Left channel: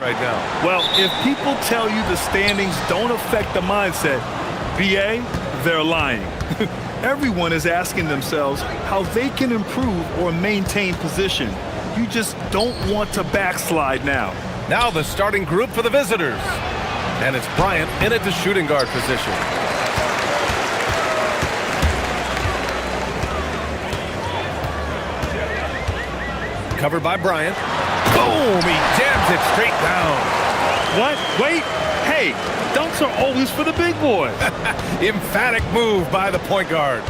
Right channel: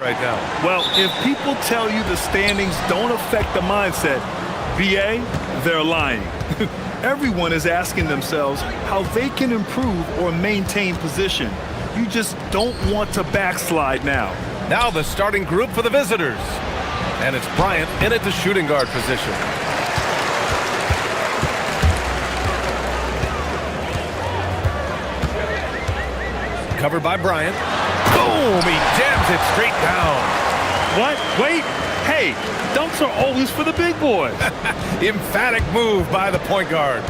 right now. Well, if people tell you the standings don't affect the mindset, BA, they're lying. Everyone is asking themselves how they can improve or maintain position. You just don't want to backslide now. Now the starting group for the visitors. And it's Bryant in at the shooting guard position. Covered by Bryant. Boom! He jams it straight down. What? Wait. Hey, dunks are always for the big boys. Emphatic move by the point guard.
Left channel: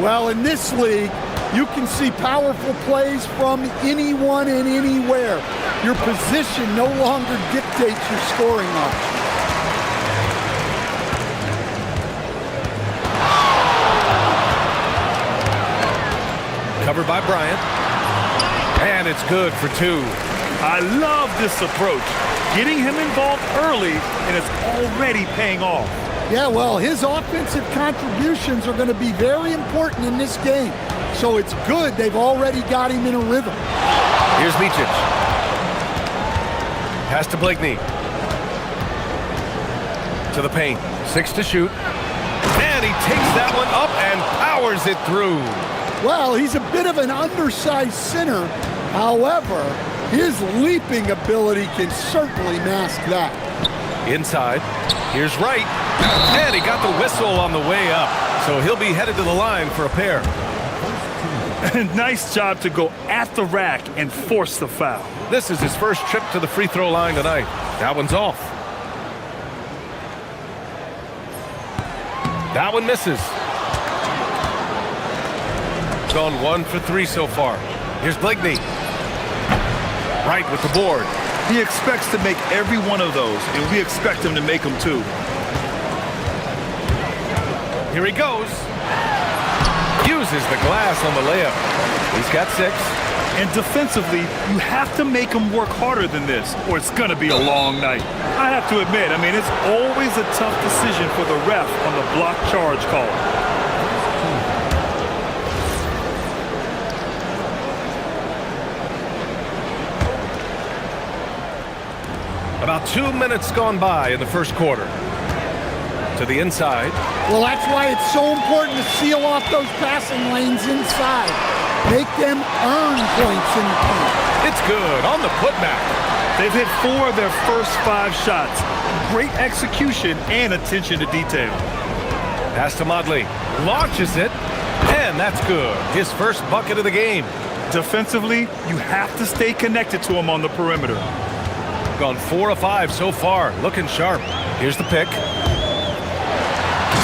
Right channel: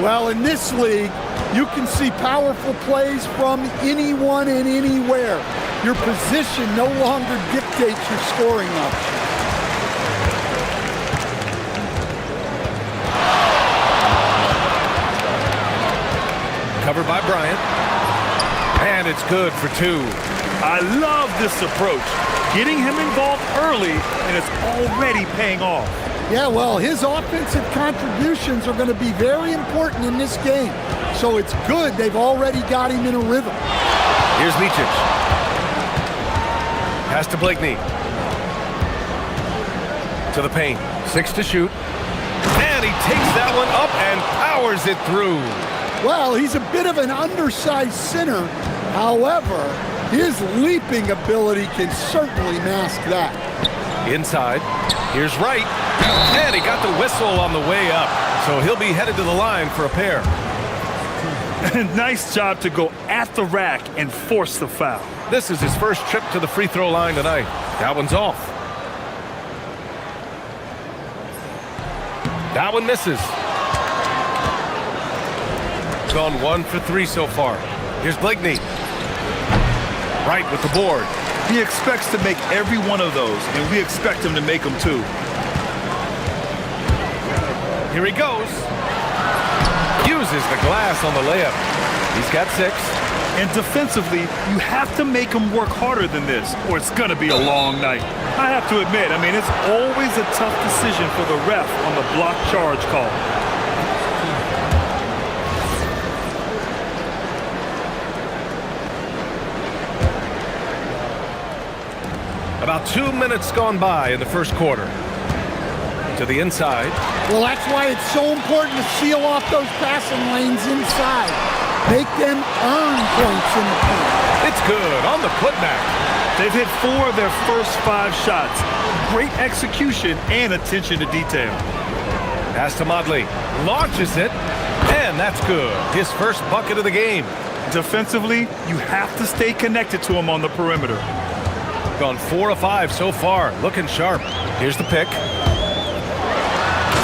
Well, in this league, you can see powerful plays from anyone and anywhere. Your position no longer dictates your scoring option. Covered by Bryant. And it's good for two. I love this approach. Getting him involved early, and it's already paying off. Yeah, well, his offensive contributions are going to be very important in this game. So it's good they've already got him in a rhythm. Here's Micic. Pass to Blakeney. To the paint. 6 to shoot. And he takes that one up and powers it through. Well, he's a bit of an undersized center. However, his leaping ability can certainly mask that. Inside. Here's Wright. And he got the whistle on the way up. So he'll be headed to the line for a pair. Nice job to go at the rack and force the foul. This is his first trip to the free throw line tonight. That one's off. That one misses. Gone 1 for 3 so far. Here's Blakeney. Right with the board. He expects to make every one of those, and we expect him to make them too. Here he goes. Uses the glass on the layup. He's got 6. And defensively, you have to make him work harder than this, or it's going to be a long night. I have to admit, it's always a tough decision for the ref on the block charge call. About 2 minutes gone by in the first quarter. To the inside. Well, that's why it's so important to seal off those passing lanes inside. Make them earn points in the paint. It's good on the putback. They've hit 4 of their first 5 shots. Great execution and attention to detail. Pass to Modley. Launches it. And that's good. His first bucket of the game. Defensively, you have to stay connected to him on the perimeter. Gone 4 of 5 so far. Looking sharp. Here's the pick.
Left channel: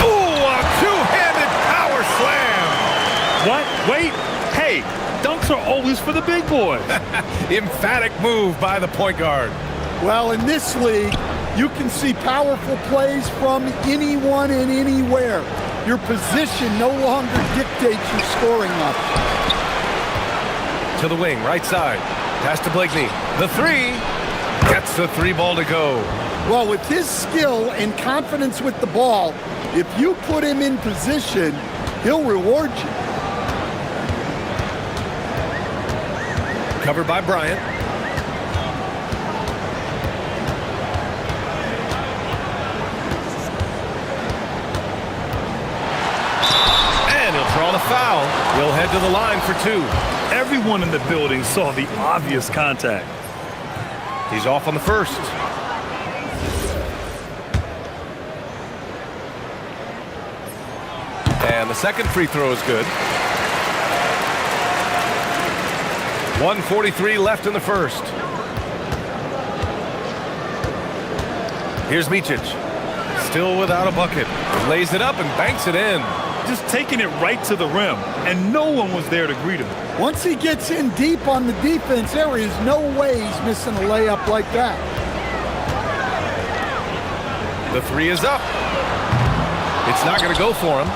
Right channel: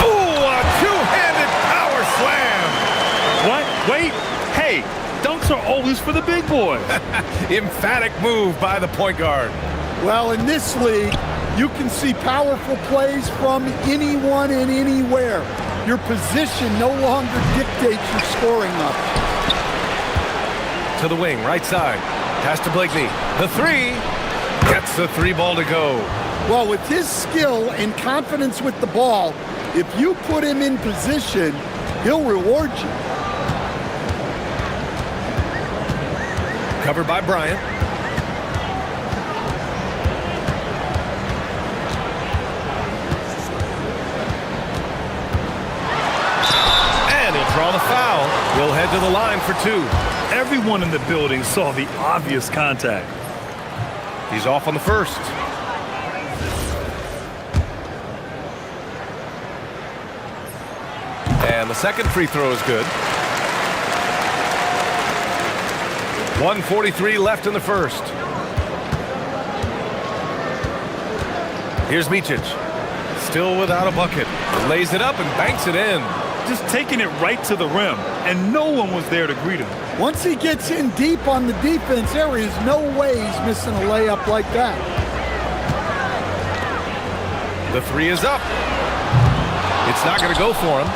Ooh, a two-handed power slam. What? Wait. Hey, dunks are always for the big boys. Emphatic move by the point guard. Well, in this league, you can see powerful plays from anyone and anywhere. Your position no longer dictates your scoring option. To the wing, right side. Pass to Blakeney. The 3. Gets the 3 ball to go. Well, with his skill and confidence with the ball, if you put him in position, he'll reward you. Covered by Bryant. And he'll draw the foul. He'll head to the line for 2. Everyone in the building saw the obvious contact. He's off on the first. And the second free throw is good. 1:43 left in the first. Here's Micic. Still without a bucket. Lays it up and banks it in. Just taking it right to the rim, and no one was there to greet him. Once he gets in deep on the defense, there is no way he's missing a layup like that. The 3 is up. It's not going to go for him.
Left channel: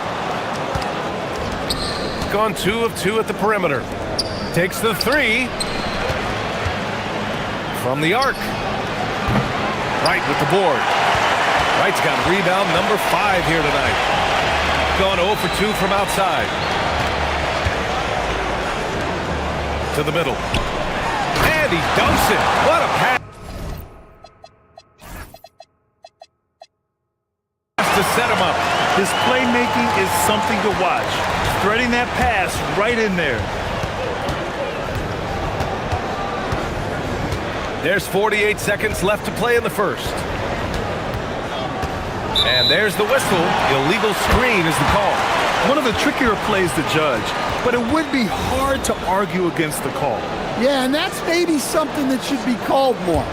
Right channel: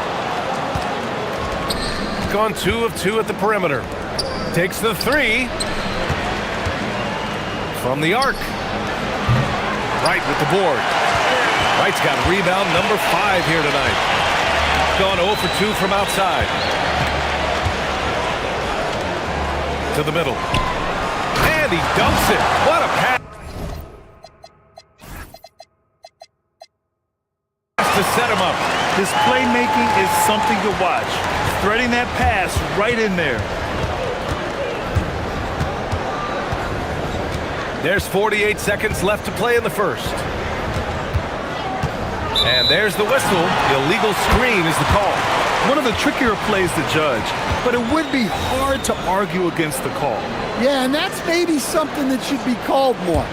Gone 2 of 2 at the perimeter. Takes the 3. From the arc. Wright with the board. Wright's got rebound number 5 here tonight. Gone 0 for 2 from outside. To the middle. And he dunks it. What a pass. to set him up. His playmaking is something to watch. Threading that pass right in there. There's 48 seconds left to play in the first. And there's the whistle. Illegal screen is the call. One of the trickier plays to judge, but it would be hard to argue against the call. Yeah, and that's maybe something that should be called more.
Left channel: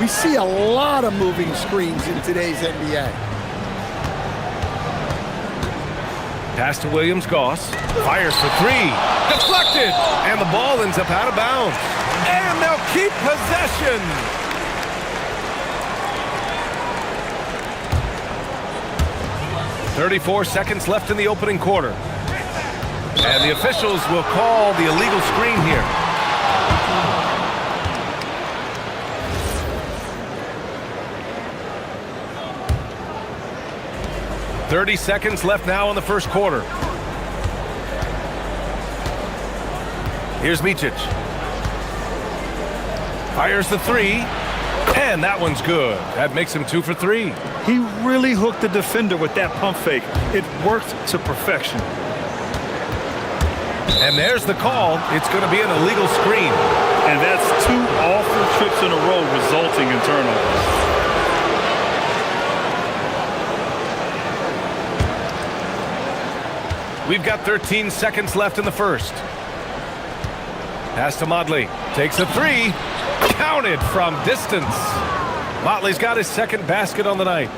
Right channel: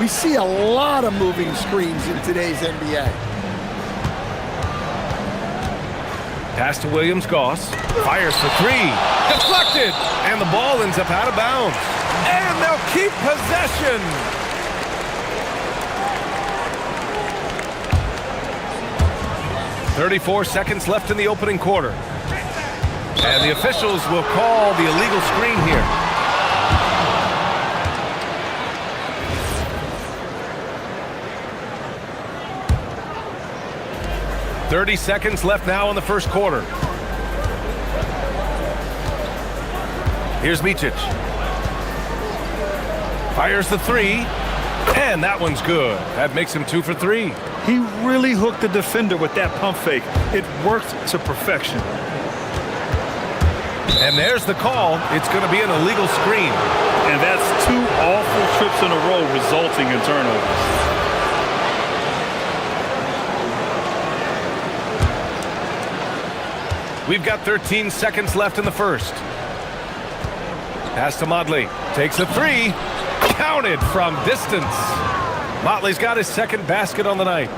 We see a lot of moving screens in today's NBA. Pass to Williams-Goss. Fires for three. Deflected. And the ball ends up out of bounds. And they'll keep possession. "34 seconds left in the opening quarter. And the officials will call the illegal screen here. "30 seconds left now in the first quarter. Here's Micic. Fires the three. And that one's good. That makes him 2 for 3. He really hooked the defender with that pump fake. It worked to perfection. And there's the call. It's going to be an illegal screen. And that's 2 awful trips in a row resulting in turnovers. We've got 13 seconds left in the first. Pass to Motley. Takes a three. Counted from distance. Motley's got his second basket on the night.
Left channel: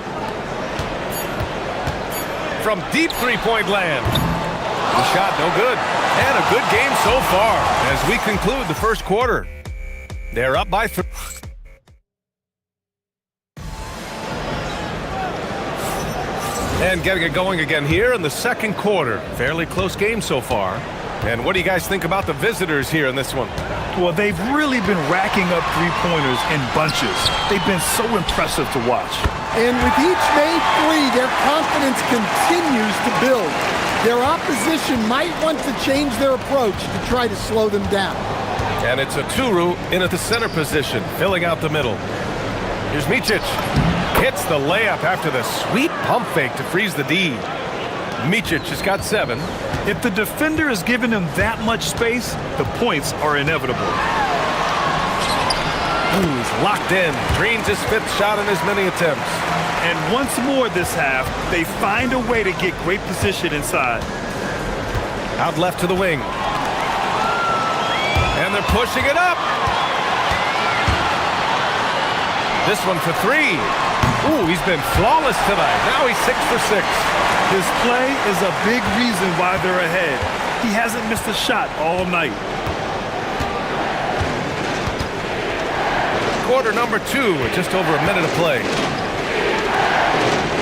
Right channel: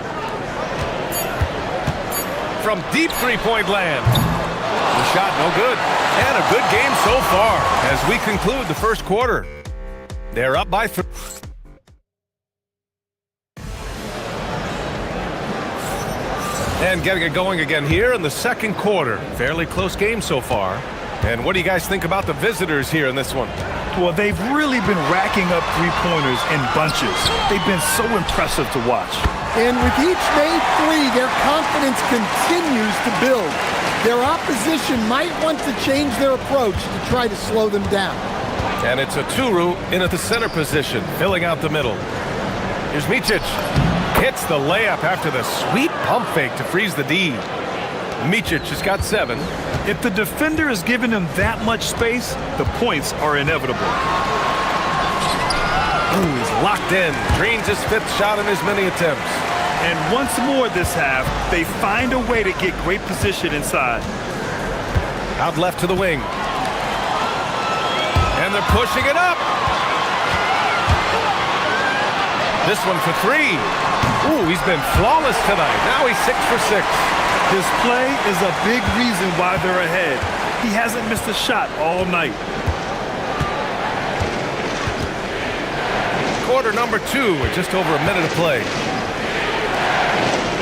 From deep three-point land. The shot no good. And a good game so far as we conclude the first quarter. They're up by 3. And getting it going again here in the second quarter. Fairly close game so far. And what do you guys think about the visitors here in this one? Well, they've really been racking up three-pointers in bunches. They've been so impressive to watch. And with each made three, their confidence continues to build. Their opposition might want to change their approach to try to slow them down. And it's a Turu in at the center position, filling out the middle. Here's Micic. Hits the layup after the sweet pump fake to freeze the D. Micic has got 7. If the defender is giving him that much space, the points are inevitable. Ooh, he's locked in. Drains his 5th shot in as many attempts. And once more this half, they find a way to get great position inside. Out left to the wing. And they're pushing it up. This one for 3. Ooh, he's been flawless tonight. Now he's 6 for 6. His play is a big reason why they're ahead. He hasn't missed a shot all night. Quarter number 2 with just over a minute of play.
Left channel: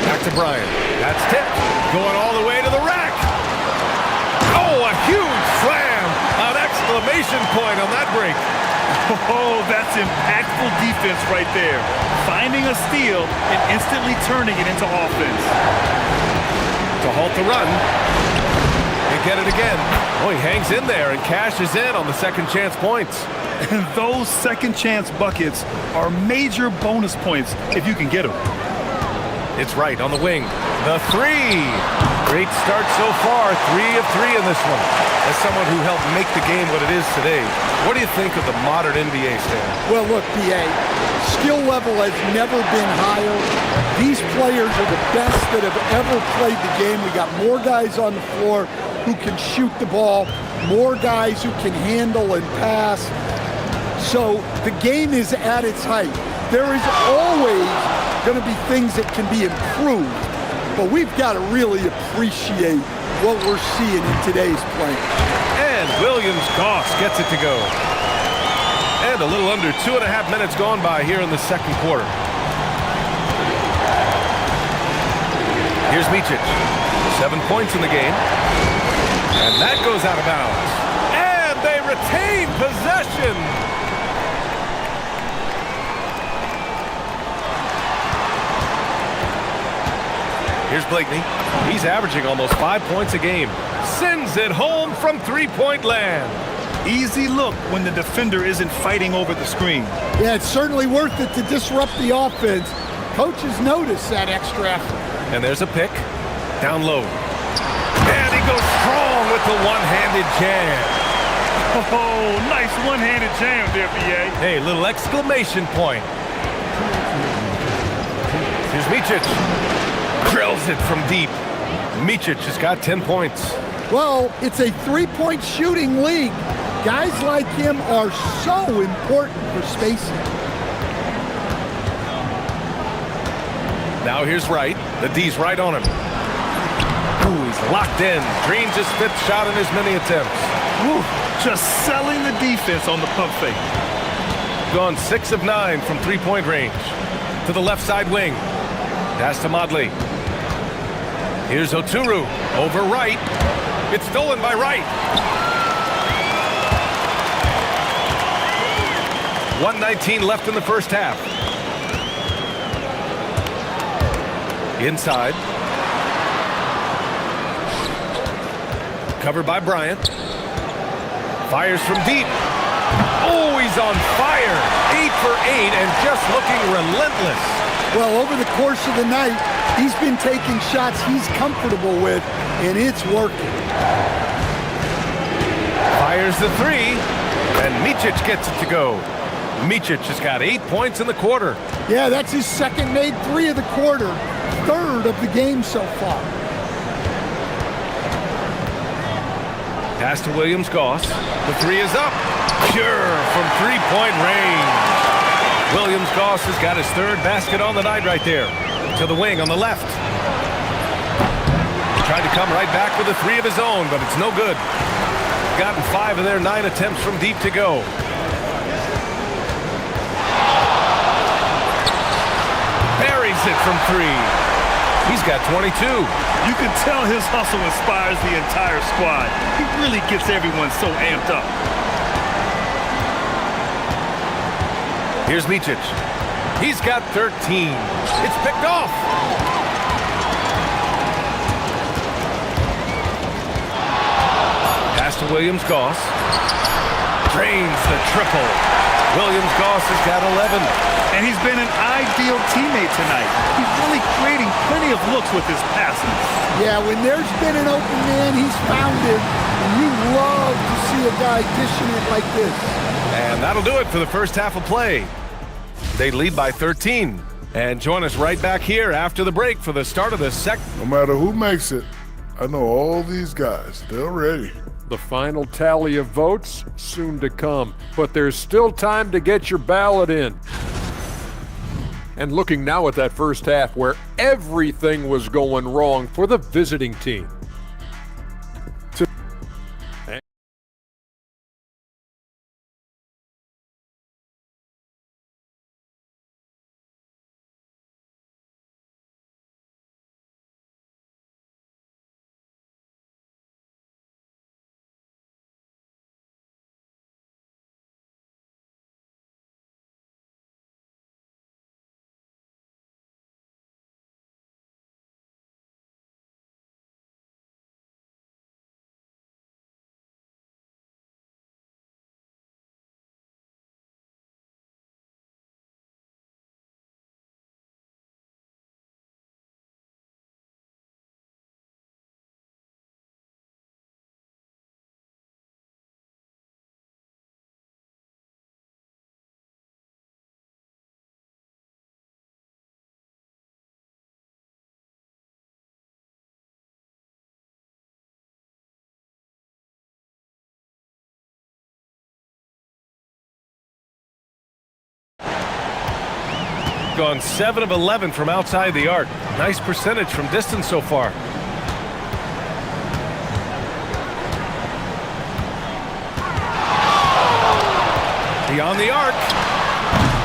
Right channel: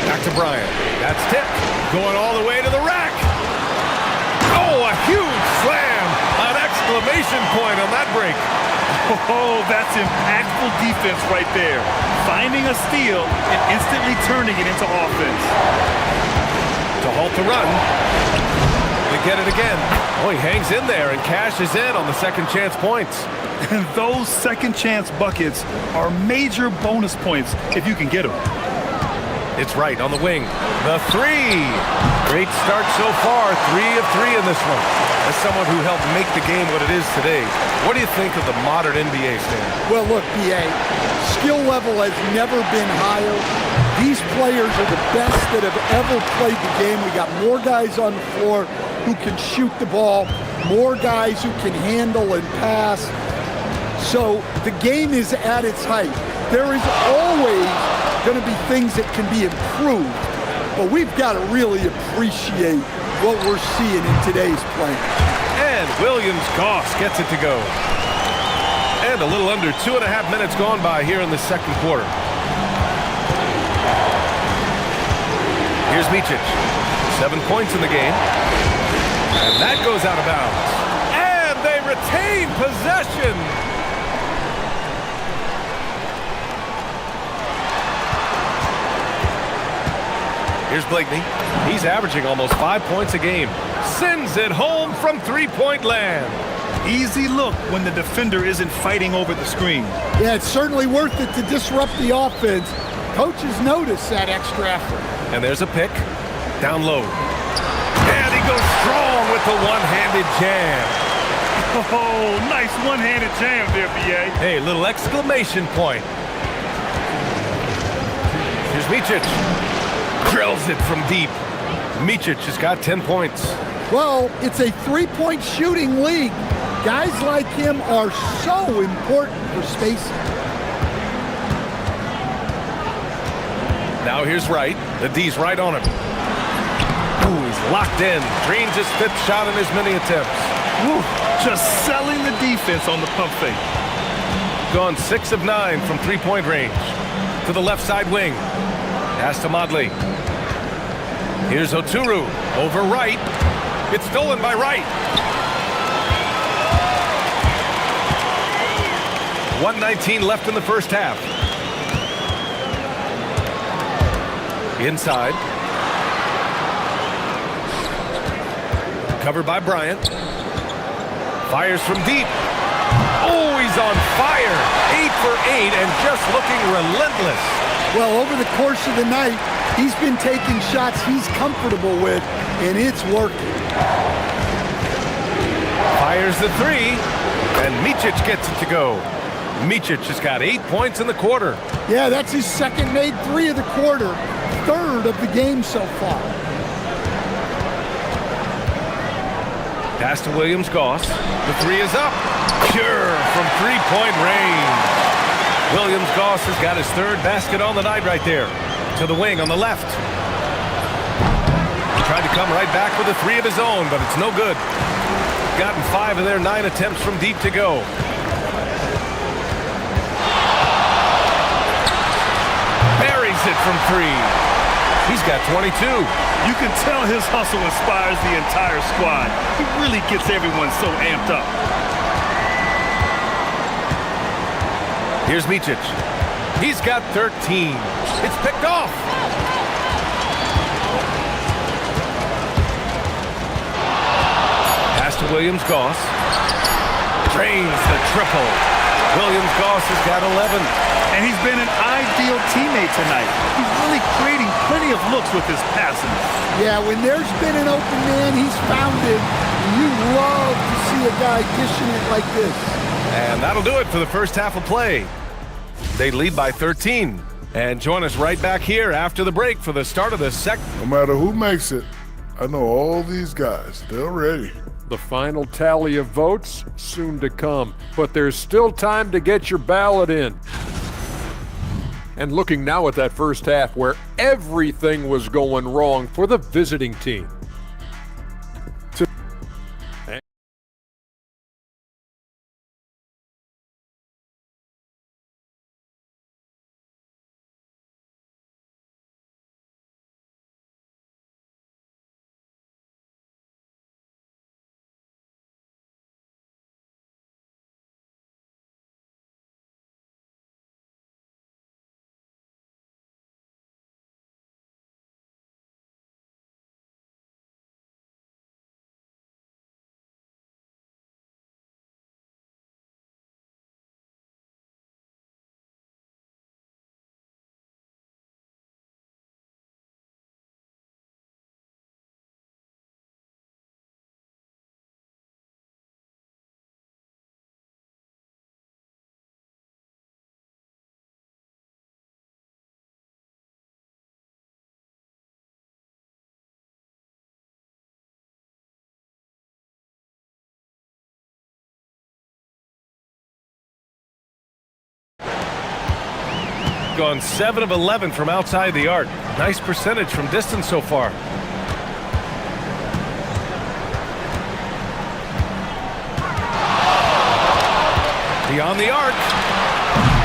Back to Bryant. That's tipped. Going all the way to the rack. Oh, a huge slam. An exclamation point on that break. Oh, that's impactful defense right there. Finding a steal and instantly turning it into offense. To halt the run. You get it again. Oh, he hangs in there and cashes in on the second chance points. And those second chance buckets are major bonus points if you can get them. It's right on the wing. The 3. Great start so far. 3 of 3 in this one. As someone who helped make the game what it is today, what do you think of the modern NBA, Stan? Well, look, BA, skill level has never been higher. These players are the best that have ever played the game. We got more guys on the floor who can shoot the ball, more guys who can handle and pass. So the game is at its height. There is always going to be things that can be improved, but we've got to really appreciate what we're seeing in today's play. And Williams-Goss gets it to go. And a little under 2.5 minutes gone by here in the second quarter. Here's Micic. 7 points in the game. And that goes out of bounds. And they retain possession. Here's Blakeney. He's averaging almost 5 points a game. Sends it home from three-point land. Easy look when the defender isn't fighting over the screen. Yeah, it's certainly worth it to disrupt the offense. Coaches notice that extra effort. And there's a pick. Down low. And he goes strong with the one-handed jam. Oh, nice one-handed jam there, B.A. Hey, little exclamation point. Here's Micic. Drills it from deep. Micic has got 10 points. Well, it's a three-point shooting league. Guys like him are so important for spacing. Now here's Wright. The D's right on him. Ooh, he's locked in. Dreams his fifth shot in as many attempts. Woo, just selling the defense on the pump fake. Gone 6 of 9 from three-point range. To the left side wing. Pass to Modley. Here's Oturu. Over Wright. It's stolen by Wright. 1:19 left in the first half. Inside. Covered by Bryant. Fires from deep. Oh, he's on fire. 8 for 8 and just looking relentless. Well, over the course of the night, he's been taking shots he's comfortable with, and it's working. Fires the three, and Micic gets it to go. Micic has got 8 points in the quarter. Yeah, that's his second made three of the quarter, third of the game so far. Pass to Williams-Goss. The three is up. Pure from three-point range. Williams-Goss has got his third basket on the night right there. To the wing on the left. He tried to come right back with a three of his own, but it's no good. Gotten 5 of their 9 attempts from deep to go. Buries it from 3. He's got 22. You can tell his hustle inspires the entire squad. He really gets everyone so amped up. Here's Micic. He's got 13. It's picked off. Pass to Williams-Goss. Drains the triple. Williams-Goss has got 11. And he's been an ideal teammate tonight. He's really creating plenty of looks with his passing. Yeah, when there's been an open man, he's found it. And you love to see a guy dishing it like this. And that'll do it for the first half of play. They lead by 13. And join us right back here after the break for the start of the second. No matter who makes it, I know all these guys. They're ready. The final tally of votes soon to come, but there's still time to get your ballot in. And looking now at that first half where everything was going wrong for the visiting team. Gone 7 of 11 from outside the arc. Nice percentage from distance so far. Beyond the arc.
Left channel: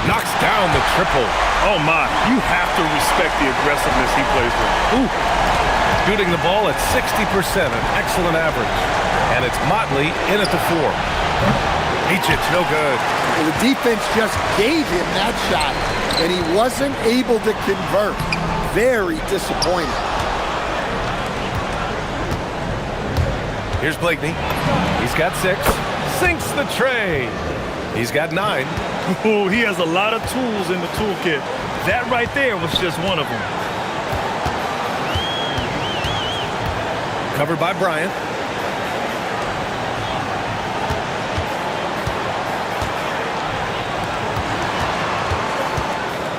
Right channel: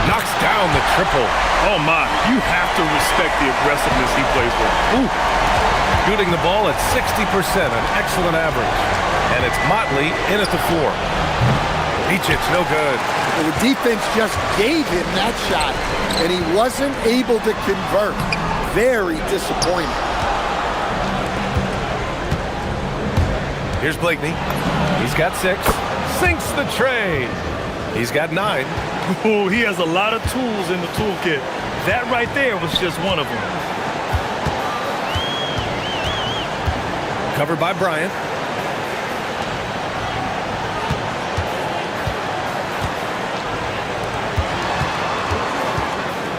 Knocks down the triple. Oh my, you have to respect the aggressiveness he plays with. Ooh. Shooting the ball at 60%, an excellent average. And it's Motley in at the 4. Micic, no good. Well, the defense just gave him that shot, and he wasn't able to convert. Very disappointing. Here's Blakeney. He's got 6. Sinks the tray. He's got 9. Ooh, he has a lot of tools in the toolkit. That right there was just one of them. Covered by Bryant.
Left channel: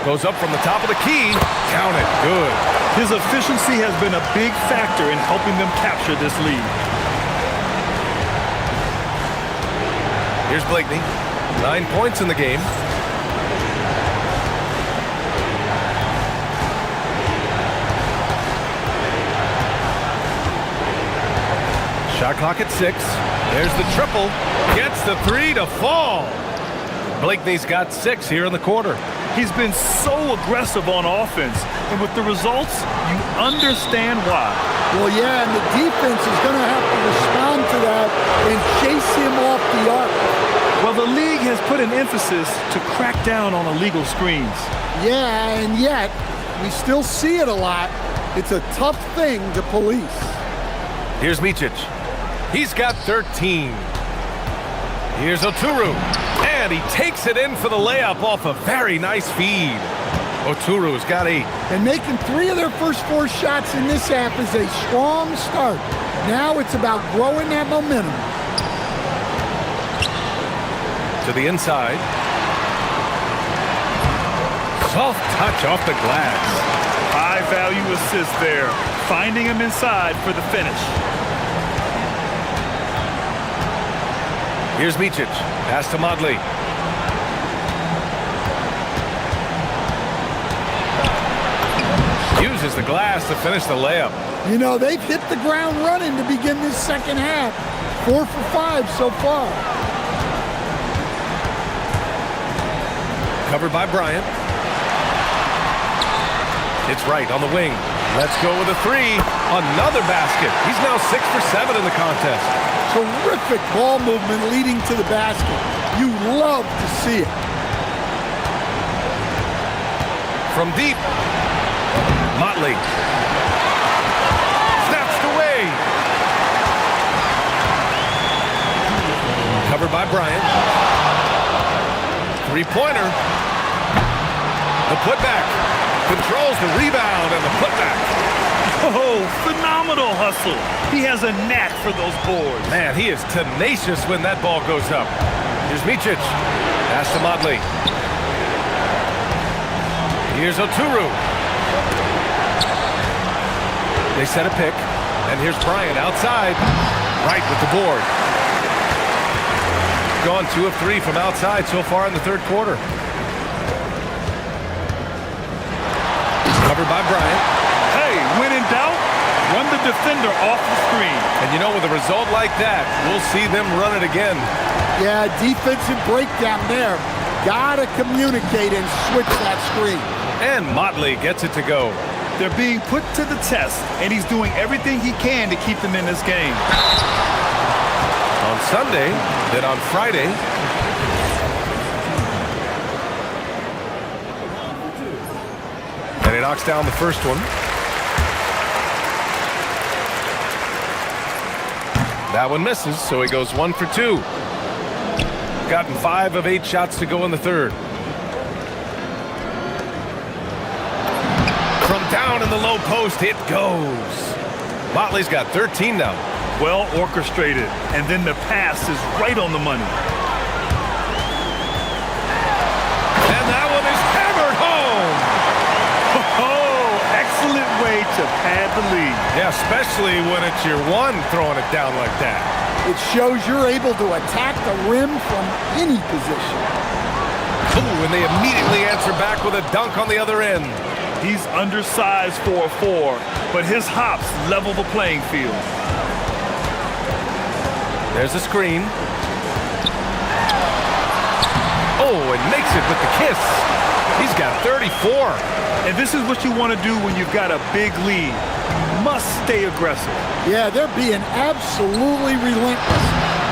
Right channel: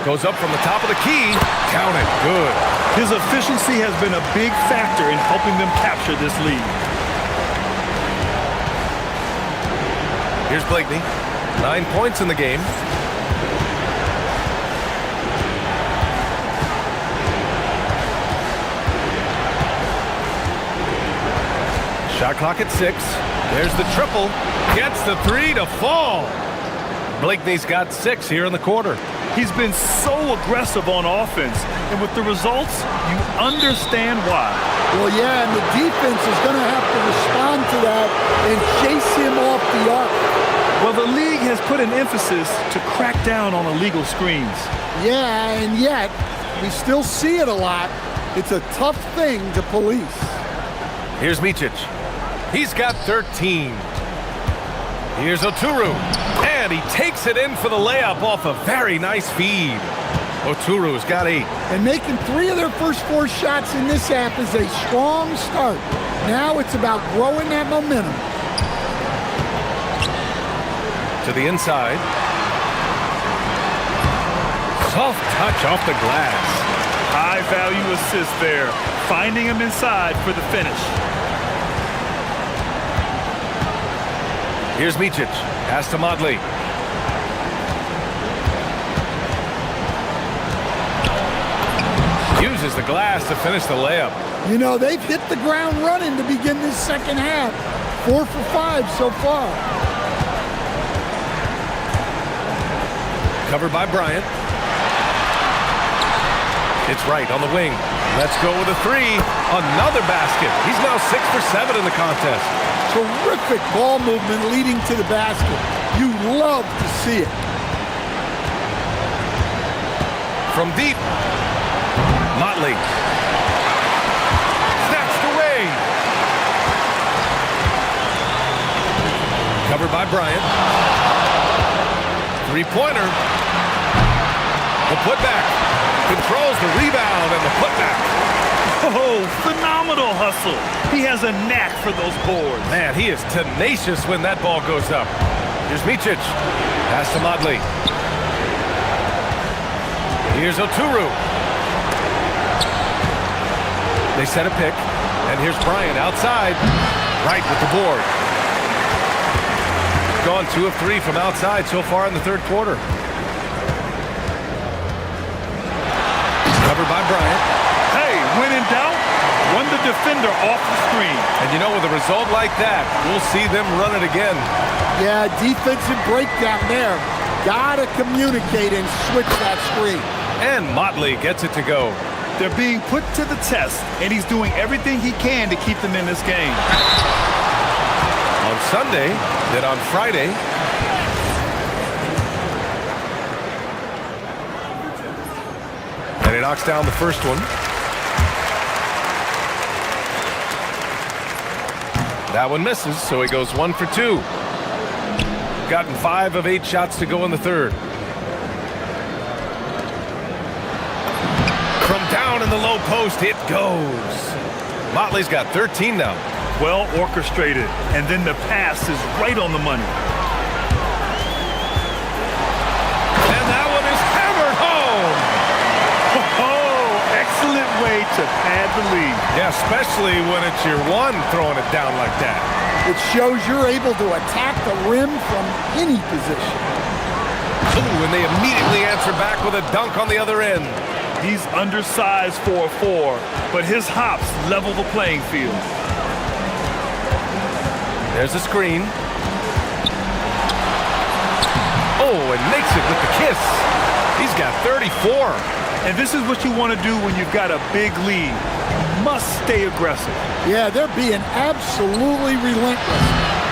Goes up from the top of the key. Counted. Good. His efficiency has been a big factor in helping them capture this lead. Here's Blakeney. 9 points in the game. Shot clock at 6. There's the triple. Gets the 3 to fall. Blakeney's got 6 here in the quarter. He's been so aggressive on offense, and with the results, you understand why. Well, yeah, and the defense is going to have to respond to that and chase him off the arc. Well, the league has put an emphasis to crack down on illegal screens. Yeah, and yet, we still see it a lot. It's a tough thing to police. Here's Micic. He's got 13. Here's Oturu. And he takes it in for the layup off a very nice feed. Oturu's got 8. And making 3 of their first 4 shots in this half is a strong start. Now it's about growing that momentum. To the inside. Soft touch off the glass. High value assist there, finding him inside for the finish. Here's Micic. Pass to Motley. Uses the glass to finish the layup. You know, they've hit the ground running to begin this second half. 4 for 5 so far. Covered by Bryant. It's right on the wing. Let's go with a 3. Another basket. He's now 6 for 7 in the contest. Terrific ball movement leading to the basket. You love to see it. From deep. Motley. Snatched away. Covered by Bryant. 3-pointer. The putback. Controls the rebound and the putback. Oh, phenomenal hustle. He has a knack for those boards. Man, he is tenacious when that ball goes up. Here's Micic. Pass to Motley. Here's Oturu. They set a pick. And here's Bryant outside. Right with the board. Gone 2 of 3 from outside so far in the third quarter. Covered by Bryant. Hey, when in doubt, run the defender off the screen. And you know, with a result like that, we'll see them run it again. Yeah, defensive breakdown there. Gotta communicate and switch that screen. And Motley gets it to go. They're being put to the test, and he's doing everything he can to keep them in this game. On Sunday, then on Friday. And he knocks down the first one. That one misses, so he goes 1 for 2. Gotten 5 of 8 shots to go in the third. From down in the low post, it goes. Motley's got 13 now. Well orchestrated, and then the pass is right on the money. And that one is hammered home. Oh, excellent way to pad the lead. Yeah, especially when it's your one throwing it down like that. It shows you're able to attack the rim from any position. Ooh, and they immediately answer back with a dunk on the other end. He's undersized for a 4, but his hops level the playing field. There's a screen. Oh, and makes it with the kiss. He's got 34. And this is what you want to do when you've got a big lead. You must stay aggressive. Yeah, they're being absolutely relentless,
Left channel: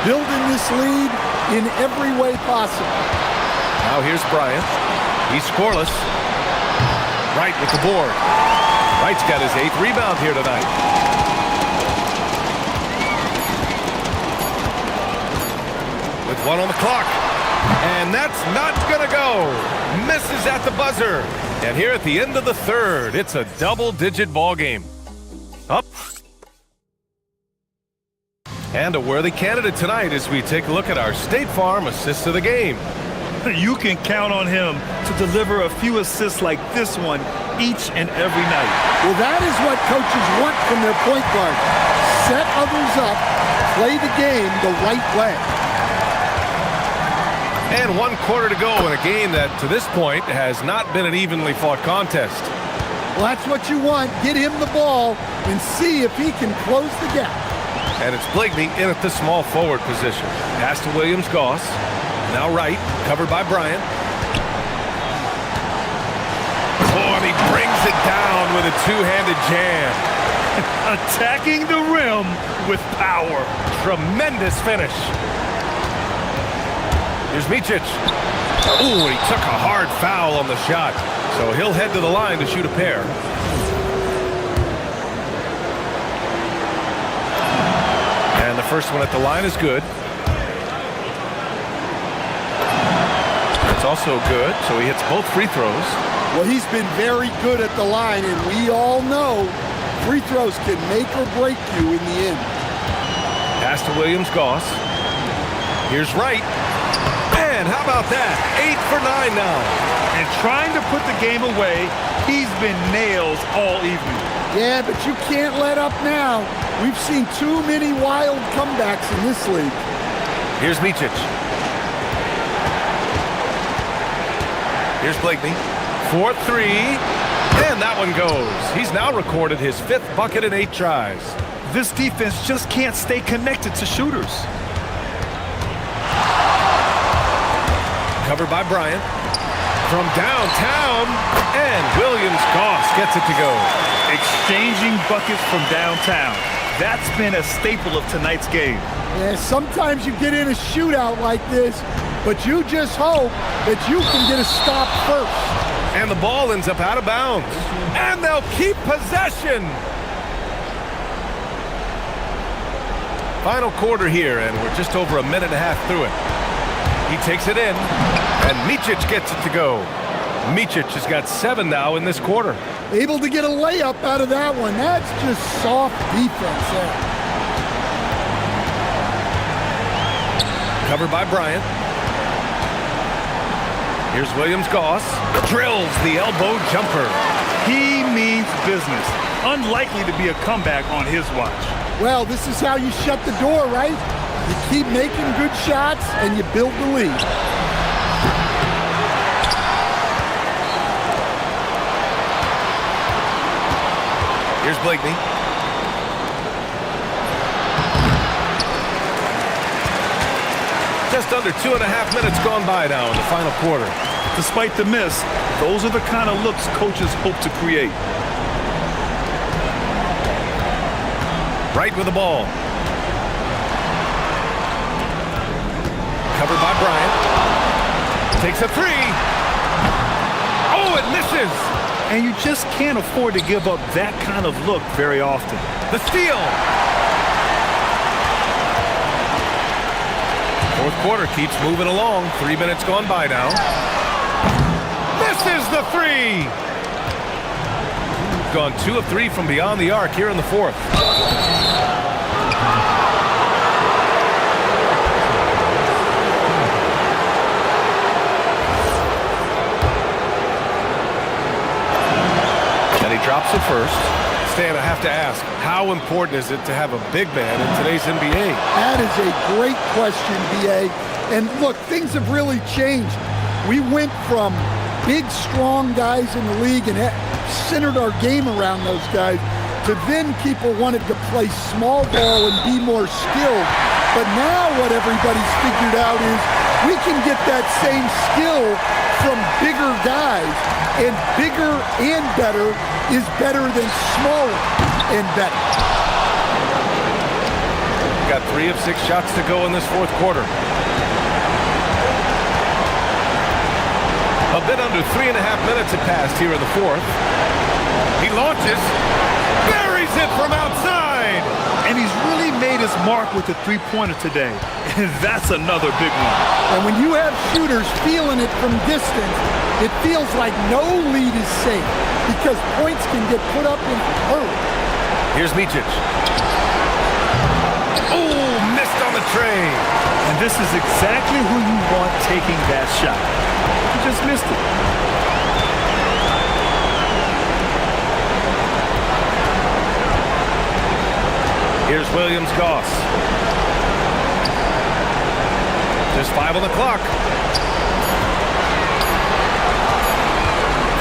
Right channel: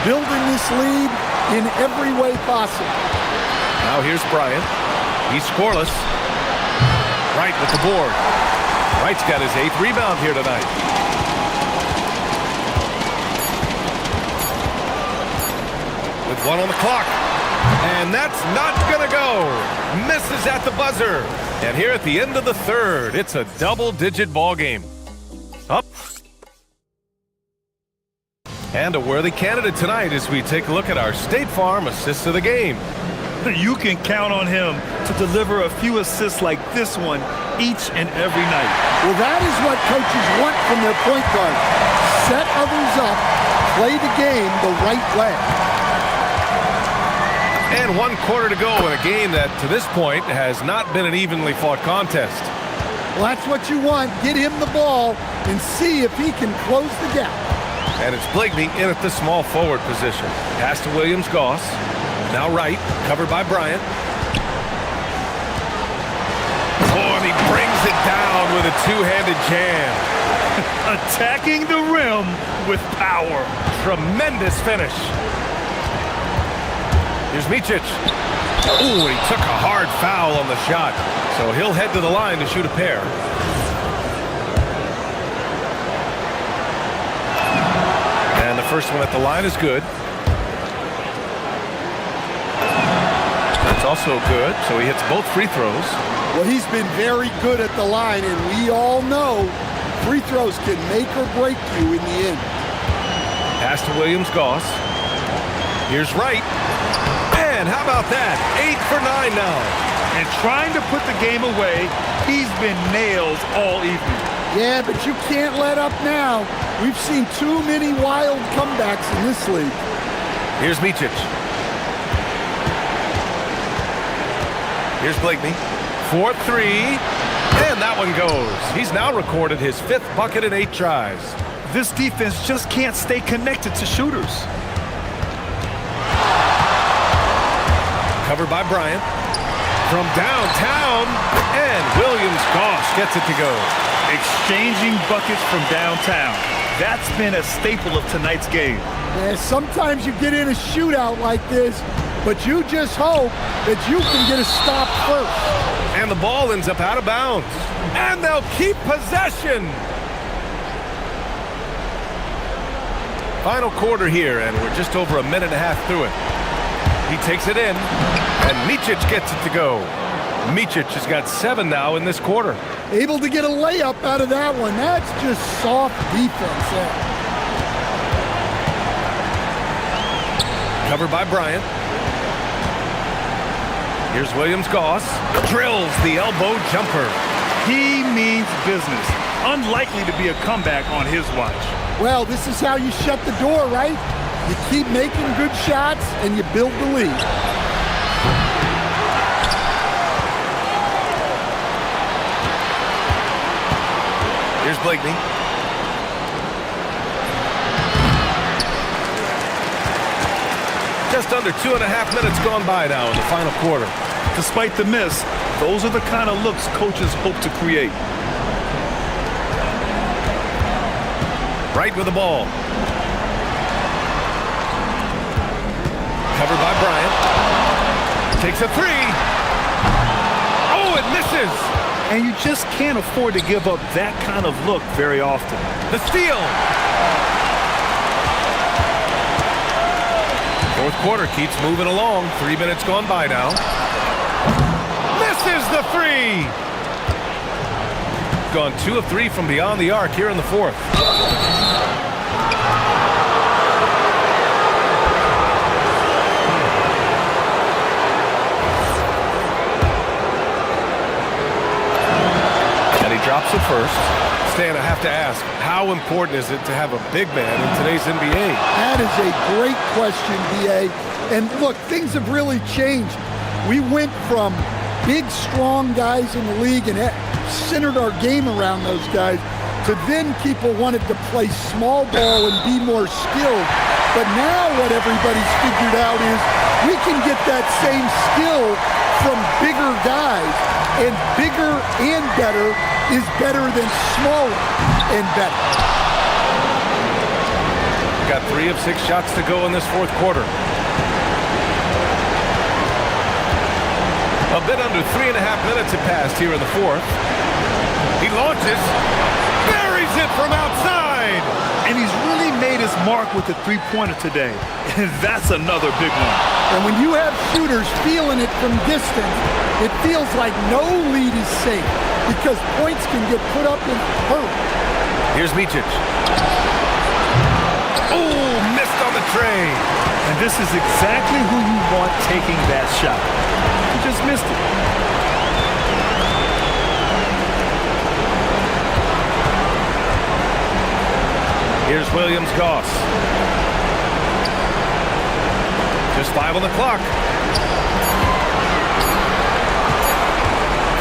building this lead in every way possible. Now here's Bryant. He's scoreless. Wright with the board. Wright's got his 8th rebound here tonight. With 1 on the clock. And that's not gonna go. Misses at the buzzer. And here at the end of the third, it's a double-digit ball game. Up. And a worthy candidate tonight as we take a look at our State Farm assists of the game. You can count on him to deliver a few assists like this one each and every night. Well, that is what coaches want from their point guard. Set others up, play the game the right way. And 1 quarter to go in a game that, to this point, has not been an evenly fought contest. Well, that's what you want. Get him the ball and see if he can close the gap. And it's Blakeney in at the small forward position. Pass to Williams-Goss. Now right, covered by Bryant. Oh, and he brings it down with a two-handed jam. Attacking the rim with power. Tremendous finish. Here's Micic. Ooh, and he took a hard foul on the shot. So he'll head to the line to shoot a pair. And the first one at the line is good. That's also good, so he hits both free throws. Well, he's been very good at the line, and we all know free throws can make or break you in the end. Pass to Williams-Goss. Here's Wright. And how about that? 8 for 9 now. And trying to put the game away, he's been nails all evening. Yeah, but you can't let up now. We've seen too many wild comebacks in this league. Here's Micic. Here's Blakeney. 4-3. And that one goes. He's now recorded his 5th bucket in 8 tries. This defense just can't stay connected to shooters. Covered by Bryant. From downtown. And Williams-Goss gets it to go. Exchanging buckets from downtown. That's been a staple of tonight's game. Yeah, sometimes you get in a shootout like this, but you just hope that you can get a stop first. And the ball ends up out of bounds. And they'll keep possession. Final quarter here, and we're just over a minute and a half through it. He takes it in, and Micic gets it to go. Micic has got 7 now in this quarter. Able to get a layup out of that one. That's just soft defense there. Covered by Bryant. Here's Williams-Goss. Drills the elbow jumper. He means business. Unlikely to be a comeback on his watch. Well, this is how you shut the door, right? You keep making good shots and you build the lead. Here's Blakeney. Just under 2.5 minutes gone by now in the final quarter. Despite the miss, those are the kind of looks coaches hope to create. Right with the ball. Covered by Bryant. Takes a 3. Oh, it misses. And you just can't afford to give up that kind of look very often. The steal. Fourth quarter keeps moving along. 3 minutes gone by now. Misses the 3. Gone 2 of 3 from beyond the arc here in the fourth. And he drops it first. Stan, I have to ask, how important is it to have a big man in today's NBA? That is a great question, B.A. And look, things have really changed. We went from big, strong guys in the league and centered our game around those guys to then people wanted to play small ball and be more skilled. But now what everybody's figured out is we can get that same skill from bigger guys, and bigger and better is better than smaller and better. Got 3 of 6 shots to go in this fourth quarter. A bit under 3.5 minutes have passed here in the fourth. He launches, buries it from outside. And he's really made his mark with the three-pointer today. And that's another big one. And when you have shooters feeling it from distance, it feels like no lead is safe because points can get put up in a hurry. Here's Micic. Oh, missed on the trade. And this is exactly who you want taking that shot. He just missed it. Here's Williams-Goss. Just 5 on the clock.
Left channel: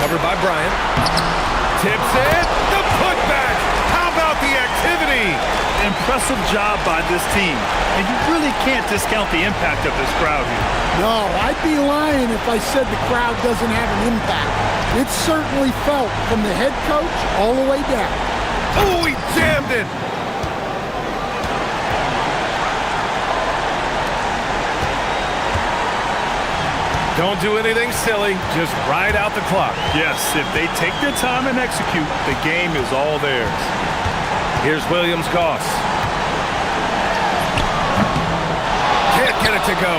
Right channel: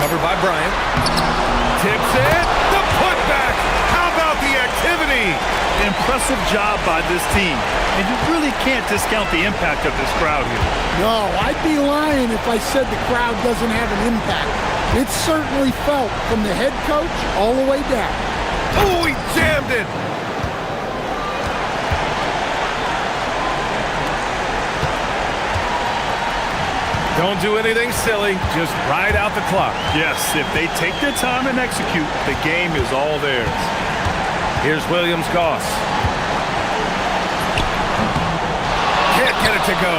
Covered by Bryant. Tips it. The putback. How about the activity? Impressive job by this team. And you really can't discount the impact of this crowd here. No, I'd be lying if I said the crowd doesn't have an impact. It's certainly felt from the head coach all the way down. Oh, he jammed it. Don't do anything silly. Just ride out the clock. Yes, if they take their time and execute, the game is all theirs. Here's Williams-Goss. Can't get it to go.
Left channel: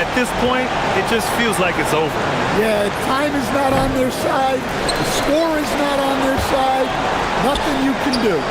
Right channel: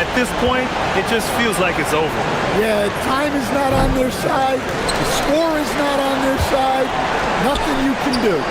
At this point, it just feels like it's over. Yeah, time is not on their side. The score is not on their side. Nothing you can do.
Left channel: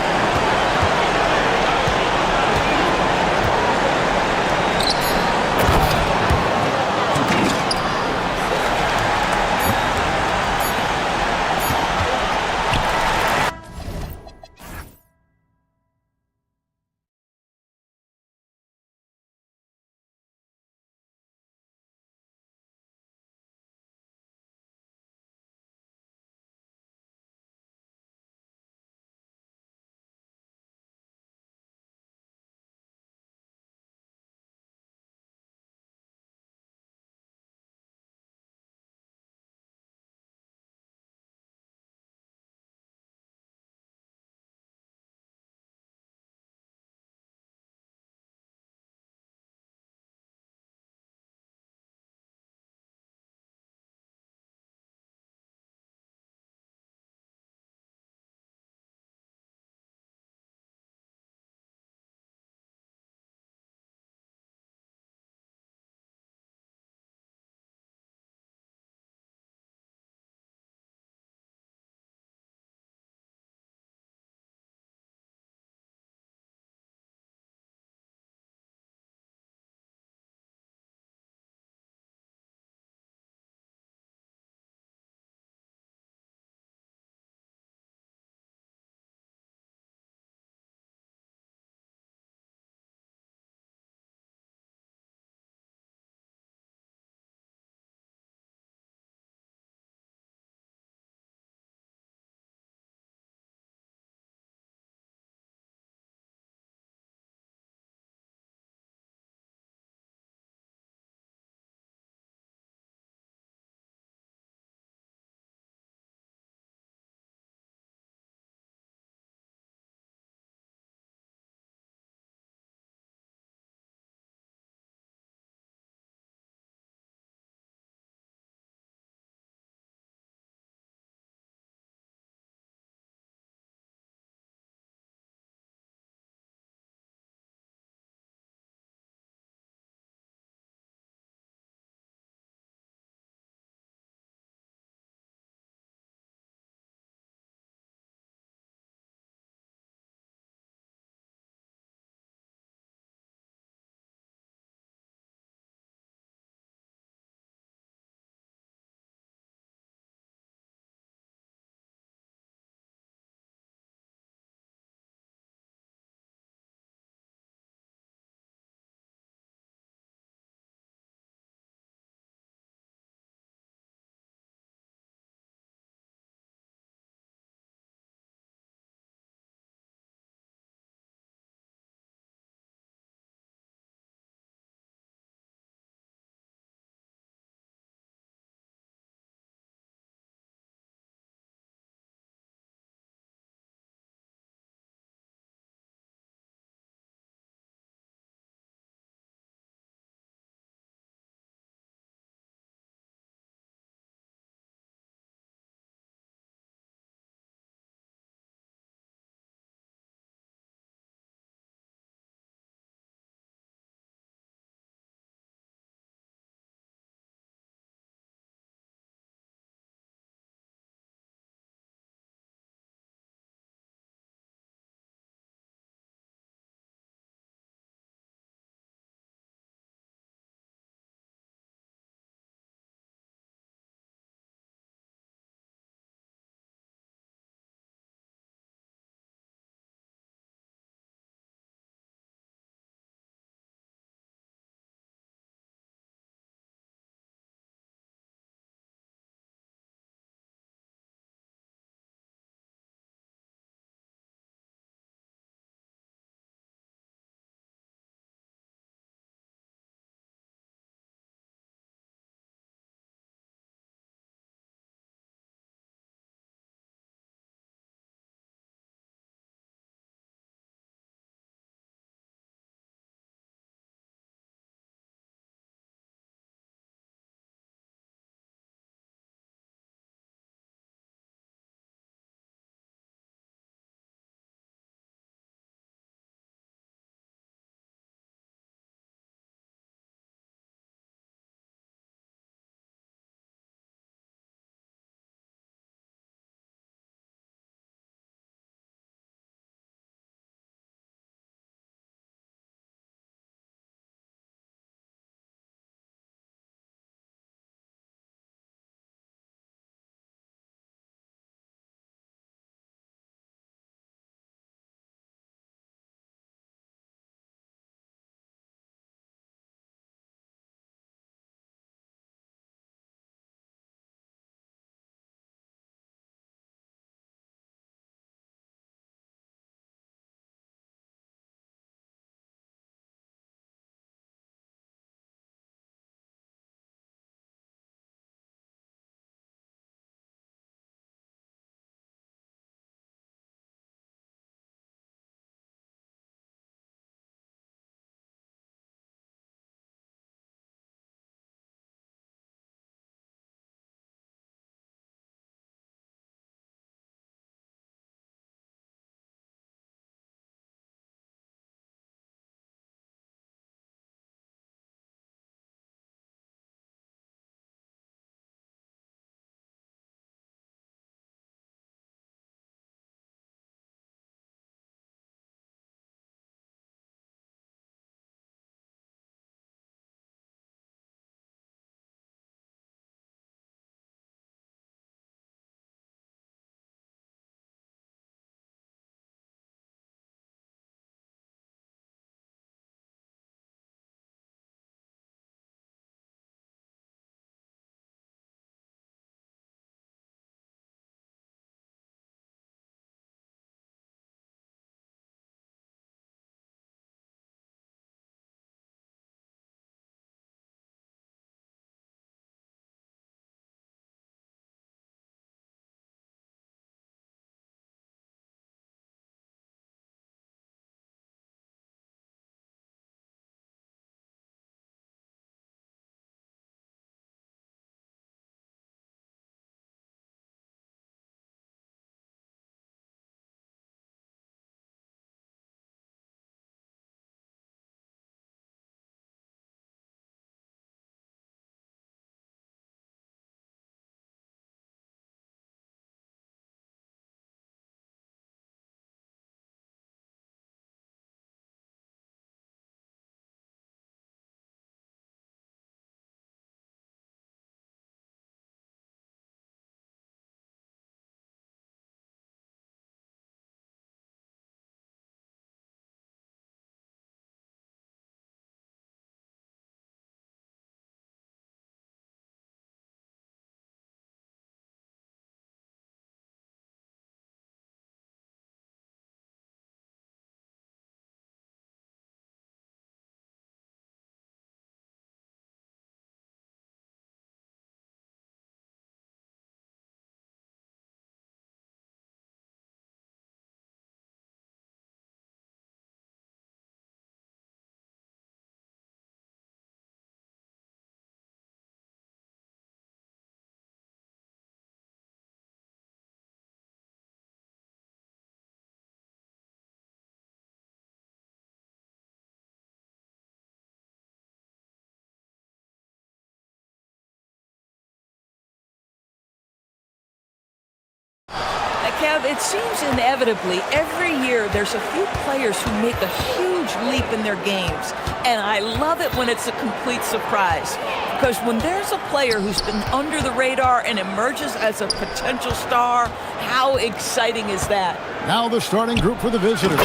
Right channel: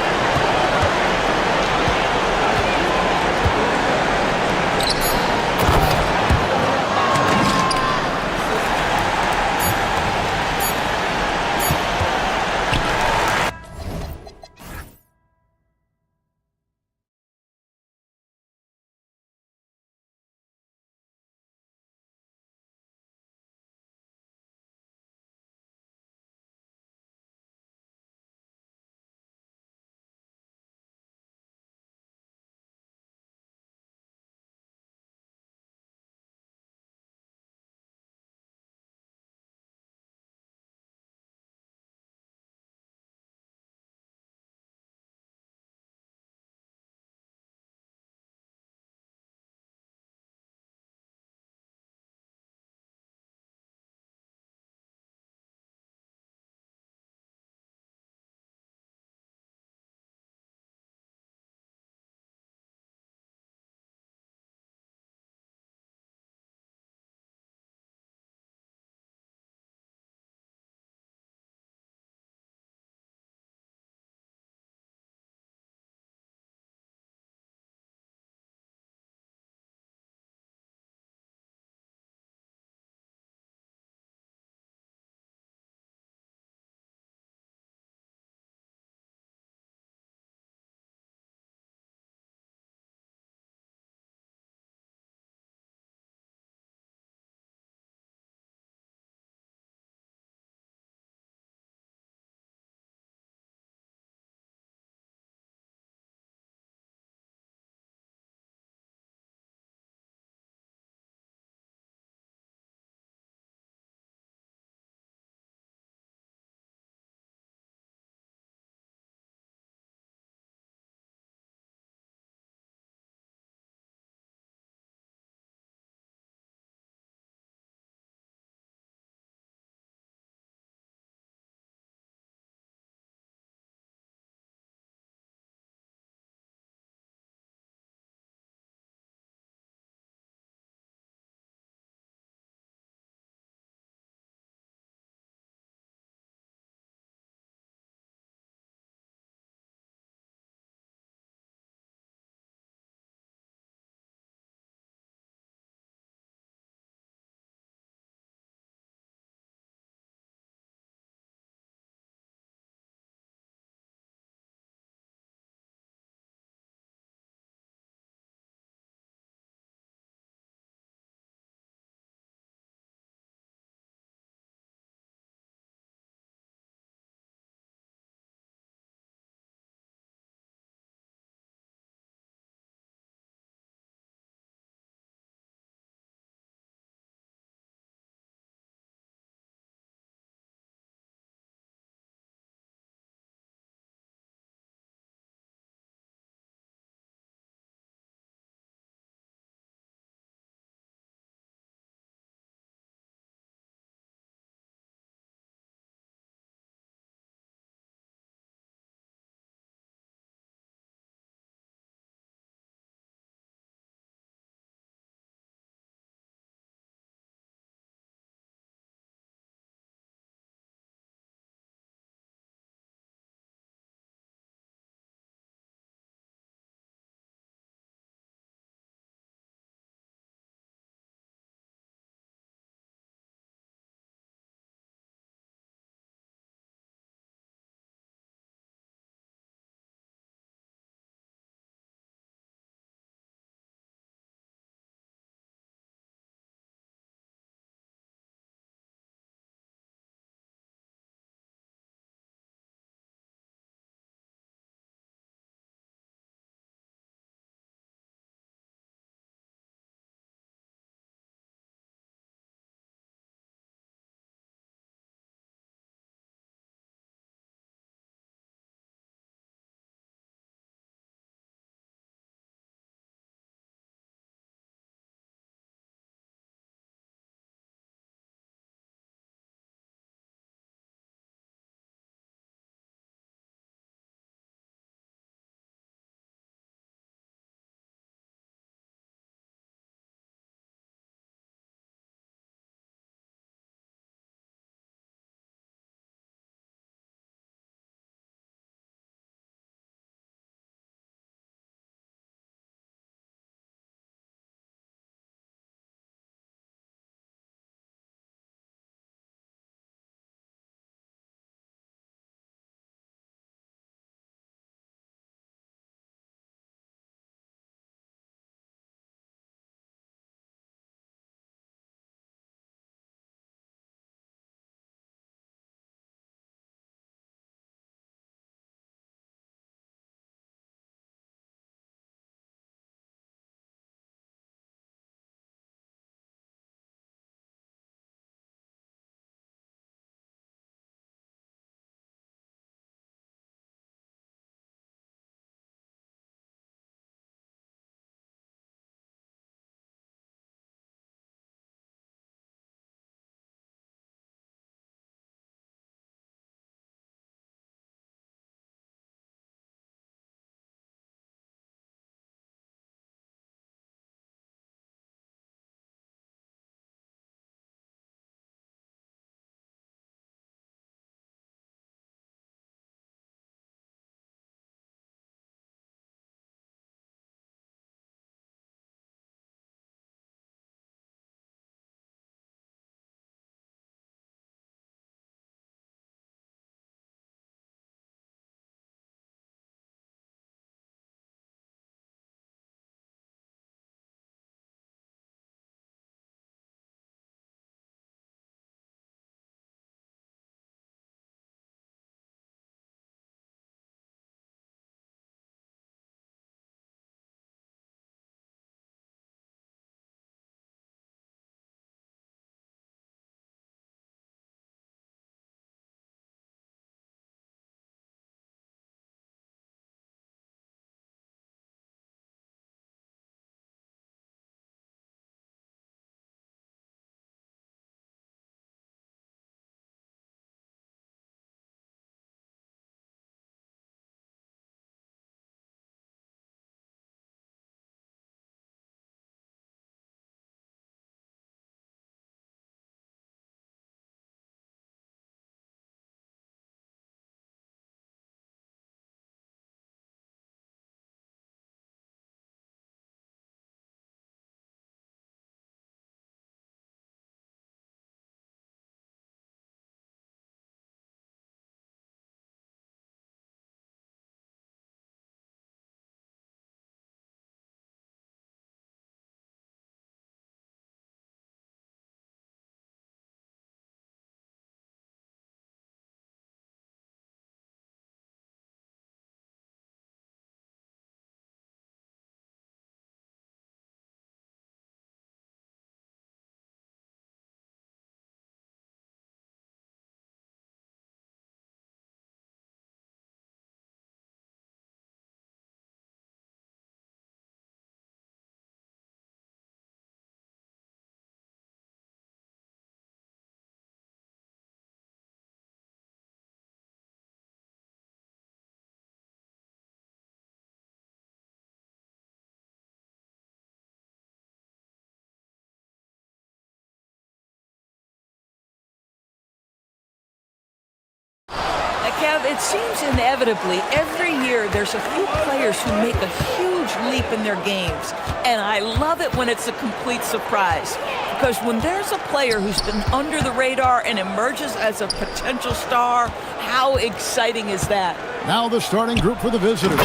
Kev, it seems inevitably every year there's a few players who make a huge leap in their games. And I love it when it's a complete surprise. Because when there's a player who's been under the radar and emerges as a potential star, how exciting is that? Now the starting group for the visitors.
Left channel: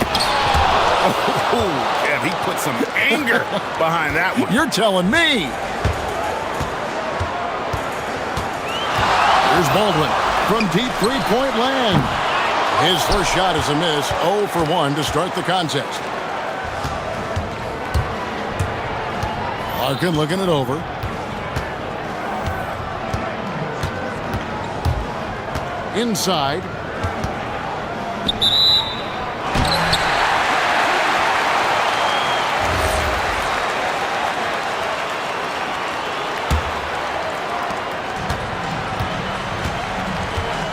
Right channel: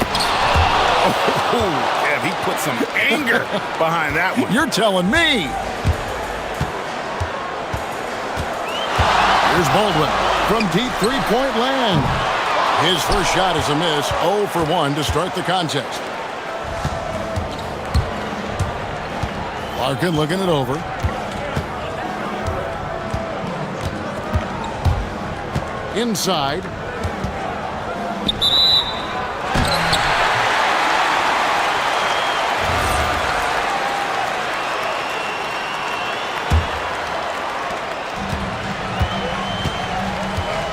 Oh, Kev, he put some anger behind that one. You're telling me. Here's Baldwin from deep three-point land. His first shot is a miss, 0 for 1 to start the contest. Larkin looking it over. Inside.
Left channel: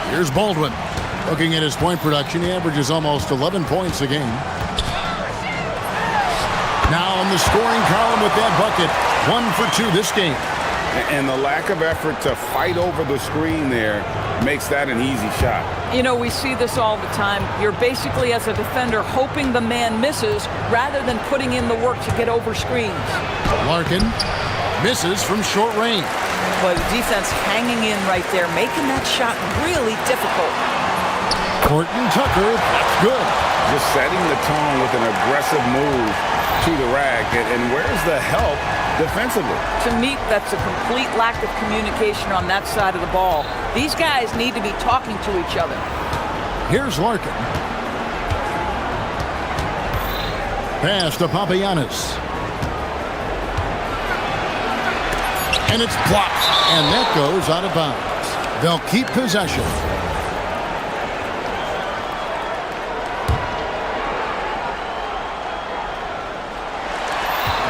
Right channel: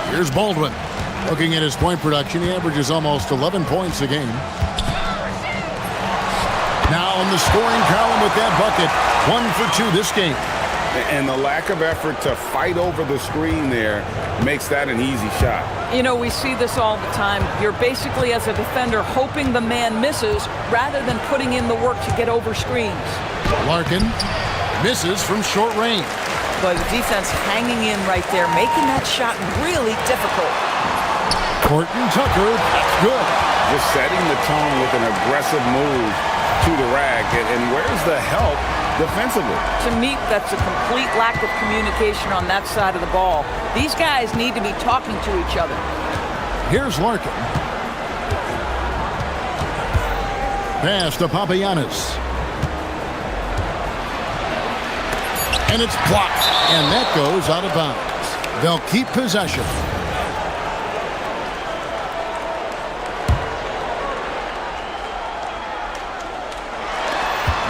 Here's Baldwin. Looking at his point production, he averages almost 11 points a game. Now on the scoring column with that bucket. 1 for 2 this game. And the lack of effort to fight over the screen there makes that an easy shot. You know, we see this all the time. You're basically, as a defender, hoping the man misses rather than putting in the work to get over screens. Larkin misses from short range. But the defense hanging in right there, making that shot really difficult. Horton Tucker, that's good. Just setting the tone with an aggressive move to the rack. And where's the help defensively? To me, that's a complete lack of communication on that side of the ball. These guys need to be talking to each other. Here's Larkin. Pass to Papagiannis. And it's blocked. And that goes out of bounds. They'll keep possession.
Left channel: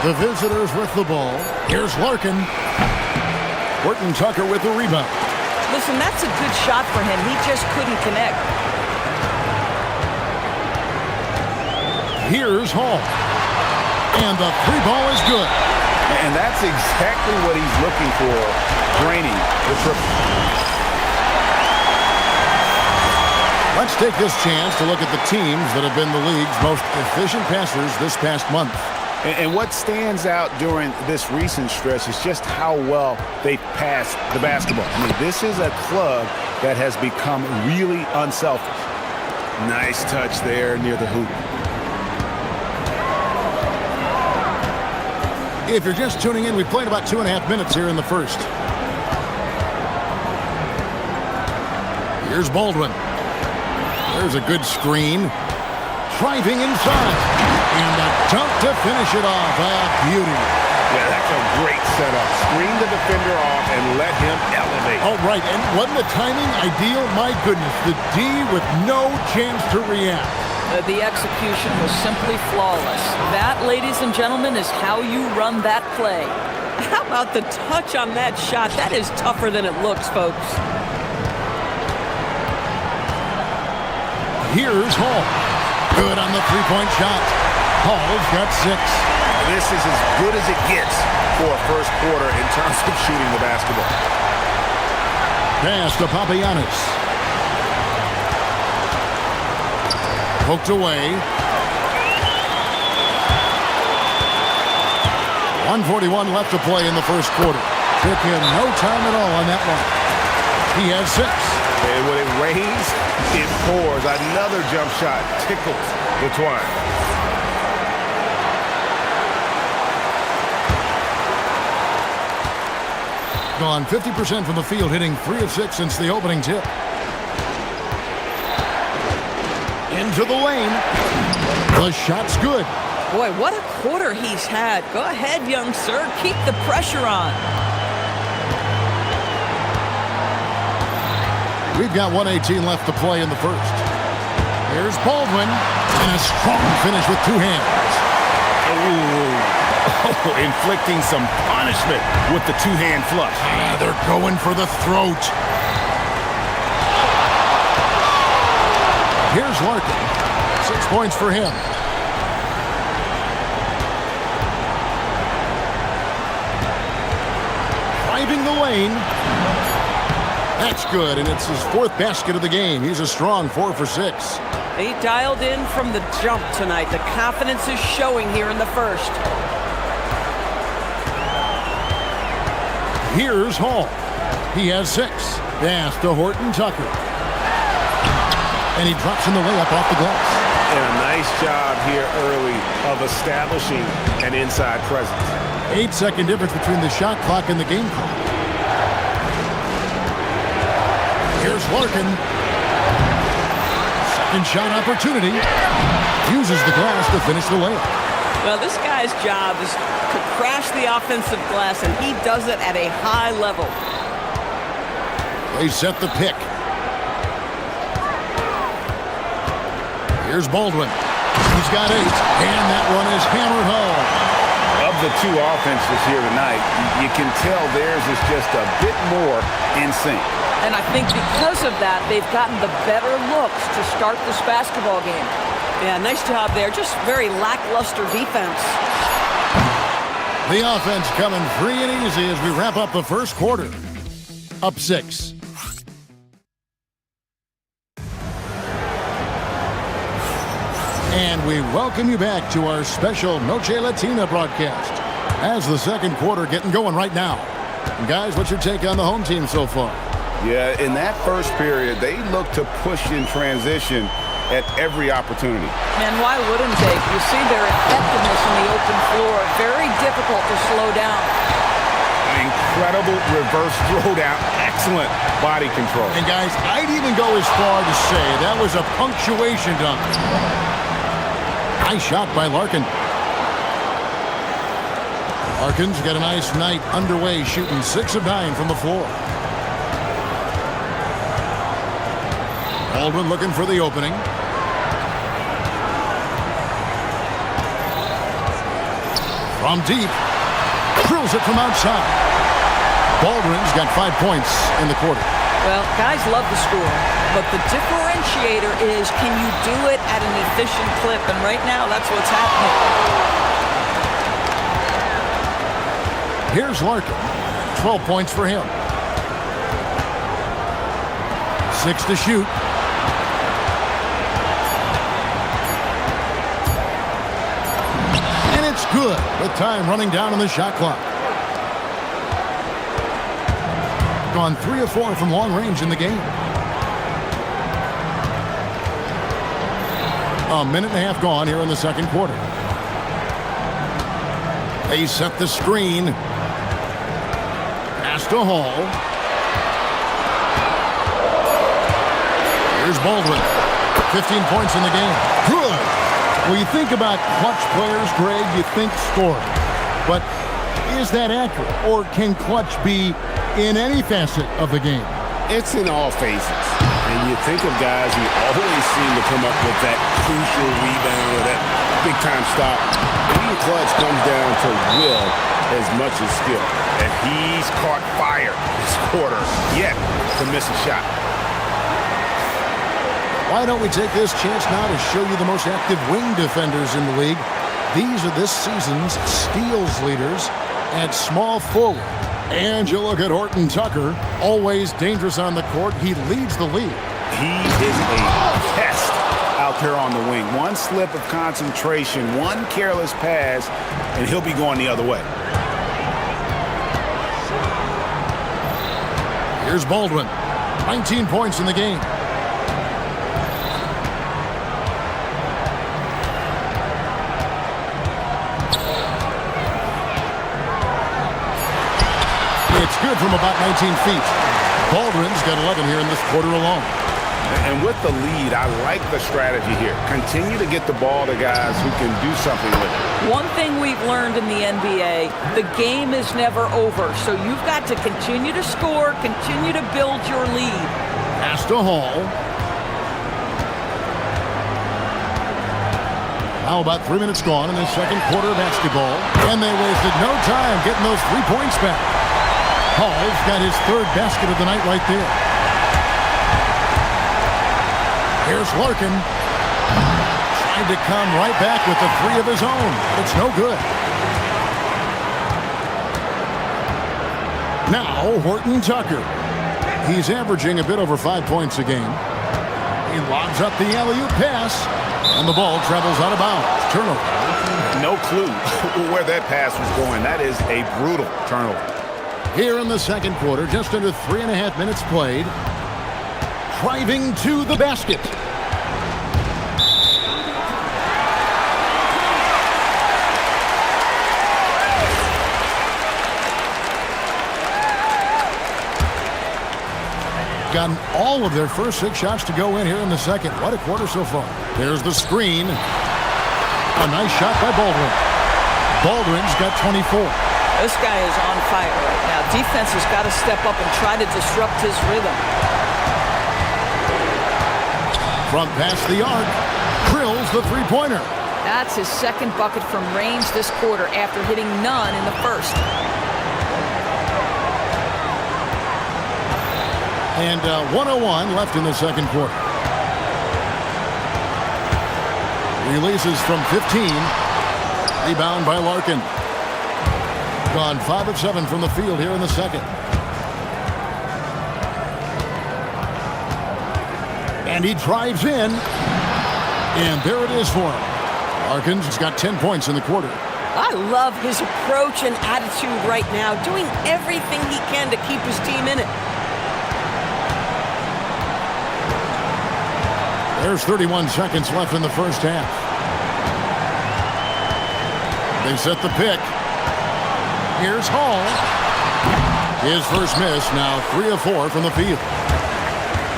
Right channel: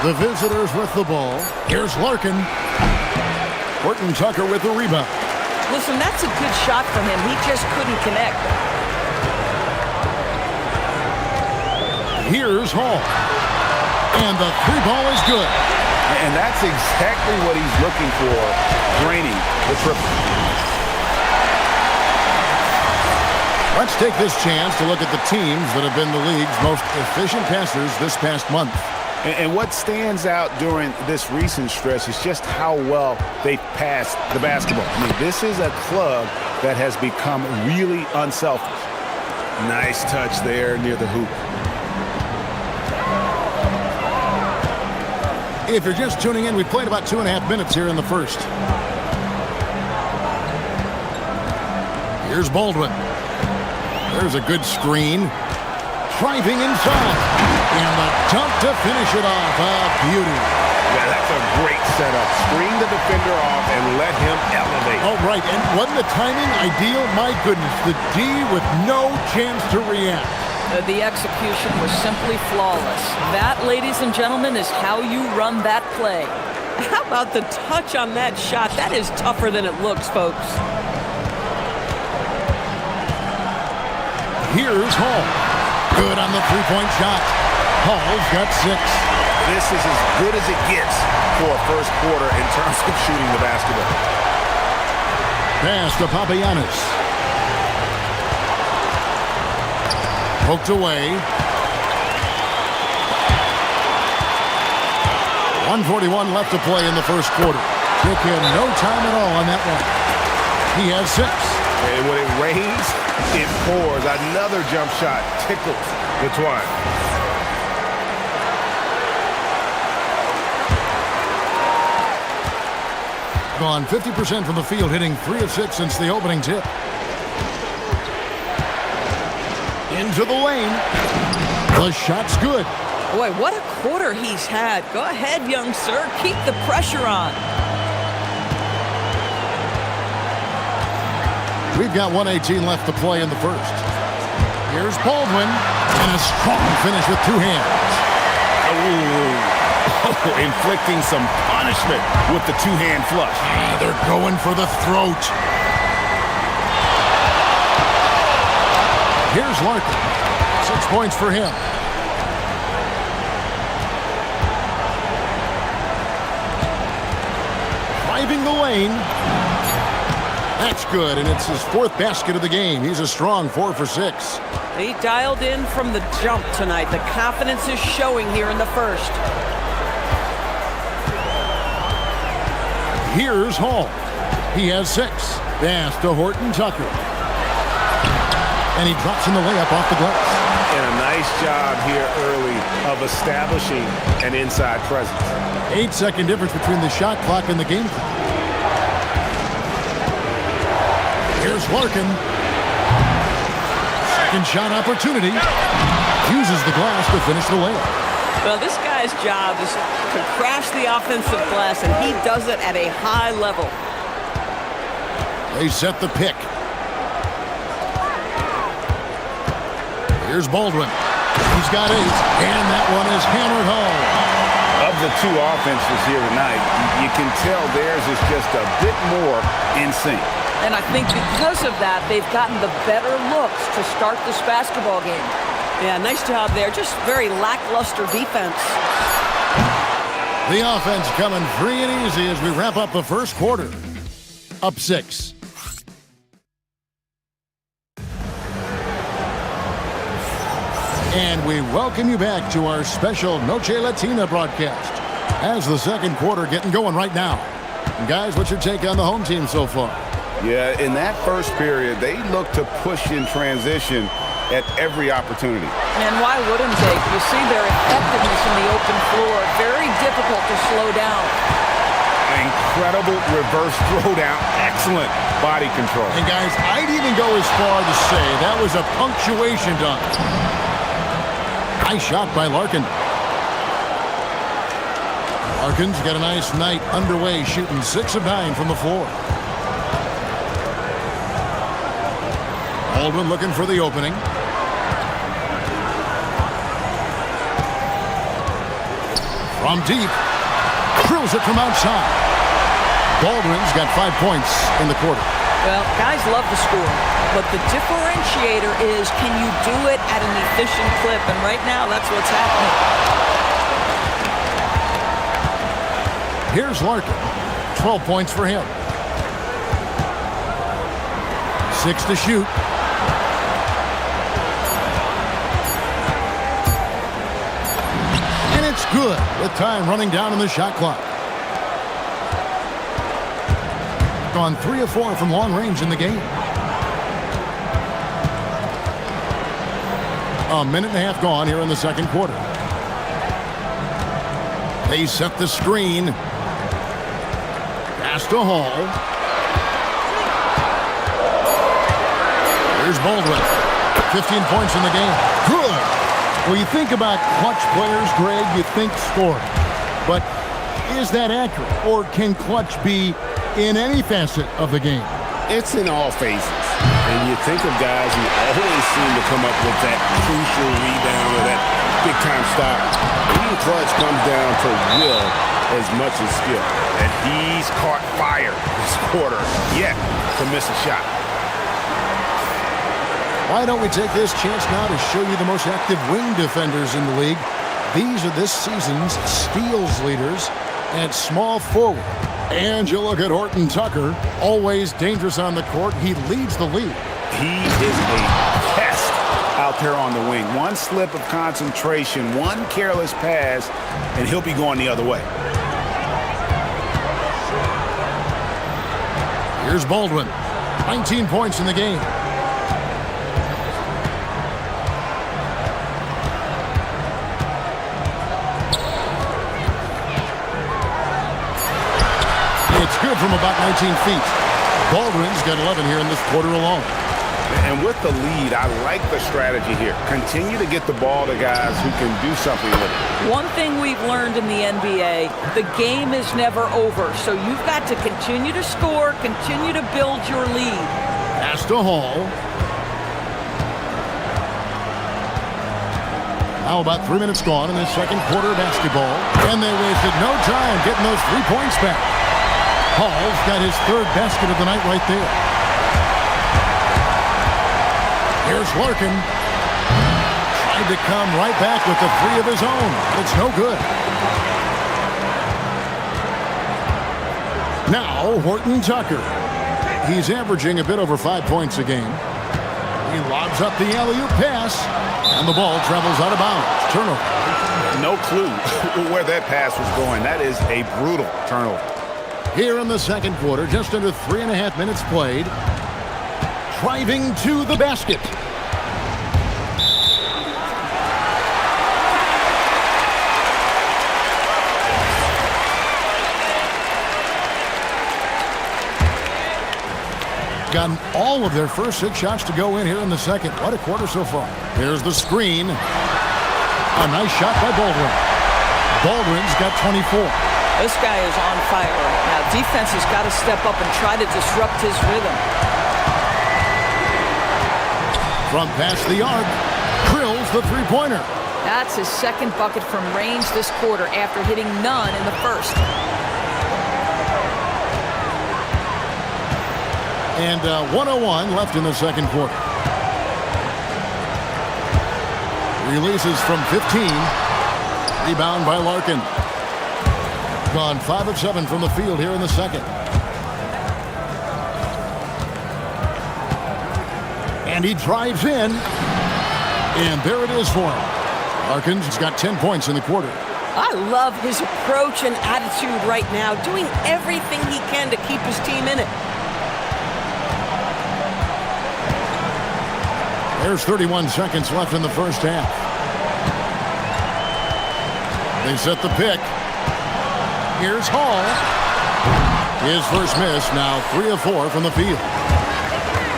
The visitors with the ball. Here's Larkin. Horton Tucker with the rebound. Listen, that's a good shot for him. He just couldn't connect. Here's Hall. And the three ball is good. And that's exactly what he's looking for, draining the triple. Let's take this chance to look at the teams that have been the league's most efficient passers this past month. And what stands out during this recent stretch is just how well they passed the basketball. I mean, this is a club that has become really unselfish. Nice touch there near the hoop. If you're just tuning in, we played about 2.5 minutes here in the first. Here's Baldwin. There's a good screen. Driving inside. And the dunk to finish it off. A beauty. Yeah, that's a great setup. Screen the defender off and let him elevate. Oh, right. And wasn't the timing ideal? My goodness. The D with no chance to react. The execution was simply flawless. That, ladies and gentlemen, is how you run that play. How about the touch on that shot? That is tougher than it looks, folks. Here's Hall. Good on the three-point shot. Hall's got 6. This is as good as it gets for a first quarter in terms of shooting the basketball. Pass to Papagiannis. Poked away. 1:41 left to play in the first quarter. Took him no time at all on that one. He has 6. And when it rains, it pours. Another jump shot tickles the twine. Gone 50% from the field, hitting 3 of 6 since the opening tip. Into the lane. The shot's good. Boy, what a quarter he's had. Go ahead, young sir. Keep the pressure on. We've got 1:18 left to play in the first. Here's Baldwin. And a strong finish with 2 hands. Oh, inflicting some punishment with the 2-hand flush. They're going for the throat. Here's Larkin. 6 points for him. Driving the lane. That's good, and it's his 4th basket of the game. He's a strong 4 for 6. He dialed in from the jump tonight. The confidence is showing here in the first. Here's Hall. He has 6. Pass to Horton Tucker. And he drops in the layup off the glass. And a nice job here early of establishing an inside presence. 8-second difference between the shot clock and the game clock. Here's Larkin. Second shot opportunity. Uses the glass to finish the layup. Well, this guy's job is to crash the offensive glass, and he does it at a high level. They set the pick. Here's Baldwin. He's got 8, and that one is hammered home. Of the 2 offenses here tonight, you can tell theirs is just a bit more in sync. And I think because of that, they've gotten the better looks to start this basketball game. Yeah, nice job there. Just very lackluster defense. The offense coming free and easy as we wrap up the first quarter. Up 6. And we welcome you back to our special Noche Latina broadcast as the second quarter getting going right now. And guys, what's your take on the home team so far? Yeah, in that first period, they looked to push in transition at every opportunity. And why wouldn't they? You see their effectiveness in the open floor. Very difficult to slow down. Incredible reverse throwdown. Excellent body control. And guys, I'd even go as far to say that was a punctuation dunk. Nice shot by Larkin. Larkin's got a nice night underway, shooting 6 of 9 from the floor. Baldwin looking for the opening. From deep. Drills it from outside. Baldwin's got 5 points in the quarter. Well, guys love to score, but the differentiator is, can you do it at an efficient clip? And right now, that's what's happening. Here's Larkin. 12 points for him. 6 to shoot. And it's good with time running down on the shot clock. Gone 3 of 4 from long range in the game. A minute and a half gone here in the second quarter. They set the screen. Pass to Hall. Here's Baldwin. 15 points in the game. Good. When you think about clutch players, Greg, you think scoring. But is that accurate? Or can clutch be in any facet of the game? It's in all phases. And you think of guys who always seem to come up with that crucial rebound or that big-time stop. Being clutch comes down to will as much as skill. And he's caught fire this quarter, yet to miss a shot. Why don't we take this chance now to show you the most active wing defenders in the league? These are this season's steals leaders at small forward. And you look at Horton Tucker, always dangerous on the court. He leads the league. He is a pest out there on the wing. One slip of concentration, one careless pass, and he'll be going the other way. Here's Baldwin. 19 points in the game. It's good from about 19 feet. Baldwin's got 11 here in this quarter alone. And with the lead, I like the strategy here. Continue to get the ball to guys who can do something with it. One thing we've learned in the NBA, the game is never over. So you've got to continue to score, continue to build your lead. Pass to Hall. Now about 3 minutes gone in the second quarter of basketball. And they wasted no time getting those 3 points back. Hall's got his 3rd basket of the night right there. Here's Larkin. Tried to come right back with the 3 of his own, but it's no good. Now Horton Tucker. He's averaging a bit over 5 points a game. He lobs up the alley-oop pass, and the ball travels out of bounds. Turnover. No clue where that pass was going. That is a brutal turnover. Here in the second quarter, just under 3.5 minutes played. Driving to the basket. Gotten all of their first 6 shots to go in here in the second. What a quarter so far. There's the screen. A nice shot by Baldwin. Baldwin's got 24. This guy is on fire right now. Defense has got to step up and try to disrupt his rhythm. From past the arc, drills the three-pointer. That's his second bucket from range this quarter after hitting none in the first. And 1:01 left in the second quarter. Releases from 15. Rebound by Larkin. Gone 5 of 7 from the field here in the second. And he drives in. And there it is for him. Larkin's got 10 points in the quarter. I love his approach and attitude right now, doing everything he can to keep his team in it. There's 31 seconds left in the first half. They set the pick. Here's Hall. His first miss, now 3 of 4 from the field.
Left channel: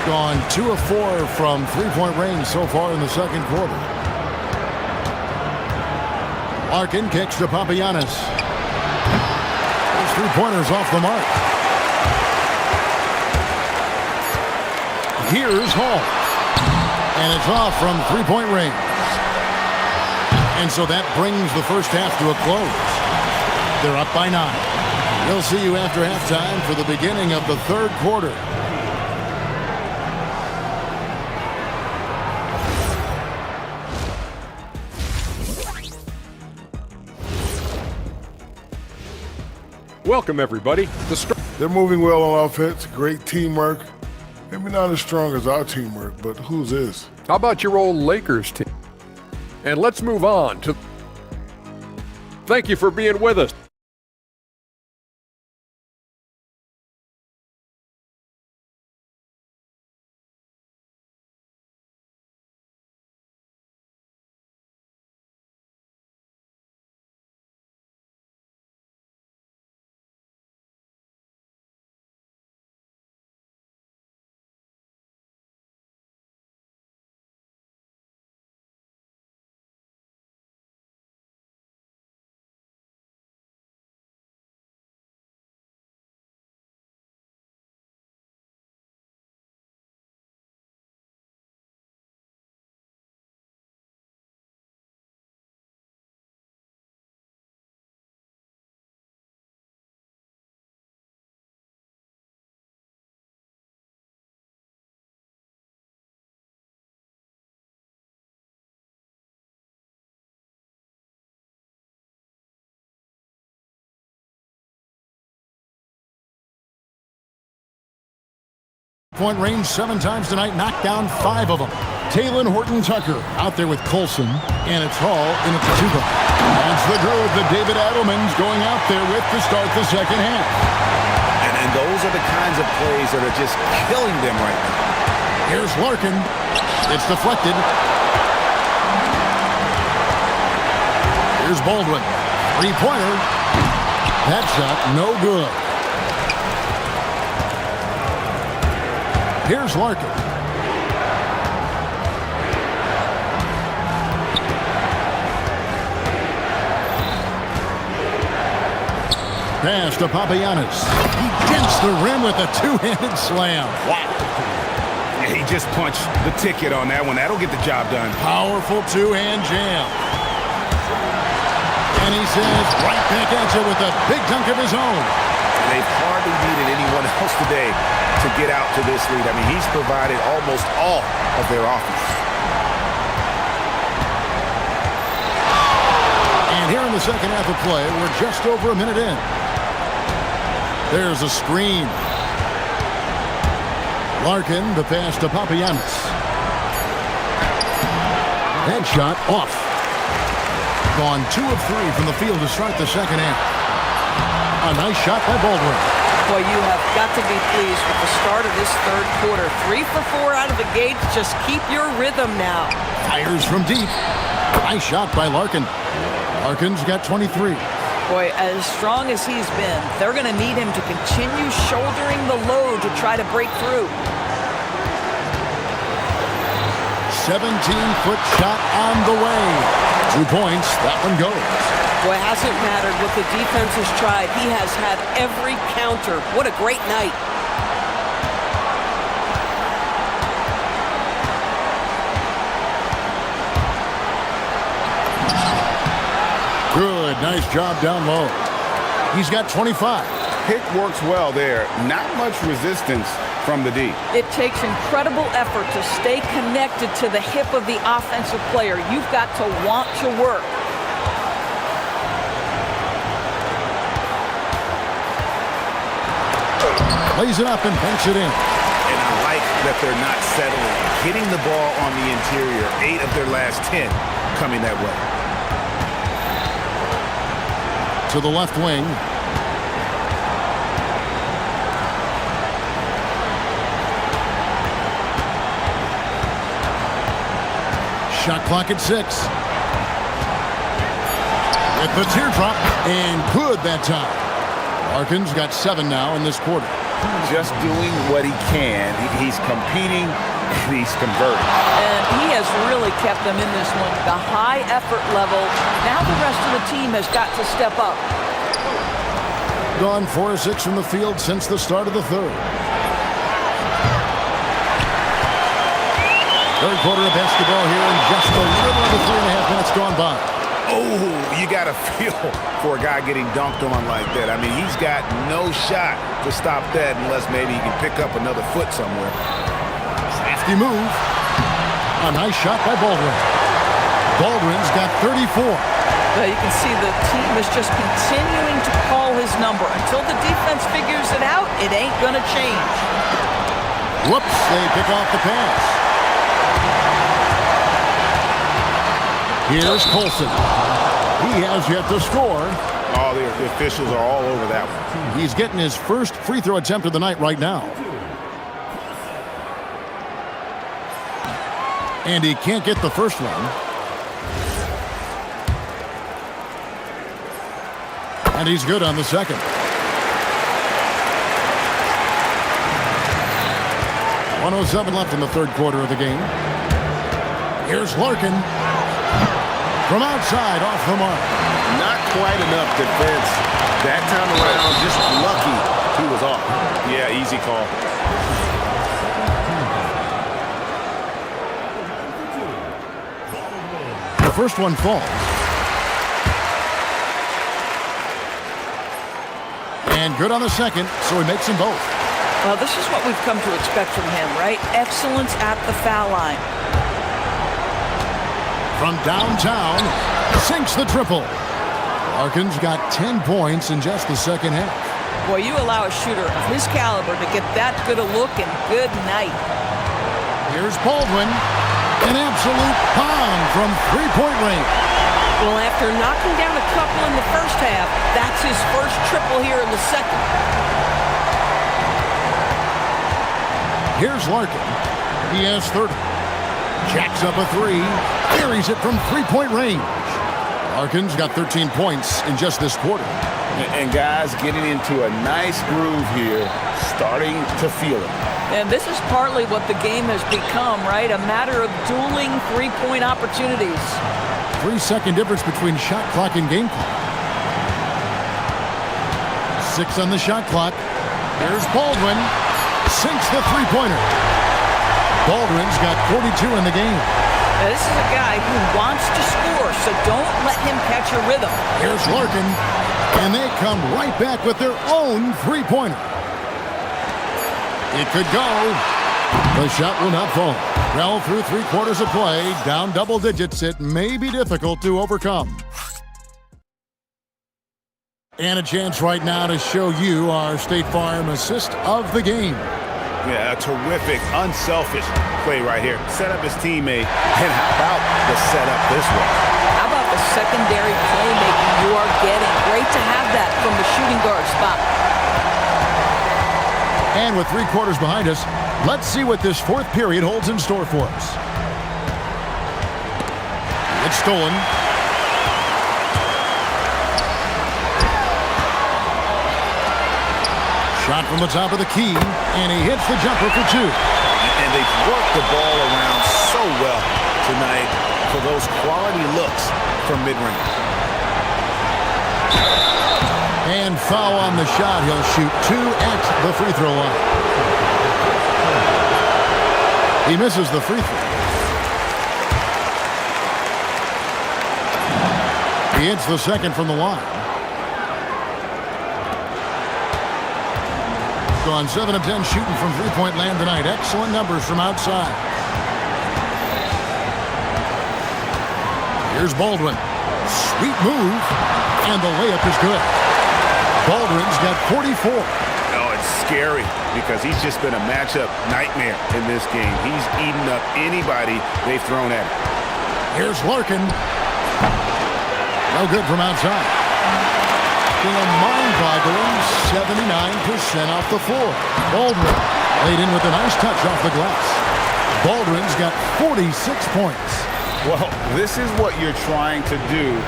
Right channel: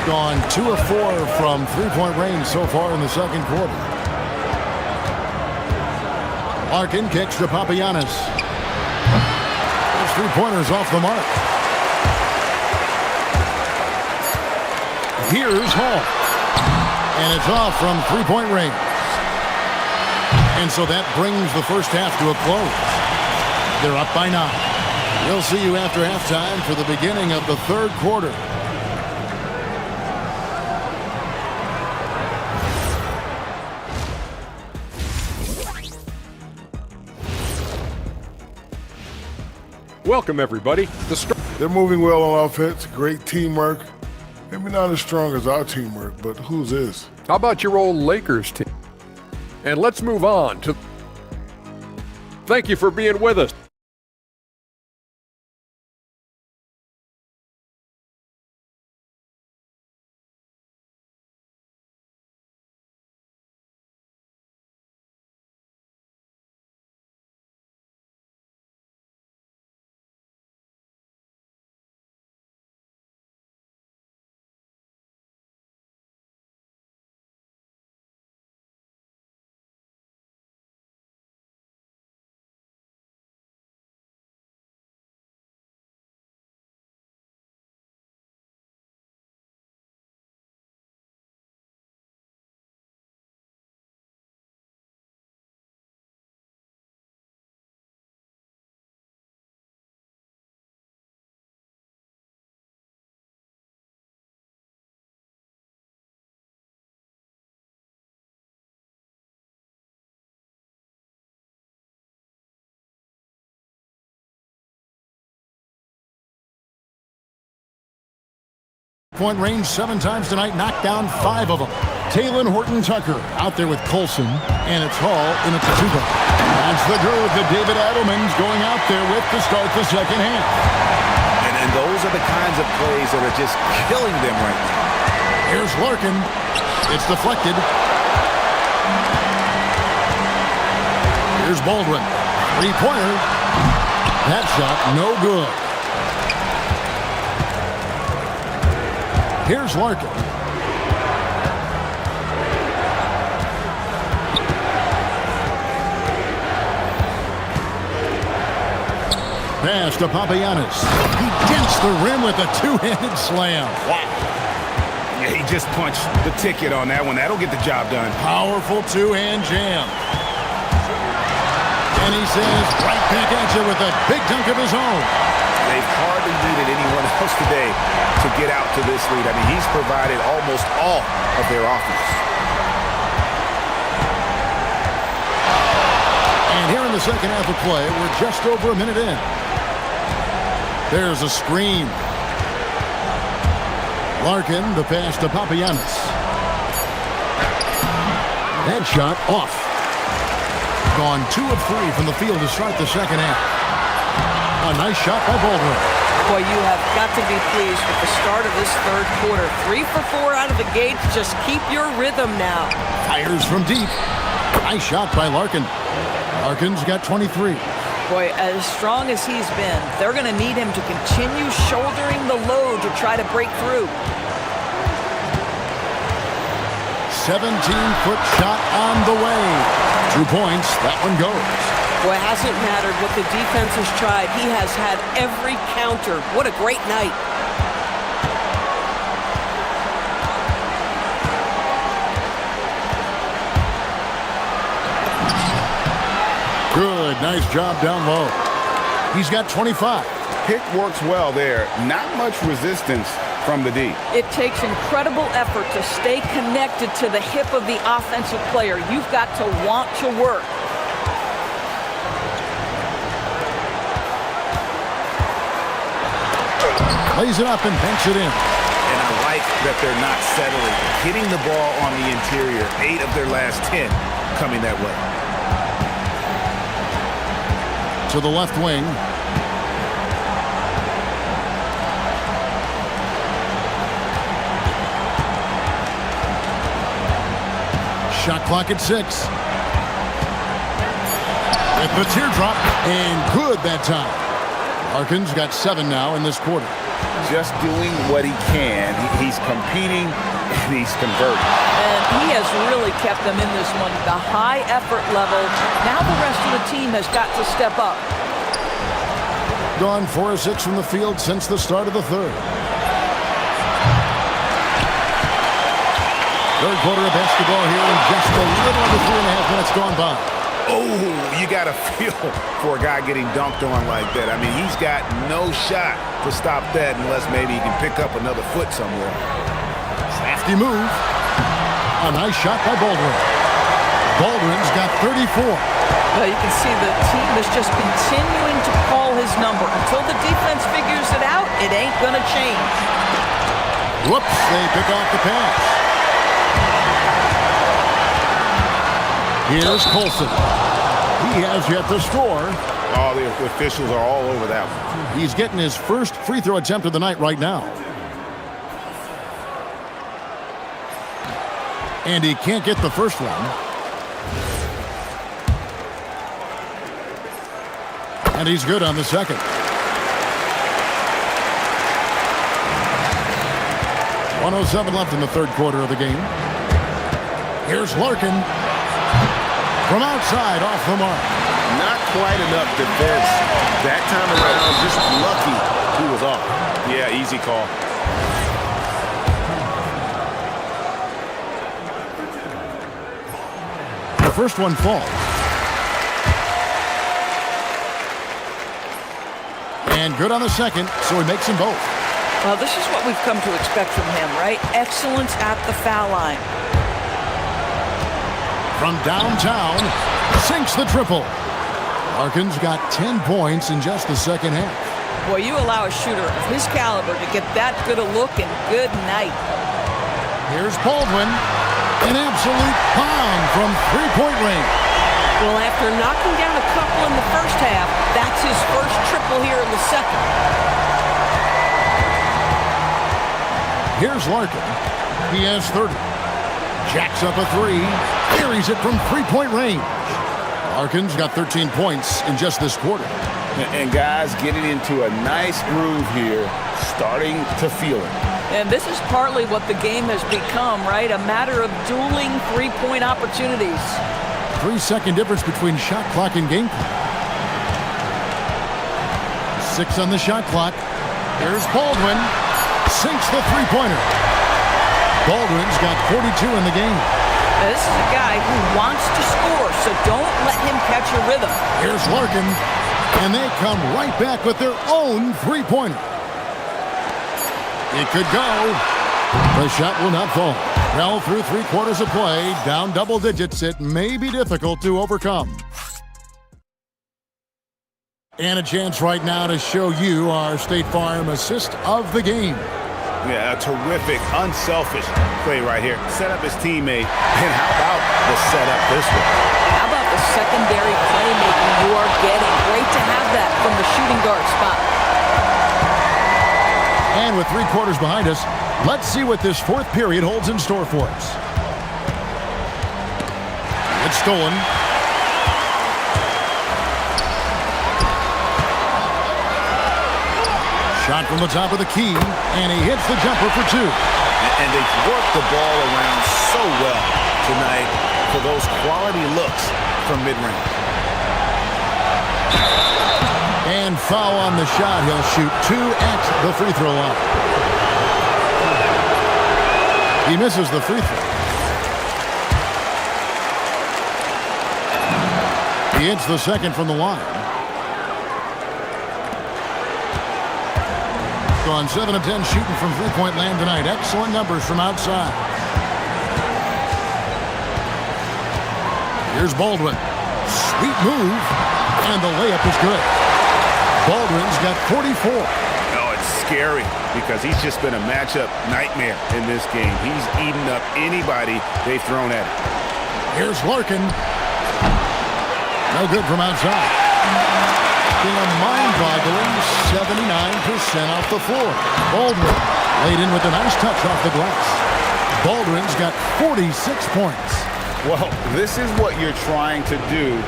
Gone 2 of 4 from three-point range so far in the second quarter. Larkin kicks to Papagiannis. Those three-pointers off the mark. Here's Hall. And it's off from three-point range. And so that brings the first half to a close. They're up by 9. We'll see you after halftime for the beginning of the third quarter. Welcome, everybody. They're moving well on offense. Great teamwork. Maybe not as strong as our teamwork, but whose is? How about your old Lakers team? And let's move on to... Thank you for being with us. Point range 7 times tonight, knocked down 5 of them. Taylor Horton-Tucker out there with Colson, and it's Hall in at the 2 guard. That's the groove that David Adelman's going out there with to start the second half. And those are the kinds of plays that are just killing them right now. Here's Larkin. It's deflected. Here's Baldwin. Three-pointer. That shot no good. Here's Larkin. Pass to Papagiannis. He dents the rim with a two-handed slam. Wow. Yeah, he just punched the ticket on that one. That'll get the job done. Powerful two-hand jam. And he says right back at you with a big dunk of his own. They've hardly needed anyone else today to get out to this lead. I mean, he's provided almost all of their offense. And here in the second half of play, we're just over a minute in. There's a screen. Larkin, the pass to Papagiannis. That shot off. Gone 2 of 3 from the field to start the second half. A nice shot by Baldwin. Boy, you have got to be pleased with the start of this third quarter. 3 for 4 out of the gate. Just keep your rhythm now. Fires from deep. Nice shot by Larkin. Larkin's got 23. Boy, as strong as he's been, they're going to need him to continue shouldering the load to try to break through. 17-foot shot on the way. 2 points. That one goes. Boy, it hasn't mattered what the defense has tried. He has had every counter. What a great night. Good. Nice job down low. He's got 25. Pick works well there. Not much resistance from the D. It takes incredible effort to stay connected to the hip of the offensive player. You've got to want to work. Lays it up and banks it in. And I like that they're not settling. Hitting the ball on the interior, 8 of their last 10 coming that way. To the left wing. Shot clock at 6. With the teardrop, and good that time. Larkin's got 7 now in this quarter. Just doing what he can. He's competing and he's converting. And he has really kept them in this one. The high effort level. Now the rest of the team has got to step up. Gone 4 of 6 from the field since the start of the third. Third quarter of basketball here, and just a little under 3.5 minutes gone by. Oh, you got to feel for a guy getting dunked on like that. I mean, he's got no shot to stop that unless maybe he can pick up another foot somewhere. Crafty move. A nice shot by Baldwin. Baldwin's got 34. Well, you can see the team is just continuing to call his number. Until the defense figures it out, it ain't going to change. Whoops, they pick off the pass. Here's Colson. He has yet to score. Oh, the officials are all over that one. He's getting his first free throw attempt of the night right now. And he can't get the first one. And he's good on the second. 1:07 left in the third quarter of the game. Here's Larkin. From outside, off the mark. Not quite enough defense. That time around, just lucky he was off. Yeah, easy call. The first one falls. And good on the second, so he makes them both. Well, this is what we've come to expect from him, right? Excellence at the foul line. From downtown, sinks the triple. Larkin's got 10 points in just the second half. Boy, you allow a shooter of his caliber to get that good a look, and good night. Here's Baldwin. An absolute bomb from three-point range. Well, after knocking down a couple in the first half, that's his first triple here in the second. Here's Larkin. He has 30. Jacks up a 3. Carries it from three-point range. Larkin's got 13 points in just this quarter. And guys getting into a nice groove here, starting to feel it. And this is partly what the game has become, right? A matter of dueling three-point opportunities. 3-second difference between shot clock and game clock. 6 on the shot clock. Here's Baldwin. Sinks the three-pointer. Baldwin's got 42 in the game. Now, this is a guy who wants to score, so don't let him catch a rhythm. Here's Larkin. And they come right back with their own three-pointer. It could go. The shot will not fall. Well, through 3 quarters of play, down double digits, it may be difficult to overcome. And a chance right now to show you our State Farm assist of the game. Yeah, a terrific, unselfish play right here. Set up his teammate, and how about the setup this was? How about the secondary playmaking you are getting? Great to have that from the shooting guard spot. And with 3 quarters behind us, let's see what this fourth period holds in store for us. It's stolen. Shot from the top of the key, and he hits the jumper for 2. And they've worked the ball around so well tonight for those quality looks from mid-range. And foul on the shot. He'll shoot 2 at the free throw line. He misses the free throw. He hits the second from the line. Gone 7 of 10 shooting from three-point land tonight. Excellent numbers from outside. Here's Baldwin. Sweet move. And the layup is good. Baldwin's got 44. Oh, it's scary because he's just been a matchup nightmare in this game. He's eaten up anybody they've thrown at him. Here's Larkin. No good from outside. A mind-boggling 79% off the floor. Baldwin laid in with a nice touch off the glass. Baldwin's got 46 points. Well, this is what you're trying to do.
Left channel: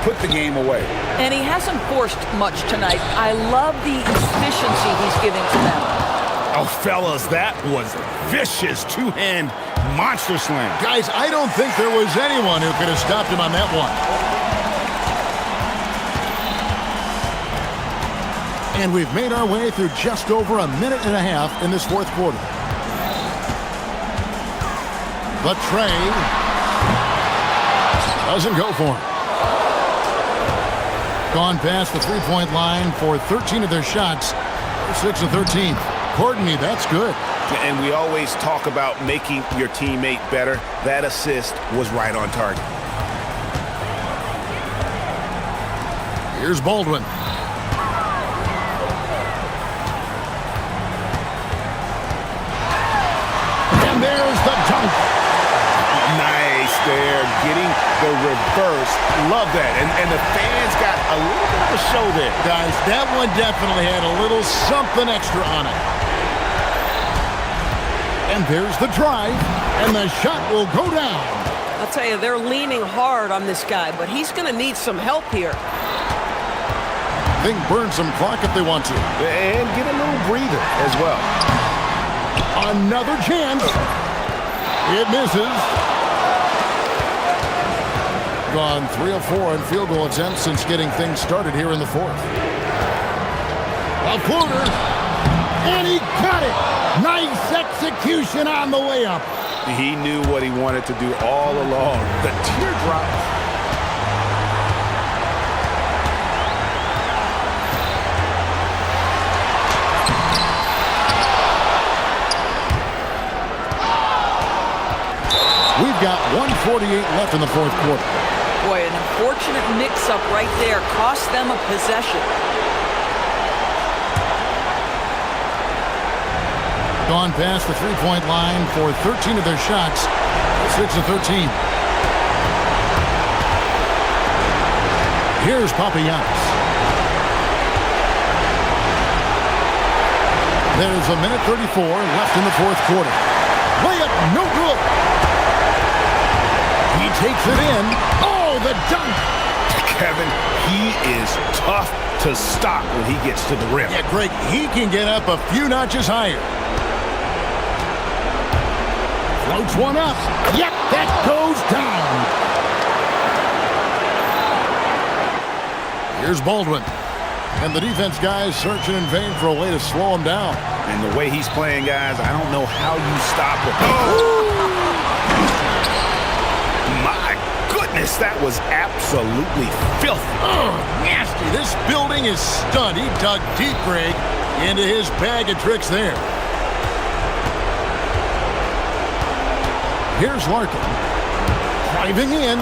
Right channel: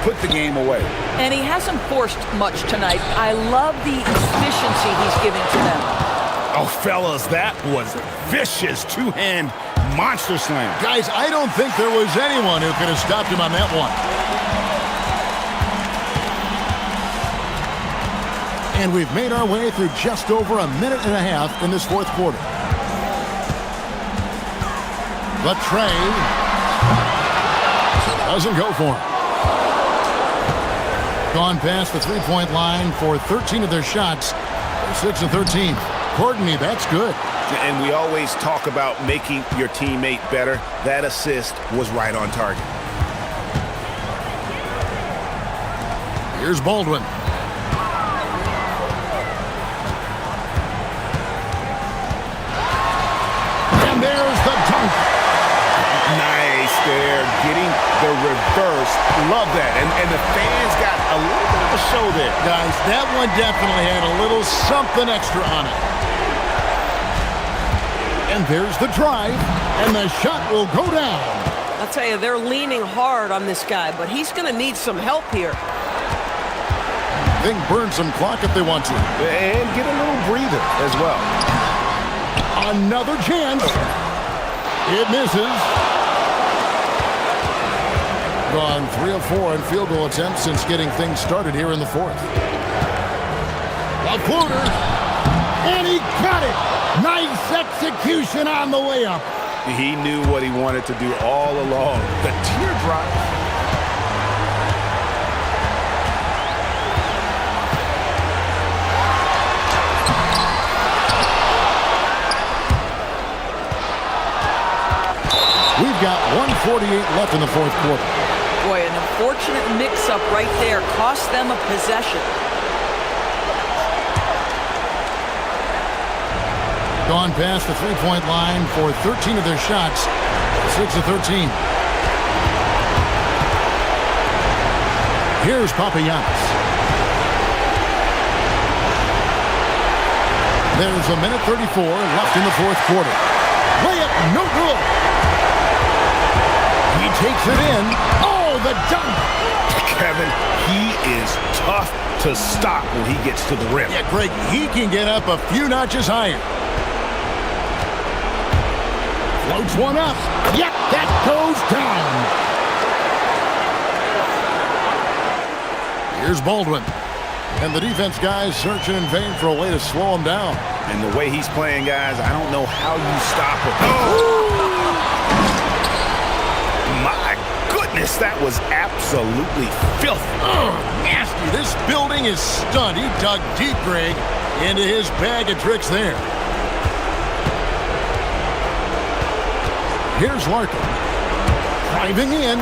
Put the game away. And he hasn't forced much tonight. I love the efficiency he's giving to them. Oh, fellas, that was a vicious two-hand monster slam. Guys, I don't think there was anyone who could have stopped him on that one. And we've made our way through just over a minute and a half in this fourth quarter. The tray doesn't go for him. Gone past the three-point line for 13 of their shots. 6 of 13. Courtney, that's good. And we always talk about making your teammate better. That assist was right on target. Here's Baldwin. And there's the dunk. Nice there, getting the reverse. Love that. And the fans got a little bit of a show there. Guys, that one definitely had a little something extra on it. And there's the drive, and the shot will go down. I'll tell you, they're leaning hard on this guy, but he's going to need some help here. They can burn some clock if they want to. And get a little breather as well. Another chance. It misses. Gone 3 of 4 on field goal attempts since getting things started here in the fourth. A floater. And he got it. Nice execution on the layup. He knew what he wanted to do all along. The teardrop. We've got 1:48 left in the fourth quarter. Boy, an unfortunate mix-up right there cost them a possession. Gone past the three-point line for 13 of their shots. 6 of 13. Here's Papagiannis. There's a minute 34 left in the fourth quarter. Layup, no good. He takes it in. Oh, the dunk. Kevin, he is tough to stop when he gets to the rim. Yeah, Greg, he can get up a few notches higher. Floats one up. Yep, that goes down. Here's Baldwin. And the defense guys searching in vain for a way to slow him down. And the way he's playing, guys, I don't know how you stop him. Oh! My goodness, that was absolutely filthy. Nasty. This building is stunned. He dug deep, Greg, into his bag of tricks there. Here's Larkin. Driving in.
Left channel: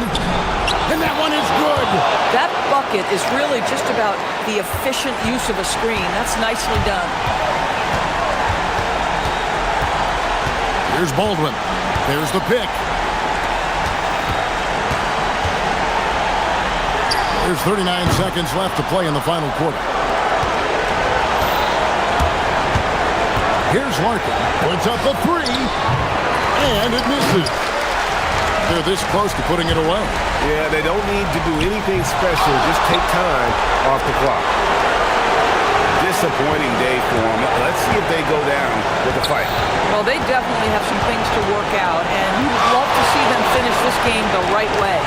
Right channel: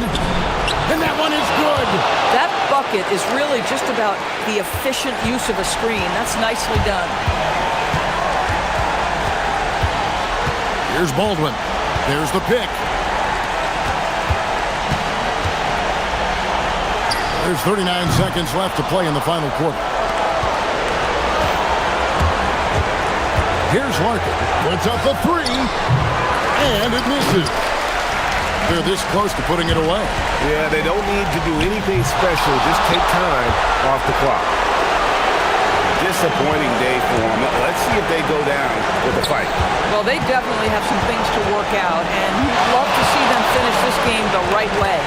And that one is good. That bucket is really just about the efficient use of a screen. That's nicely done. Here's Baldwin. There's the pick. There's 39 seconds left to play in the final quarter. Here's Larkin. Puts up a three. And it misses. They're this close to putting it away. Yeah, they don't need to do anything special. Just take time off the clock. Disappointing day for them. Let's see if they go down with a fight. Well, they definitely have some things to work out, and you'd love to see them finish this game the right way.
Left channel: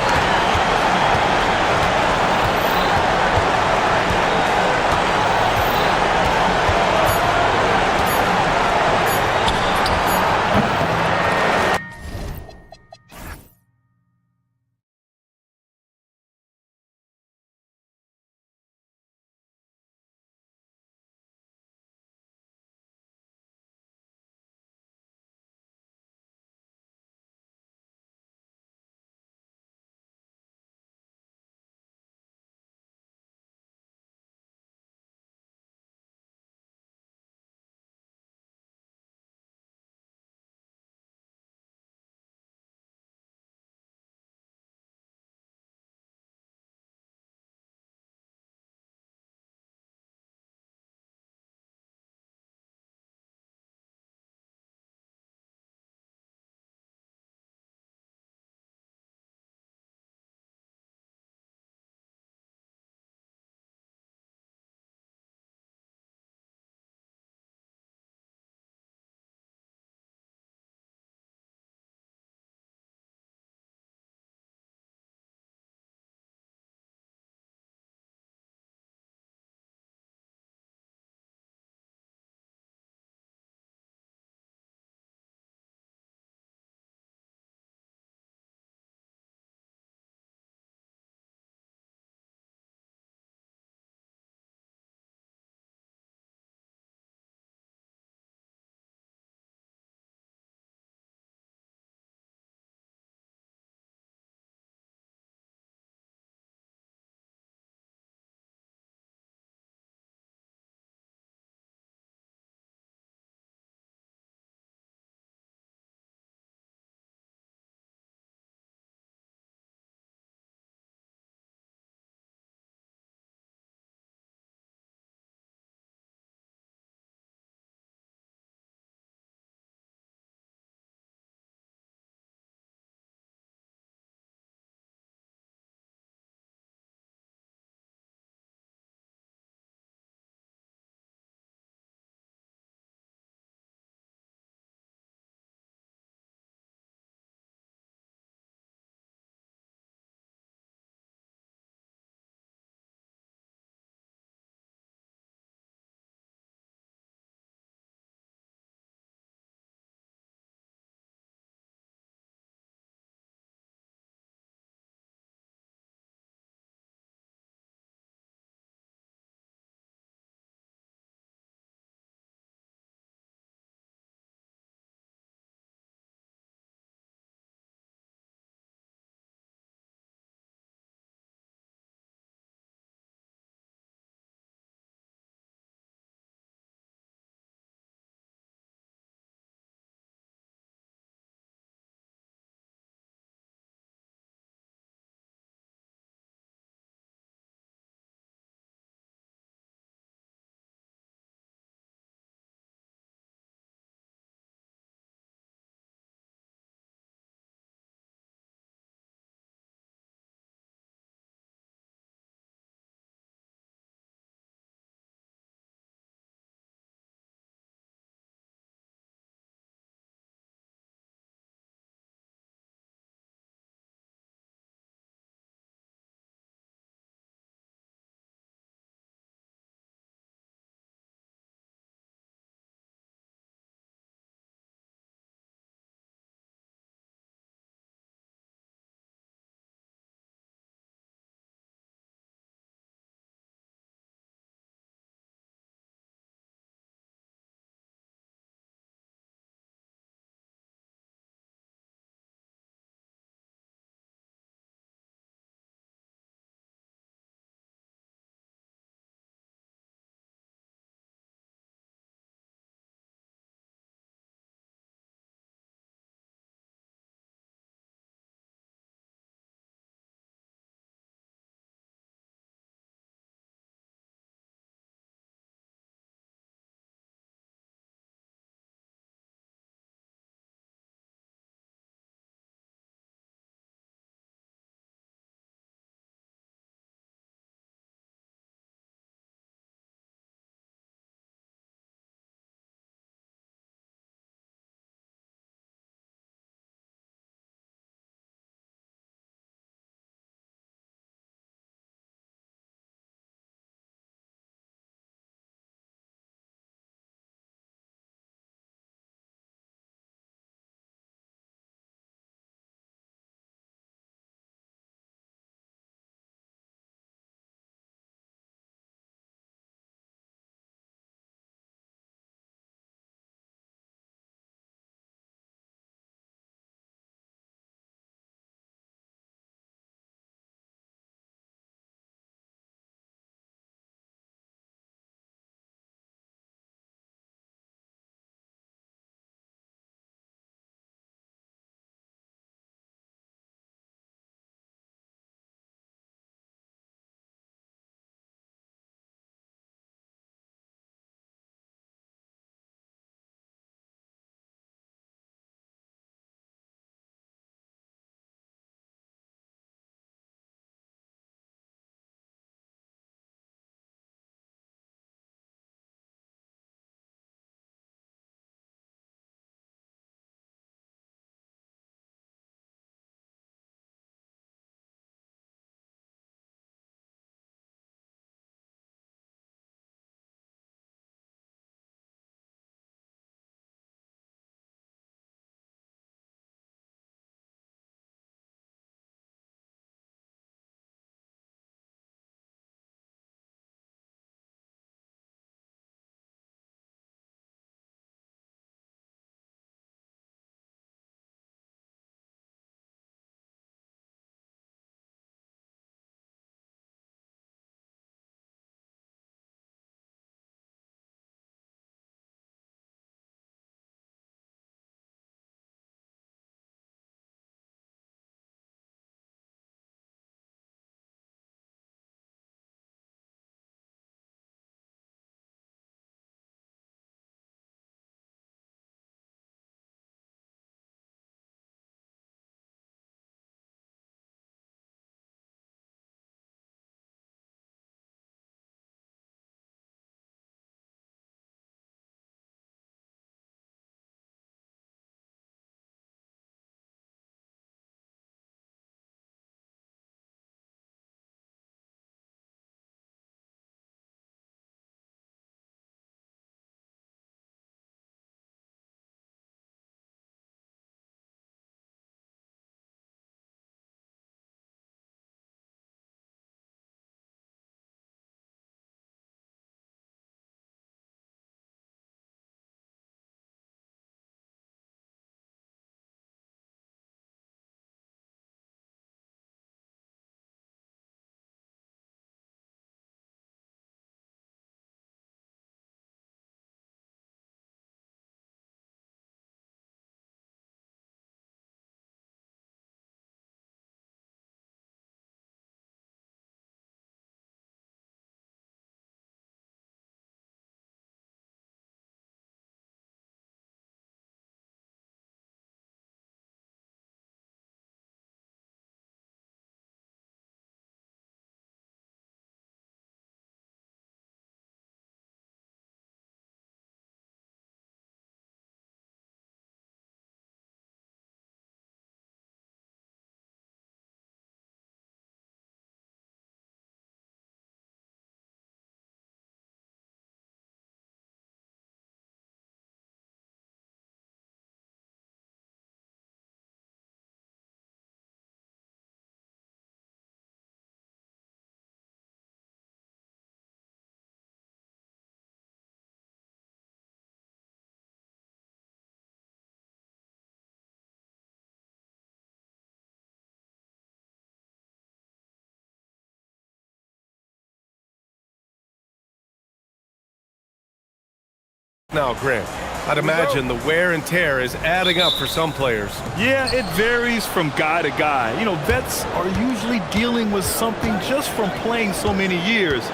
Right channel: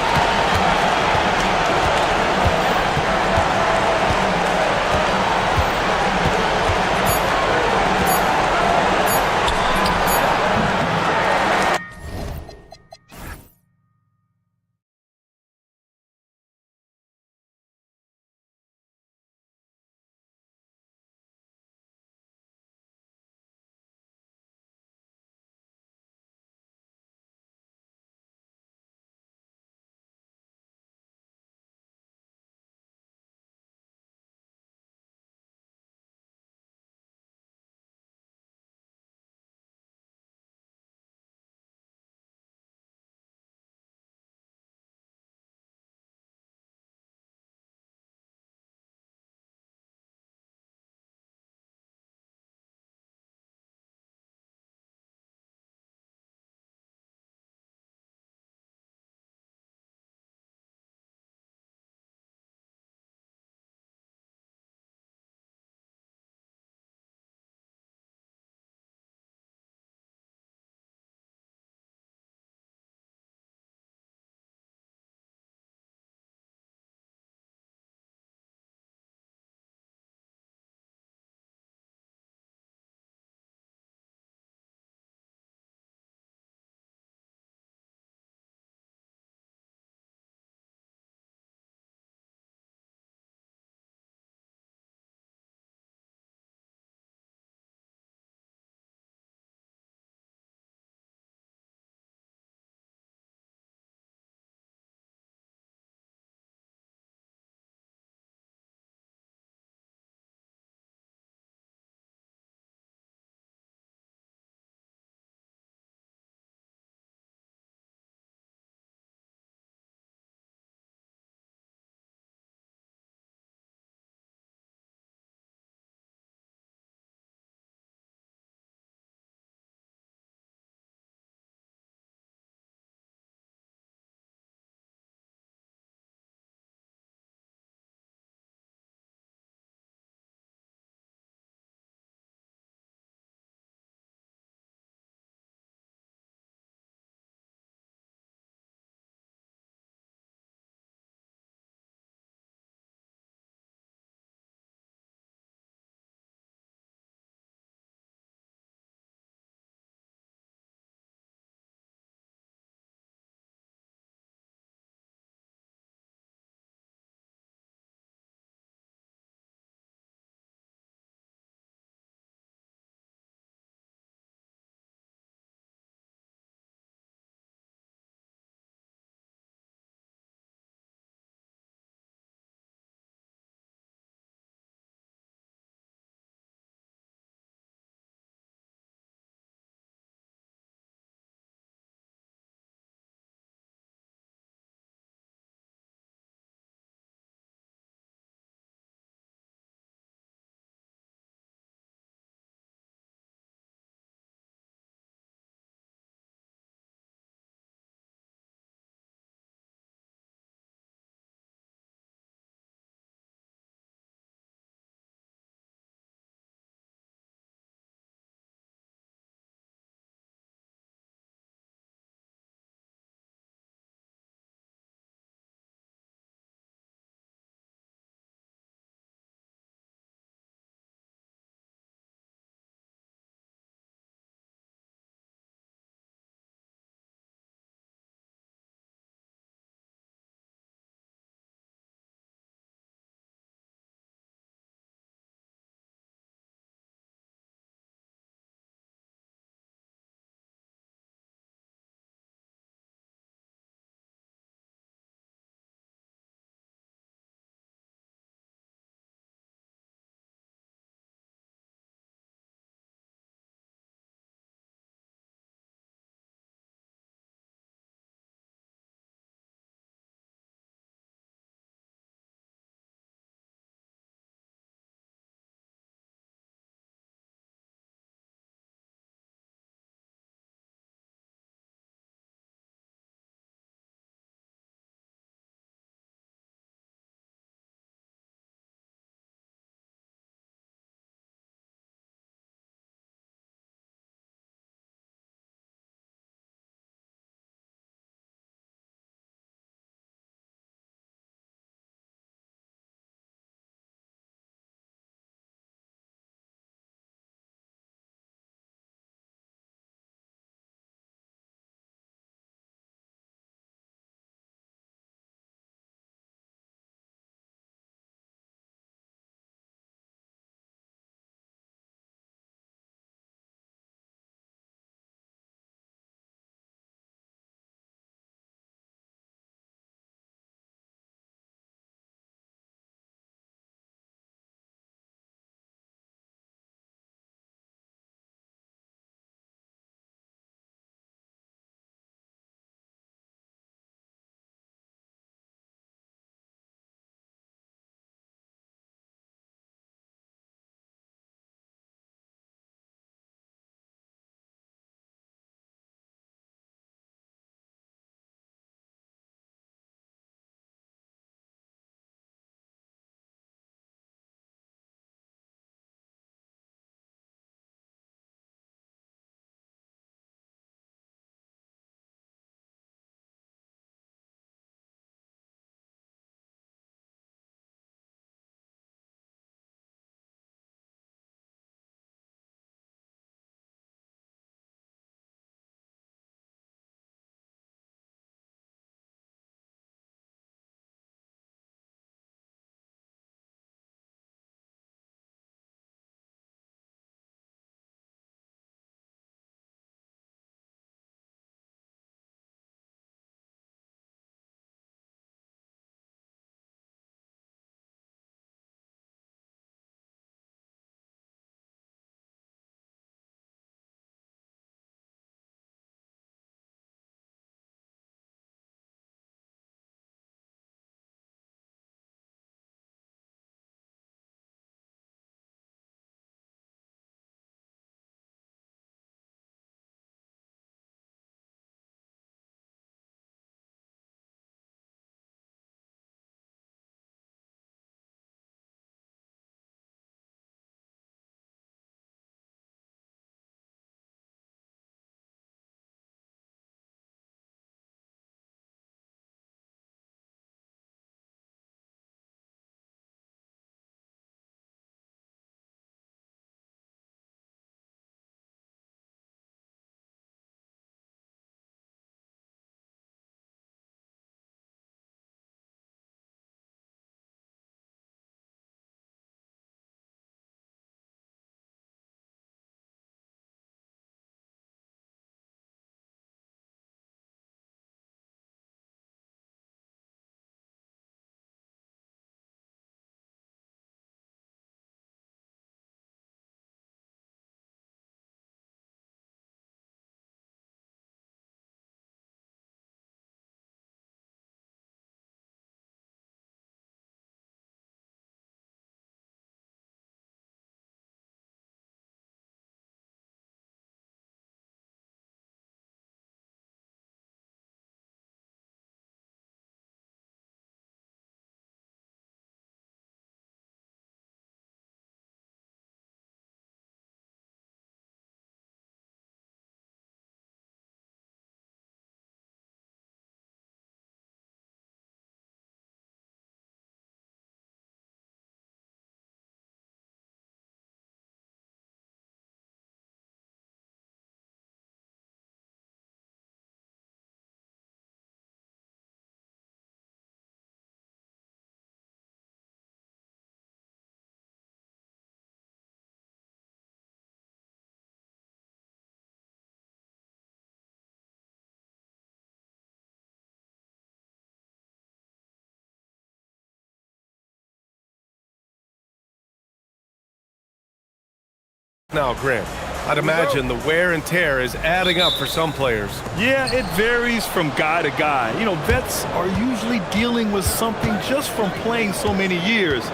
now, Grant. I'd imagine the wear and tear is adding up for some players. Yeah, it varies from guy to guy. You know, vets are usually dealing with something just from playing so many years.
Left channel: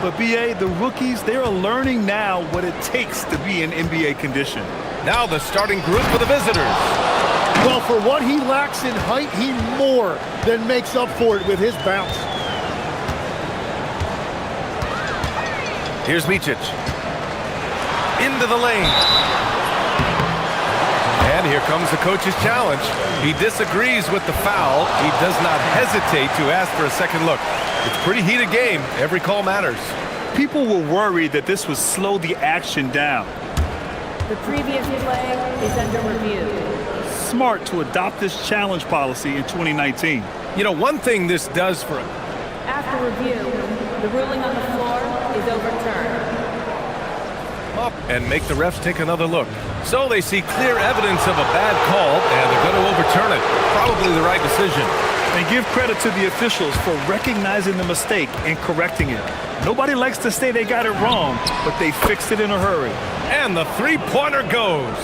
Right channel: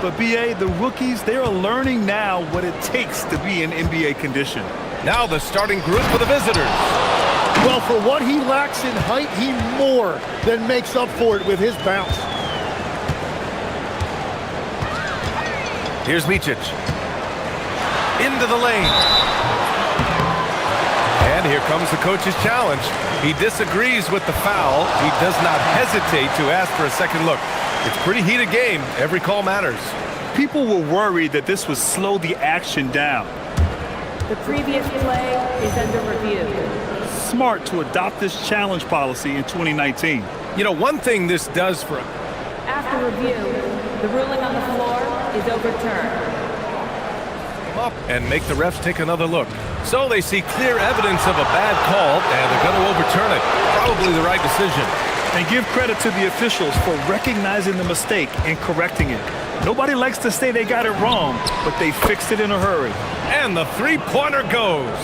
But BA, the rookies, they are learning now what it takes to be in NBA condition. Now the starting group for the visitors. Well, for what he lacks in height, he more than makes up for it with his bounce. Here's Micic. Into the lane. And here comes the coach's challenge. He disagrees with the foul. He does not hesitate to ask for a second look. It's a pretty heated game. Every call matters. People were worried that this would slow the action down. The previous play is under review. Smart to adopt this challenge policy in 2019. You know, one thing this does for... After review, the ruling on the floor is overturned. Up and make the refs take another look. So they see clear evidence of a bad call, and they're going to overturn it. Probably the right decision. And give credit to the officials for recognizing the mistake and correcting it. Nobody likes to say they got it wrong, but they fixed it in a hurry. And the three-pointer goes.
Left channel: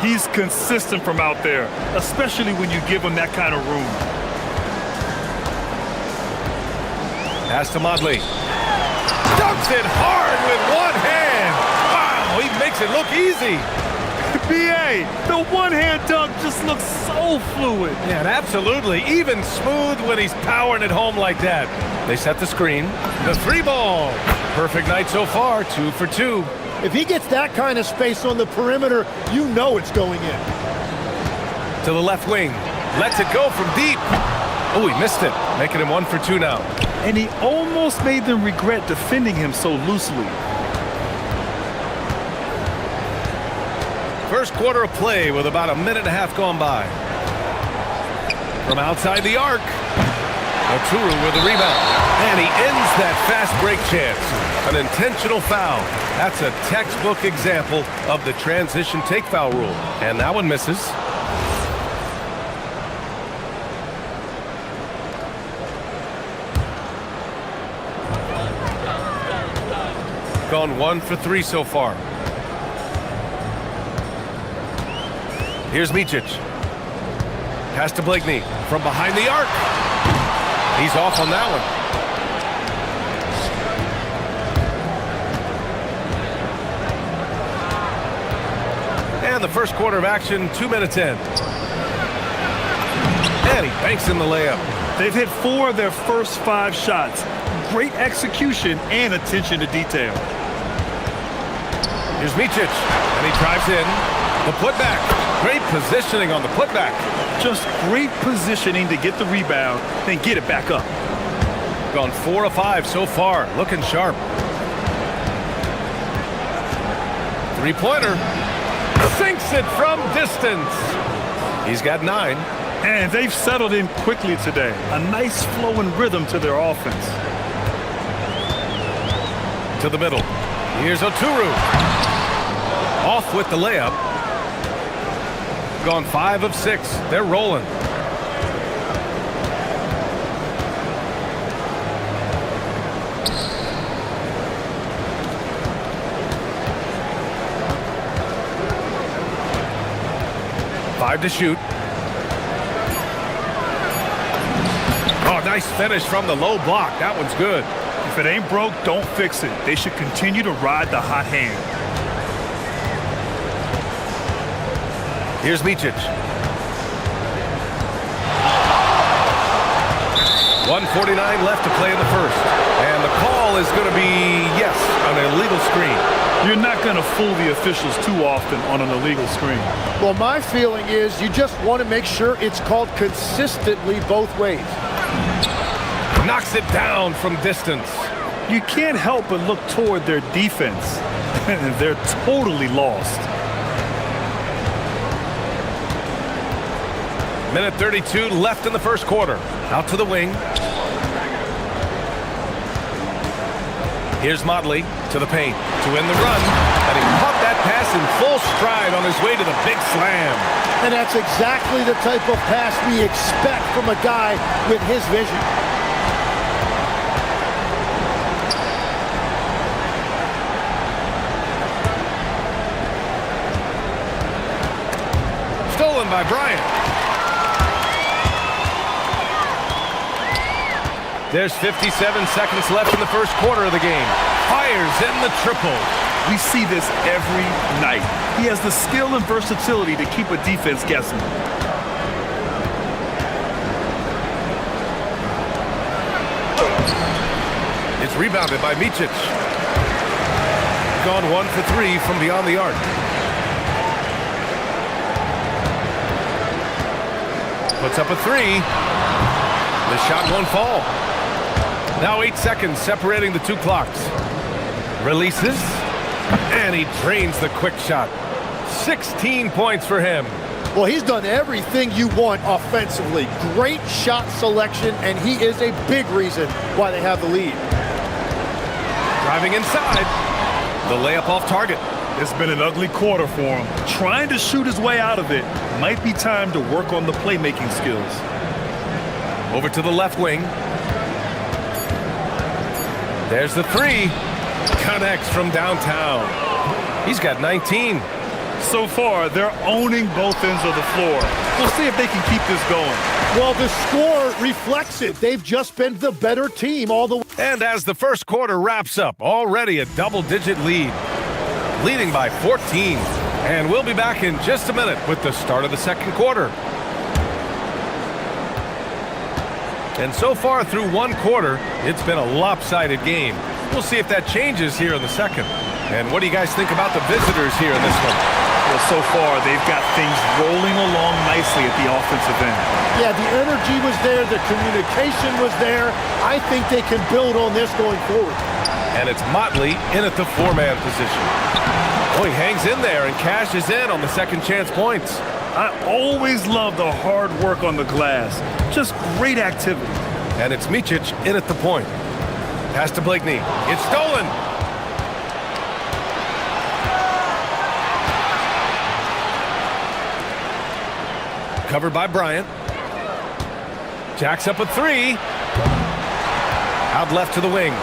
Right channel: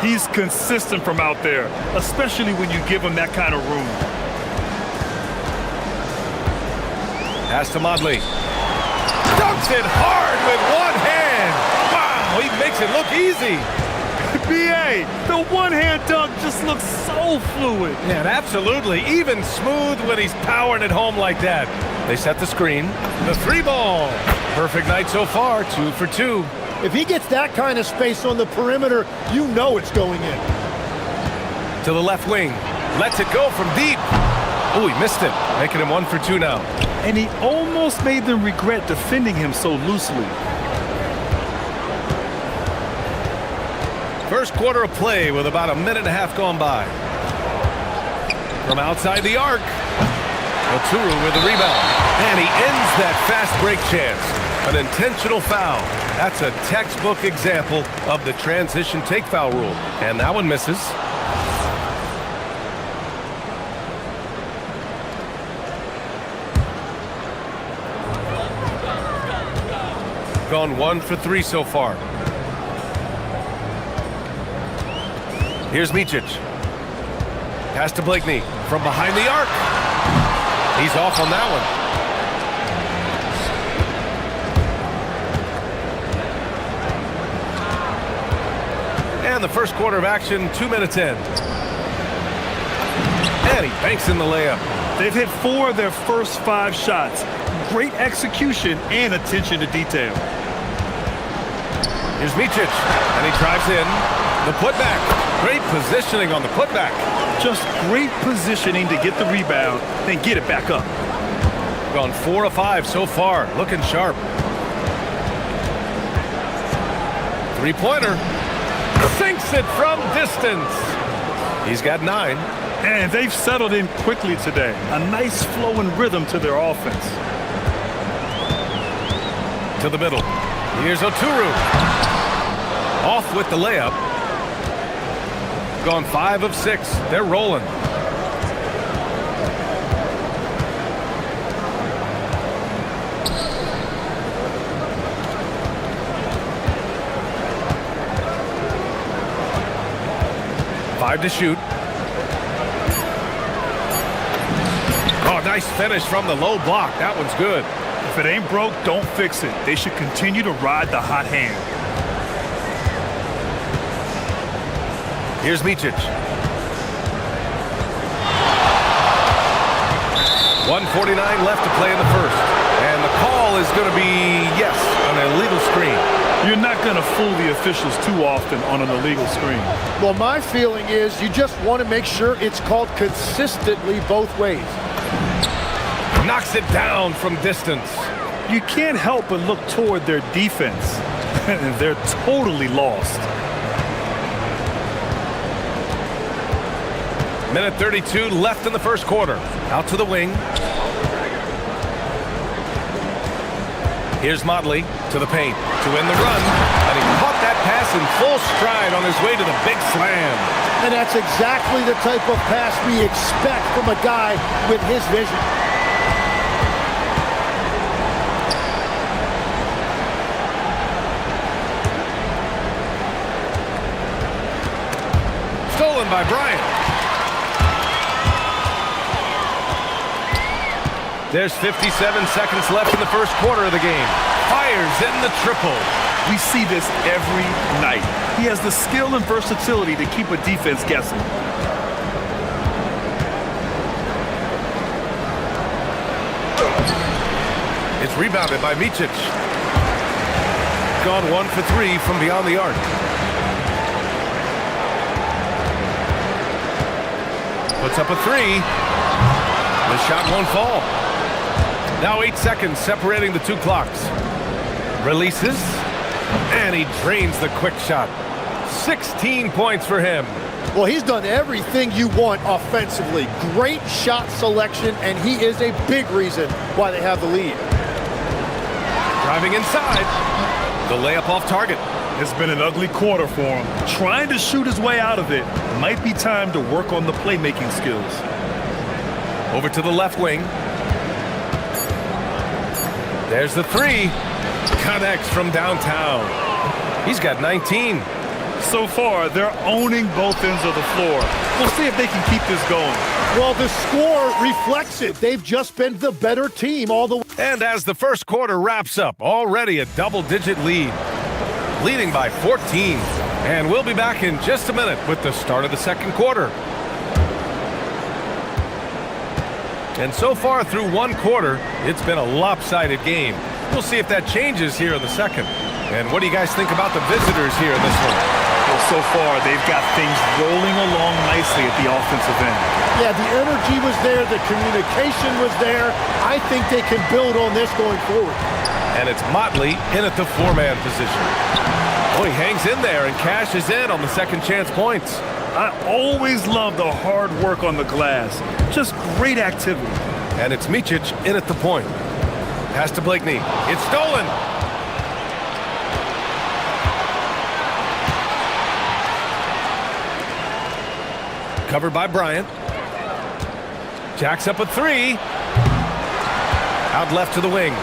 He's consistent from out there, especially when you give him that kind of room. Pass to Modley. Dunks it hard with one hand. Wow, he makes it look easy. BA, the one-hand dunk just looks so fluid. Yeah, and absolutely. Even smooth when he's powering it home like that. They set the screen. The three ball. Perfect night so far, 2 for 2. If he gets that kind of space on the perimeter, you know it's going in. To the left wing. Lets it go from deep. Oh, he missed it. Making him 1 for 2 now. And he almost made them regret defending him so loosely. First quarter of play with about a minute and a half gone by. From outside the arc. Oturu with the rebound. And he ends that fast break chance. An intentional foul. That's a textbook example of the transition take foul rule. And that one misses. Gone 1 for 3 so far. Here's Micic. Pass to Blakeney from behind the arc. He's off on that one. And the first quarter of action, 2 minutes in. And he banks in the layup. They've hit 4 of their first 5 shots. Great execution and attention to detail. Here's Micic, and he drives in. The putback. Great positioning on the putback. Just great positioning to get the rebound, then get it back up. Gone 4 of 5 so far. Looking sharp. Three-pointer. Sinks it from distance. He's got 9. And they've settled in quickly today. A nice flow and rhythm to their offense. To the middle. Here's Oturu. Off with the layup. Gone 5 of 6. They're rolling. Five to shoot. Oh, nice finish from the low block. That one's good. If it ain't broke, don't fix it. They should continue to ride the hot hand. Here's Micic. 1:49 left to play in the first. And the call is going to be, yes, an illegal screen. You're not going to fool the officials too often on an illegal screen. Well, my feeling is you just want to make sure it's called consistently both ways. Knocks it down from distance. You can't help but look toward their defense. They're totally lost. Minute 32 left in the first quarter. Out to the wing. Here's Modley to the paint to win the run. And he caught that pass in full stride on his way to the big slam. And that's exactly the type of pass we expect from a guy with his vision. stolen by Bryant. There's 57 seconds left in the first quarter of the game. Fires in the triple. We see this every night. He has the skill and versatility to keep a defense guessing. It's rebounded by Micic. Gone 1 for 3 from beyond the arc. Puts up a 3. The shot won't fall. Now 8 seconds separating the two clocks. Releases, and he drains the quick shot. 16 points for him. Well, he's done everything you want offensively. Great shot selection, and he is a big reason why they have the lead. Driving inside. The layup off target. It's been an ugly quarter for him. Trying to shoot his way out of it. Might be time to work on the playmaking skills. Over to the left wing. There's the 3. Connects from downtown. He's got 19. So far, they're owning both ends of the floor. We'll see if they can keep this going. Well, the score reflects it. They've just been the better team all the way. And as the first quarter wraps up, already a double-digit lead. Leading by 14. And we'll be back in just a minute with the start of the second quarter. And so far through one quarter, it's been a lopsided game. We'll see if that changes here in the second. And what do you guys think about the visitors here in this one? Well, so far, they've got things rolling along nicely at the offensive end. Yeah, the energy was there, the communication was there. I think they can build on this going forward. And it's Motley in at the 4-man position. Oh, he hangs in there and cashes in on the second chance points. I always love the hard work on the glass. Just great activity. And it's Micic in at the point. Pass to Blakeney. It's stolen. Covered by Bryant. Jacks up a 3. Out left to the wing.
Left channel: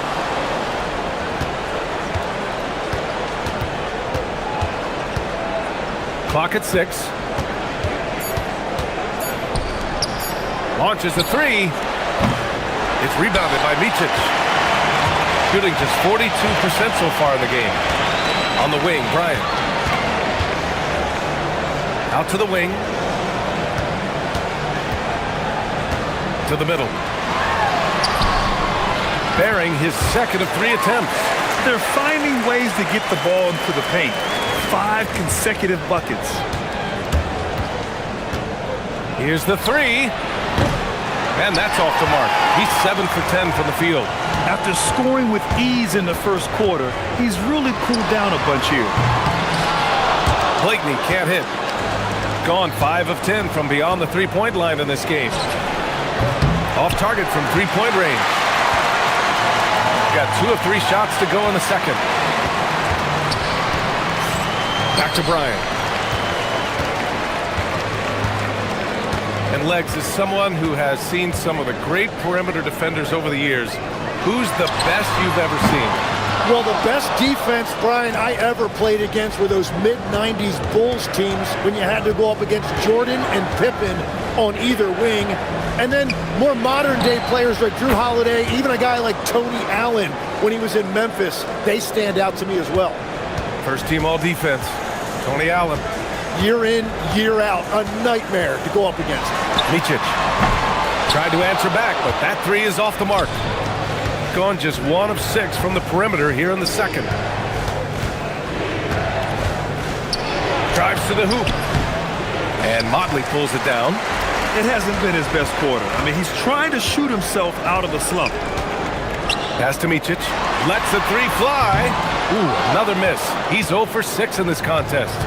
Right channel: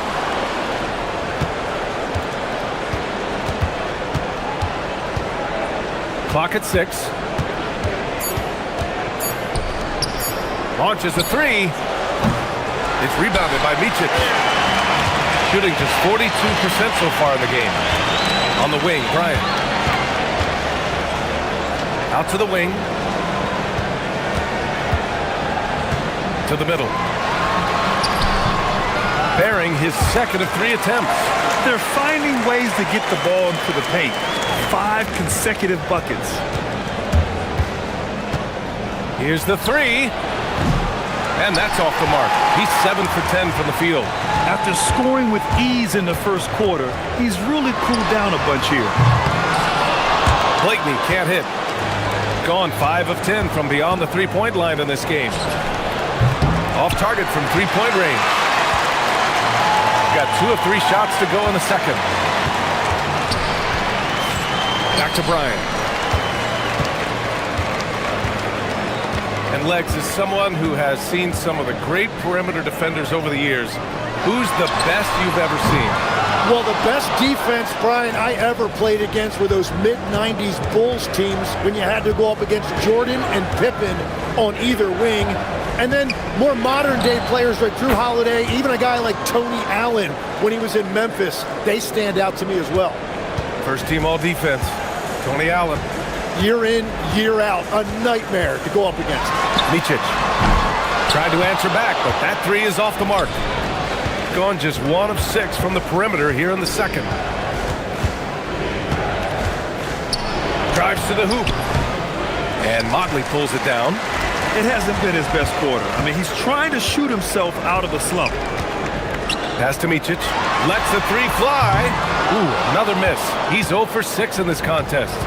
Clock at 6. Launches a 3. It's rebounded by Micic. Shooting just 42% so far in the game. On the wing, Bryant. Out to the wing. To the middle. Bearing his second of 3 attempts. They're finding ways to get the ball into the paint. 5 consecutive buckets. Here's the 3. And that's off the mark. He's 7 for 10 from the field. After scoring with ease in the first quarter, he's really cooled down a bunch here. Blakeney can't hit. Gone 5 of 10 from beyond the three-point line in this game. Off target from three-point range. Got 2 of 3 shots to go in the second. Back to Bryant. And Legs is someone who has seen some of the great perimeter defenders over the years. Who's the best you've ever seen? Well, the best defense, Brian, I ever played against were those mid-90s Bulls teams when you had to go up against Jordan and Pippen on either wing. And then more modern-day players like Drew Holiday, even a guy like Tony Allen when he was in Memphis, they stand out to me as well. First team all-defense, Tony Allen. Year in, year out, a nightmare to go up against. Micic tried to answer back, but that 3 is off the mark. Gone just 1 of 6 from the perimeter here in the second. Drives to the hoop. And Motley pulls it down. It hasn't been his best quarter. I mean, he's trying to shoot himself out of the slump. Pass to Micic. Lets the 3 fly. Ooh, another miss. He's 0 for 6 in this contest.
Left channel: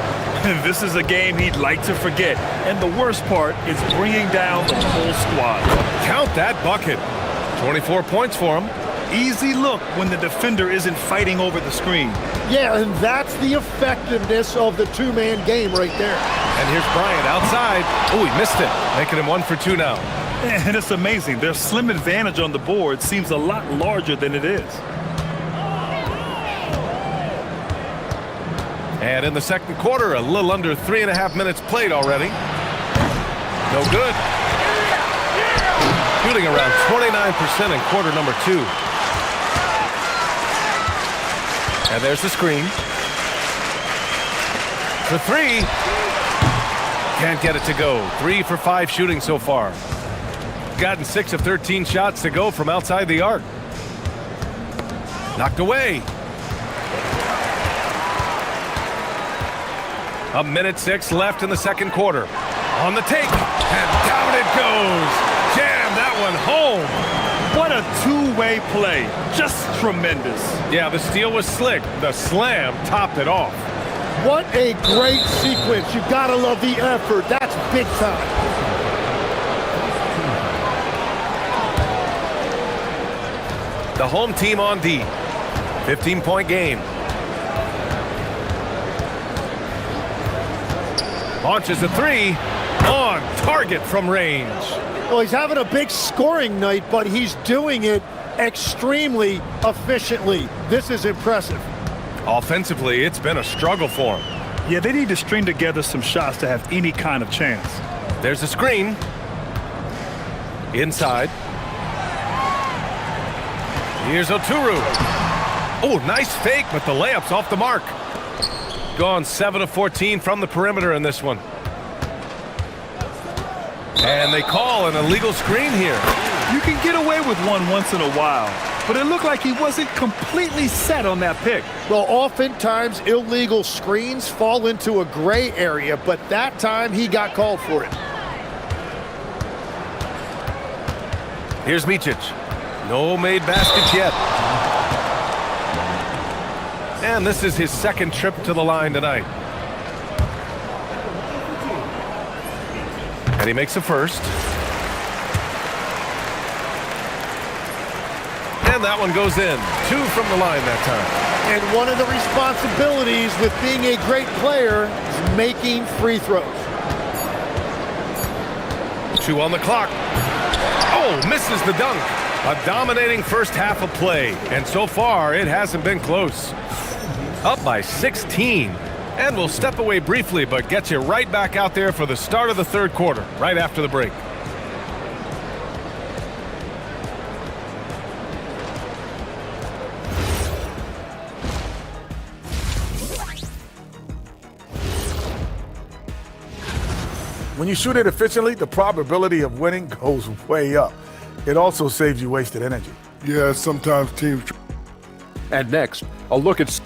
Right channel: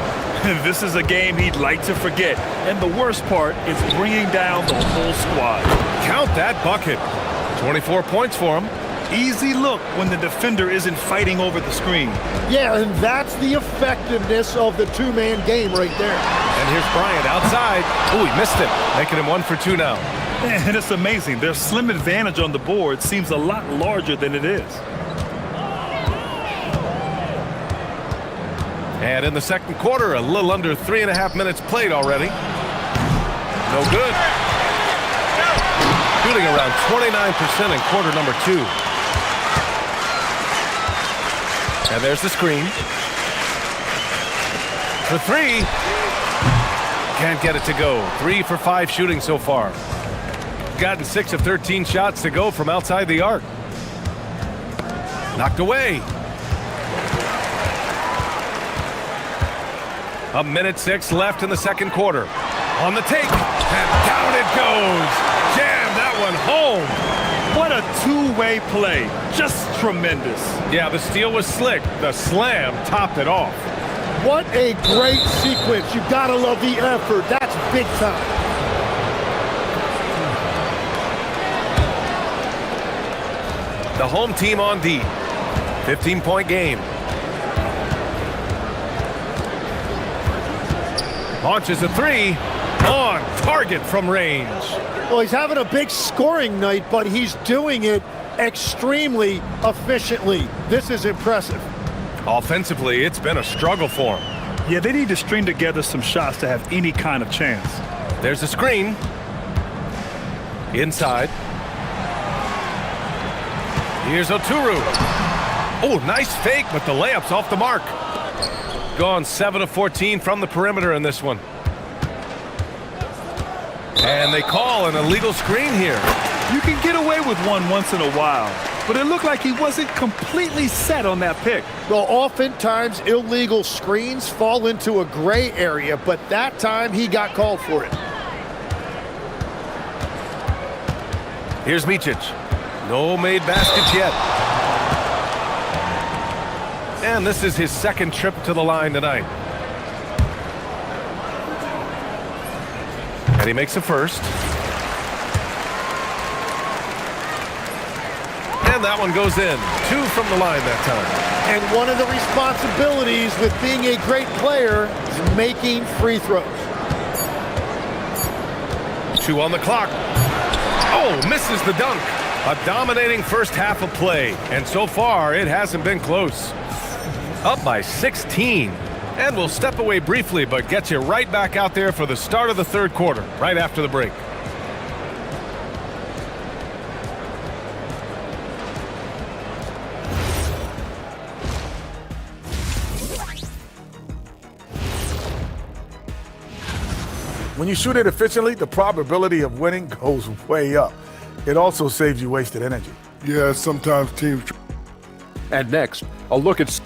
This is a game he'd like to forget. And the worst part is bringing down the whole squad. Count that bucket. 24 points for him. Easy look when the defender isn't fighting over the screen. Yeah, and that's the effectiveness of the two-man game right there. And here's Bryant outside. Oh, he missed it, making him 1 for 2 now. And it's amazing. Their slim advantage on the board seems a lot larger than it is. And in the second quarter, a little under 3.5 minutes played already. No good. Shooting around 29% in quarter number 2. And there's the screen. For 3. Can't get it to go. 3 for 5 shooting so far. Gotten 6 of 13 shots to go from outside the arc. Knocked away. A minute 6 left in the second quarter. On the take, and down it goes. Jam that one home. What a two-way play. Just tremendous. Yeah, the steal was slick. The slam topped it off. What a great sequence. You gotta love the effort. That's big time. The home team on D. 15-point game. Launches a 3. On target from range. Well, he's having a big scoring night, but he's doing it extremely efficiently. This is impressive. Offensively, it's been a struggle for him. Yeah, they need to string together some shots to have any kind of chance. There's a screen. Inside. Here's Oturu. Oh, nice fake, but the layup's off the mark. Gone 7 of 14 from the perimeter in this one. And they call an illegal screen here. You can get away with one once in a while, but it looked like he wasn't completely set on that pick. Well, oftentimes illegal screens fall into a gray area, but that time he got called for it. Here's Micic. No made baskets yet. And this is his second trip to the line tonight. And he makes a first. And that one goes in. 2 from the line that time. And one of the responsibilities with being a great player is making free throws. 2 on the clock. Oh, misses the dunk. A dominating first half of play. And so far, it hasn't been close. Up by 16. And we'll step away briefly, but get you right back out there for the start of the third quarter, right after the break. When you shoot it efficiently, the probability of winning goes way up. It also saves you wasted energy. Yeah, sometimes teams. And next, a look at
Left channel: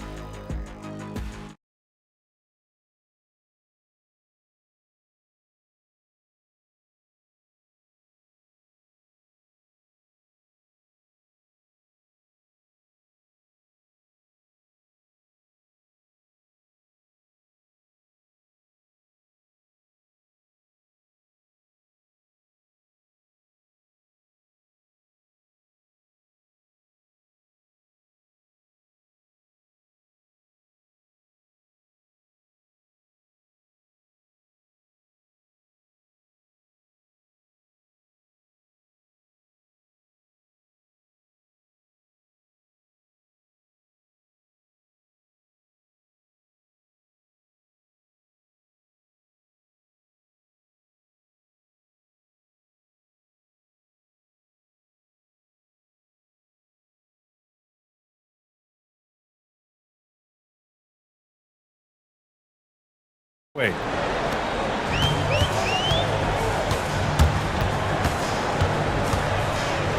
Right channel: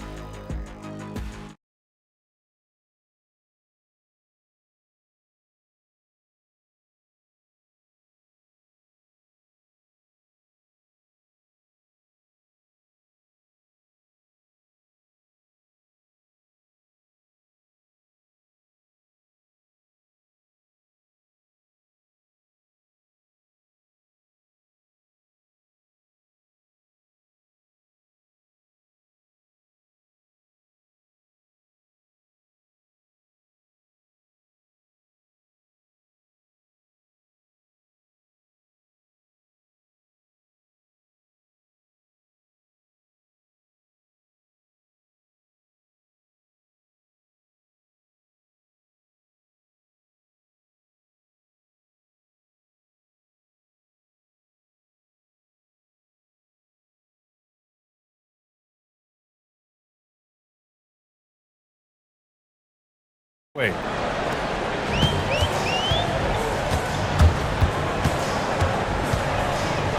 Wait.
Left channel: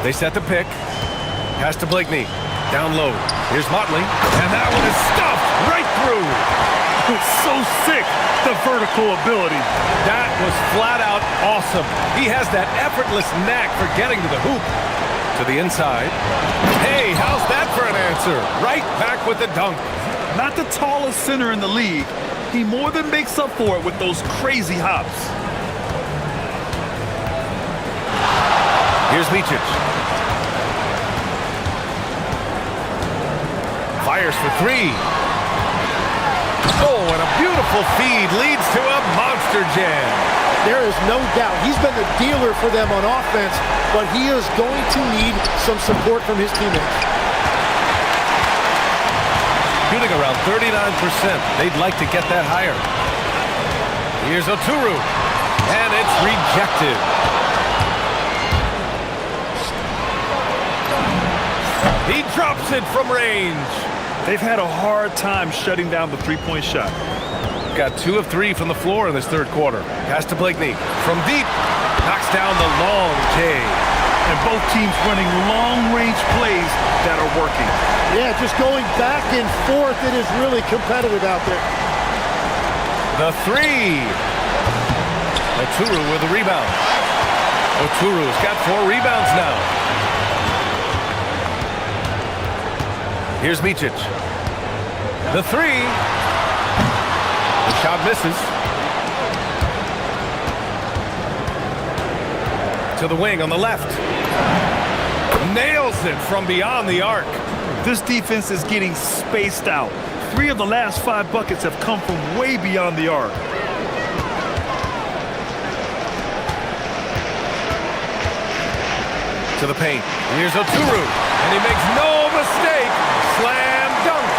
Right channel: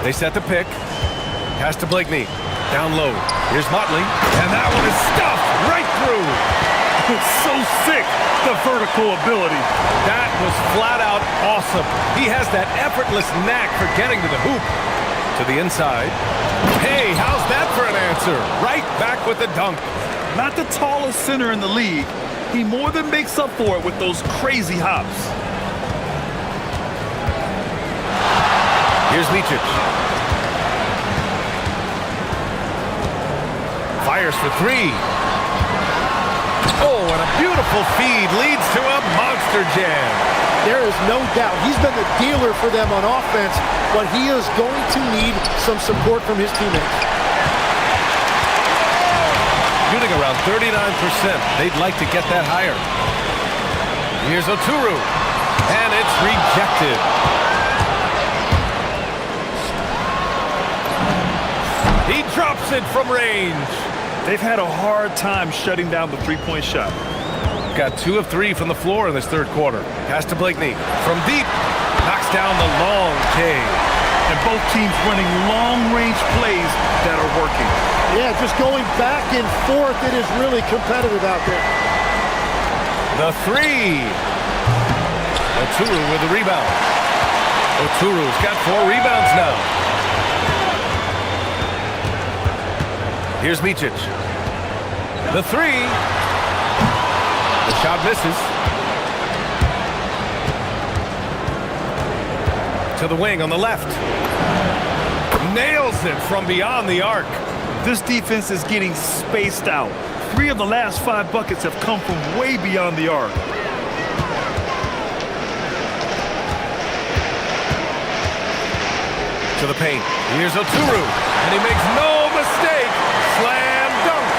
They set the pick. Pass to Blakeney. Down low. Here's Motley. And that one is stuffed right through. It's so sick, the vertical ability. That was flat out awesome. He has that effortless knack for getting to the hoop. To the inside. Hey, how's that for an answer? Right back with the dunk. Not the tallest center in the league. He more than makes up for it with those crazy hops. Here's Micic. Fires for 3. Oh, and a beautiful feed leads to a monster jam. There is no doubt he's been the dealer for them on offense, but he is going to need some support from his teammates. Shooting around 39%. They'd like to get that higher. Here's Oturu. And it's rejected. He drops it from range. They've had a hard time shutting down the three-point shot. Got 2 of 3 from the floor in this third quarter. Pass to Blakeney. From deep. Knocks down the long J. And both teams running long-range plays that are working. Yeah, just going back and forth. It is really competitive out there. The 3. Oturu with the rebound. Oturu's got 4 rebounds now. Here's Micic. The 3. The shot misses. To the wing on the left. Nails it from beyond the arc. This defense is getting spaced out. 3 of the last 5 buckets have come from way beyond the arc. To the paint. Here's Oturu. And he makes no mistake. Slam dunk.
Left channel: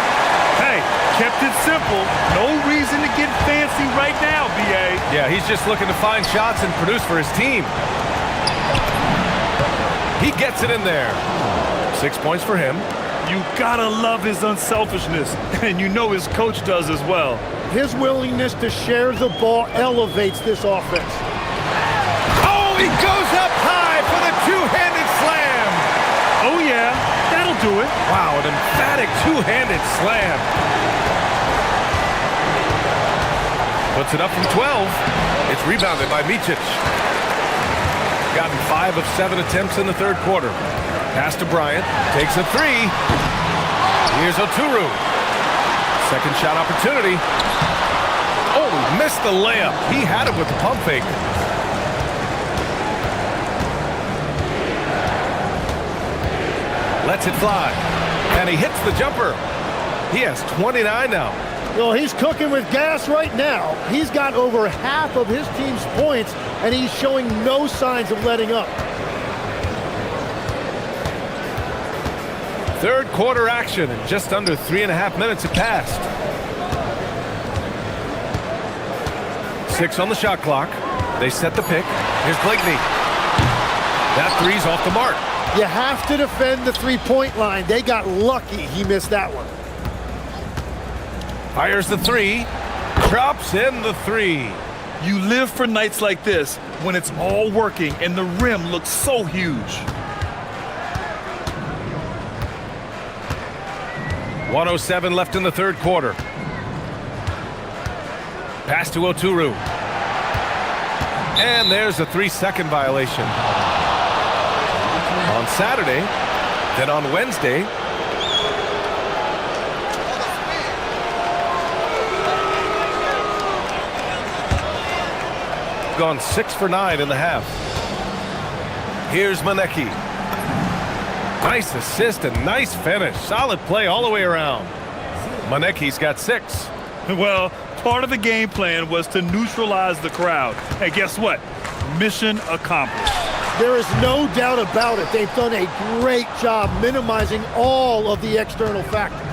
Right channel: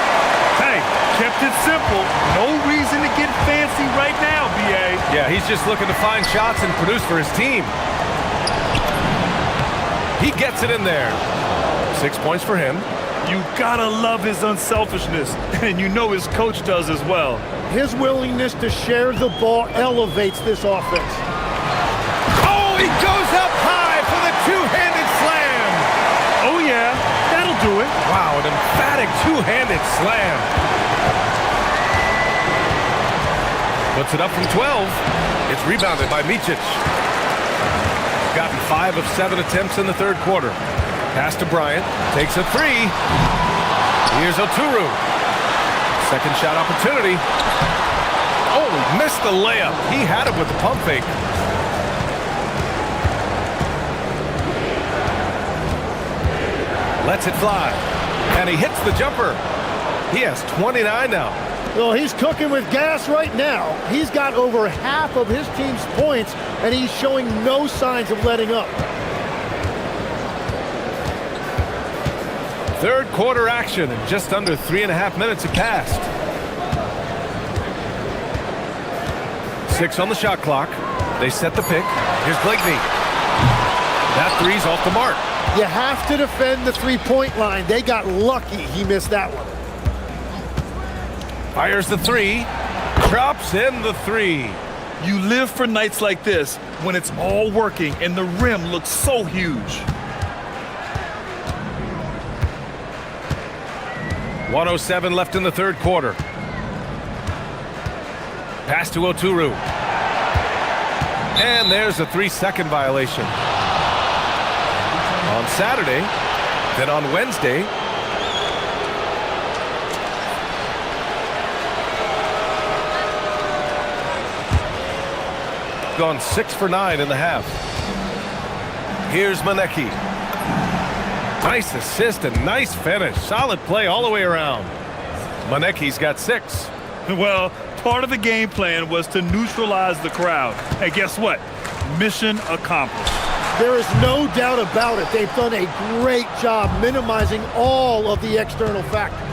Hey, kept it simple. No reason to get fancy right now, B.A. Yeah, he's just looking to find shots and produce for his team. He gets it in there. 6 points for him. You gotta love his unselfishness, and you know his coach does as well. His willingness to share the ball elevates this offense. Oh, he goes up high for the two-handed slam. Oh, yeah, that'll do it. Wow, an emphatic two-handed slam. Puts it up from 12. It's rebounded by Micic. Gotten 5 of 7 attempts in the third quarter. Pass to Bryant. Takes a 3. Here's Oturu. Second shot opportunity. Oh, he missed the layup. He had it with the pump fake. Lets it fly. And he hits the jumper. He has 29 now. Well, he's cooking with gas right now. He's got over half of his team's points, and he's showing no signs of letting up. Third quarter action, and just under 3.5 minutes have passed. 6 on the shot clock. They set the pick. Here's Blakeney. That 3's off the mark. You have to defend the three-point line. They got lucky he missed that one. Fires the 3. Drops in the 3. You live for nights like this when it's all working and the rim looks so huge. 1:07 left in the third quarter. Pass to Oturu. And there's a 3-second violation. On Saturday, then on Wednesday, gone 6 for 9 in the half. Here's Maneki. Nice assist and nice finish. Solid play all the way around. Maneki's got 6. Well, part of the game plan was to neutralize the crowd. And guess what? Mission accomplished. There is no doubt about it. They've done a great job minimizing all of the external factors.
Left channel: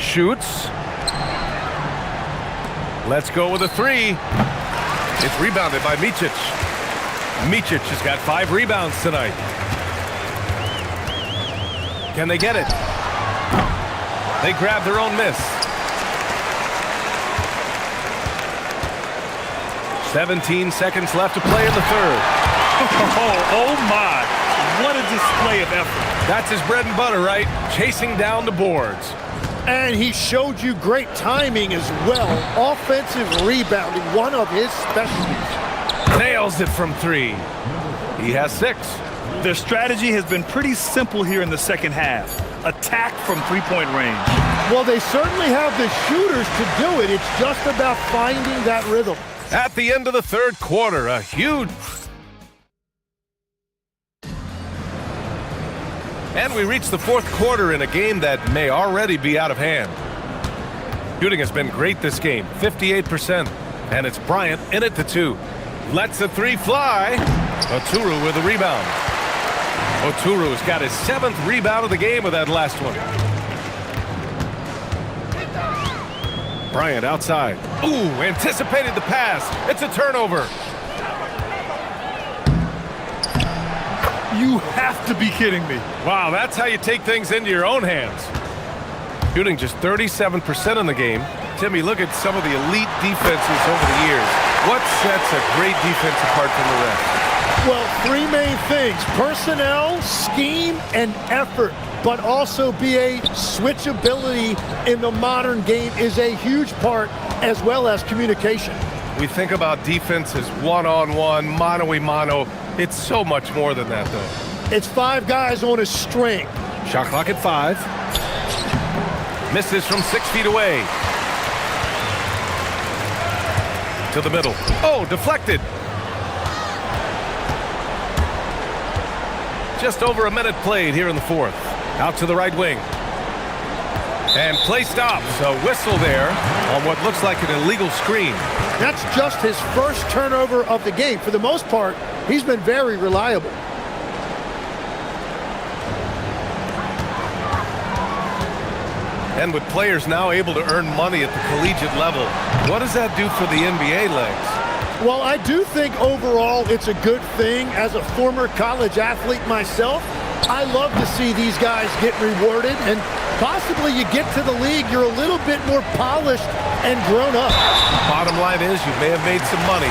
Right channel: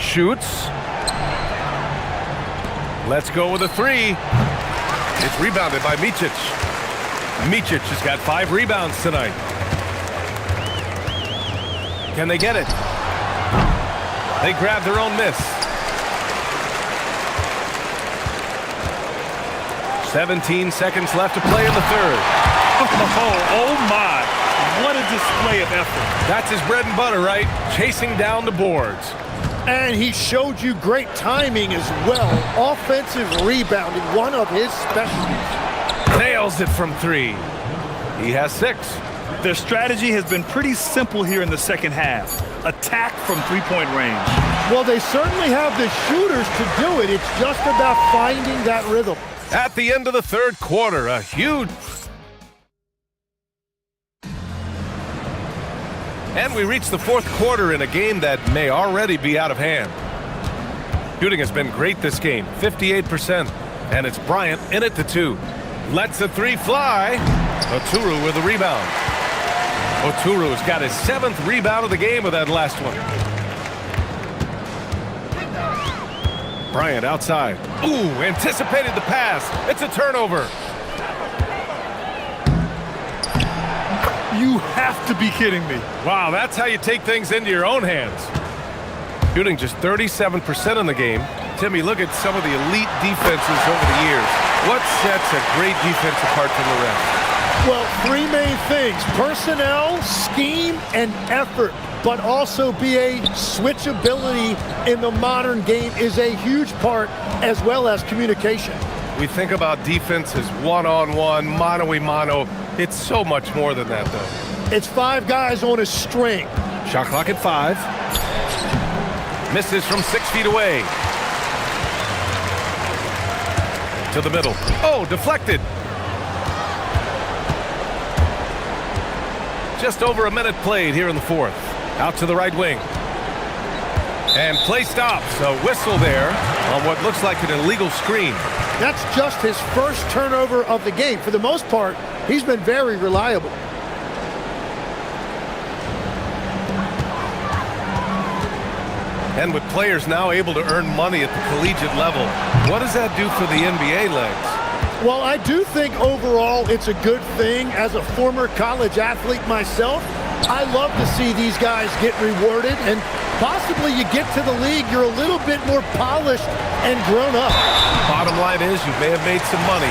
Shoots. Let's go with a 3. It's rebounded by Micic. Micic has got 5 rebounds tonight. Can they get it? They grab their own miss. 17 seconds left to play in the third. Oh my, what a display of effort. That's his bread and butter, right? Chasing down the boards. And he showed you great timing as well. Offensive rebounding, one of his specialties. Nails it from 3. He has 6. Their strategy has been pretty simple here in the second half. Attack from three-point range. Well, they certainly have the shooters to do it. It's just about finding that rhythm. At the end of the third quarter, a huge... And we reach the fourth quarter in a game that may already be out of hand. Shooting has been great this game, 58%. And it's Bryant in it to 2. Lets the 3 fly. Oturu with the rebound. Oturu's got his 7th rebound of the game with that last one. Bryant outside. Ooh, anticipated the pass. It's a turnover. You have to be kidding me. Wow, that's how you take things into your own hands. Shooting just 37% in the game. Timmy, look at some of the elite defenses over the years. What sets a great defense apart from the rest? Well, three main things: personnel, scheme, and effort. But also BA switchability in the modern game is a huge part, as well as communication. We think about defense as one-on-one, mano-a-mano. It's so much more than that, though. It's five guys on a string. Shot clock at 5. Misses from 6 feet away. To the middle. Oh, deflected. Just over a minute played here in the fourth. Out to the right wing. And play stops. A whistle there on what looks like an illegal screen. That's just his first turnover of the game. For the most part, he's been very reliable. And with players now able to earn money at the collegiate level, what does that do for the NBA legs? Well, I do think overall it's a good thing. As a former college athlete myself, I love to see these guys get rewarded, and possibly you get to the league, you're a little bit more polished and grown up. Bottom line is you may have made some money,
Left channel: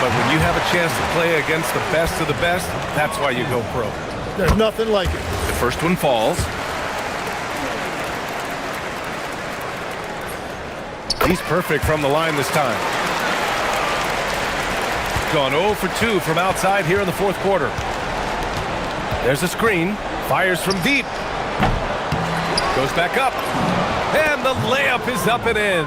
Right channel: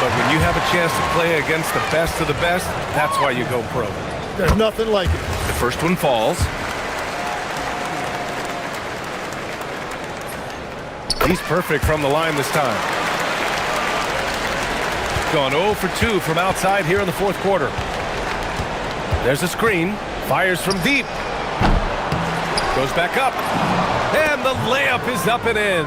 but when you have a chance to play against the best of the best, that's why you go pro. There's nothing like it. The first one falls. He's perfect from the line this time. Gone 0 for 2 from outside here in the fourth quarter. There's a screen. Fires from deep. Goes back up. And the layup is up and in.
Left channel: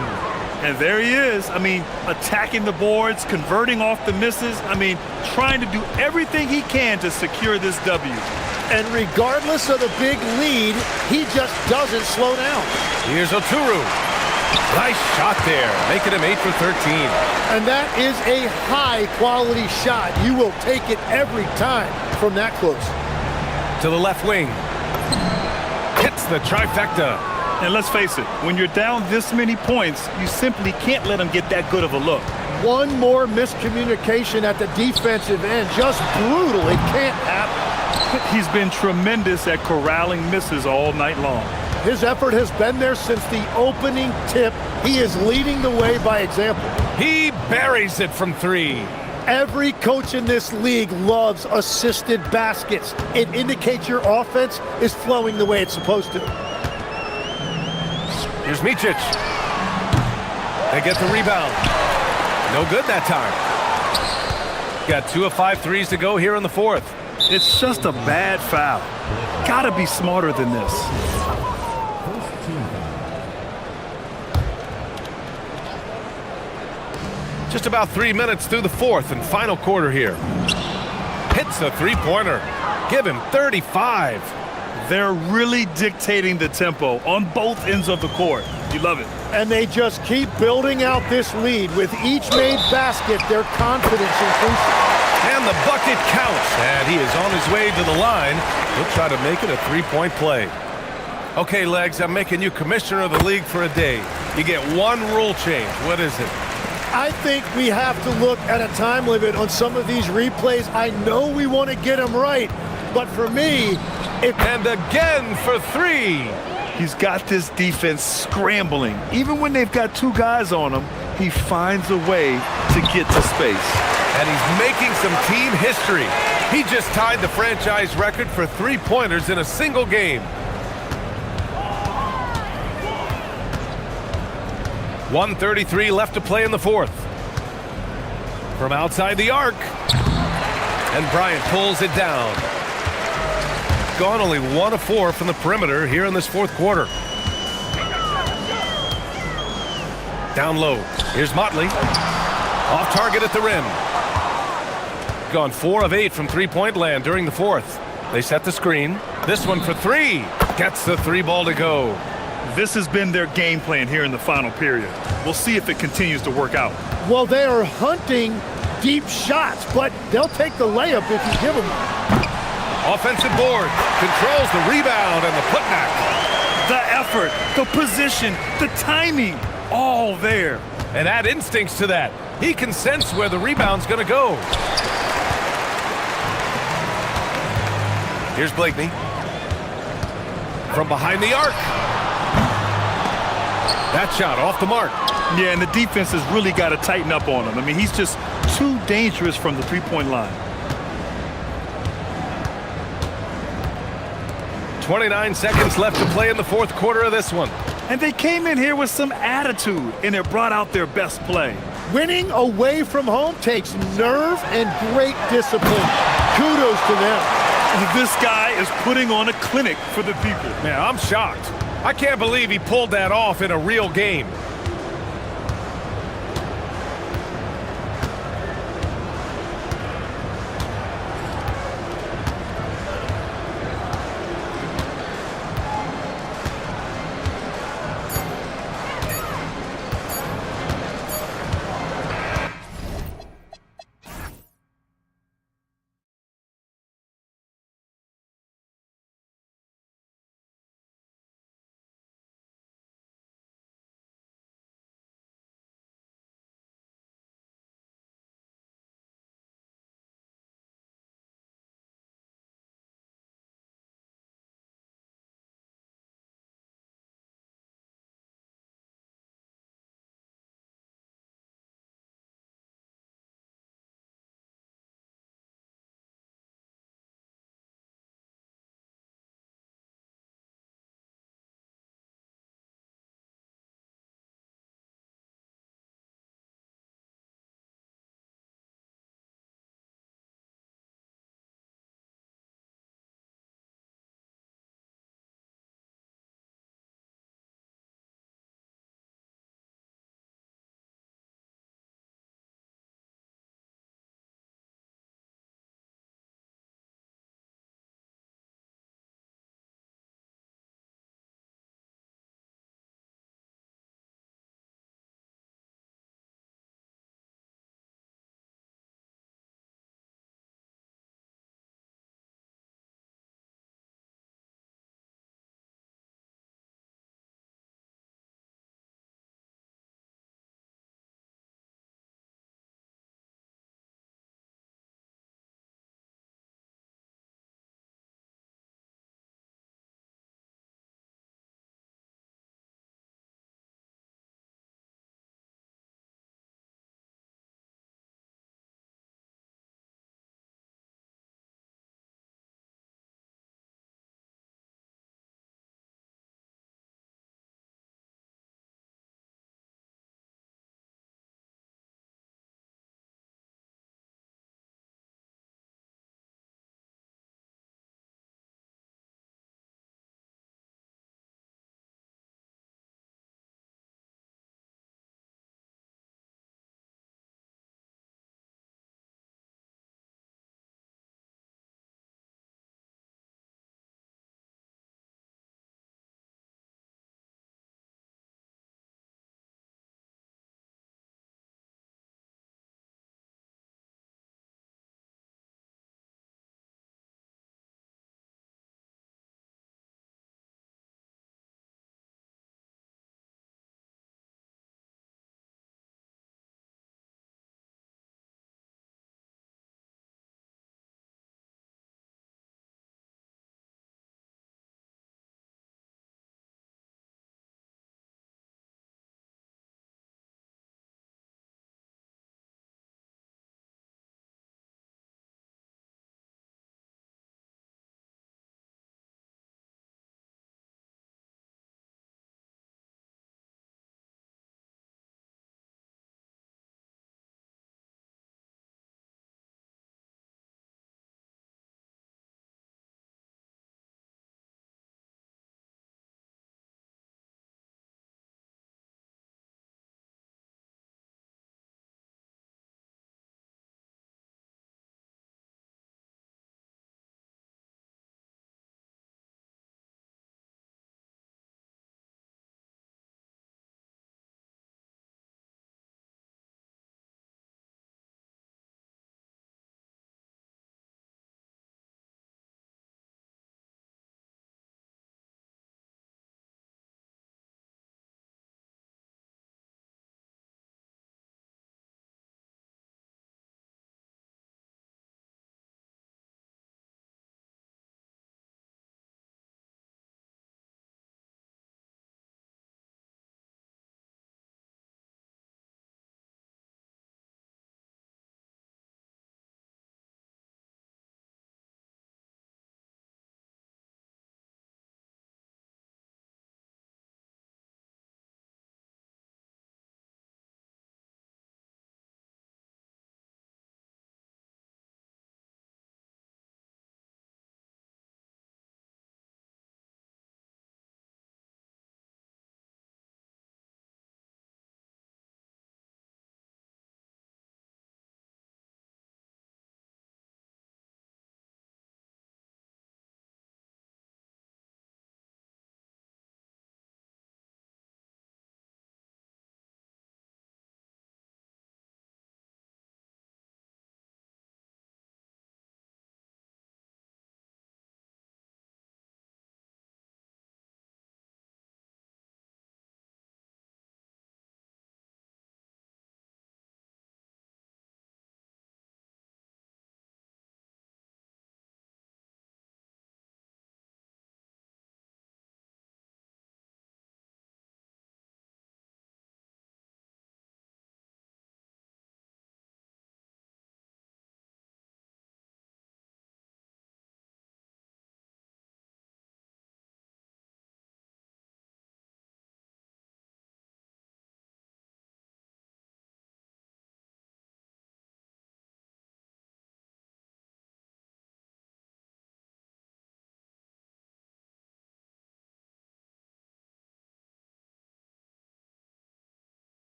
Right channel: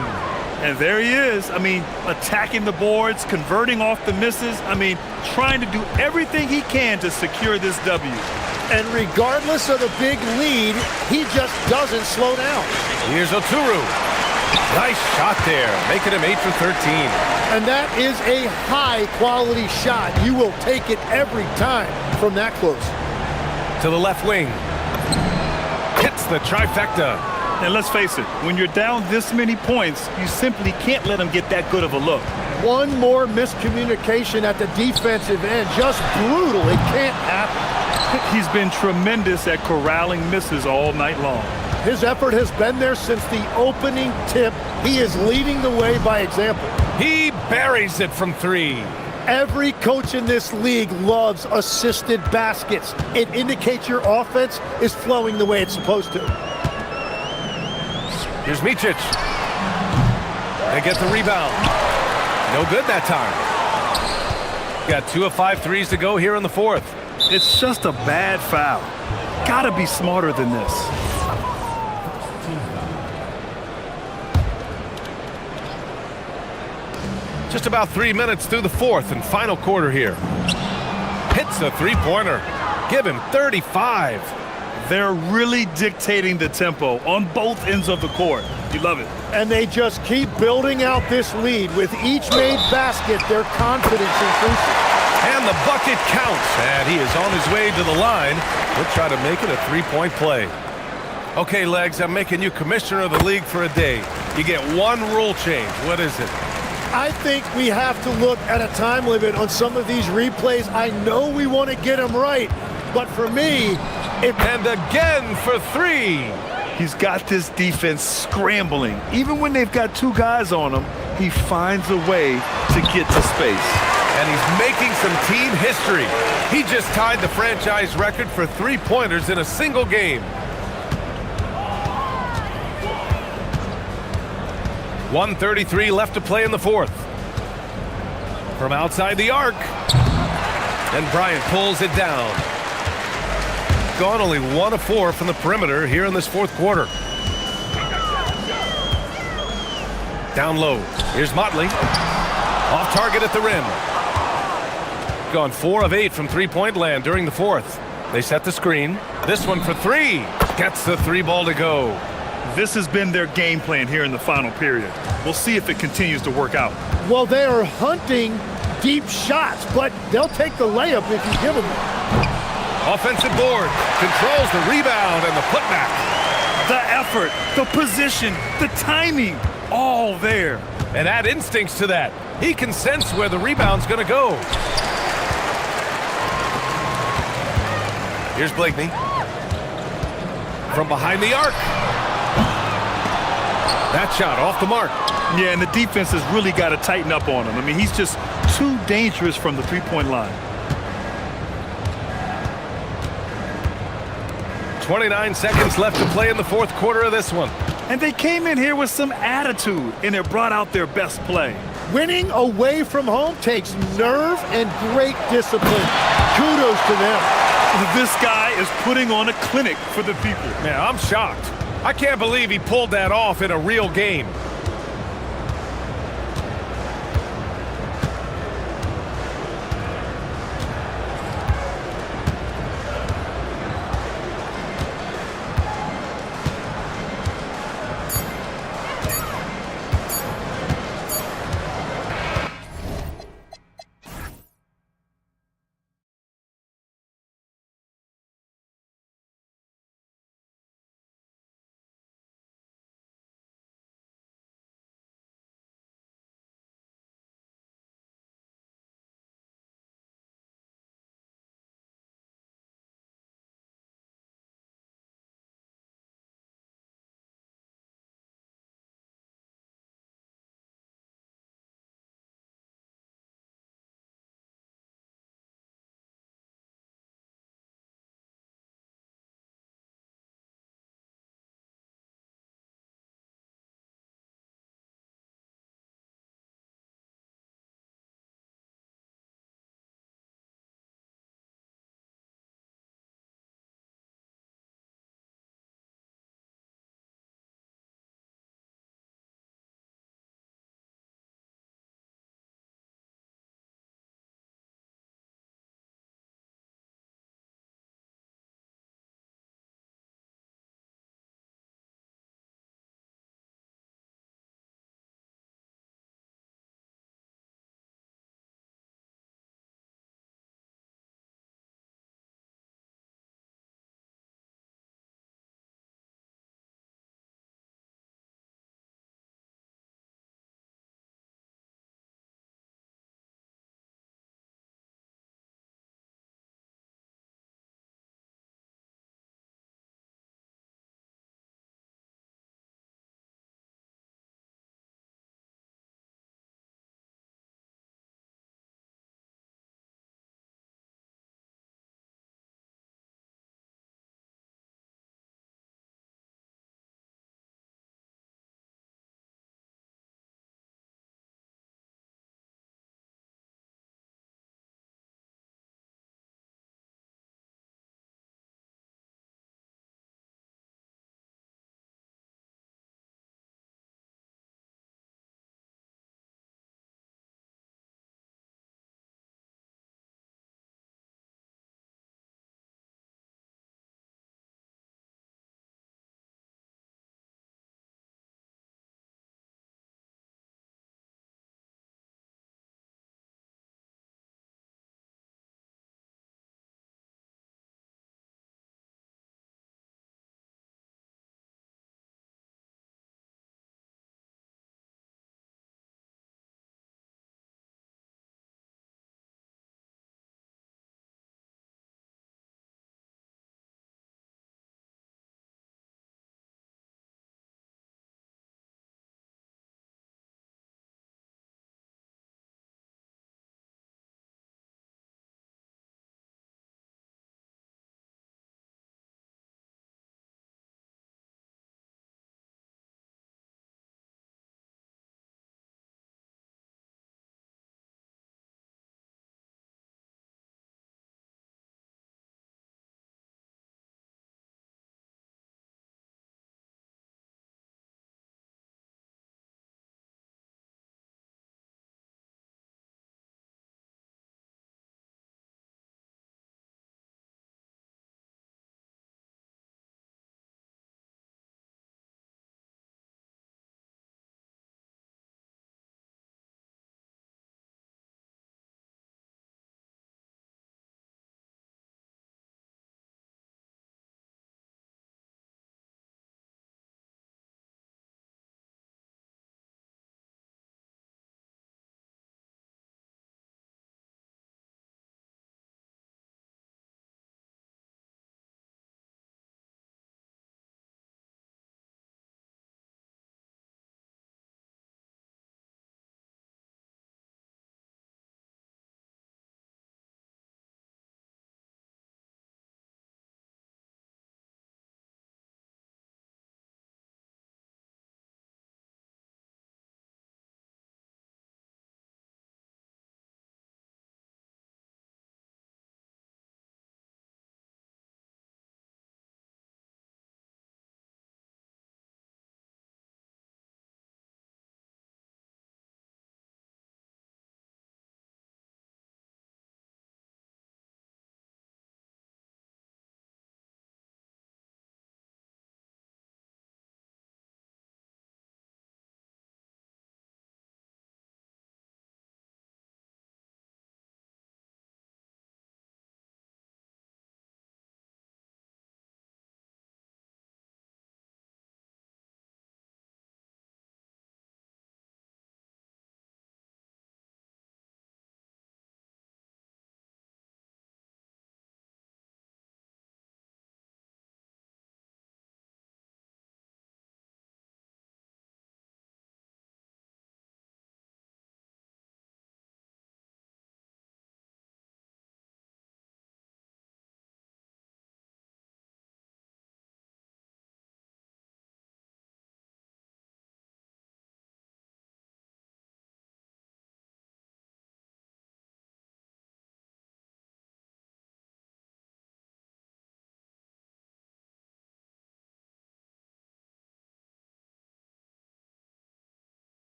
And there he is. I mean, attacking the boards, converting off the misses. I mean, trying to do everything he can to secure this W. And regardless of the big lead, he just doesn't slow down. Here's Oturu. Nice shot there, making him 8 for 13. And that is a high-quality shot. You will take it every time from that close. To the left wing. Hits the trifecta. And let's face it, when you're down this many points, you simply can't let them get that good of a look. One more miscommunication at the defensive end. Just brutal. It can't happen. He's been tremendous at corralling misses all night long. His effort has been there since the opening tip. He is leading the way by example. He buries it from 3. Every coach in this league loves assisted baskets. It indicates your offense is flowing the way it's supposed to. Here's Micic. They get the rebound. No good that time. Got 2 of 5 threes to go here in the fourth. It's just a bad foul. Gotta be smarter than this. Just about 3 minutes through the fourth and final quarter here. Hits a three-pointer. Give him 35. They're really dictating the tempo on both ends of the court. You love it. And they just keep building out this lead. With each made basket, their confidence increases. And the bucket counts. And he is on his way to the line. He'll try to make it a three-point play. Okay, Legs, I'm making you commissioner of the league for a day. You get one rule change. What is it? I think we have to look at a time limit on some of these replays. I know we want to get them right, but for me, and again for 3. He's got this defense scrambling. Even when they've got 2 guys on him, he finds a way to get to space. And he's making some team history. He just tied the franchise record for three-pointers in a single game. 1:33 left to play in the fourth. From outside the arc. And Bryant pulls it down. Gone only 1 of 4 from the perimeter here in this fourth quarter. Down low. Here's Motley. Off target at the rim. Gone 4 of 8 from three-point land during the fourth. They set the screen. This one for 3. Gets the 3 ball to go. This has been their game plan here in the final period. We'll see if it continues to work out. Well, they are hunting deep shots, but they'll take the layup if you give them one. Offensive board. Controls the rebound and the putback. The effort, the position, the timing. all there. And add instincts to that. He can sense where the rebound's going to go. Here's Blakeney. From behind the arc. That shot off the mark. Yeah, and the defense has really got to tighten up on him. I mean, he's just too dangerous from the three-point line. 29 seconds left to play in the fourth quarter of this one. And they came in here with some attitude, and it brought out their best play. Winning away from home takes nerve and great discipline. Kudos to them. This guy is putting on a clinic for the people. Man, I'm shocked. I can't believe he pulled that off in a real game.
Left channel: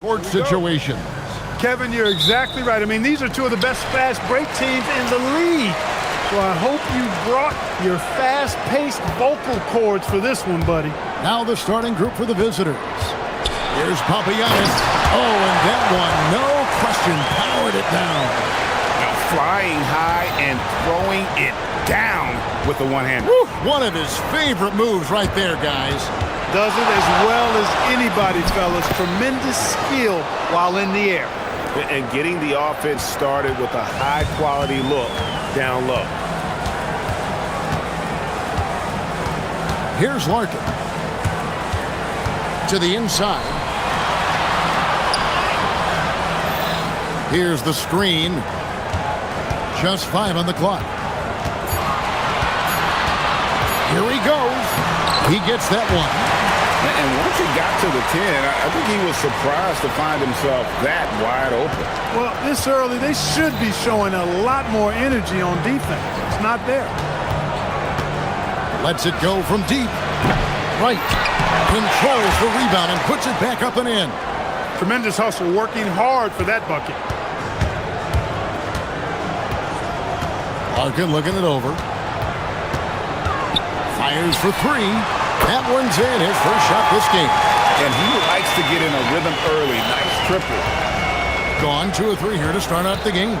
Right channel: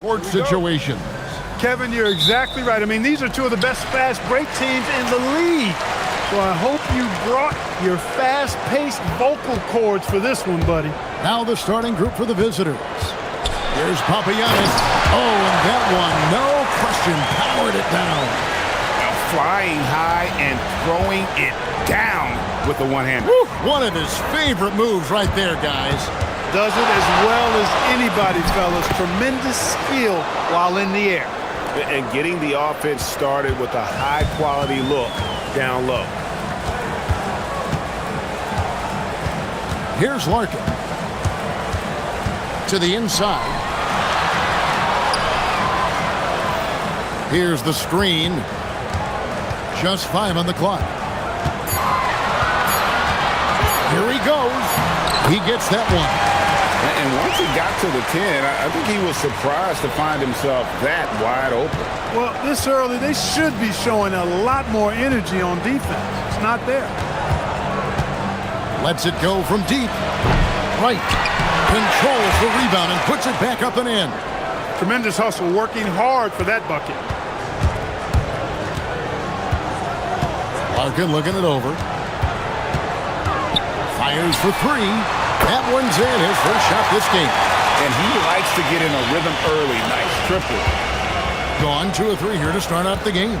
Court situations. Kevin, you're exactly right. I mean, these are two of the best fast break teams in the league. So I hope you brought your fast-paced vocal cords for this one, buddy. Now the starting group for the visitors. Here's Papagiannis. Oh, and that one, no question, powered it down. Now flying high and throwing it down with the one-hander. One of his favorite moves right there, guys. Does it as well as anybody, fellas. Tremendous skill while in the air. And getting the offense started with a high-quality look down low. Here's Larkin. To the inside. Here's the screen. Just 5 on the clock. Here he goes. He gets that one. And once he got to the 10, I think he was surprised to find himself that wide open. Well, this early, they should be showing a lot more energy on defense. It's not there. Lets it go from deep. Right. Controls the rebound and puts it back up and in. Tremendous hustle, working hard for that bucket. Larkin looking it over. Fires for 3. That one's in, his first shot this game. And he likes to get in a rhythm early. Nice triple. Gone 2 of 3 here to start out the game.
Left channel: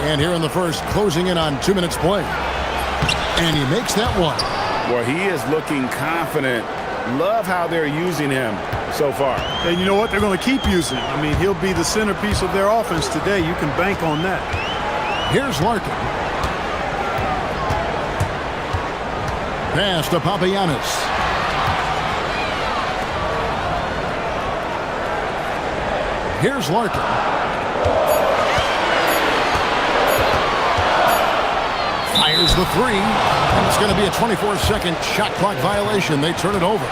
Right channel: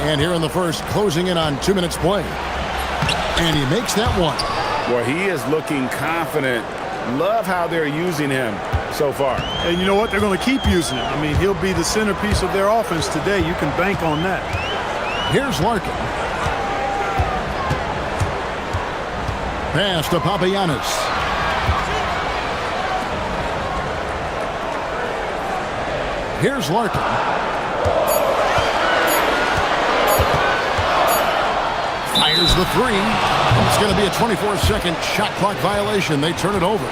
And here in the first, closing in on 2 minutes play. And he makes that one. Well, he is looking confident. Love how they're using him so far. And you know what? They're going to keep using him. I mean, he'll be the centerpiece of their offense today. You can bank on that. Here's Larkin. Pass to Papagiannis. Here's Larkin. Fires the 3. And it's going to be a 24-second shot clock violation. They turn it over.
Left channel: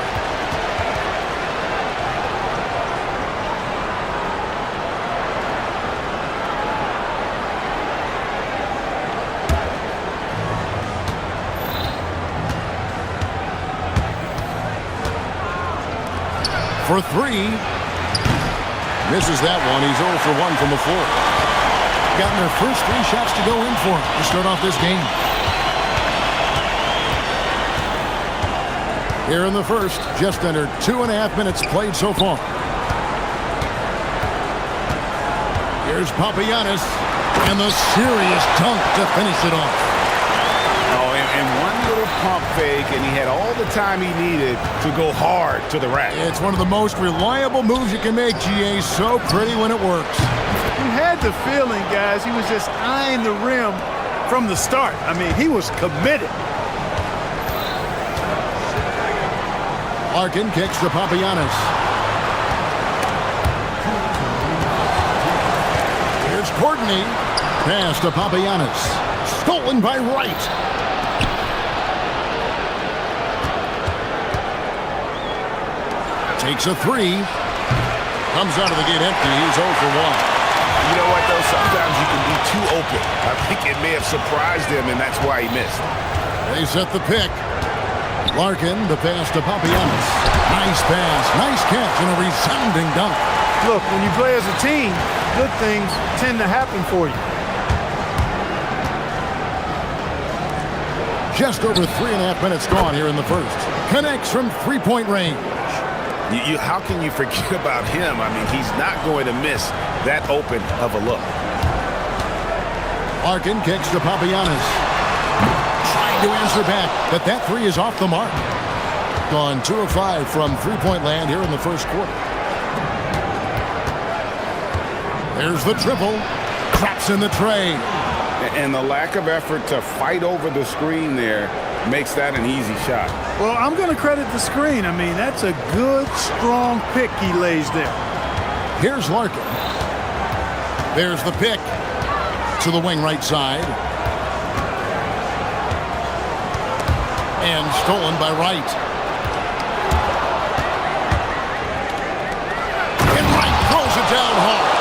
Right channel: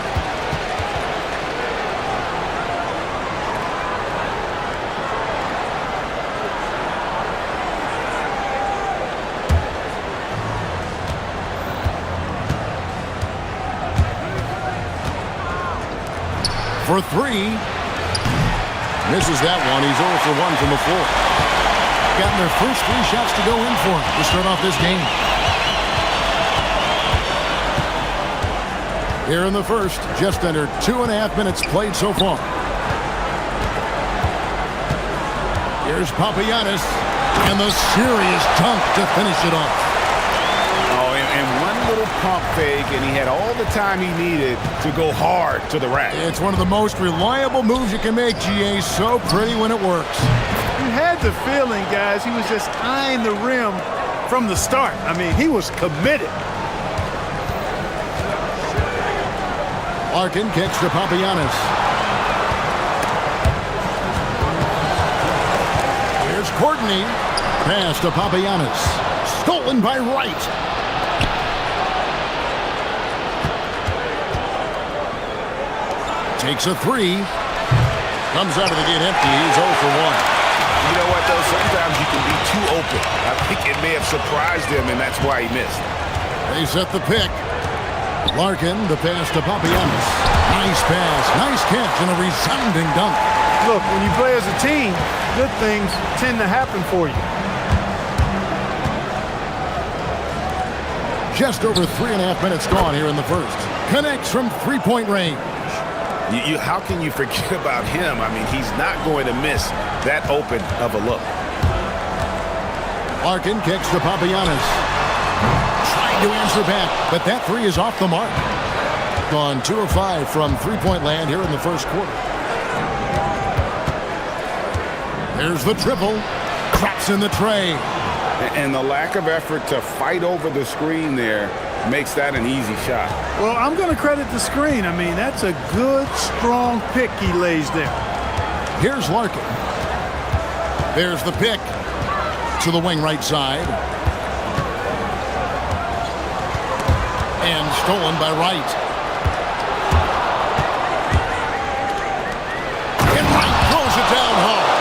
For 3. Misses that one. He's 0 for 1 from the floor. Gotten their first 3 shots to go in for him to start off this game. Here in the first, just under 2.5 minutes played so far. Here's Papagiannis, and the serious dunk to finish it off. Oh, and one little pump fake, and he had all the time he needed to go hard to the rack. It's one of the most reliable moves you can make, GA. So pretty when it works. You had the feeling, guys, he was just eyeing the rim from the start. I mean, he was committed. Larkin kicks to Papagiannis. Here's Courtney. Pass to Papagiannis. Stolen by Wright. Takes a 3. Comes out of the gate empty. He's 0 for 1. You know what, though? Sometimes you can be too open. I think it may have surprised him, and that's why he missed. They set the pick. Larkin, the pass to Papagiannis. Nice pass, nice catch, and a resounding dunk. Look, when you play as a team, good things tend to happen for you. Just over 3.5 minutes gone here in the first. Connects from 3-point range. How can you forget about him? I mean, he's not going to miss that open of a look. Larkin kicks to Papagiannis. Trying to answer back, but that 3 is off the mark. Gone 2 of 5 from 3-point land here in the first quarter. There's the triple. Traps in the tray. And the lack of effort to fight over the screen there makes that an easy shot. Well, I'm going to credit the screen. I mean, that's a good, strong pick he lays there. Here's Larkin. There's the pick to the wing right side. And stolen by Wright. And Wright throws it down hard.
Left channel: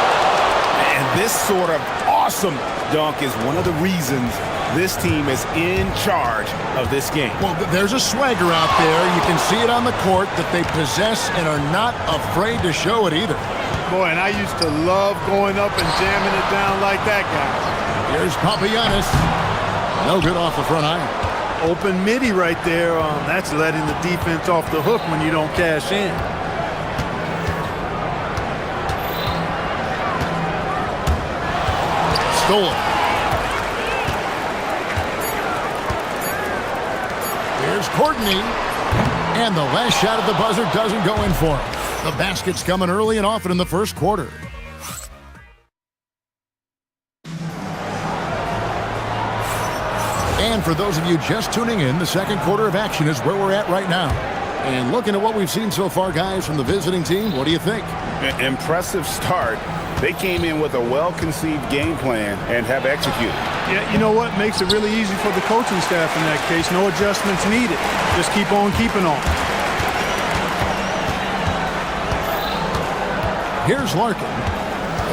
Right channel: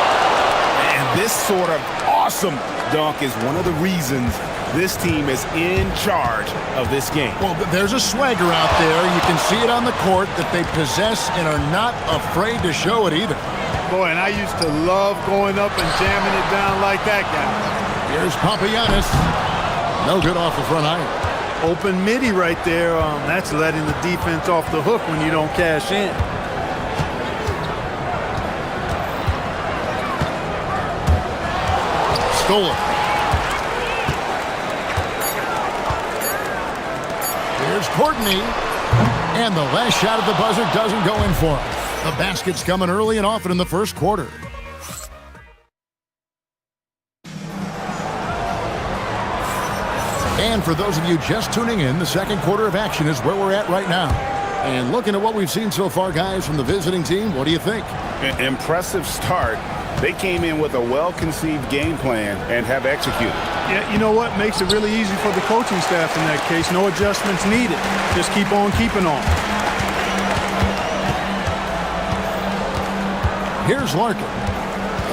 And this sort of awesome dunk is one of the reasons This team is in charge of this game. Well, there's a swagger out there. You can see it on the court that they possess and are not afraid to show it either. Boy, and I used to love going up and jamming it down like that, guys. Here's Papagiannis. No good off the front iron. Open midi right there. That's letting the defense off the hook when you don't cash in. Stolen. Here's Courtney. And the last shot at the buzzer doesn't go in for him. The basket's coming early and often in the first quarter. And for those of you just tuning in, the second quarter of action is where we're at right now. And looking at what we've seen so far, guys, from the visiting team, what do you think? Impressive start. They came in with a well-conceived game plan and have executed. Yeah, you know what? Makes it really easy for the coaching staff in that case. No adjustments needed. Just keep on keeping on. Here's Larkin.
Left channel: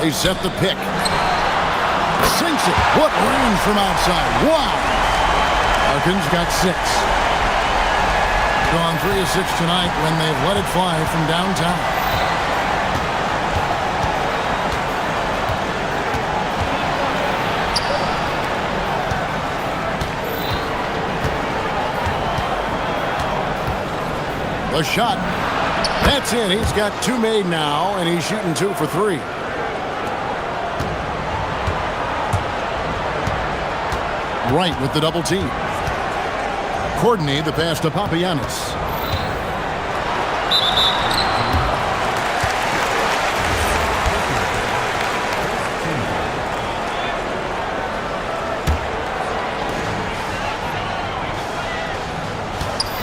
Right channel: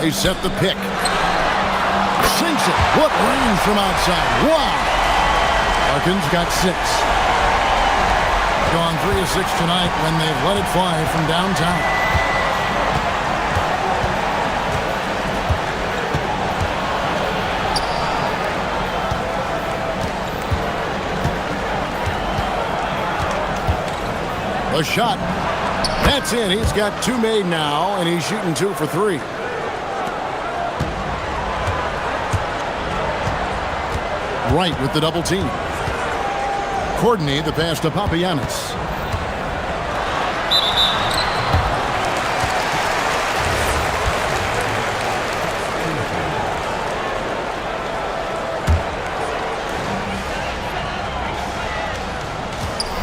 They set the pick. Sinks it. What range from outside. Wow. Larkin's got 6. Gone 3 of 6 tonight when they've let it fly from downtown. The shot. That's in. He's got 2 made now, and he's shooting 2 for 3. Right with the double team. Courtney, the pass to Papagiannis.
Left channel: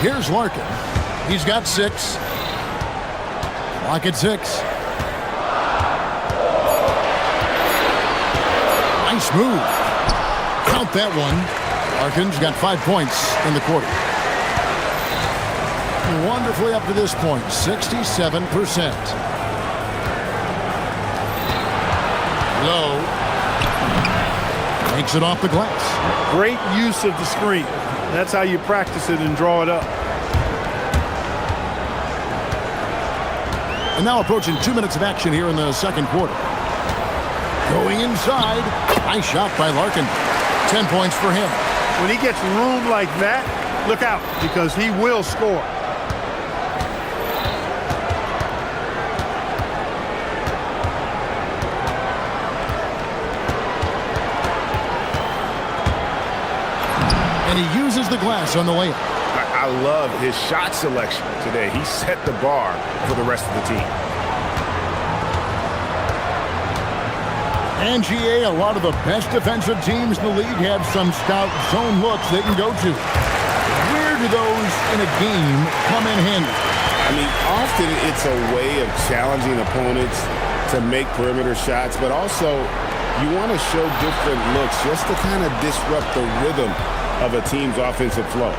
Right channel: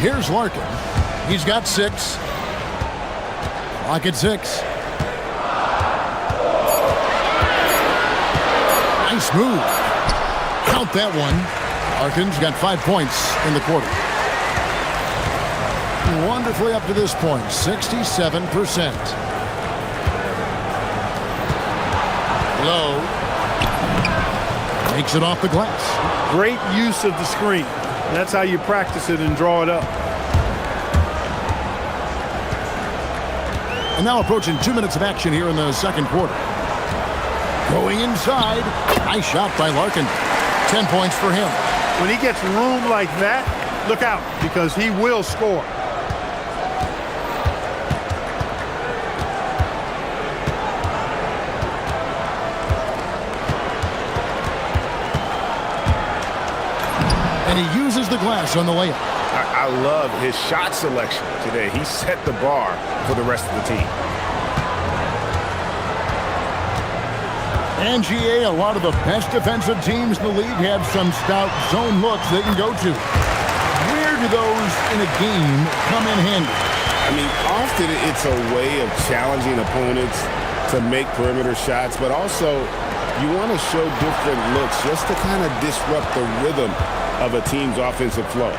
Here's Larkin. He's got 6. Clock at 6. Nice move. Count that one. Larkin's got 5 points in the quarter. Wonderfully up to this point, 67%. Low. Makes it off the glass. Great use of the screen. That's how you practice it and draw it up. And now approaching 2 minutes of action here in the second quarter. Going inside. Nice shot by Larkin. 10 points for him. When he gets room like that, look out, because he will score. And he uses the glass on the layup. I love his shot selection today. He set the bar for the rest of the team. And GA, a lot of the best defensive teams in the league have some stout zone looks they can go to. Where do those in a game come in handy? I mean, often it's a way of challenging opponents to make perimeter shots, but also you want to show different looks just to kind of disrupt the rhythm of a team's offensive flow.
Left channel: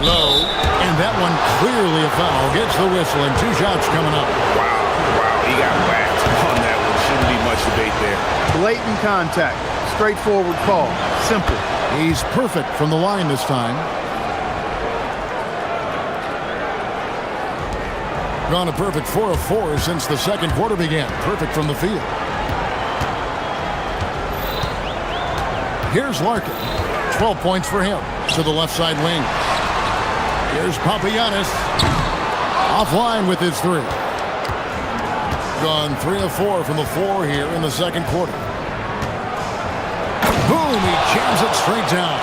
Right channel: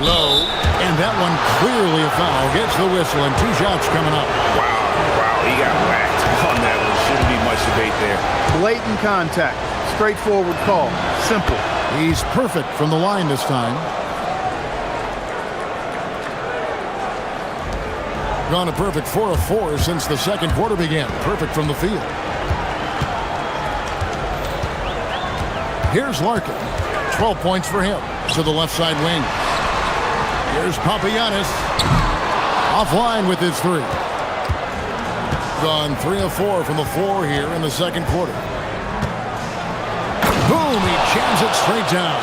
Low, and that one clearly a foul. Gets the whistle, and 2 shots coming up. Wow, he got whacked on that one. Shouldn't be much debate there. Blatant contact. Straightforward call. Simple. He's perfect from the line this time. Gone a perfect 4 of 4 since the second quarter began. Perfect from the field. Here's Larkin. 12 points for him to the left side wing. Here's Papagiannis. Offline with his 3. Gone 3 of 4 from the floor here in the second quarter. Boom, he jams it straight down.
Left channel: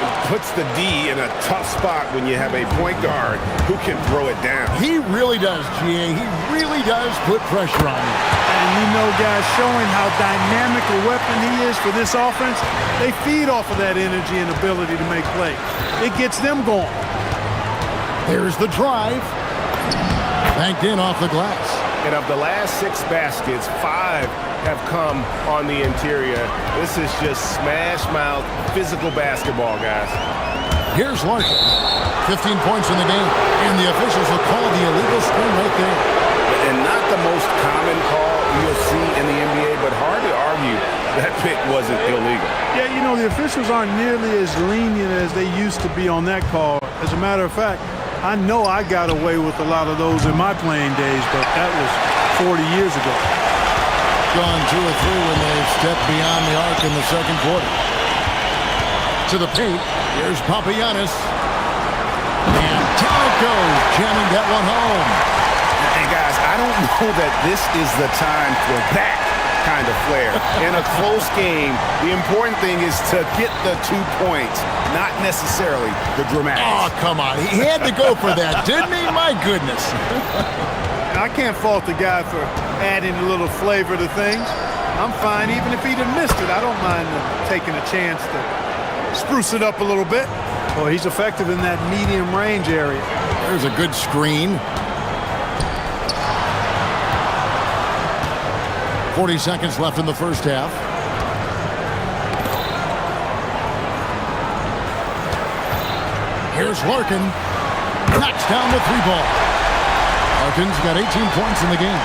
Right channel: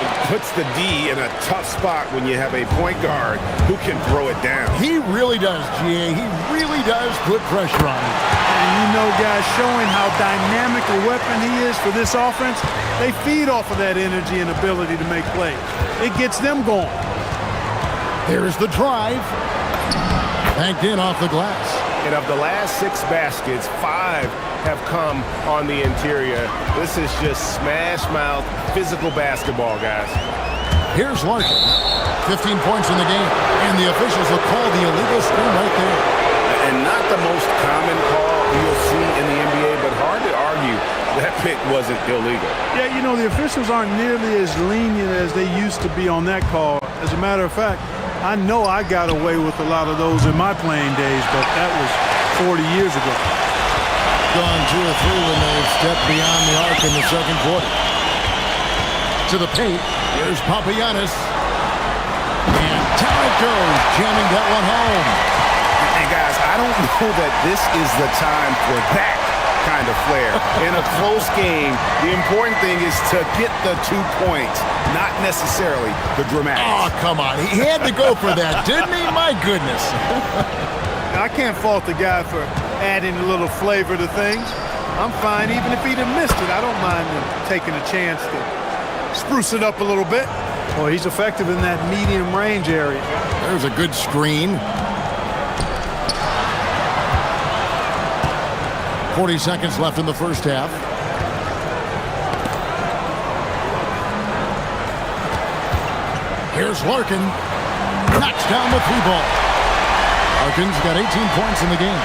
It puts the D in a tough spot when you have a point guard who can throw it down. He really does, GA. He really does put pressure on him. And you know, guys, showing how dynamic a weapon he is for this offense, they feed off of that energy and ability to make plays. It gets them going. There's the drive. Banked in off the glass. And of the last 6 baskets, 5 have come on the interior. This is just smash-mouth physical basketball, guys. Here's Larkin. 15 points in the game. And the officials will call the illegal screen right there. And not the most common call you'll see in the NBA, but hard to argue that pick wasn't illegal. Yeah, you know, the officials aren't nearly as lenient as they used to be on that call. As a matter of fact, I know I got away with a lot of those in my playing days, but that was 40 years ago. Gone 2 of 3 when they stepped beyond the arc in the second quarter. To the paint, here's Papagiannis. And down it goes, jamming that one home. And guys, I don't know that this is the time for that kind of flair. In a close game, the important thing is to get the 2 points, not necessarily the dramatics. Oh, come on. He had to go for that, didn't he? My goodness. I can't fault the guy for adding a little flavor to things. I'm fine even if he'd have missed it. I don't mind taking a chance to spruce it up a little bit. Well, he's effective in that medium range area. There's a good screen. 40 seconds left in the first half. Here's Larkin. Knocks down the 3 ball. Larkin's got 18 points in the game.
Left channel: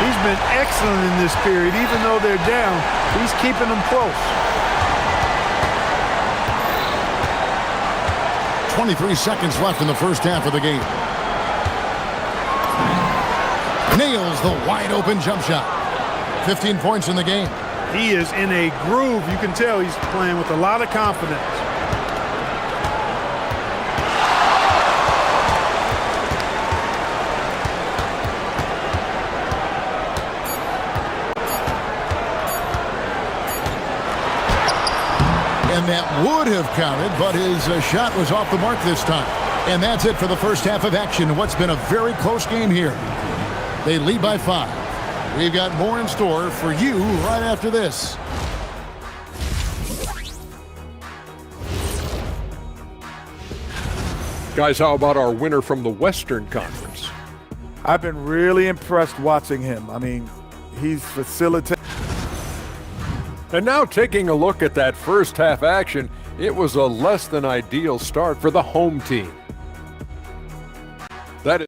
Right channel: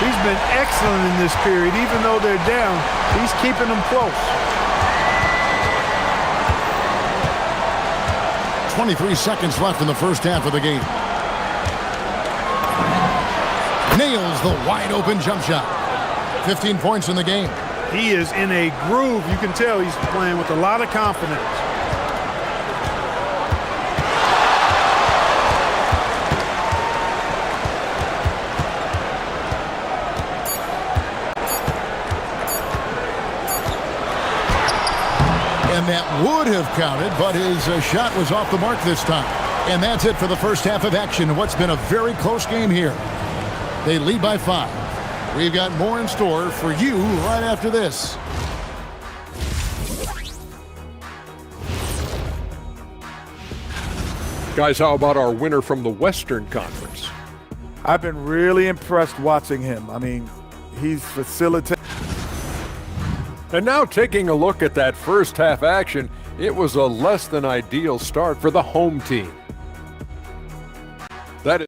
He's been excellent in this period. Even though they're down, he's keeping them close. 23 seconds left in the first half of the game. Nails the wide open jump shot. 15 points in the game. He is in a groove. You can tell he's playing with a lot of confidence. And that would have counted, but his shot was off the mark this time. And that's it for the first half of action. What's been a very close game here. They lead by 5. We've got more in store for you right after this. Guys, how about our winner from the Western Conference? I've been really impressed watching him. I mean, he's facilitating. And now taking a look at that first half action, it was a less than ideal start for the home team. That is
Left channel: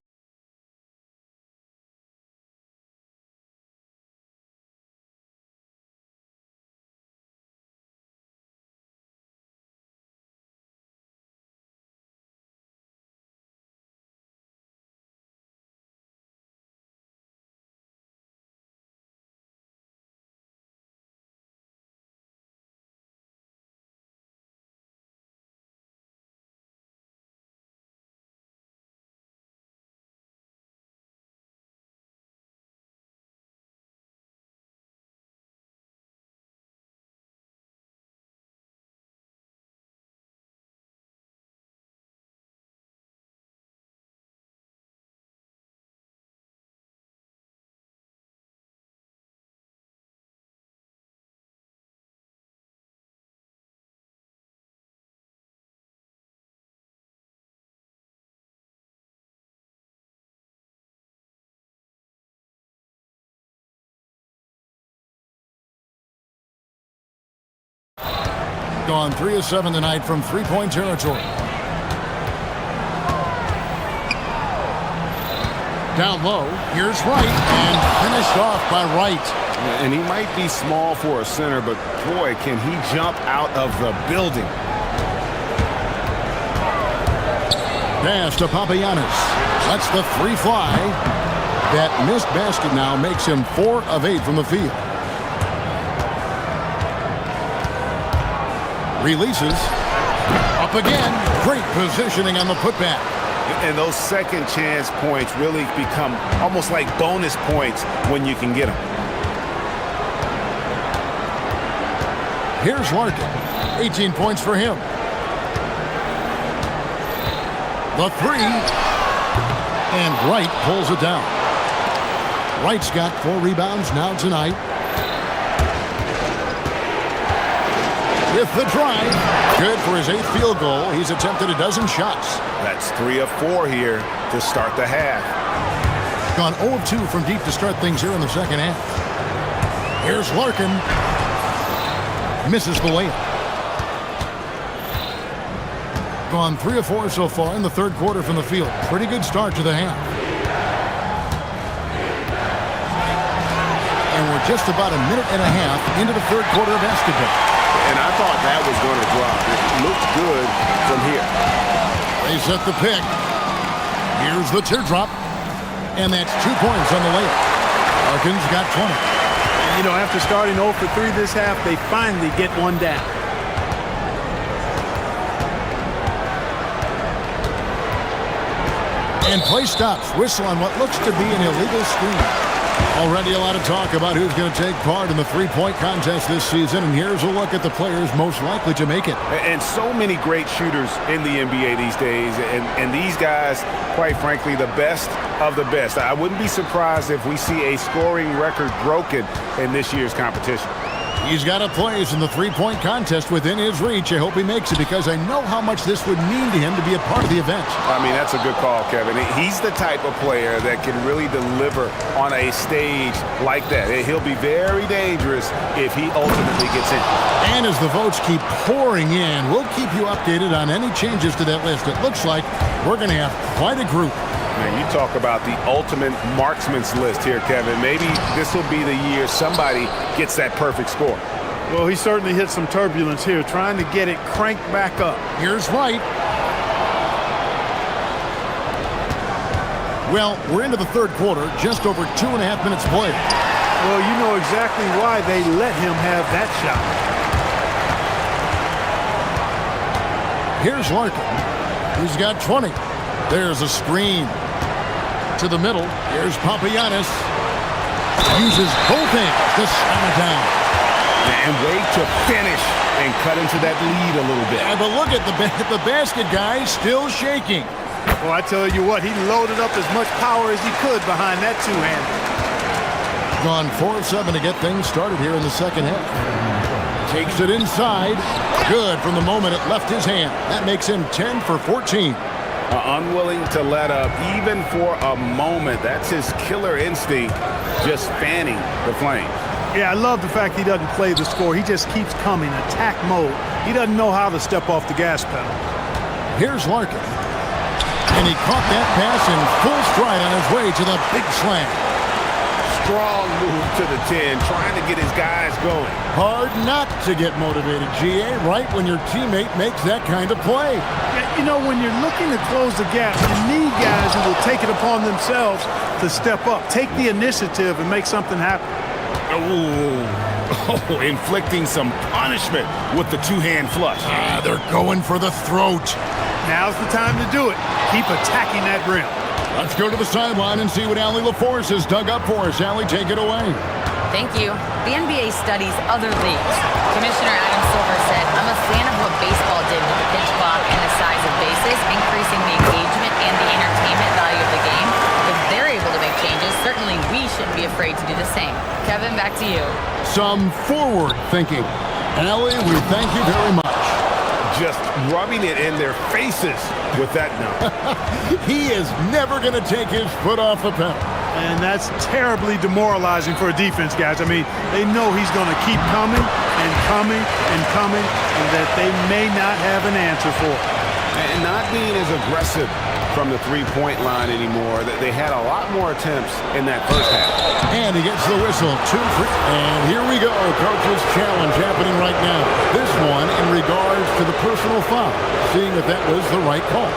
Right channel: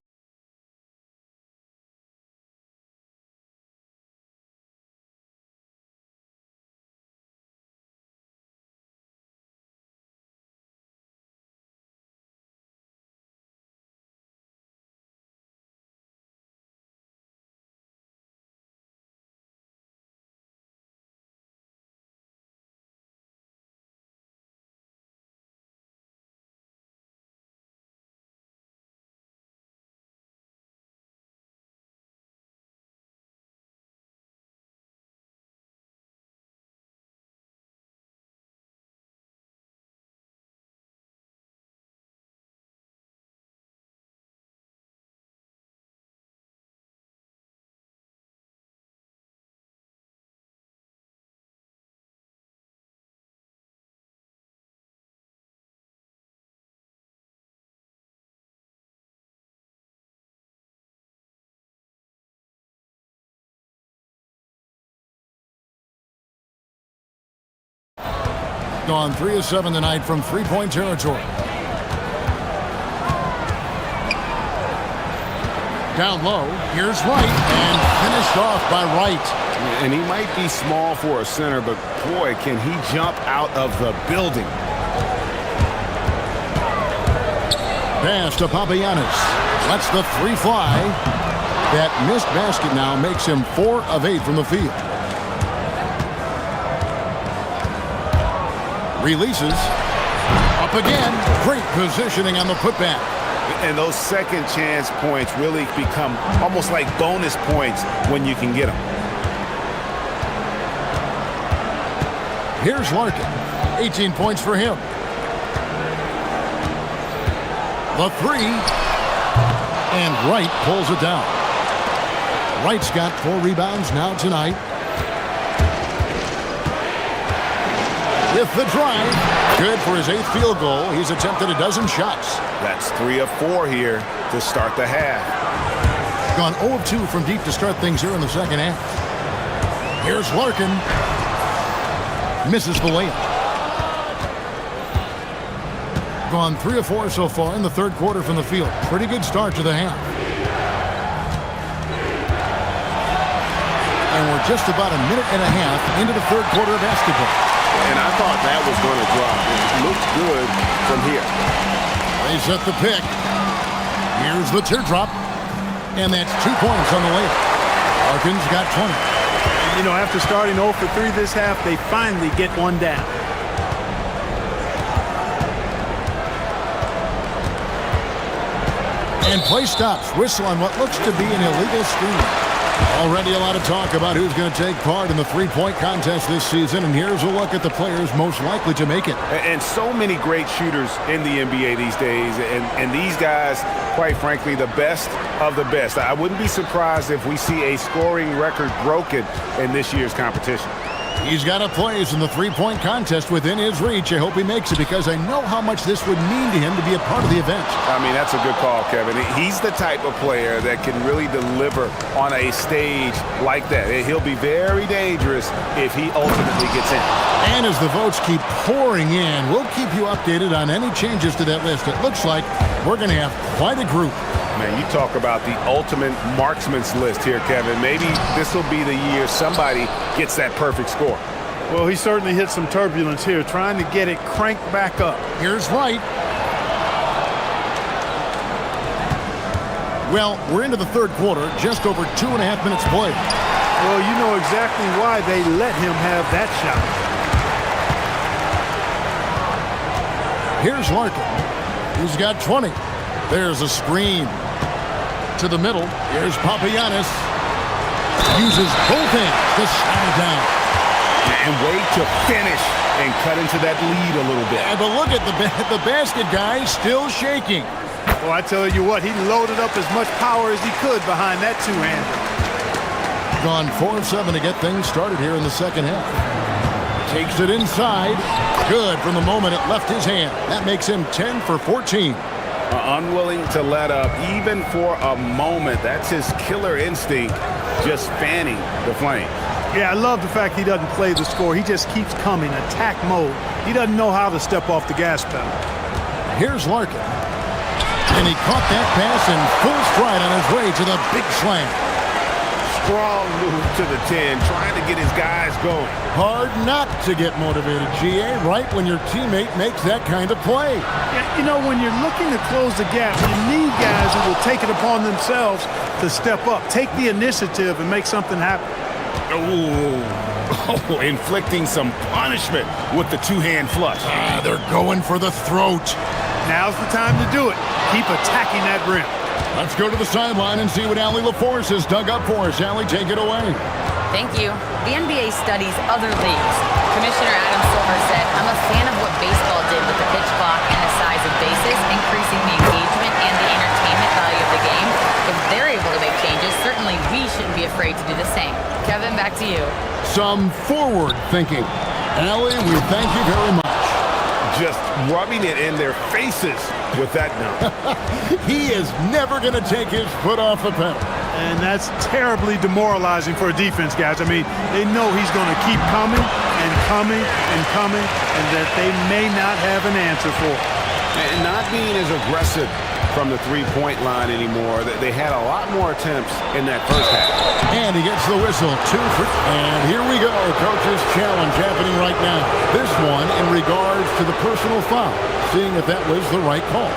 gone 3 of 7 tonight from 3-point territory. Down low, here's Wright, and finished off by Wright. And he might be small for a center, but boy, can he jump out of the building. Pass to Papagiannis. Lets the 3 fly. That missed basket now makes him 4 of 8 from the field. Releases. Up again. Great positioning on the putback. And those second chance points really become almost like bonus points when you can get them. Here's Larkin. 18 points for him. The 3. And Wright pulls it down. Wright's got 4 rebounds now tonight. With the drive, good for his 8th field goal. He's attempted a dozen shots. That's 3 of 4 here to start the half. Gone 0 of 2 from deep to start things here in the second half. Here's Larkin. Misses the layup. Gone 3 of 4 so far in the third quarter from the field. Pretty good start to the half. And we're just about a minute and a half into the third quarter of basketball. And I thought that was going to drop. It looked good from here. They set the pick. Here's the teardrop. And that's 2 points on the layup. Harkins got 20. And, you know, after starting 0 for 3 this half, they finally get one down. And play stops. Whistle on what looks to be an illegal screen. Already a lot of talk about who's going to take part in the three-point contest this season, and here's a look at the players most likely to make it. And so many great shooters in the NBA these days, and these guys, quite frankly, the best of the best. I wouldn't be surprised if we see a scoring record broken in this year's competition. He's got a place in the three-point contest within his reach. I hope he makes it because I know how much this would mean to him to be a part of the event. I mean, that's a good call, Kevin. He's the type of player that can really deliver on a stage like that. He'll be very dangerous if he ultimately gets in. And as the votes keep pouring in, we'll keep you updated on any changes to that list. It looks like we're going to have quite a group. Man, you talk about the ultimate marksman's list here, Kevin. Maybe this will be the year somebody gets that perfect score. Well, he certainly hit some turbulence here, trying to get it cranked back up. Here's White. Well, we're into the third quarter, just over 2.5 minutes played. Well, you know exactly why they let him have that shot. Here's Larkin. He's got 20. There's a screen. To the middle. Here's Papagiannis. Uses both hands to slam it down. And wait to finish and cut into that lead a little bit. Yeah, but look at the basket guy still shaking. Well, I tell you what, he loaded up as much power as he could behind that two-hander. Gone 4 of 7 to get things started here in the second half. Takes it inside. Good from the moment it left his hand. That makes him 10 for 14. Unwilling to let up even for a moment. That's his killer instinct, just fanning the flame. Yeah, I love the fact he doesn't play the score. He just keeps coming, attack mode. He doesn't know how to step off the gas pedal. Here's Larkin. And he caught that pass in full stride on his way to the big slam. Strong move to the 10, trying to get his guys going. Hard not to get motivated, GA, right when your teammate makes that kind of play. Yeah, you know, when you're looking to close the gap, you need guys who will take it upon themselves to step up, take the initiative and make something happen. Oh, inflicting some punishment with the two-hand flush. They're going for the throat. Now's the time to do it. Keep attacking that rim. Let's go to the sideline and see what Allie LaForce has dug up for us. Allie, take it away. Thank you. The NBA studies other leagues. Commissioner Adam Silver said, "I'm a fan of what baseball did with the pitch clock and the size of bases, increasing the engagement and the entertainment value of the game. If they're able to make changes, certainly we shouldn't be afraid to do the same." Kevin, back to you. Some forward thinking. Allie, we thank you very much. Just rubbing it in their faces with that note. He is never going to take his foot off the pedal. And that's terribly demoralizing for a defense, guys. I mean, they know he's going to keep coming and coming and coming, and that they may not have an answer for it. And not being as aggressive from the three-point line anymore. They had a lot more attempts in that first half. And he gets the whistle. 2 for... And here we go. Coach's challenge happening right now. This one in regards to the personal foul. Seeing if that was the right call.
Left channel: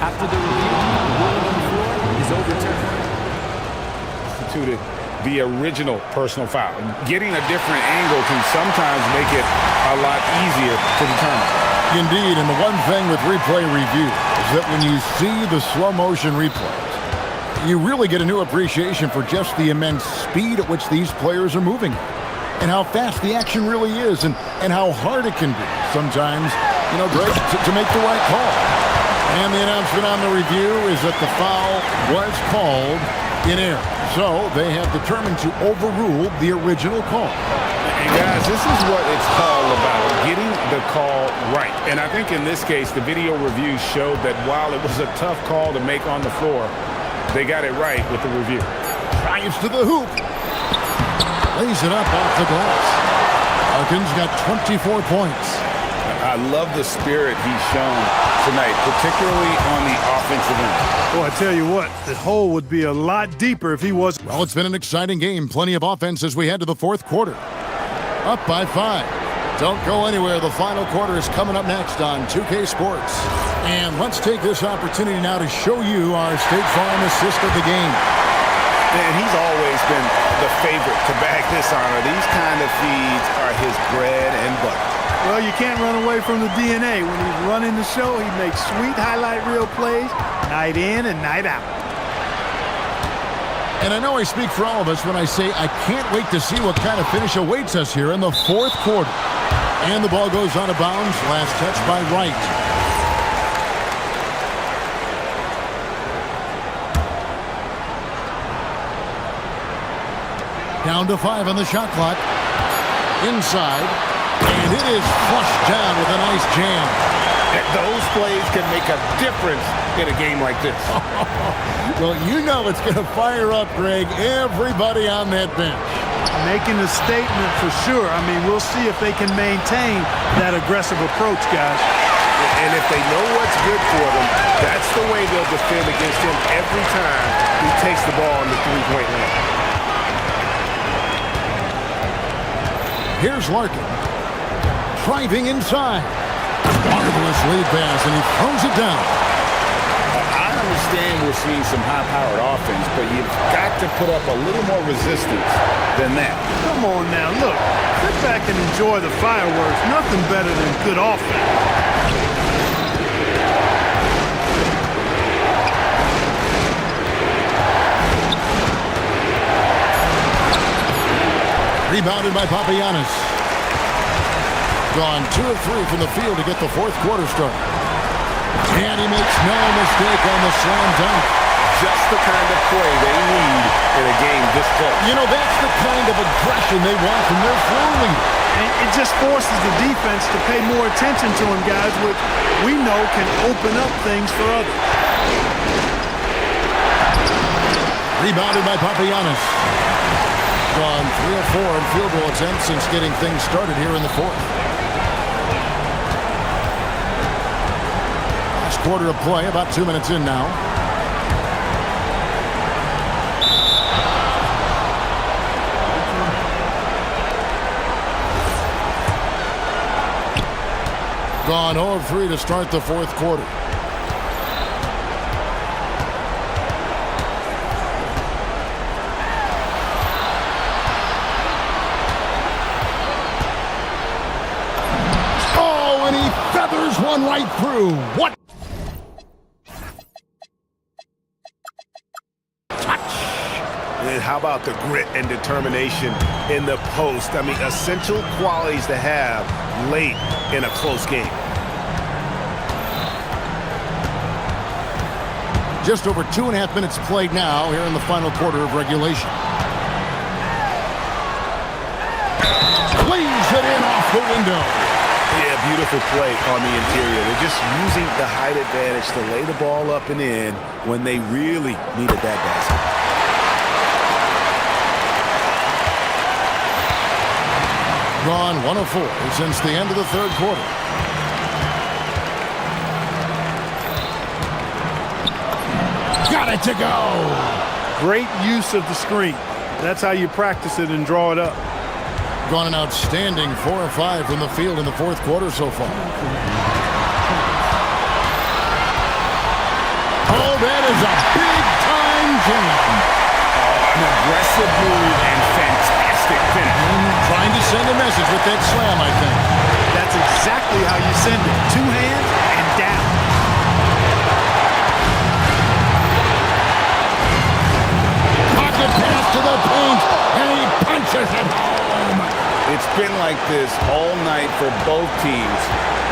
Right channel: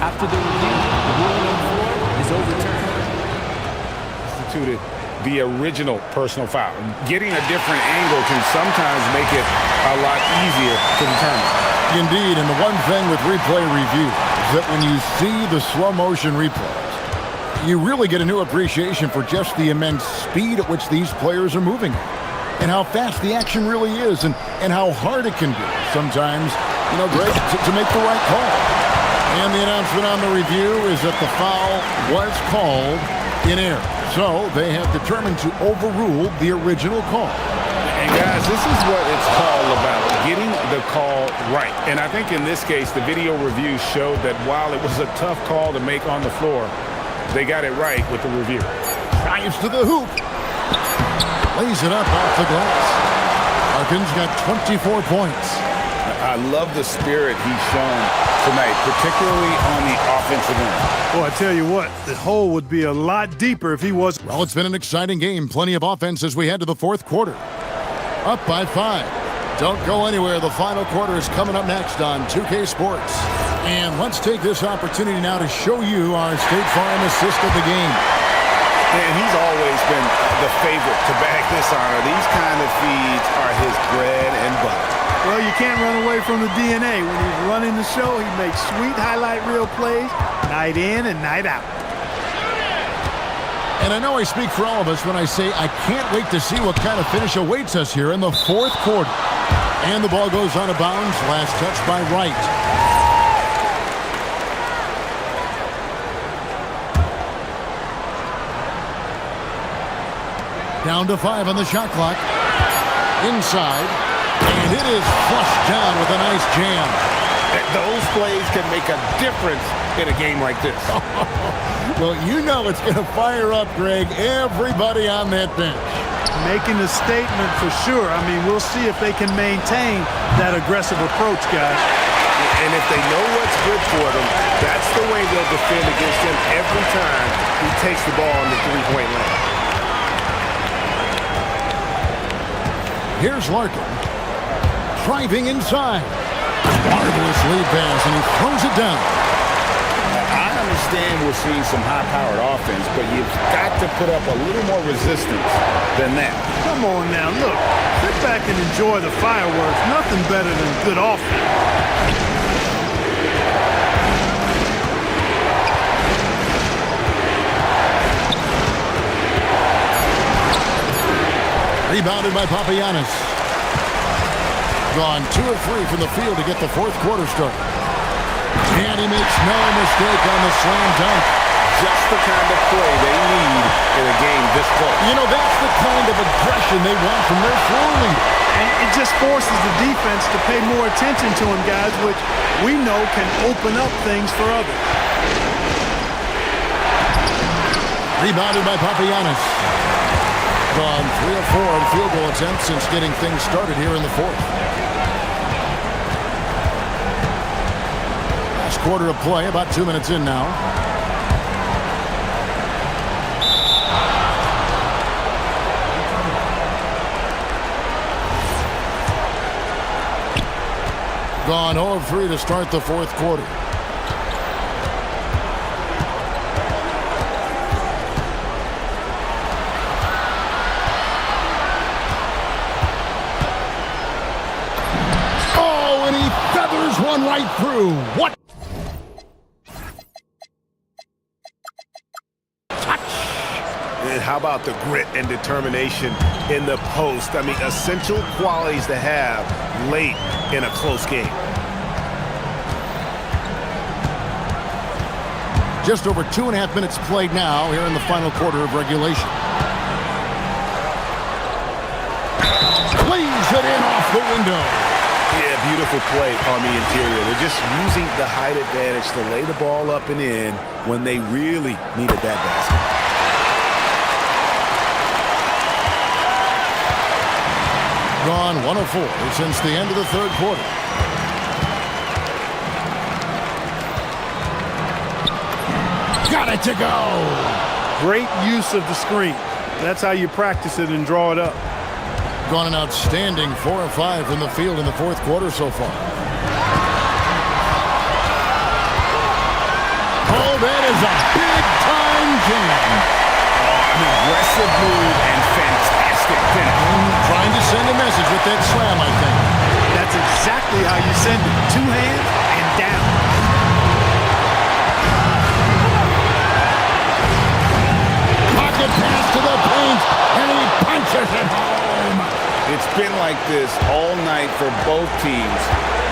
After the review, the ruling on the floor is overturned. Instituted the original personal foul. Getting a different angle can sometimes make it a lot easier to determine. Indeed, and the one thing with replay review is that when you see the slow motion replays, you really get a new appreciation for just the immense speed at which these players are moving at, and how fast the action really is, and how hard it can be sometimes, you know, Greg, to make the right call. And the announcement on the review is that the foul was called in error. So they have determined to overrule the original call. And guys, this is what it's all about, getting the call right. And I think in this case, the video review showed that while it was a tough call to make on the floor, they got it right with the review. Drives to the hoop. Lays it up off the glass. Harkins got 24 points. I love the spirit he's shown tonight, particularly on the offensive end. Well, I tell you what, the hole would be a lot deeper if he was. Well, it's been an exciting game. Plenty of offense as we head to the fourth quarter. Up by 5. Don't go anywhere. The final quarter is coming up next on 2K Sports. And let's take this opportunity now to show you our State Farm assist of the game. And he's always been the favorite to bag this honor. These kind of feeds are his bread and butter. Well, you can't run away from the DNA. When he's running the show, he makes sweet highlight reel plays night in and night out. And I know I speak for all of us when I say I can't wait to see what kind of finish awaits us here in the fourth quarter. And the ball goes out of bounds. Last touch by Wright. Down to 5 on the shot clock. Inside. And it is flushed down with a nice jam. Those plays can make a difference in a game like this. Well, you know it's going to fire up, Greg, everybody on that bench. Making a statement for sure. I mean, we'll see if they can maintain that aggressive approach, guys. And if they know what's good for them, that's the way they'll defend against him every time he takes the ball in the three-point lane. Here's Larkin. Driving inside. Marvelous lead pass, and he throws it down. I understand we're seeing some high-powered offense, but you've got to put up a little more resistance than that. Come on now, look. Sit back and enjoy the fireworks. Nothing better than good offense. Rebounded by Papagiannis. Gone 2 of 3 from the field to get the fourth quarter started. And he makes no mistake on the slam dunk. Just the kind of play they need in a game this close. You know, that's the kind of aggression they want from their floor leader. And it just forces the defense to pay more attention to him, guys, which we know can open up things for others. Rebounded by Papagiannis. Gone 3 of 4 in field goal attempts since getting things started here in the fourth. Last quarter of play, about 2 minutes in now. Gone 0 of 3 to start the fourth quarter. And he feathers one right through. What? Touch. And how about the grit and determination in the post? I mean, essential qualities to have late in a close game. Just over 2.5 minutes played now here in the final quarter of regulation. Lays it in off the window. Yeah, beautiful play on the interior. They're just using the height advantage to lay the ball up and in when they really needed that basket. Gone 1 of 4 since the end of the third quarter. Got it to go. Great use of the screen. That's how you practice it and draw it up. Gone an outstanding 4 of 5 from the field in the fourth quarter so far. Oh, that is a big-time jam. Oh, an aggressive move and fantastic finish. Trying to send a message with that slam, I think. That's exactly how you send it. 2 hands and down. Pocket pass to the paint, and he punches it home. It's been like this all night for both teams.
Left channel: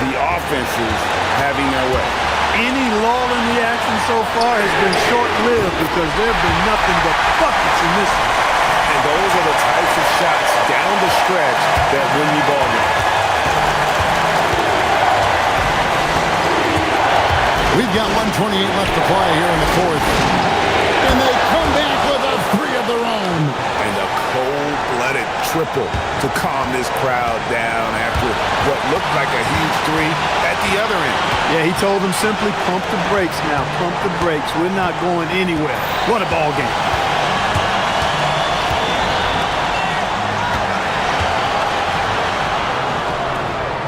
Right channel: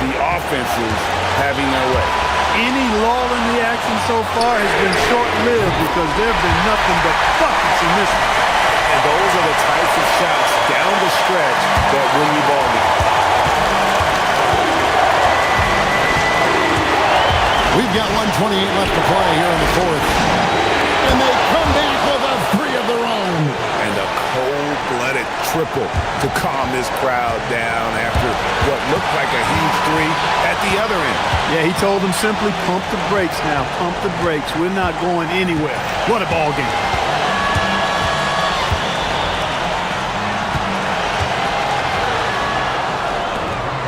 The offenses having their way. Any lull in the action so far has been short-lived because there have been nothing but buckets in this one. And those are the types of shots down the stretch that win you ball games. We've got 1:28 left to play here in the fourth. And they come back with a a three of their own. And a cold-blooded triple to calm this crowd down after what looked like a huge three at the other end. Yeah, he told them simply, pump the brakes now, pump the brakes. We're not going anywhere. What a ball game.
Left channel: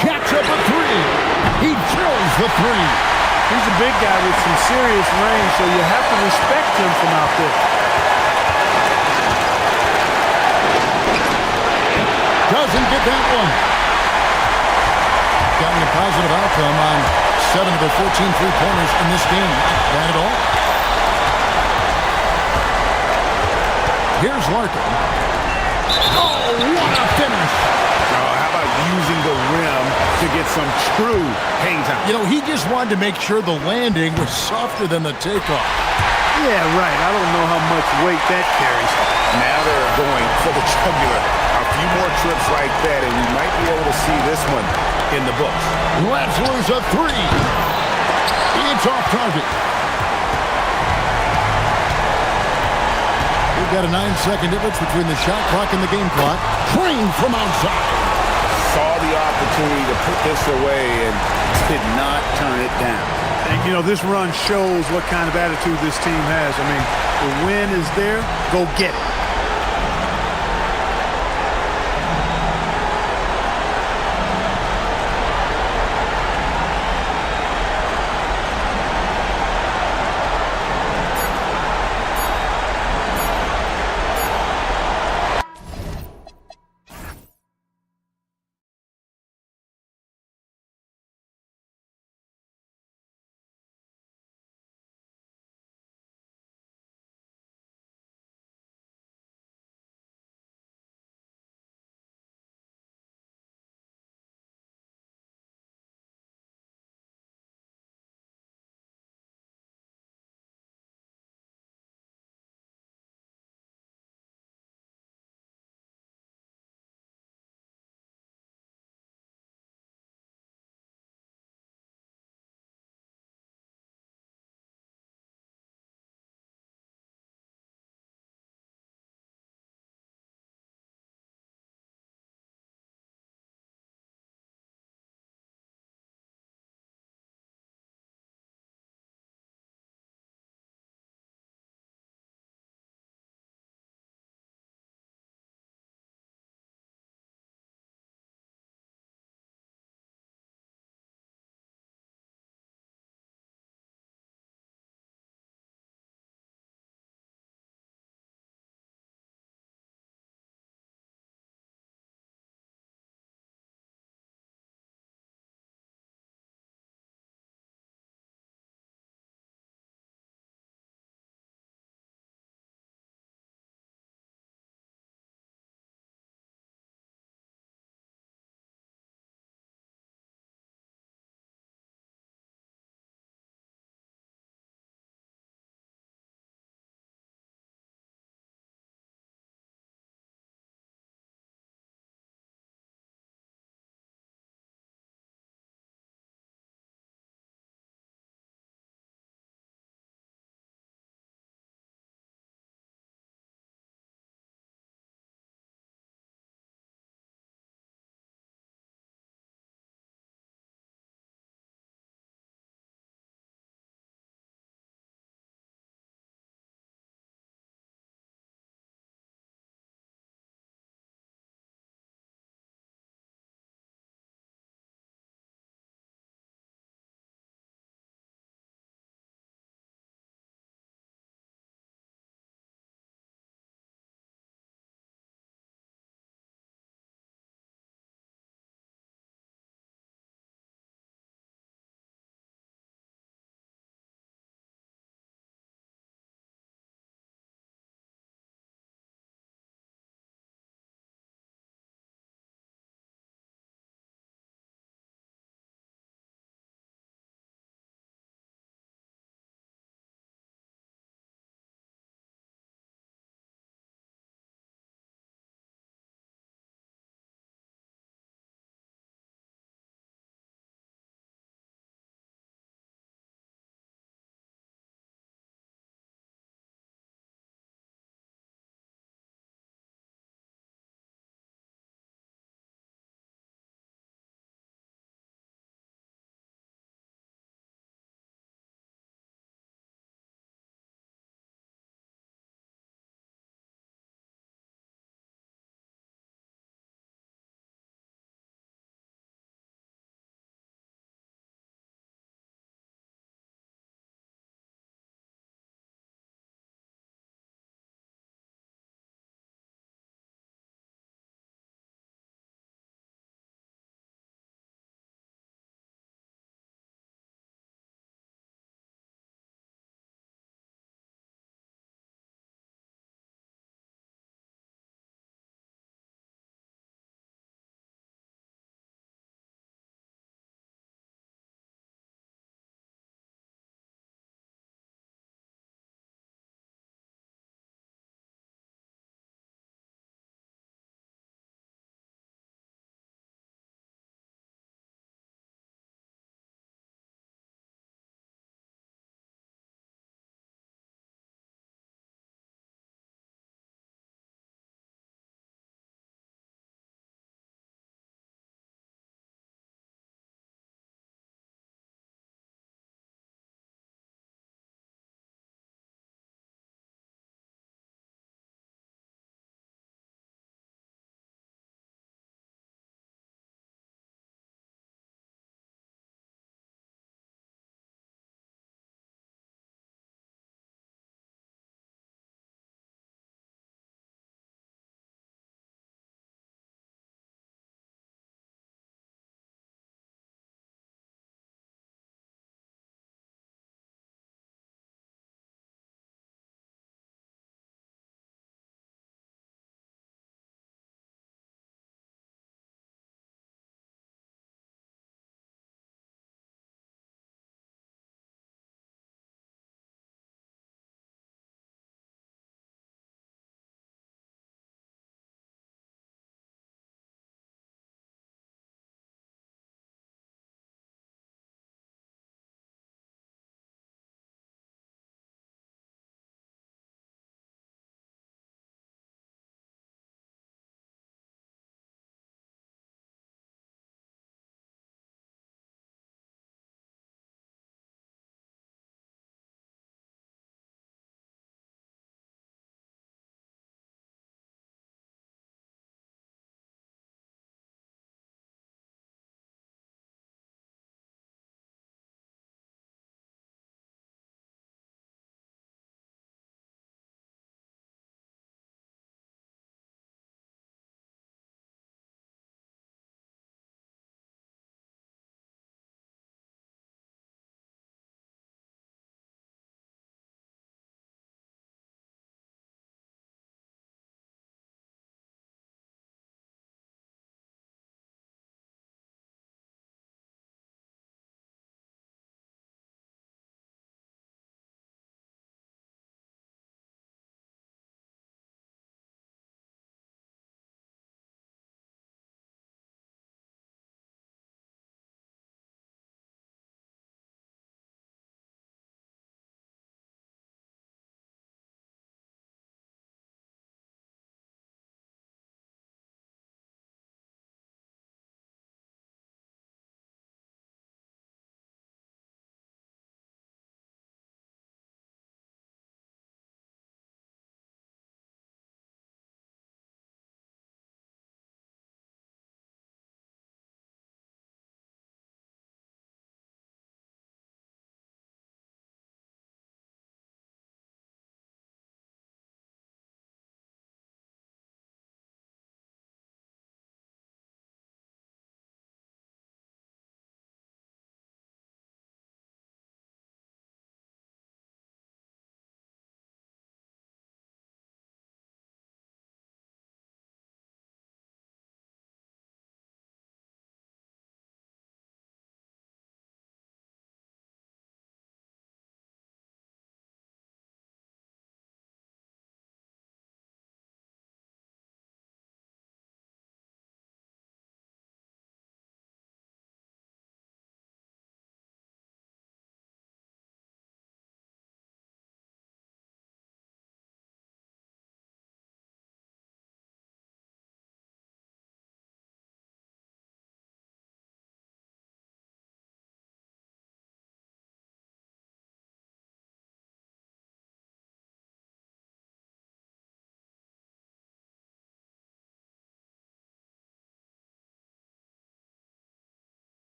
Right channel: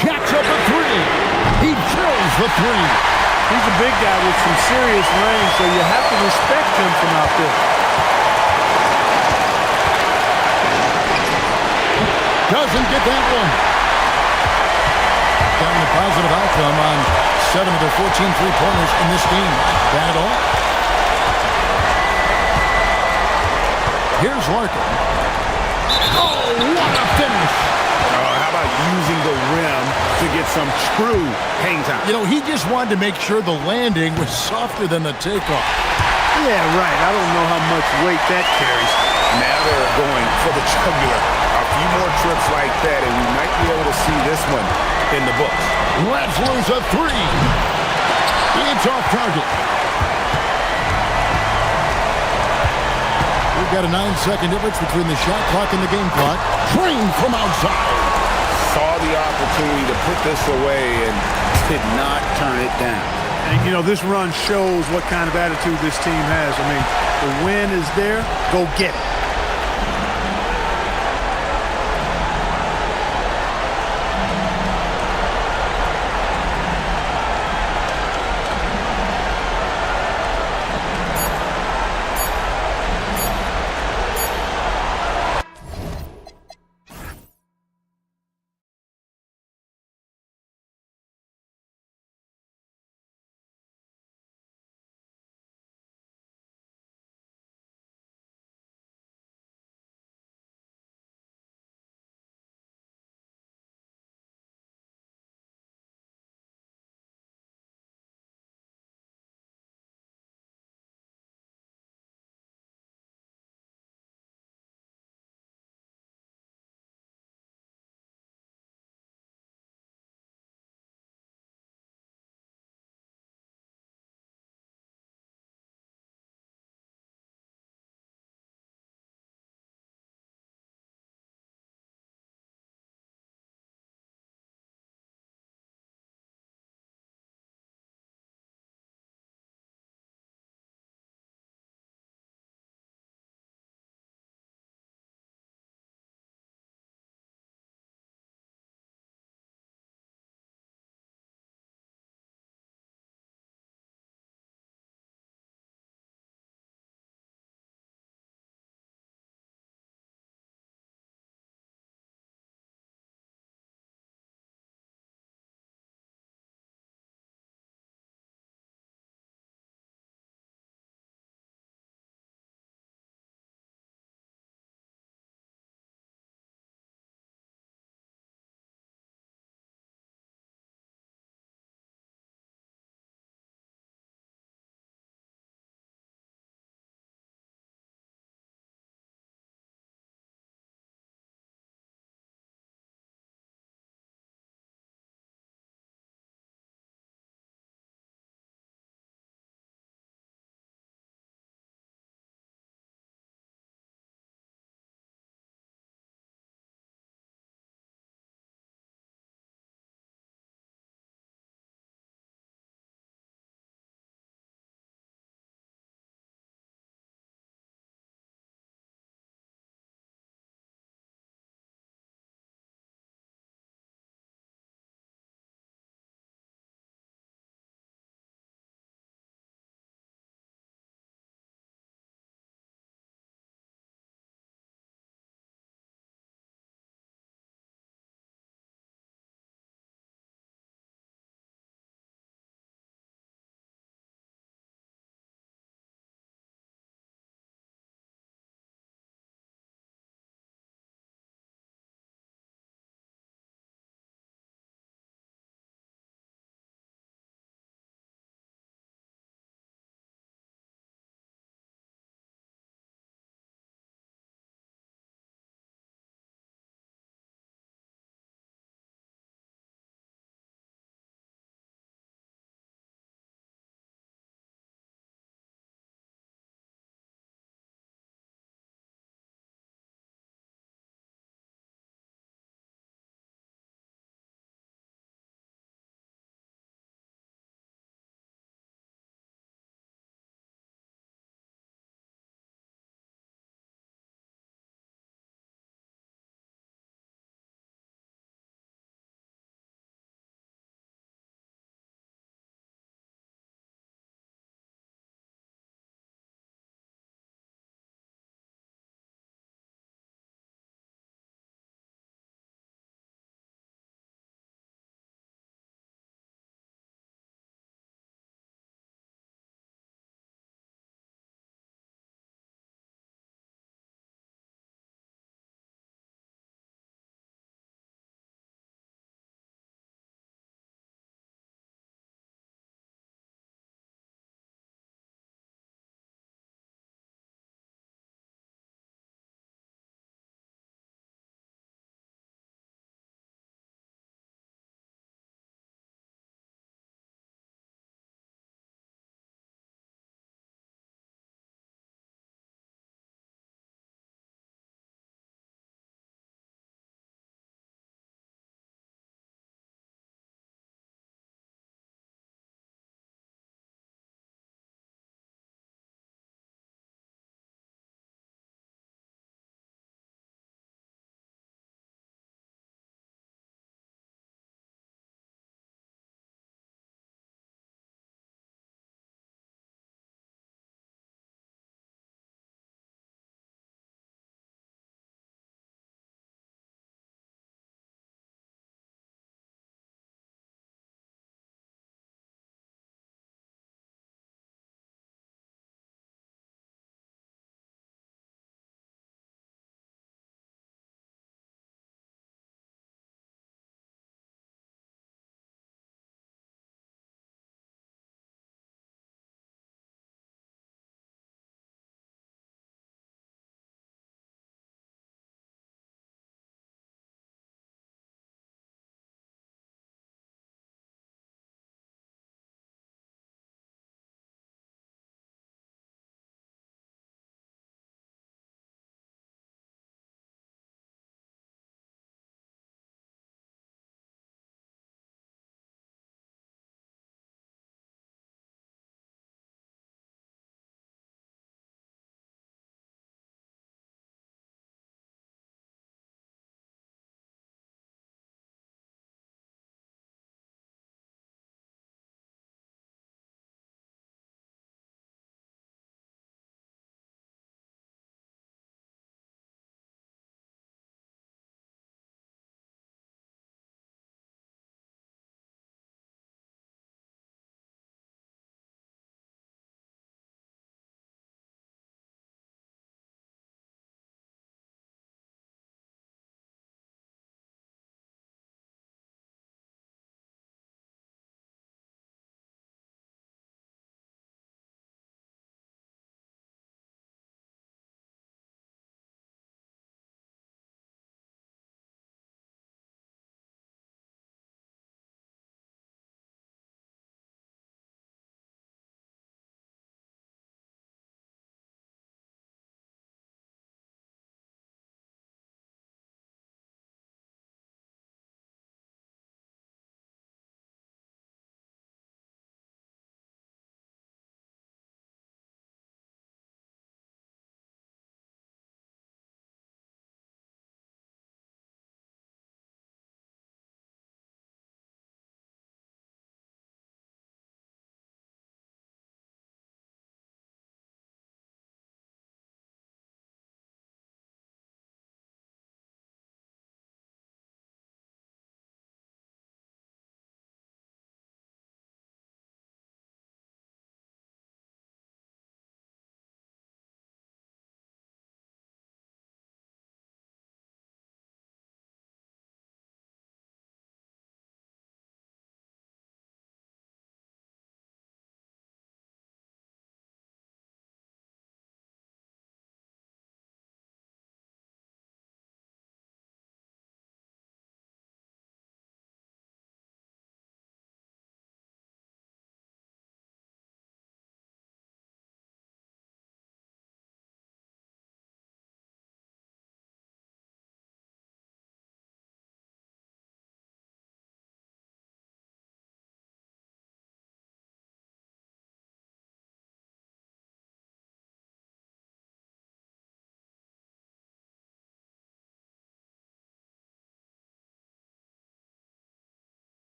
Jacks up a three. He drills the three. He's a big guy with some serious range, so you have to respect him from out there. Doesn't get that one. Gotten a positive outcome on 7 of their 14 three-pointers in this game. Not bad at all. Here's Larkin. Oh, what a finish. Oh, how about using the rim to get some true hang time? You know, he just wanted to make sure the landing was softer than the takeoff. Yeah, right. I don't know how much weight that carries. Now they're going for the jugular. A few more trips like that, and we might be able to see this one in the books. Let's lose a three. It's off target. We've got a 9-second difference between the shot clock and the game clock. Trained from outside. Saw the opportunity to put this away and did not turn it down. And, you know, this run shows what kind of attitude this team has. I mean, the win is there. Go get it.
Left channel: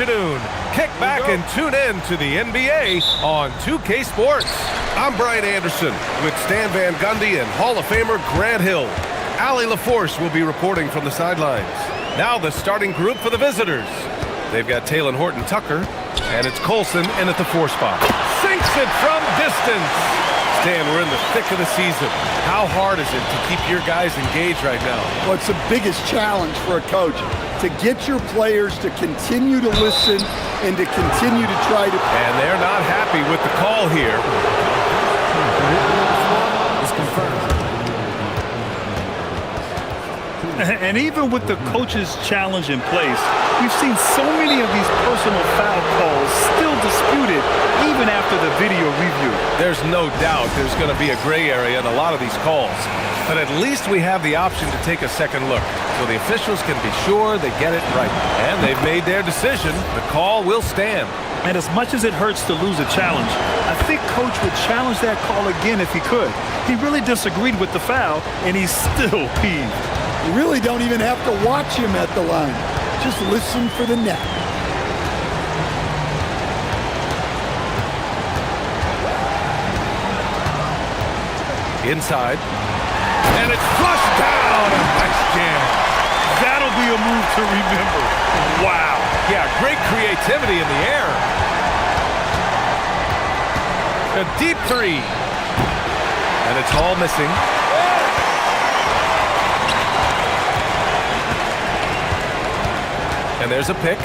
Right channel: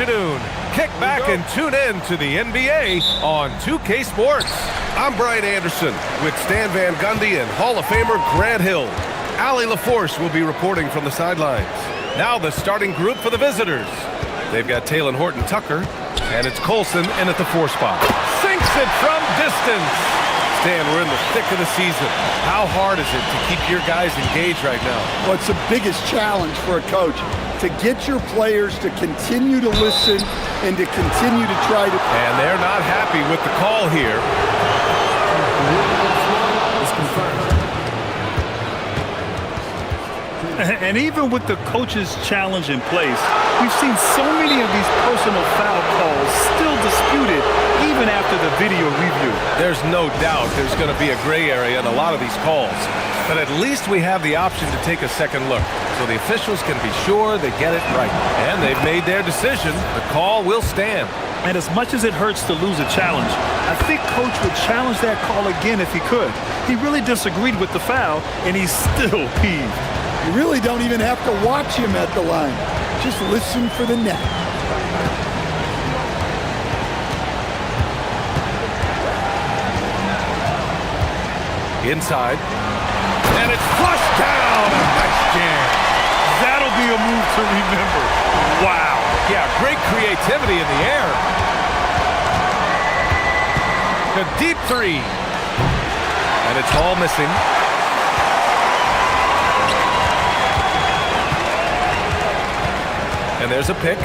afternoon. Kick back and tune in to the NBA on 2K Sports. I'm Brian Anderson with Stan Van Gundy and Hall of Famer Grant Hill. Allie LaForce will be reporting from the sidelines. Now the starting group for the visitors. They've got Taylor Horton-Tucker, and it's Colson in at the 4 spot. Sinks it from distance. Stan, we're in the thick of the season. How hard is it to keep your guys engaged right now? Well, it's the biggest challenge for a coach, to get your players to continue to listen and to continue to try to... And they're not happy with the call here. The ruling on the floor is confirmed. And even with the coach's challenge in place, we've seen so many of these personal foul calls still disputed even after the video review. There's no doubt there's going to be a gray area in a lot of these calls. But at least we have the option to take a second look, so the officials can be sure they get it right. And they've made their decision. The call will stand. And as much as it hurts to lose a challenge, I think Coach would challenge that call again if he could. He really disagreed with the foul, and he's still peeved. You really don't even have to watch him at the line. Just listen for the net. Inside. And it's flushed down. A nice jam. That'll be a move to remember. Wow. Yeah, great creativity in the air. A deep 3. And it's all missing. And there's a pick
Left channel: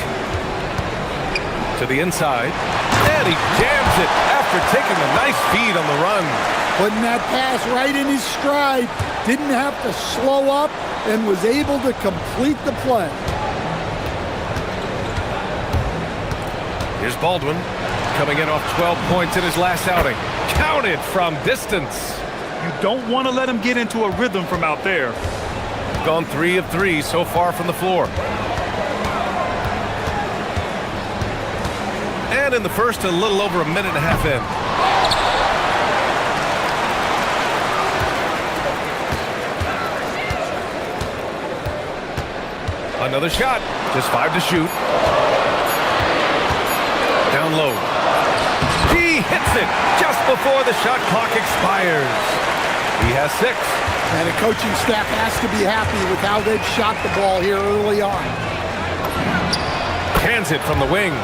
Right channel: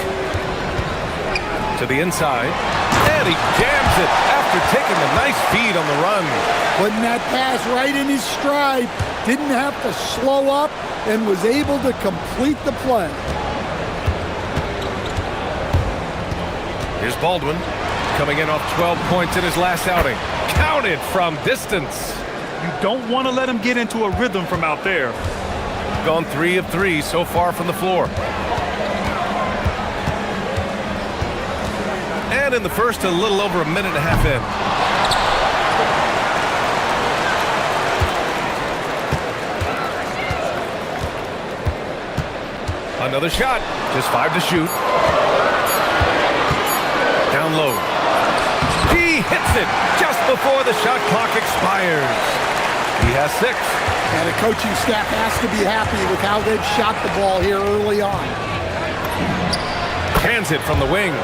to the inside. And he jams it after taking the nice feed on the run. Putting that pass right in his stride. Didn't have to slow up and was able to complete the play. Here's Baldwin coming in off 12 points in his last outing. Counted from distance. You don't want to let him get into a rhythm from out there. Gone 3 of 3 so far from the floor. And in the first, a little over a minute and a half in. Another shot. Just 5 to shoot. Down low. He hits it just before the shot clock expires. He has 6. And the coaching staff has to be happy with how they've shot the ball here early on. Hands it from the wing.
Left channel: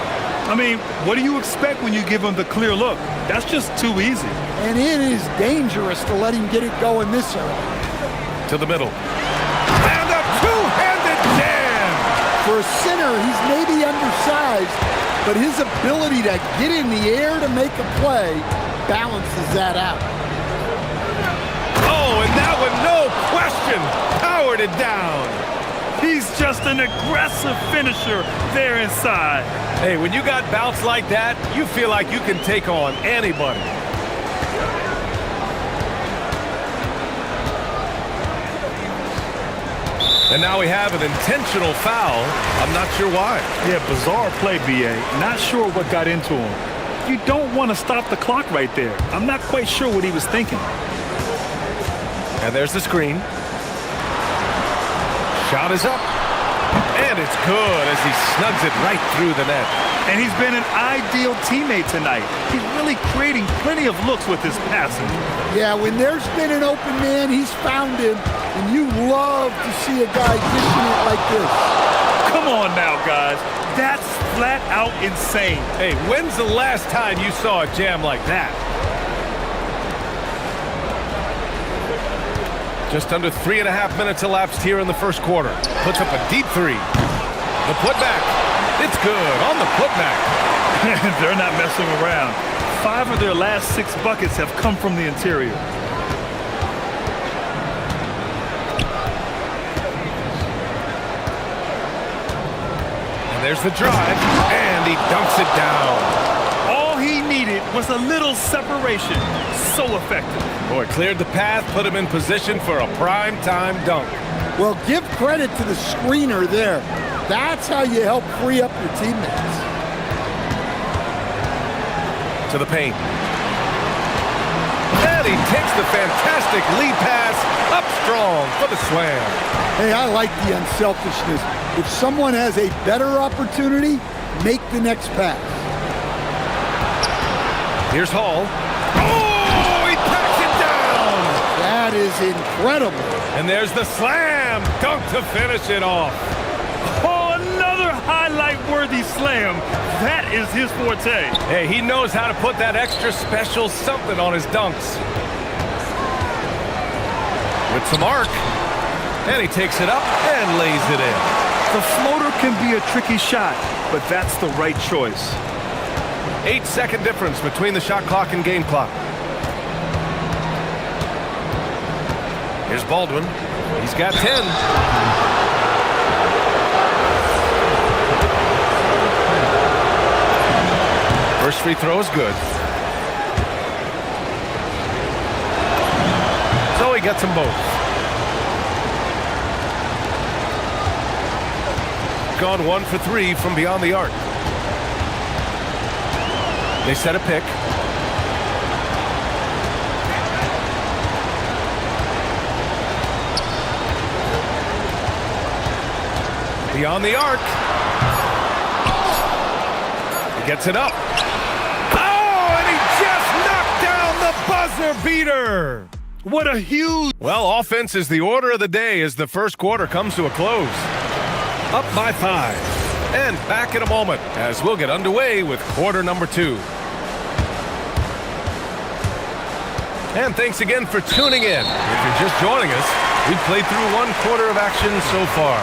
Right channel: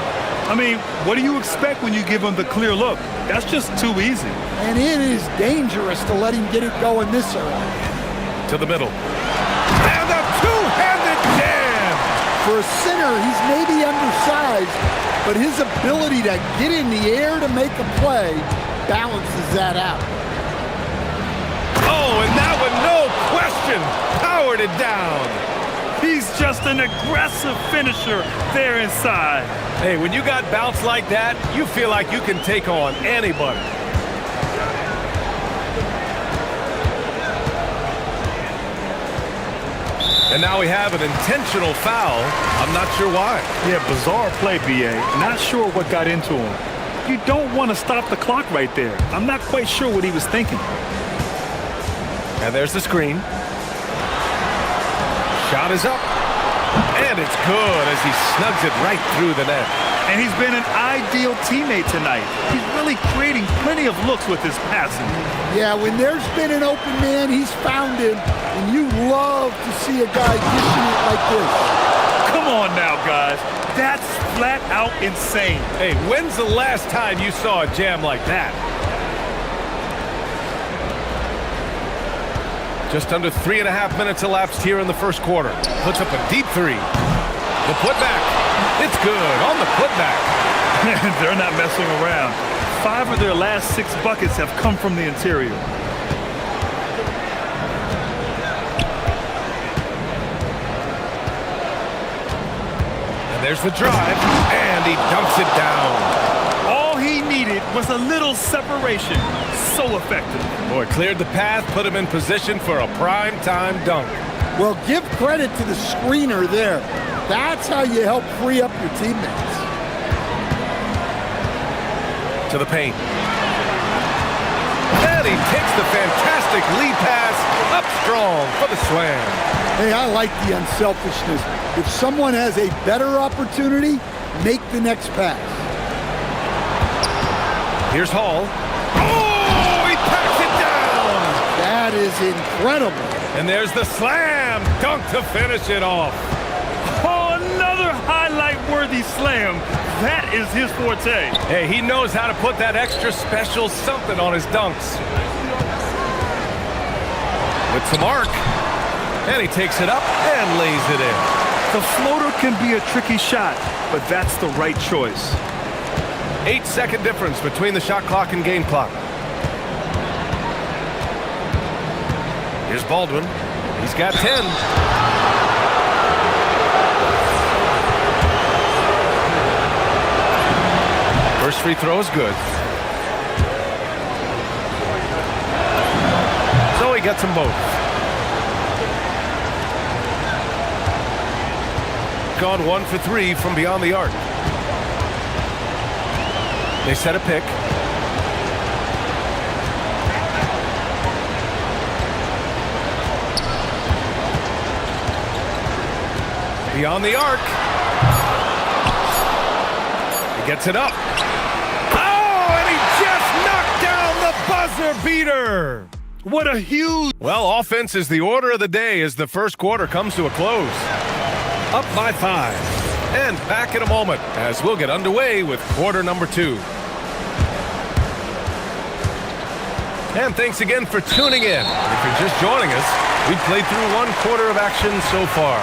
I mean, what do you expect when you give him the clear look? That's just too easy. And it is dangerous to let him get it going this early. To the middle. And a two-handed jam! For a center, he's maybe undersized, but his ability to get in the air to make a play balances that out. Oh, and that one, no question, powered it down. He's just an aggressive finisher there inside. Hey, when you got bounce like that, you feel like you can take on anybody. And now we have an intentional foul. I'm not sure why. Yeah, bizarre play, BA. Not sure what got into him. You don't want to stop the clock right there. I'm not quite sure what he was thinking. And there's the screen. Shot is up. And it's good as he snugs it right through the net. And he's been an ideal teammate tonight. He's really creating plenty of looks with his passing. Yeah, when there's been an open man, he's found him. And you love to see a guy dishing it like this. Come on now, guys. That's flat out insane. Hey, when's the last time you saw a jam like that? Just under 3.5 minutes elapsed here in the first quarter. Puts up a deep 3. The putback. It's good on the putback. They're not messing around. 5 of their last 6 buckets have come from the interior. And there's the drive, and he dunks it down. All he needed was a little separation. So effective. Boy, cleared the path, put him in position for a prime-time dunk. Well, give credit to the screener there. That's how you help free up your teammates. To the paint. And he takes the fantastic lead pass up strong for the slam. Hey, I like the unselfishness. If someone has a better opportunity, make the next pass. Here's Hall. Oh, he packs it down! That is incredible. And there's the slam dunk to finish it off. Oh, another highlight-worthy slam. That is his forte. Hey, he knows how to put that extra special something on his dunks. With some arc. And he takes it up and lays it in. The floater can be a tricky shot, but that's the right choice. 8-second difference between the shot clock and game clock. Here's Baldwin. He's got 10. First free throw is good. So he gets them both. Gone 1 for 3 from beyond the arc. They set a pick. Beyond the arc. He gets it up. Oh, and he just knocked down the buzzer beater. What a huge... Well, offense is the order of the day as the first quarter comes to a close. Up by 5. And back in a moment as we'll get underway with quarter number 2. And thanks again for tuning in. If you're just joining us, we've played through 1 quarter of action so far.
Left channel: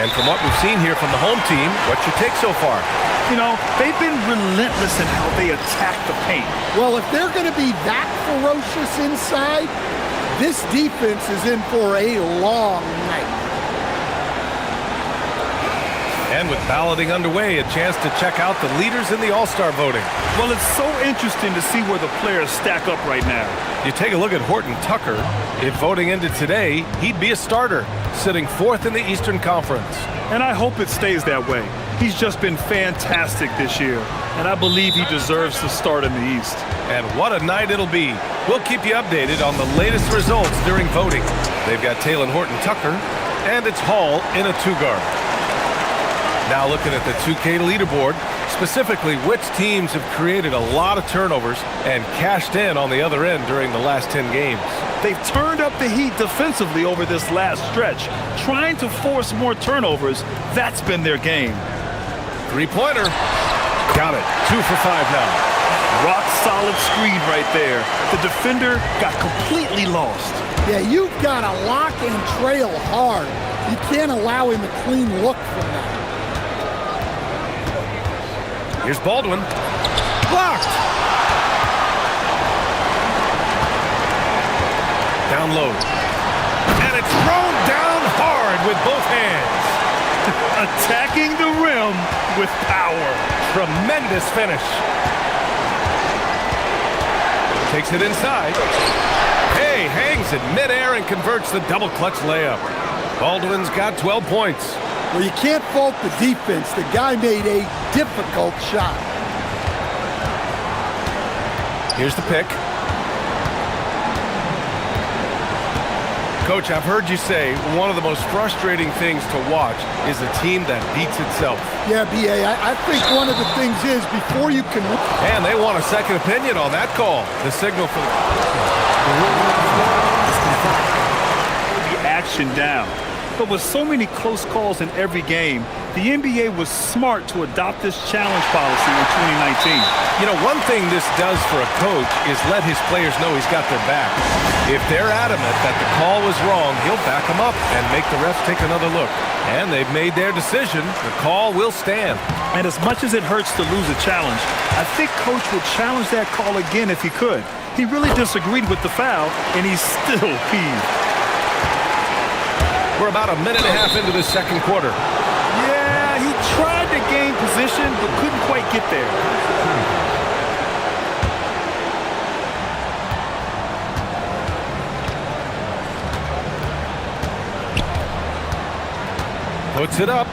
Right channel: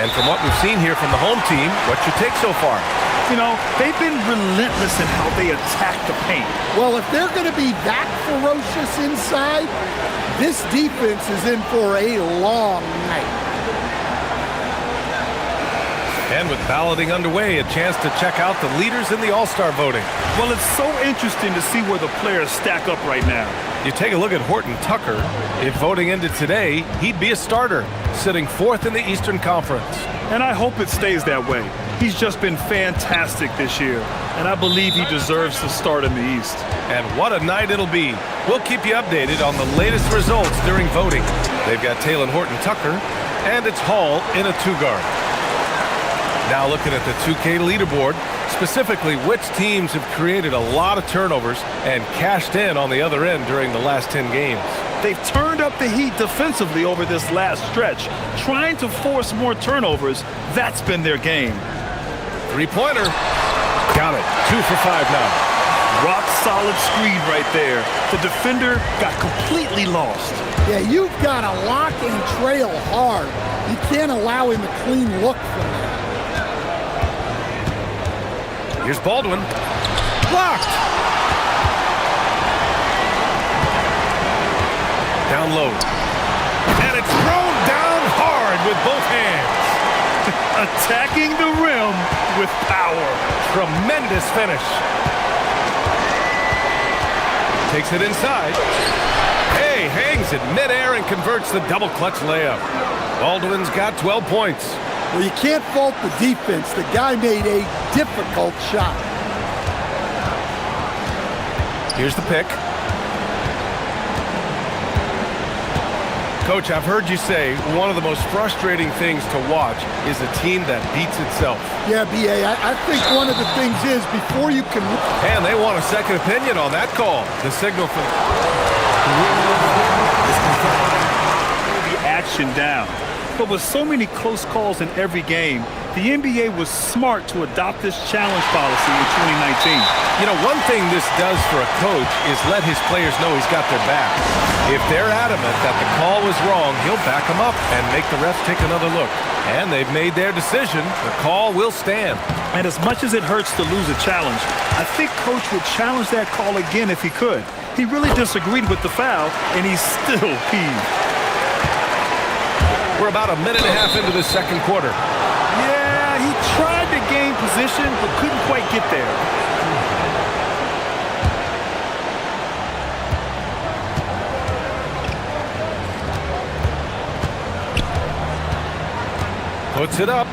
And from what we've seen here from the home team, what's your take so far? You know, they've been relentless in how they attack the paint. Well, if they're going to be that ferocious inside, this defense is in for a long night. And with balloting underway, a chance to check out the leaders in the All-Star voting. Well, it's so interesting to see where the players stack up right now. You take a look at Horton Tucker. If voting ended today, he'd be a starter, sitting 4th in the Eastern Conference. And I hope it stays that way. He's just been fantastic this year, and I believe he deserves to start in the East. And what a night it'll be. We'll keep you updated on the latest results during voting. They've got Taylor Horton Tucker, and it's Hall in a 2-guard. Now looking at the 2K leaderboard, specifically which teams have created a lot of turnovers and cashed in on the other end during the last 10 games. They've turned up the heat defensively over this last stretch, trying to force more turnovers. That's been their game. 3-pointer. Got it. 2 for 5 now. Rock solid screen right there. The defender got completely lost. Yeah, you've got to lock and trail hard. You can't allow him a clean look from that. Here's Baldwin. Blocked. Down low. And it's thrown down hard with both hands. Attacking the rim with power. Tremendous finish. Takes it inside. Hey, hangs it midair and converts the double clutch layup. Baldwin's got 12 points. Well, you can't fault the defense. The guy made a difficult shot. Here's the pick. Coach, I've heard you say one of the most frustrating things to watch is a team that beats itself. Yeah, B.A., I think one of the things is before you can... And they want a second opinion on that call. The signal for the... Hold the action down. But with so many close calls in every game, the NBA was smart to adopt this challenge policy in 2019. You know, one thing this does for a coach is let his players know he's got their back. If they're adamant that the call was wrong, he'll back them up and make the refs take another look. And they've made their decision. The call will stand. And as much as it hurts to lose a challenge, I think Coach would challenge that call again if he could. He really disagreed with the foul, and he's still peeved. We're about a minute and a half into the second quarter. Yeah, he tried to gain position, but couldn't quite get there. Puts it up.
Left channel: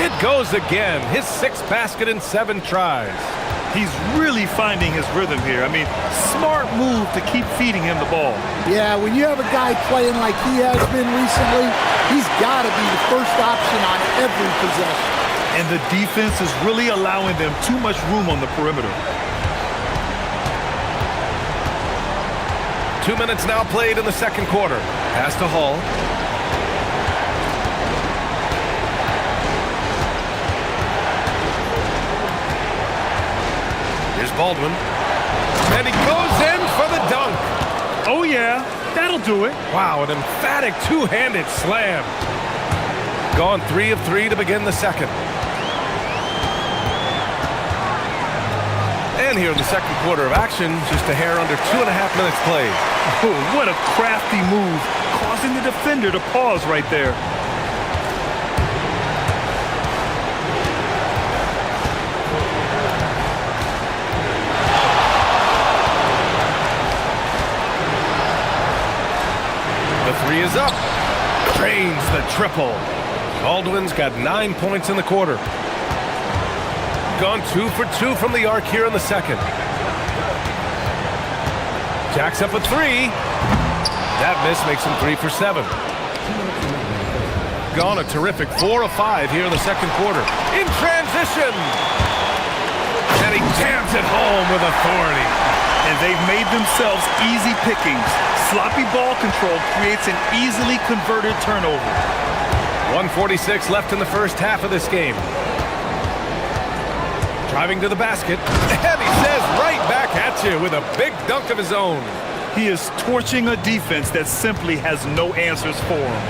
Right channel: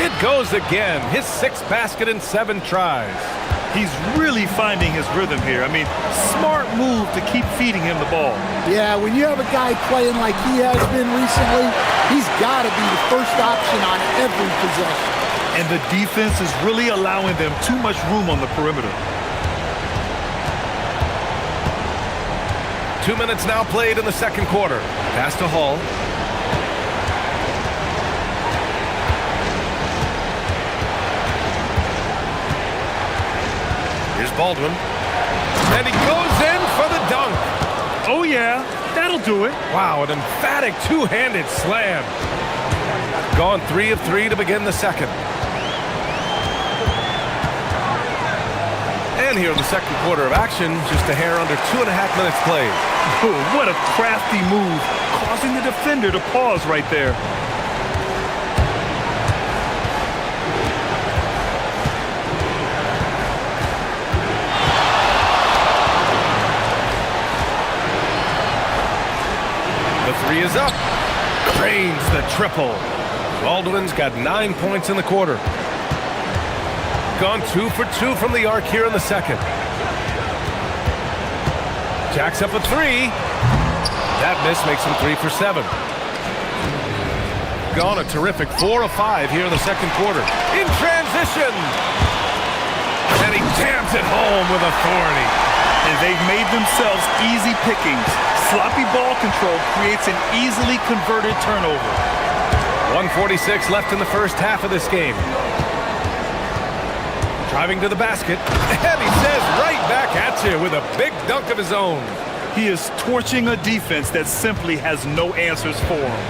It goes again. His 6th basket in 7 tries. He's really finding his rhythm here. I mean, smart move to keep feeding him the ball. Yeah, when you have a guy playing like he has been recently, he's got to be the first option on every possession. and the defense is really allowing them too much room on the perimeter. 2 minutes now played in the second quarter. Pass to Hall. Here's Baldwin. And he goes in for the dunk. Oh, yeah, that'll do it. Wow, an emphatic two-handed slam. Gone 3 of 3 to begin the second. And here in the second quarter of action, just a hair under 2.5 minutes played. Oh, what a crafty move, causing the defender to pause right there. The three is up. Drains the triple. Baldwin's got 9 points in the quarter. Gone 2 for 2 from the arc here in the second. Jacks up a three. That miss makes him 3 for 7. Gone a terrific 4 of 5 here in the second quarter. In transition. And he jams it home with authority. And they've made themselves easy pickings. Sloppy ball control creates an easily converted turnover. 1:46 left in the first half of this game. Driving to the basket, and he says right back at you with a big dunk of his own. He is torching a defense that simply has no answers for him.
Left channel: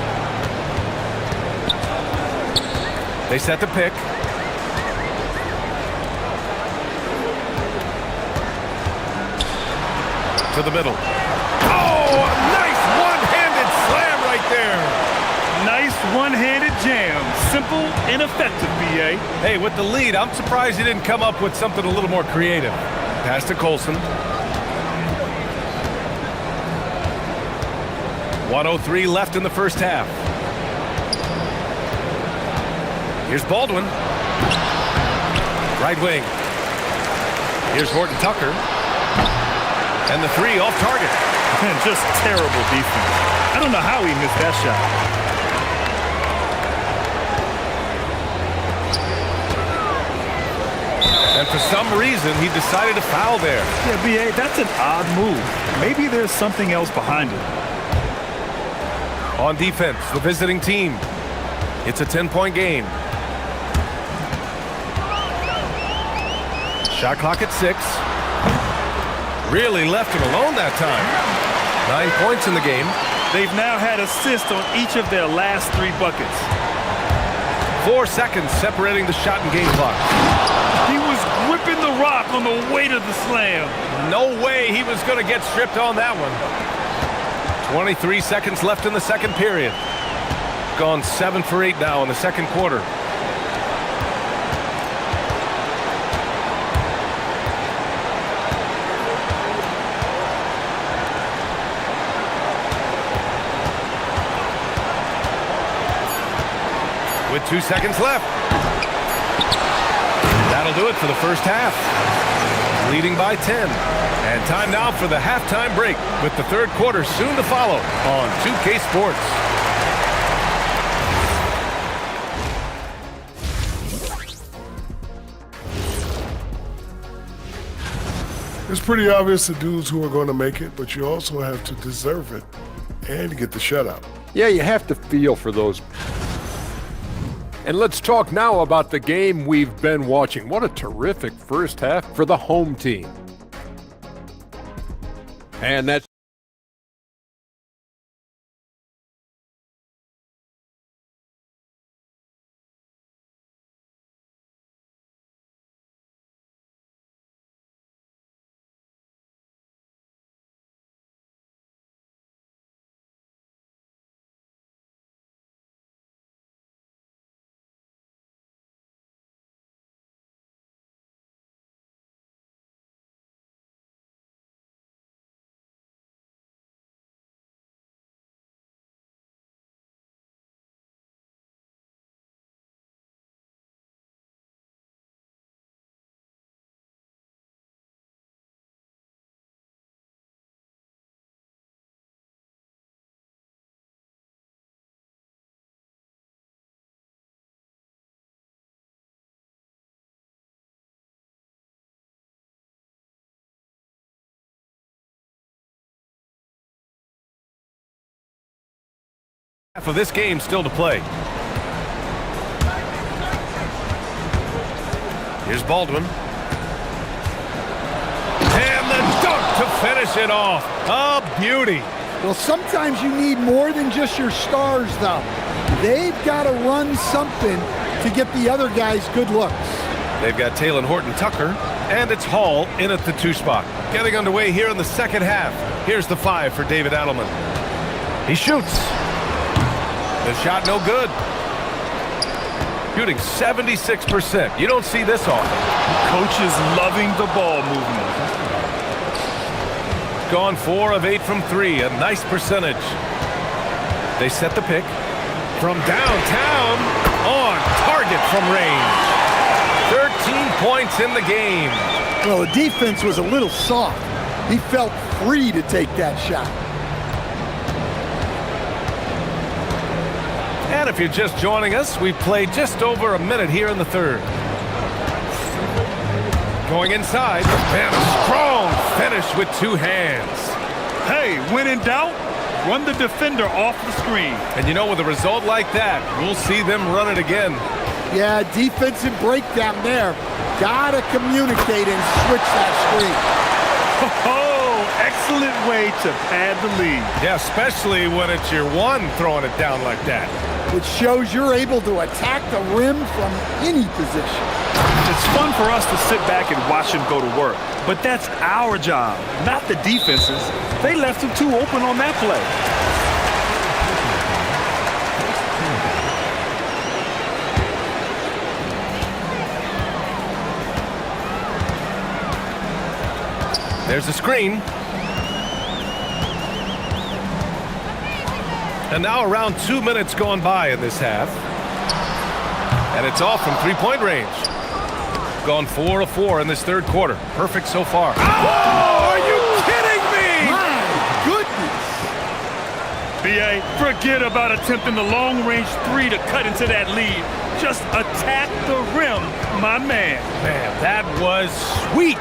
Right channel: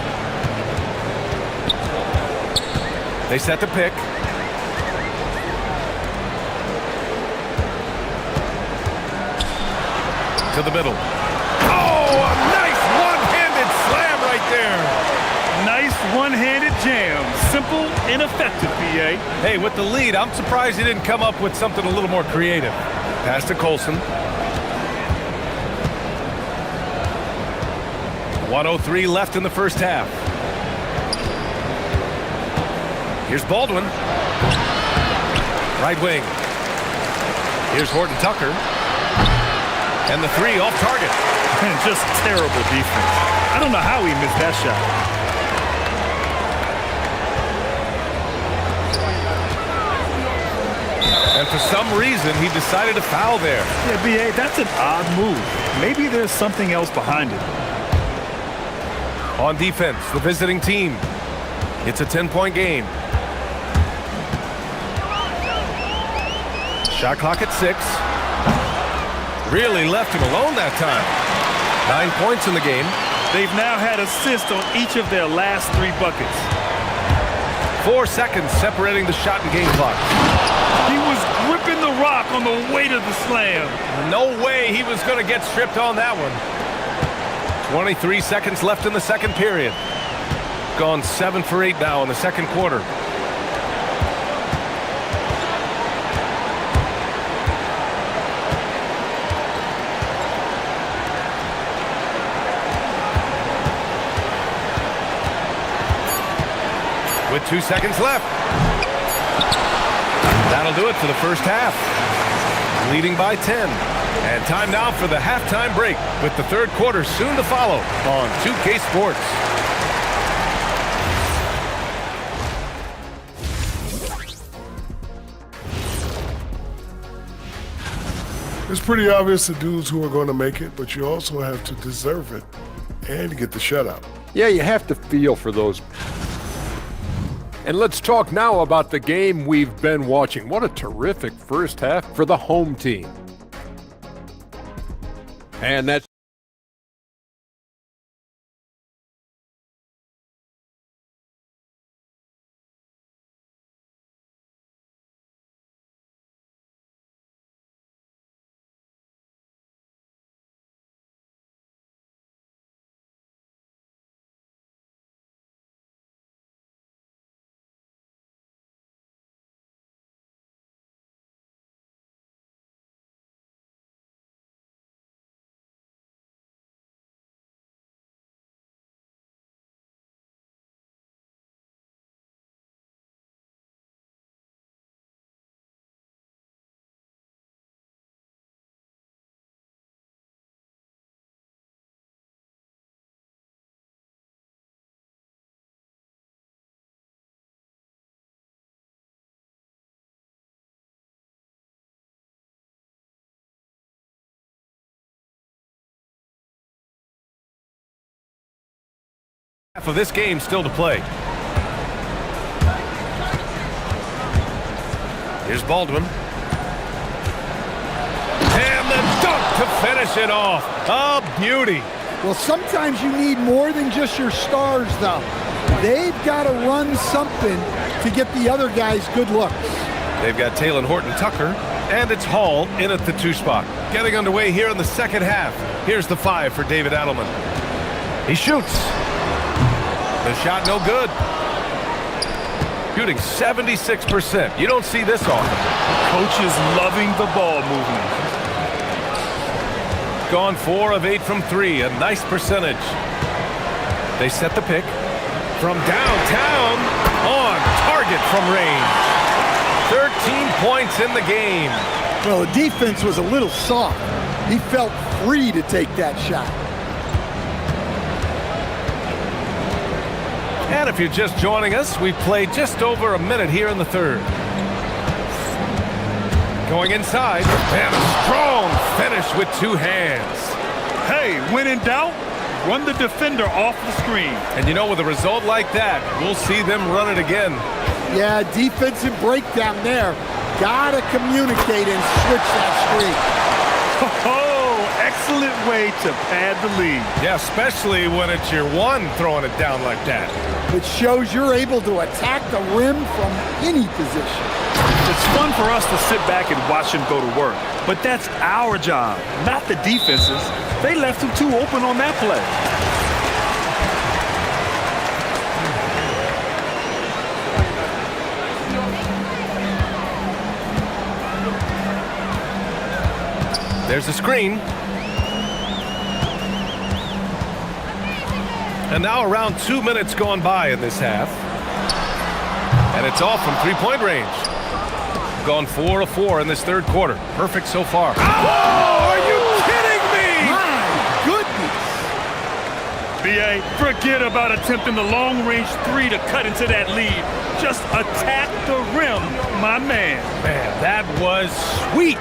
They set the pick. To the middle. Oh, a nice one-handed slam right there. Nice one-handed jam. Simple and effective, B.A. Hey, with the lead, I'm surprised he didn't come up with something a little more creative. Pass to Colson. 1:03 left in the first half. Here's Baldwin. Right wing. Here's Horton Tucker. And the three off target. And just terrible defense. I don't know how he missed that shot. And for some reason, he decided to foul there. Yeah, B.A., that's an odd move. Maybe there's something else behind it. On defense, the visiting team. It's a 10-point game. Shot clock at 6. Really left him alone that time. 9 points in the game. They've now had assists on each of their last 3 buckets. 4 seconds separating the shot and game clock. He was gripping the rock on the weight of the slam. No way he was going to get stripped on that one. 23 seconds left in the second period. Gone 7 for 8 now in the second quarter. With 2 seconds left. That'll do it for the first half. Leading by 10. And time now for the halftime break, with the third quarter soon to follow on 2K Sports. It's pretty obvious the dudes who are going to make it, but you also have to deserve it and get the shutout. Yeah, you have to feel for those. And let's talk now about the game we've been watching. What a terrific first half for the home team. And that's Half of this game still to play. Here's Baldwin. And the dunk to finish it off. A beauty. Well, sometimes you need more than just your stars, though. They've got to run something to get the other guys good looks. They've got Talon Horton-Tucker, and it's Hall in at the 2 spot. Getting underway here in the second half. Here's the 5 for David Adelman. He shoots. The shot no good. Shooting 76%. You don't see this often. Coach is loving the ball movement. Gone 4 of 8 from 3. A nice percentage. They set the pick. From downtown, on target from range. 13 points in the game. Well, the defense was a little soft. He felt free to take that shot. And if you're just joining us, we've played just over a minute here in the third. Going inside, and a strong finish with 2 hands. Hey, when in doubt, run the defender off the screen. And you know, with a result like that, we'll see them run it again. Yeah, defensive breakdown there. Gotta communicate and switch that screen. Oh, excellent way to pad the lead. Yeah, especially when it's your one throwing it down like that. It shows you're able to attack the rim from any position. It's fun for us to sit back and watch him go to work. But that's our job, not the defense's. They left him too open on that play. There's a screen. And now around 2 minutes gone by in this half. And it's off from 3-point range. Gone 4 of 4 in this third quarter. Perfect so far. Oh, are you kidding me? My goodness. BA, forget about attempting the long-range 3 to cut into that lead. Just attack the rim, my man. Man, that was sweet.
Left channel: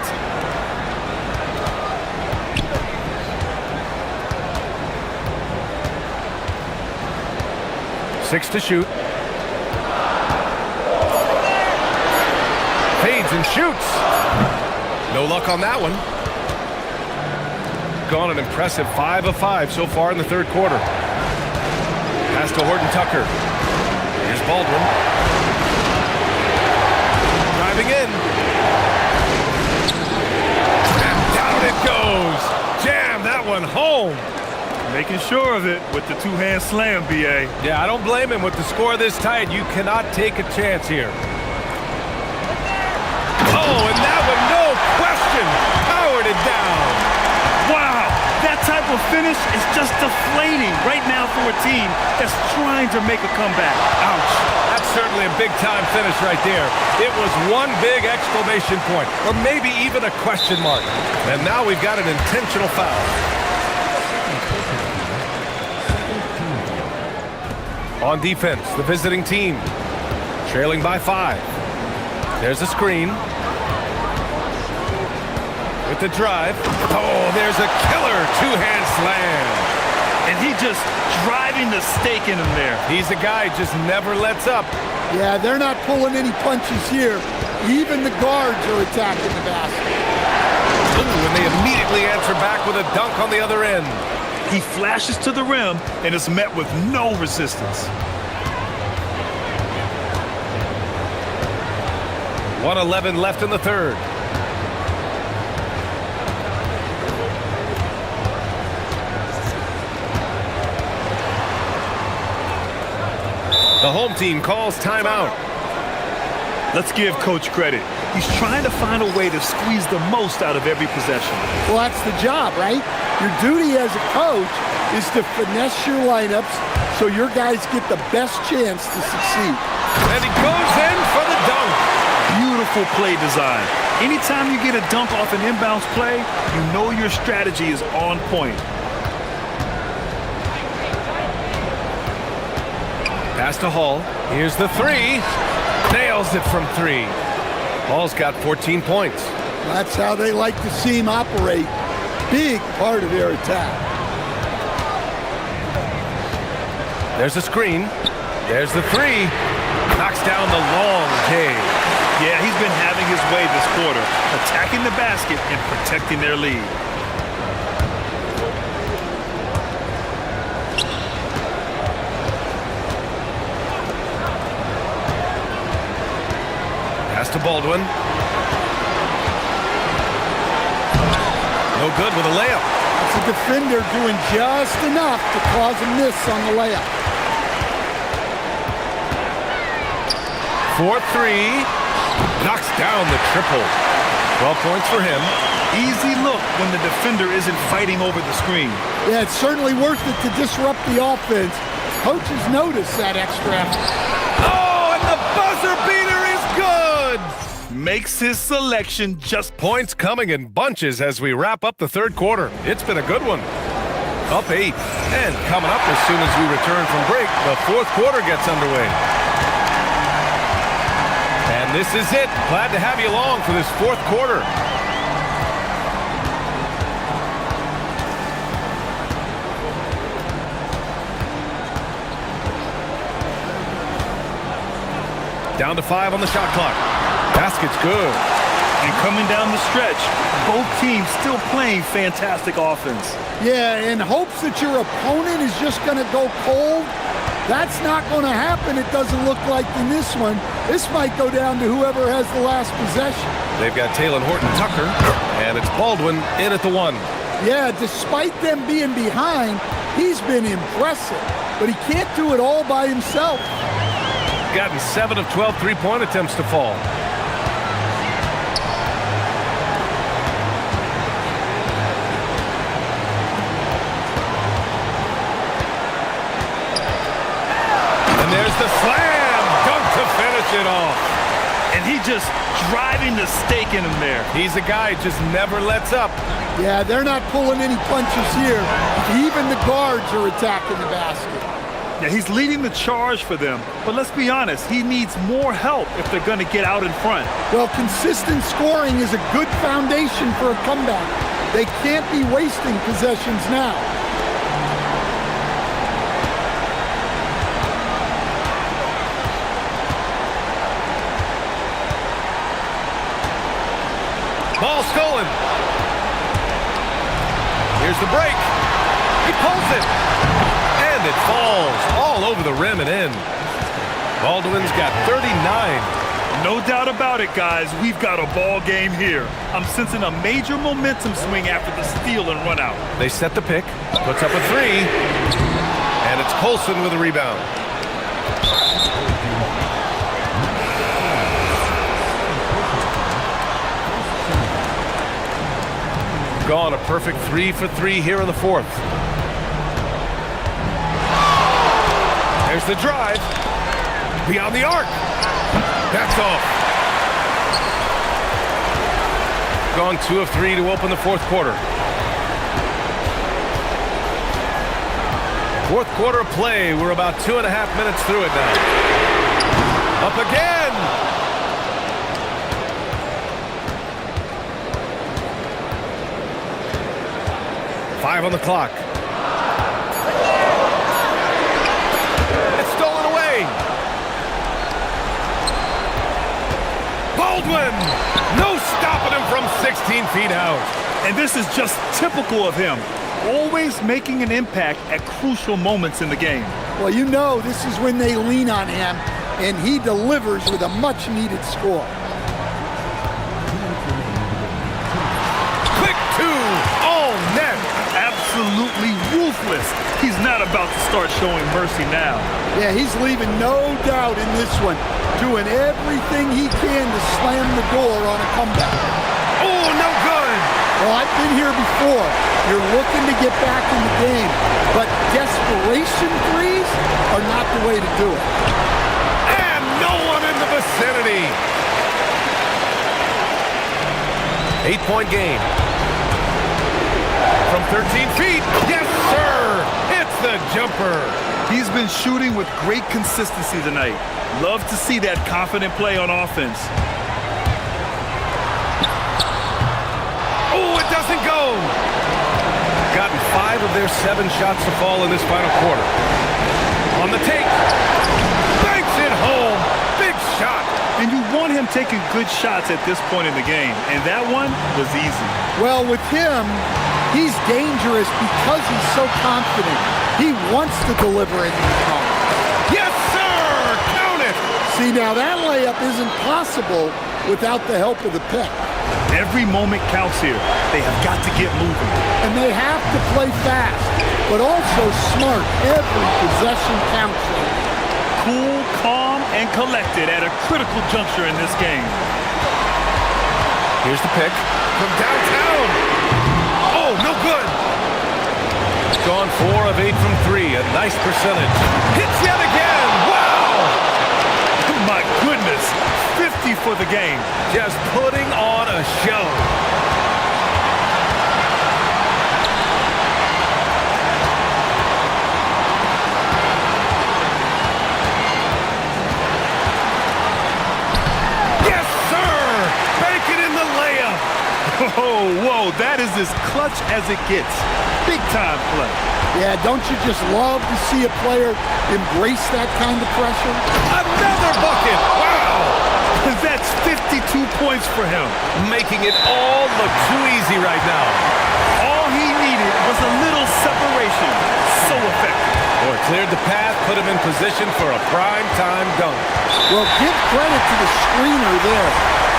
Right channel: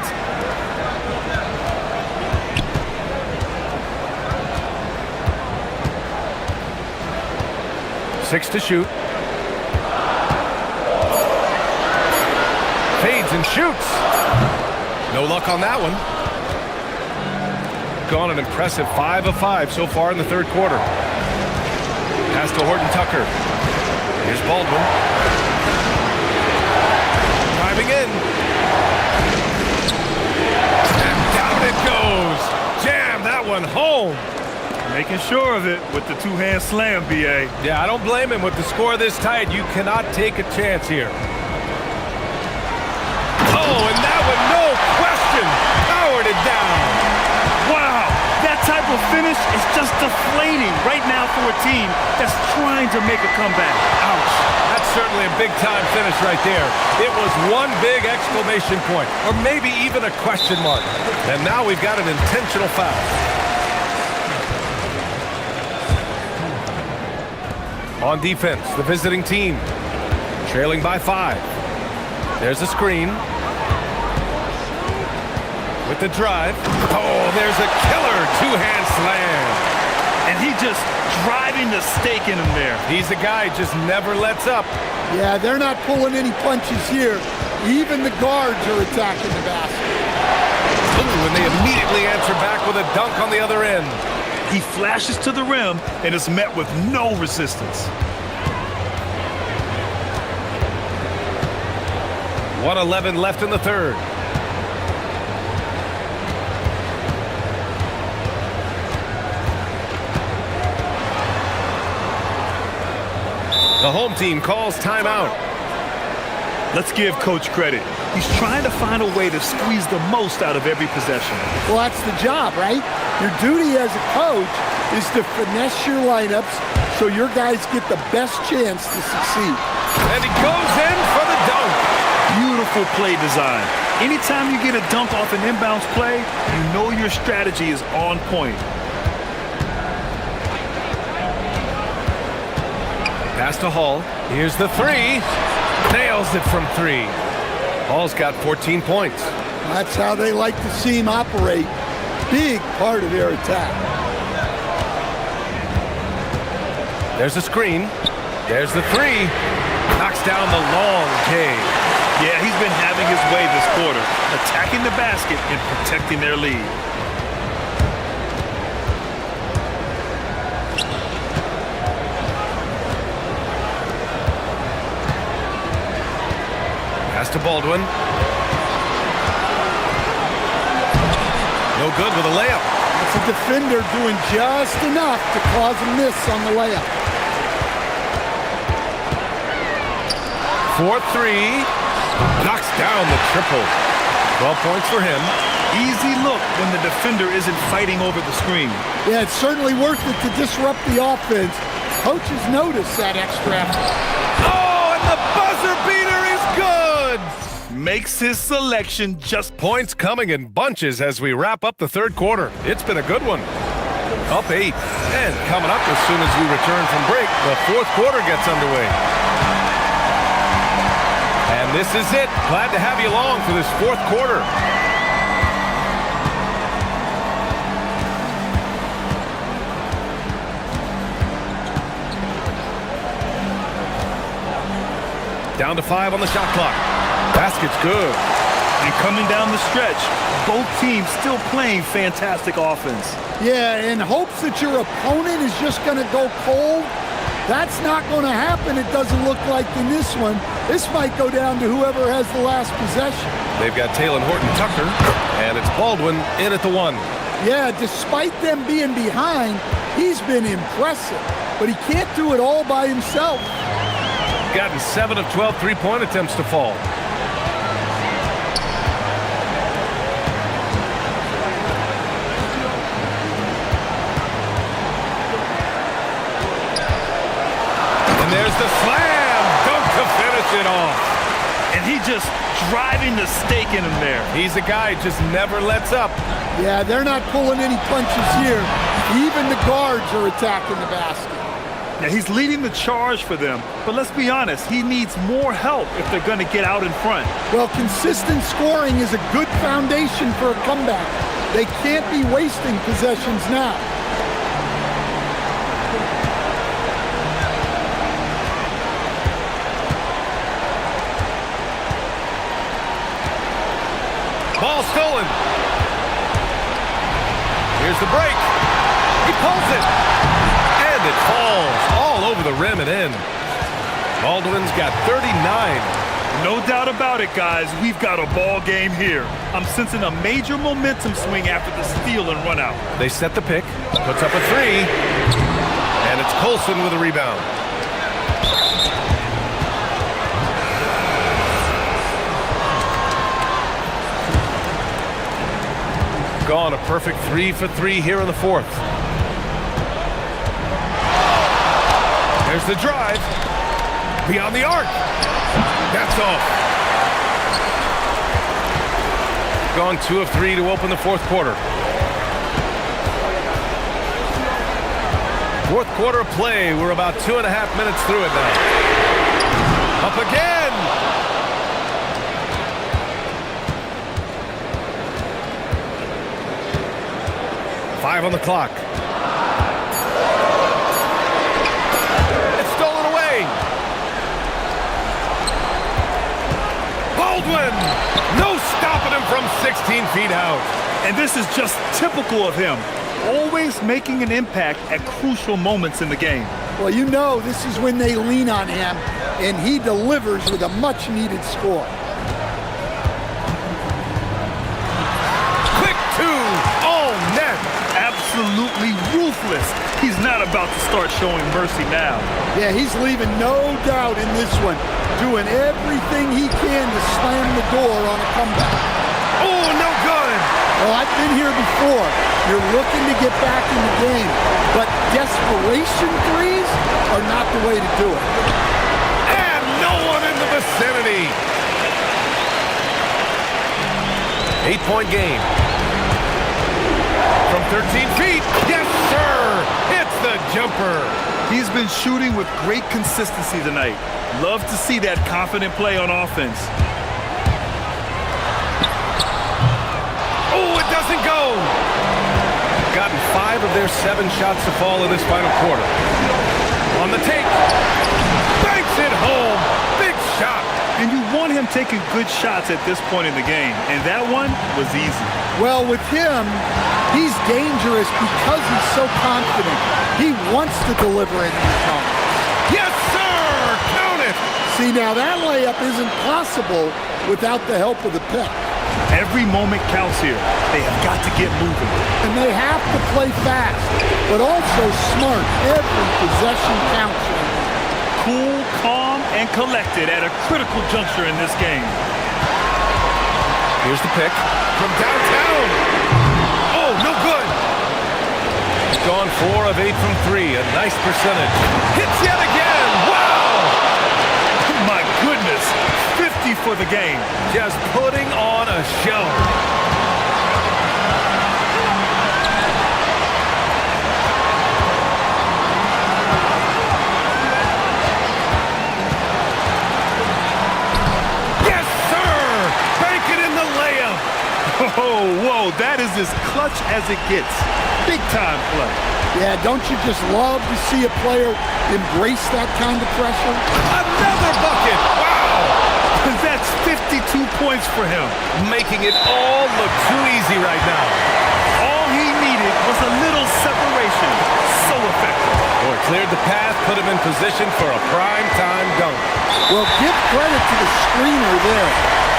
Six to shoot. Fades and shoots. No luck on that one. Gone an impressive 5 of 5 so far in the third quarter. Pass to Horton-Tucker. Here's Baldwin. Driving in. And down it goes. Jam that one home. Making sure of it with the 2-hand slam, BA. Yeah, I don't blame him. With the score this tight, you cannot take a chance here. Oh, and that one, no question, powered it down. Wow, that type of finish is just deflating right now for a team that's trying to make a comeback. Ouch. That's certainly a big-time finish right there. It was one big exclamation point, or maybe even a question mark. And now we've got an intentional foul. On defense, the visiting team, trailing by 5. There's a screen. With the drive. Oh, there's a killer 2-hand slam. And he just driving the stake in him there. He's a guy who just never lets up. Yeah, they're not pulling any punches here. Even the guards are attacking the basket. Ooh, and they immediately answer back with a dunk on the other end. He flashes to the rim and is met with no resistance. 1:11 left in the third. The home team calls timeout. Let's give Coach credit. He's trying to find a way to squeeze the most out of every possession. Well, that's the job, right? Your duty as a coach is to finesse your lineups so your guys get the best chance to succeed. And he goes in for the dunk. Beautiful play design. Anytime you get a dunk off an inbounds play, you know your strategy is on point. Pass to Hall. Here's the 3. Nails it from 3. Hall's got 14 points. That's how they like to see him operate. Big part of their attack. There's a screen. There's the three. Knocks down the long J. Yeah, he's been having his way this quarter, attacking the basket and protecting their lead. Pass to Baldwin. No good with a layup. That's a defender doing just enough to cause a miss on the layup. 4-3. Knocks down the triple. 12 points for him. Easy look when the defender isn't fighting over the screen. Yeah, it's certainly worth it to disrupt the offense. Coaches notice that extra effort. Oh, and the buzzer beater is good! Makes his selection just... Points coming in bunches as we wrap up the third quarter. It's been a good one. Up 8. And coming up as soon as we return from break, the fourth quarter gets underway. And this is it. Glad to have you along for this fourth quarter. Down to 5 on the shot clock. Basket's good. And coming down the stretch, both teams still playing fantastic offense. Yeah, in hopes that your opponent is just going to go cold. That's not going to happen, it doesn't look like, in this one. This might go down to whoever has the last possession. They've got Taylor Horton-Tucker, and it's Baldwin in at the 1. Yeah, despite them being behind, he's been impressive. But he can't do it all by himself. Gotten 7 of 12 three-point attempts to fall. There's the slam dunk to finish it off. And he just driving the stake in him there. He's a guy who just never lets up. Yeah, they're not pulling any punches here. Even the guards are attacking the basket. Yeah, he's leading the charge for them. But let's be honest, he needs more help if they're going to get out in front. Well, consistent scoring is a good foundation for a comeback. They can't be wasting possessions now. Ball stolen. Here's the break. He pulls it. And it falls all over the rim and in. Baldwin's got 39. No doubt about it, guys. We've got a ball game here. I'm sensing a major momentum swing after the steal and run out. They set the pick. Puts up a 3. And it's Colson with a rebound. Gone a perfect 3 for 3 here in the fourth. There's the drive. Beyond the arc. That's off. Gone 2 of 3 to open the fourth quarter. Fourth quarter of play. We're about 2.5 minutes through it now. Up again. 5 on the clock. It's stolen away. Baldwin! No stopping him from 16 feet out. And this is just typical of him. Always making an impact at crucial moments in the game. Well, you know this is when they lean on him, and he delivers with a much-needed score. Quick 2, all net. Absolutely ruthless. He's not about to start showing mercy now. Yeah, he's leaving no doubt in this one, doing everything he can to slam the door on a comeback. Oh, no good. Well, I've been here before. You're looking to get back in the game, but desperation threes are not the way to do it. And no one in the vicinity. 8-point game. From 13 feet, yes, sir! It's the jumper. He's been shooting with great consistency tonight. Love to see that confident play on offense. Oh, it doesn't go! Gotten 5 of their 7 shots to fall in this final quarter. On the take. Banks it home. Big shot. And you want him taking good shots at this point in the game, and that one was easy. Well, with him, he's dangerous because he's so confident. He wants to deliver in these moments. Yes, sir! Count it! See, now that layup isn't possible without the help of the pick. Every moment counts here. They have got to get moving. And they have to play fast, but also smart. Every possession counts right now. Cool, calm, and collected at a critical juncture in this game. Here's the pick from downtown. Oh, no good. Gone 4 of 8 from 3. A nice percentage. Hits yet again. Wow! My goodness. 50 for the game. Just putting on a show. Yes, sir! Bank it in the layup. Oh, whoa, that is as clutch as it gets. Big time play. Yeah, don't you just love to see a player embrace that kind of pressure? Another bucket! Wow! That's 52 points for him. Making it all look too easy right now. All he needed was a little separation. So effective. Boy, cleared the path, put him in position for a prime-time dunk. Well, give credit to the screener there.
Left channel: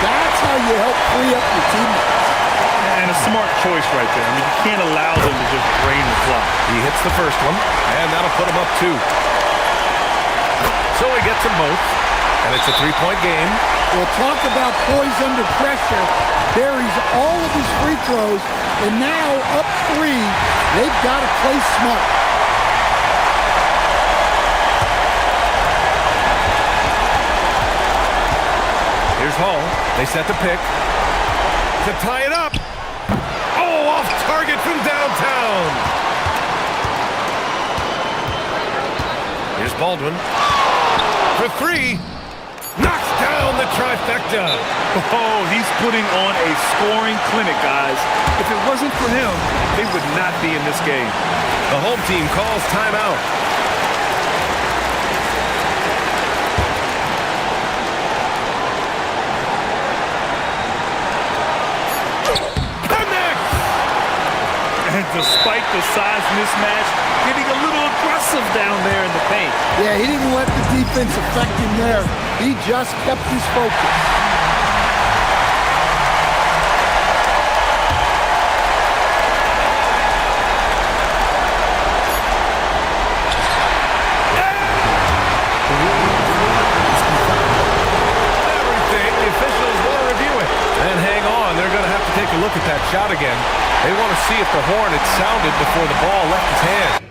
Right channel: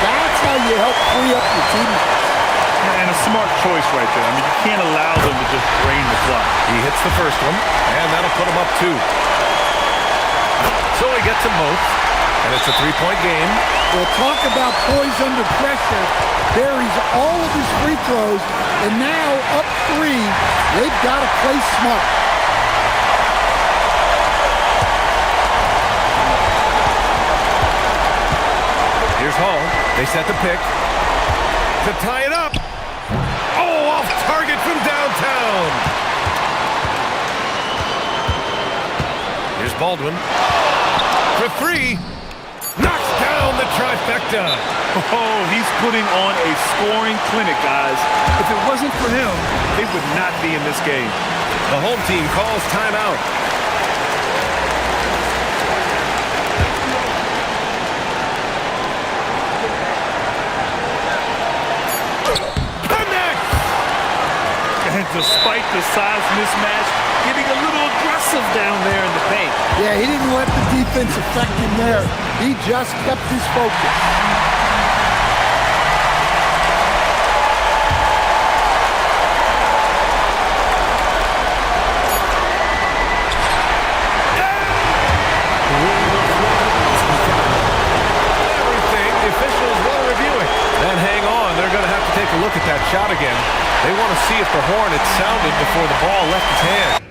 That's how you help free up your teammates. And a smart choice right there. I mean, you can't allow them to just drain the clock. He hits the first one, and that'll put him up 2. So he gets them both, and it's a 3-point game. Well, talk about poise under pressure. Buries all of his free throws, and now up 3, they've got to play smart. Here's Hall. They set the pick to tie it up. Oh, off target from downtown. Here's Baldwin for 3. Knocks down the trifecta. Oh, he's putting on a scoring clinic, guys. If it wasn't for him, they would not be in this game. The home team calls timeout. And despite the size mismatch, getting a little aggressive down there in the paint. Yeah, he didn't let the defense affect him there. He just kept his focus. Everything, the officials want to review it. And hang on, they're going to have to take a look at that shot again. They want to see if the horn had sounded before the ball left his hand.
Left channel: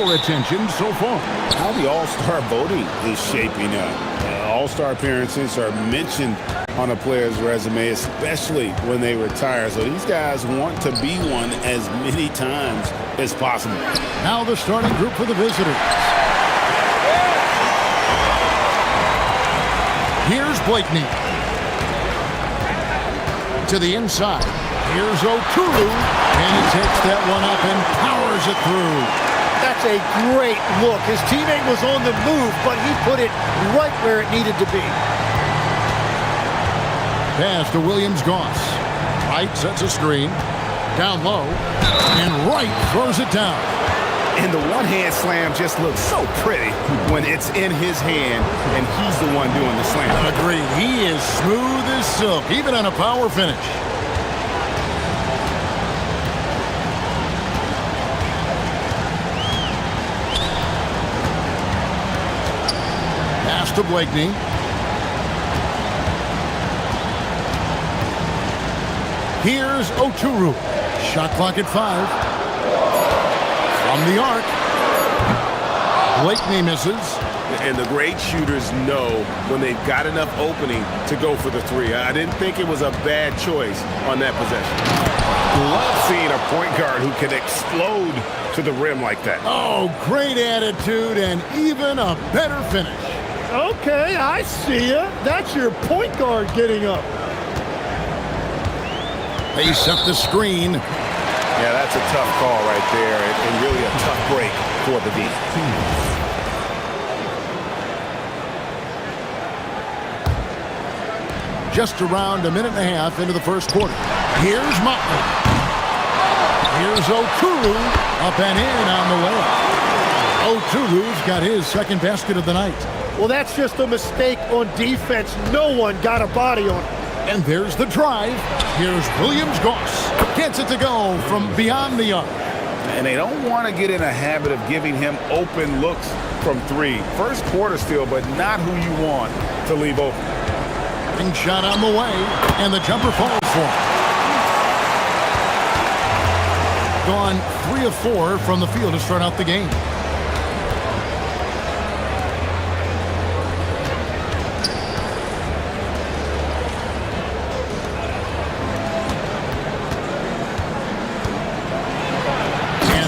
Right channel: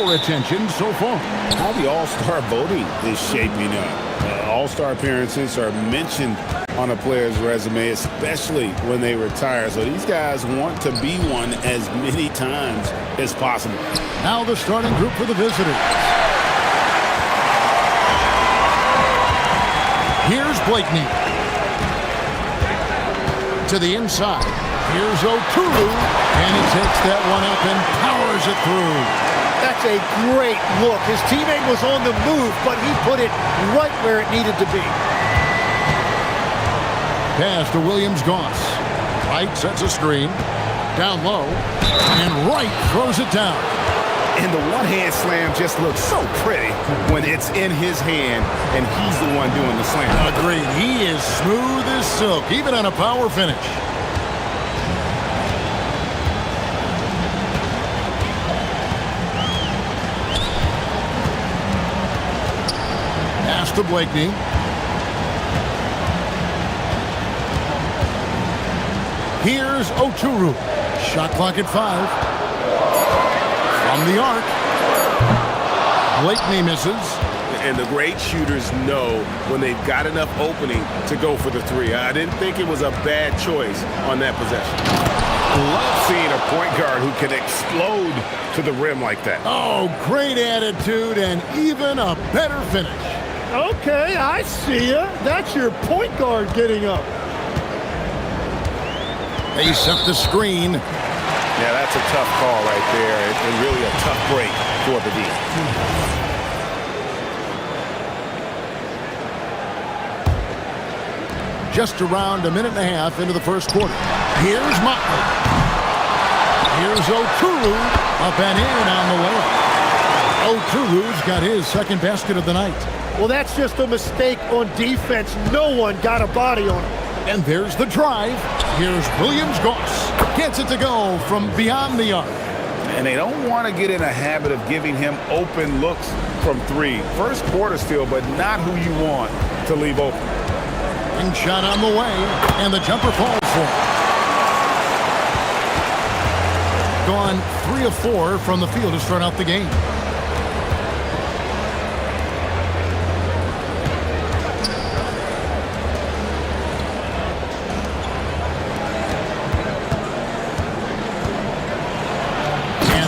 your attention so far? How the All-Star voting is shaping up. All-Star appearances are mentioned on a player's resume, especially when they retire. So these guys want to be one as many times as possible. Now the starting group for the visitors. Here's Blakeney. To the inside. Here's Oturu. And he takes that one up and powers it through. That's a great look. His teammate was on the move, but he put it right where it needed to be. Pass to Williams-Goss. Right sets a screen. Down low. And Wright throws it down. And the one-hand slam just looks so pretty when it's in his hand and he's the one doing the slam. Agreed. He is smooth as silk, even on a power finish. Pass to Blakeney. Here's Oturu. Shot clock at 5. From the arc. Blakeney misses. And the great shooters know when they've got enough opening to go for the three. I didn't think it was a bad choice on that possession. Love seeing a point guard who can explode to the rim like that. Oh, great attitude and even a better finish. Okay, I see ya. That's your point guard getting up. They set the screen. Yeah, that's a tough call right there, and really a tough break for the D. Just around a minute and a half into the first quarter. Here's Motley. Here's Oturu. Up and in on the layup. Oturu's got his second basket of the night. Well, that's just a mistake on defense. No one got a body on him. And there's the drive. Here's Williams-Goss. Gets it to go from beyond the arc. And they don't want to get in a habit of giving him open looks from three. First quarter still, but not who you want to leave open. Ring shot on the way, and the jumper falls for him. Gone 3 of 4 from the field to start out the game.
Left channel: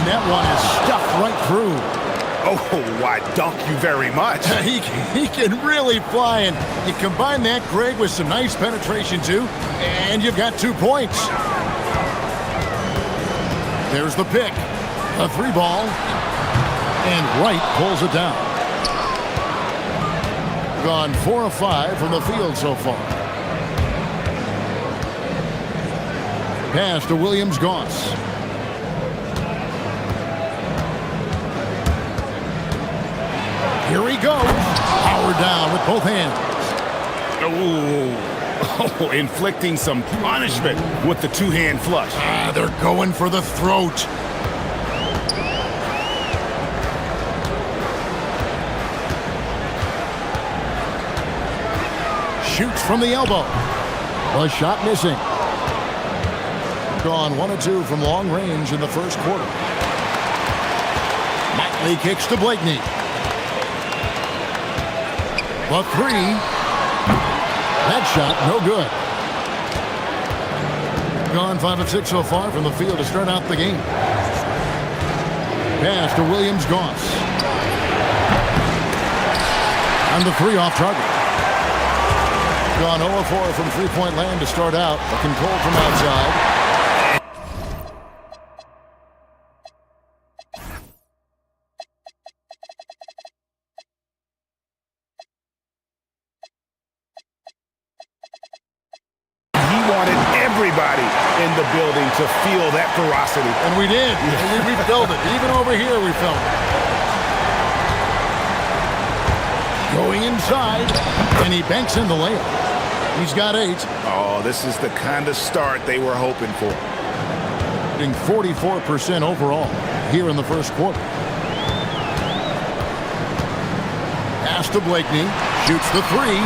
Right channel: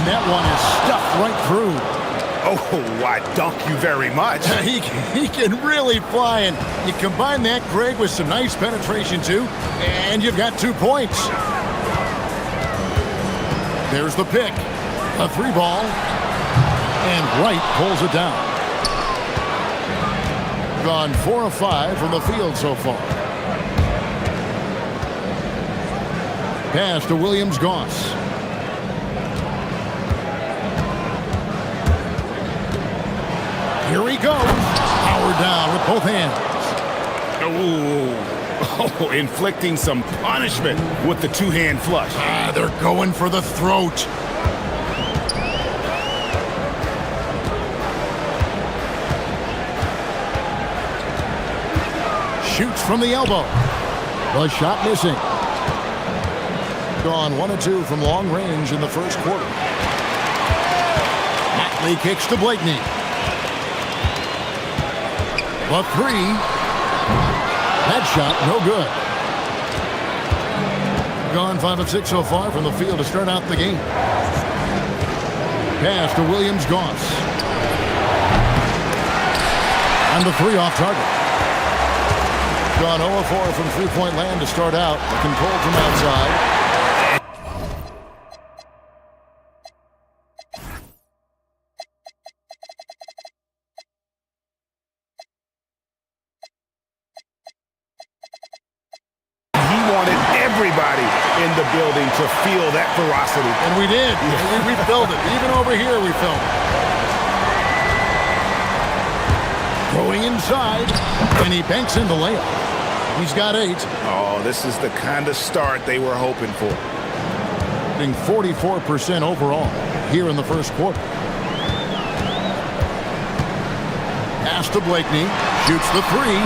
That one is stuffed right through. Oh, why, dunk you very much. He can really fly, and you combine that, Greg, with some nice penetration, too, and you've got 2 points. There's the pick. A 3-ball. And Wright pulls it down. Gone 4 of 5 from the field so far. Pass to Williams-Goss. Here he goes. Powered down with both hands. Oh, inflicting some punishment with the 2-hand flush. They're going for the throat. Shoots from the elbow. The shot missing. Gone 1 of 2 from long range in the first quarter. Motley kicks to Blakeney. The 3. That shot, no good. Gone 5 of 6 so far from the field to start out the game. Pass to Williams-Goss. And the 3 off target. Gone 0 of 4 from three-point land to start out. Looking cold from outside. Everybody in the building to feel that ferocity. And we did. Yeah. We felt it. Even over here, we felt it. Going inside, and he banks in the layup. He's got 8. Oh, this is the kind of start they were hoping for. Getting 44% overall here in the first quarter. Pass to Blakeney. Shoots the 3.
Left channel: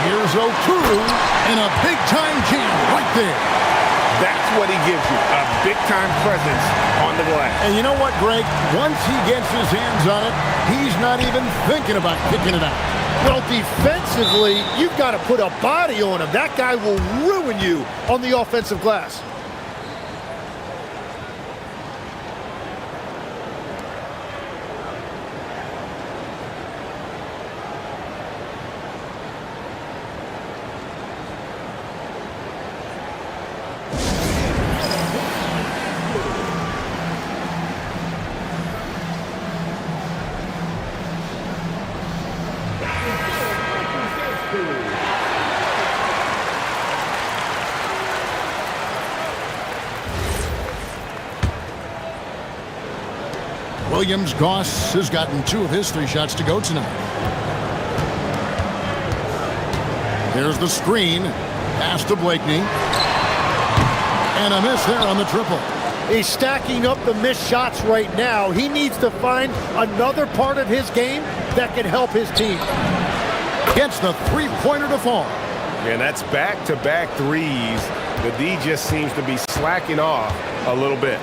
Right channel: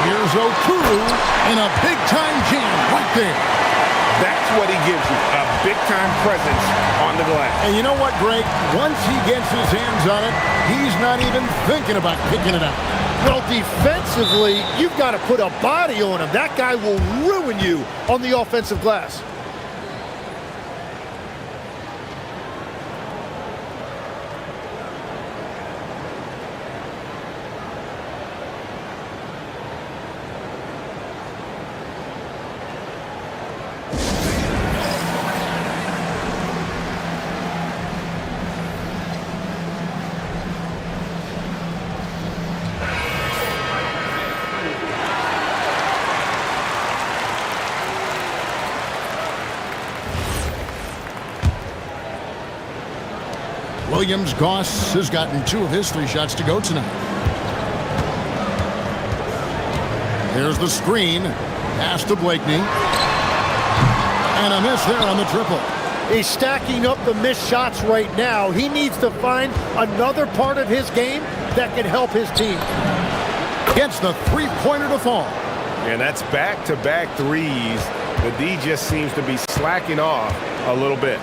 Here's Oturu, and a big-time jam right there. That's what he gives you, a big-time presence on the glass. And you know what, Greg? Once he gets his hands on it, he's not even thinking about kicking it out. Well, defensively, you've got to put a body on him. That guy will ruin you on the offensive glass. Williams-Goss has gotten 2 of his 3 shots to go tonight. There's the screen. Pass to Blakeney. And a miss there on the triple. He's stacking up the missed shots right now. He needs to find another part of his game that can help his team. Gets the 3-pointer to fall. And that's back-to-back threes. The D just seems to be slacking off a little bit.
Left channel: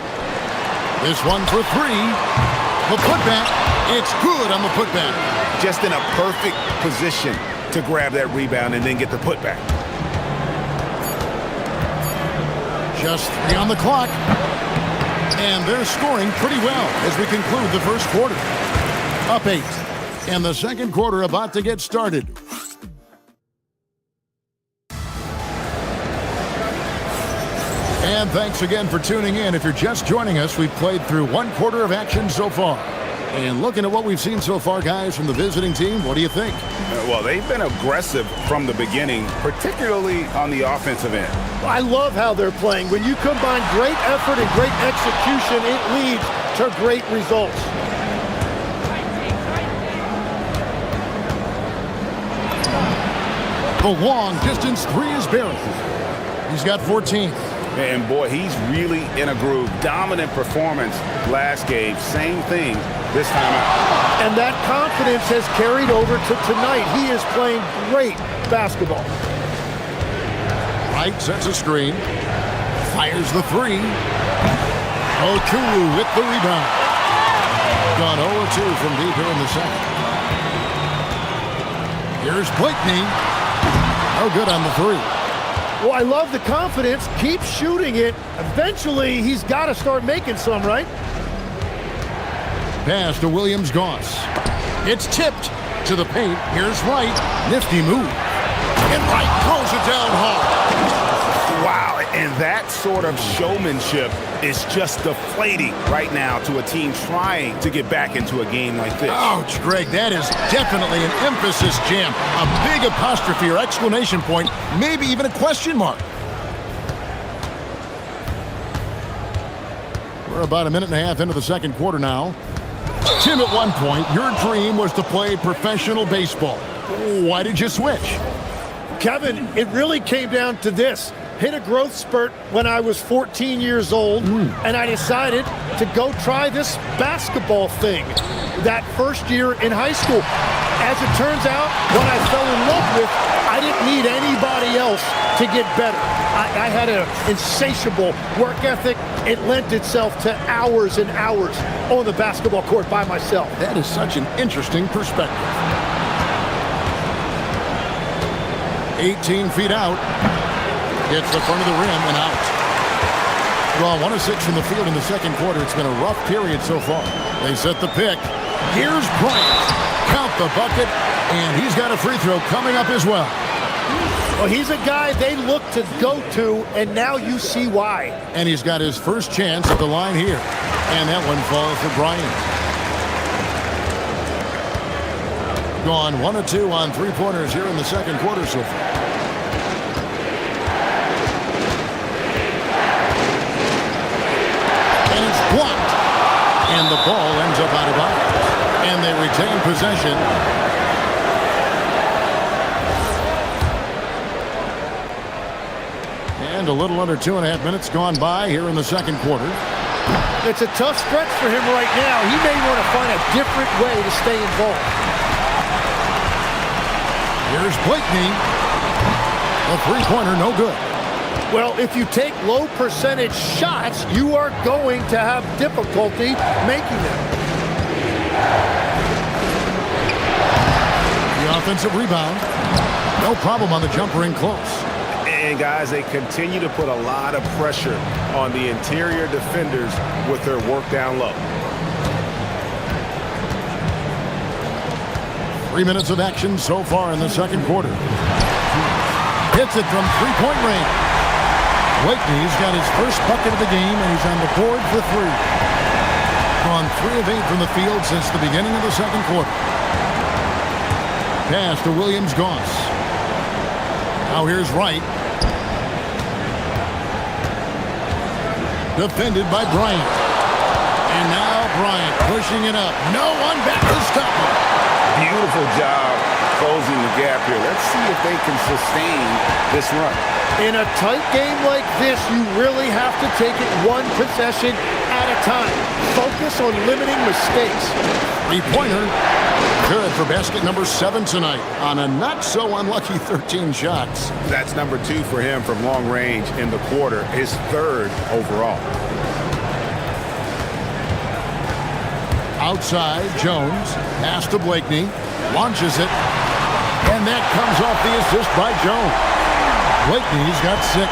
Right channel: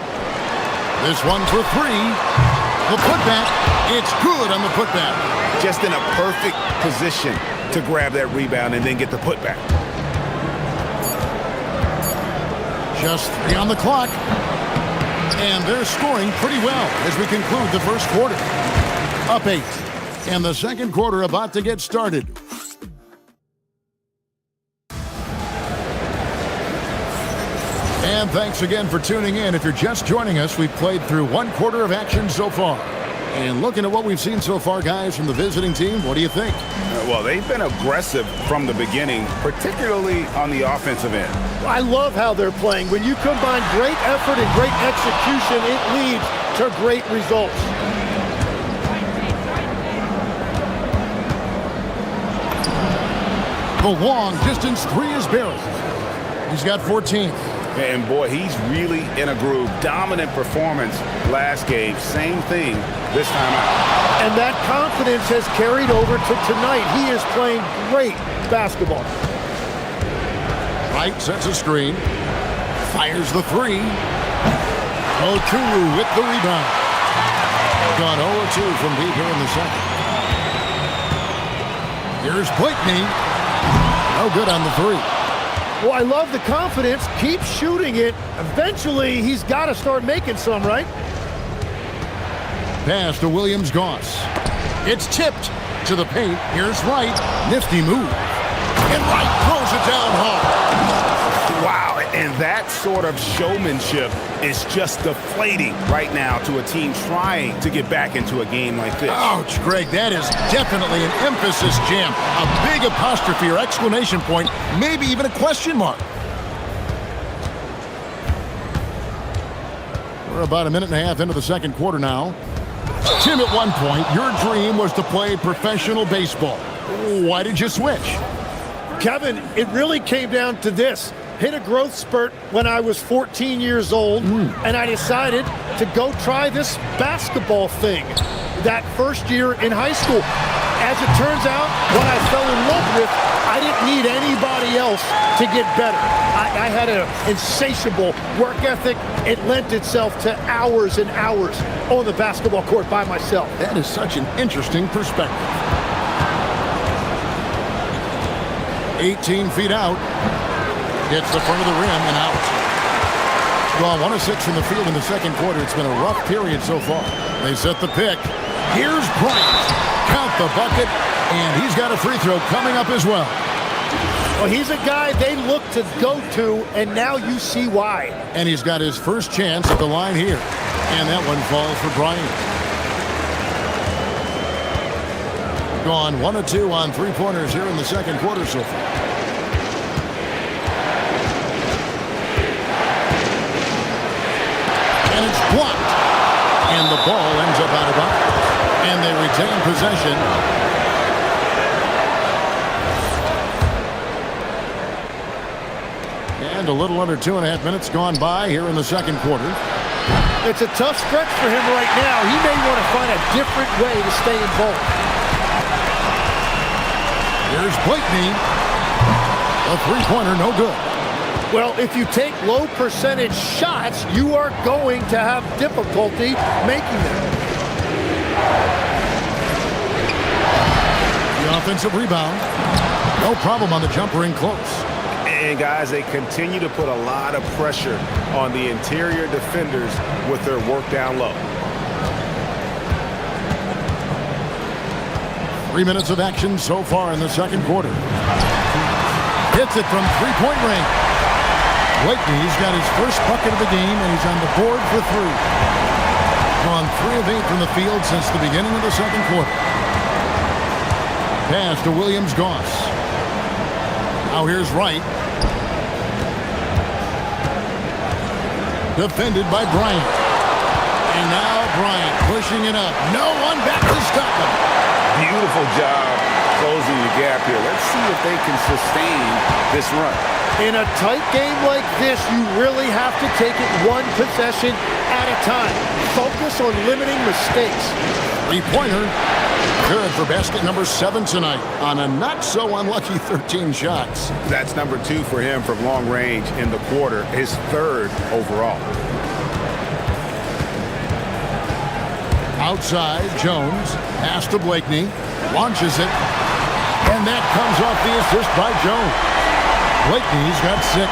This one for 3. The putback, it's good on the putback. Just in a perfect position to grab that rebound and then get the putback. Just 3 on the clock. And they're scoring pretty well as we conclude the first quarter. Up 8. And the second quarter about to get started. And thanks again for tuning in. If you're just joining us, we've played through 1 quarter of action so far. And looking at what we've seen so far, guys, from the visiting team, what do you think? Well, they've been aggressive from the beginning, particularly on the offensive end. I love how they're playing. When you combine great effort and great execution, it leads to great results. The long distance 3 is Barry. He's got 14. And boy, he's really in a groove. Dominant performance last game. Same thing this time out. And that confidence has carried over to tonight. He is playing great basketball. Wright sets a screen. Fires the 3. Okuru with the rebound. Gone 0-2 from deep here in the second. Here's Blakeney. No good on the 3. Well, I love the confidence. Keep shooting it. Eventually, he's got to start making some, right? Pass to Williams-Goss. It's tipped to the paint. Here's Wright. Nifty move. And Wright throws it down hard. Wow, and that sort of showmanship is just deflating right now to a team trying to get back into a game like this. Ouch, Greg, that is definitely an emphasis jam. A big apostrophe or exclamation point, maybe even a question mark. We're about 1.5 minutes into the second quarter now. Tim, at one point, your dream was to play professional baseball. Why did you switch? Kevin, it really came down to this. Hit a growth spurt when I was 14 years old, and I decided to go try this basketball thing that first year in high school. As it turns out, what I fell in love with, I didn't need anybody else to get better. I had an insatiable work ethic. It lent itself to hours and hours on the basketball court by myself. That is such an interesting perspective. 18 feet out. Hits the front of the rim and out. Well, 1 of 6 from the field in the second quarter. It's been a rough period so far. They set the pick. Here's Bryant. Count the bucket, and he's got a free throw coming up as well. Well, he's a guy they look to go to, and now you see why. And he's got his first chance at the line here. And that one falls for Bryant. Gone 1 of 2 on 3-pointers here in the second quarter so far. And it's blocked. And the ball ends up out of bounds. And they retain possession. And a little under 2.5 minutes gone by here in the second quarter. It's a tough stretch for him right now. He may want to find a different way to stay involved. Here's Blakeney. A 3-pointer, no good. Well, if you take low percentage shots, you are going to have difficulty making them. The offensive rebound. No problem on the jumper in close. And guys, they continue to put a lot of pressure on the interior defenders with their work down low. 3 minutes of action so far in the second quarter. Hits it from three-point range. Blakeney's got his first bucket of the game, and he's on the board for three. Gone 3 of 8 from the field since the beginning of the second quarter. Pass to Williams-Goss. Now here's Wright. Defended by Bryant. And now Bryant pushing it up. No one back to stop him. Beautiful job closing the gap here. Let's see if they can sustain this run. In a tight game like this, you really have to take it one possession at a time. Focus on limiting mistakes. Three-pointer. Good for basket number 7 tonight on a not-so-unlucky 13 shots. That's number 2 for him from long range in the quarter, his 3rd overall. Outside, Jones. Pass to Blakeney. Launches it. And that comes off the assist by Jones. Blakeney's got 6.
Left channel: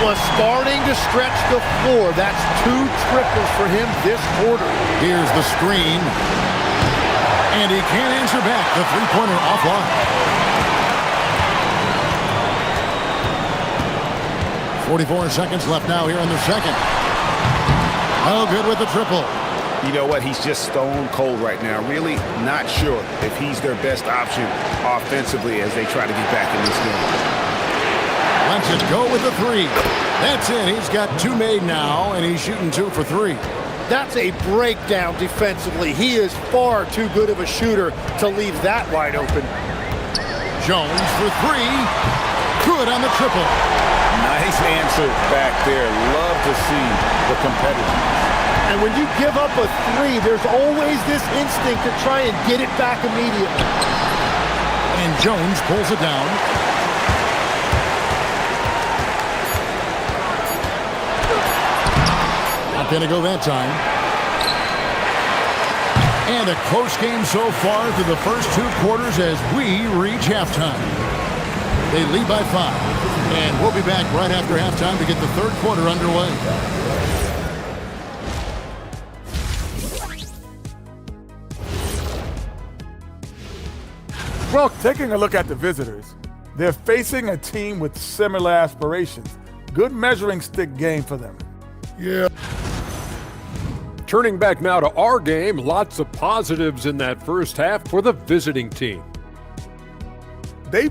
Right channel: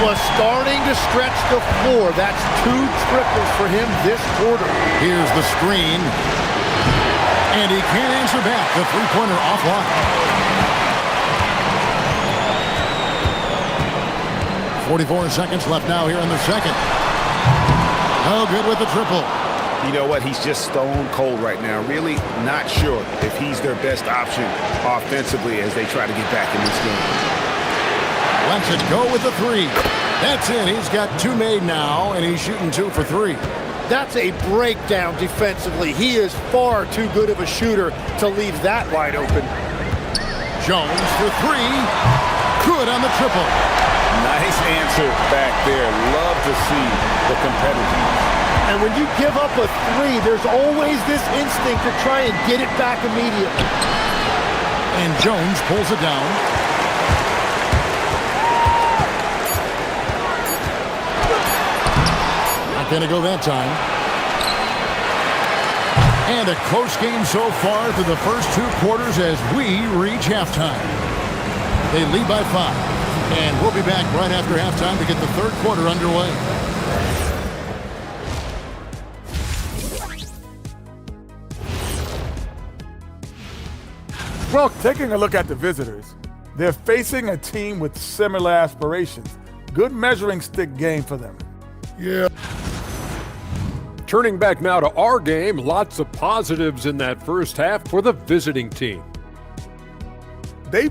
Was starting to stretch the floor. That's 2 triples for him this quarter. Here's the screen. And he can't answer back. The three-pointer offline. 44 seconds left now here in the second. Oh, good with the triple. You know what? He's just stone cold right now. Really not sure if he's their best option offensively as they try to get back in this game. Lets it go with the 3. That's it. He's got 2 made now, and he's shooting 2 for 3. That's a breakdown defensively. He is far too good of a shooter to leave that wide open. Jones for 3. Good on the triple. Nice answer back there. Love to see the competitiveness. And when you give up a 3, there's always this instinct to try and get it back immediately. And Jones pulls it down. Not going to go that time. And a close game so far through the first 2 quarters as we reach halftime. They lead by 5. And we'll be back right after halftime to get the 3rd quarter underway. Well, taking a look at the visitors, they're facing a team with similar aspirations. Good measuring stick game for them. Yeah. Turning back now to our game, lots of positives in that first half for the visiting team. They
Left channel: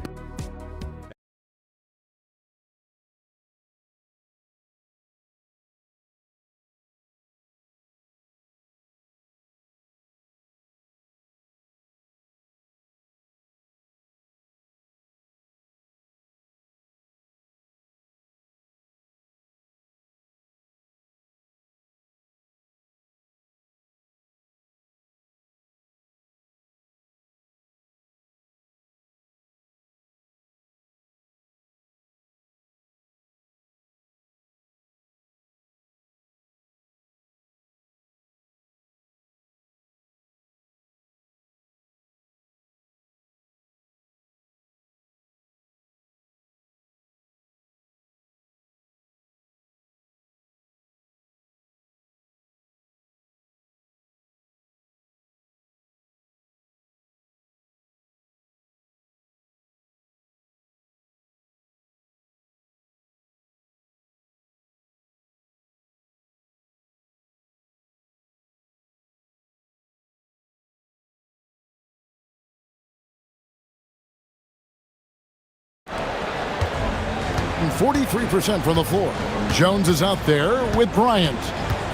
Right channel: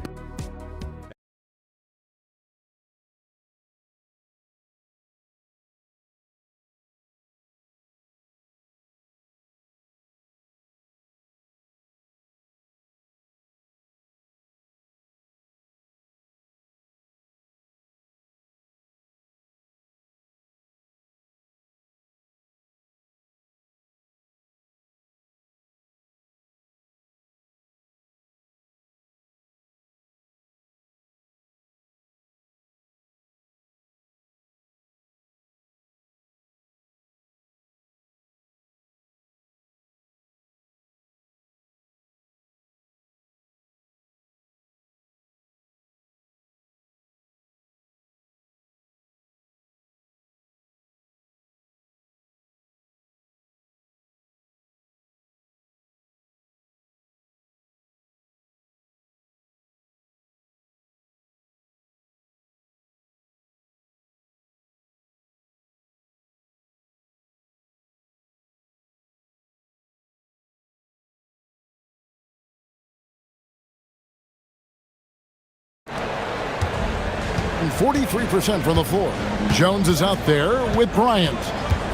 And 43% from the floor. Jones is out there with Bryant.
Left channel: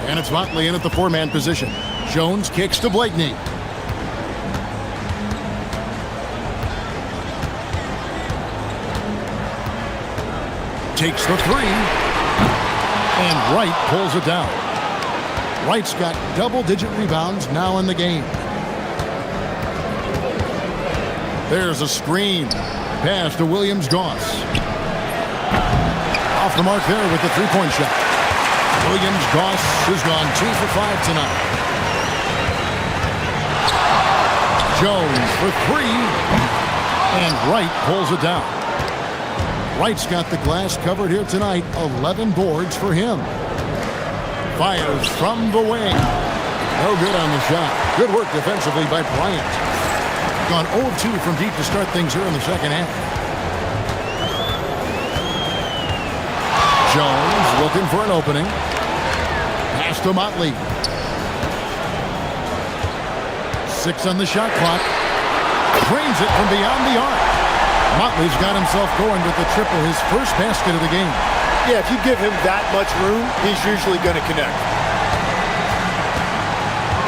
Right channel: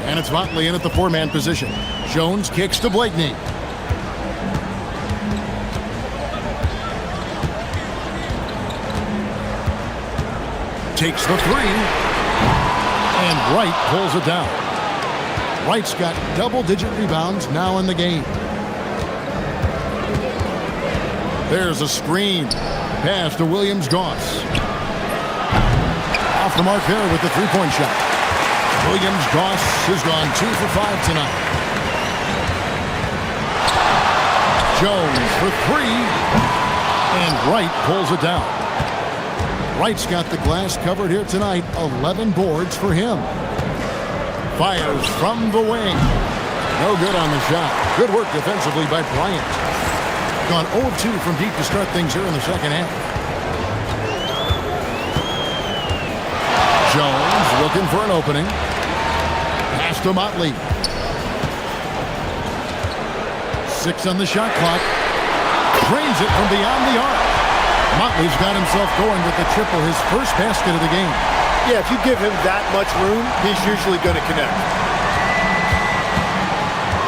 And it's Motley in at the 4-man position. Jones kicks to Blakeney. Takes the 3. And Wright pulls it down. Wright's got double-digit rebounds now in the game. There's a screen. Pass to Williams-Goss. Off the mark there with the three-point shot. Williams-Goss has gone 2 for 5 tonight. Jones for 3. And Wright pulls it down. Wright's got the glass covered here tonight. 11 boards for him. Fires from the wing. No good on the shot. Good work defensively by Bryant. Gone 0 of 2 from deep to start things here in the second half. Jones looking for an opening. Pass to Motley. 6 on the shot clock. Drains it from beyond the arc. Motley's got himself going with the triple, his first basket of the game. Yeah, if you give him that much room, he's usually going to connect.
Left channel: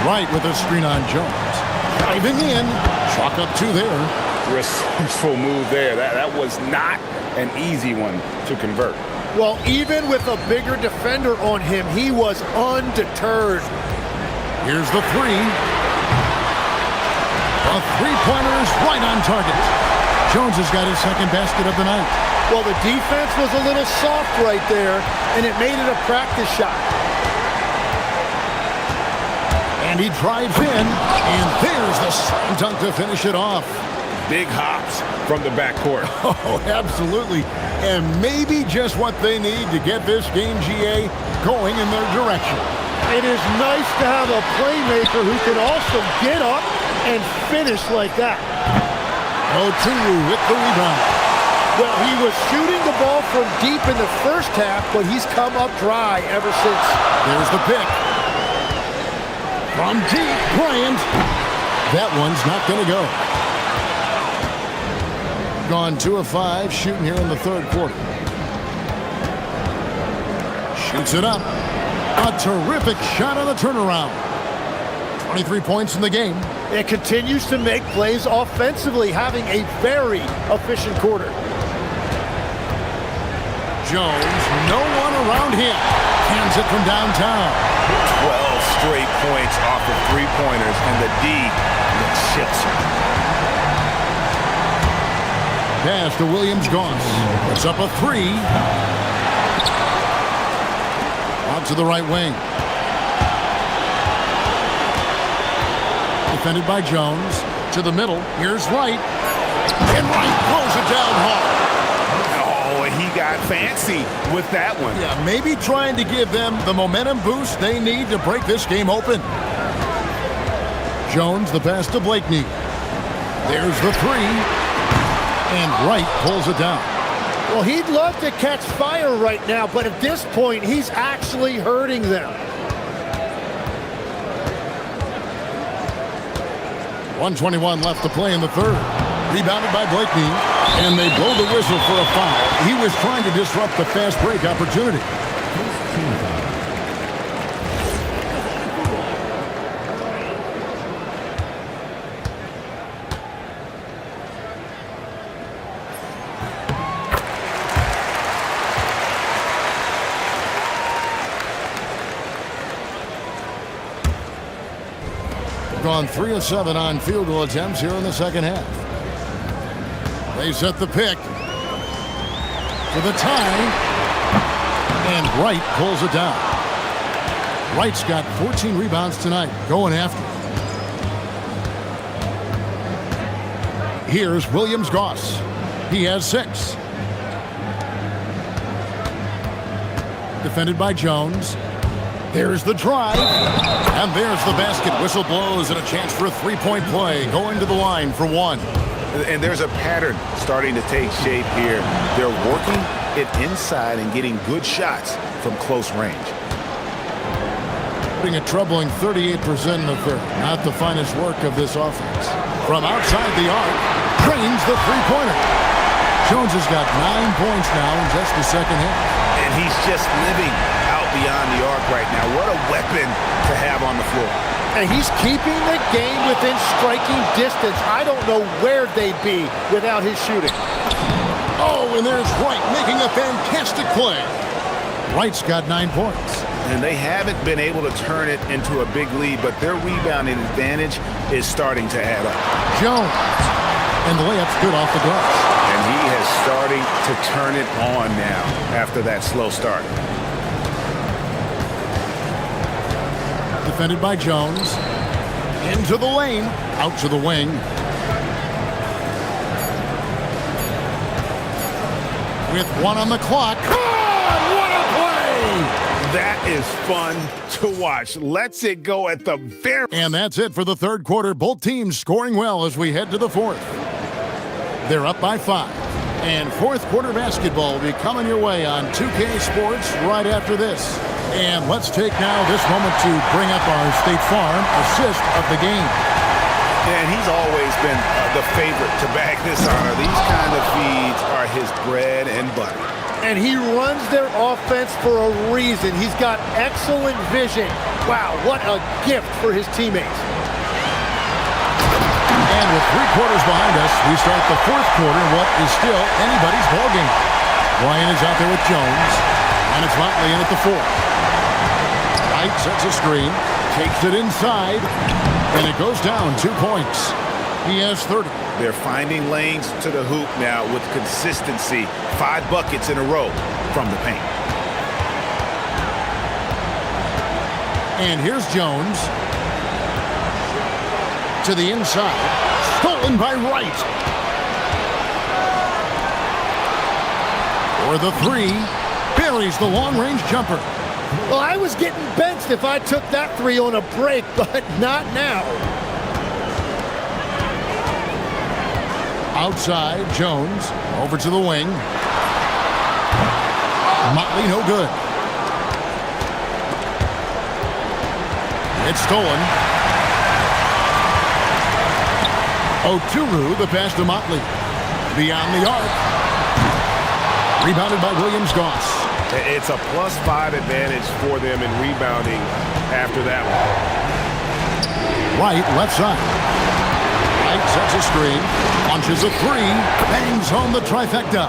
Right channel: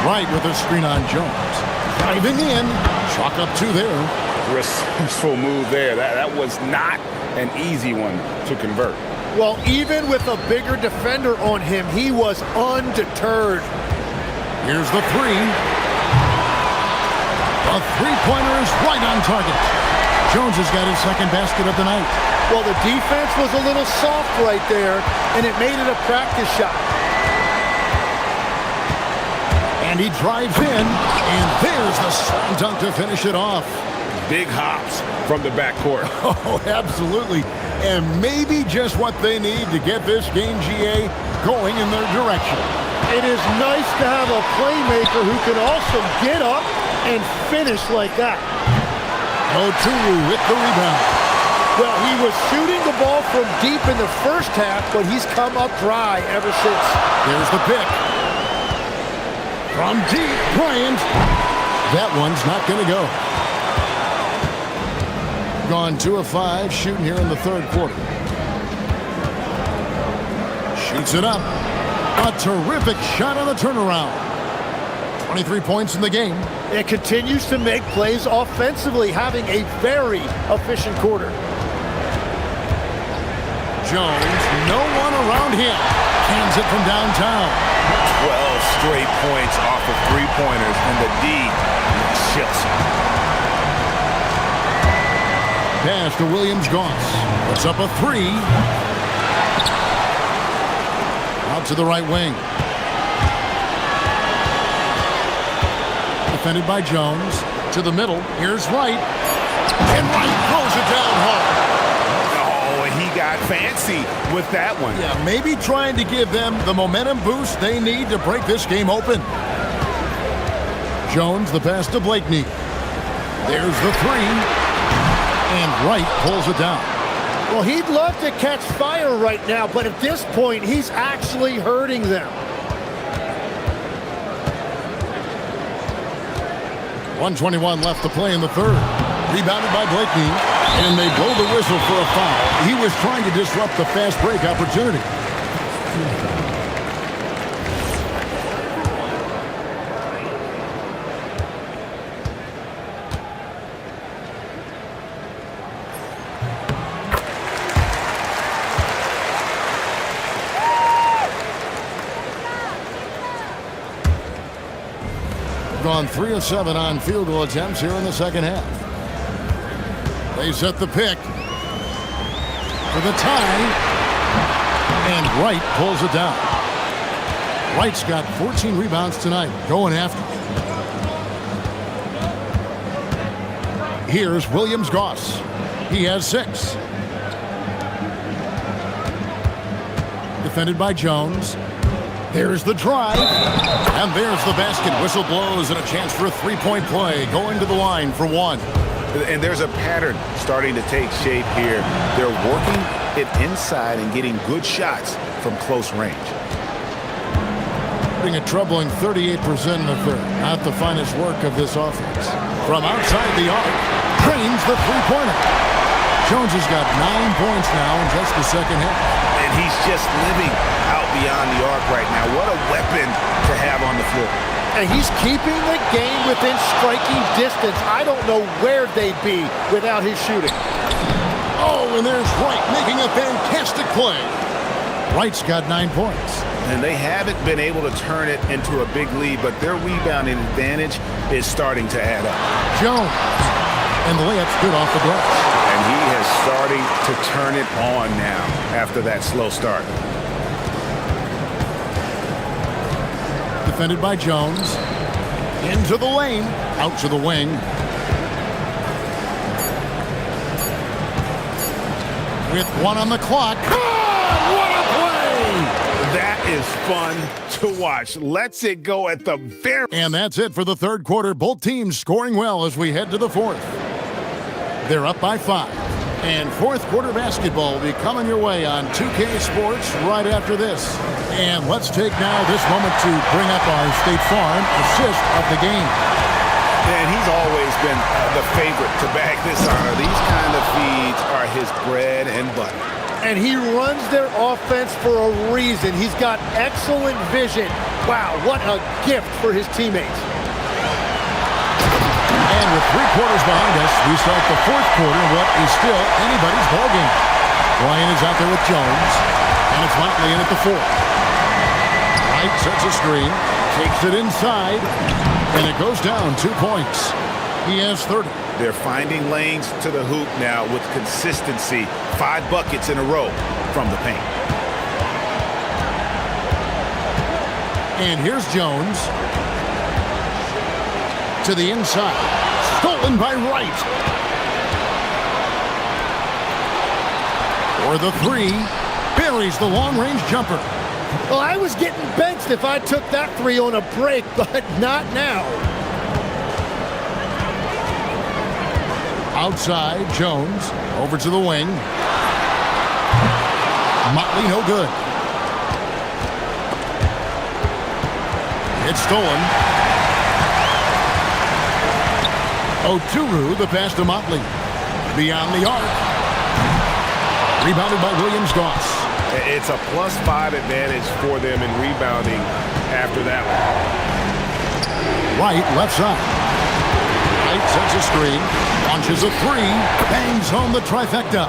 Wright with a screen on Jones. Diving in. Chalk up 2 there. Resourceful move there. That was not an easy one to convert. Well, even with a bigger defender on him, he was undeterred. Here's the 3. A three-pointer is right on target. Jones has got his second basket of the night. Well, the defense was a little soft right there, and it made it a practice shot. And he drives in, and there's the slam dunk to finish it off. Big hops from the backcourt. Oh, absolutely. And maybe just what they need to get this game, GA, going in their direction. It is nice to have a playmaker who can also get up and finish like that. Oturu with the rebound. Well, he was shooting the ball from deep in the first half, but he's come up dry ever since. There's the pick. From deep, Bryant. That one's not going to go. Gone 2 of 5, shooting here in the third quarter. Shoots it up. A terrific shot on the turnaround. 23 points in the game. It continues to make plays offensively, having a very efficient quarter. Jones, no one around him. Cans it from downtown. 12 straight points off of three-pointers, and the D looks chilling. Pass to Williams-Goss. Puts up a 3. Out to the right wing. Defended by Jones. To the middle. Here's Wright. And Wright throws it down hard. Oh, he got fancy with that one. Yeah, maybe trying to give them the momentum boost they need to break this game open. Jones, the pass to Blakeney. There's the 3. And Wright pulls it down. Well, he'd love to catch fire right now, but at this point, he's actually hurting them. 1:21 left to play in the third. Rebounded by Blakeney. And they blow the whistle for a foul. He was trying to disrupt the fast break opportunity. Gone 3 of 7 on field goal attempts here in the second half. They set the pick for the tie, and Wright pulls it down. Wright's got 14 rebounds tonight, going after it. Here's Williams-Goss. He has 6. Defended by Jones. There's the drive, and there's the basket. Whistle blows, and a chance for a three-point play. Going to the line for 1. And there's a pattern starting to take shape here. They're working it inside and getting good shots from close range. Putting a troubling 38% in the third. Not the finest work of this offense. From outside the arc, drains the three-pointer. Jones has got 9 points now in just the second half. And he's just living out beyond the arc right now. What a weapon to have on the floor. And he's keeping the game within striking distance. I don't know where they'd be without his shooting. Oh, and there's Wright making a fantastic play. Wright's got 9 points. And they haven't been able to turn it into a big lead, but their rebounding advantage is starting to add up. Jones. And the layup's good off the glass. And he has starting to turn it on now after that slow start. Defended by Jones. Into the lane. Out to the wing. With one on the clock. God, what a play! That is fun to watch. Lets it go at the very... And that's it for the third quarter. Both teams scoring well as we head to the fourth. They're up by 5. And fourth quarter basketball will be coming your way on 2K Sports right after this. And let's take now this moment to bring up our State Farm assist of the game. And he's always been the favorite to bag this honor. These kind of feeds are his bread and butter. And he runs their offense for a reason. He's got excellent vision. Wow, what a gift for his teammates. And with 3 quarters behind us, we start the fourth quarter in what is still anybody's ball game. Ryan is out there with Jones, and it's Motley in at the 4. Wright sets a screen, takes it inside, and it goes down 2 points. He has 30. They're finding lanes to the hoop now with consistency. 5 buckets in a row from the paint. And here's Jones. To the inside. Stolen by Wright. For the 3. Buries the long-range jumper. Well, I was getting benched if I took that 3 on a break, but not now. Outside, Jones. Over to the wing. Motley no good. It's stolen. Oturu, the pass to Motley. Beyond the arc. Rebounded by Williams-Goss. It's a +5 advantage for them in rebounding after that one. Wright, left side. Wright sets a screen. Launches a 3. Bangs home the trifecta.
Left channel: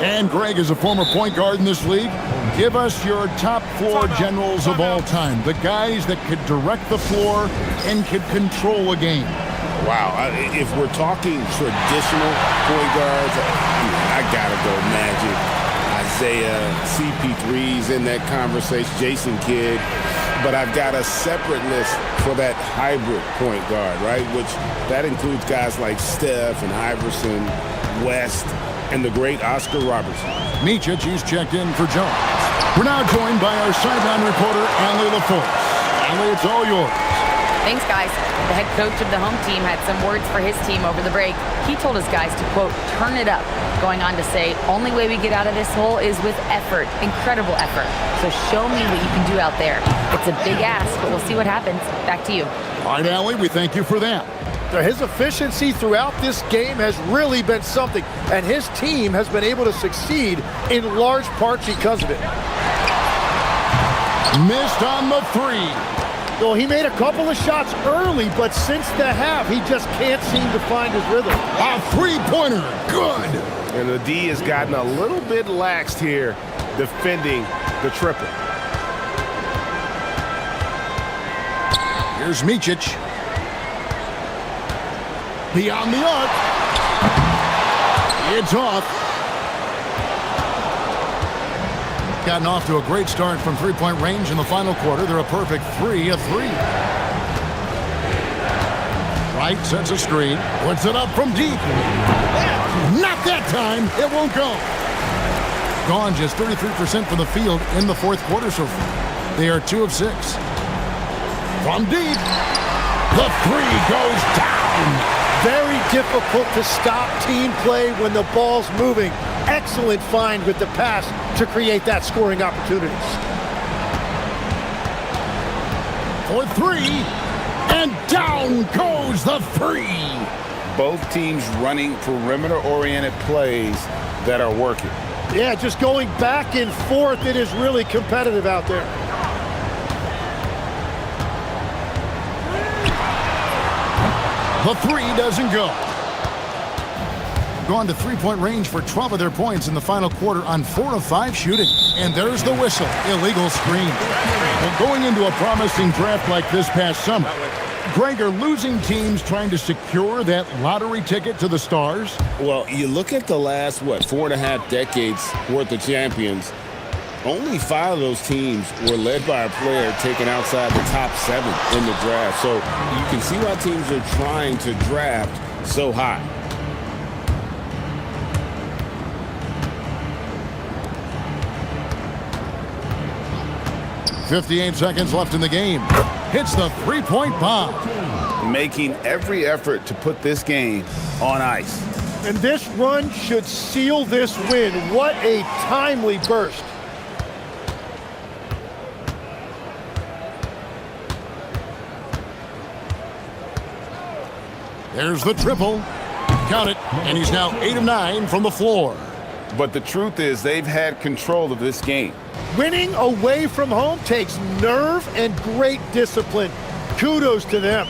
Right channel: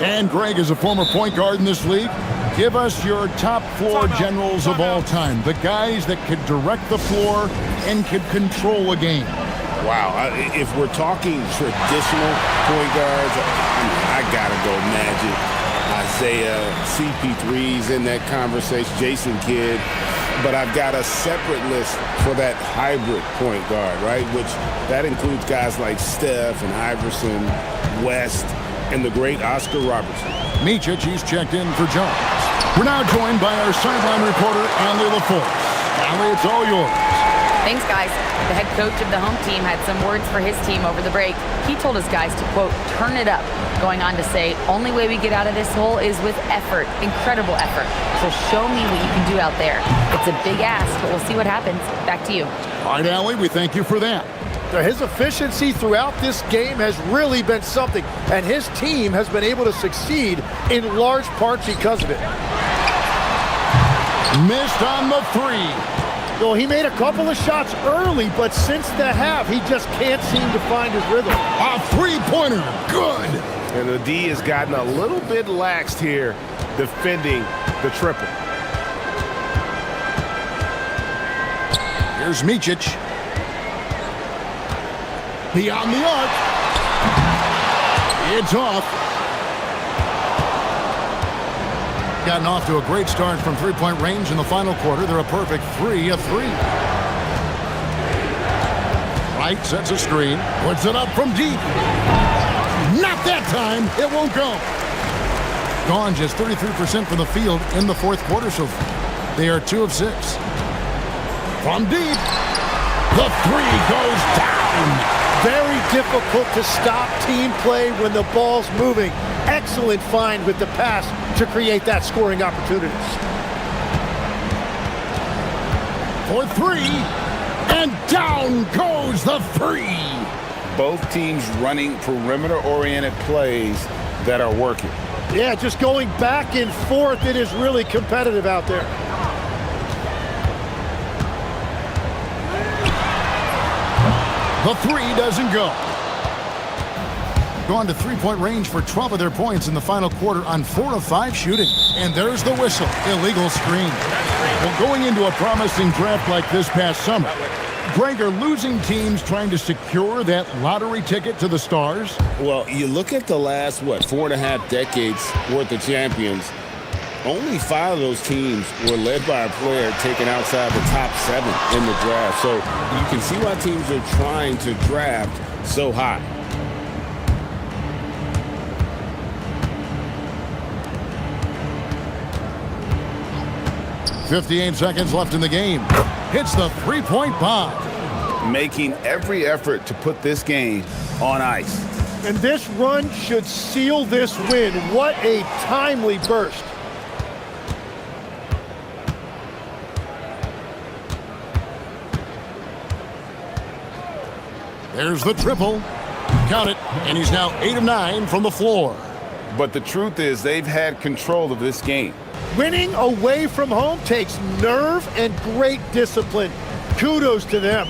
And Greg is a former point guard in this league. Give us your top floor generals of all time. The guys that could direct the floor and could control a game. Wow, if we're talking traditional point guards, I gotta go Magic, Isaiah, CP3's in that conversation, Jason Kidd. But I've got a separate list for that hybrid point guard, right? Which that includes guys like Steph and Iverson, West, and the great Oscar Robertson. Micic, he's checked in for Jones. We're now joined by our sideline reporter, Allie LaForce. Allie, it's all yours. Thanks, guys. The head coach of the home team had some words for his team over the break. He told his guys to, quote, turn it up, going on to say, only way we get out of this hole is with effort, incredible effort. So show me what you can do out there. It's a big ask, but we'll see what happens. Back to you. All right, Allie, we thank you for that. His efficiency throughout this game has really been something, and his team has been able to succeed in large part because of it. Missed on the 3. Well, he made a couple of shots early, but since the half, he just can't seem to find his rhythm. A 3-pointer, good. And the D has gotten a little bit laxed here defending the triple. Here's Micic. Beyond the arc. It's off. Gotten off to a great start from three-point range in the final quarter. They're a perfect 3 of 3. Wright sets a screen. Puts it up from deep. Not that time. It won't go. Gone just 33% from the field in the fourth quarter so far. They are 2 of 6. From deep. The 3 goes down. Very difficult to stop team play when the ball's moving. Excellent find with the pass to create that scoring opportunity. For 3, and down goes the 3. Both teams running perimeter-oriented plays that are working. Yeah, just going back and forth. It is really competitive out there. The 3 doesn't go. Gone to three-point range for 12 of their points in the final quarter on 4 of 5 shooting. And there's the whistle. Illegal screen. Well, going into a promising draft like this past summer, Greg, are losing teams trying to secure that lottery ticket to the stars? Well, you look at the last, 4.5 decades worth of champions, only 5 of those teams were led by a player taken outside the top 7 in the draft. So you can see why teams are trying to draft so high. .58 seconds left in the game. Hits the three-point bomb. Making every effort to put this game on ice. And this run should seal this win. What a timely burst. There's the triple. Count it, and he's now 8 of 9 from the floor. But the truth is they've had control of this game. Winning away from home takes nerve and great discipline. Kudos to them.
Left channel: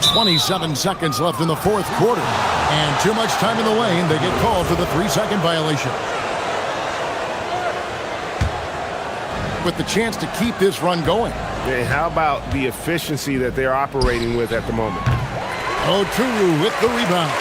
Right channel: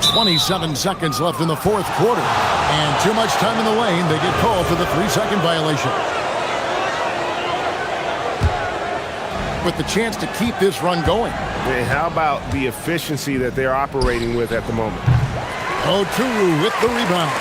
27 seconds left in the fourth quarter. And too much time in the lane. They get called for the 3-second violation. With the chance to keep this run going. And how about the efficiency that they're operating with at the moment? Oturu with the rebound.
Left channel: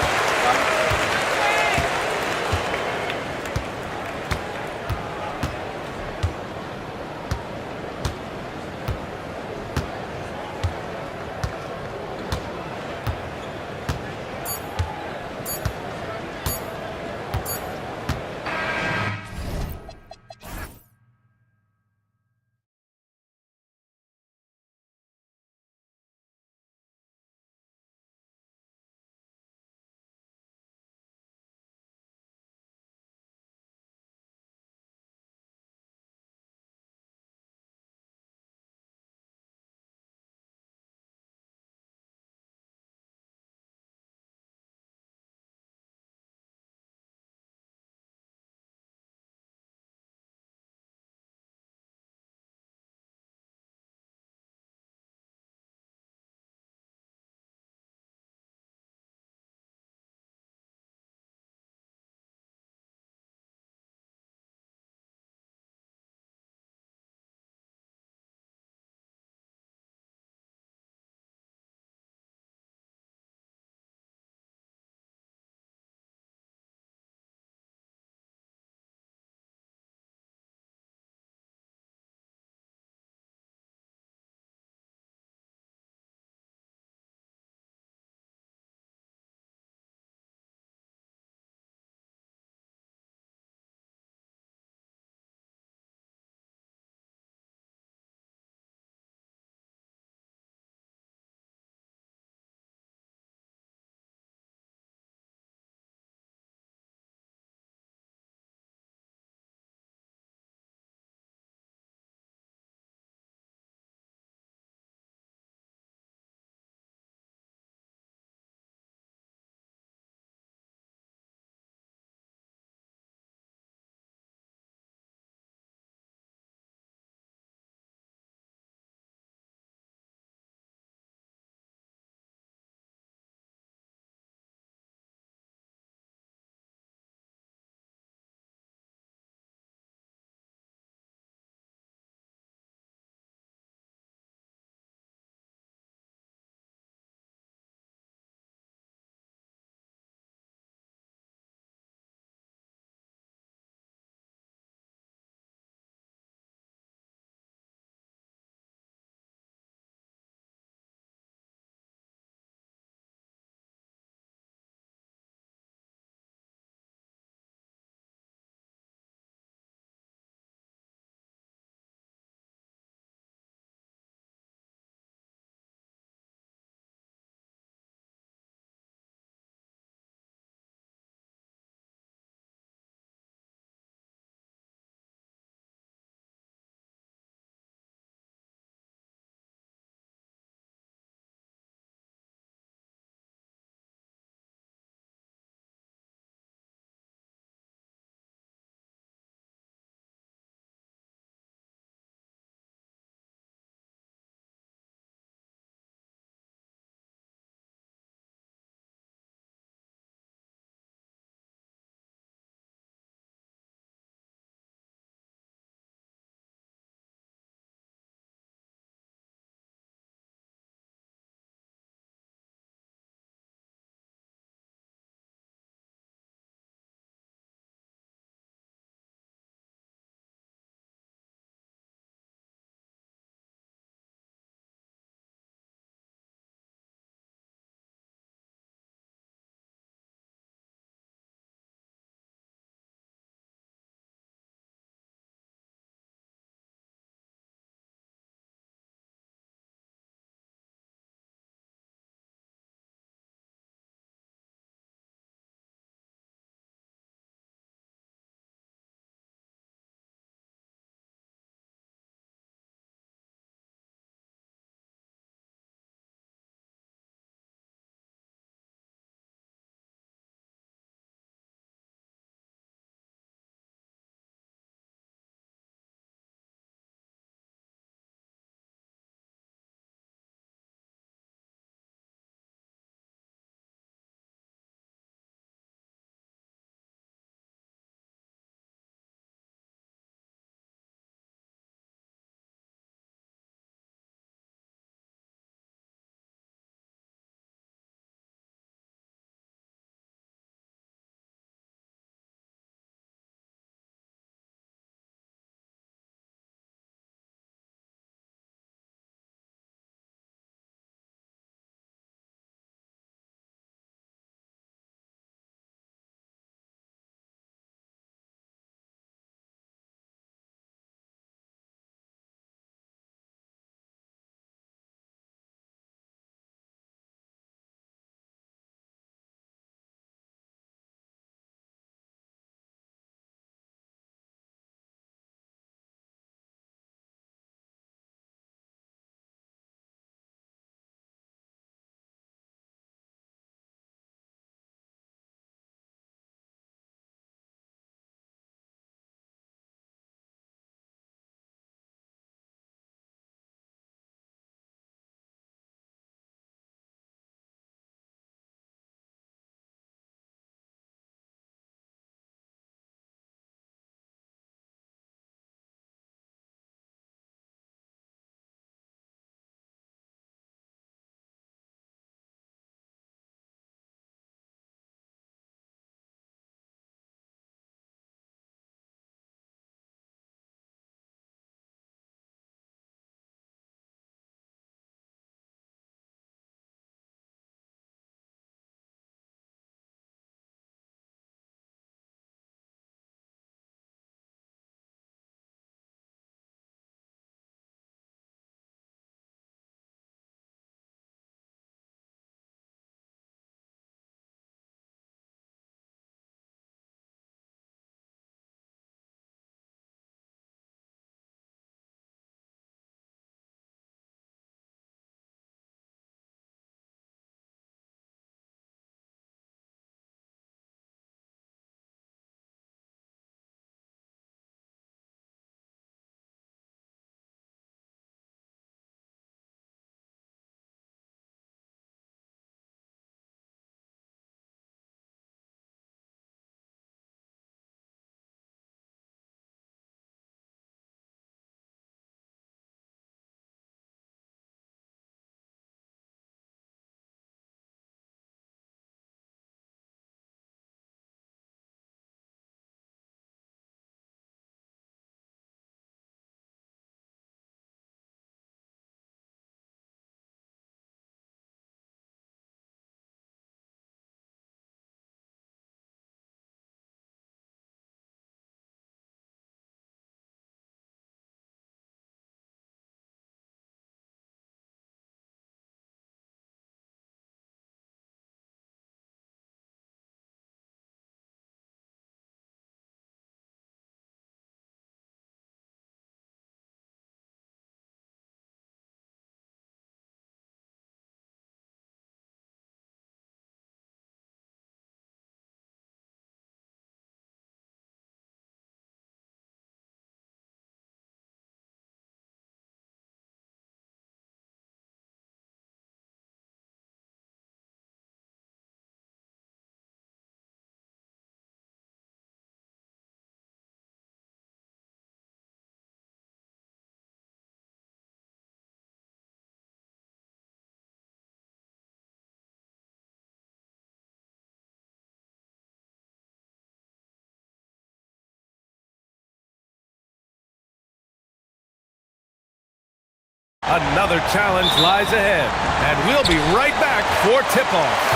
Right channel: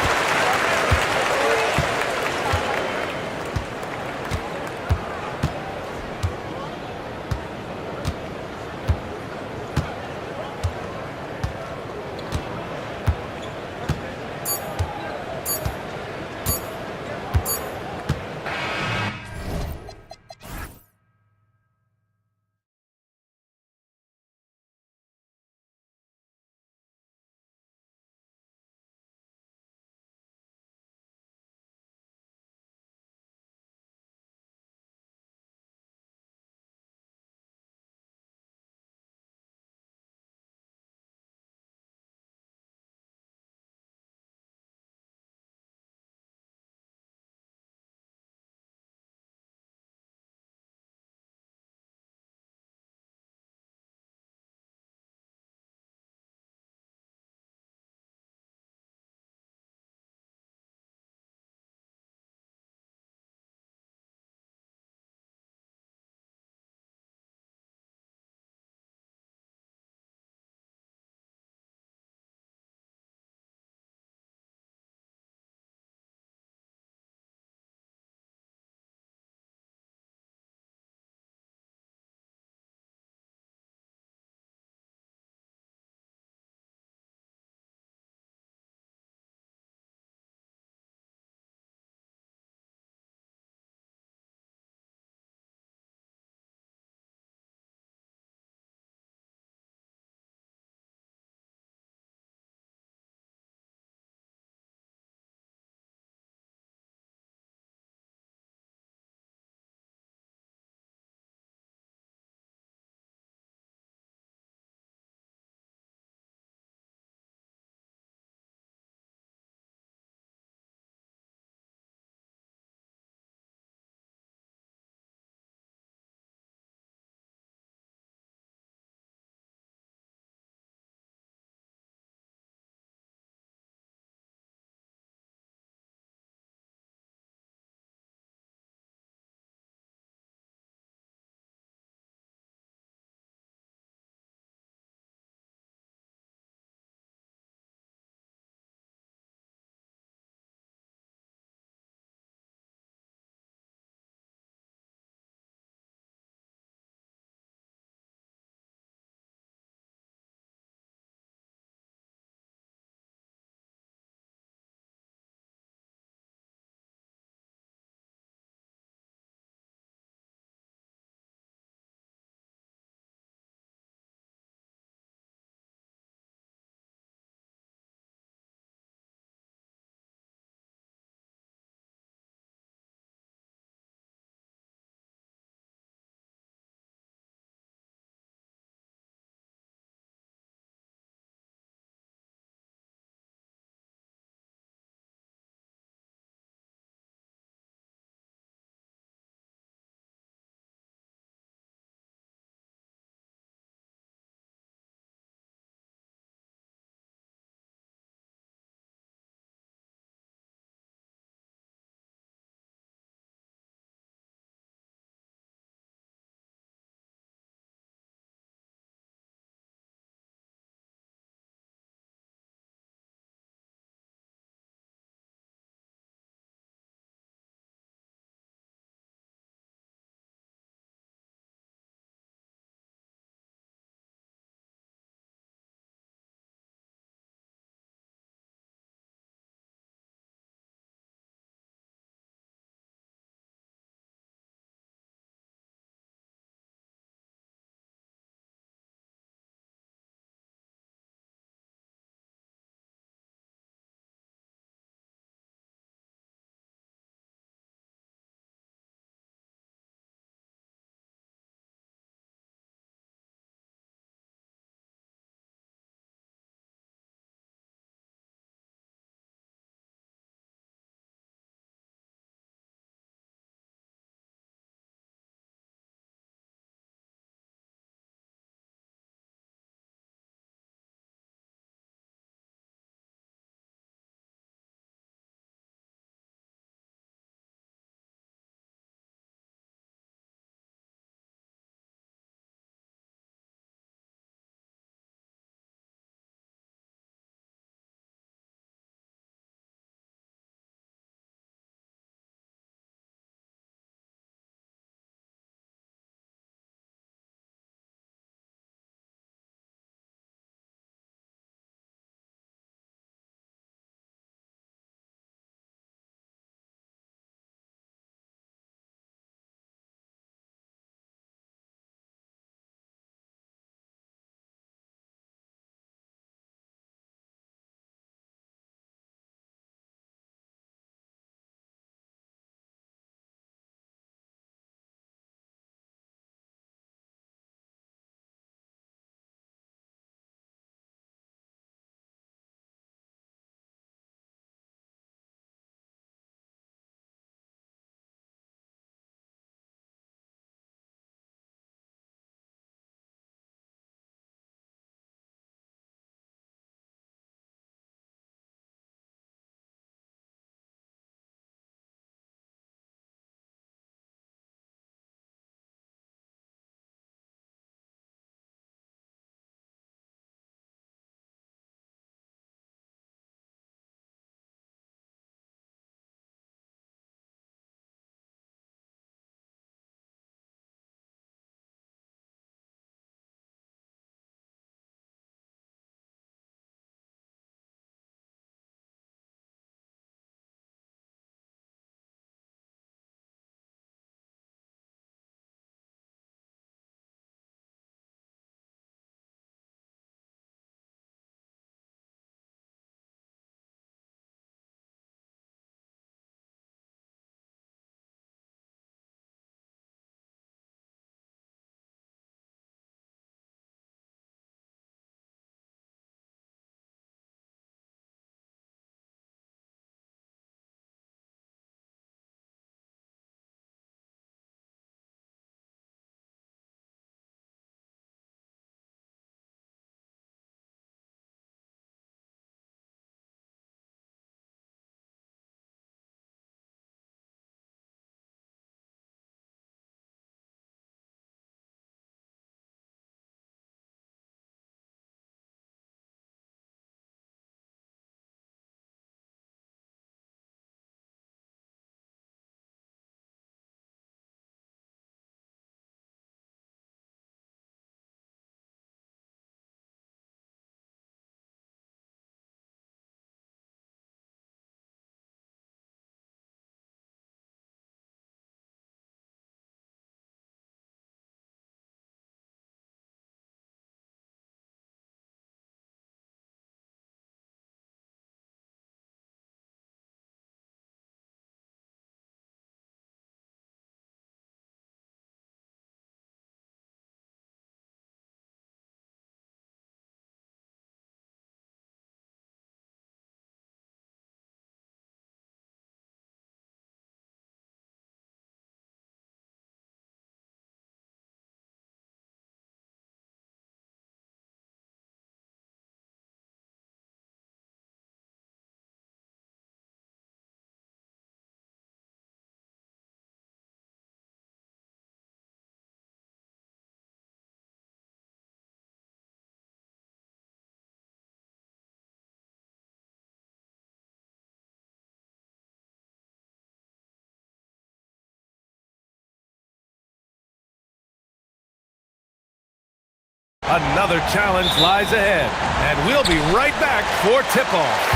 Another challenge lies ahead, and we'll be right back for tip-off.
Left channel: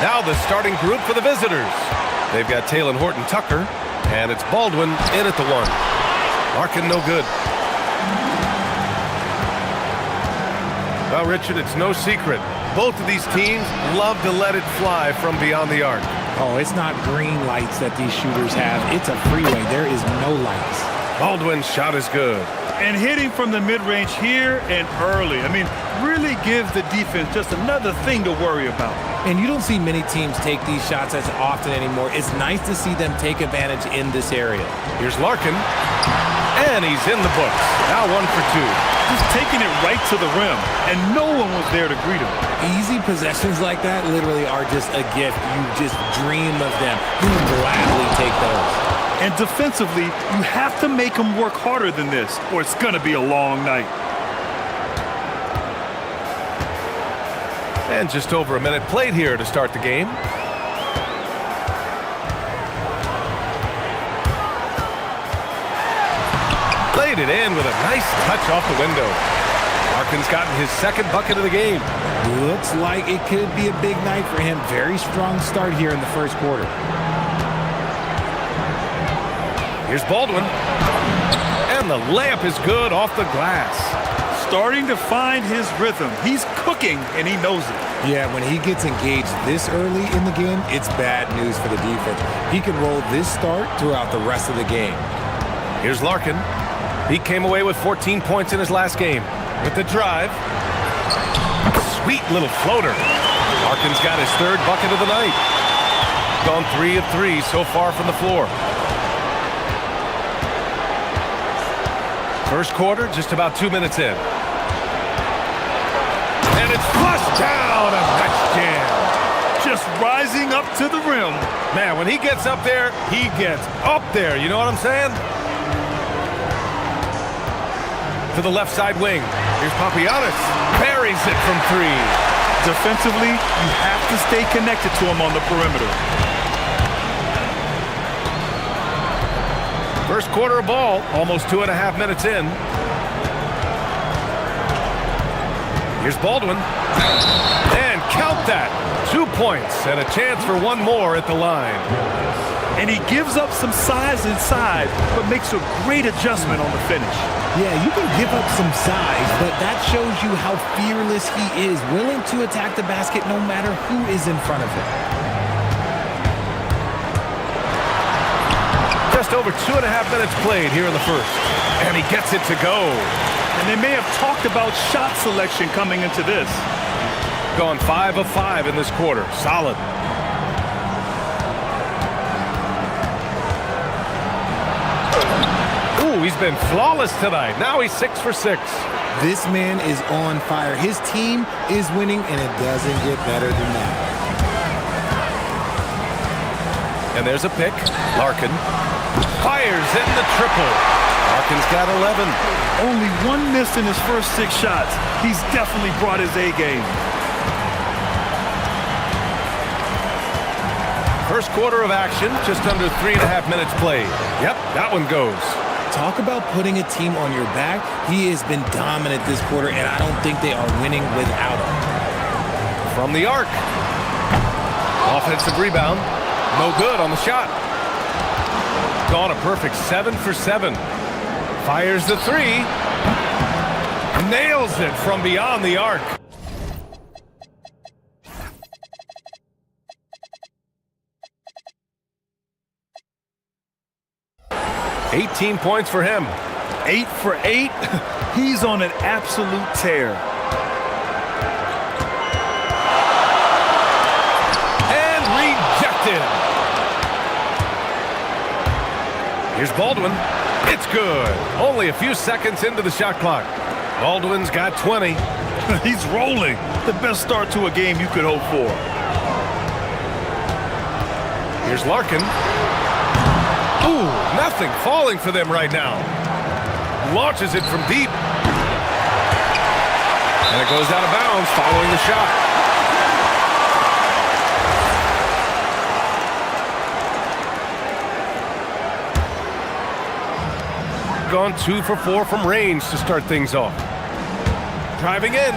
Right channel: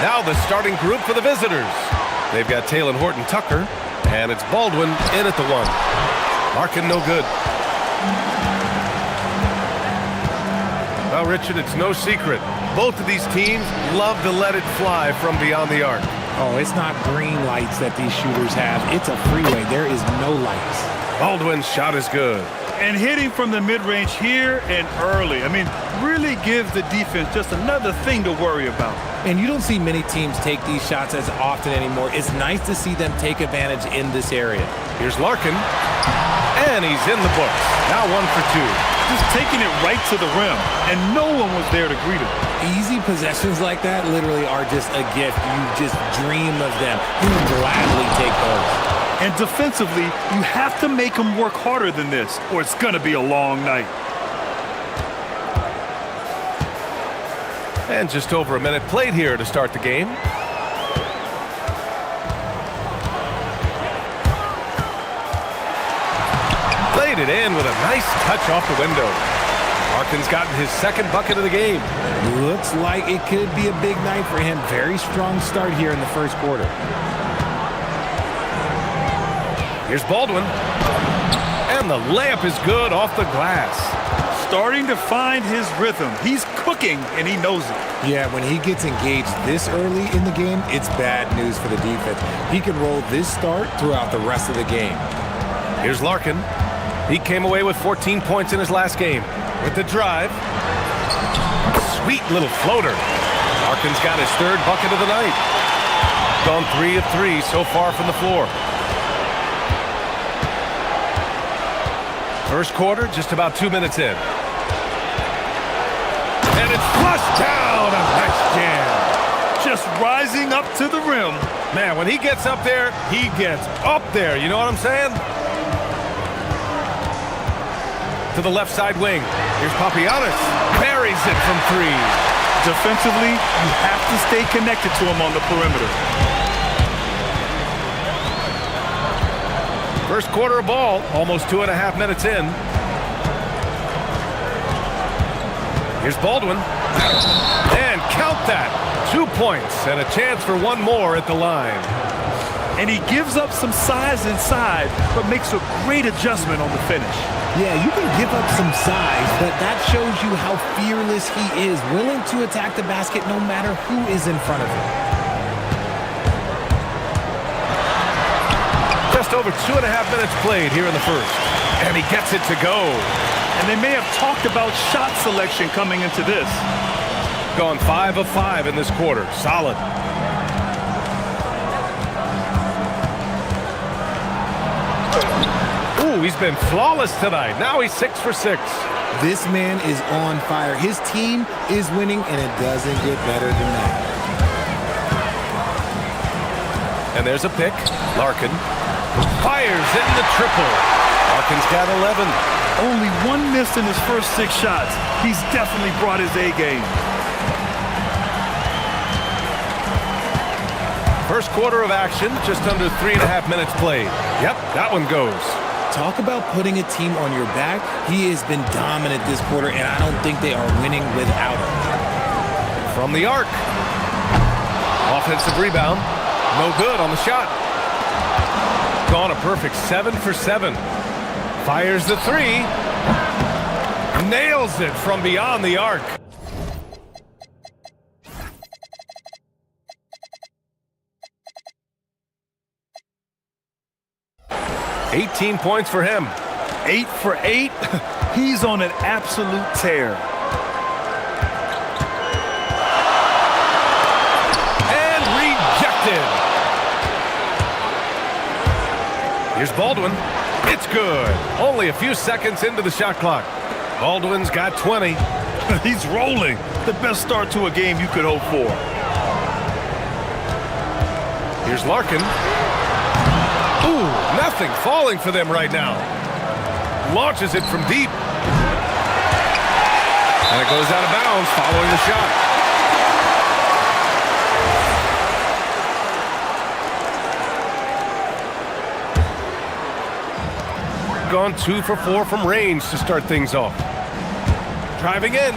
Now the starting group for the visitors. They've got Taylor Horton Tucker, and it's Baldwin in at the 1. Larkin no good. Well, Richard, it's no secret. Both of these teams love to let it fly from beyond the arc. Oh, it's not green lights that these shooters have. It's a freeway. There is no lights. Baldwin's shot is good. And hitting from the mid-range here and early. I mean, really gives the defense just another thing to worry about. And you don't see many teams take these shots as often anymore. It's nice to see them take advantage in this area. Here's Larkin, and he's in the books. Now 1 for 2. Just taking it right to the rim, and no one was there to greet him. Easy possessions like that literally are just a gift. You just dream of them. You would gladly take those. And defensively, you have to make them work harder than this, or it's going to be a long night. And just over a minute played here to start the game. Played it in with a nice touch off the window. Larkin's gotten his second bucket of the game. Looks like it could be a big night for him. Very strong start here in the first quarter. Here's Baldwin. And the layup is good off the glass. Starting to find his rhythm. He's cooking, and he knows it. Yeah, when he gets engaged this early in the game, it's bad news for the defense. He can roll this start throughout the rest of the game. Here's Larkin. He came away with 14 points in his last game. With the drive. Sweet little floater. Larkin's got his third bucket of the night. Gone 3 of 3 so far from the floor. First quarter, just about 2 minutes in. And it's flushed down. A nice jam. Just rising up to the rim. Man, when he gets up there, he gets up there. You know what I'm saying? To the left side wing. Here's Papagiannis. Buries it from 3. Defensively, you have to stay connected to him on the perimeter. First quarter of ball, almost 2.5 minutes in. Here's Baldwin. And count that. 2 points and a chance for one more at the line. And he gives up some size inside, but makes a great adjustment on the finish. Yeah, you can give up some size, but that shows you how fearless he is, willing to attack the basket no matter who is in front of him. Just over 2.5 minutes played here in the first. And he gets it to go. And they may have talked about shot selection coming into this. Gone 5 of 5 in this quarter. Solid. Ooh, he's been flawless tonight. Now he's 6 for 6. This man is on fire. His team is winning, and it doesn't get better than that. And there's a pick. Larkin fires in the triple. Larkin's got 11. Only 1 miss in his first 6 shots. He's definitely brought his A game. First quarter of action, just under 3.5 minutes played. Yep, that one goes. Talk about putting a team on your back. He has been dominant this quarter, and I don't think they are winning without him. From the arc. Offensive rebound. No good on the shot. Gone a perfect 7 for 7. Fires the 3. Nails it from beyond the arc. $18 points for him. 8 for 8. He's on an absolute tear. And rejected. Here's Baldwin. It's good. Only a few seconds into the shot clock. Baldwin's got 20. He's rolling. The best start to a game you could hope for. Here's Larkin. Ooh, nothing falling for them right now. Launches it from deep. And it goes out of bounds following the shot. gone 2 for 4 from range to start things off. Driving in.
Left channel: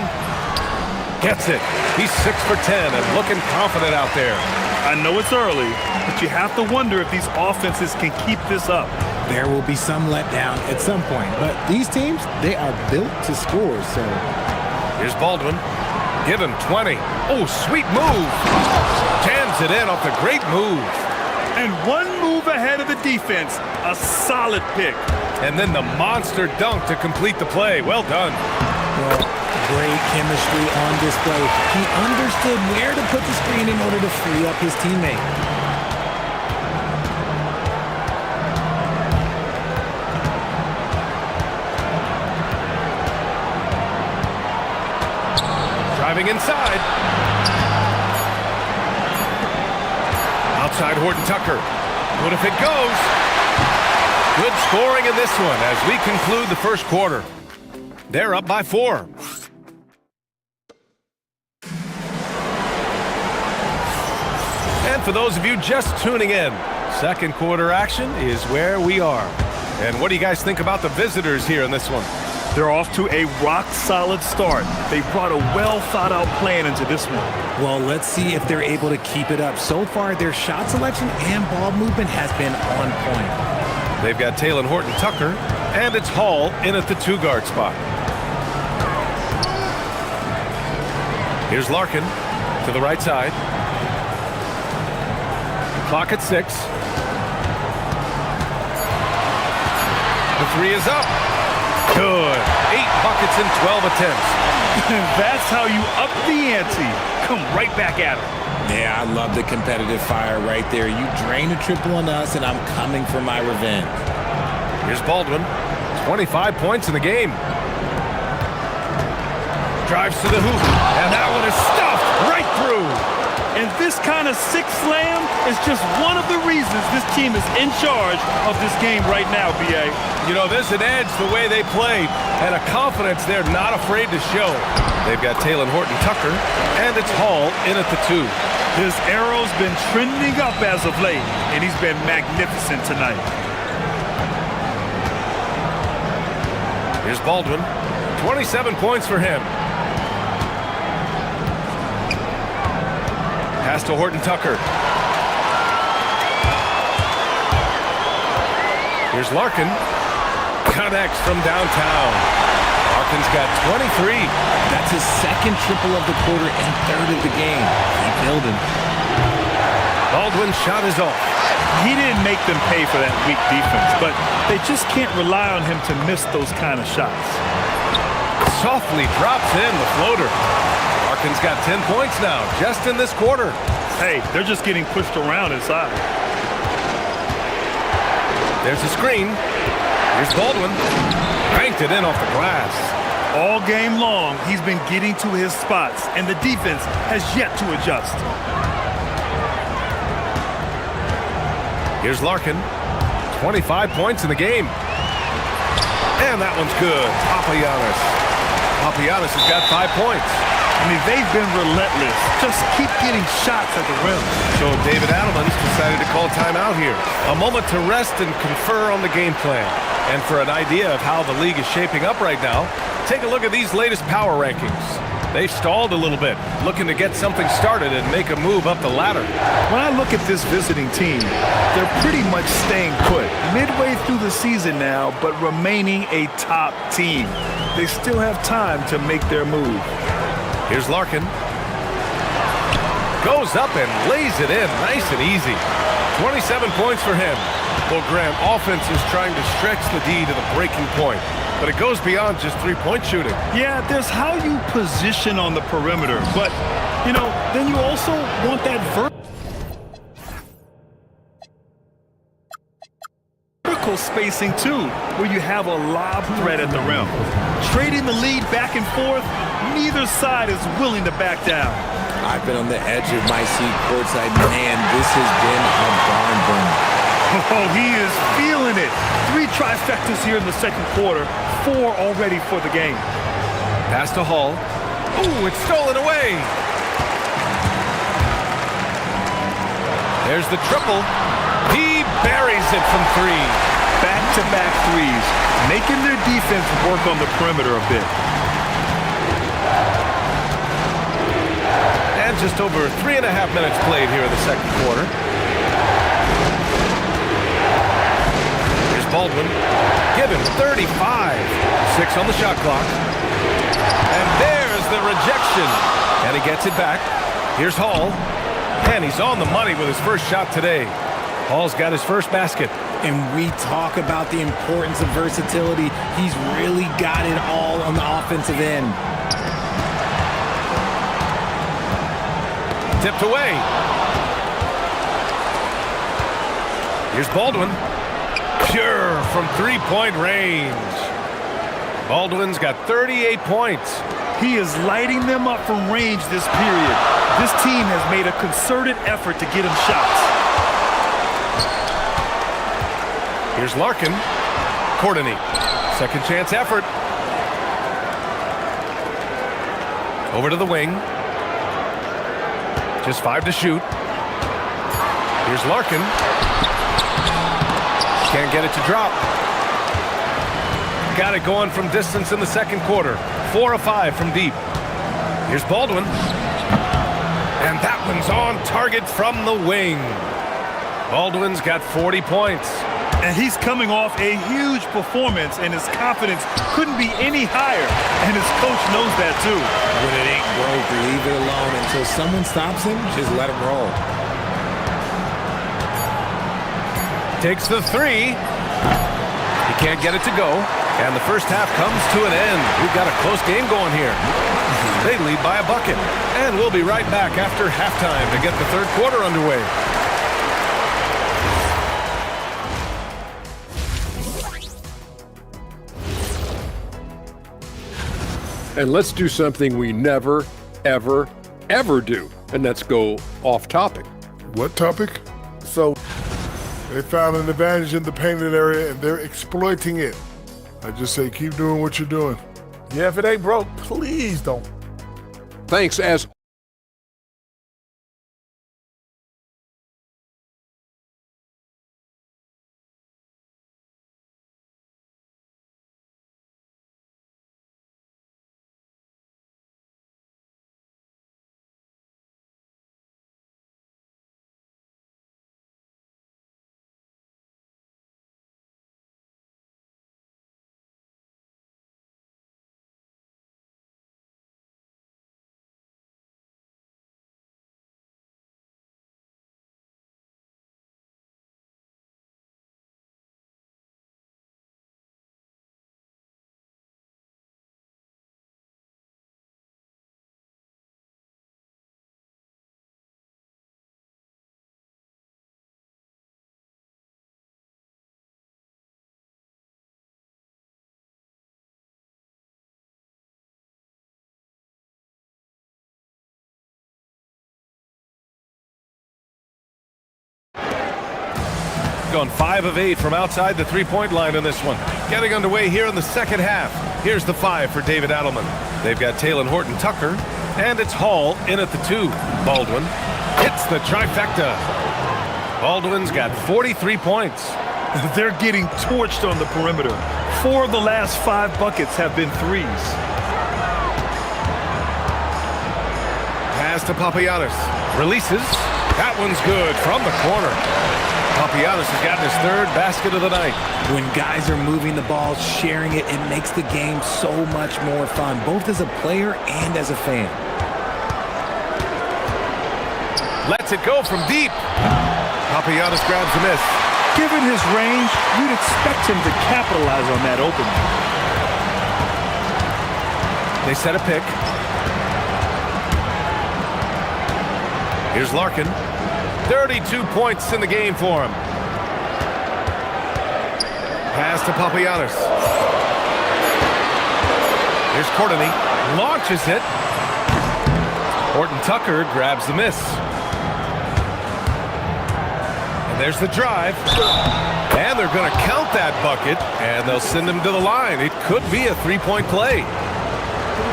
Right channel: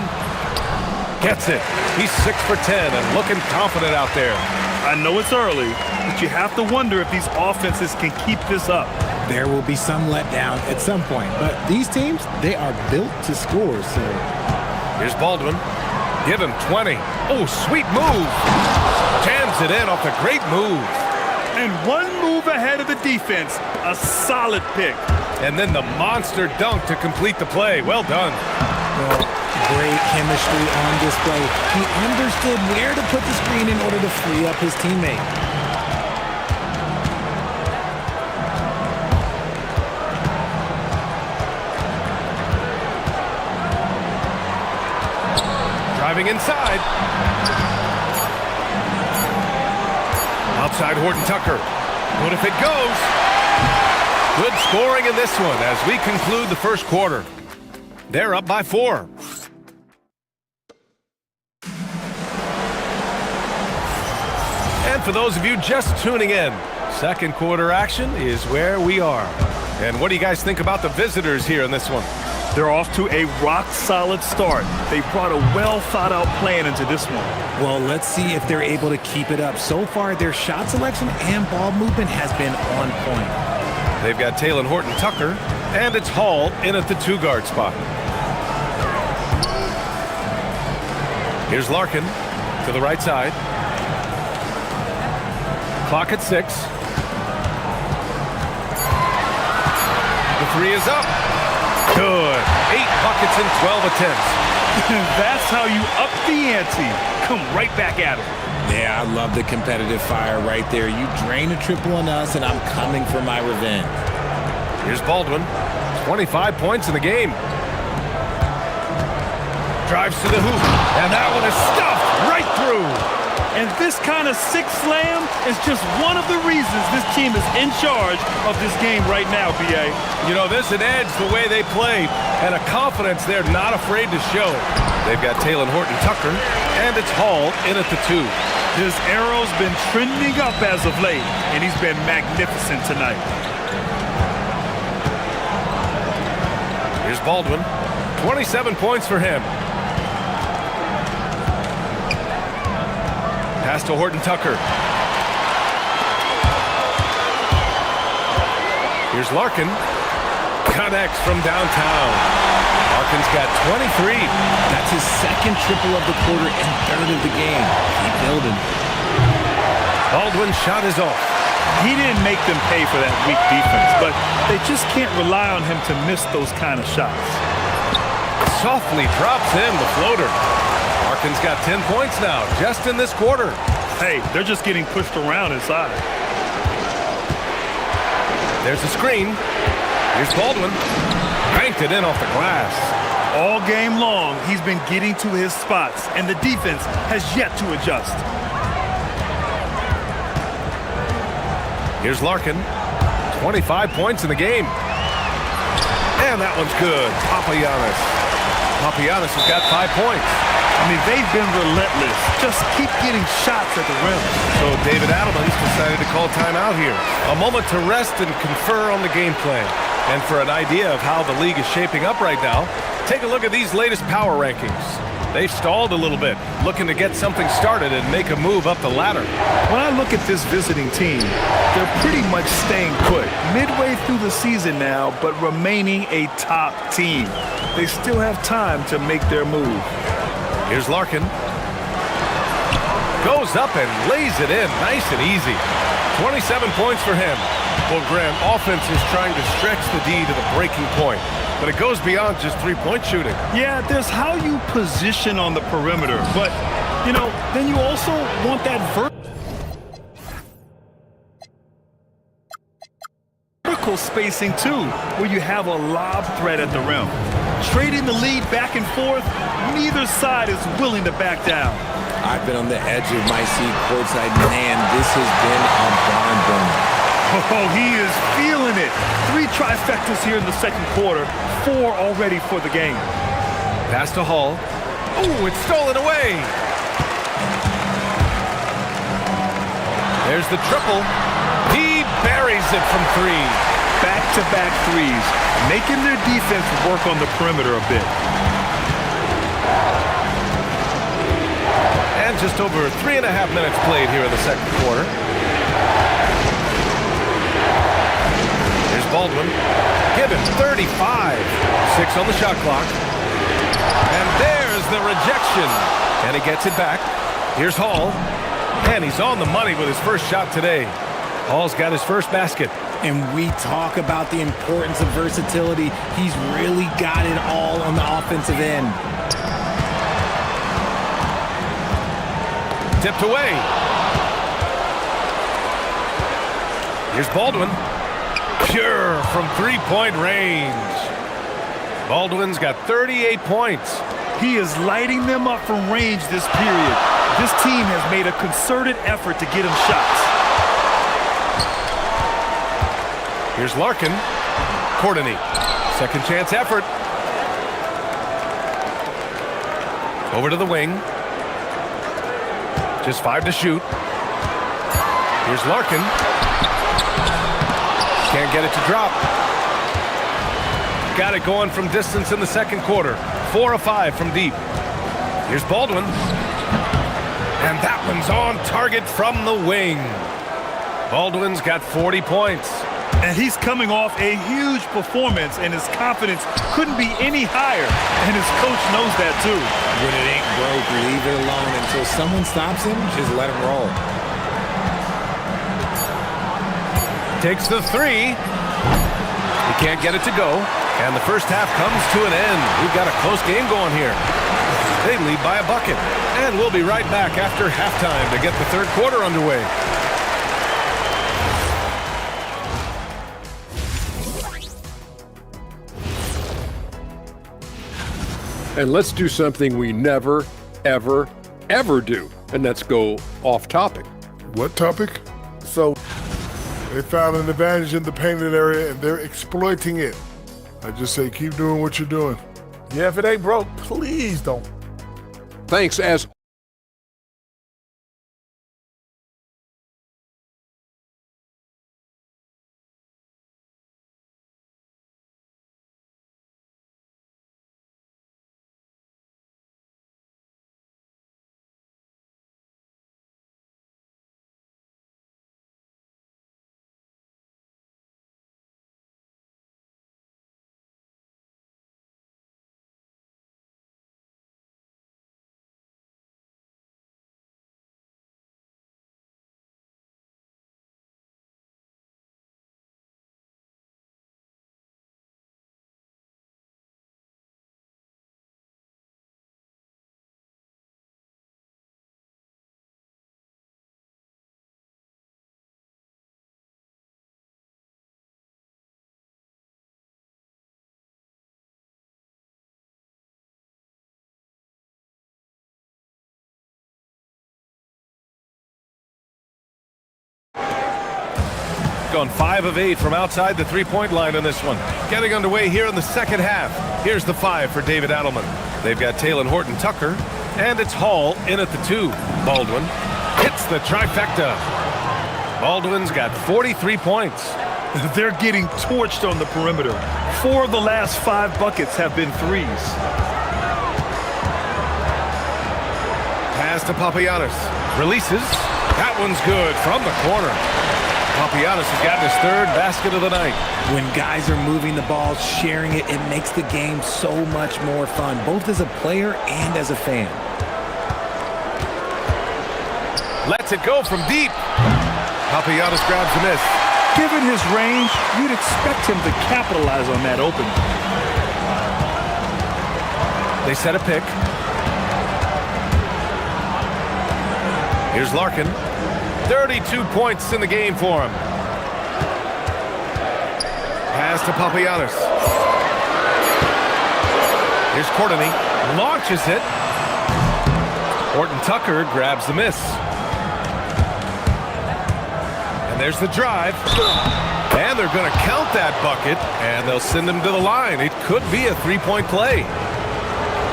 Gets it. He's 6 for 10 and looking confident out there. I know it's early, but you have to wonder if these offenses can keep this up. There will be some letdown at some point, but these teams, they are built to score, so. Here's Baldwin. Give him 20. Oh, sweet move. Jams it in off a great move. And one move ahead of the defense. A solid pick. And then the monster dunk to complete the play. Well done. Well, great chemistry on display. He understood where to put the screen in order to free up his teammate. Driving inside. Outside Horton Tucker. What if it goes? Good scoring in this one as we conclude the first quarter. They're up by 4. And for those of you just tuning in, second quarter action is where we are. And what do you guys think about the visitors here in this one? They're off to a rock-solid start. They brought a well-thought-out plan into this one. Well, let's see if they're able to keep it up. So far, their shot selection and ball movement has been on point. They've got Taylor Horton Tucker, and it's Hall in at the 2-guard spot. Here's Larkin to the right side. Clock at 6. The 3 is up. Good. 8 buckets in 12 attempts. That's how you up the ante. Come right back at him. Yeah, I love the competitive fire right there. You drain a triple on us, and I'm coming for my revenge. Here's Baldwin. 25 points in the game. Drives to the hoop, and that one is stuffed right through. And this kind of six slam is just one of the reasons this team is in charge of this game right now, B.A. You know, there's an edge the way they play and a confidence they're not afraid to show. They've got Taylor Horton Tucker, and it's Hall in at the 2. His arrow's been trending up as of late, and he's been magnificent tonight. Here's Baldwin. 27 points for him. Pass to Horton Tucker. Here's Larkin. Connects from downtown. Larkin's got 23. That's his second triple of the quarter and third of the game. Keep building. Baldwin's shot is off. He didn't make them pay for that weak defense, but they just can't rely on him to miss those kind of shots. Softly drops in the floater. Larkin's got 10 points now, just in this quarter. Hey, they're just getting pushed around inside. There's a screen. Here's Baldwin. Banked it in off the glass. All game long, he's been getting to his spots, and the defense has yet to adjust. Here's Larkin. 25 points in the game. And that one's good. Papagiannis. Papagiannis has got 5 points. I mean, they've been relentless. Just keep getting shots at the rim. So David Adelman's decided to call timeout here. A moment to rest and confer on the game plan. And for an idea of how the league is shaping up right now, take a look at these latest power rankings. They've stalled a little bit, looking to get something started and make a move up the ladder. When I look at this visiting team, they're pretty much staying put. Midway through the season now, but remaining a top team. They still have time to make their move. Here's Larkin. Goes up and lays it in nice and easy. 27 points for him. Well, Grant, offense is trying to stretch the D to the breaking point, but it goes beyond just three-point shooting. Yeah, there's how you position on the perimeter, but, you know, then you also want that vertical spacing, too, where you have a lob threat at the rim. Trading the lead back and forth, neither side is willing to back down. I've been on the edge of my seat courtside. Man, this has been a barn burner. Oh, he is feeling it. 3 trifectas here in the second quarter, 4 already for the game. Pass to Hall. Oh, it's stolen away. There's the triple. He buries it from 3. back-to-back threes, making their defense work on the perimeter a bit. And just over 3.5 minutes played here in the second quarter. Here's Baldwin. Give him 35. 6 on the shot clock. And there's the rejection. And he gets it back. Here's Hall. And he's on the money with his first shot today. Hall's got his first basket. And we talk about the importance of versatility. He's really got it all on the offensive end. Tipped away. Here's Baldwin. Pure from three-point range. Baldwin's got 38 points. He is lighting them up from range this period. This team has made a concerted effort to get him shots. Here's Larkin. Courtney. Second chance effort. Over to the wing. Just 5 to shoot. Here's Larkin. Can't get it to drop. Got it going from distance in the second quarter. 4 of 5 from deep. Here's Baldwin. And that one's on target from the wing. Baldwin's got 40 points. And he's coming off a huge performance, and his confidence couldn't be any higher. And his coach knows that too. When it ain't broke, leave it alone until someone stops him. Just let him roll. Takes the three. He can't get it to go. And the first half comes to an end. We've got a close game going here. They lead by a bucket. And we'll be right back after halftime to get the third quarter underway. And let's do something we never, ever, ever do. And that's go off topic. What topic? So they found an advantage in the painted area, and they're exploiting it. I just say keep doing what you're doing. yeah, if it ain't broke, please don't. Thanks as gone 5 of 8 from outside the three-point line in this one. Getting underway here in the second half. Here's the 5 for David Adelman. They've got Taylor Horton-Tucker, and it's Hall in at the 2. Baldwin hits the trifecta. Baldwin's got 43 points. They're getting torched on the perimeter. 4 of the last 5 buckets have been threes. Pass to Papagiannis. Releases. That one's good from the corner. Papagiannis has gotten his 3rd basket of the night. When guys are moving the ball, sharing it, it makes the game so much more fun, both as a player and as a fan. Lets it go from deep. Papagiannis grabs the miss. Given his range, you'd expect him to capitalize on that opening. They set a pick. Here's Larkin. 32 points in the game for him. Pass to Papagiannis. Here's Courtney. Launches it. Horton-Tucker grabs the miss. And there's the drive. And they're going to count that bucket, and they'll send him to the line. It could be a three-point play.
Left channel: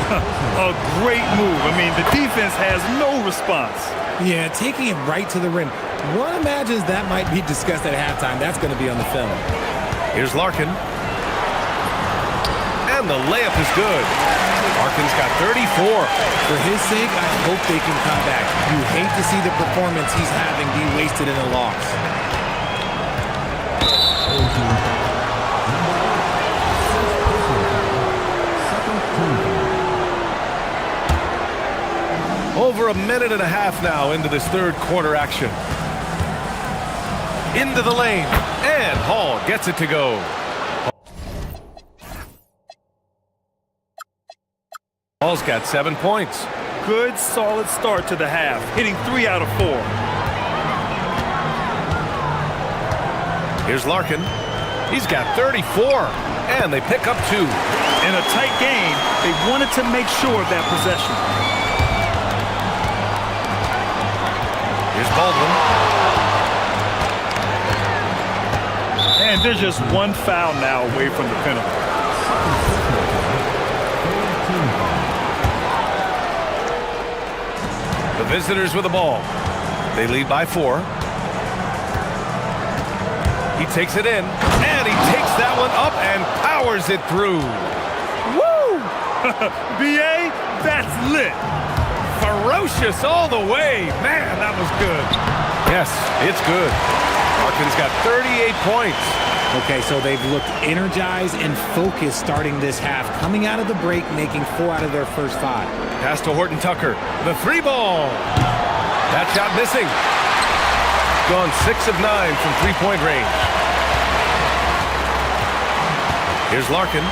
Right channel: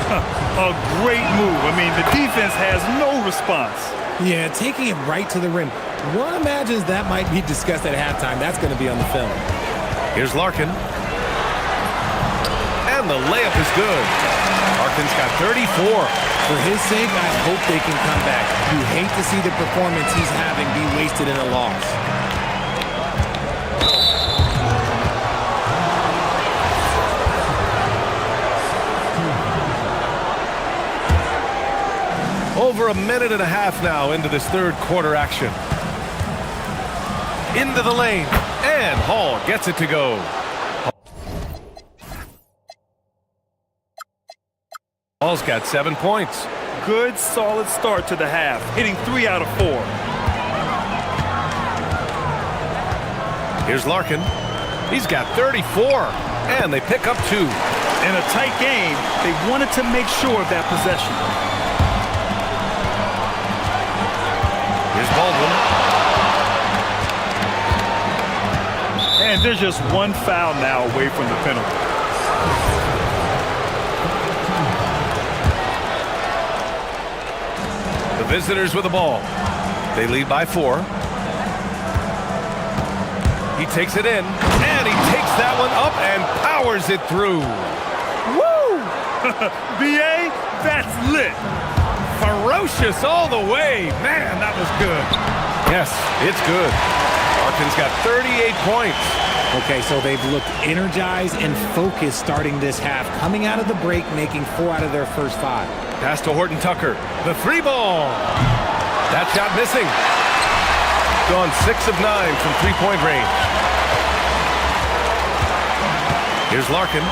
A great move. I mean, the defense has no response. Yeah, taking it right to the rim. One imagines that might be discussed at halftime. That's going to be on the film. Here's Larkin. And the layup is good. Larkin's got 34. For his sake, I hope they can come back. You hate to see the performance he's having be wasted in a loss. Over a minute and a half now into this third quarter action. Into the lane, and Hall gets it to go. Hall's got 7 points. Good, solid start to the half, hitting 3 out of 4. Here's Larkin. He's got 34, and they pick up 2. In a tight game, they wanted to make sure of that possession. Here's Baldwin. And there's just one foul now away from the penalty. The visitors with the ball. They lead by 4. He takes it in, and he takes that one up and powers it through. Woo! BA, that's lit. Ferocious all the way. Man, that was good. Yes, it's good. Larkin's got 38 points. Okay, so they've looked energized and focused starting this half, coming out of the break, making 4 out of their first 5. Pass to Horton Tucker. The 3 ball. That shot missing. Gone 6 of 9 from 3-point range. Here's Larkin.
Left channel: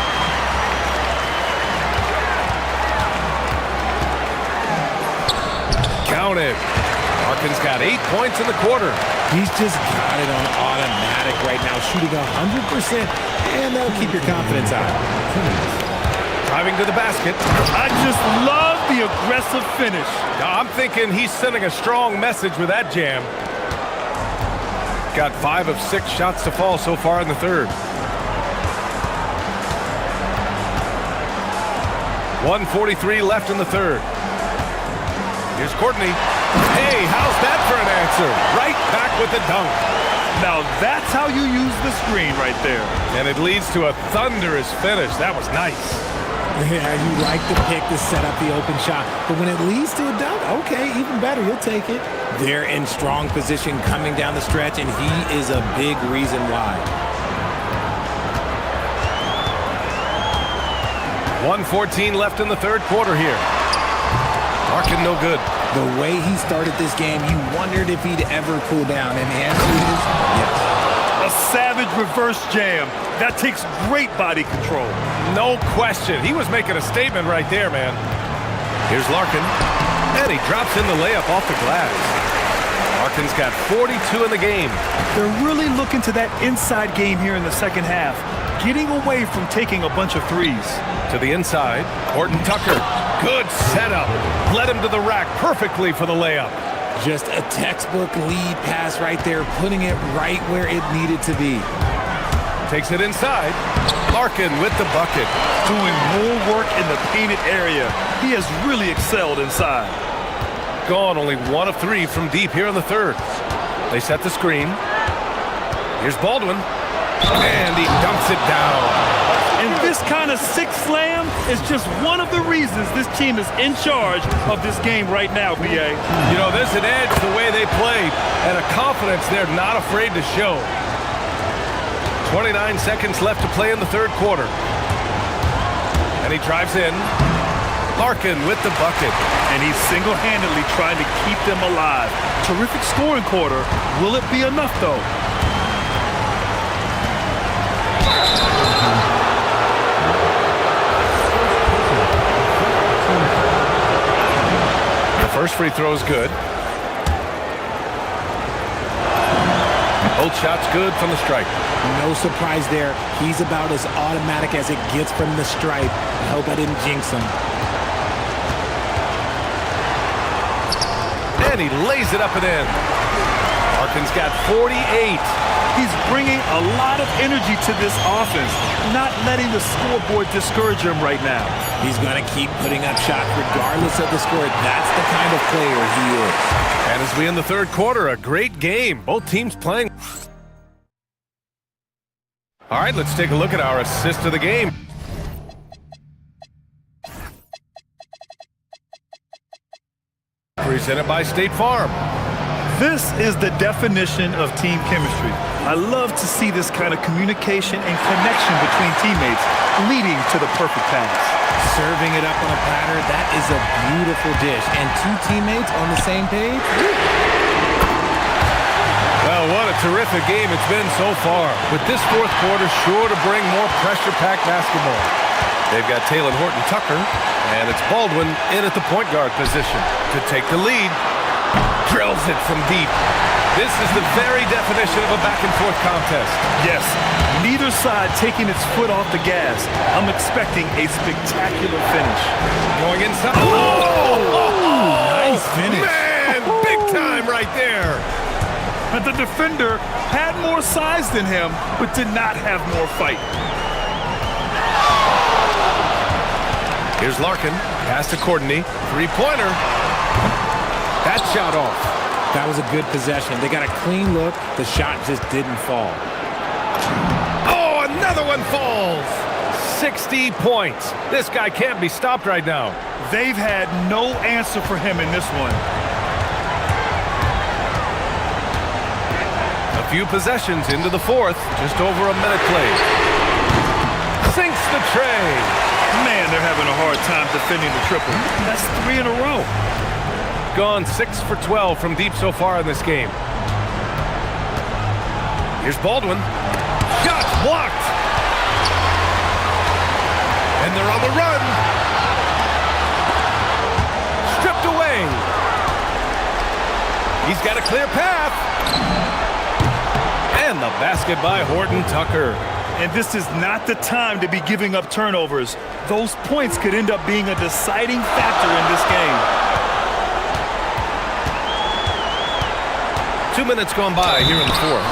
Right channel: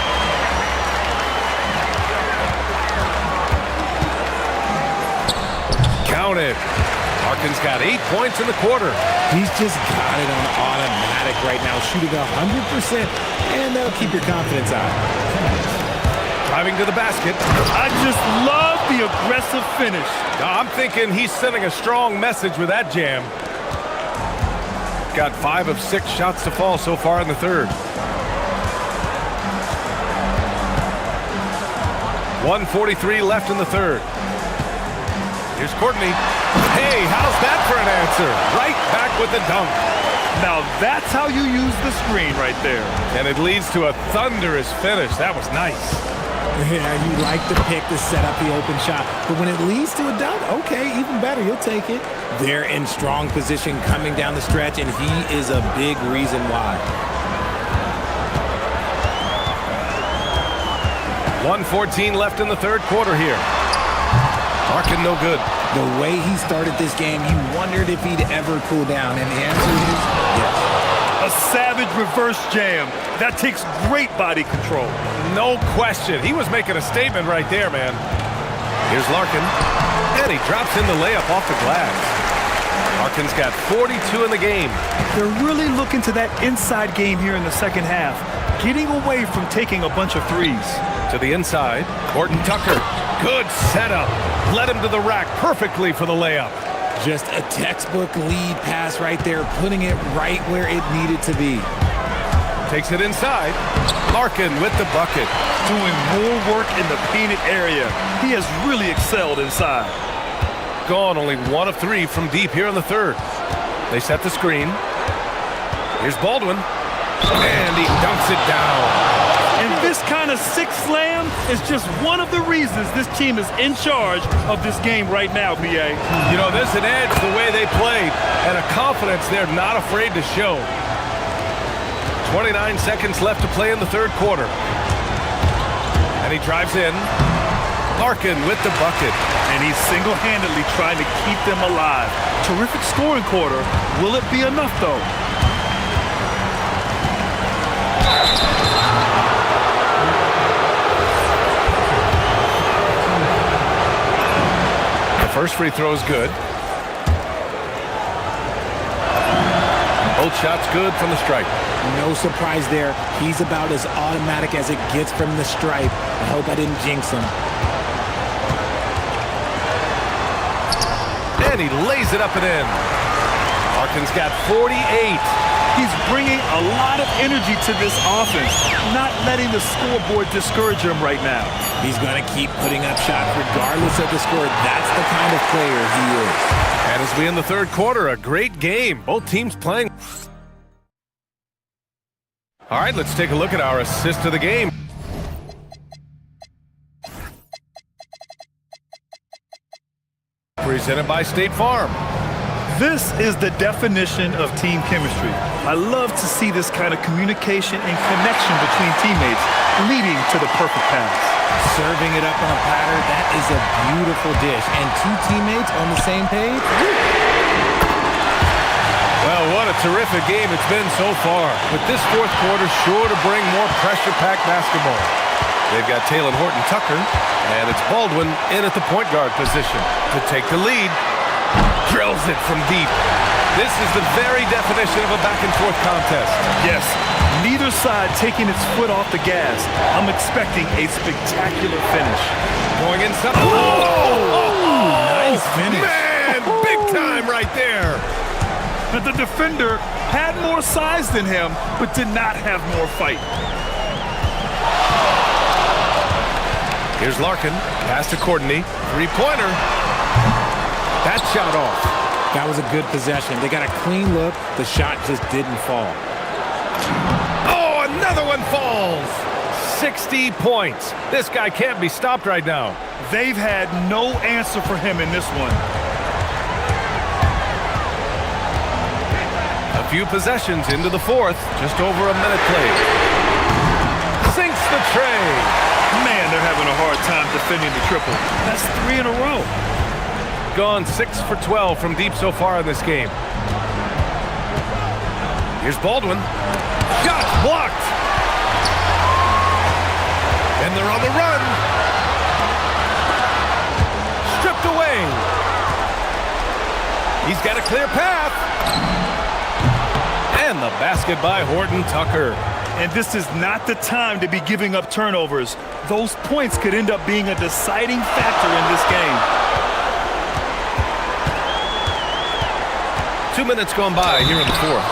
Counted. Larkin's got 8 points in the quarter. He's just got it on automatic right now, shooting 100%, and that'll keep your confidence high. Driving to the basket. I just love the aggressive finish. I'm thinking he's sending a strong message with that jam. Got 5 of 6 shots to fall so far in the third. 1:43 left in the third. Here's Courtney. Hey, how's that for an answer? Right back with the dunk. Now that's how you use the screen right there. And it leads to a thunderous finish. That was nice. Yeah, you like the pick to set up the open shot. But when it leads to a dunk, okay, even better, you'll take it. They're in strong position coming down the stretch, and he is a big reason why. 1:14 left in the third quarter here. Larkin no good. The way he started this game, you wondered if he'd ever cool down, and the answer is yes. A savage reverse jam. That takes great body control. No question. He was making a statement right there, man. Here's Larkin. And he drops in the layup off the glass. Larkin's got 42 in the game. They're really looking to that inside game here in the second half, getting away from taking a bunch of threes. To the inside, Horton Tucker. Good setup. Led him to the rack perfectly for the layup. Just a textbook lead pass right there, putting it right where it needed to be. Takes it inside. Larkin with the bucket. Doing more work in the painted area. He has really excelled inside. Gone only 1 of 3 from deep here in the third. They set the screen. Here's Baldwin. And he dunks it down. And this kind of sick slam is just one of the reasons this team is in charge of this game right now, BA. You know, there's an edge the way they played and a confidence they're not afraid to show. 29 seconds left to play in the third quarter. And he drives in. Larkin with the bucket. And he's single-handedly trying to keep them alive. Terrific scoring quarter. Will it be enough, though? The first free throw is good. Both shots good from the stripe. No surprise there. He's about as automatic as it gets from the stripe. I hope I didn't jinx him. And he lays it up and in. Larkin's got 48. He's bringing a lot of energy to this offense, not letting the scoreboard discourage him right now. He's going to keep putting up shots regardless of the score. That's the kind of player he is. And as we end the third quarter, a great game. Both teams playing. All right, let's take a look at our assist of the game. Presented by State Farm. This is the definition of team chemistry. I love to see this kind of communication and connection between teammates leading to the perfect pass. Serving it up on a platter, that is a beautiful dish. And two teammates on the same page. Well, what a terrific game it's been so far. With this fourth quarter sure to bring more pressure-packed basketball. They've got Taylor Horton-Tucker, and it's Baldwin in at the point guard position to take the lead. Drills it from deep. This is the very definition of a back-and-forth contest. Yes, neither side taking its foot off the gas. I'm expecting a spectacular finish. Going inside. Oh! Nice finish. Man, big time right there. But the defender had more size than him, but did not have more fight. Here's Larkin. Pass to Courtney. Three-pointer. That shot off. That was a good possession. They got a clean look. The shot just didn't fall. Oh, another one falls. 60 points. This guy can't be stopped right now. They've had no answer for him in this one. A few possessions into the fourth. Just over a minute played. Sinks the tray. Man, they're having a hard time defending the triple. That's 3 in a row. Gone 6 for 12 from deep so far in this game. Here's Baldwin. Shots blocked. And they're on the run. Stripped away. He's got a clear path. And the basket by Horton-Tucker. And this is not the time to be giving up turnovers. Those points could end up being a deciding factor in this game. 2 minutes gone by here in the fourth.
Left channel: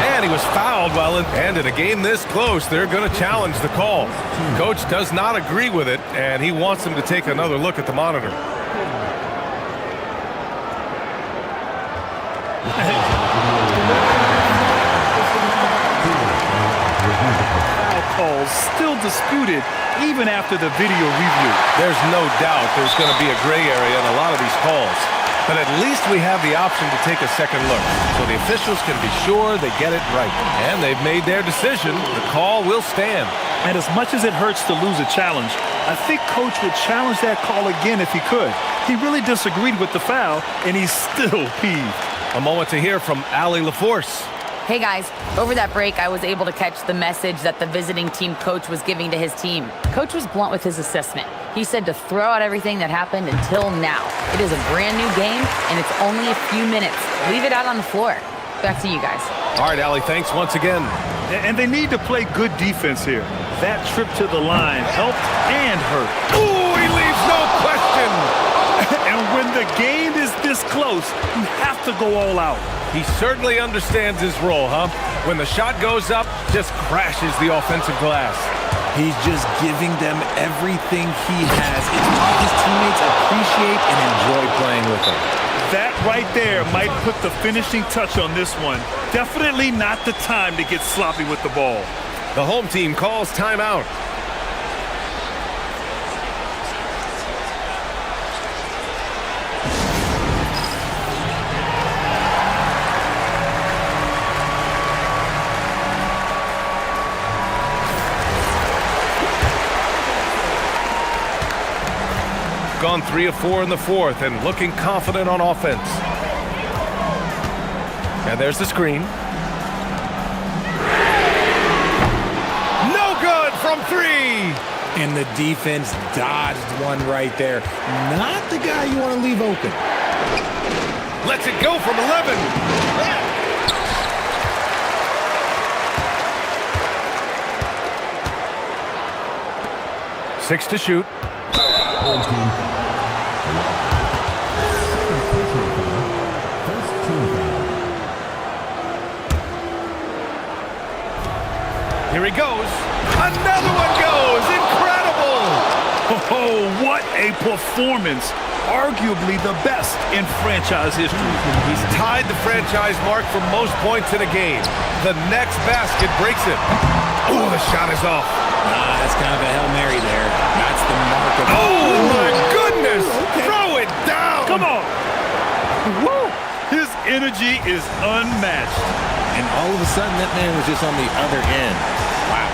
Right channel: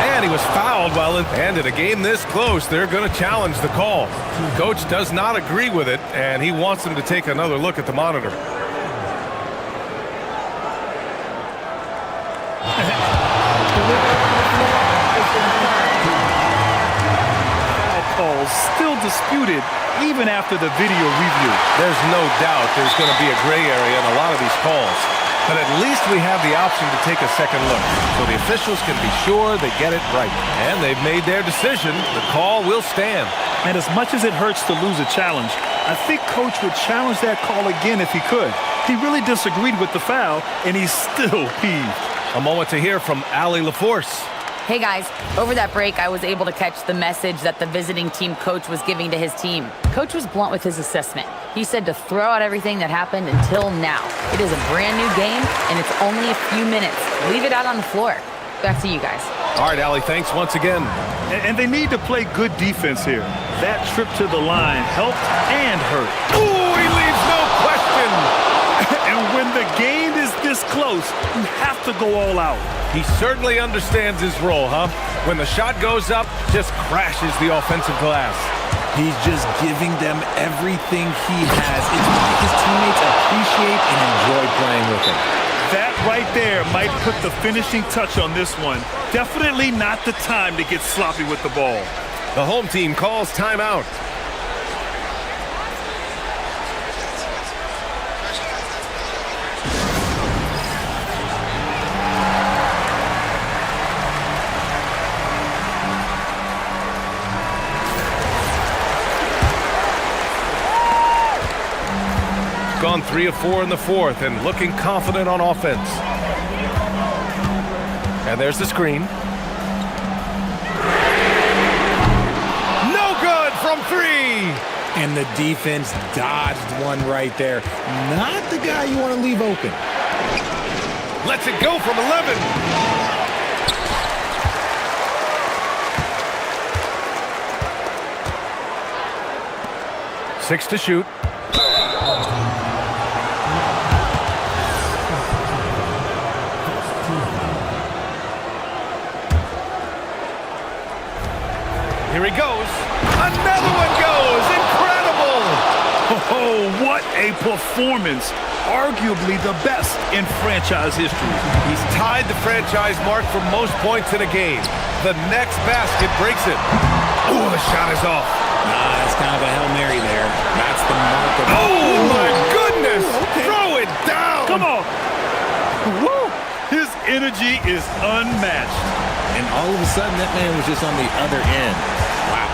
And he was fouled while in. And in a game this close, they're going to challenge the call. Coach does not agree with it, and he wants them to take another look at the monitor. Foul calls still disputed even after the video review. There's no doubt there's going to be a gray area in a lot of these calls. But at least we have the option to take a second look, so the officials can be sure they get it right. And they've made their decision. The call will stand. And as much as it hurts to lose a challenge, I think Coach would challenge that call again if he could. He really disagreed with the foul, and he's still peeved. A moment to hear from Allie LaForce. Hey guys, over that break, I was able to catch the message that the visiting team coach was giving to his team. Coach was blunt with his assessment. He said to throw out everything that happened until now. It is a brand new game, and it's only a few minutes. Leave it out on the floor. Back to you guys. All right, Allie, thanks once again. And they need to play good defense here. That trip to the line helped and hurt. Ooh, he leaves no question. And when the game is this close, you have to go all out. He certainly understands his role, huh? When the shot goes up, just crashes the offensive glass. He's just giving them everything he has. It's why his teammates appreciate and enjoy playing with him. That right there might put the finishing touch on this one. Definitely not the time to get sloppy with the ball. The home team calls timeout. Gone 3 of 4 in the fourth and looking confident on offense. And there's the screen. No good from 3. And the defense dodged one right there. Not the guy you want to leave open. Lets it go from 11. Six to shoot. Here he goes. Another one goes. Incredible. Oh, what a performance. Arguably the best in franchise history. He's tied the franchise mark for most points in a game. The next basket breaks it. Oh, the shot is off. That's kind of a Hail Mary there. That's the mark of... Oh, my goodness! Okay. Throw it down! Come on. Woo! His energy is unmatched. And all of a sudden, that man was just on the other end. Wow.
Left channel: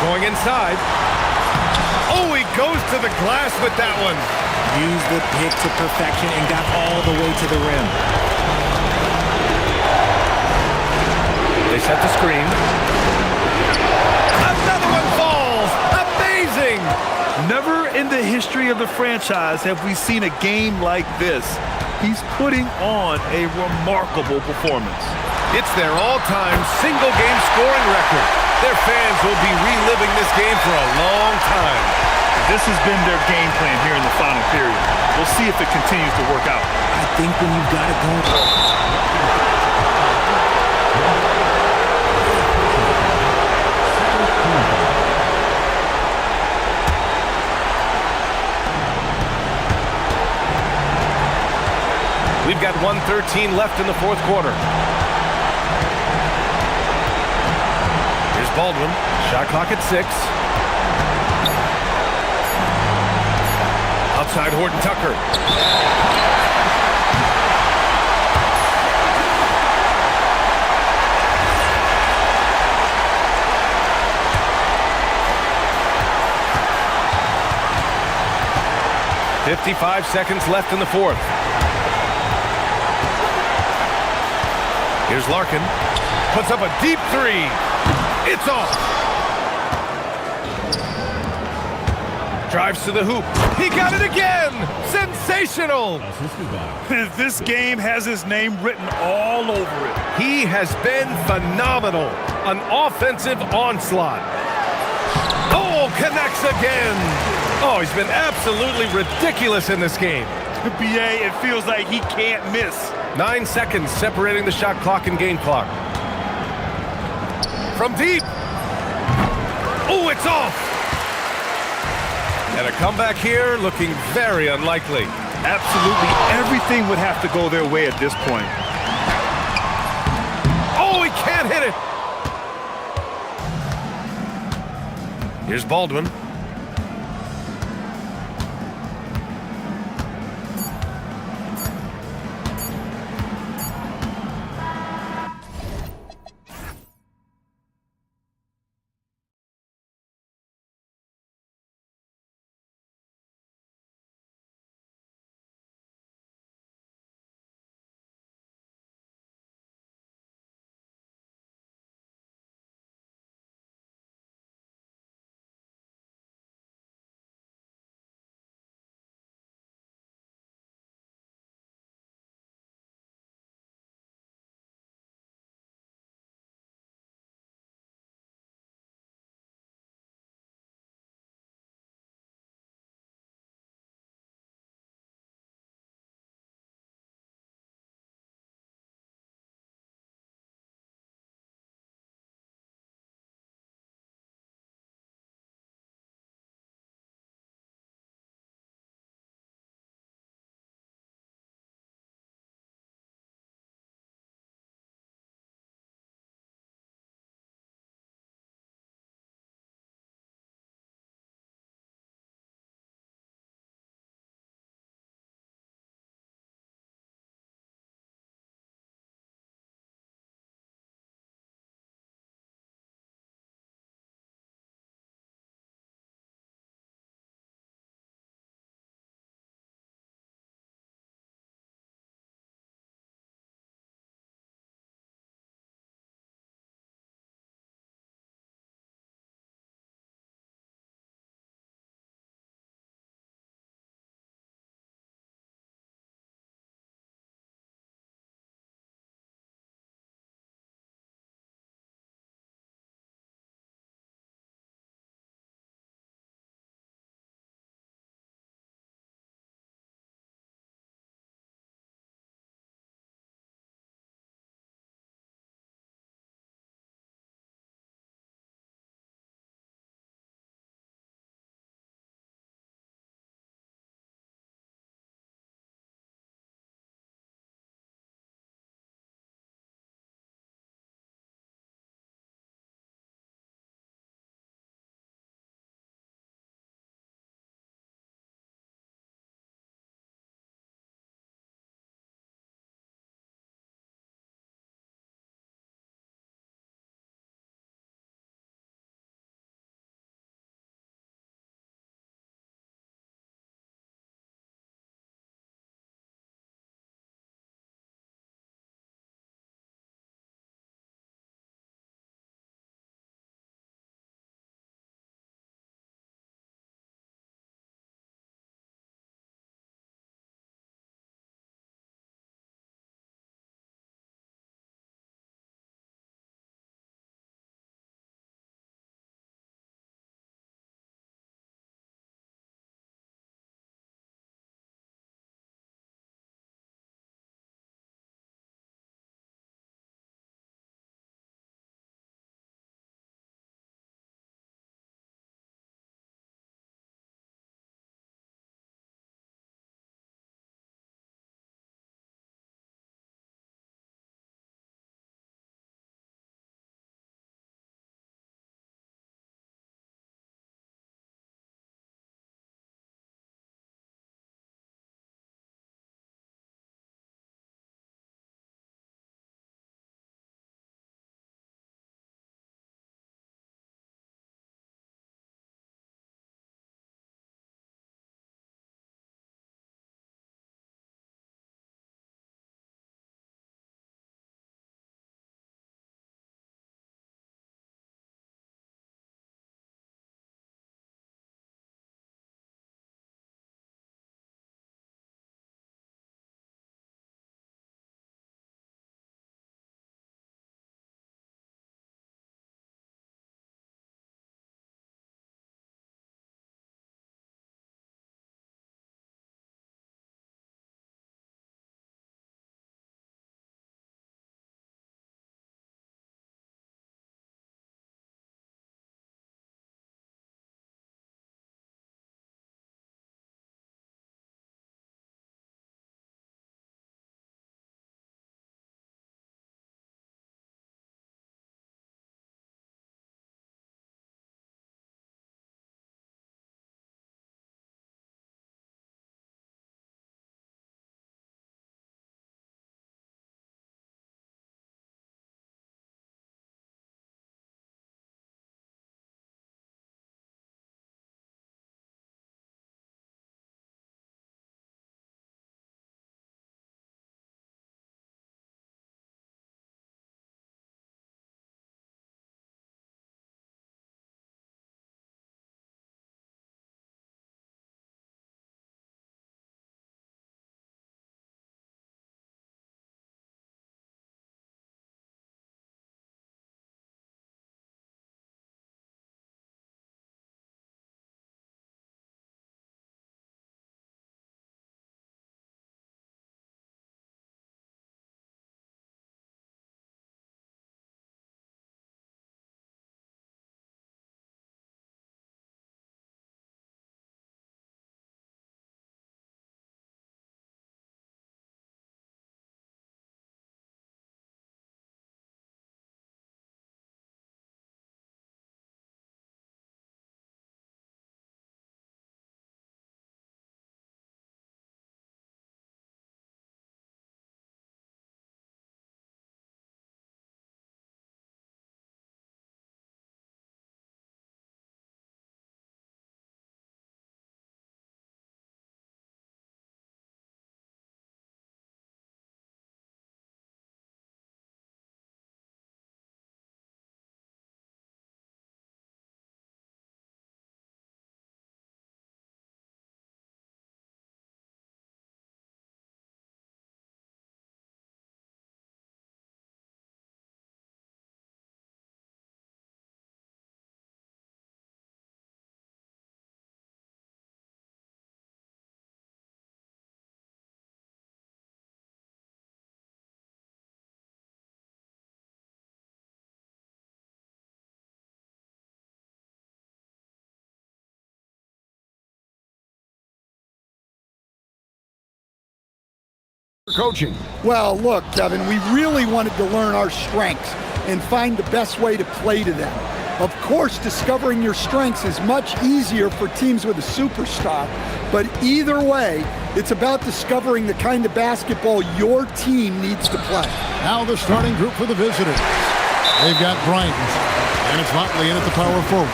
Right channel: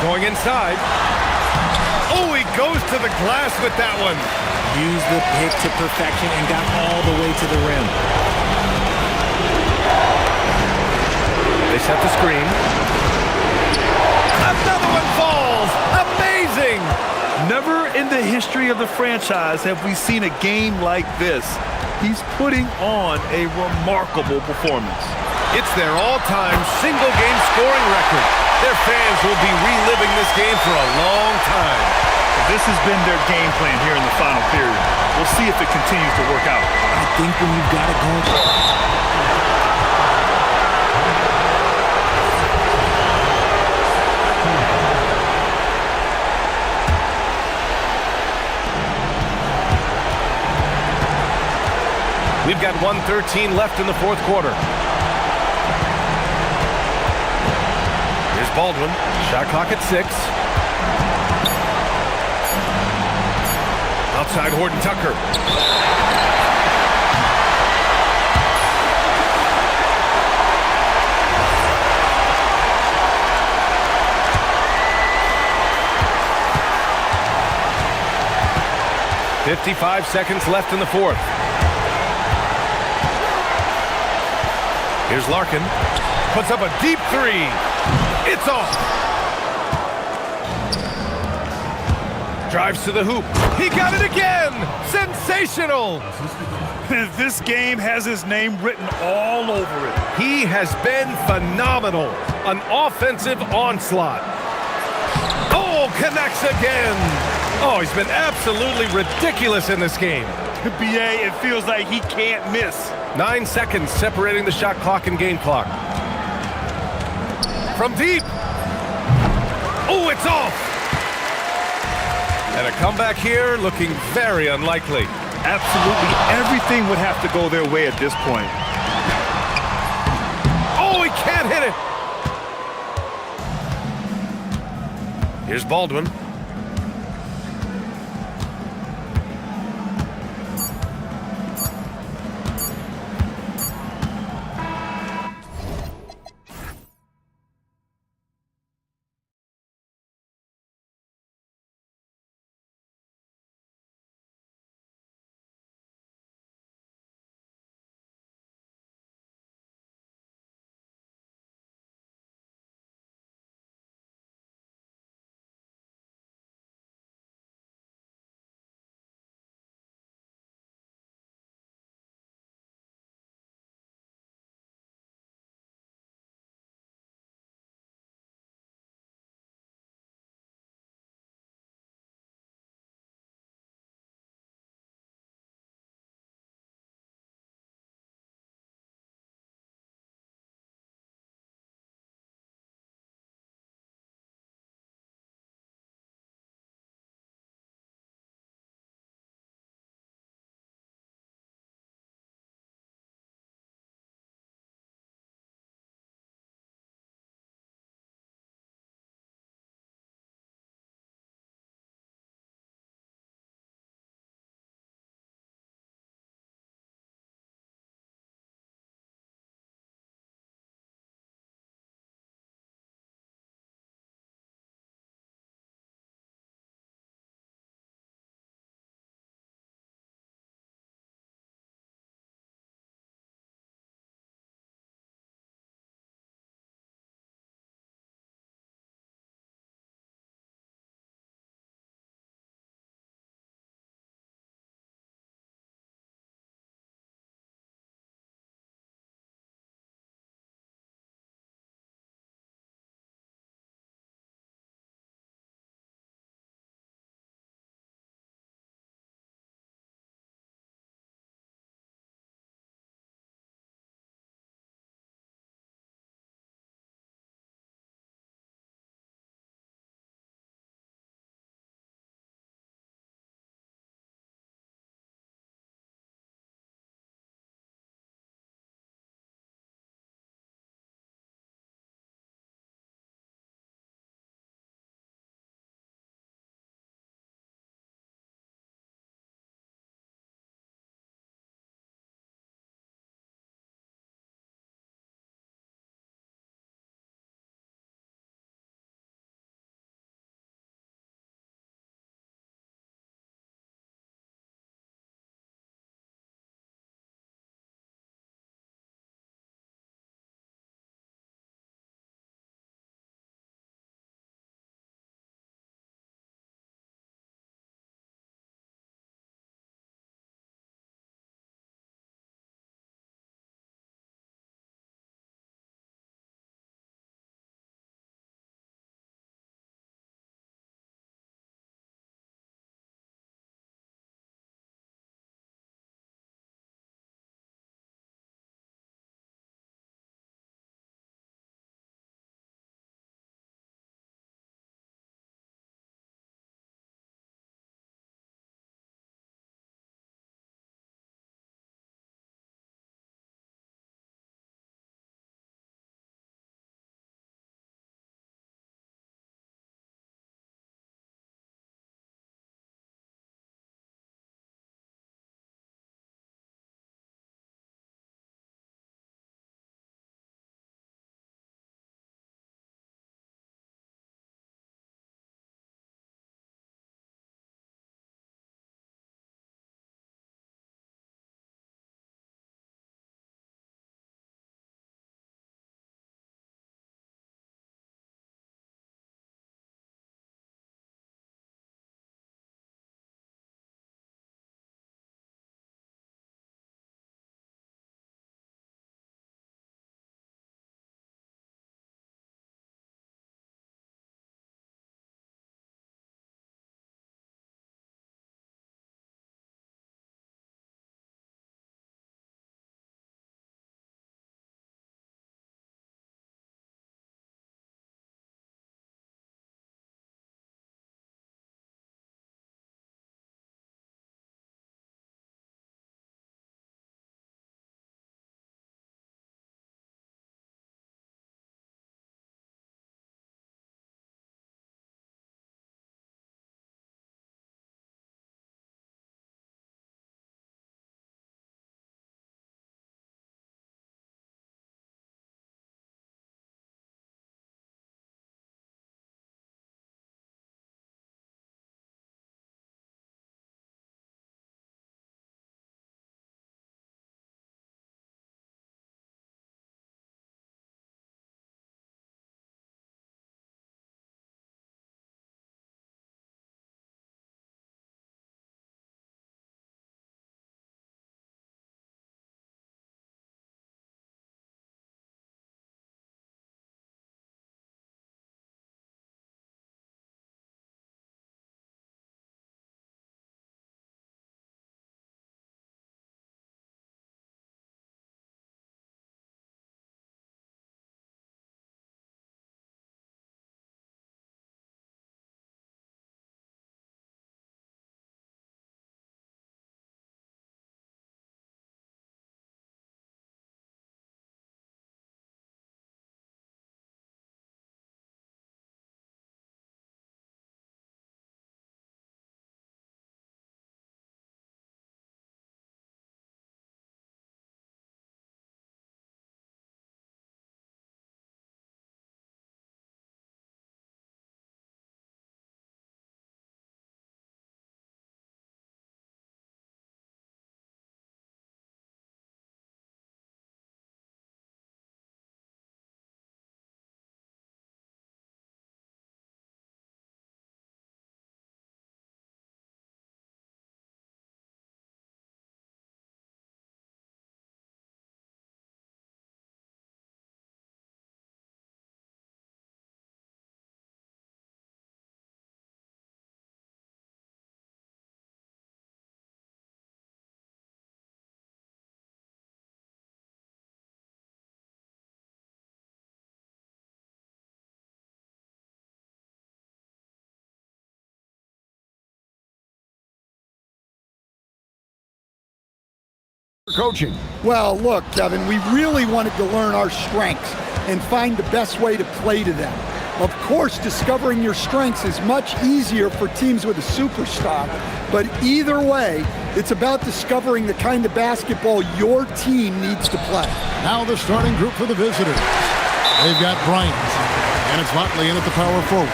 Going inside. Oh, he goes to the glass with that one. Used the pick to perfection and got all the way to the rim. They set the screen. Another one falls. Amazing. Never in the history of the franchise have we seen a game like this. He's putting on a remarkable performance. It's their all-time single-game scoring record. Their fans will be reliving this game for a long time. This has been their game plan here in the final period. We'll see if it continues to work out. I think when you've got it going... We've got 1:13 left in the fourth quarter. Here's Baldwin. Shot clock at 6. Outside Horton Tucker. .55 seconds left in the fourth. Here's Larkin. Puts up a deep three. It's off. Drives to the hoop. He got it again. Sensational. This game has his name written all over it. He has been phenomenal. An offensive onslaught. Oh, connects again. Oh, he's been absolutely ridiculous in this game. BA, it feels like he can't miss. 9 seconds separating the shot clock and game clock. From deep. Oh, it's off. And a comeback here looking very unlikely. Absolutely everything would have to go their way at this point. Oh, he can't hit it. Here's Baldwin. Coaching. Well, look, Kevin, we really wanted to learn our strengths and find the best way to play to them. Of course, discovering your strengths is much easier for teams with a superstar, but either way, it's about discovering the kind of basketball your team needs to play. Now the starting group for the visitors. They've got Bryant, and it's Motley in at the power forward.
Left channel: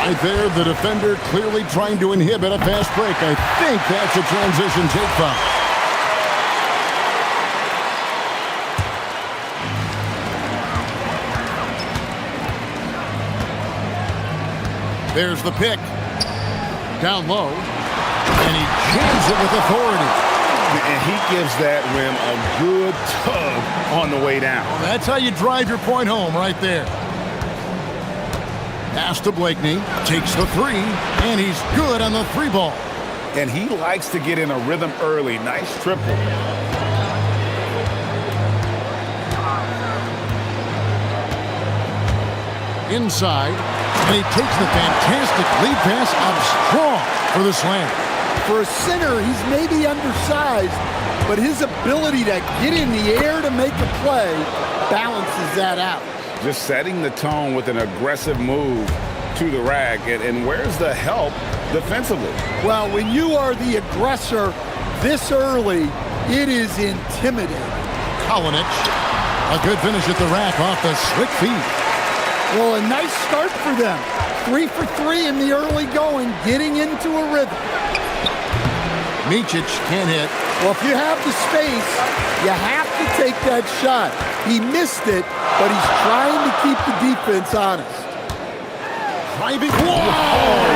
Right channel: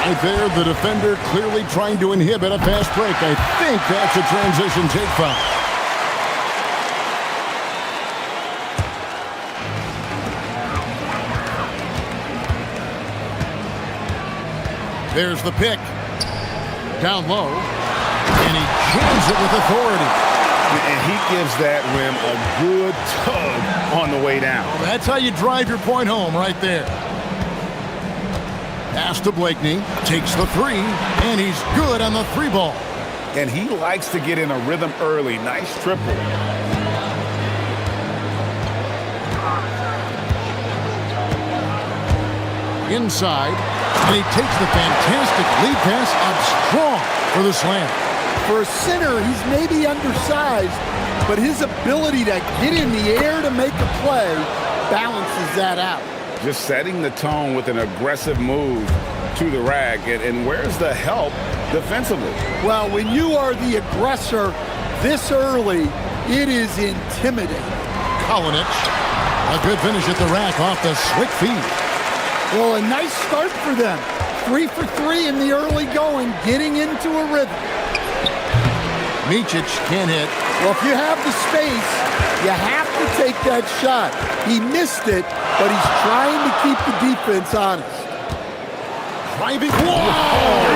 Right there, the defender clearly trying to inhibit a fast break. I think that's a transition take foul. There's the pick. Down low. And he jams it with authority. And he gives that rim a good tug on the way down. Well, that's how you drive your point home right there. Pass to Blakeney. Takes the three. And he's good on the three ball. And he likes to get in a rhythm early. Nice triple. Inside. And he takes the fantastic lead pass up strong for the slam. For a center, he's maybe undersized, but his ability to get in the air to make a play balances that out. Just setting the tone with an aggressive move to the rack. And where's the help defensively? Well, when you are the aggressor this early, it is intimidating. Kalinic, a good finish at the rack off the slick feed. Well, a nice start for them. 3 for 3 in the early going, getting into a rhythm. Micic can't hit. Well, if you have the space, you have to take that shot. He missed it, but he's trying to keep the defense honest. Driving. Whoa!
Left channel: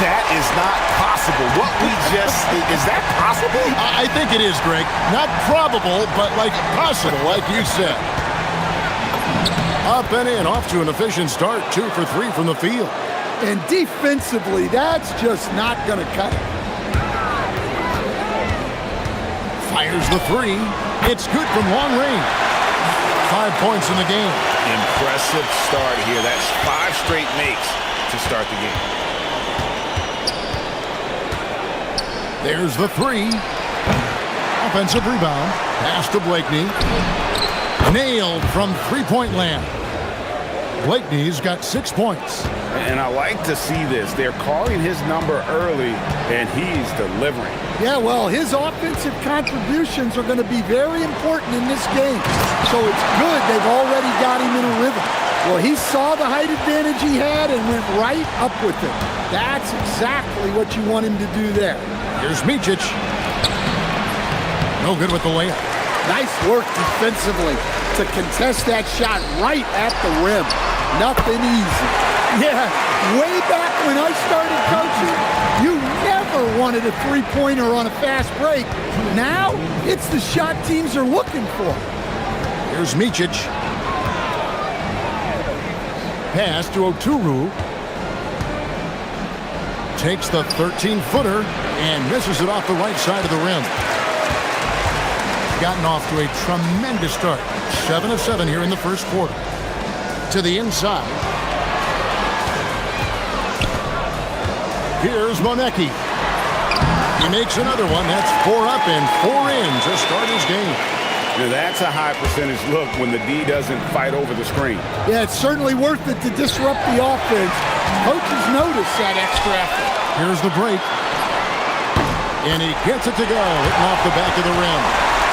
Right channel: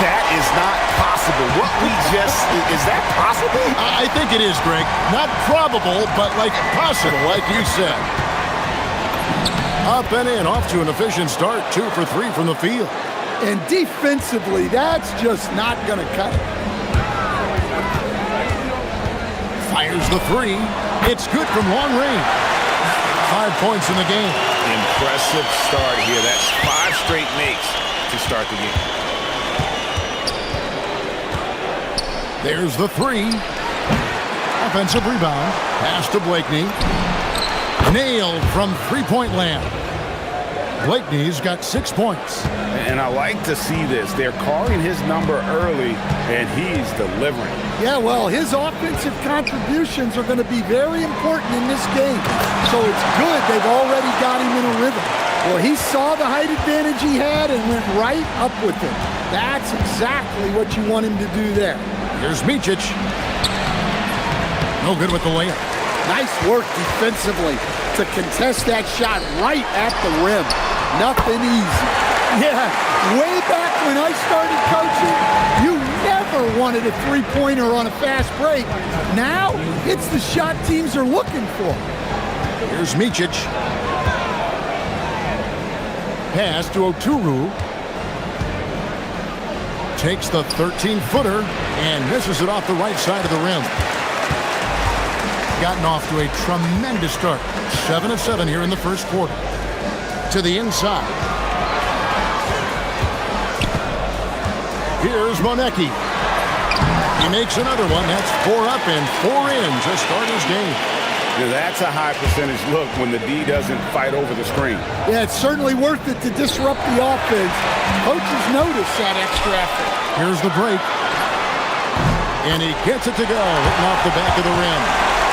That is not possible. What we just, is that possible? I think it is, Greg. Not probable, but like possible, like you said. Up and in, off to an efficient start. 2 for 3 from the field. And defensively, that's just not going to cut it. Fires the three. It's good from long range. 5 points in the game. Impressive start here. That's 5 straight makes to start the game. There's the three. Offensive rebound. Pass to Blakeney. Nailed from three-point land. Blakeney's got 6 points. And I like to see this. They're calling his number early, and he's delivering. Yeah, well, his offensive contributions are going to be very important in this game. So it's good they've already got him in a rhythm. Well, he saw the height advantage he had and went right up with it. That's exactly what you want him to do there. Here's Micic. No good with the layup. Nice work defensively to contest that shot right at the rim. Nothing easy. Yeah, way back when I started coaching, you never wanted a three-pointer on a fast break. Now, it's the shot teams are looking for. Here's Micic. Pass to Oturu. Takes the 13-footer and misses it off the right side of the rim. Gotten off to a tremendous start. 7 of 7 here in the first quarter. To the inside. Here's Monecki. He makes another one. That's 4 up and 4 in to start his game. Now that's a high percentage look when the D doesn't fight over the screen. Yeah, it's certainly worth it to disrupt the offense. Coaches notice that extra effort. Here's the break. And he gets it to go, hitting off the back of the rim.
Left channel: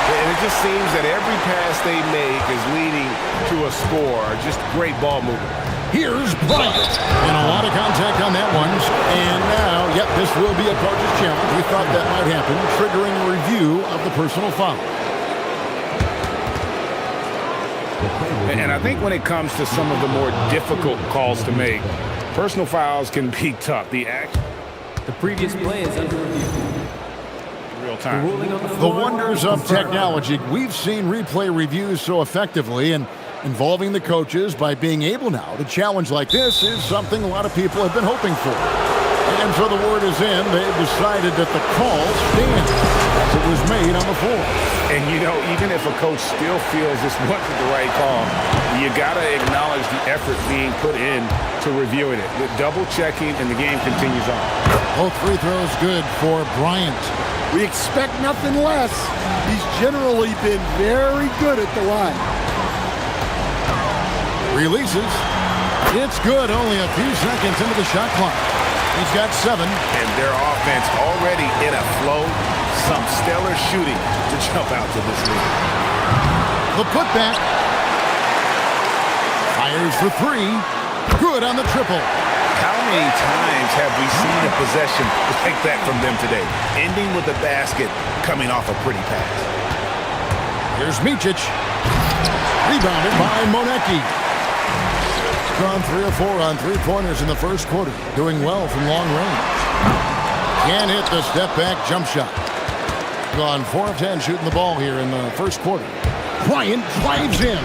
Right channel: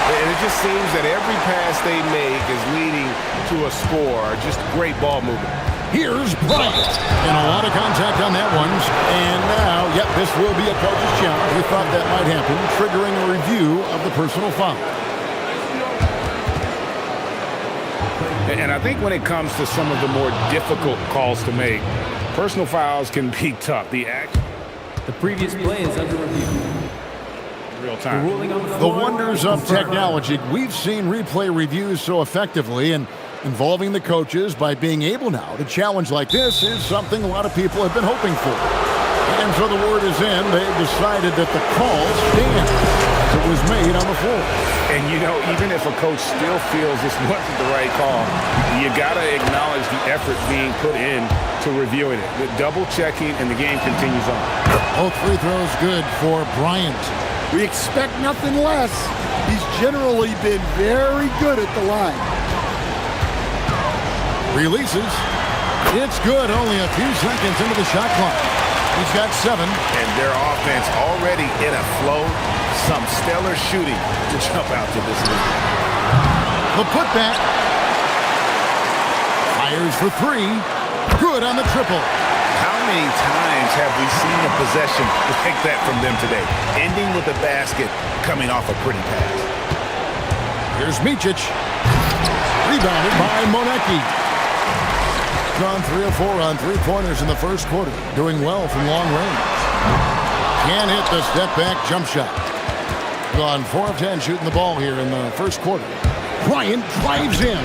And it just seems that every pass they make is leading to a score. Just great ball movement. Here's Bryant. And a lot of contact on that one. And now, yep, this will be a coach's challenge. We thought that might happen, triggering a review of the personal foul. And I think when it comes to some of the more difficult calls to make, personal fouls can be tough. The previous play is under review. Real time. The wonders of technology. We've seen replay reviews so effectively, and involving the coaches by being able now to challenge like this is something a lot of people have been hoping for. And so the word is in. They've decided that the call stands as it was made on the floor. And, you know, even if a coach still feels this wasn't the right call, you got to acknowledge the effort being put in to reviewing it. The double checking, and the game continues on. Both free throws good for Bryant. We expect nothing less. He's generally been very good at the line. Releases. It's good. Only a few seconds into the shot clock. He's got 7. And their offense already in a flow. Some stellar shooting to jump out to this lead. The putback. Fires for 3. Good on the triple. How many times have we seen a possession like that from them today? Ending with a basket, coming off a pretty pass. Here's Micic. Rebounded by Monecki. Gone 3 of 4 on three-pointers in the first quarter. Doing well from long range. Can't hit the step-back jump shot. Gone 4 of 10 shooting the ball here in the first quarter. Bryant drives in.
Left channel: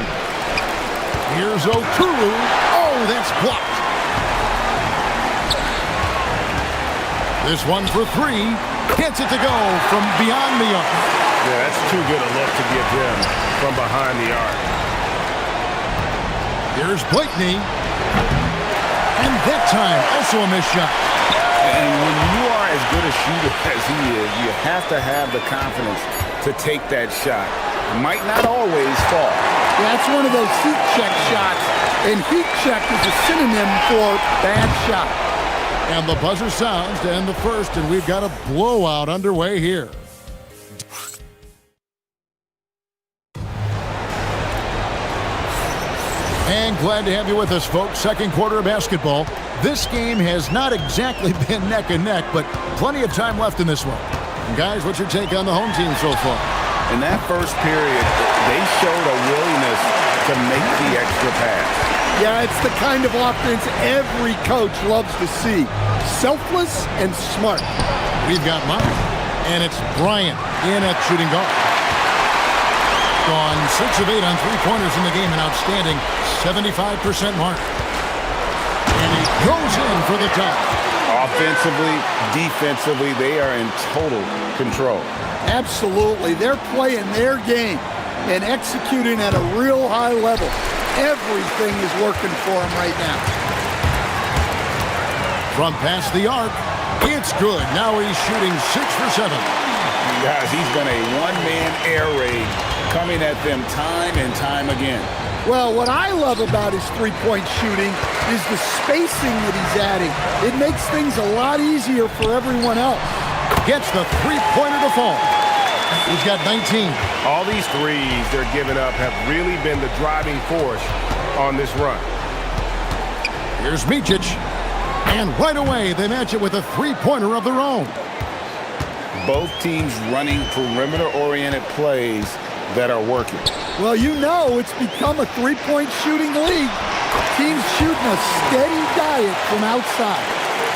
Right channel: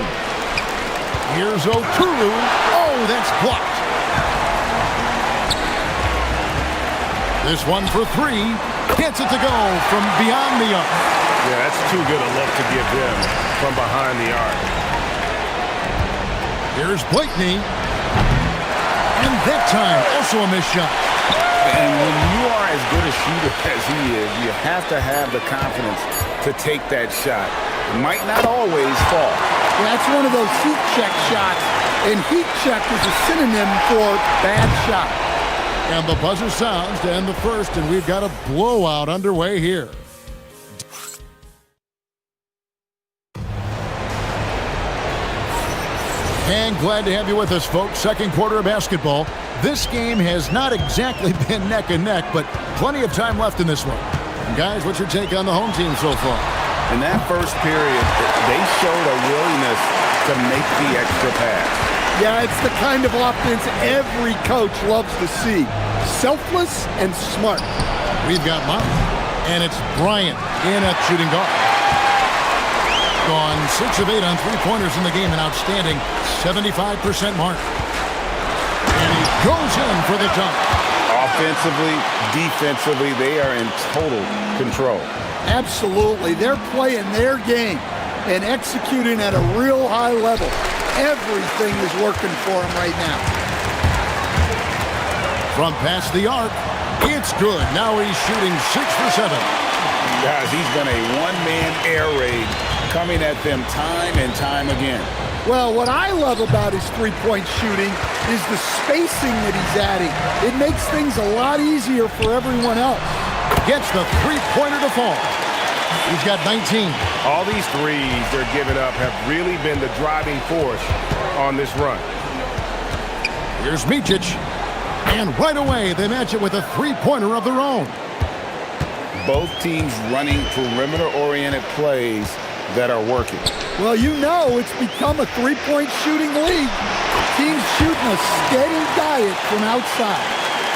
Here's Oturu. Oh, that's blocked. This one for 3. Gets it to go from beyond the arc. Yeah, that's too good a look to give him from behind the arc. Here's Blakeney. And that time, also a missed shot. And when you are as good a shooter as he is, you have to have the confidence to take that shot. It might not always fall. Yeah, that's one of those heat check shots. And heat check is a synonym for bad shot. And the buzzer sounds to end the first, and we've got a blowout underway here. And glad to have you with us, folks. Second quarter of basketball. This game has not exactly been neck and neck, but plenty of time left in this one. And guys, what's your take on the home team so far? In that first period, they showed a willingness to make the extra pass. Yeah, it's the kind of offense every coach loves to see. Selfless and smart. We've got mine, and it's Bryant in at shooting guard. Gone 6 of 8 on three-pointers in the game, an outstanding 75% mark. And he goes in for the dunk. Offensively, defensively, they are in total control. Absolutely. They're playing their game and executing at a real high level. Everything is working for him right now. From past the arc, it's good. Now he's shooting 6 for 7. Guys, he's been a one-man air raid coming at them time and time again. Well, what I love about his three-point shooting is the spacing that he's adding. It makes things a lot easier for everyone else. Gets the three-pointer to fall. He's got 19. All these threes they're giving up have really been the driving force on this run. Here's Micic. And right away, they match it with a three-pointer of their own. Both teams running perimeter-oriented plays that are working. Well, you know it's become a three-point shooting league. Teams shooting a steady diet from outside.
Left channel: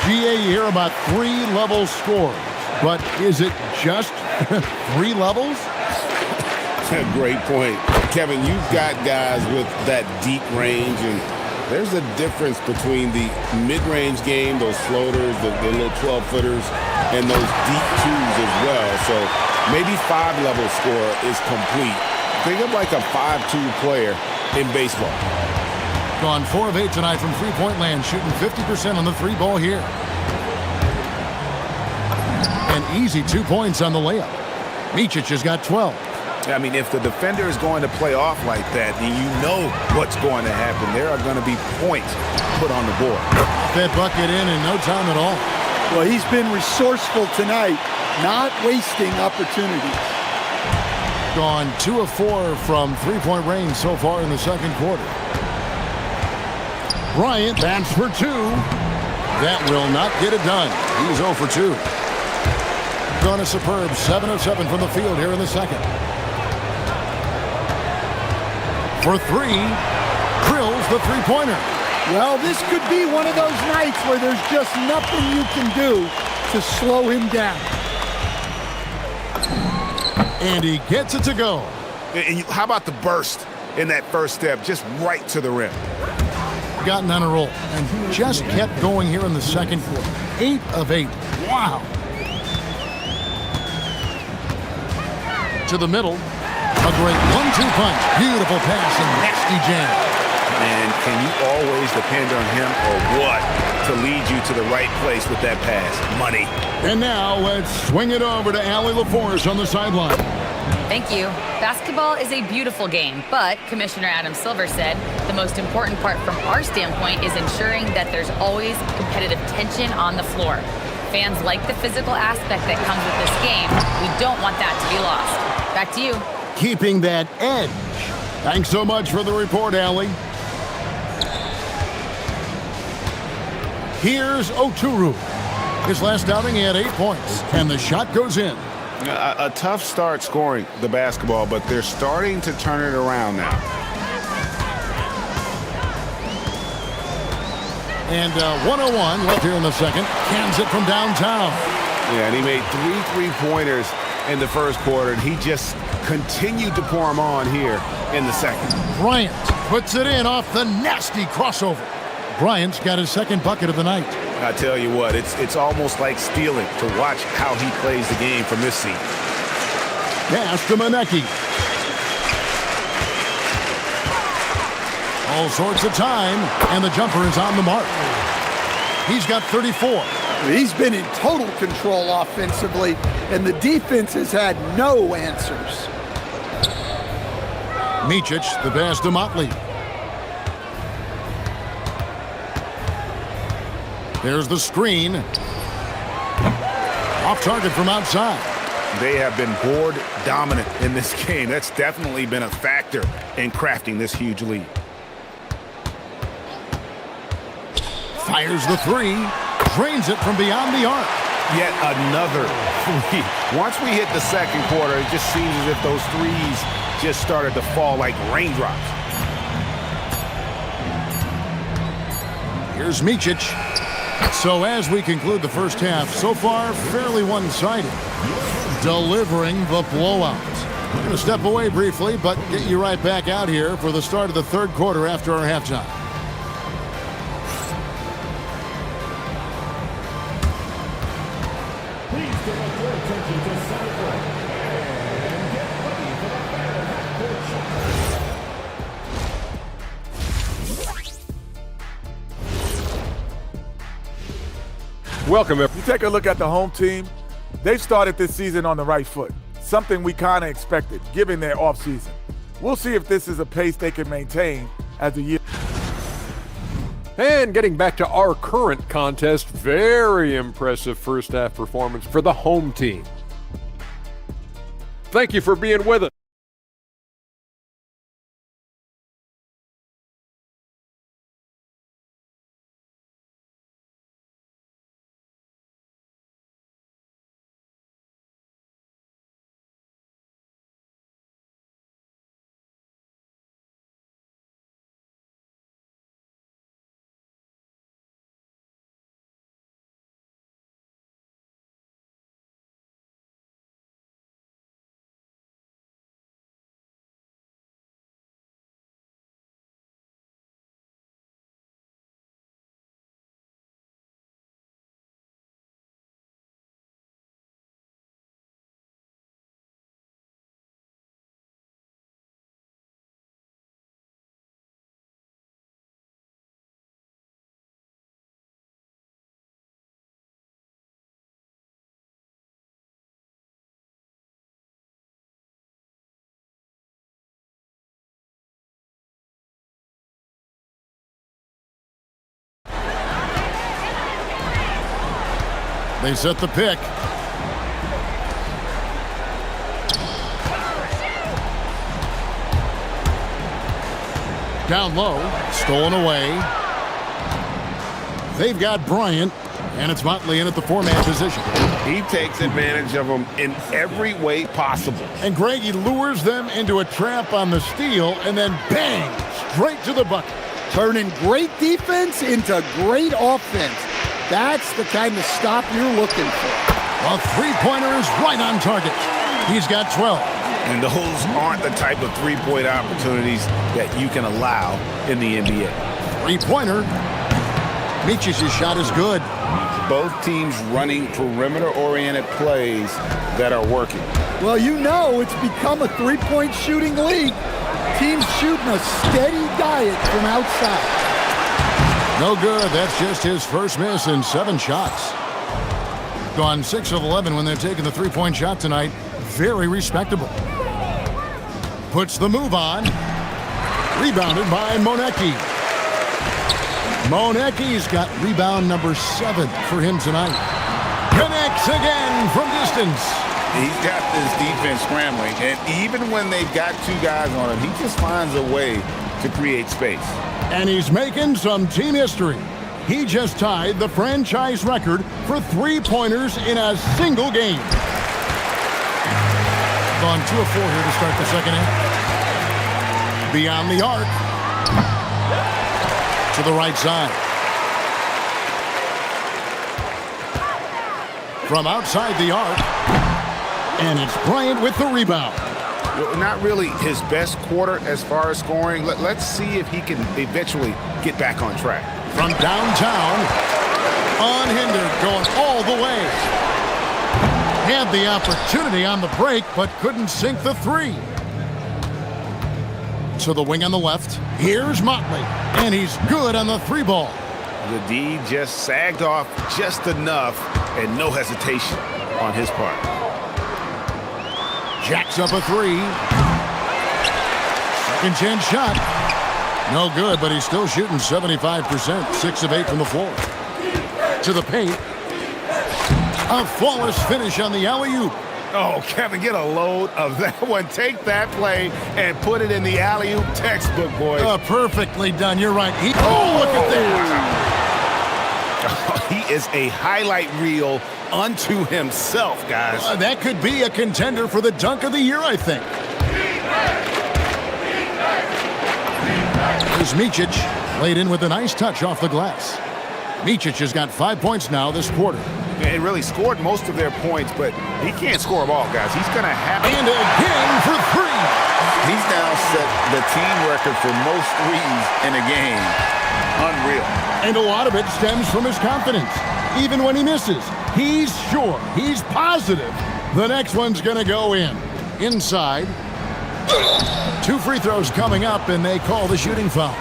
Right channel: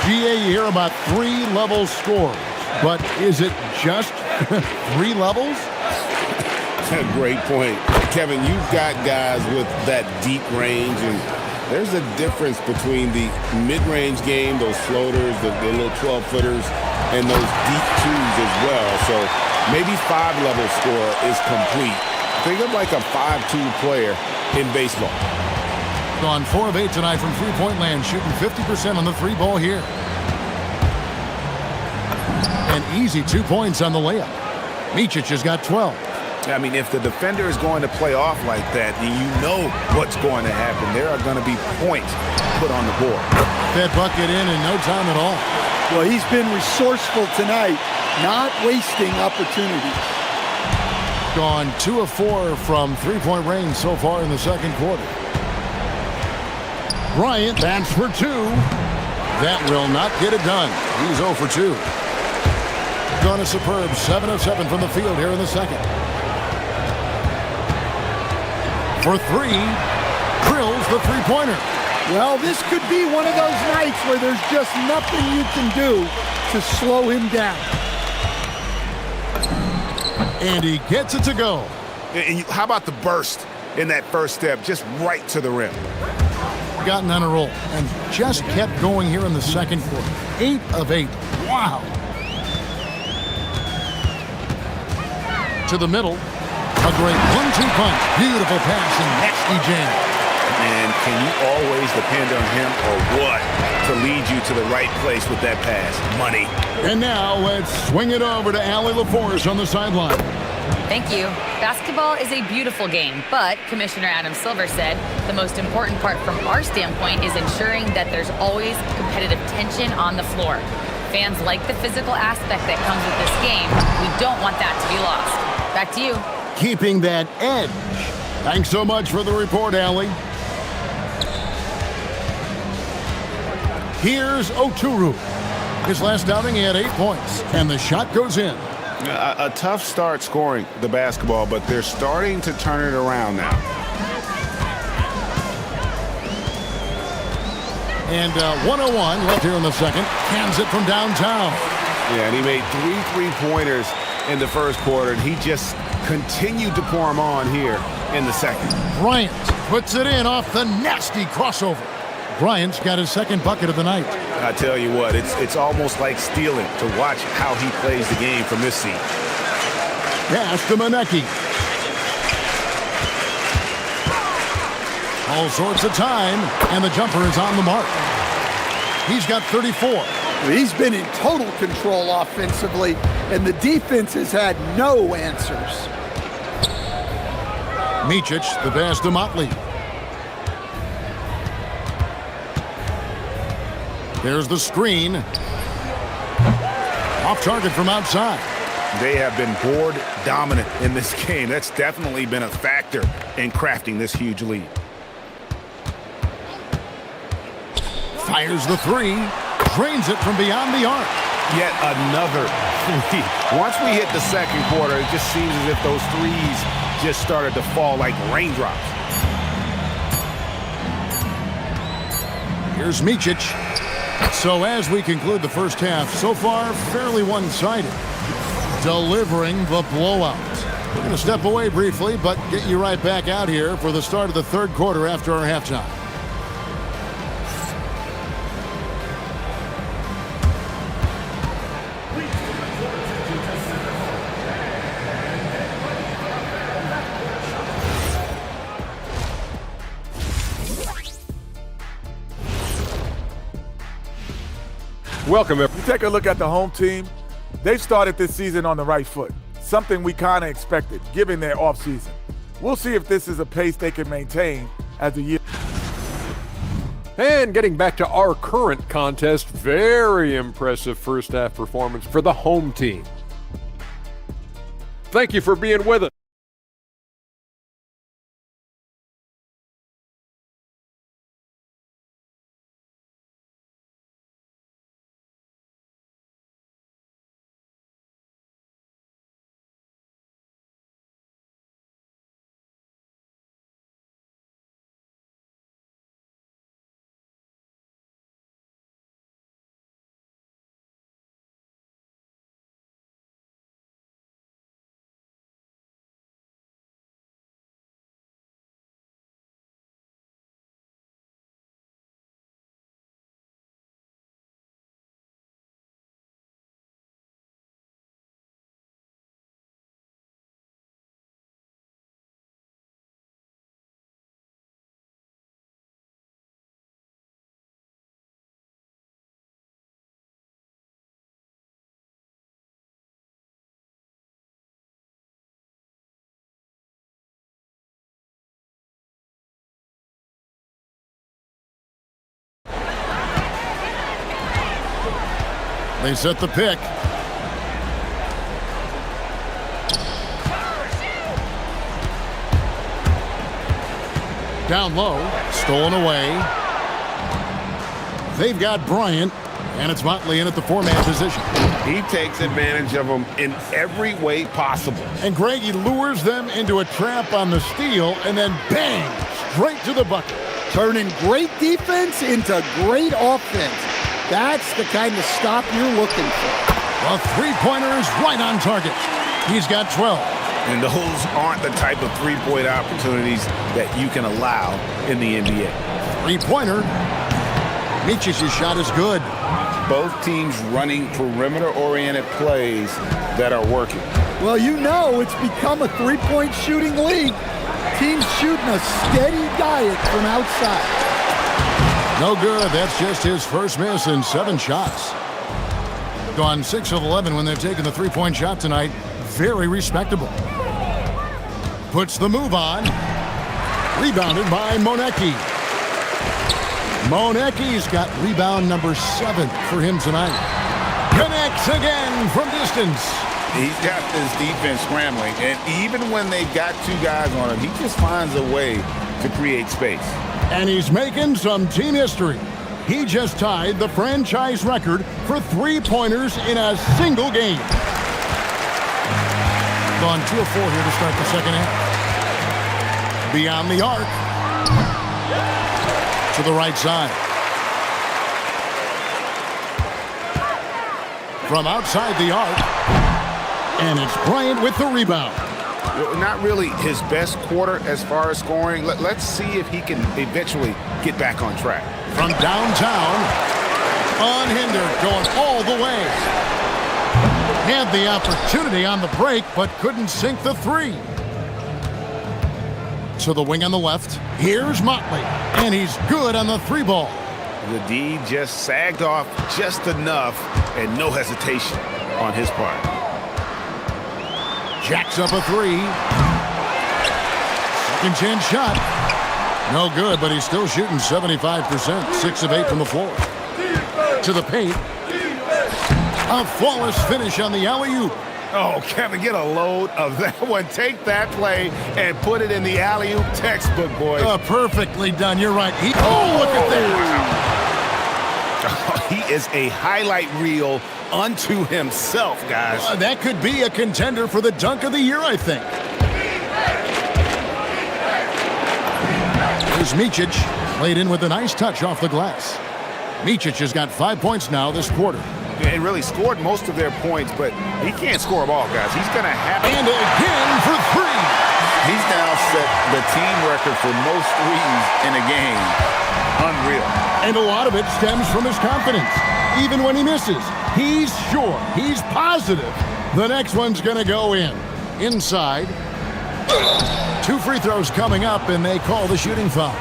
GA, you hear about 3-level scores. But is it just 3 levels? Great point. Kevin, you've got guys with that deep range, and there's a difference between the mid-range game, those floaters, the little 12-footers, and those deep twos as well. So maybe 5-level score is complete. Think of like a 5-2 player in baseball. Gone 4 of 8 tonight from three-point land, shooting 50% on the 3-ball here. An easy 2 points on the layup. Micic has got 12. I mean, if the defender is going to play off like that, then you know what's going to happen. There are going to be points put on the board. That bucket in no time at all. Well, he's been resourceful tonight, not wasting opportunities. Gone 2 of 4 from three-point range so far in the second quarter. Bryant, that's for 2. That will not get it done. He's 0 for 2. Gone a superb 7 of 7 from the field here in the second. For 3, drills the three-pointer. Well, this could be one of those nights where there's just nothing you can do to slow him down. And he gets it to go. And how about the burst in that first step, just right to the rim? Gotten on a roll and just kept going here in the second quarter. 8 of 8. Wow. To the middle. A great 1-2 punch. Beautiful pass and nasty jam. And can you always depend on him or what to lead you to the right place with that pass? Money. And now let's swing it over to Allie LaForce on the sideline. Thank you. Basketball is a beautiful game, but Commissioner Adam Silver said the most important part from our standpoint is ensuring that there's always competitive tension on the floor. Fans like the physical aspect that comes with this game. We don't want that to be lost. Back to you. Keeping that edge. Thanks so much for the report, Allie. Here's Oturu. His last outing, he had 8 points, and the shot goes in. A tough start scoring the basketball, but they're starting to turn it around now. And 101 left here in the second. Cans it from downtown. Yeah, and he made 3 3-pointers in the first quarter, and he just continued to pour them on here in the second. Bryant puts it in off the nasty crossover. Bryant's got his second bucket of the night. I tell you what, it's almost like stealing to watch how he plays the game from this seat. Pass to Manecki. All sorts of time, and the jumper is on the mark. He's got 34. He's been in total control offensively, and the defense has had no answers. Micic, the pass to Motley. There's the screen. Off target from outside. They have been board dominant in this game. That's definitely been a factor in crafting this huge lead. Fires the three. Drains it from beyond the arc. Yet another three. Once we hit the second quarter, it just seems as if those threes just started to fall like raindrops. Here's Micic. So as we conclude the first half, so far fairly one-sided. Delivering the blowout. We're going to step away briefly, but get you right back out here for the start of the third quarter after our halftime. Welcome. If you take a look at the home team, they've started this season on the right foot, something we kind of expected, given their offseason. We'll see if this is a pace they can maintain as the year. And getting back to our current contest, very impressive first half performance for the home team. Thank you for being with us. They set the pick. Down low, stolen away. They've got Bryant, and it's Motley in at the four-man position. He takes advantage of them in every way possible. And Greg, he lures them into a trap on the steal, and then bang, straight to the bucket. Turning great defense into great offense. That's the kind of stop you're looking for. A three-pointer is right on target. He's got 12. And those aren't the type of three-point opportunities that you can allow in the NBA. Three-pointer. Micic's shot is good. Both teams running perimeter-oriented plays that are working. Well, you know it's become a three-point shooting league. Team's shooting a steady diet from outside. No good. That's just his first miss in 7 shots. Gone 6 of 11 when they've taken the three-point shot tonight. Very respectable. Puts the move on. Rebounded by Monecki. Monecki's got rebound number 7 for him tonight. Connects again from distance. He's got this defense scrambling, and even when they've got 2 guys on him, he just finds a way to create space. And he's making some team history. He just tied the franchise record for three-pointers in a single game. Gone 2 of 4 here to start the second half. Beyond the arc. To the right side. From outside the arc. And it's Bryant with the rebound. Not really his best quarter as far as scoring. Let's see if he can eventually get back on track. From downtown, unhindered, going all the way. Had the opportunity on the break, but couldn't sink the 3. To the wing on the left. Here's Motley, and he's good on the 3 ball. The D just sagged off just enough, and no hesitation on his part. Jacks up a 3. Second chance shot. No good, but he's still shooting 75%. 6 of 8 from the floor. To the paint. A flawless finish on the alley-oop. Oh, Kevin, get a load of that one. Take that play and put it in the alley-oop textbook, boys. Perfectly done. You're right. Look at that. Wow. He is a highlight reel unto himself, guys. That could be a contender for the dunk of the year, I think. Here's Micic, laid in with a nice touch off the glass. Micic has got 5 points now this quarter. And really scored most of their points, but he can't score them all, guys. He's going to have... And again for 3. He's now set the team record for most threes in a game. Unreal. And a lot of it stems from his confidence. Even when he misses, he's sure, he's positive the next one's going to go in. Inside. 2 free throws coming up, and they call the shooting foul.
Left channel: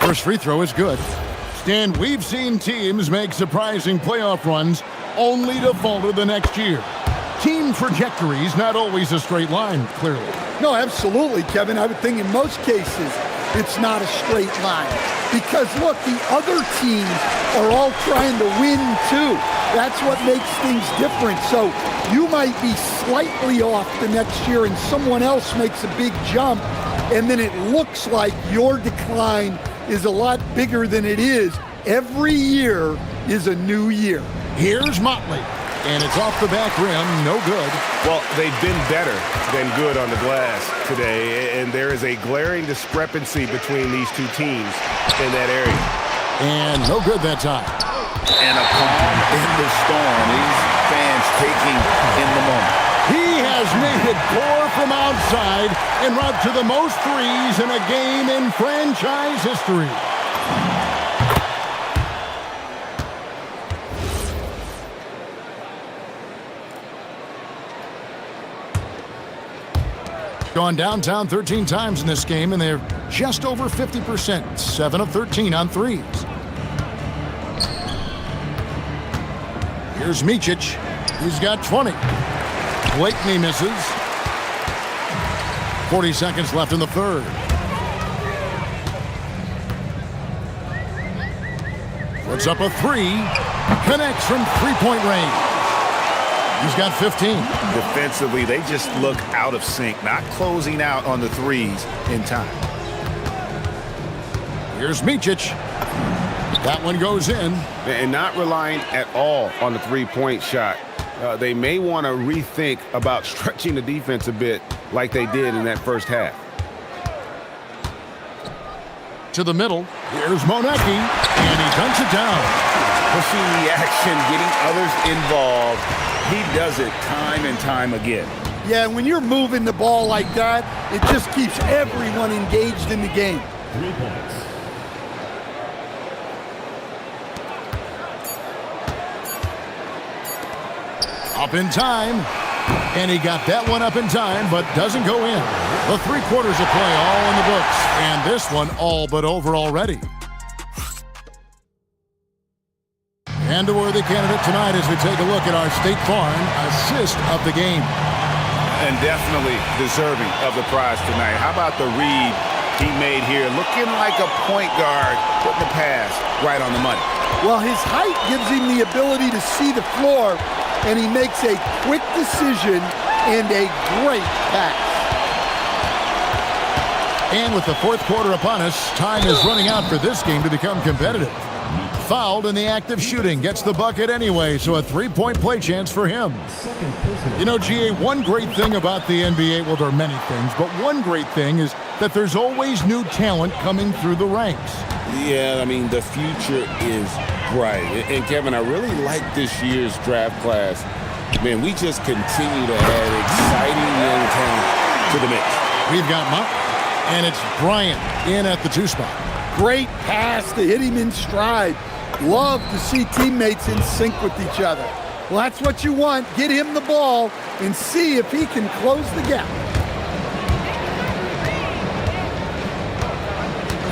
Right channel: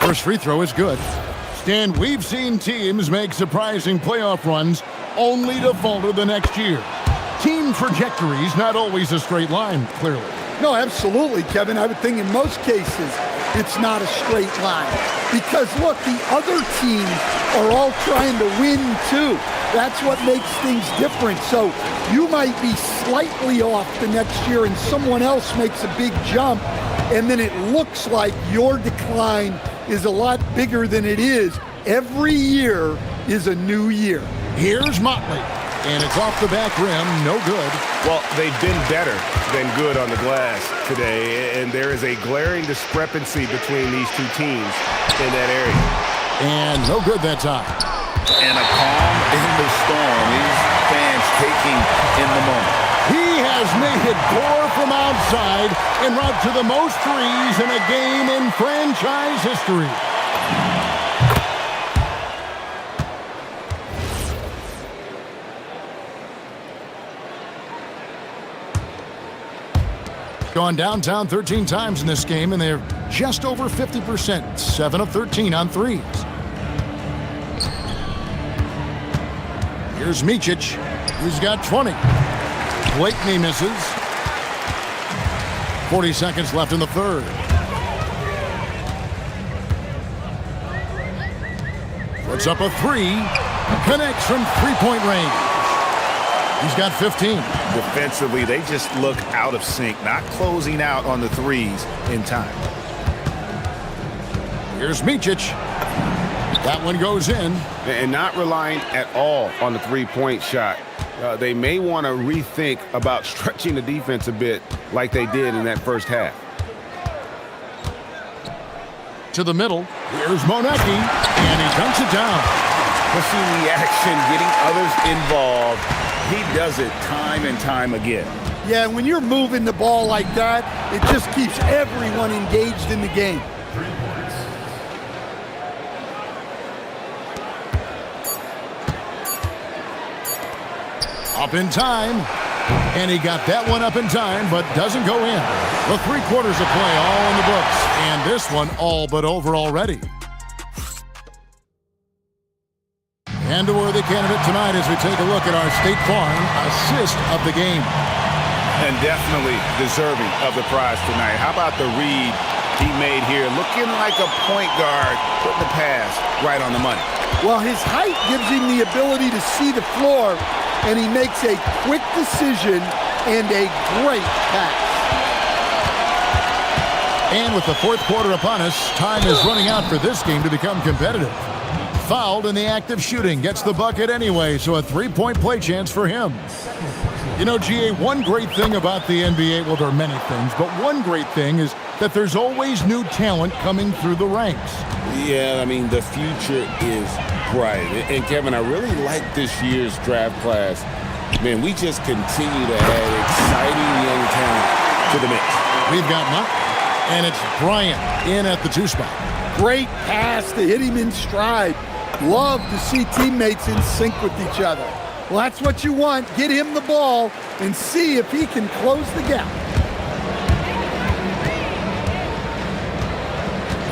First free throw is good. Stan, we've seen teams make surprising playoff runs only to falter the next year. Team trajectory's not always a straight line, clearly. No, absolutely, Kevin. I would think in most cases it's not a straight line. Because, look, the other teams are all trying to win, too. That's what makes things different. So you might be slightly off the next year and someone else makes a big jump, and then it looks like your decline is a lot bigger than it is. Every year is a new year. Here's Motley, and it's off the back rim, no good. Well, they've been better than good on the glass today, and there is a glaring discrepancy between these two teams in that area. And no good that time. And a calm in the storm. These fans taking in the moment. He has made it pour from outside en route to the most threes in a game in franchise history. Gone downtown 13 times in this game, and they're just over 50%. 7 of 13 on threes. Here's Micic, who's got 20. Blakeney misses. 40 seconds left in the third. Puts up a 3. Connects from three-point range. He's got 15. Defensively, they just look out of sync, not closing out on the threes in time. Here's Micic. That one goes in. And not relying at all on the three-point shot. They may want to rethink about stretching the defense a bit like they did in that first half. To the middle. Here's Monecki, and he dunks it down. Pushing the action, getting others involved. He does it time and time again. Yeah, when you're moving the ball like that, it just keeps everyone engaged in the game. 3 points. Up in time. And he got that one up in time, but doesn't go in. The 3 quarters of play all in the books. And this one all but over already. And a worthy candidate tonight as we take a look at our State Farm assist of the game. And definitely deserving of the prize tonight. How about the read he made here? Looking like a point guard, putting the pass right on the money. Well, his height gives him the ability to see the floor, and he makes a quick decision and a great pass. And with the 4th quarter upon us, time is running out for this game to become competitive. Fouled in the act of shooting, gets the bucket anyway, so a 3-point play chance for him. You know, GA, one great thing about the NBA, well, there are many things, but one great thing is that there's always new talent coming through the ranks. Yeah, I mean, the future is bright. And Kevin, I really like this year's draft class. Man, we just continue to add exciting young talent to the mix. We've got Mott, and it's Bryant in at the 2 spot. Great pass to hit him in stride. Love to see teammates in sync with each other. Well, that's what you want. Get him the ball and see if he can close the gap.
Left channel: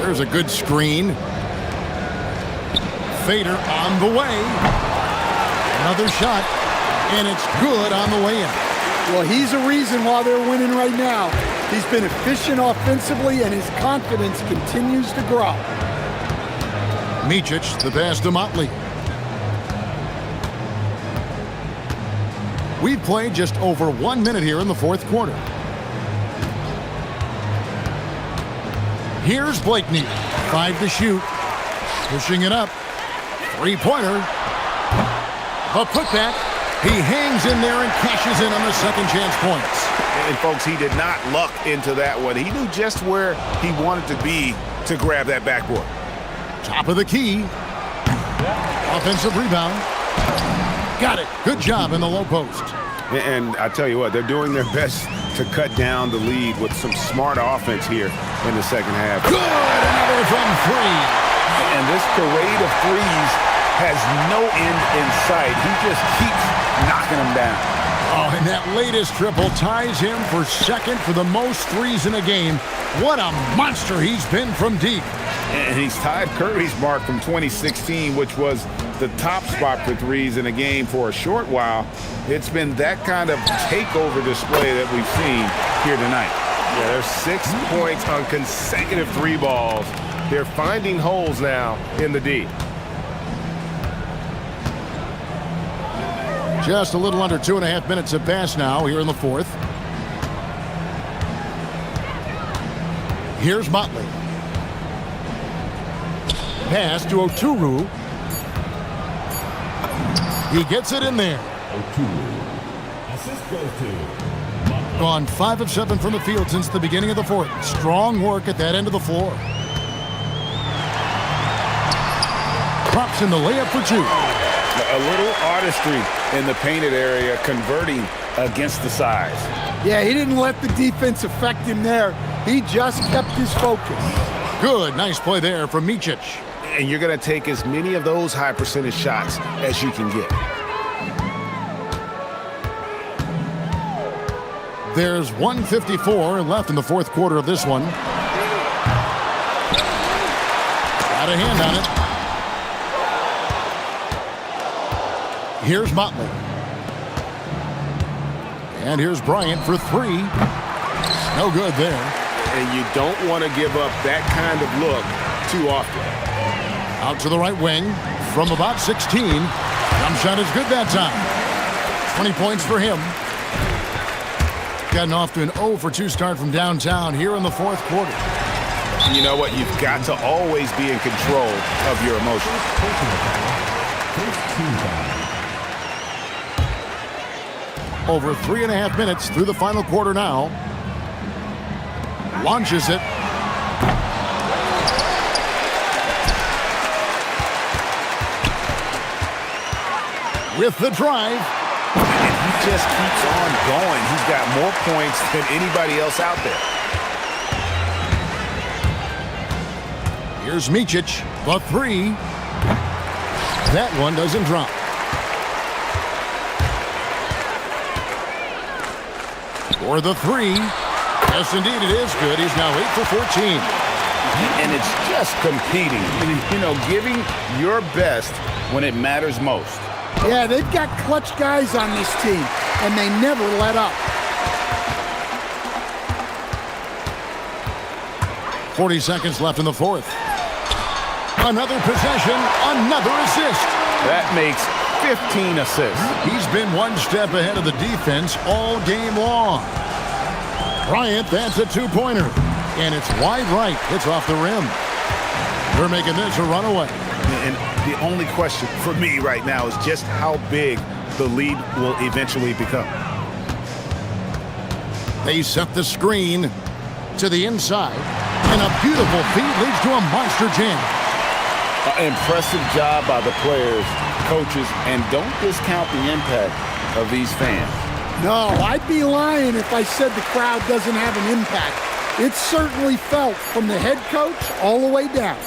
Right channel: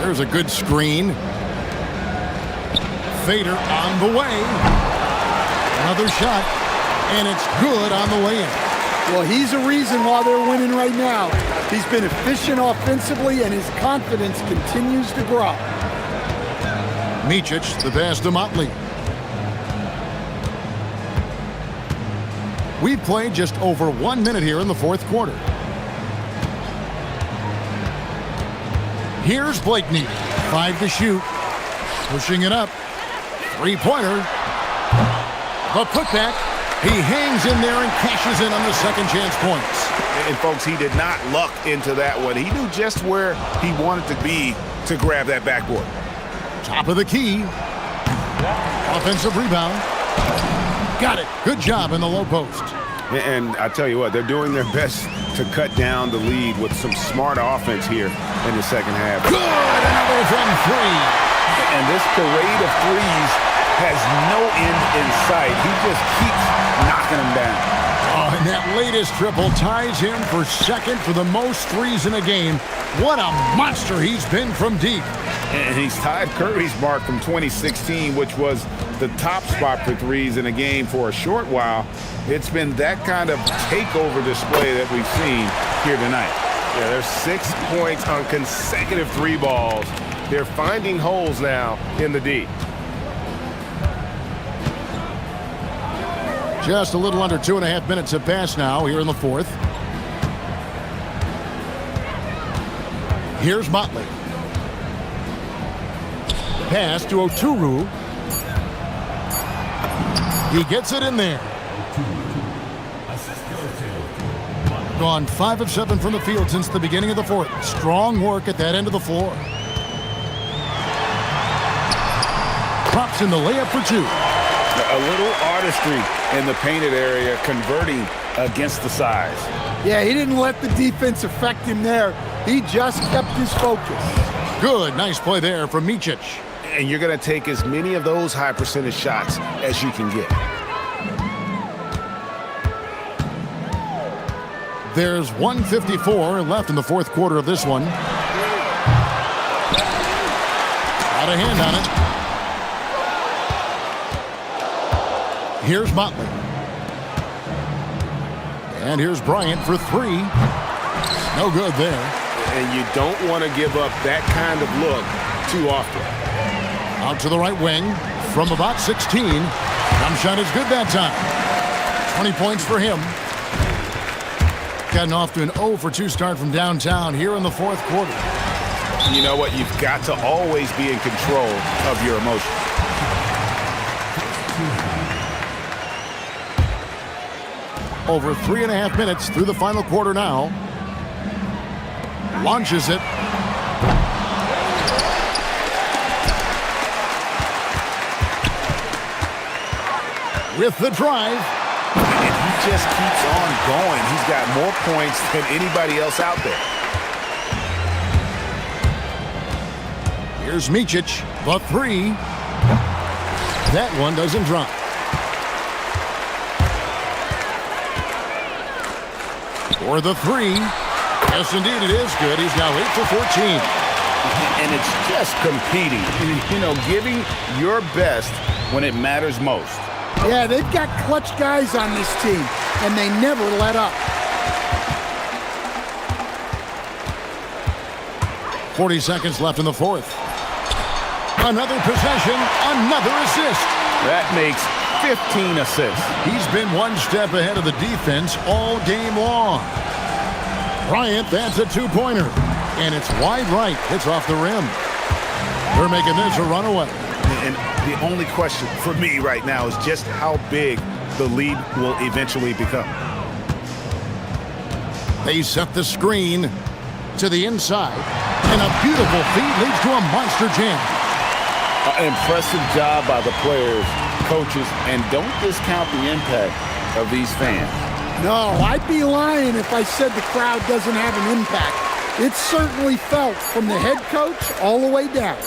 There's a good screen. Fader on the way. Another shot, and it's good on the way in. Well, he's a reason why they're winning right now. He's been efficient offensively, and his confidence continues to grow. Micic, the pass to Motley. We've played just over 1 minute here in the 4th quarter. Here's Blakeney. 5 to shoot. Pushing it up. 3-pointer. The putback. He hangs in there and cashes in on the second chance points. And folks, he did not luck into that one. He knew just where he wanted to be to grab that backboard. Top of the key. Offensive rebound. Got it. Good job in the low post. And I tell you what, they're doing their best to cut down the lead with some smart offense here in the second half. Good. Another from 3. And this parade of threes has no end in sight. He just keeps knocking them down. Oh, and that latest triple ties him for 2nd for the most threes in a game. What a monster he's been from deep. And he's tied Curry's mark from 2016, which was the top spot for threes in a game for a short while. It's been that kind of takeover display that we've seen here tonight. Yeah, there's 6 points on consecutive 3 balls. They're finding holes now in the D. Just a little under 2.5 minutes have passed now here in the 4th. Here's Motley. Pass to Oturu. He gets it in there. Assist goes to Gone 5 of 7 from the field since the beginning of the 4th. Strong work at that end of the floor. Drops in the layup for 2. A little artistry in the painted area, converting against the size. Yeah, he didn't let the defense affect him there. He just kept his focus. Good, nice play there from Micic. And you're going to take as many of those high percentage shots as you can get. There's 1:54 left in the 4th quarter of this one. Got a hand on it. Here's Motley. And here's Bryant for 3. No good there. And you don't want to give up that kind of look too often. Out to the right wing from about 16. Jump shot is good that time. 20 points for him. Gotten off to an 0 for 2 start from downtown here in the 4th quarter. You know what? You've got to always be in control of your emotions. Over 3.5 minutes through the final quarter now. Launches it. With the drive. And he just keeps on going. He's got more points than anybody else out there. Here's Micic, the three. That one doesn't drop. For the three. Yes, indeed, it is good. He's now 8 for 14. And it's just competing, you know, giving your best when it matters most. Yeah, they've got clutch guys on this team, and they never let up. 40 seconds left in the fourth. Another possession, another assist. That makes 15 assists. He's been one step ahead of the defense all game long. Bryant, that's a two-pointer. And it's wide right. It's off the rim. They're making this a runaway. And the only question for me right now is just how big the lead will eventually become. They set the screen to the inside. And a beautiful feed leads to a monster jam. Impressive job by the players, coaches, and don't discount the impact of these fans. No, I'd be lying if I said the crowd doesn't have an impact. It's certainly felt from the head coach all the way down.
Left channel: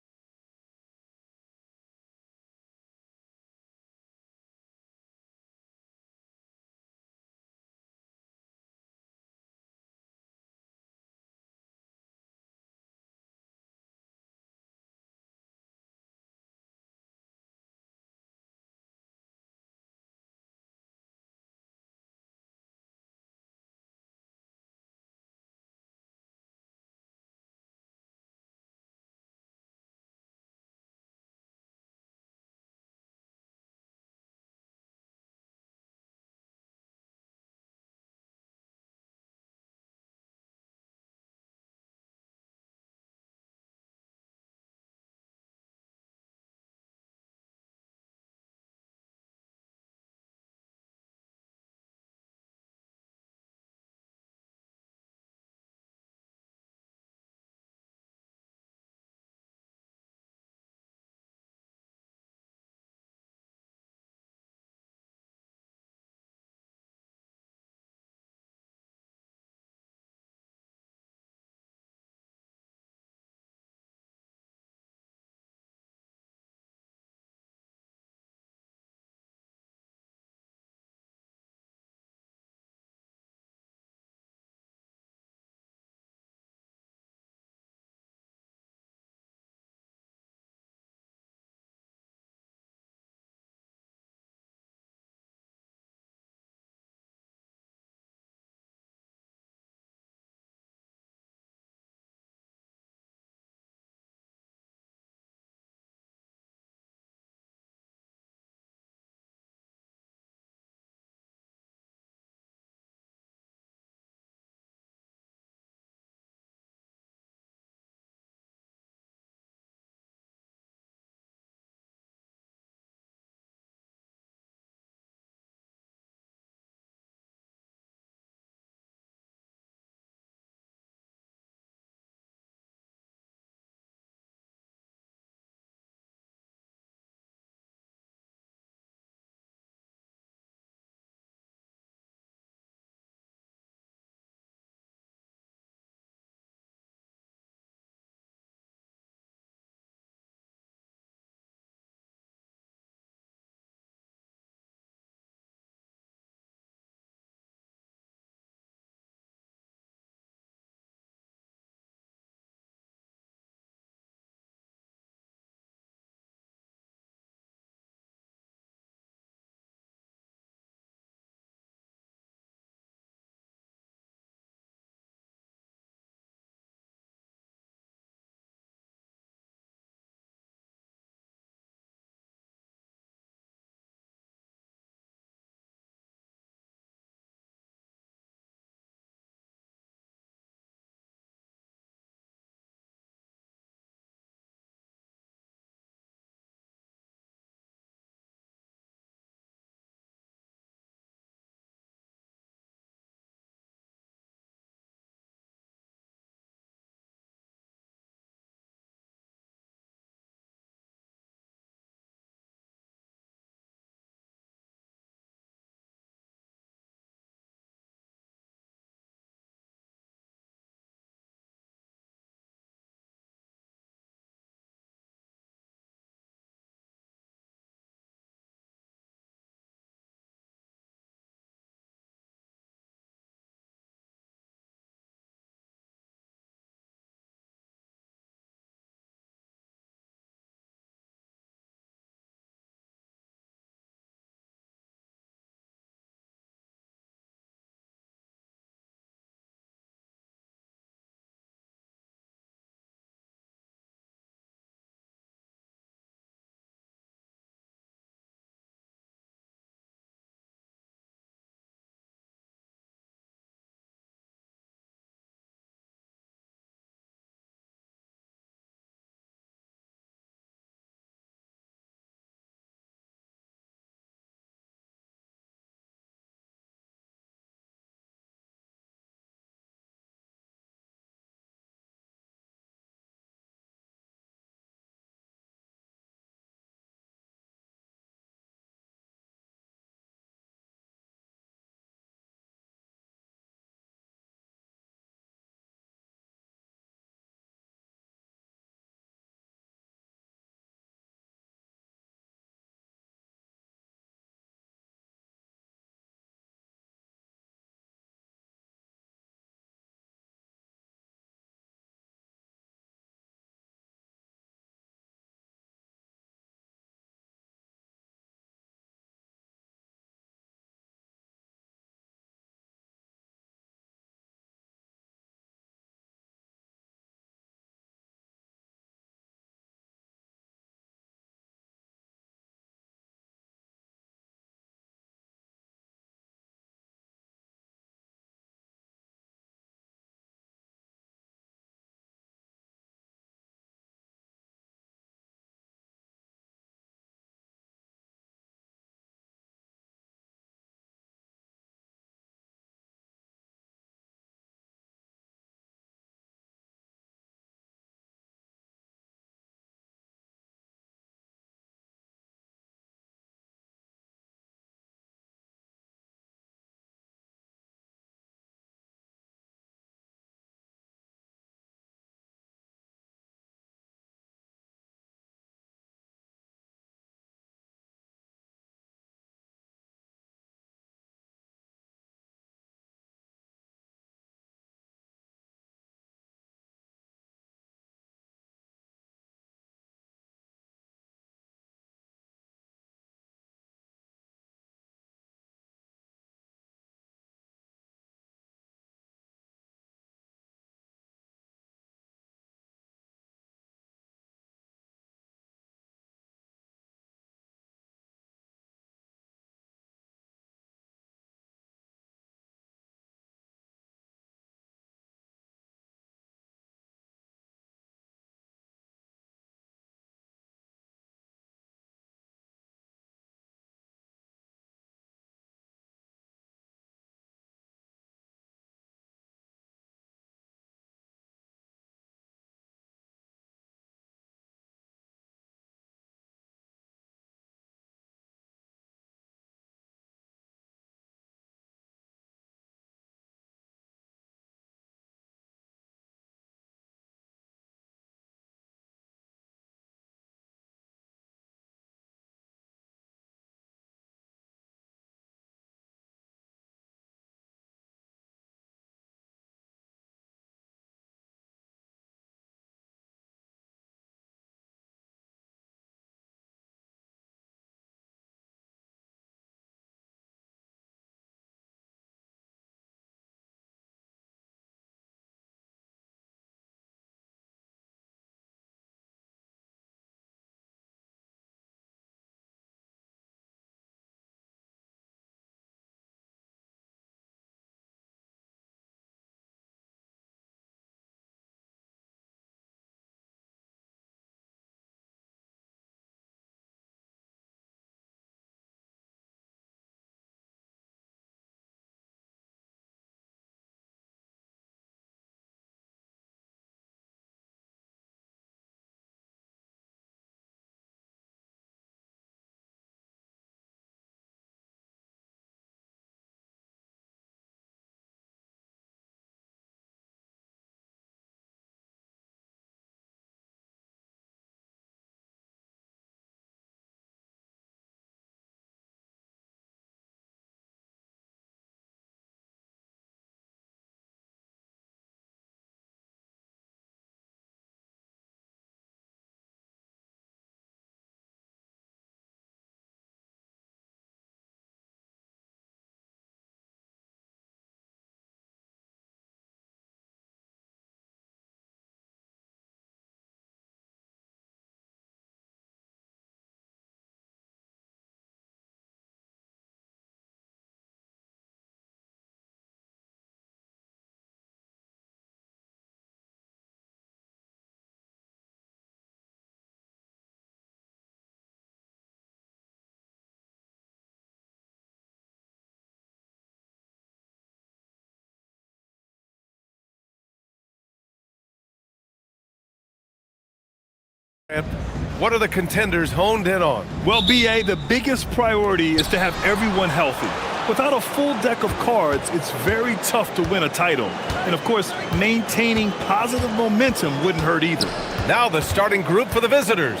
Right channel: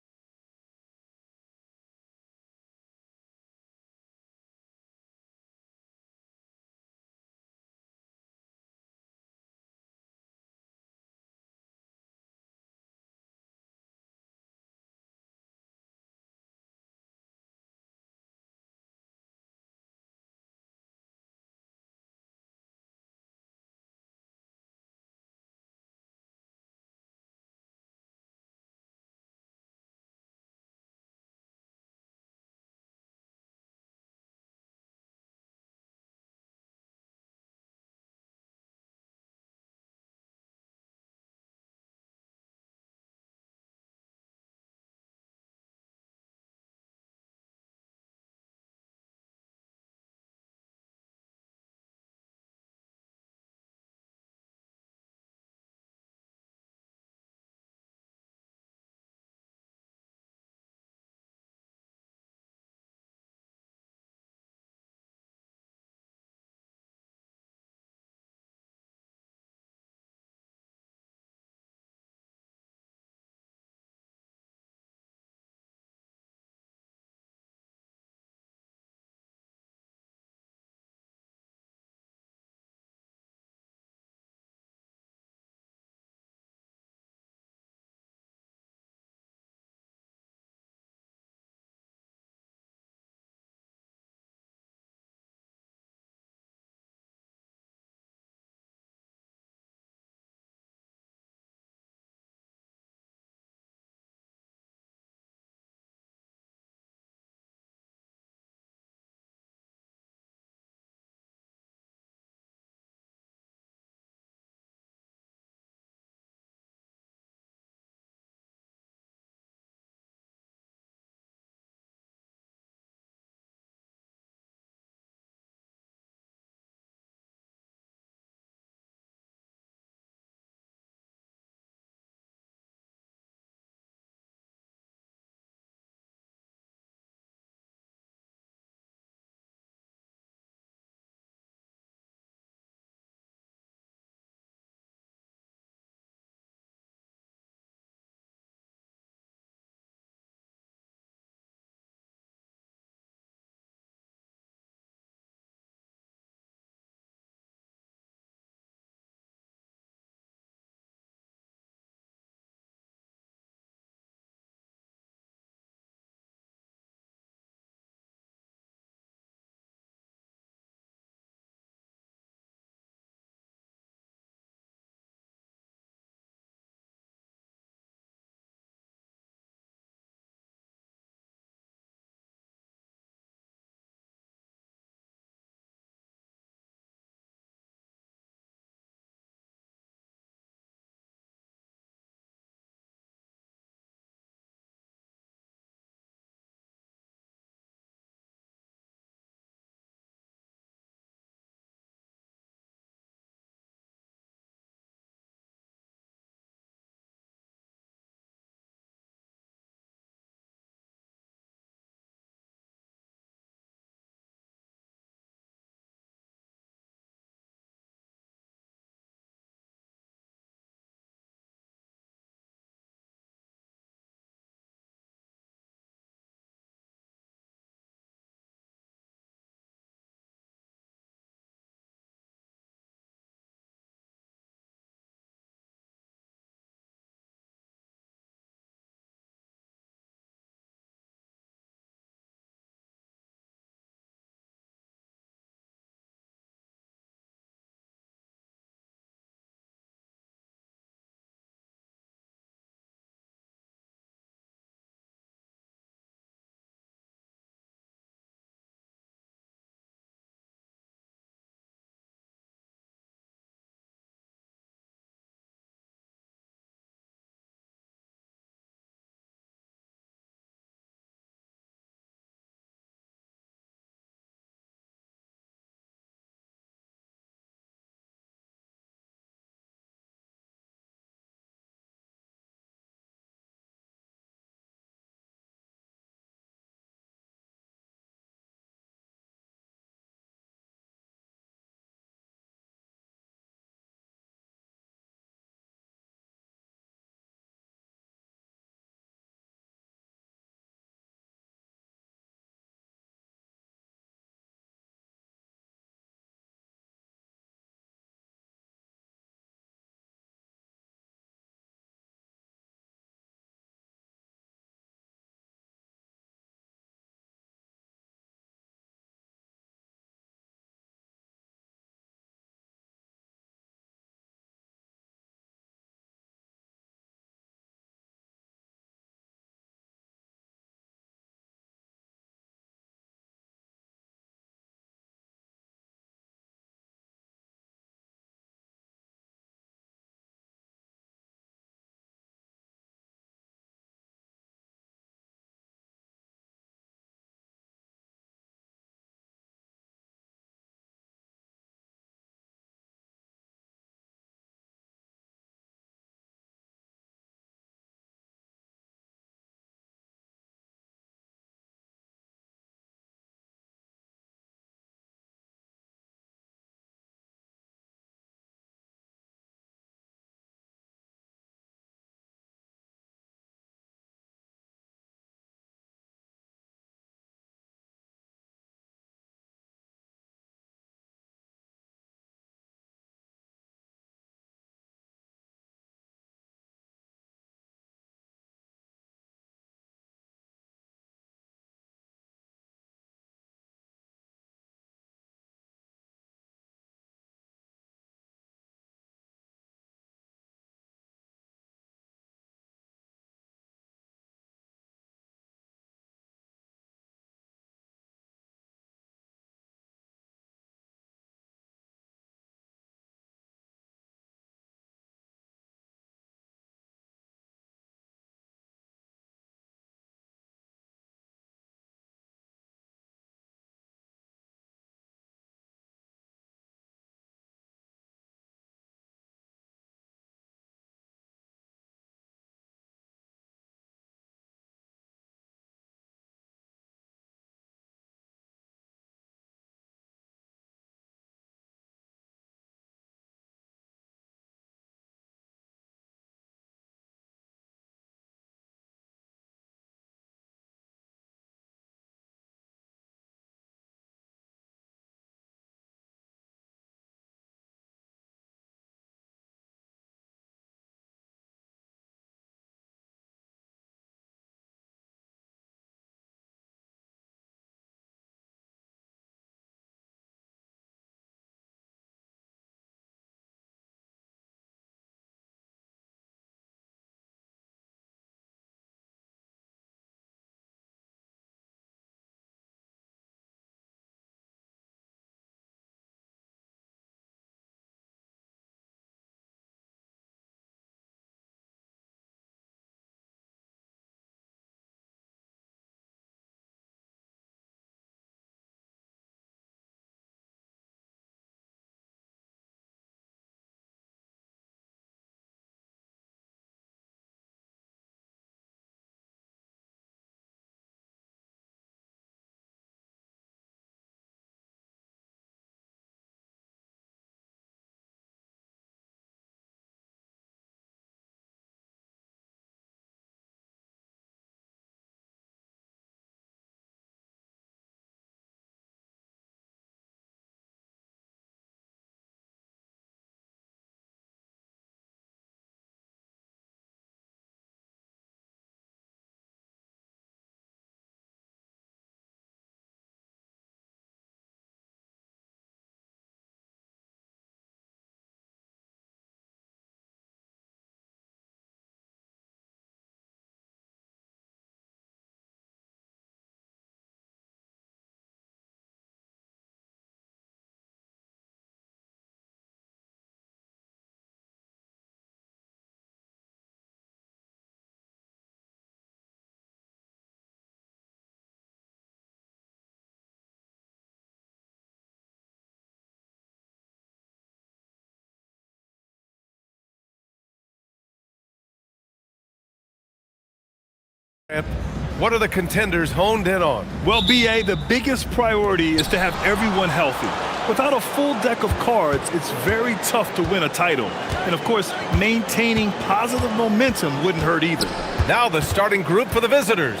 What are the contenders honed in on? Well, BA, the biggest priority is to have everyone healthy. Without a full deck of cards, it's very tough to win a title. And of course, maintaining positive momentum wouldn't hurt either. Now the starting group for the visitors.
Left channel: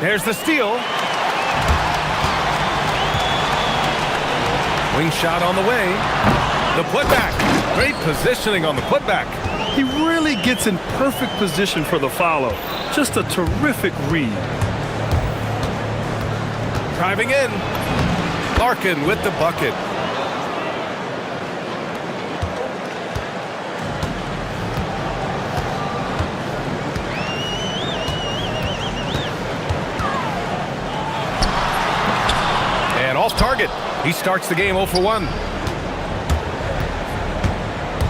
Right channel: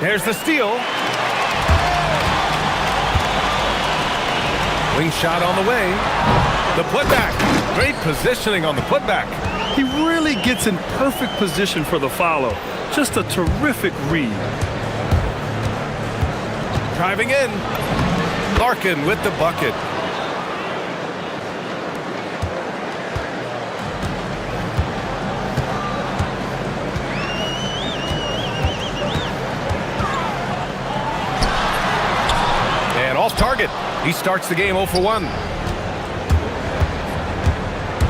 There's the steal. Wing shot on the way. The putback. Great positioning on the putback. He really gets in perfect position for the follow. Just a terrific read. Driving in. Larkin with the bucket. And off target. He starts the game 0 for 1.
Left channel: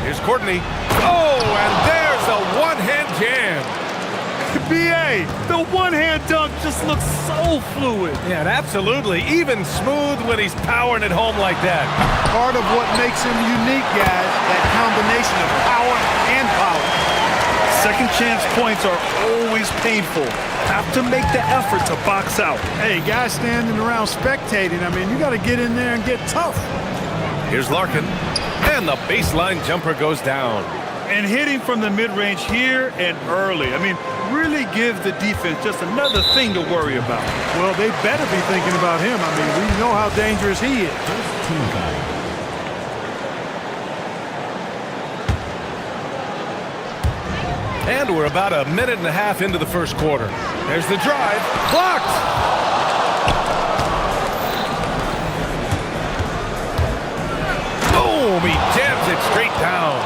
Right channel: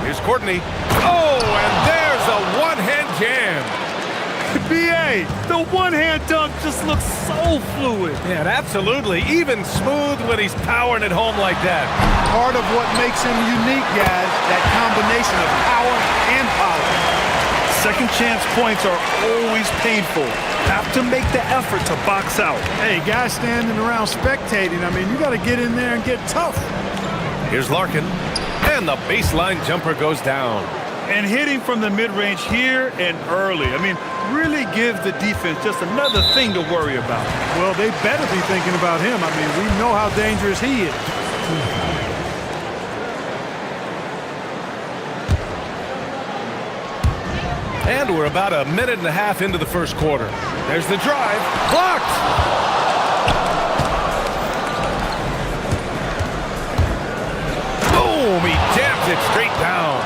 Here's Courtney. Oh, and there's a one-hand jam. BA, the one-hand dunk just looks so fluid. Yeah, absolutely. Even smooth when he's powering it home like that. Part of what makes him unique, guys, that combination of power and power. Second chance points are always painful. Have to make the effort to box out. Hey, guys standing around spectating, I mean, you got to get in there and get tough. Here's Larkin, and the baseline jumper goes down. And hitting from the mid-range here and early. I mean, really give the defense just another thing to worry about. Well, they better be thinking about him. I mean, we know how dangerous he is. And we're about a minute and a half into the first quarter. There's the drive. Blocked! Boom! He jams it straight down.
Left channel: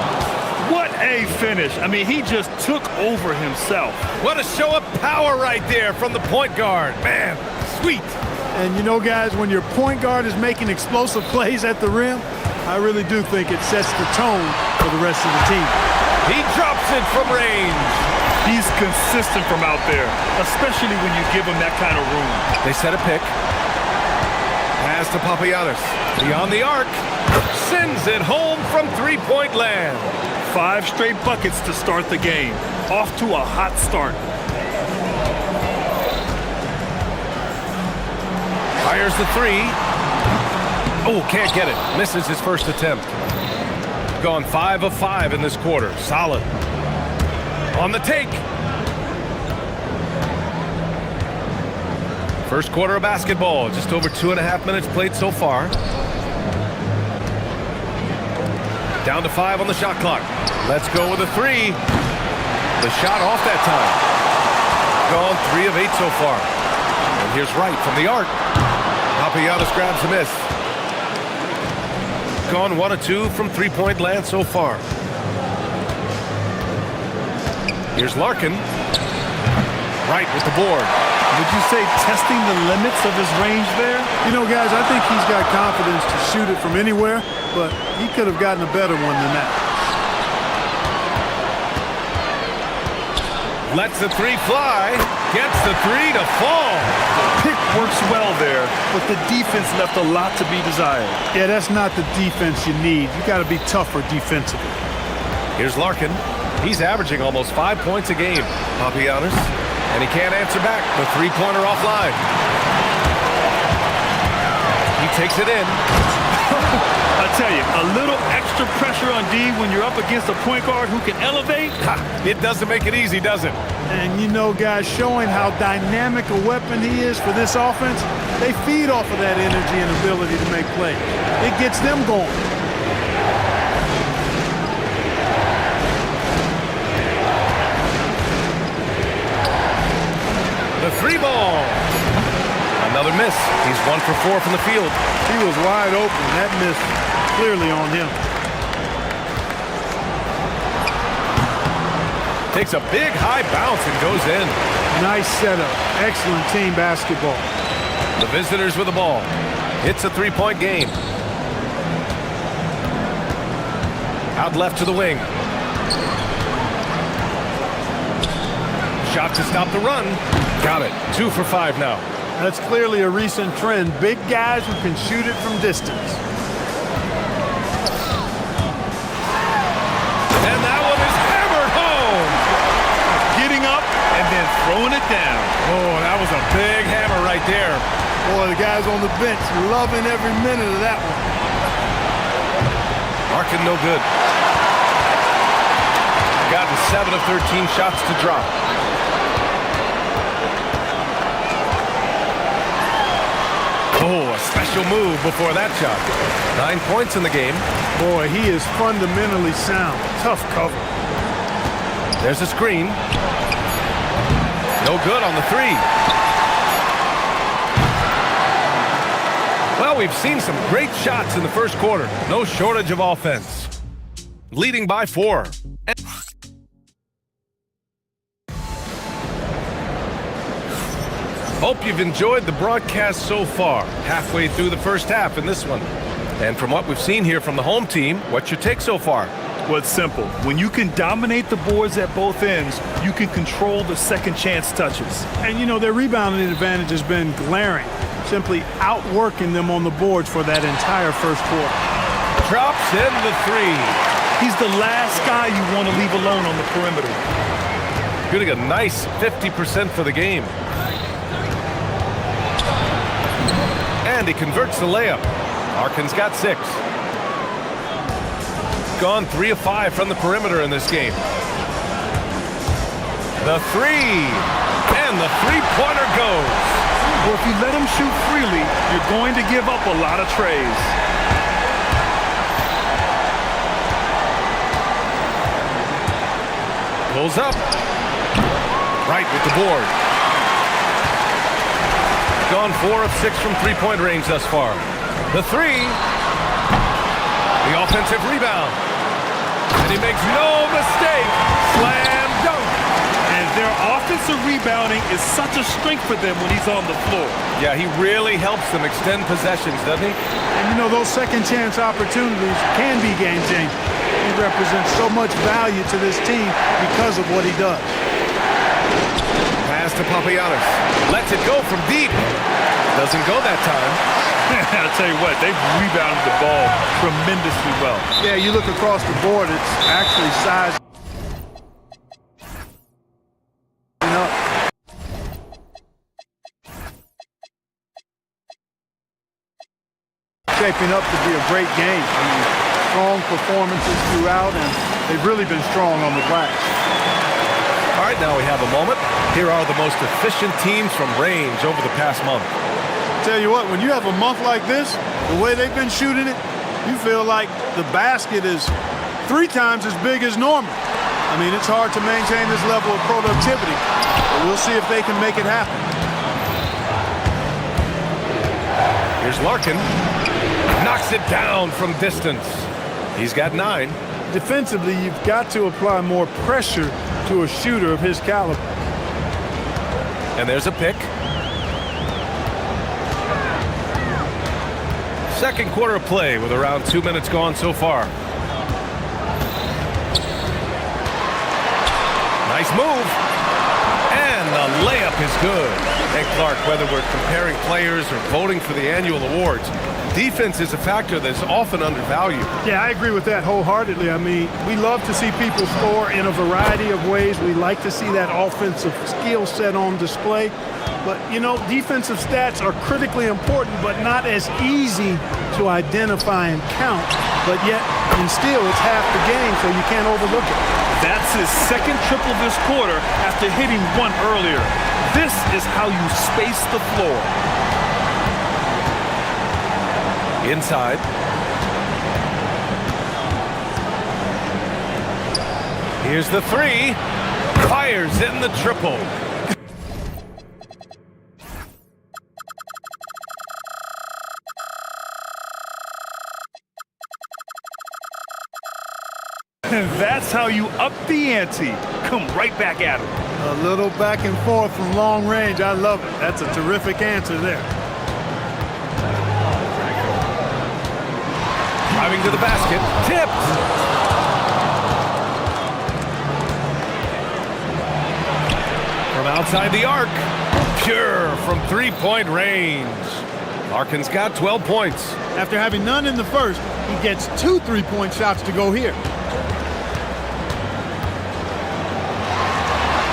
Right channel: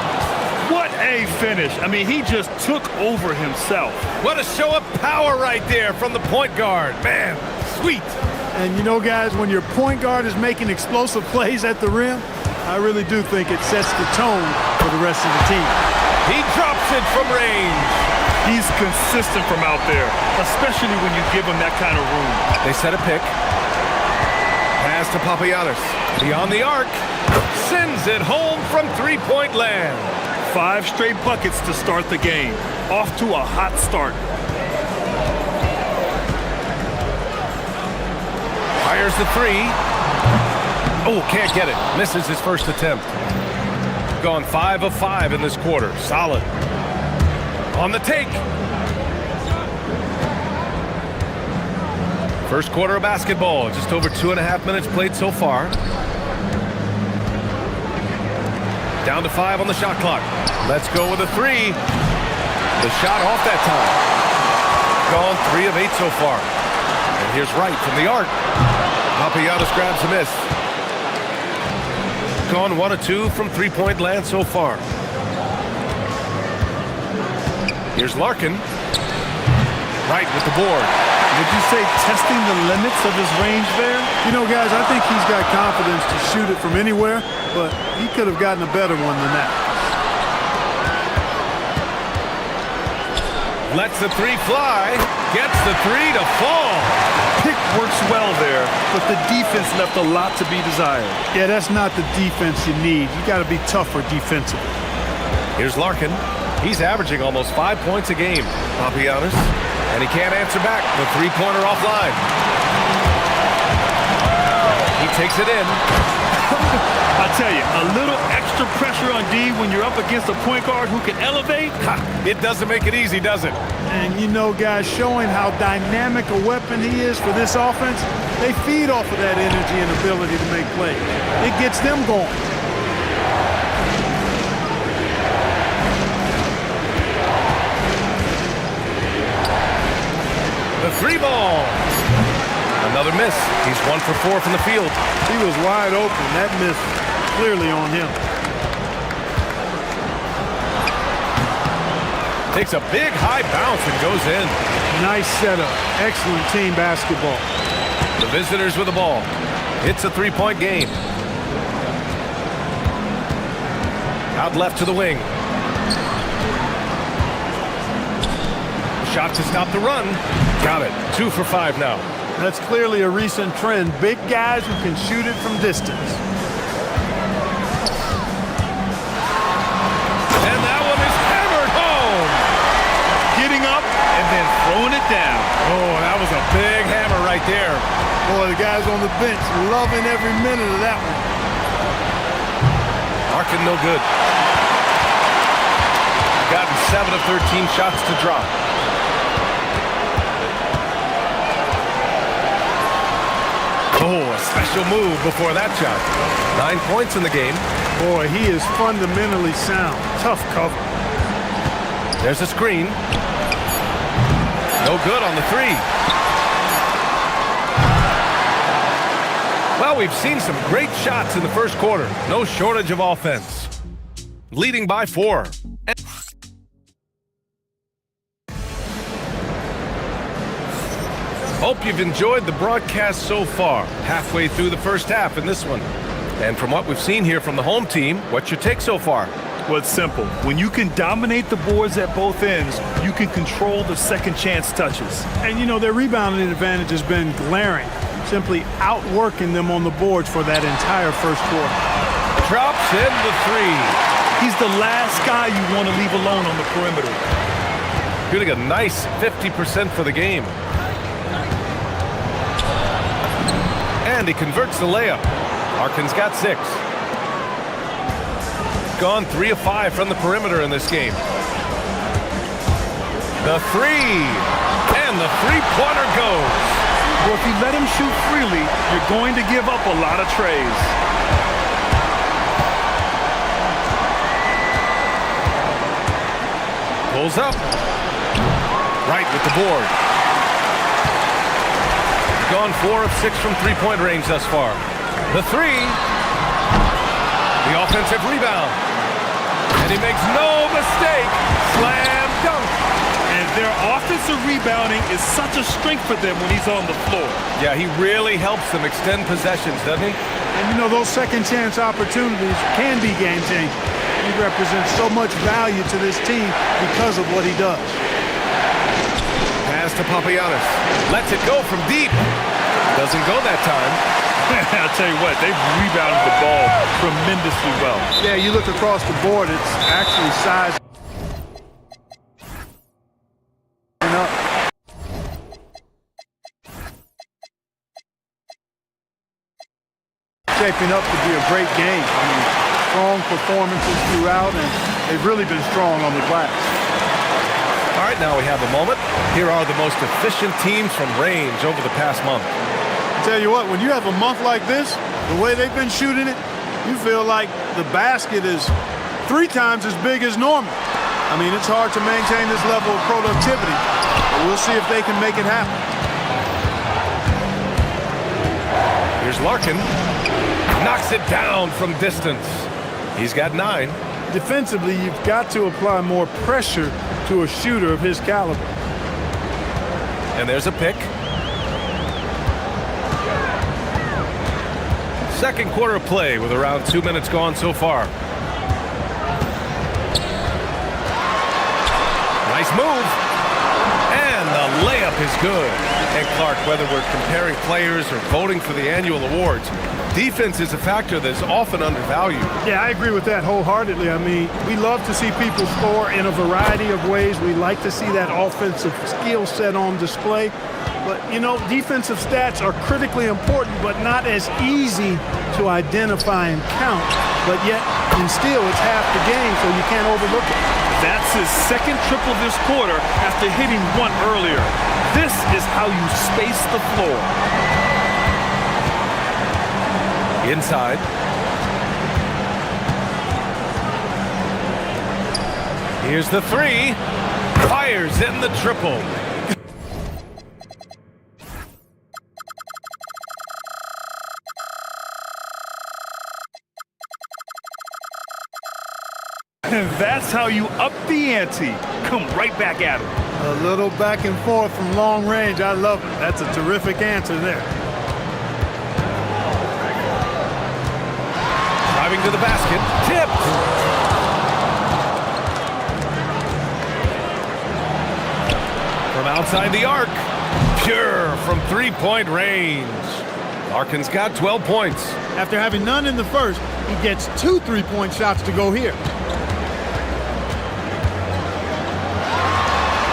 What a finish. I mean, he just took over himself. What a show of power right there from the point guard. Man, sweet. And you know, guys, when your point guard is making explosive plays at the rim, I really do think it sets the tone for the rest of the team. He drops it from range. He's consistent from out there, especially when you give him that kind of room. They set a pick. Pass to Papagiannis. Beyond the arc. Sends it home from three-point land. 5 straight buckets to start the game. Off to a hot start. Fires the 3. Oh, can't get it. Misses his first attempt. Gone 5 of 5 in this quarter. Solid. On the take. First quarter of basketball. Just over 2.5 minutes played so far. Down to 5 on the shot clock. Let's go with a 3. The shot off that time. Gone 3 of 8 so far. And here's Wright from the arc. Papagiannis grabs a miss. Gone 1 of 2 from three-point land so far. Here's Larkin. Wright with the board. Would you say testing the limits of his range there? You know, guys, I think he's got confidence to shoot it from anywhere, but he could have gotten a better one than that. Lets the 3 fly. Gets the 3 to fall. Pick works well there, but the defense left a lot to be desired. Yeah, that's not the defense you need. You got to be tougher defensively. Here's Larkin. He's averaging almost 5 points a game, Papagiannis. And he can't answer back. The three-pointer offline. He takes it in. I tell you, a little extra pressure on D when you're up against a point guard who can elevate. It doesn't make it easy, does it? And you know, guys, showing how dynamic a weapon he is for this offense, they feed off of that energy and ability to make plays. It gets them going. The 3 ball. Another miss. He's 1 for 4 from the field. He was wide open. That miss clearly on him. Takes a big high bounce and goes in. Nice setup. Excellent team basketball. The visitors with the ball. It's a 3-point game. Out left to the wing. Shot to stop the run. Got it. 2 for 5 now. That's clearly a recent trend. Big guys who can shoot it from distance. And that one is hammered home. getting up and then throwing it down. Oh, that was a big hammer right there. Boy, the guys on the bench loving every minute of that one. Larkin no good. Gotten 7 of 13 shots to drop. Oh, a special move before that shot. 9 points in the game. Boy, he is fundamentally sound. Tough cover. There's a screen. No good on the three. Well, we've seen some great shots in the first quarter. No shortage of offense. Leading by 4. Hope you've enjoyed the broadcast so far. Halfway through the first half in this one. And from what we've seen here from the home team, what's your take so far? Well, it's simple. When you can dominate the boards at both ends, you can control the second chance touches. And, you know, their rebounding advantage has been glaring, simply outworking them on the boards for that entire first quarter. Drops in the three. He's the last guy you want to leave alone on the perimeter. Shooting a nice 50% for the game. And he converts the layup. Larkin's got 6. Gone 3 of 5 from the perimeter in this game. The three. And the three-pointer goes. Well, if you let him shoot freely, you're going to give up a lot of trays. Pulls up. Right with the board. Gone 4 of 6 from three-point range thus far. The three. The offensive rebound. And he makes no mistake. Slam dunk. And their offensive rebounding is such a strength for them when he's on the floor. Yeah, he really helps them extend possessions, doesn't he? And, you know, those second chance opportunities can be game changing. He represents so much value to this team because of what he does. Pass to Papagiannis. Lets it go from deep. Doesn't go that time. I'll tell you what, they've rebounded the ball tremendously well. Yeah, you look across the board, it's actually size. Shaping up to be a great game. I mean, strong performances throughout, and they've really been strong on the glass. All right, now we have a moment. Here are the most efficient teams from range over the past month. I tell you what, when you have a month like this, the way they've been shooting it, you feel like the basket is 3 times as big as normal. I mean, it's hard to maintain this level of productivity, but we'll see if they can make it happen. Here's Larkin. Knocks it down from distance. He's got 9. Defensively, you've got to apply more pressure to a shooter of his caliber. And there's a pick. Second quarter of play with around 2 minutes gone so far. Nice move. And the layup is good. And Clark, whether we're comparing players or voting for the annual awards, defense is a factor that's often undervalued. Yeah, I agree with that wholeheartedly. I mean, we love to see people score in a variety of ways. We like to see that offensive skill set on display. But, you know, defensive stats are critically important, but not as easy to identify and count. But yet, in steal, it's half the game, so you can't overlook it. That's his second triple this quarter after hitting 1 earlier. This is how you space the floor. Inside. Here's the three. Fires in the triple. And that's how you up the ante. Come right back at him. A little back and forth from long range. I love it. That's a terrific answer there. Driving to the basket. Tipped. From outside the arc. Pure from three-point range. Larkin's got 12 points. After having none in the first, he gets 2 3-point shots to go here.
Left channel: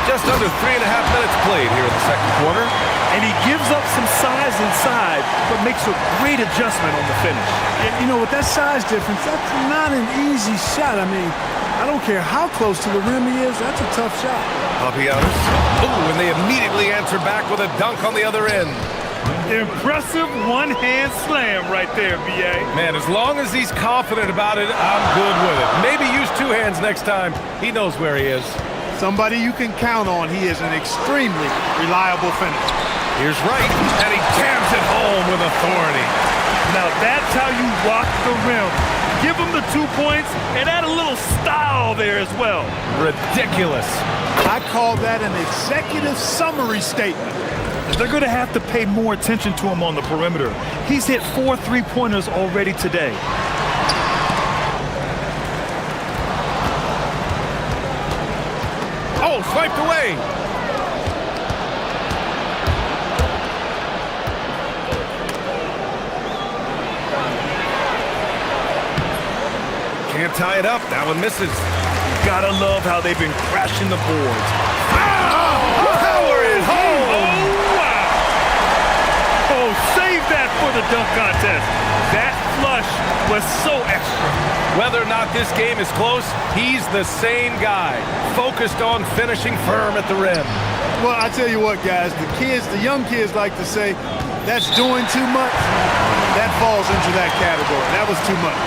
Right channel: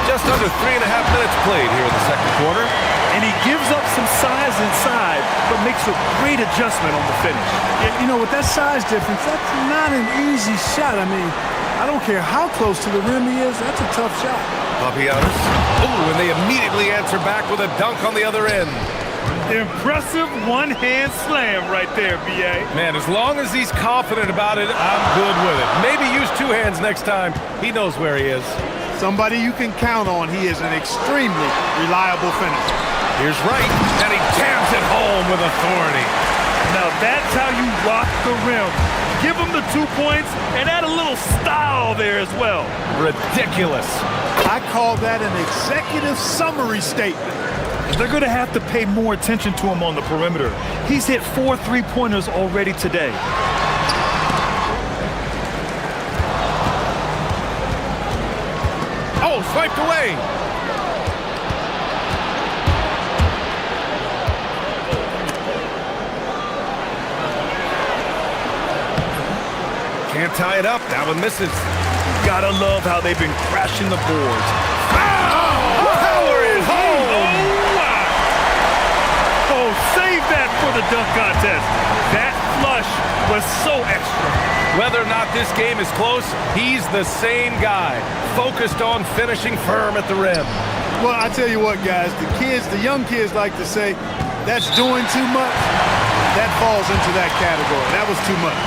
Just under 3.5 minutes played here in the second quarter. And he gives up some size inside, but makes a great adjustment on the finish. You know, with that size difference, that's not an easy shot. I mean, I don't care how close to the rim he is, that's a tough shot. Papianos. Ooh, and they immediately answer back with a dunk on the other end. Impressive one-hand slam right there, B.A. Man, as long as he's confident about it, I'm good with it. Maybe use two hands next time. He knows where he is. Somebody you can count on. He is an extremely reliable finisher. Here's Wright, and he jams it home with authority. Now that's how you rock the rim. Give him the 2 points and add a little style there as well. Ridiculous. I call that an executive summary statement. They're going to have to pay more attention to him on the perimeter. He's hit 4 3-pointers already today. Oh, swiped away. Can't tie it up. That one misses. Gotta love how they've been crashing the boards. Power is home. Oh, wow. Oh, save that for the dunk contest. That flush was so extra. Whether or not this game is close, he's the same guy, focused on finishing firm at the rim. Well, I tell you what, guys, the young kids like to say, that's doing too much. That falls into that category. That was too much.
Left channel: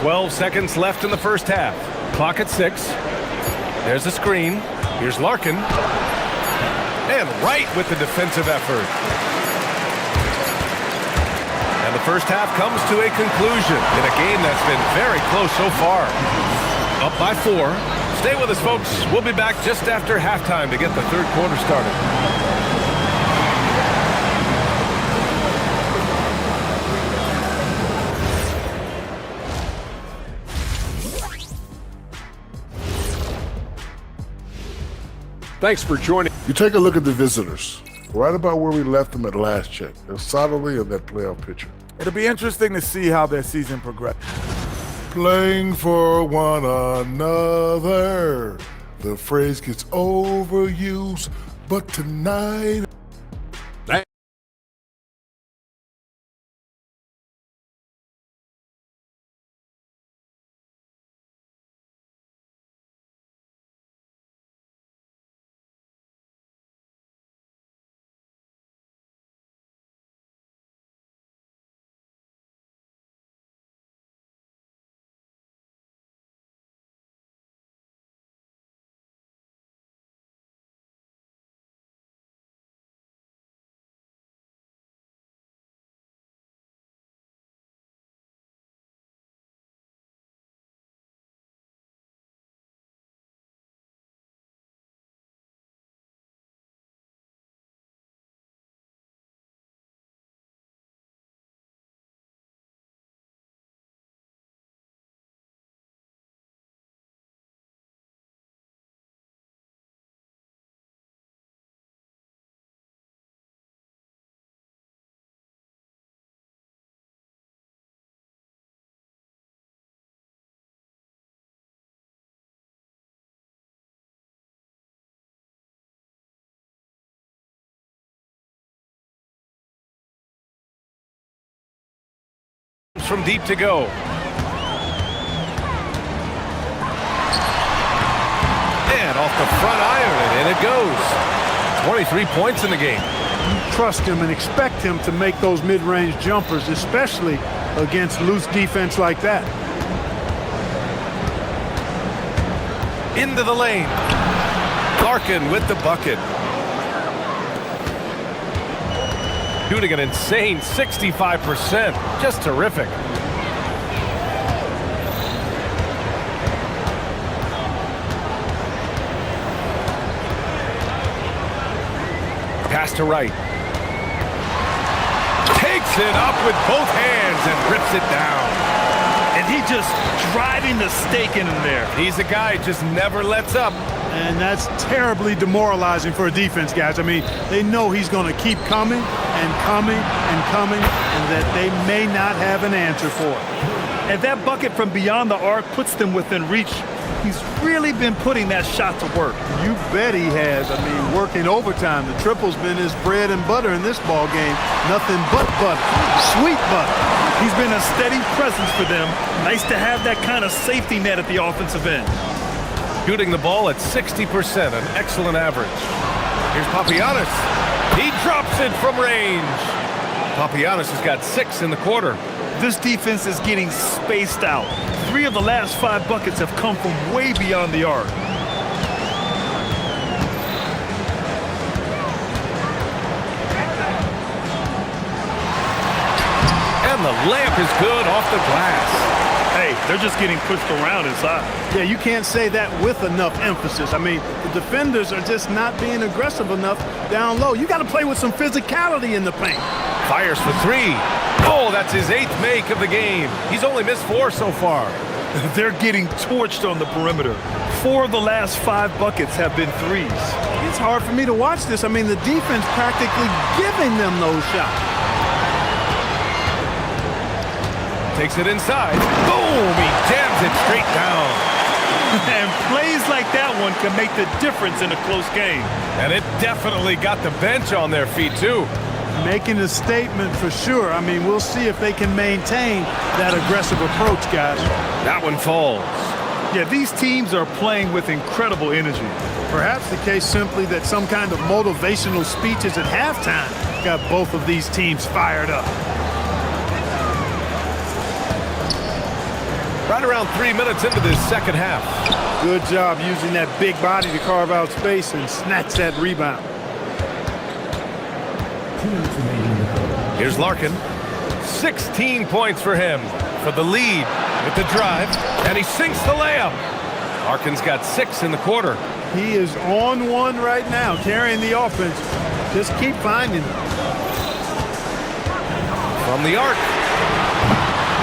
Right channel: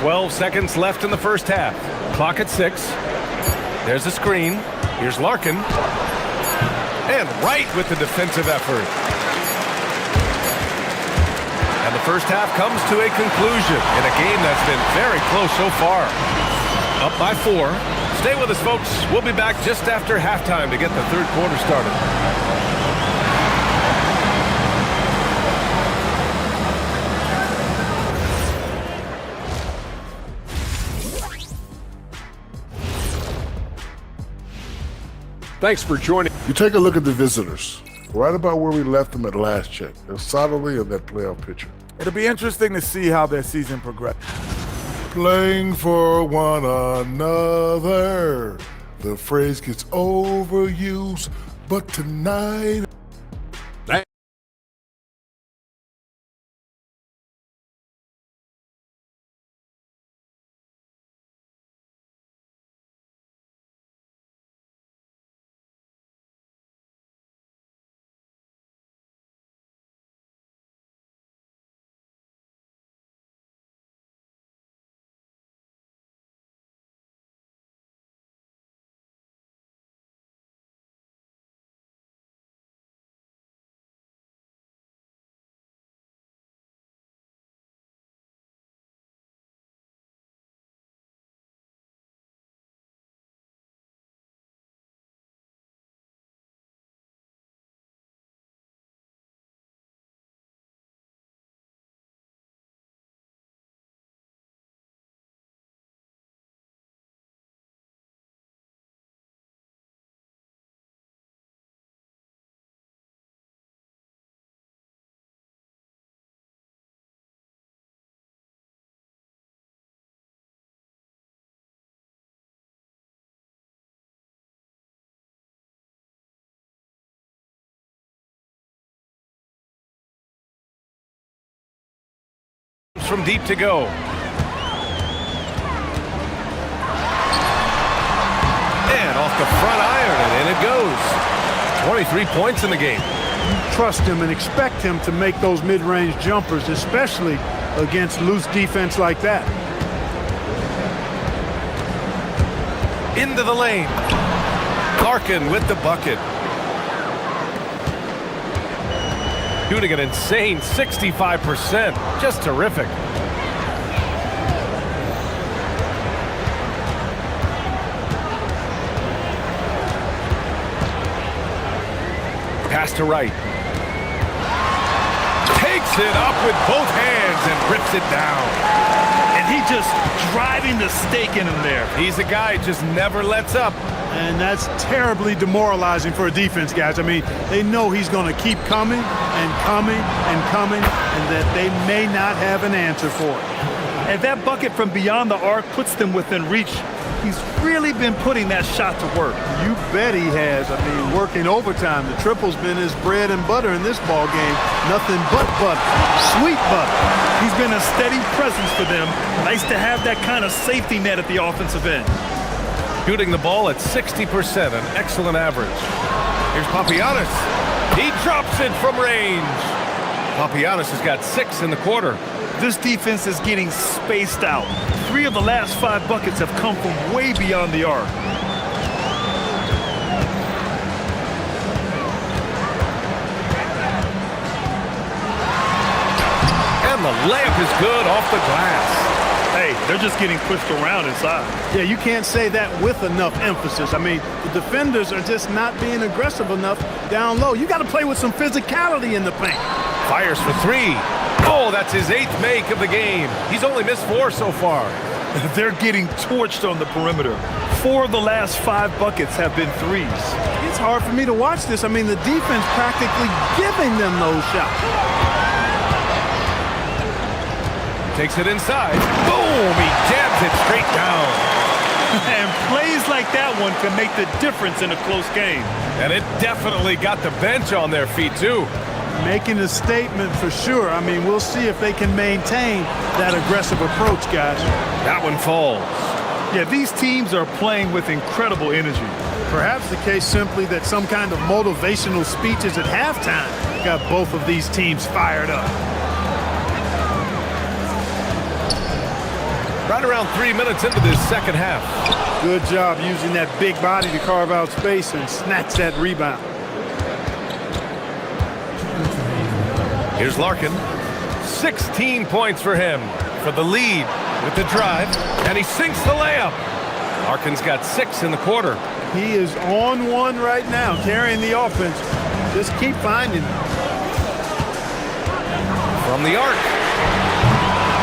"12 seconds left in the first half. Clock at 6. There's a screen. Here's Larkin. And Wright with the defensive effort. And the first half comes to a conclusion in a game that's been very close so far. Up by 4. Stay with us, folks. We'll be back just after halftime to get the third quarter started. Thanks for joining. You take a look at the visitors, right about where we left them at last check. They're solidly in that playoff picture. It'll be interesting to see how their season progresses. Playing for one another. The phrase gets overused, but tonight... From deep to go. And off the front iron, and in it goes. 23 points in the game. You trust him and expect him to make those mid-range jumpers, especially against loose defense like that. Into the lane. Larkin with the bucket. Shooting an insane 65%. Just terrific. Pass to Wright. Takes it up with both hands and rips it down. And he just driving the stake in him there. He's a guy who just never lets up. And that's terribly demoralizing for a defense, guys. I mean, they know he's going to keep coming and coming and coming, and that they may not have an answer for it. And that bucket from beyond the arc puts them within reach. He's really been putting that shot to work. You bet he has. I mean, working overtime. The triple's been his bread and butter in this ball game. Nothing but butter. Sweet butter. He's been a steady presence for them. Nice to have that kind of safety net at the offensive end. Shooting the ball at 60%, an excellent average. Here's Papagiannis. He drops it from range. Papagiannis has got 6 in the quarter. This defense is getting spaced out. 3 of the last 5 buckets have come from way beyond the arc. And the layup is good off the glass. Hey, they're just getting pushed around inside. Yeah, you can't say that with enough emphasis. I mean, the defenders are just not being aggressive enough down low. You got to play with some physicality in the paint. Fires for 3. Oh, that's his 8th make of the game. He's only missed 4 so far. They're getting torched on the perimeter. 4 of the last 5 buckets have been threes. It's hard for me to watch this. I mean, the defense practically giving them those shots. Takes it inside. Boom! He jams it straight down. And plays like that one can make the difference in a close game. And it definitely got the bench on their feet, too. Making a statement for sure. I mean, we'll see if they can maintain that aggressive approach, guys. That one falls. Yeah, these teams are playing with incredible energy. Perhaps the case simply that some kind of motivational speeches at halftime got both of these teams fired up. Right around 3 minutes into this second half. Good job using that big body to carve out space and snatch that rebound. Here's Larkin. 16 points for him for the lead with the drive, and he sinks the layup. Larkin's got 6 in the quarter. He is on one right now, carrying the offense. Just keep finding them. From the arc.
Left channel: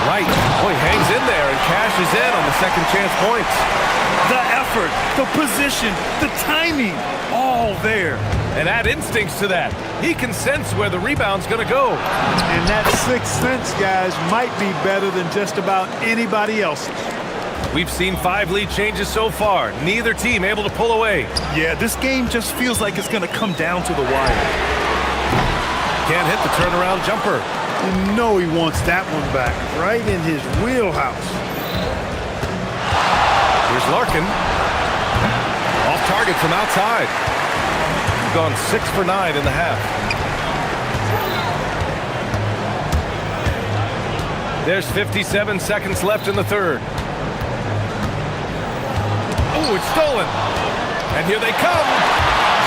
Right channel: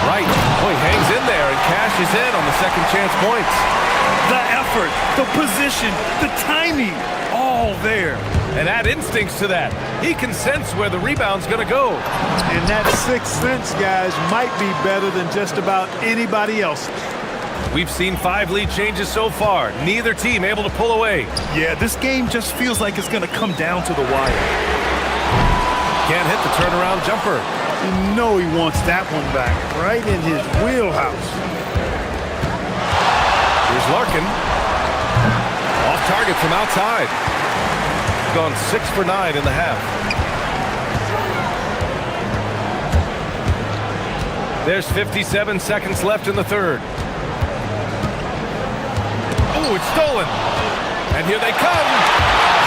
Right. Boy, hangs in there and cashes in on the second chance points. The effort, the position, the timing, all there. And add instincts to that. He can sense where the rebound's going to go. And that 6th sense, guys, might be better than just about anybody else's. We've seen 5 lead changes so far. Neither team able to pull away. Yeah, this game just feels like it's going to come down to the wire. Can't hit the turnaround jumper. You know he wants that one back, right in his wheelhouse. Here's Larkin. Off target from outside. Gone 6 for 9 in the half. There's 57 seconds left in the third. Oh, it's stolen. And here they come.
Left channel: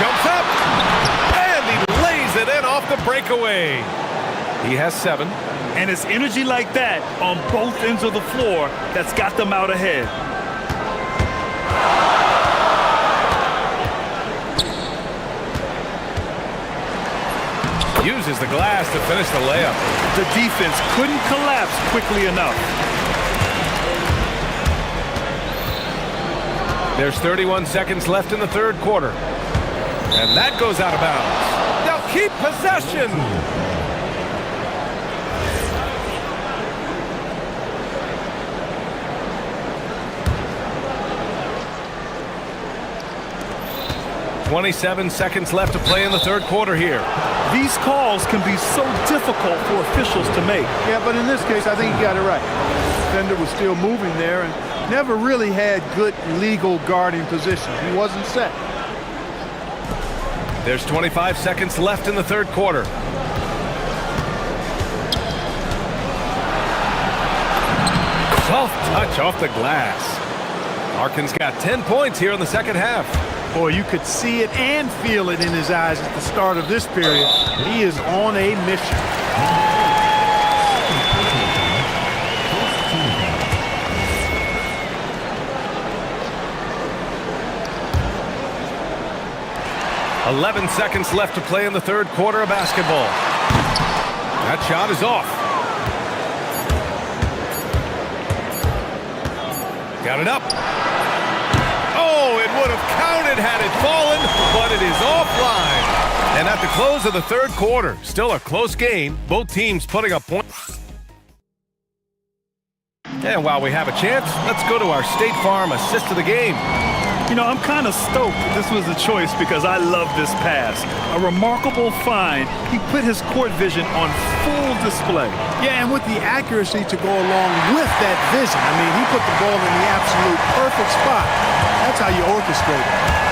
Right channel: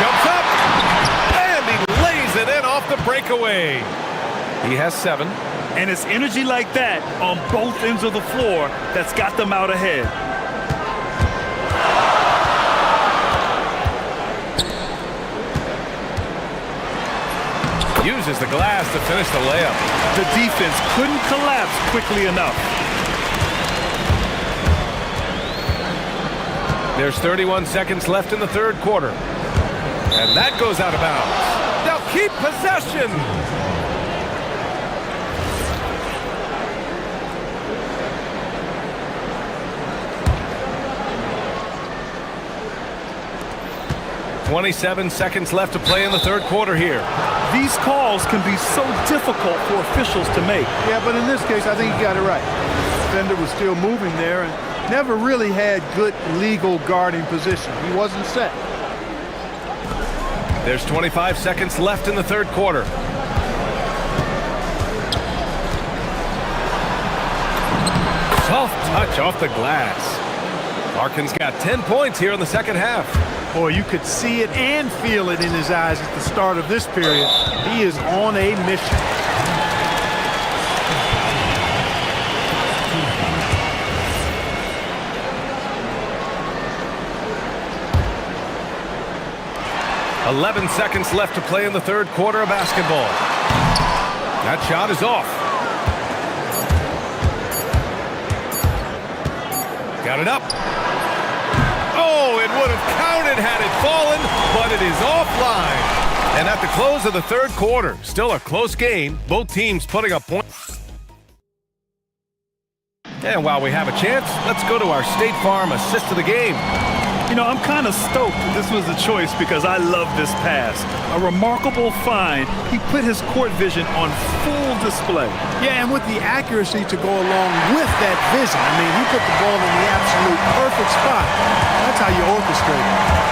Jumps up. And he lays it in off the breakaway. He has 7. And it's energy like that on both ends of the floor that's got them out ahead. Uses the glass to finish the layup. The defense couldn't collapse quickly enough. There's 31 seconds left in the third quarter. And that goes out of bounds. They'll keep possession. .27 seconds left to play in the third quarter here. These calls can be so difficult for officials to make. Yeah, but in this case, I think he got it right. The defender was still moving there and never really had good legal guarding position. He wasn't set. There's 25 seconds left in the third quarter. Soft touch off the glass. Larkin's got 10 points here in the second half. Boy, you could see it and feel it in his eyes at the start of this period. He is on a mission. .11 seconds left to play in the third quarter of basketball. That shot is off. Got it up. Oh, it would have counted had it fallen, but it is offline. And at the close of the third quarter, still a close game, both teams putting up points. And while we have a chance, let's go to our State Farm assist of the game. You know, I'm kind of stoked that this was a choice because I love this pass. A remarkable find. He put his court vision on full display. Yeah, and with the accuracy to go along with that vision. I mean, he put the ball in the absolute perfect spot. That's how you orchestrate it.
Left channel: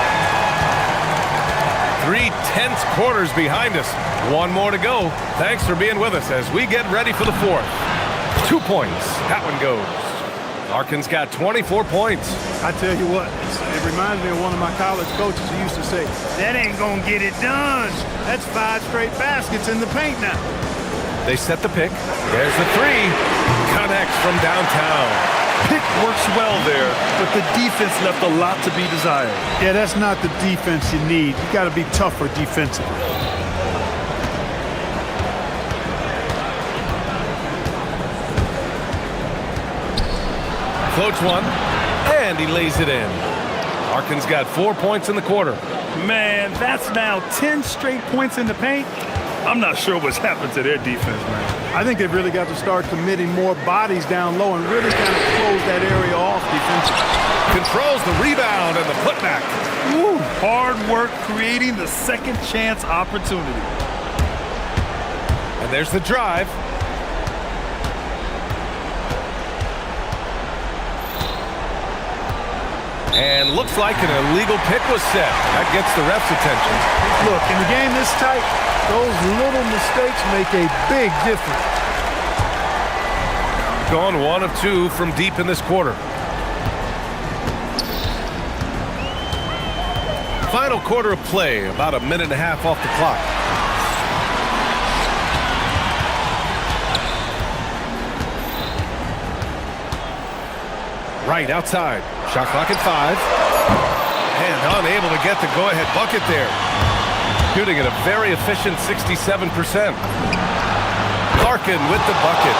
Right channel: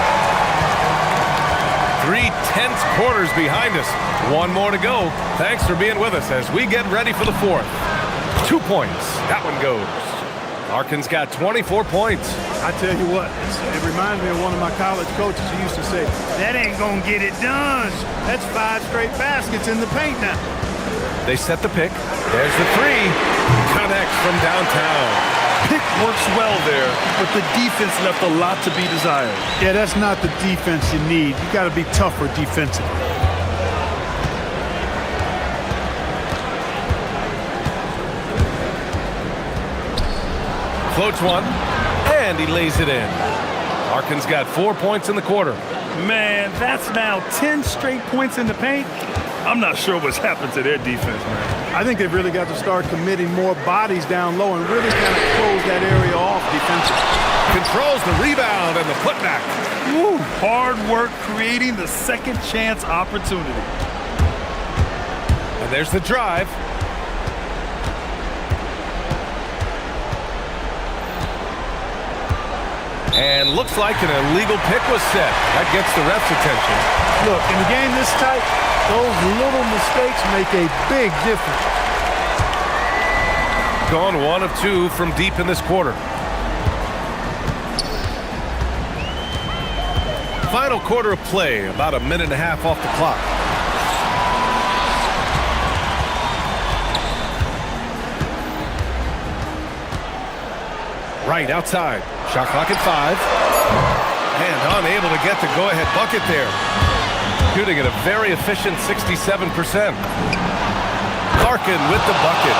3/10 quarters behind us. One more to go. Thanks for being with us as we get ready for the fourth. 2 points. That one goes. Larkin's got 24 points. I tell you what, it reminds me of one of my college coaches who used to say, that ain't gonna get it done. That's 5 straight baskets in the paint now. They set the pick. There's the three. Connects from downtown. Pick works well there, but the defense left a lot to be desired. Yeah, that's not the defense you need. You gotta be tougher defensively. Floats one, and he lays it in. Larkin's got 4 points in the quarter. Man, that's now 10 straight points in the paint. I'm not sure what's happened to their defense, man. I think they've really got to start committing more bodies down low and really kind of close that area off defensively. Controls the rebound and the putback. Woo, hard work creating the second chance opportunity. And there's the drive. And looks like an illegal pick was set. That gets the ref's attention. Look, in a game this tight, those little mistakes make a big difference. Gone 1 of 2 from deep in this quarter. Final quarter of play, about a minute and a half off the clock. Right outside. Shot clock at 5. And unable to get the go-ahead bucket there. Shooting at a very efficient 67%. Larkin with the bucket.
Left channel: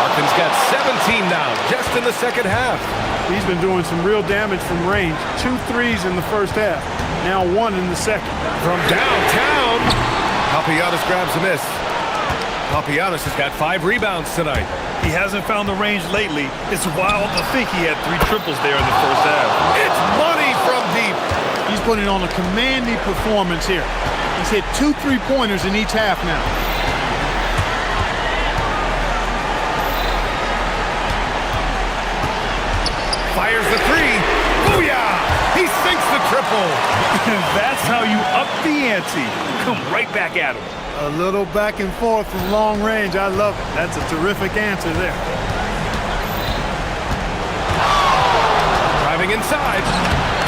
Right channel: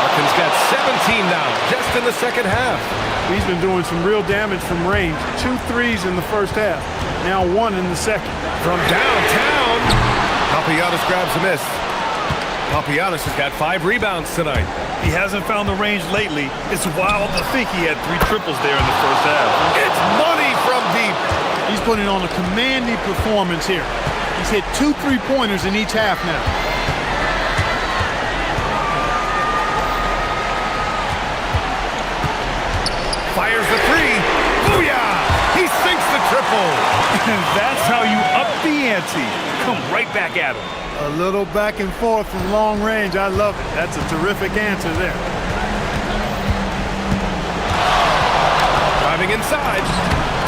Larkin's got 17 now, just in the second half. He's been doing some real damage from range. 2 threes in the first half. Now 1 in the second. From downtown, Papagiannis grabs a miss. Papagiannis has got 5 rebounds tonight. He hasn't found the range lately. It's wild to think he had 3 triples there in the first half. It's money from deep. He's putting on a commanding performance here. He's hit 2 3-pointers in each half now. Fires the 3. Booyah! He sinks the triple. And that's how you up the ante. Come right back at him. A little back and forth from long range. I love it. That's a terrific answer there. Driving inside.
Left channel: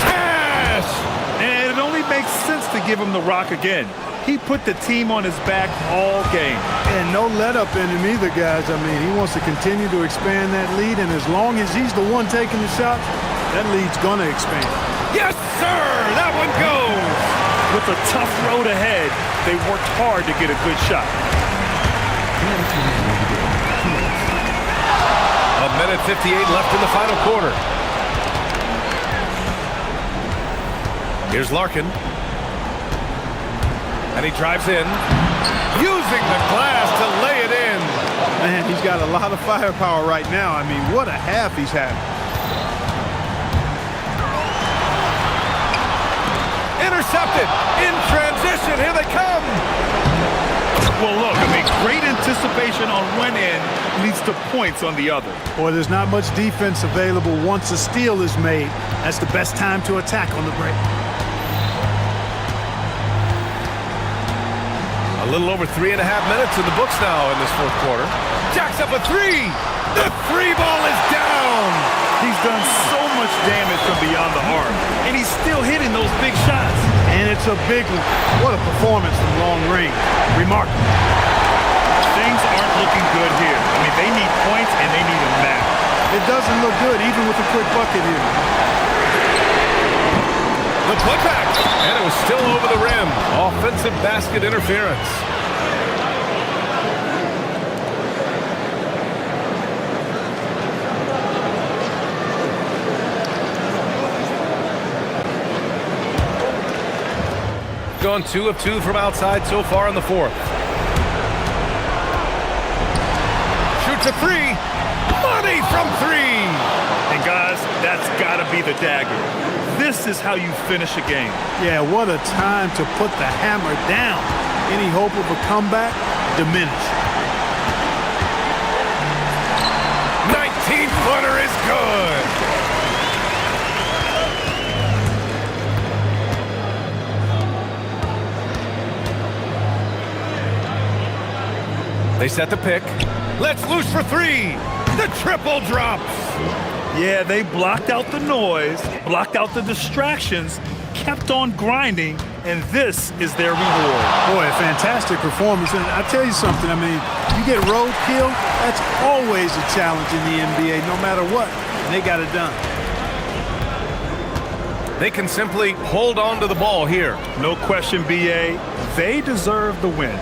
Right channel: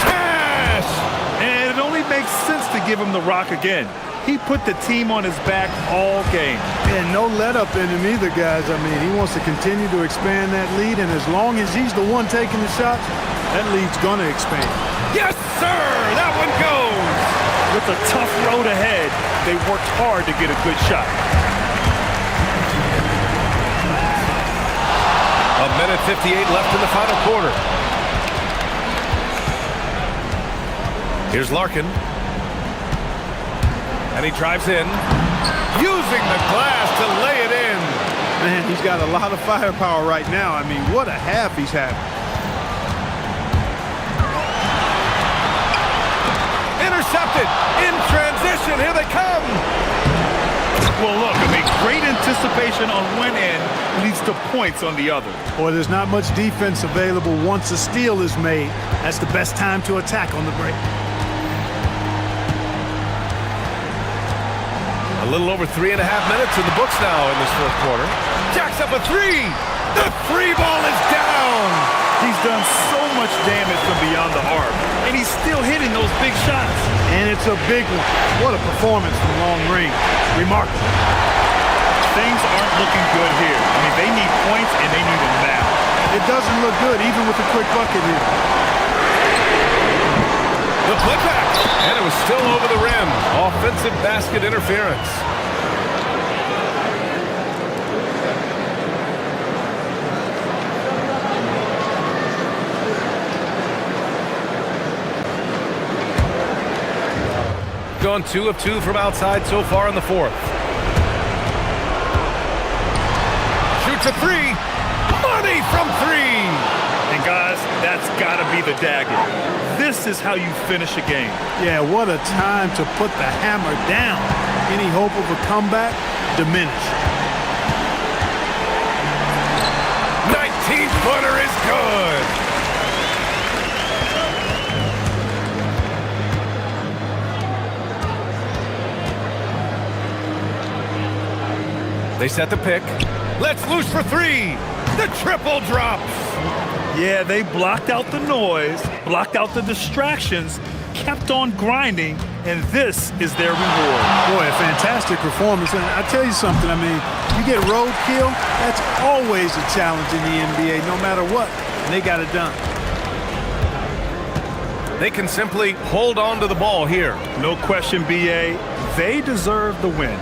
Cash! And it only makes sense to give him the rock again. He put the team on his back all game. And no let up in him either, guys. I mean, he wants to continue to expand that lead, and as long as he's the one taking the shots, that lead's gonna expand. Yes, sir! That one goes! With a tough road ahead, they worked hard to get a good shot. A minute 58 left in the final quarter. Here's Larkin. And he drives in, using the glass to lay it in. Man, he's got a lot of firepower right now. I mean, what a half he's having. Intercepted in transition. Here they come. Well, look, I mean, great anticipation on one end leads to points on the other. Boy, there's not much defense available once a steal is made. That's the best time to attack on the break. A little over 3.5 minutes in the books now in this fourth quarter. Jacks up a 3. The 3 ball is down. He's done so much damage from beyond the arc, and he's still hitting those big shots. And it's a big one. What a performance from long range. Remarkable. Things aren't looking good here. I mean, they need points, and they need them now. It doesn't look good, even with a quick bucket here. The putback, and it was still over the rim. Offensive basket interference. gone 2 of 2 from outside so far in the fourth. Shoots a three. Money from three. And guys, that's got to be the dagger. This is how you finish a game. Yeah, what a time to put the hammer down. Any hope of a comeback diminished. 19-footer is good. They set the pick. Let's loose for three. The triple drops. Yeah, they blocked out the noise, blocked out the distractions, kept on grinding, and this is their reward. Boy, a fantastic performance. And I tell you something, I mean, you get roadkill, that's always a challenge in the NBA, no matter what. And they got it done. They can simply hold on to the ball here. No question, BA. They deserve the win.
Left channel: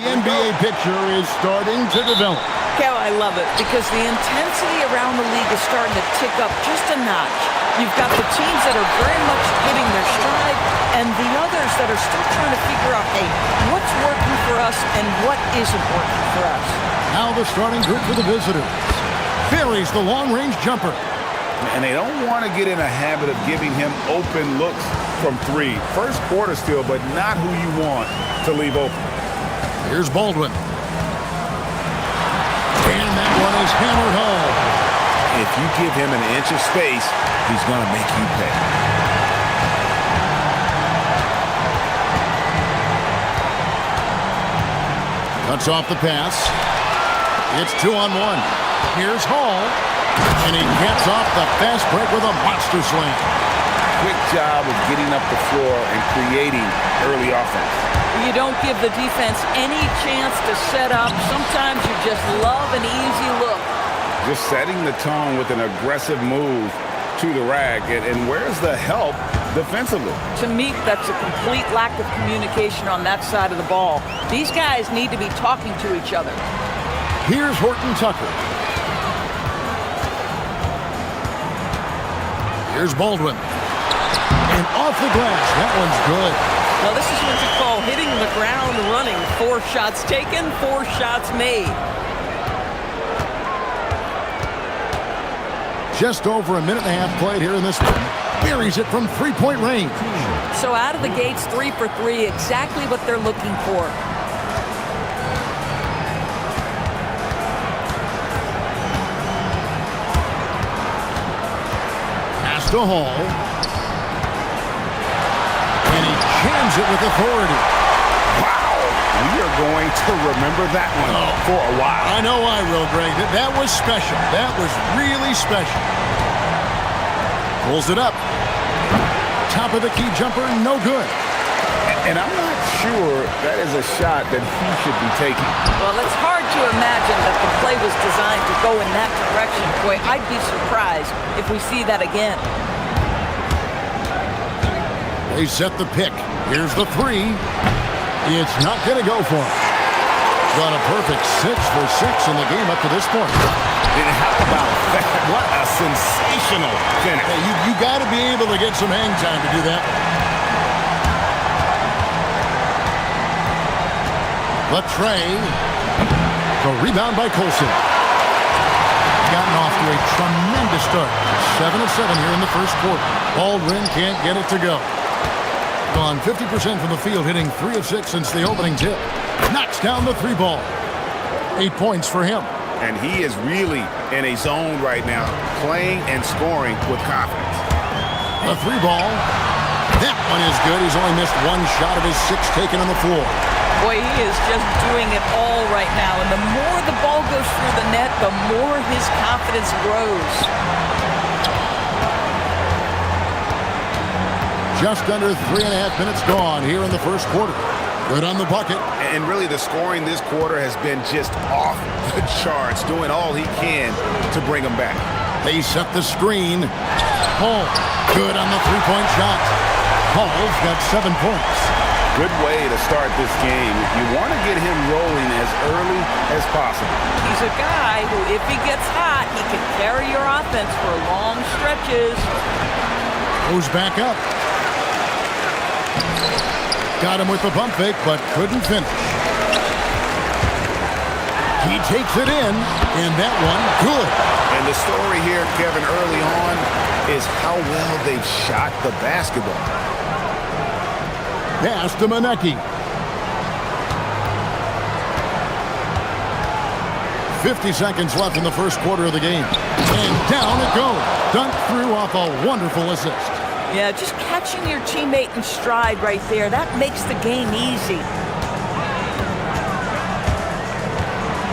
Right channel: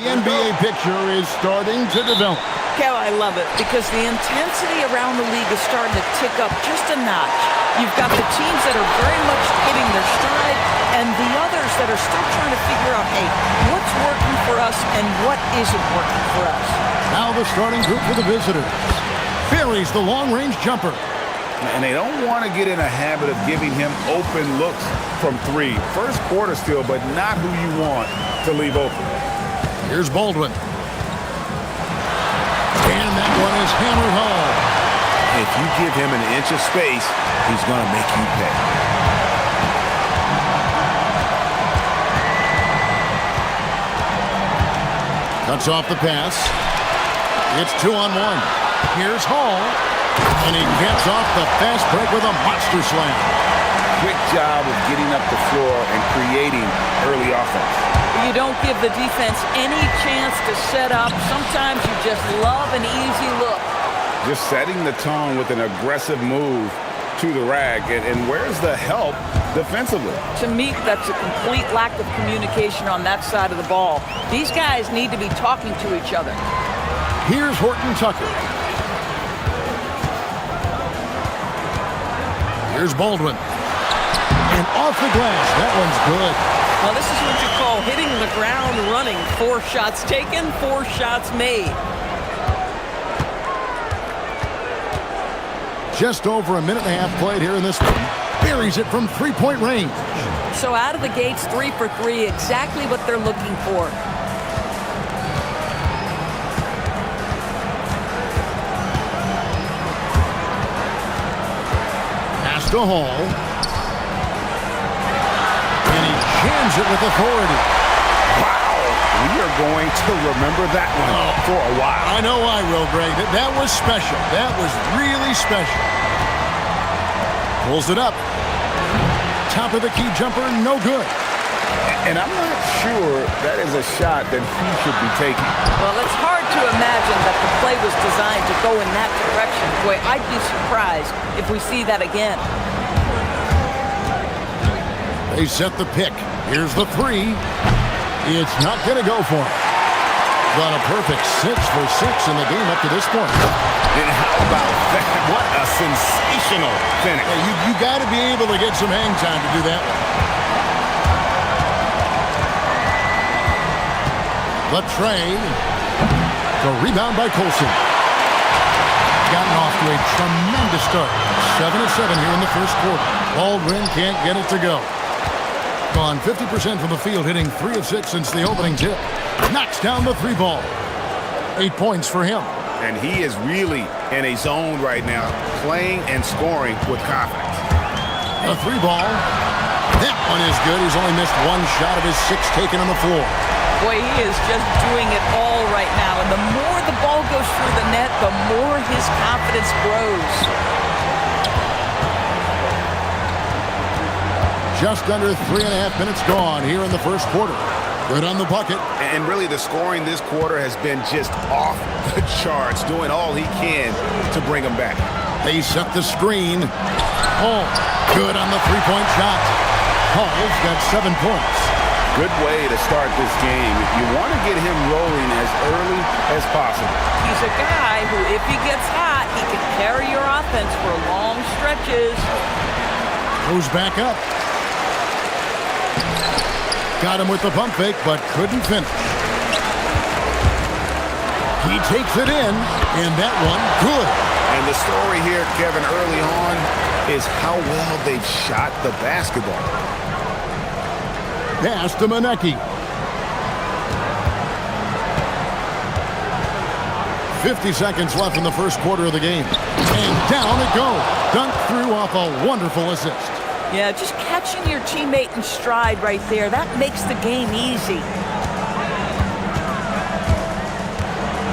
The NBA picture is starting to develop. Kev, I love it because the intensity around the league is starting to tick up just a notch. You've got the teams that are very much hitting their stride and the others that are still trying to figure out, hey, what's working for us and what isn't working for us. Now the starting group for the visitors. Buries the long-range jumper. And they don't want to get in a habit of giving him open looks from three. First quarter still, but not who you want to leave open. Here's Baldwin. And that one is hammered home. If you give him an inch of space, he's going to make you pay. Cuts off the pass. It's 2-on-1. Here's Hall. And he gets off the fast break with a monster slam. Quick job of getting up the floor and creating early offense. You don't give the defense any chance to set up. Sometimes you just love an easy look. Just setting the tone with an aggressive move to the rack. And where's the help defensively? To me, that's a complete lack of communication on that side of the ball. These guys need to be talking to each other. Here's Horton Tucker. Here's Baldwin. And off the glass. That one's good. Well, this is what you call hitting the ground running. 4 shots taken, 4 shots made. Just over a minute and a half played here in this one. Buries it from three-point range. So out of the gates, 3 for 3, exactly what they're looking for. Pass to Hall. And he jams it with authority. Wow, we are going to remember that one for a while. I know I will, Greg. That was special. That was really special. Pulls it up. Top of the key jumper, no good. And I'm not sure that is a shot that he should be taking. Well, it's hard to imagine that the play was designed to go in that direction. Boy, I'd be surprised if we see that again. They set the pick. Here's the 3. It's not going to go for him. Got a perfect 6 for 6 in the game up to this point. And how about that? What a sensational finish. Yeah, you got to be able to get some hang time to do that one. Latrey. The rebound by Colson. Gotten off to a tremendous start. 7 of 7 here in the first quarter. Baldwin can't get it to go. Gone 50% from the field, hitting 3 of 6 since the opening tip. Knocks down the 3 ball. 8 points for him. And he is really in a zone right now, playing and scoring with confidence. The 3 ball. That one is good. He's only missed 1 shot of his 6 taken on the floor. Boy, he is just doing it all right now. And the more the ball goes through the net, the more his confidence grows. Just under 3.5 minutes gone here in the first quarter. Good on the bucket. And really the scoring this quarter has been just off the charts, doing all he can to bring them back. They set the screen. Hall, good on the 3-point shot. Hall's got 7 points. Good way to start this game. You want to get him rolling as early as possible. He's a guy who, if he gets hot, he can carry your offense for long stretches. Goes back up. Got him with the pump fake, but couldn't finish. He takes it in, and that one good. And the story here, Kevin, early on is how well they've shot the basketball. Pass to Manecki. 50 seconds left in the first quarter of the game. And down it goes. Dunked through off a wonderful assist. Yeah, just catching your teammate in stride right there, that makes the game easy.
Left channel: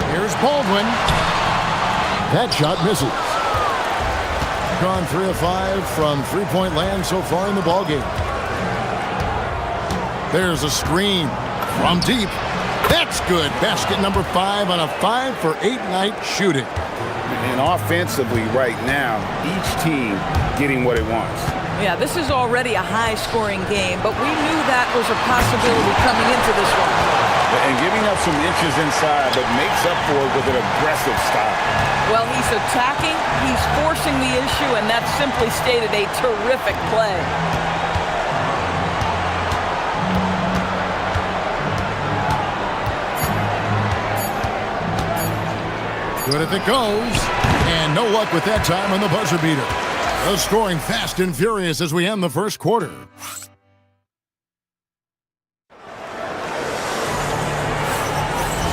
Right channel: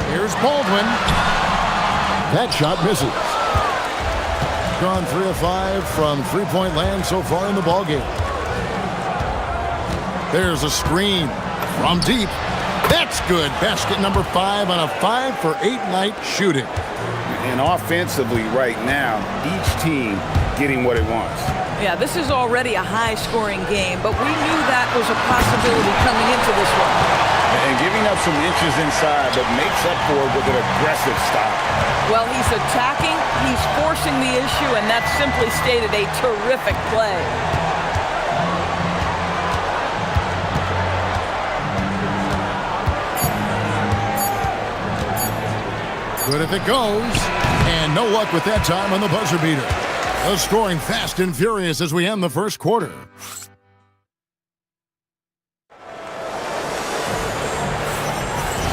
Here's Baldwin. That shot misses. Gone 3 of 5 from 3-point land so far in the ballgame. There's a screen from deep. That's good. Basket number 5 on a 5 for 8 night shooting. And offensively right now, each team getting what it wants. Yeah, this is already a high-scoring game, but we knew that was a possibility coming into this one. And giving up some inches inside, but makes up for it with an aggressive style. Well, he's attacking, he's forcing the issue, and that's simply stated a terrific play. Good if it goes. And no luck with that time on the buzzer beater. The scoring fast and furious as we end the first quarter.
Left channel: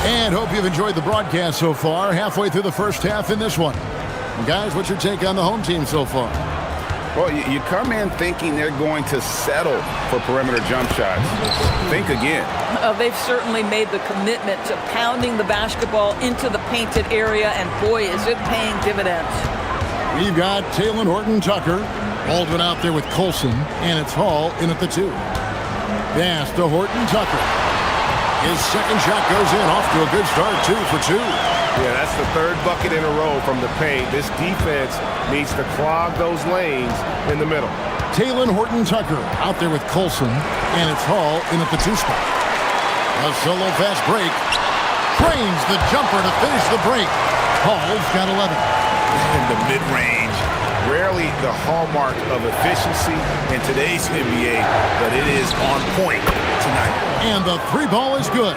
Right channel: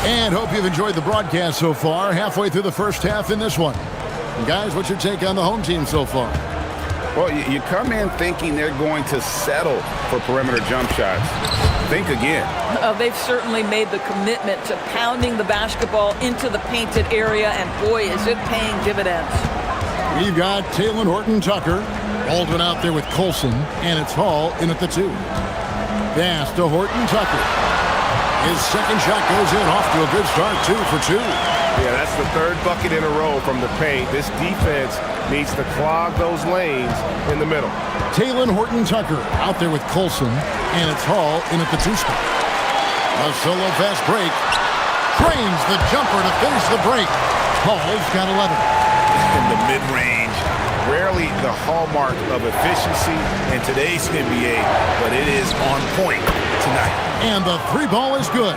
And hope you've enjoyed the broadcast so far. Halfway through the first half in this one. And guys, what's your take on the home team so far? Well, you come in thinking they're going to settle for perimeter jump shots. Think again. They've certainly made the commitment to pounding the basketball into the painted area, and boy, is it paying dividends. We've got Taylor Horton-Tucker. Baldwin out there with Colson, and it's Hall in at the 2. Pass to Horton-Tucker. His second shot goes in, off to a good start, 2 for 2. Yeah, that's the third bucket in a row from the paint. This defense needs to clog those lanes in the middle. Taylor Horton-Tucker out there with Colson, and it's Hall in at the 2 spot. A solo fast break. Trains the jumper to finish the break. Hall's got 11. In the mid-range, rarely the hallmark of efficiency in today's NBA, but it is on point tonight. And the 3 ball is good.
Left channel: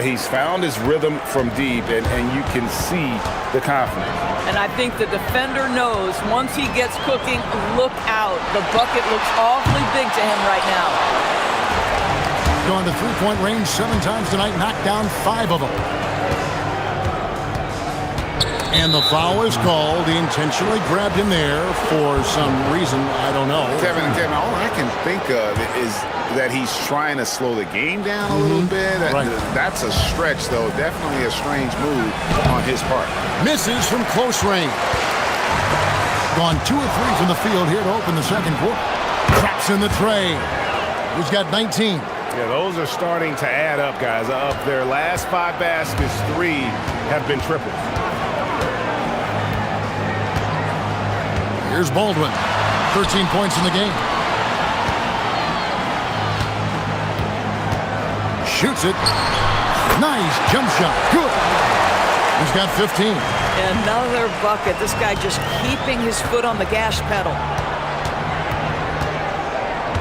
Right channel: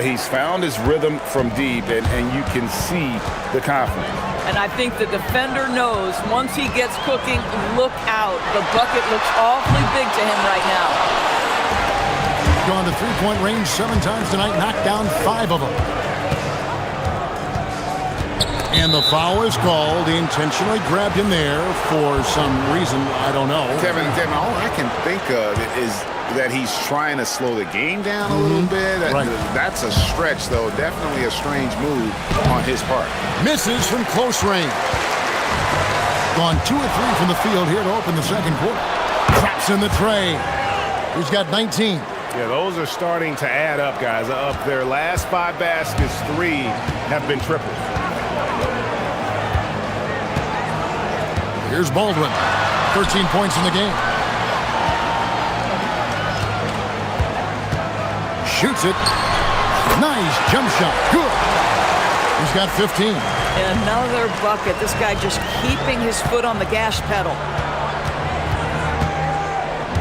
He's found his rhythm from deep, and you can see the confidence. And I think the defender knows once he gets cooking, look out. The bucket looks awfully big to him right now. Gone to three-point range 7 times tonight, knocked down 5 of them. And the foul is called. He intentionally grabbed him there for some reason, I don't know. Kevin, all I can think of is that he's trying to slow the game down a little bit. Right. That's a stretch, though. Definitely a strange move on his part. Misses from close range. Gone 2 of 3 from the field here to open the second quarter. Traps in the tray. He's got 19. Yeah, those are starting to add up, guys. Up their last 5 baskets, 3 have been triples. Here's Baldwin. 13 points in the game. Shoots it. Nice jump shot. Good. He's got 15. Another bucket. This guy just keeping his foot on the gas pedal.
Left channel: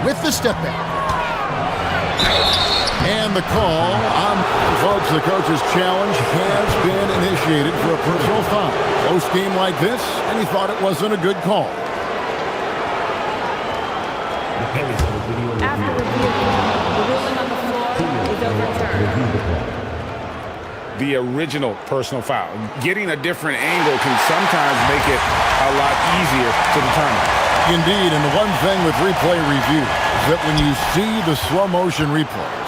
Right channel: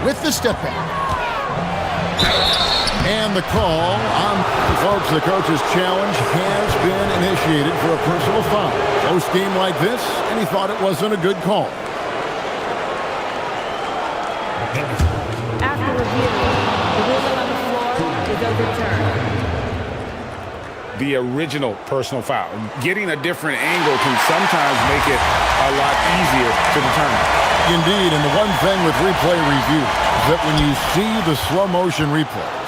With the step back. And the call on, folks, the coach's challenge has been initiated for a personal foul. Close game like this, and he thought it wasn't a good call. After review, the ruling on the floor is overturned. The original personal foul. Getting a different angle can sometimes make it a lot easier to determine. Indeed, and the one thing with replay review is that when you see the slow motion replays,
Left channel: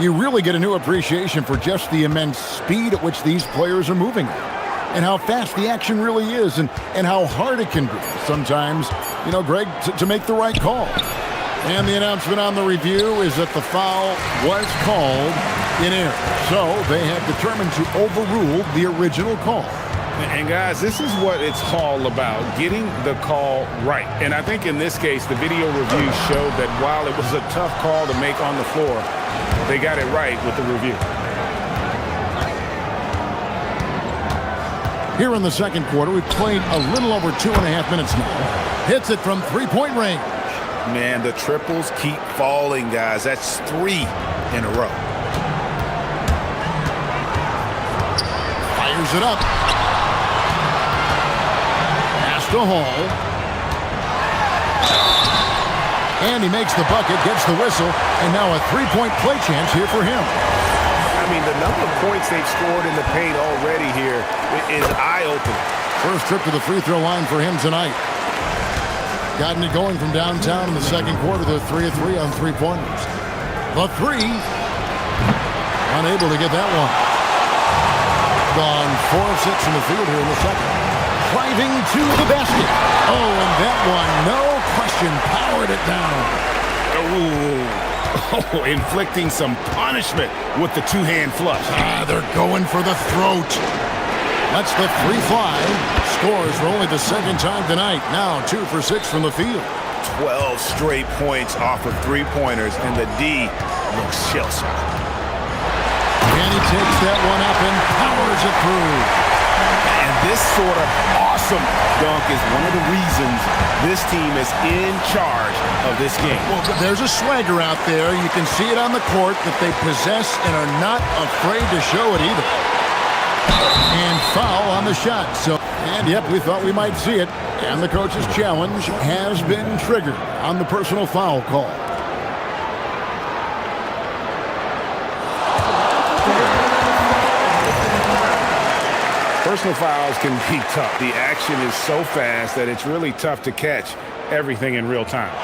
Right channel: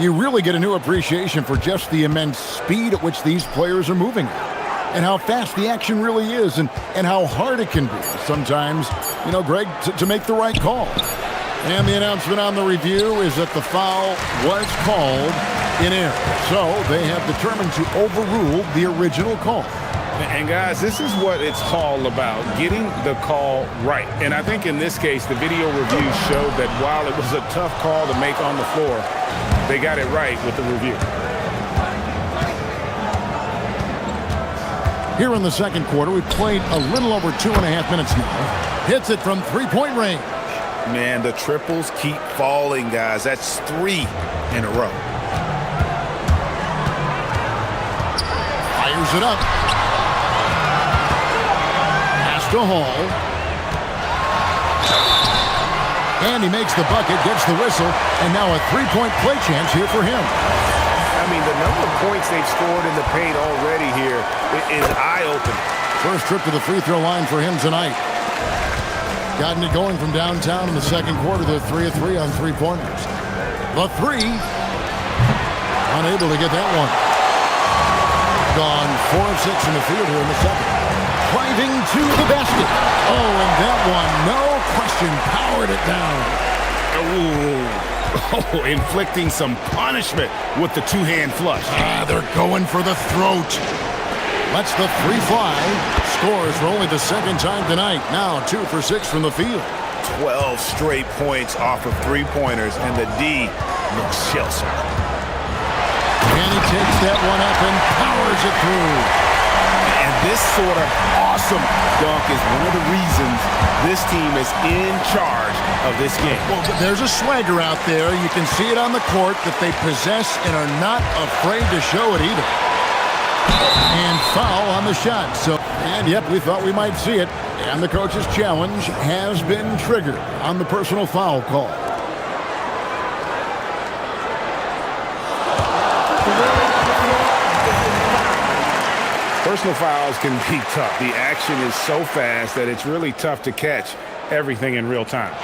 you really get a new appreciation for just the immense speed at which these players are moving and how fast the action really is and how hard it can be sometimes, Greg, to make the right call. And the announcement on the review is that the foul was called in error. So they have determined to overrule the original call. And guys, this is what it's all about, getting the call right. And I think in this case, the video review showed that while it was a tough call to make on the floor, they got it right with the review. Here in the second quarter, we've played a little over 2.5 minutes now. Hits it from three-point range. Man, the triples keep falling, guys. That's 3 in a row. Fires it up. Pass to Hall. And he makes the bucket, gets the whistle, and now a 3-point play chance here for him. I mean, the number of points they've scored in the paint already here is eye-opening. First trip to the free throw line for him tonight. Gotten it going from downtown in the second quarter. They're 3 of 3 on 3-pointers. The 3. Unable to get that one. Gone 4 of 6 from the field here in the second. Driving to the basket. Oh, and that one, no question, powered it down. Oh, inflicting some punishment with the 2-hand flush. They're going for the throat. Lets the 3 fly. Scores for only the second time tonight. Now 2 for 6 from the field. 12 straight points off of 3-pointers, and the D looks shell-shocked. And he takes that one up and powers it through. And this sort of awesome dunk is one of the reasons this team is in charge of this game. Well, there's a swagger out there. You can see it on the court that they possess and are not afraid to show it either. And foul on the shot. And yep, we thought we might see it. And the coach's challenge has been triggered on the personal foul call. Personal fouls can be tough. The action is so fast that it's really tough to catch everything in real time.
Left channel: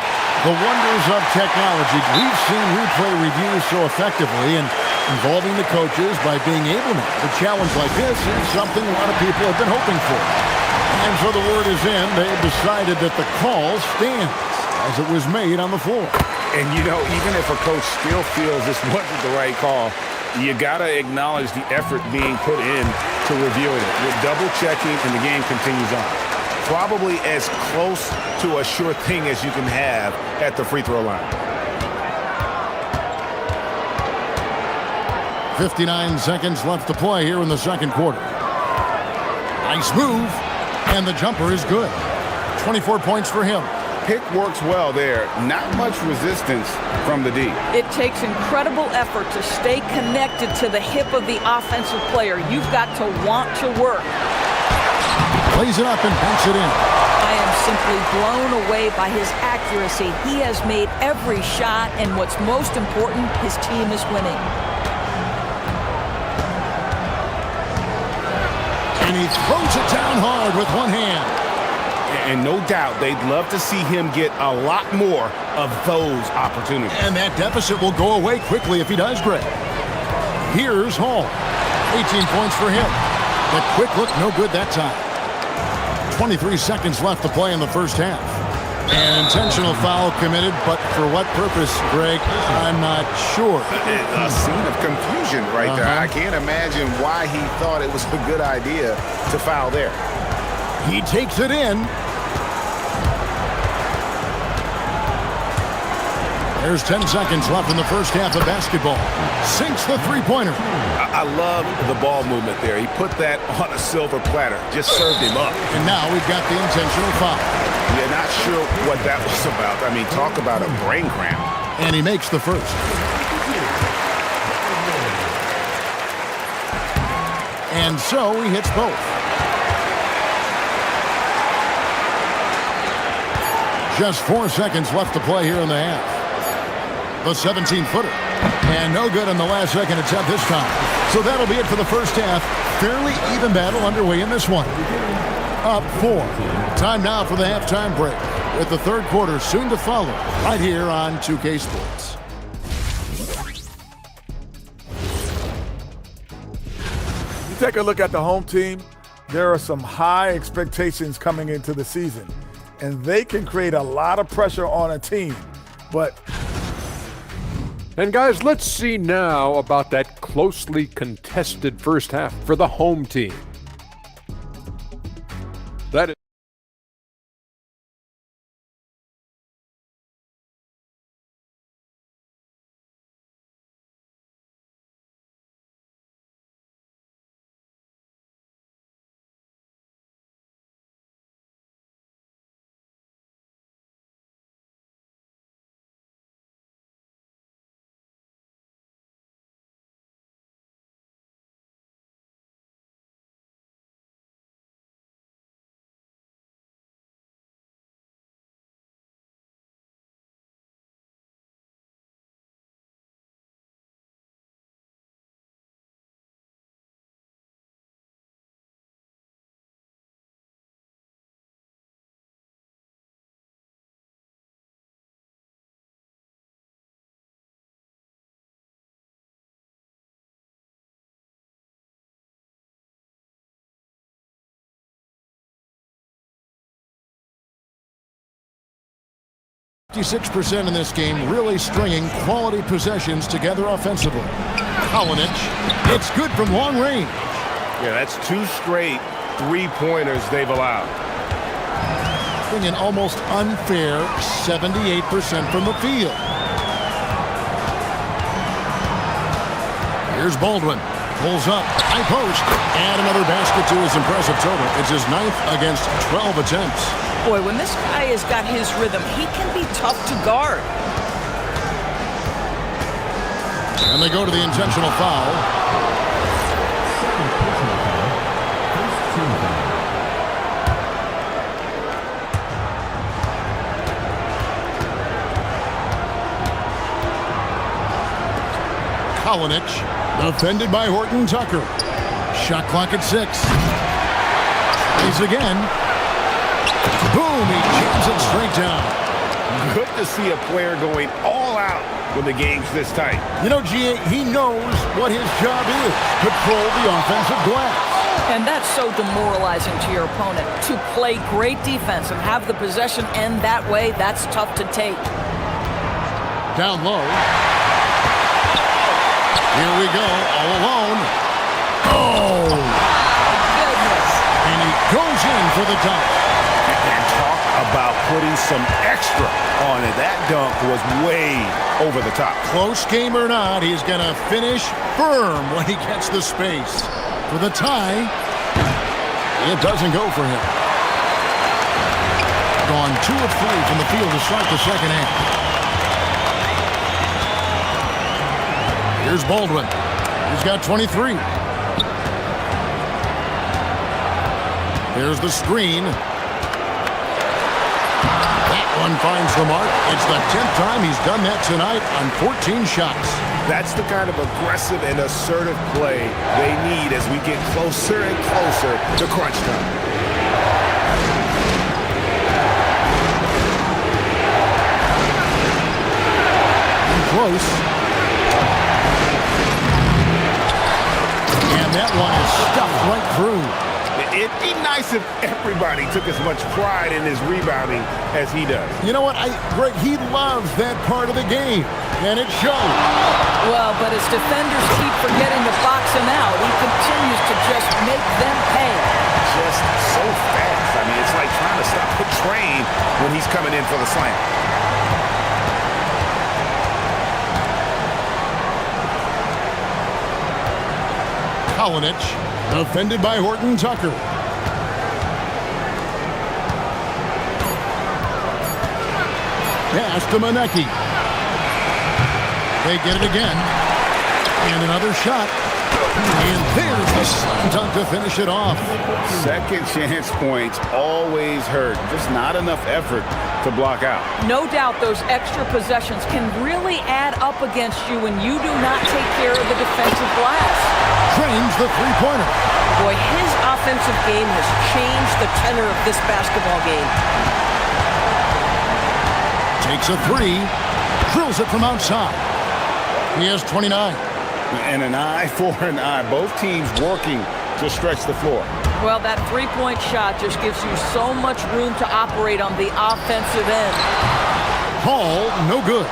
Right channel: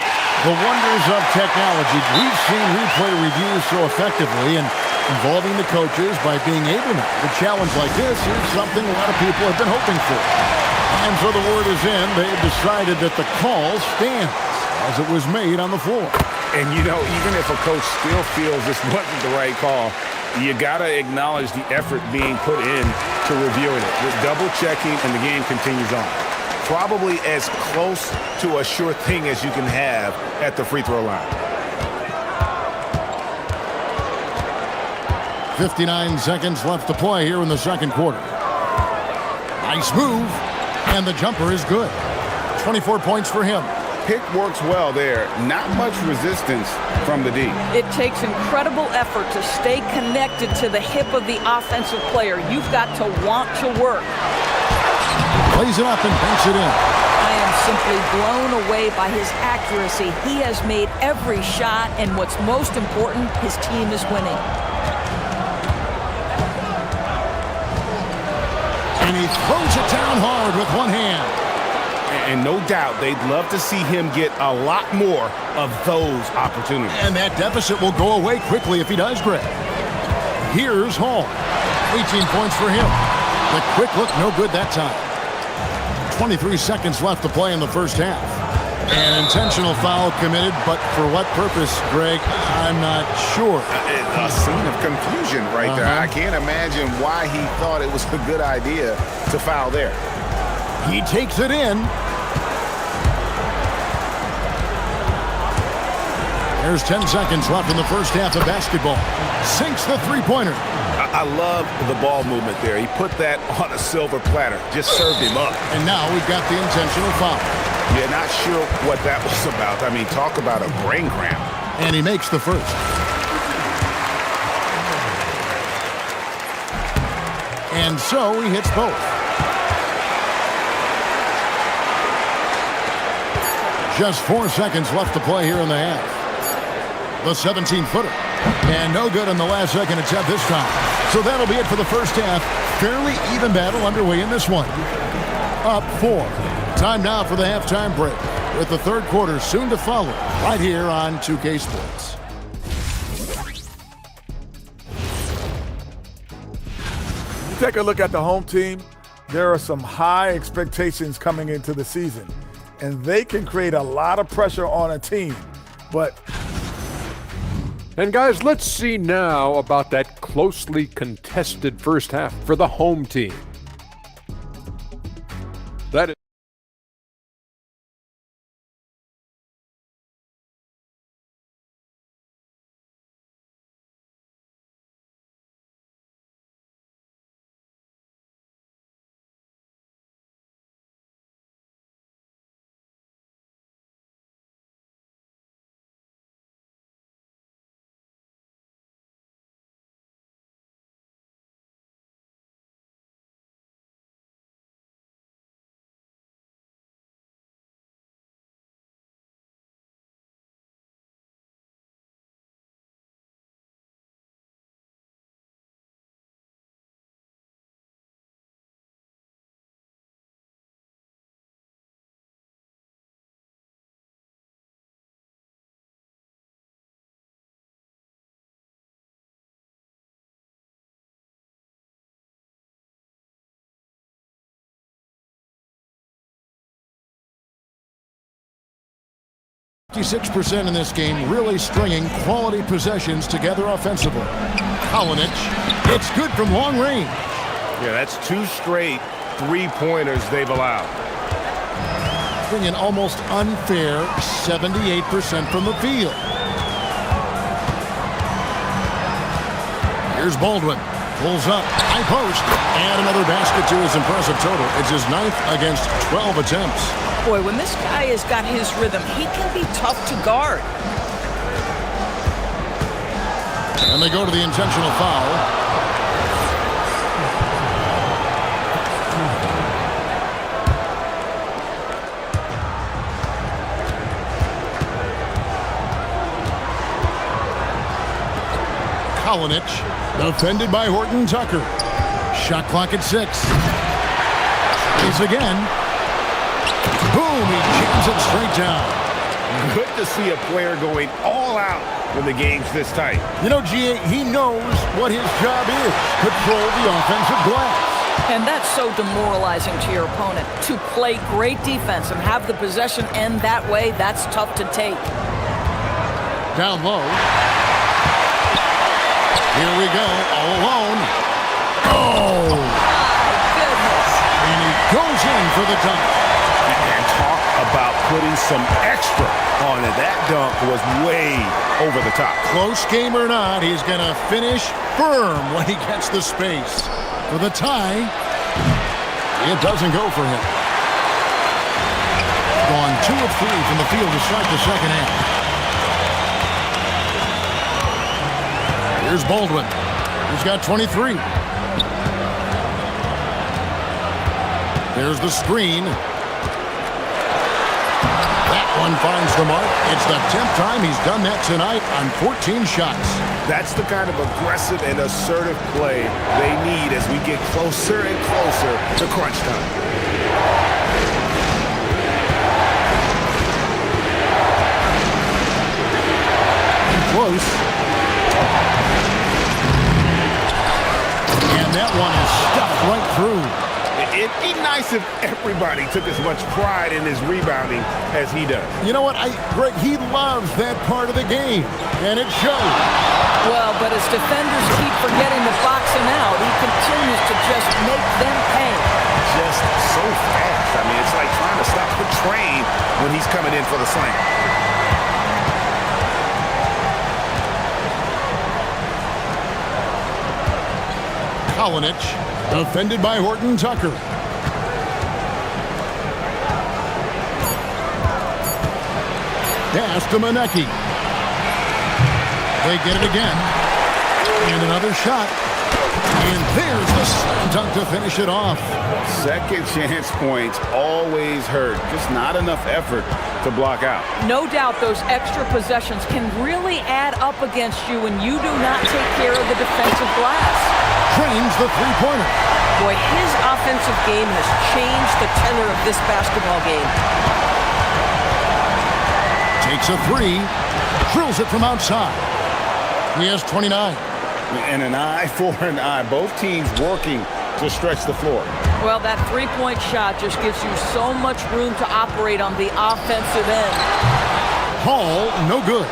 The wonders of technology. We've seen replay reviews so effectively, and involving the coaches by being able now to challenge like this is something a lot of people have been hoping for. And so the word is in. They've decided that the call stands as it was made on the floor. And, you know, even if a coach still feels this wasn't the right call, you got to acknowledge the effort being put in to reviewing it. The double checking, and the game continues on. Probably as close to a sure thing as you can have at the free throw line. 59 seconds left to play here in the second quarter. Nice move, and the jumper is good. 24 points for him. Pick works well there. Not much resistance from the D. It takes incredible effort to stay connected to the hip of the offensive player. You've got to want to work. Plays it up and banks it in. I am simply blown away by his accuracy. He has made every shot, and what's most important, his team is winning. And he throws it down hard with one hand. And no doubt they'd love to see him get a lot more of those opportunities. And that deficit will go away quickly if he does, Greg. Here's Hall. 18 points for him. The quick look, no good that time. 23 seconds left to play in the first half. An intentional foul committed, but for what purpose, Greg? I'm not sure. A scene of confusion right there. I can't imagine why he thought it was a good idea to foul there. He takes it in. There's 10 seconds left in the first half of basketball. Sinks the three-pointer. I love the ball movement there. He put that on a silver platter. Just served him up. And now we've got the intentional foul. Yeah, not sure what that was about. I mean, talk about a brain cramp. And he makes the first. And so he hits both. Just 4 seconds left to play here in the half. The 17-footer. And no good on the last second attempt this time. So that'll be it for the first half. Fairly even battle underway in this one. Up 4. Time now for the halftime break, with the third quarter soon to follow right here on 2K Sports. You take a look at the home team, there are some high expectations coming into the season, and they can create a lot of pressure on a team. And guys, let's see now about that closely contested first half for the home team. That is .56% in this game, really stringing quality possessions together offensively. Kalinic, it's good from long range. Yeah, that's 2 straight three-pointers they've allowed. Being an almost unfair 78% from the field. Here's Baldwin. Pulls up. High post. And another basket to his impressive total. It's his 9th against 12 attempts. Boy, when this guy has got his rhythm, he can be tough to guard. And they go to the intentional foul. Kalinich, defended by Horton Tucker. Shot clock at 6. Tries again. Boom, he jams it straight down. Good to see a player going all out when the game's this tight. You know, G.A., he knows what his job is. Patrol the offensive glass. And that's so demoralizing to your opponent. To play great defense and have the possession end that way, that's tough to take. Down low. Here we go, all alone. Oh! My goodness. And he goes in for the dunk. And talk about putting some extra on it. That dunk was way over the top. Close game or not, he's going to finish firm when he gets the space. For the tie, it doesn't go for him. Gone 2 of 3 from the field to start the second half. Here's Baldwin. He's got 23. There's the screen. That one finds the mark. It's the 10th time he's done that tonight on 14 shots. That's the kind of aggressive and assertive play they need as we get closer and closer to crunch time. And close. And that one is stuffed right through. It'd be nice if everybody took as much pride in his rebounding as he does. You know what, Greg, he loves that part of the game, and it shows. Well, but as defenders keep forgetting to box him out, he continues to just make them pay. Just so fast. I mean, it's like trying to stop a train when he's coming in for the slam. Kalinich, defended by Horton Tucker. Pass to Manecki. They get it again. And another shot. And there's the slam dunk to finish it off. Second chance points always hurt. Just not enough effort to block out. No doubt those extra possessions can really add up against you when you do not take care of the defensive glass. Trains the three-pointer. Boy, his offensive game has changed the tenor of this basketball game. Takes a 3. Drills it from outside. He has 29. And an eye for an eye. Both teams working to stretch the floor. Well, that three-point shot just gives you so much room to operate on the offensive end. Hall, no good.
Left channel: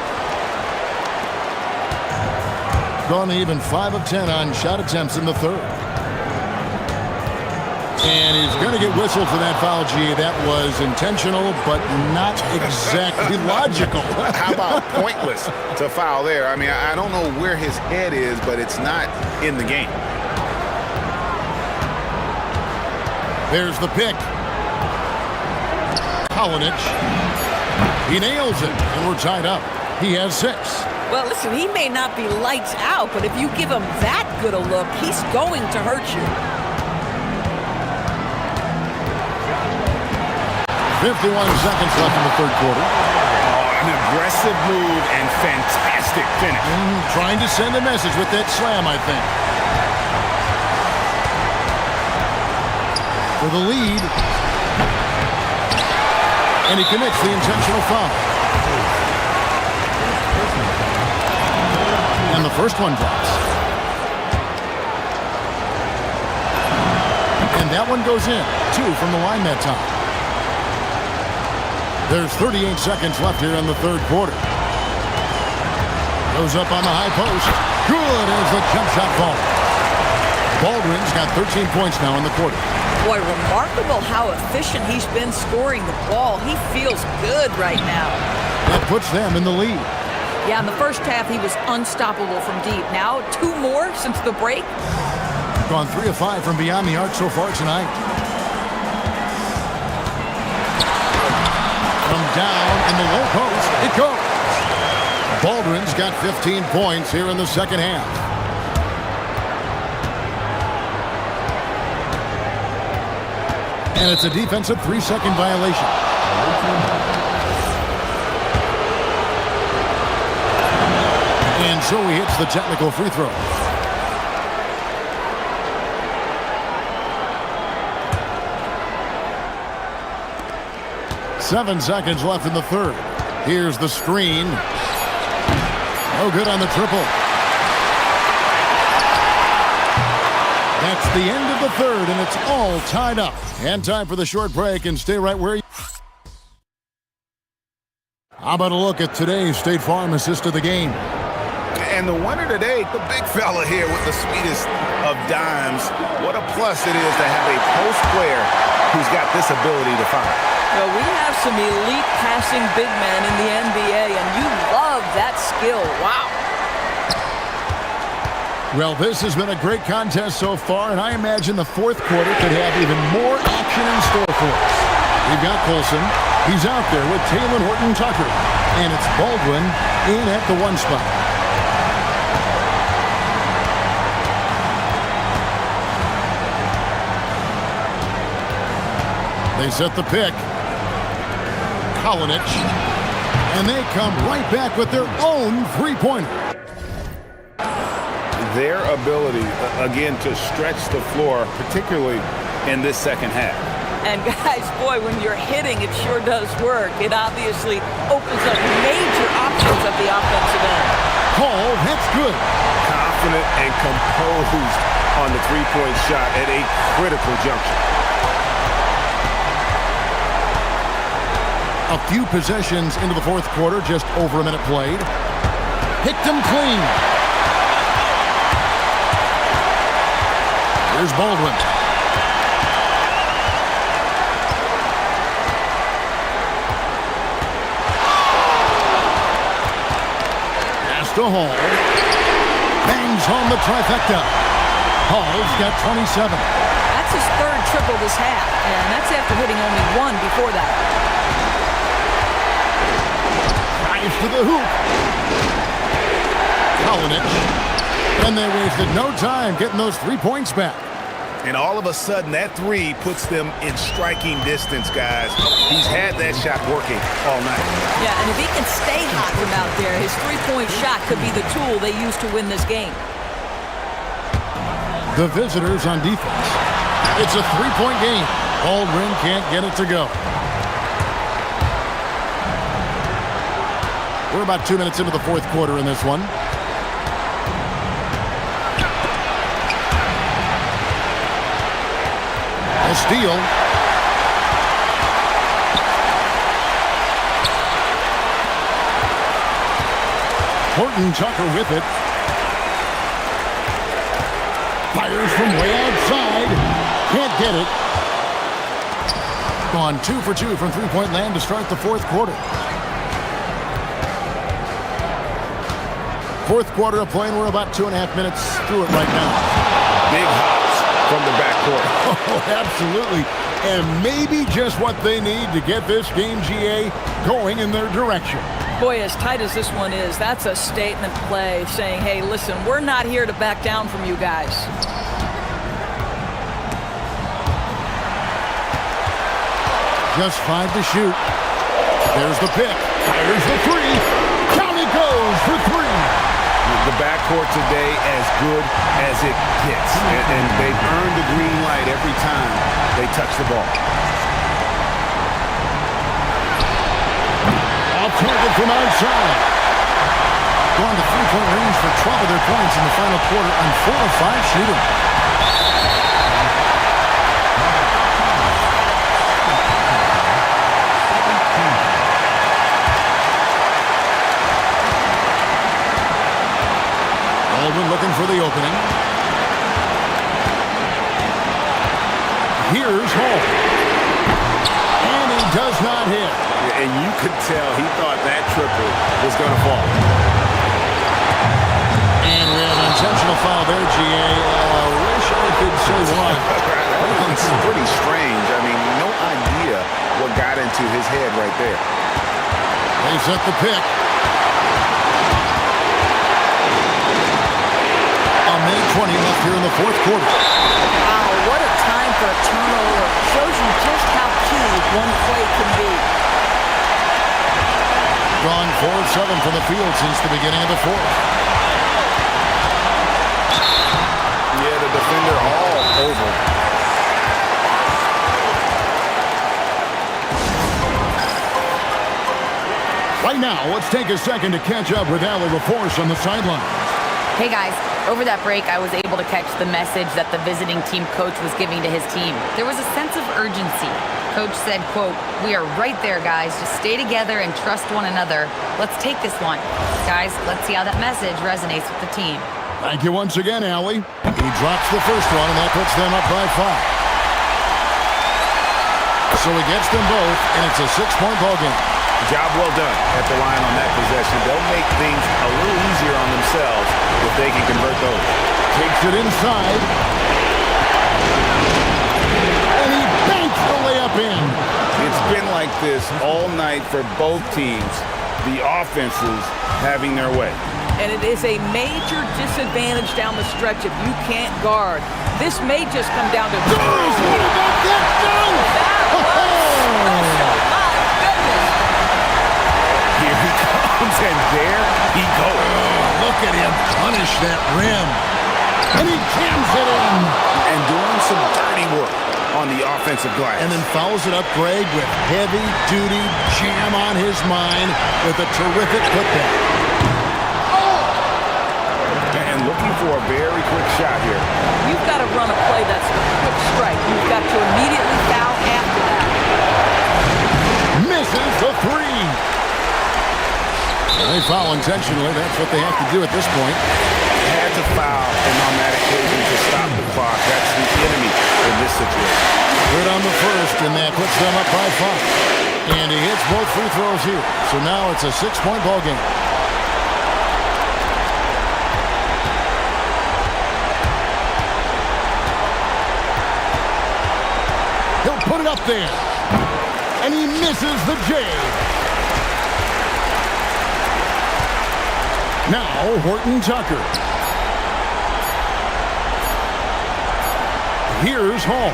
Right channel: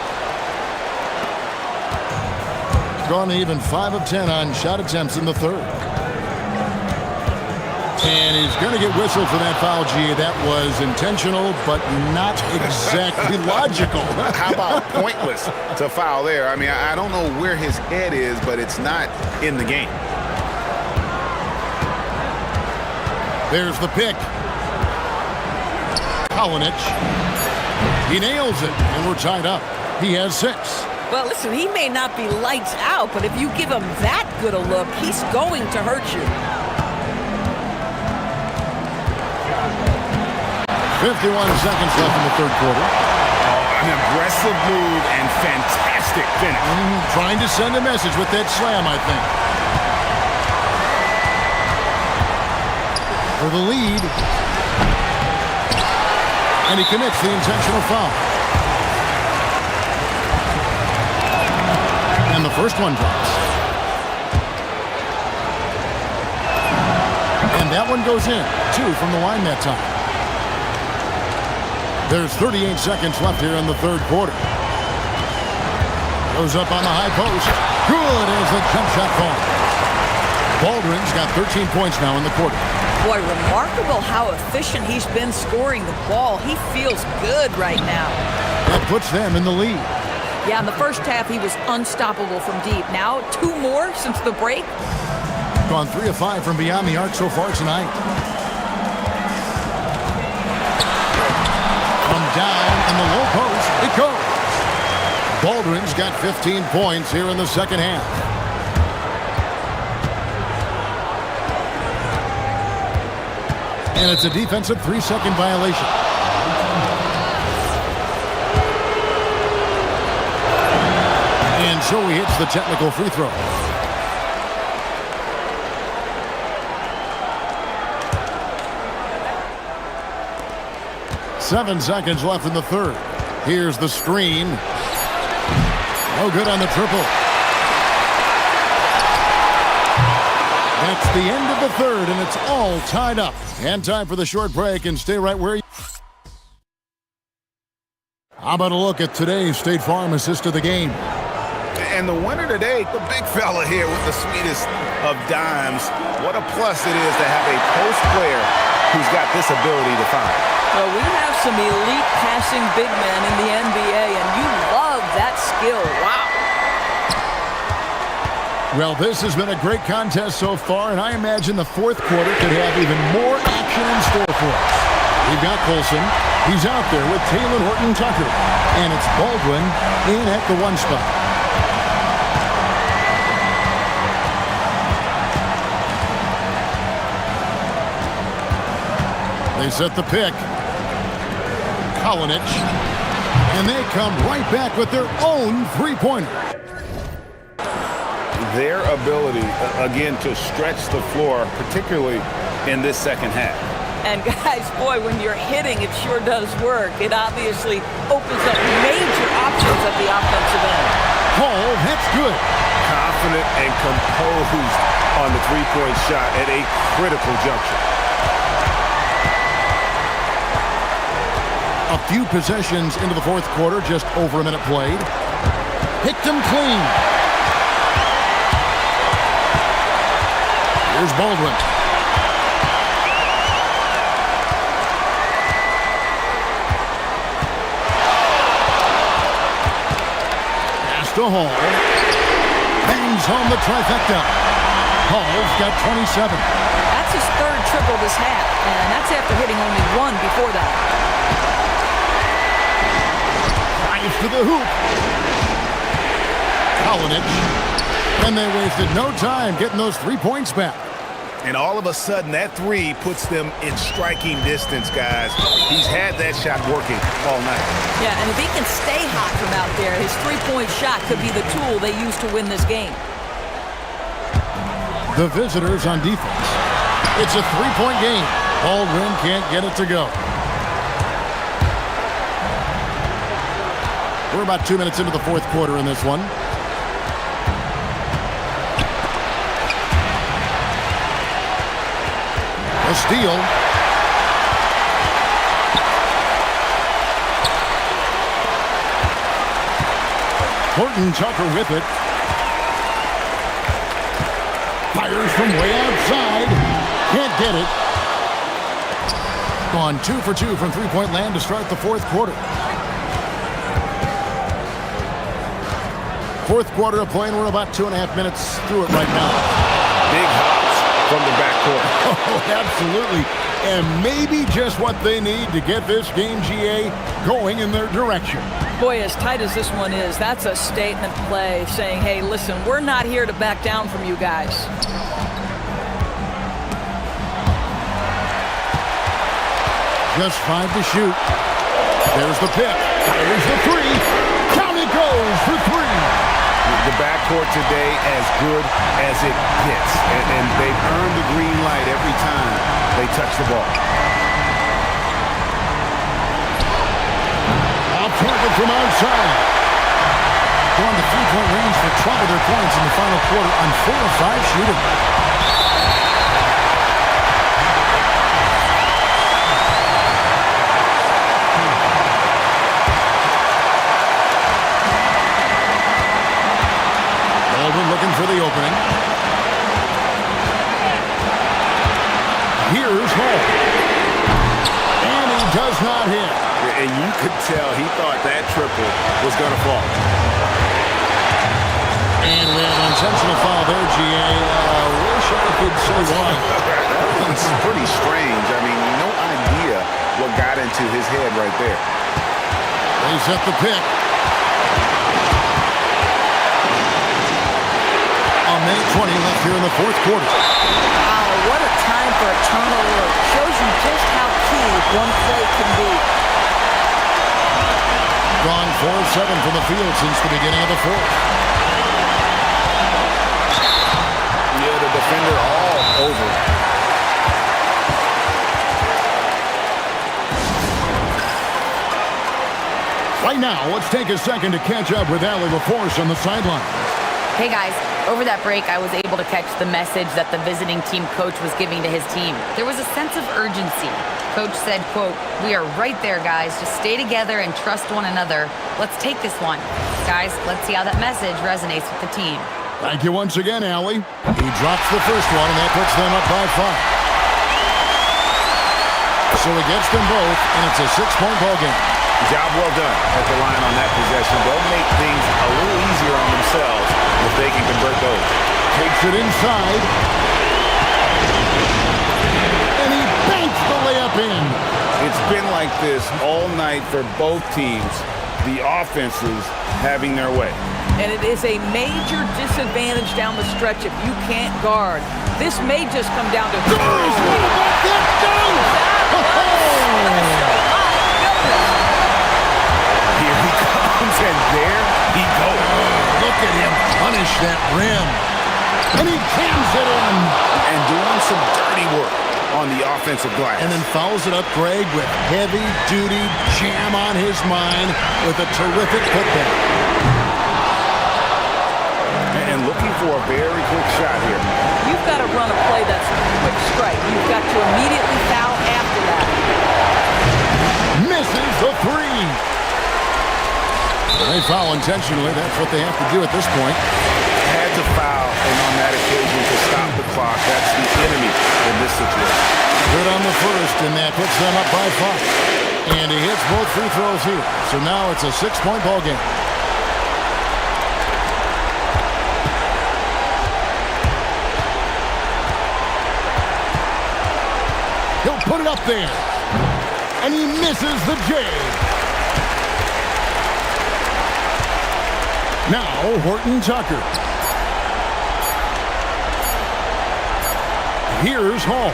Gone even 5 of 10 on shot attempts in the third. And he's going to get whistled for that foul, G. That was intentional, but not exactly logical. How about pointless to foul there? I mean, I don't know where his head is, but it's not in the game. There's the pick. Kalinich. He nails it, and we're tied up. He has 6. Well, listen, he may not be lights out, but if you give him that good a look, he's going to hurt you. 51 seconds left in the third quarter. Oh, an aggressive move and fantastic finish. Trying to send a message with that slam, I think. For the lead. And he commits the intentional foul. And the first one drops. And that one goes in. 2 from the line that time. There's 38 seconds left here in the third quarter. Goes up on the high post. Good as the jump shot falls. Baldwin's got 13 points now in the quarter. Boy, remarkable how efficient he's been scoring the ball. He feels good right now. That puts them in the lead. Yeah, in the first half, he was unstoppable from deep. Now, 2 more since the break. Gone 3 of 5 from beyond the arc so far tonight. From down in the low post, it goes. Baldwin's got 15 points here in the second half. And it's a defensive 3-second violation. And so he hits the technical free throw. Seven seconds left in the third. Here's the screen. No good on the triple. That's the end of the third, and it's all tied up. And time for the short break, and stay right where you... How about a look at today's State Farm assist of the game? And the winner today, the big fella here with the sweetest of dimes. What a plus it is to have a post player who's got this ability to find. Well, we have some elite passing big men in the NBA, and you love that skill. Wow. Well, this has been a great contest so far, and I imagine the fourth quarter could have even more action in store for us. We've got Colson. He's out there with Taylor Horton-Tucker, and it's Baldwin in at the 1 spot. They set the pick. Kalinic. And they come right back with their own three-pointer. Their ability, again, to stretch the floor, particularly in this second half. And guys, boy, when you're hitting, it sure does work. It obviously opens up major options at the offensive end. Hall, that's good. Confident and composed on the three-point shot at a critical juncture. A few possessions into the fourth quarter, just over a minute played. Picked him clean. Here's Baldwin. Pass to Hall. Bangs home the trifecta. Hall's got 27. That's his third triple this half, and that's after hitting only 1 before that. To the hoop. Kalinic. And they wasted no time getting those 3 points back. And all of a sudden, that three puts them in striking distance, guys. He's had that shot working all night. Yeah, and if he can stay hot from out there, his three-point shot could be the tool they use to win this game. The visitors on defense. It's a 3-point game. Baldwin can't get it to go. We're about 2 minutes into the fourth quarter in this one. A steal. Horton-Tucker with it. Fires from way outside. Can't get it. Gone 2 for 2 from three-point land to start the fourth quarter. Fourth quarter of play, and we're about 2.5 minutes through it right now. Big hops from the backcourt. Oh, absolutely. And maybe just what they need to get this game, GA, going in their direction. Boy, as tight as this one is, that's a statement play saying, hey, listen, we're not here to back down from you guys. Just 5 to shoot. There's the pick. Fires the three. Down it goes for 3. The backcourt today as good as it gets. And they've earned the green light every time they touch the ball. Off target from outside. Gone to three-point range for 12 of their points in the final quarter on 4 of 5 shooting. Baldwin looking for the opening. Here's Hall. And he does not hit. And you could tell he thought that triple was going to fall. And we have an intentional foul there, GA. Wish I could say why. That one's pretty strange. I mean, no idea what got into his head right there. They set the pick. A minute 20 left here in the fourth quarter. Wow, what a time for a turnover. Shows you just how key one play can be. Gone 4 of 7 from the field since the beginning of the fourth. Yeah, the defender all over. Right now, let's take a second to catch up with Allie LaForce on the sidelines. Hey guys, over that break, I was able to catch the message that the visiting team coach was giving to his team. There was a sense of urgency. Coach said, quote, "We are right there, guys. Just stay together and trust one another. Let's take this one." Guys, let's see how that message resonates with the team. Thank you once again, Allie. He drops the first one, and that puts them up by 5. So he gets them both, and it's a 6-point ball game. Job well done at the line on that possession. They'll make things a little easier on themselves if they can convert those. Takes it inside. And he banks the layup in. It's been like this all night for both teams. The offenses having their way. And it is a major disadvantage down the stretch if you can't guard. This may just come down to... What about that dunk? That was special. My goodness. Here he comes, and there he goes. Look at him punish that rim. And he jams it in. And doing some dirty work on the offensive glass. And then fouls it up, Greg, with heavy-duty jam on his mind with a terrific putback. And looking for a very quick shot here. You've got to run a play that's a quick strike. You've got to immediately foul after that. Misses the 3. They foul intentionally. That's what they have to do at this point. Had to foul, and on that occasion to stop the clock. That's the enemy in this situation. Good on the first, and that puts them up by 5. And he hits both free throws here. So now it's a 6-point ball game. He'll put it up there. And he misses the J. Now, Horton Tucker. Here's Hall.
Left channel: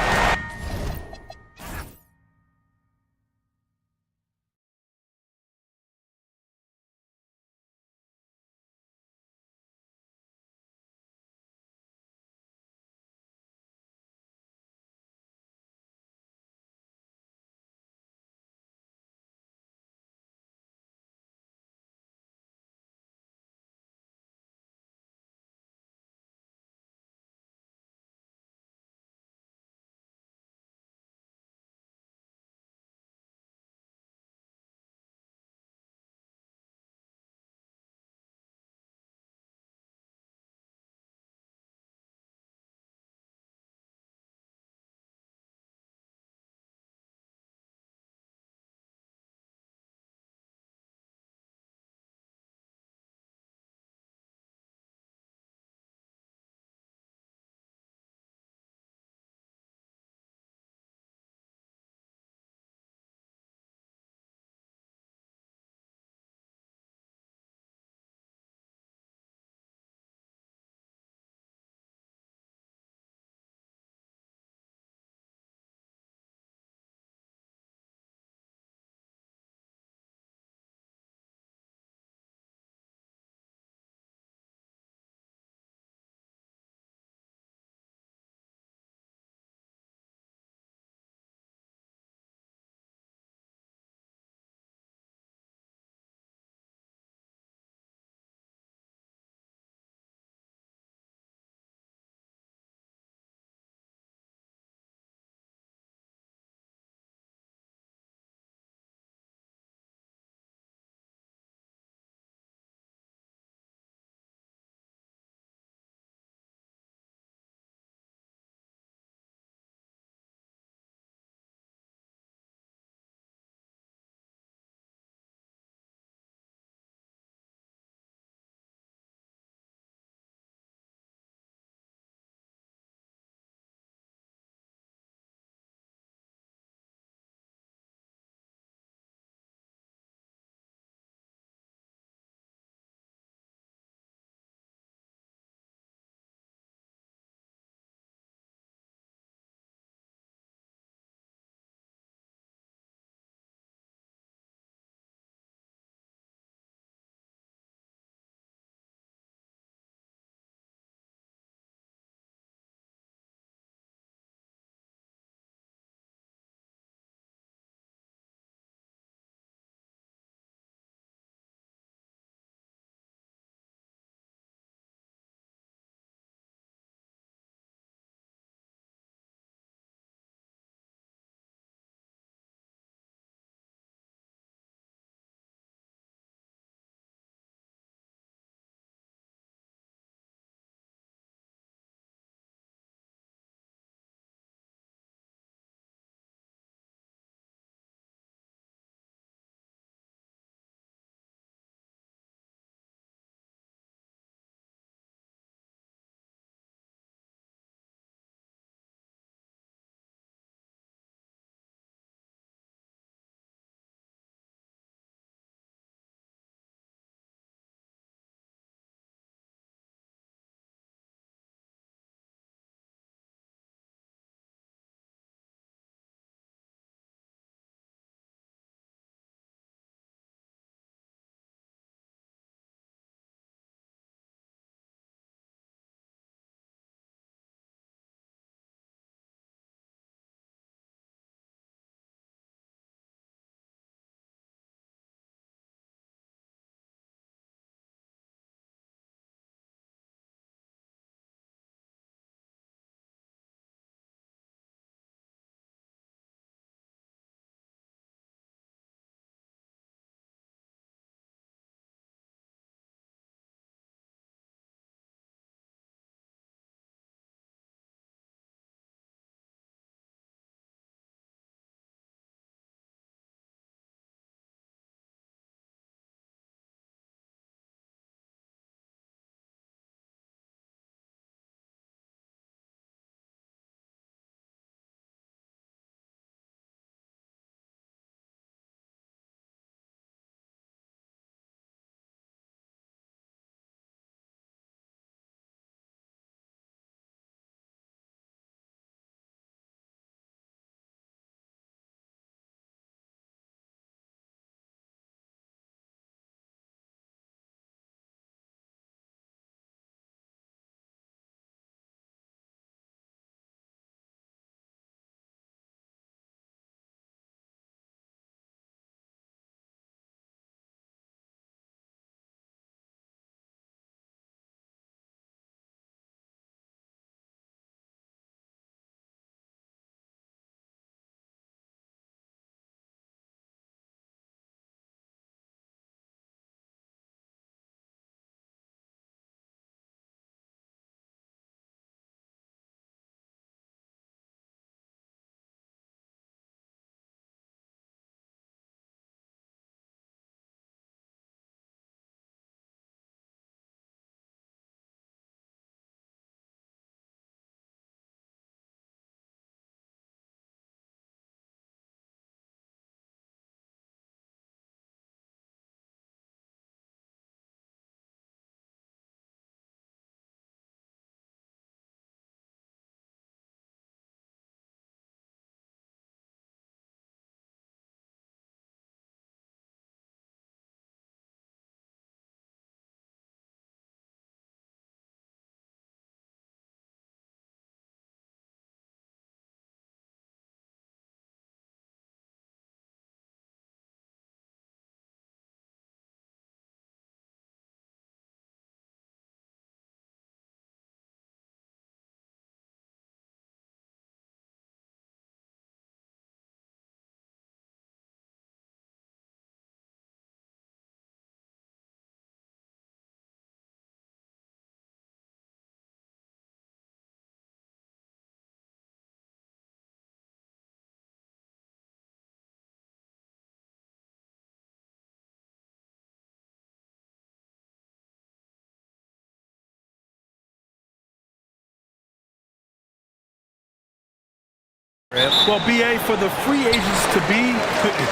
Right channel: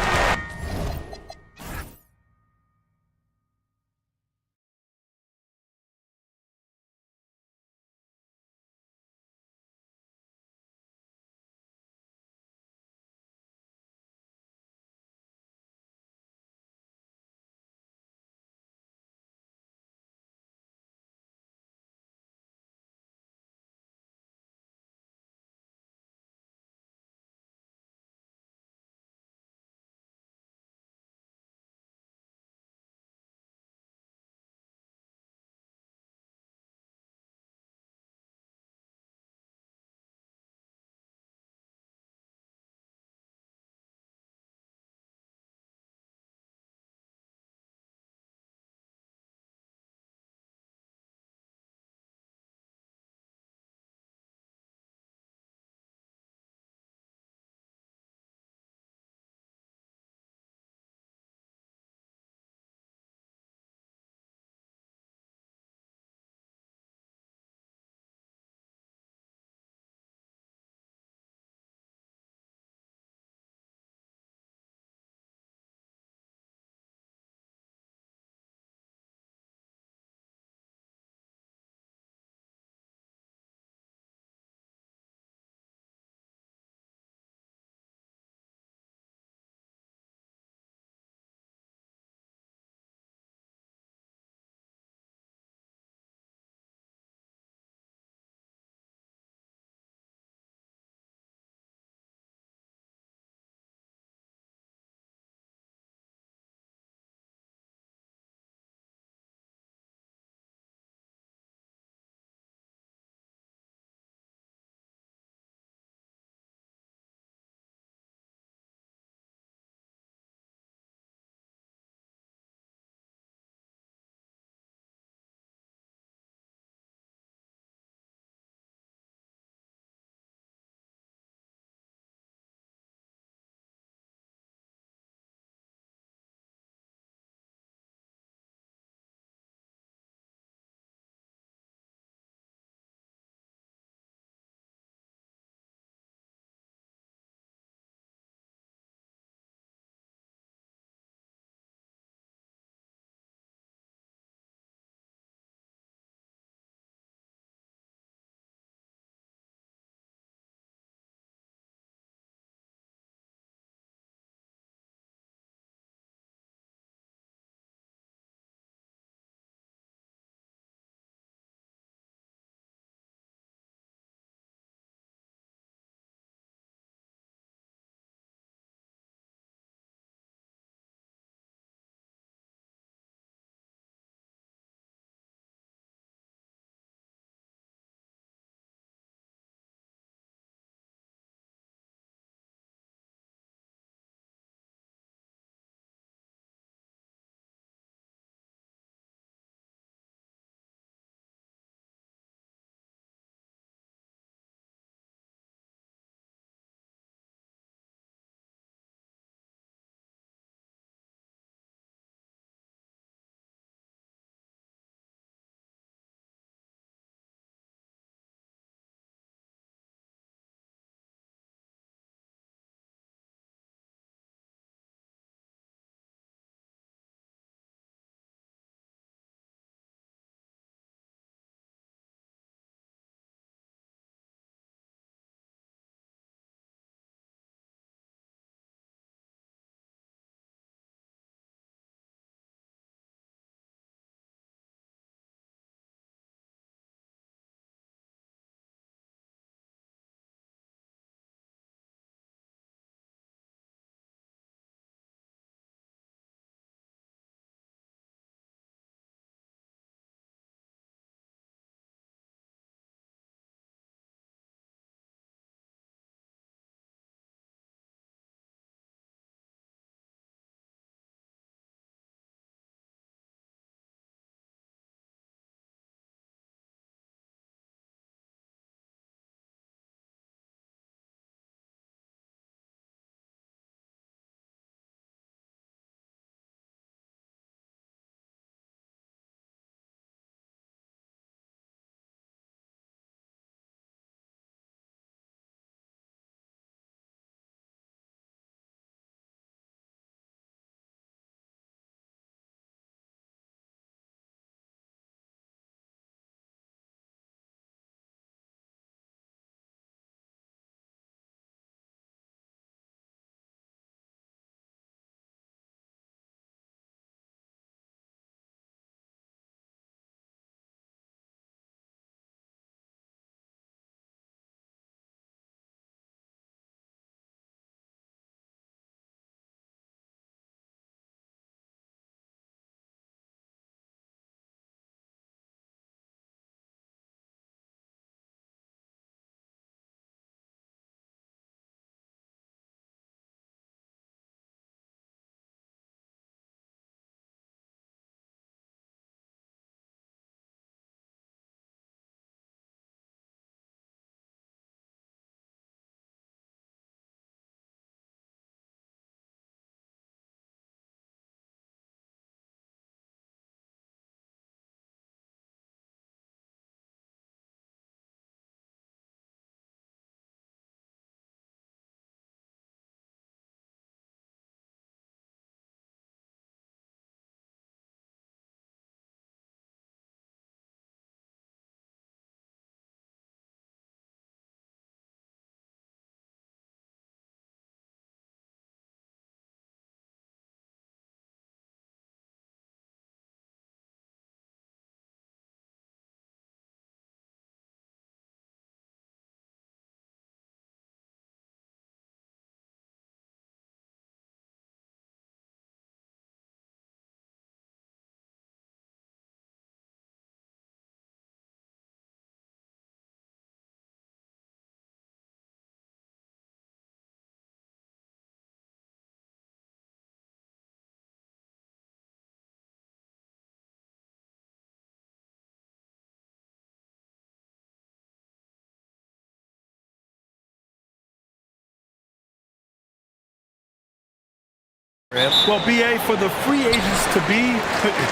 Well, BA, for the free agents to be,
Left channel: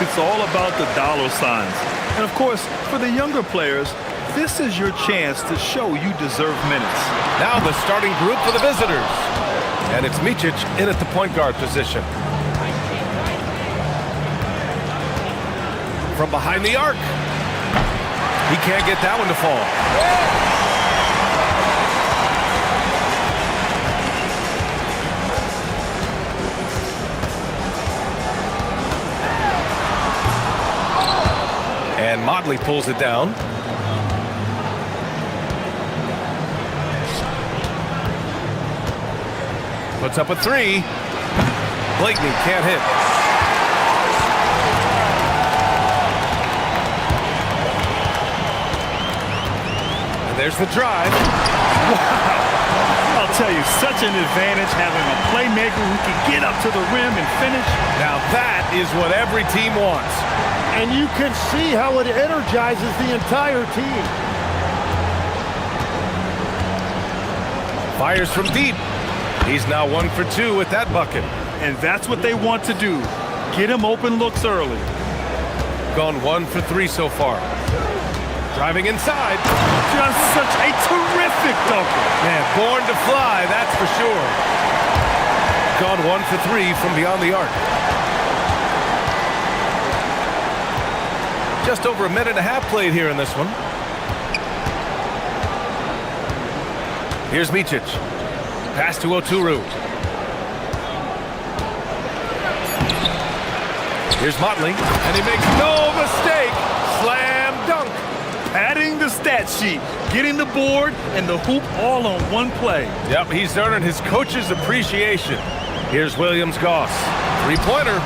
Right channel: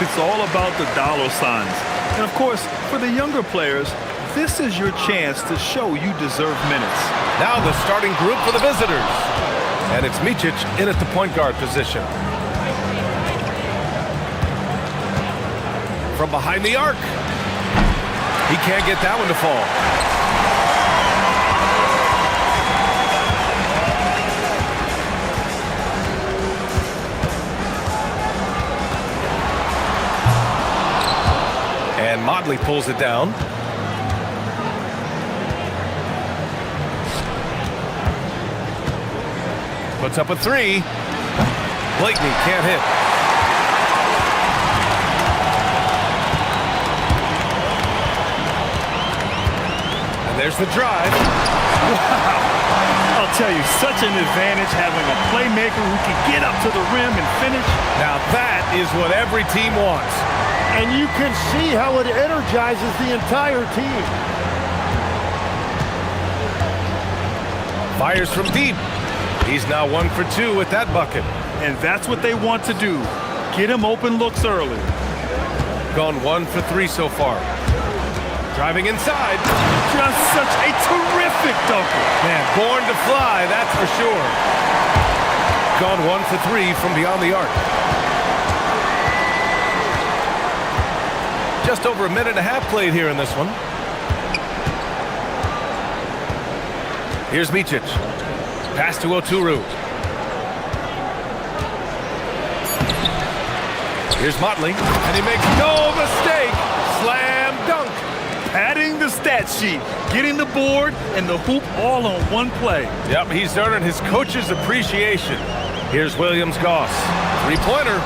it's all about the dollar signs. And of course, for the younger players, this is your chance to show you deserve minutes. Now the starting group for the visitors. And it's Micic in at the point guard position. From behind the arc. He can't get that one to fall. And Motley pulls it down. Puts up a three. Blakeney can't hit. And there's the drive. Wow. I'll tell you, such an advantage having a playmaker who can get up to the rim and finish. Now that is what every team wants. And you can see how it energizes the entire team. Fires from deep. He's now 1 for 2 with that bucket. And that's what they want to do. Get him open looks early. Gone 1 for 3 so far. Driving inside. Just such a terrific dunker. Man, born to fly, that's for sure. Gone 1 for 3 from beyond the arc. Just over a minute and a half played here in this one. Here's Micic. Pass to Oturu. Here's Motley, and he makes no mistake. Slam dunk. Padding the stat sheet, getting the board and the hoop all on one play. Yep, he's earning his coach's appreciation. Here's Williams-Goss. Three-pointer.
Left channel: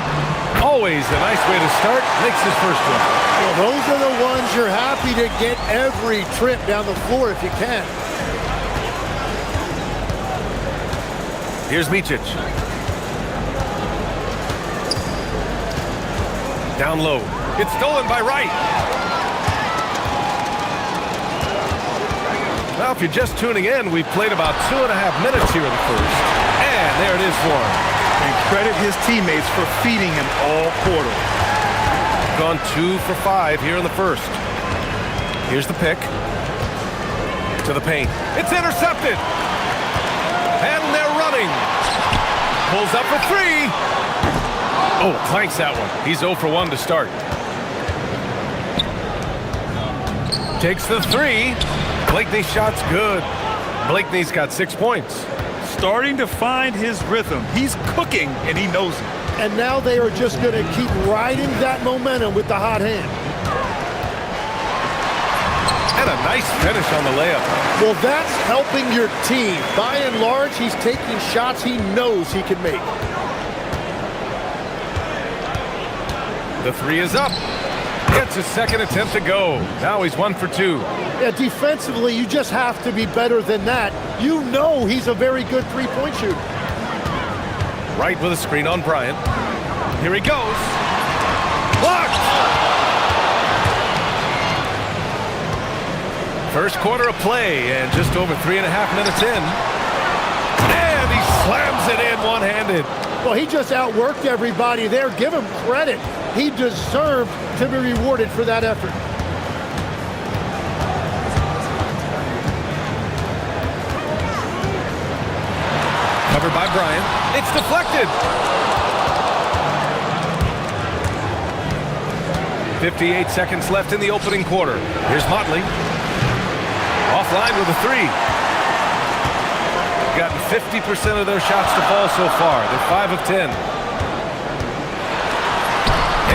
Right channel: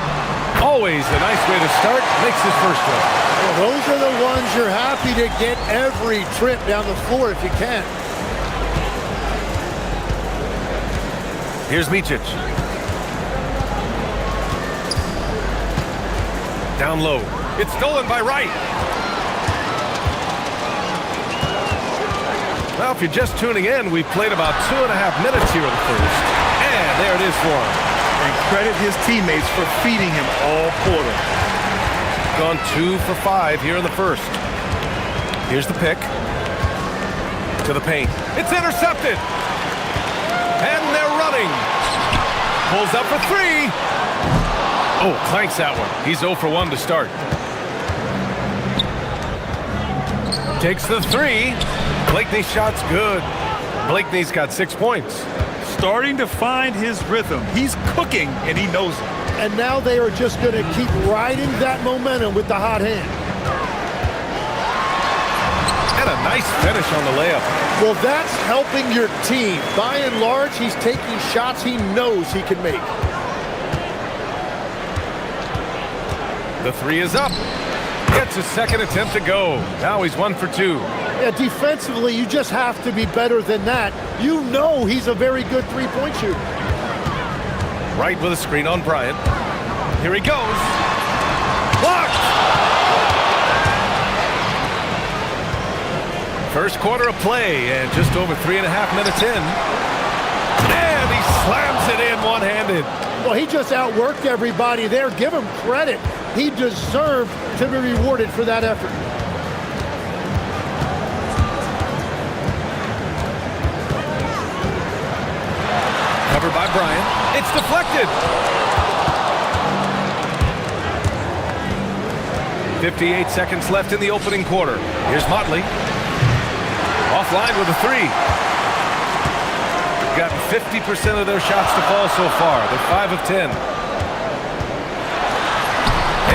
Always a nice way to start. Makes his first one. Well, those are the ones you're happy to get every trip down the floor if you can. Here's Micic. Down low. It's stolen by Wright. Well, if you're just tuning in, we've played about 2.5 minutes here in the first. And there it is for him. And credit his teammates for feeding him all quarter. Gone 2 for 5 here in the first. Here's the pick. To the paint. It's intercepted. And they're running. Pulls up for 3. Oh, clanks that one. He's 0 for 1 to start. Takes the 3. Blakeney's shot's good. Blakeney's got 6 points. Starting to find his rhythm. He's cooking, and he knows it. And now they are just going to keep riding that momentum with the hot hand. And a nice finish on the layup. Well, that's helping your team. By and large, he's taking shots he knows he can make. The 3 is up. Gets his second attempt to go. Now he's 1 for 2. Yeah, defensively, you just have to be better than that. You know he's a very good three-point shooter. Right with a screen on Bryant. Here he goes. Blocked! First quarter of play, and just over 3.5 minutes in. And he slams it in one-handed. Well, he just outworked everybody there. Give him credit. He deserved to be rewarded for that effort. Covered by Bryant. It's deflected. 58 seconds left in the opening quarter. Here's Motley. Offline with a 3. Gotten 50% of their shots to fall so far. They're 5 of 10.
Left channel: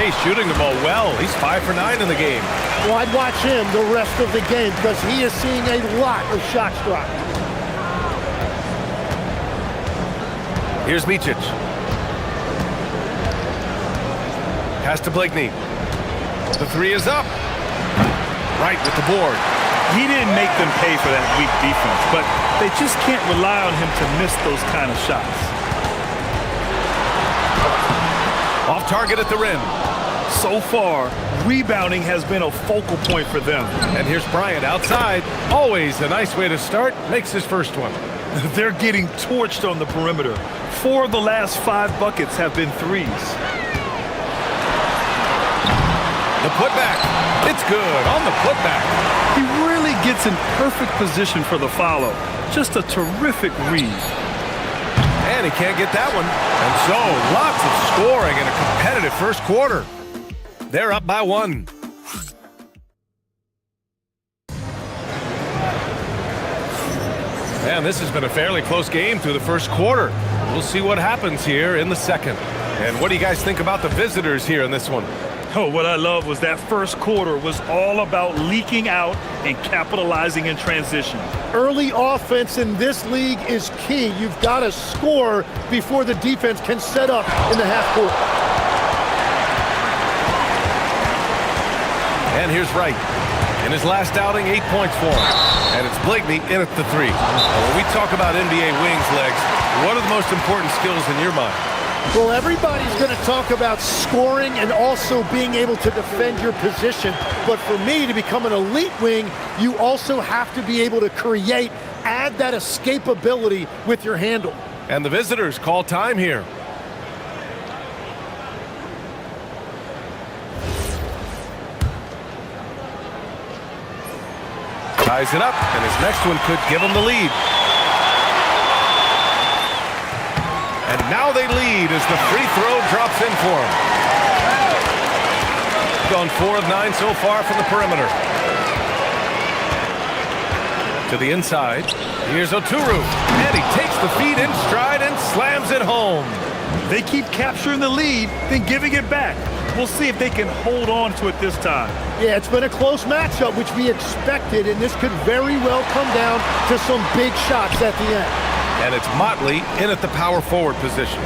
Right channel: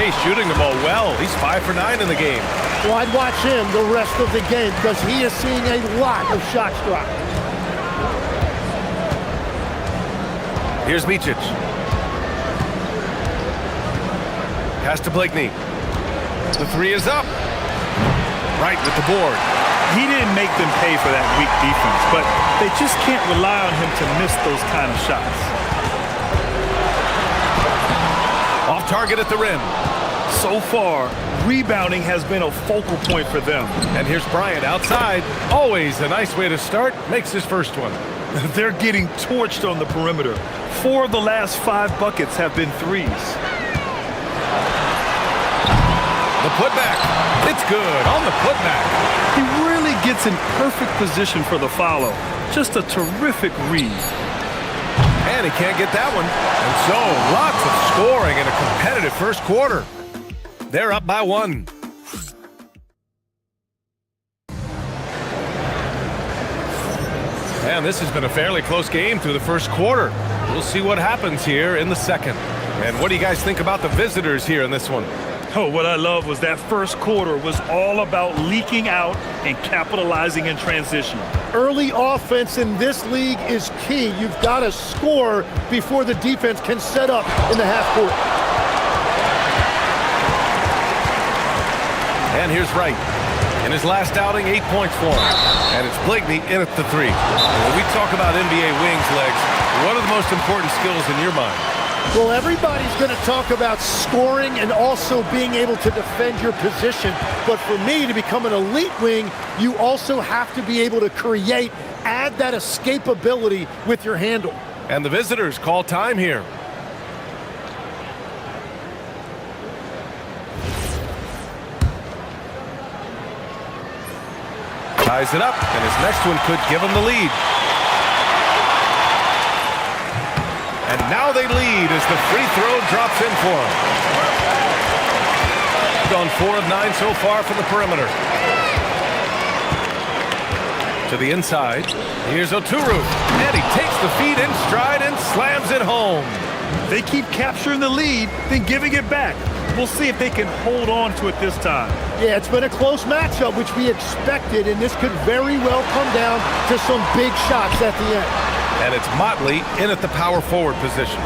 Hey, shooting the ball well. He's 5 for 9 in the game. Well, I'd watch him the rest of the game because he is seeing a lot of shots drop. Here's Micic. Pass to Blakeney. The 3 is up. Right with the board. He didn't make them pay for that weak defense, but they just can't rely on him to miss those kind of shots. Off target at the rim. So far, rebounding has been a focal point for them. And here's Bryant outside. Always a nice way to start. Makes his first one. They're getting torched on the perimeter. 4 of the last 5 buckets have been threes. The putback. It's good on the putback. He really gets in perfect position for the follow. Just a terrific read. And he can't get that one. And so, lots of scoring in a competitive first quarter. They're up by 1. And this has been a fairly close game through the first quarter. We'll see what happens here in the second. And what do you guys think about the visitors here in this one? Oh, what I love was that first quarter was all about leaking out and capitalizing in transition. Early offense in this league is key. You've got to score before the defense can set up in the half court. And here's Wright. In his last outing, 8 points for him. And it's Blakeney in at the 3. And when we talk about NBA wings, Legs, what are the most important skills in your mind? Well, everybody's going to talk about scoring and also being able to defend your position. But for me, to become an elite wing, you also have to be able to create, add that escapability with your handle. And the visitors call time here. Ties it up, and his next one could give him the lead. And now they lead as the free throw drops in for him. Gone 4 of 9 so far from the perimeter. To the inside. Here's Oturu. And he takes the feed in stride and slams it home. They keep capturing the lead, then giving it back. We'll see if they can hold on to it this time. Yeah, it's been a close matchup, which we expected, and this could very well come down to some big shots at the end. And it's Motley in at the power forward position.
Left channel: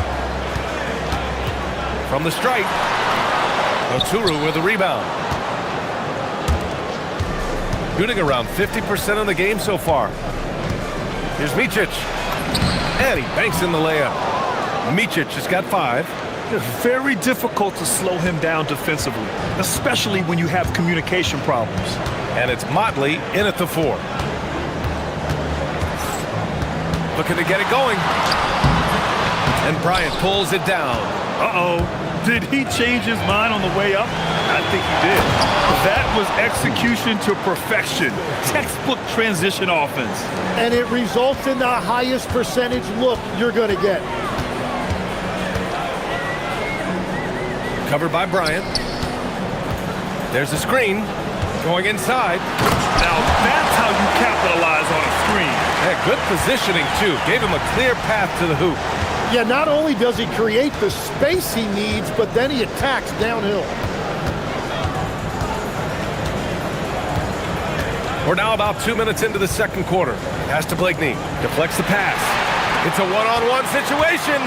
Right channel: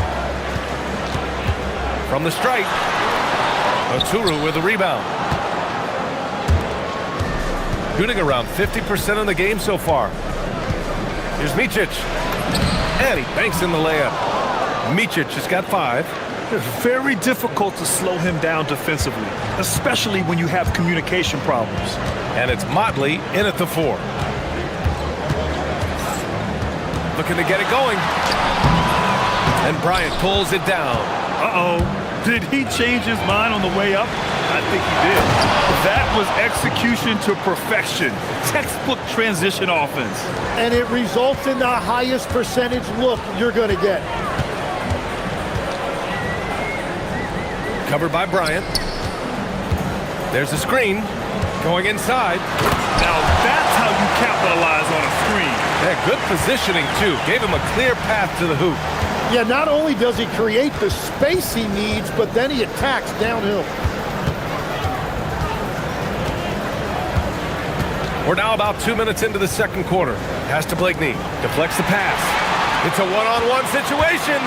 From the stripe, Oturu with the rebound. Shooting around 50% in the game so far. Here's Micic. And he banks in the layup. Micic has got 5. It's very difficult to slow him down defensively, especially when you have communication problems. And it's Motley in at the 4. Looking to get it going. And Bryant pulls it down. Uh-oh. Did he change his mind on the way up? I think he did. That was execution to perfection. Textbook transition offense. And it results in the highest percentage look you're going to get. Covered by Bryant. There's a screen. Going inside. Now that's how you capitalize on a screen. Yeah, good positioning, too. Gave him a clear path to the hoop. Yeah, not only does he create the space he needs, but then he attacks downhill. We're now about 2 minutes into the second quarter. Pass to Blakeney. Deflects the pass. It's a one-on-one situation.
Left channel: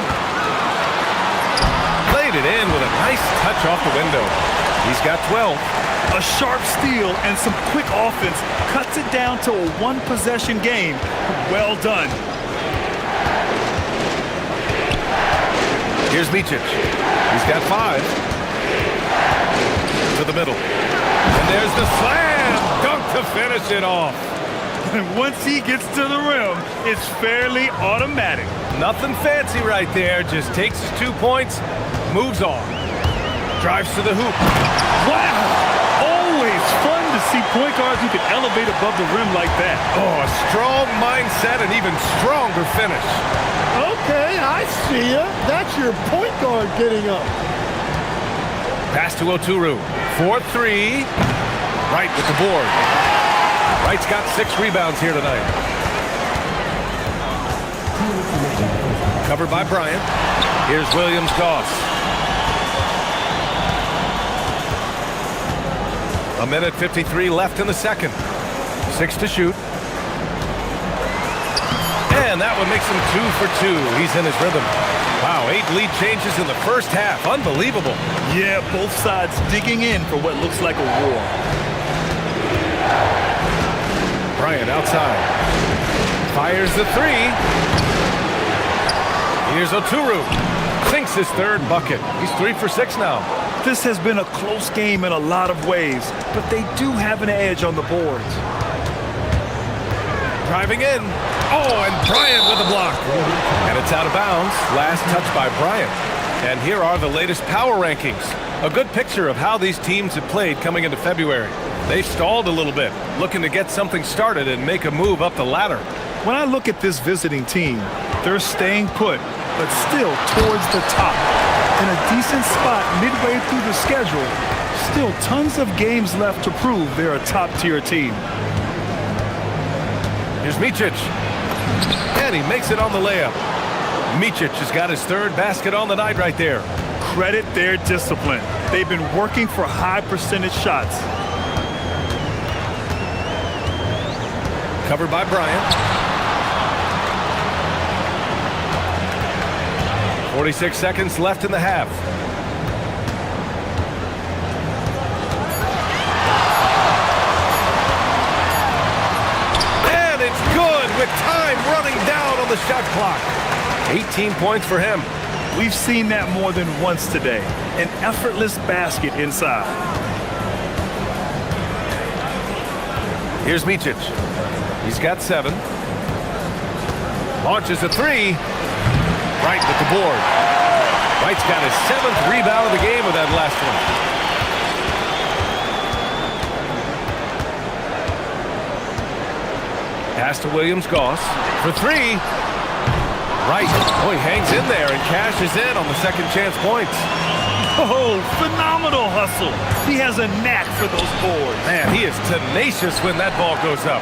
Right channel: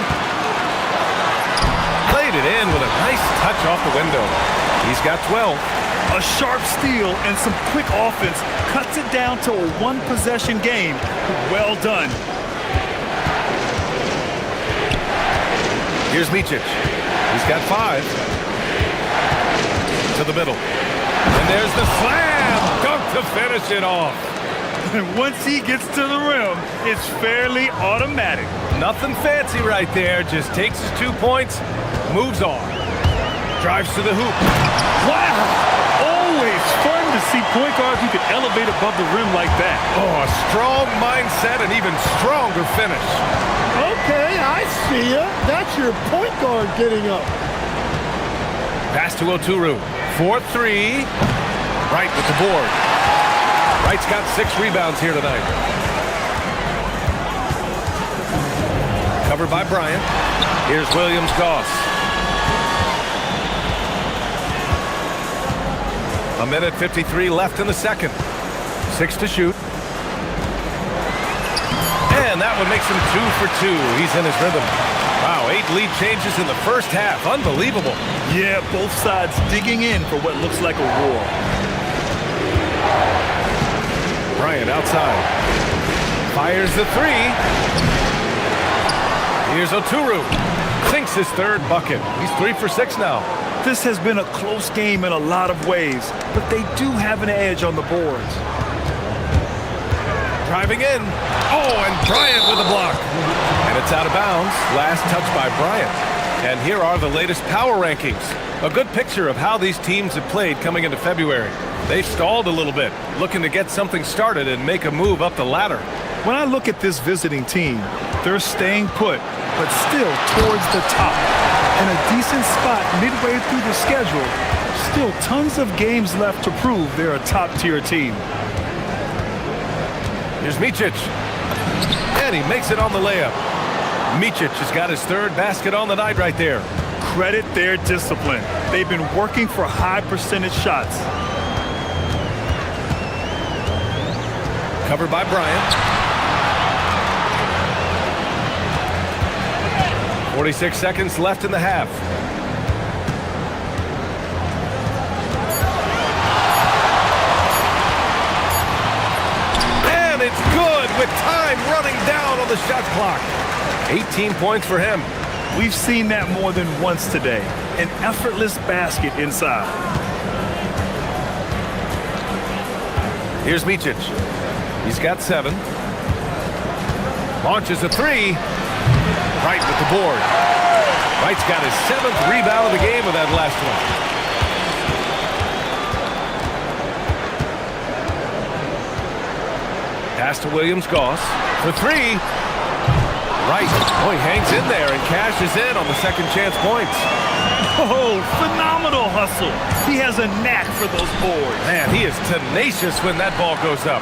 Played it in with a nice touch off the window. He's got 12. A sharp steal and some quick offense cuts it down to a one-possession game. Well done. Here's Micic. He's got 5. To the middle. And there's the slam dunk to finish it off. And once he gets to the rim, it's fairly automatic. Nothing fancy right there. Just takes his 2 points, moves on. Drives to the hoop. Wow! Always fun to see point guards who can elevate above the rim like that. Oh, a strong mindset and even stronger finish. Okay, I see ya. That's your point guard getting up. Pass to Oturu. 4-3. Wright with the board. Wright's got 6 rebounds here tonight. Covered by Bryant. Here's Williams-Goss. A minute 53 left in the second. 6 to shoot. And that one makes him 2 for 2. He's in his rhythm. Wow, 8 lead changes in the first half. Unbelievable. Yeah, both sides digging in for what looks like a war. Bryant outside. Fires the 3. Here's Oturu. Sinks his 3rd bucket. He's 3 for 6 now. This has been a close game in a lot of ways, but they do have an edge on the boards. Driving in. Oh, and Bryant with the block. And it's out of bounds. Last touch by Bryant. And here are the latest power rankings. A good picture of how these teams have played coming into February. They've stalled a little bit, looking to get something started and make a move up the ladder. When I look at this visiting team, they're staying put, but still towards the top. In a decent spot midway through the schedule, still tons of games left to prove they're a top-tier team. Here's Micic. And he makes it on the layup. Micic has got his third basket on the night right there. Credit their discipline. They've been working for high percentage shots. Covered by Bryant. 46 seconds left in the half. And it's good with time running down on the shot clock. 18 points for him. We've seen that more than once today. An effortless basket inside. Here's Micic. He's got 7. Launches a 3. Wright with the board. Wright's got his 7th rebound of the game with that last one. Pass to Williams-Goss for 3. Wright, oh, he hangs in there and cashes in on the second chance points. Oh, phenomenal hustle. He has a knack for those boards. Man, he is tenacious when that ball goes up.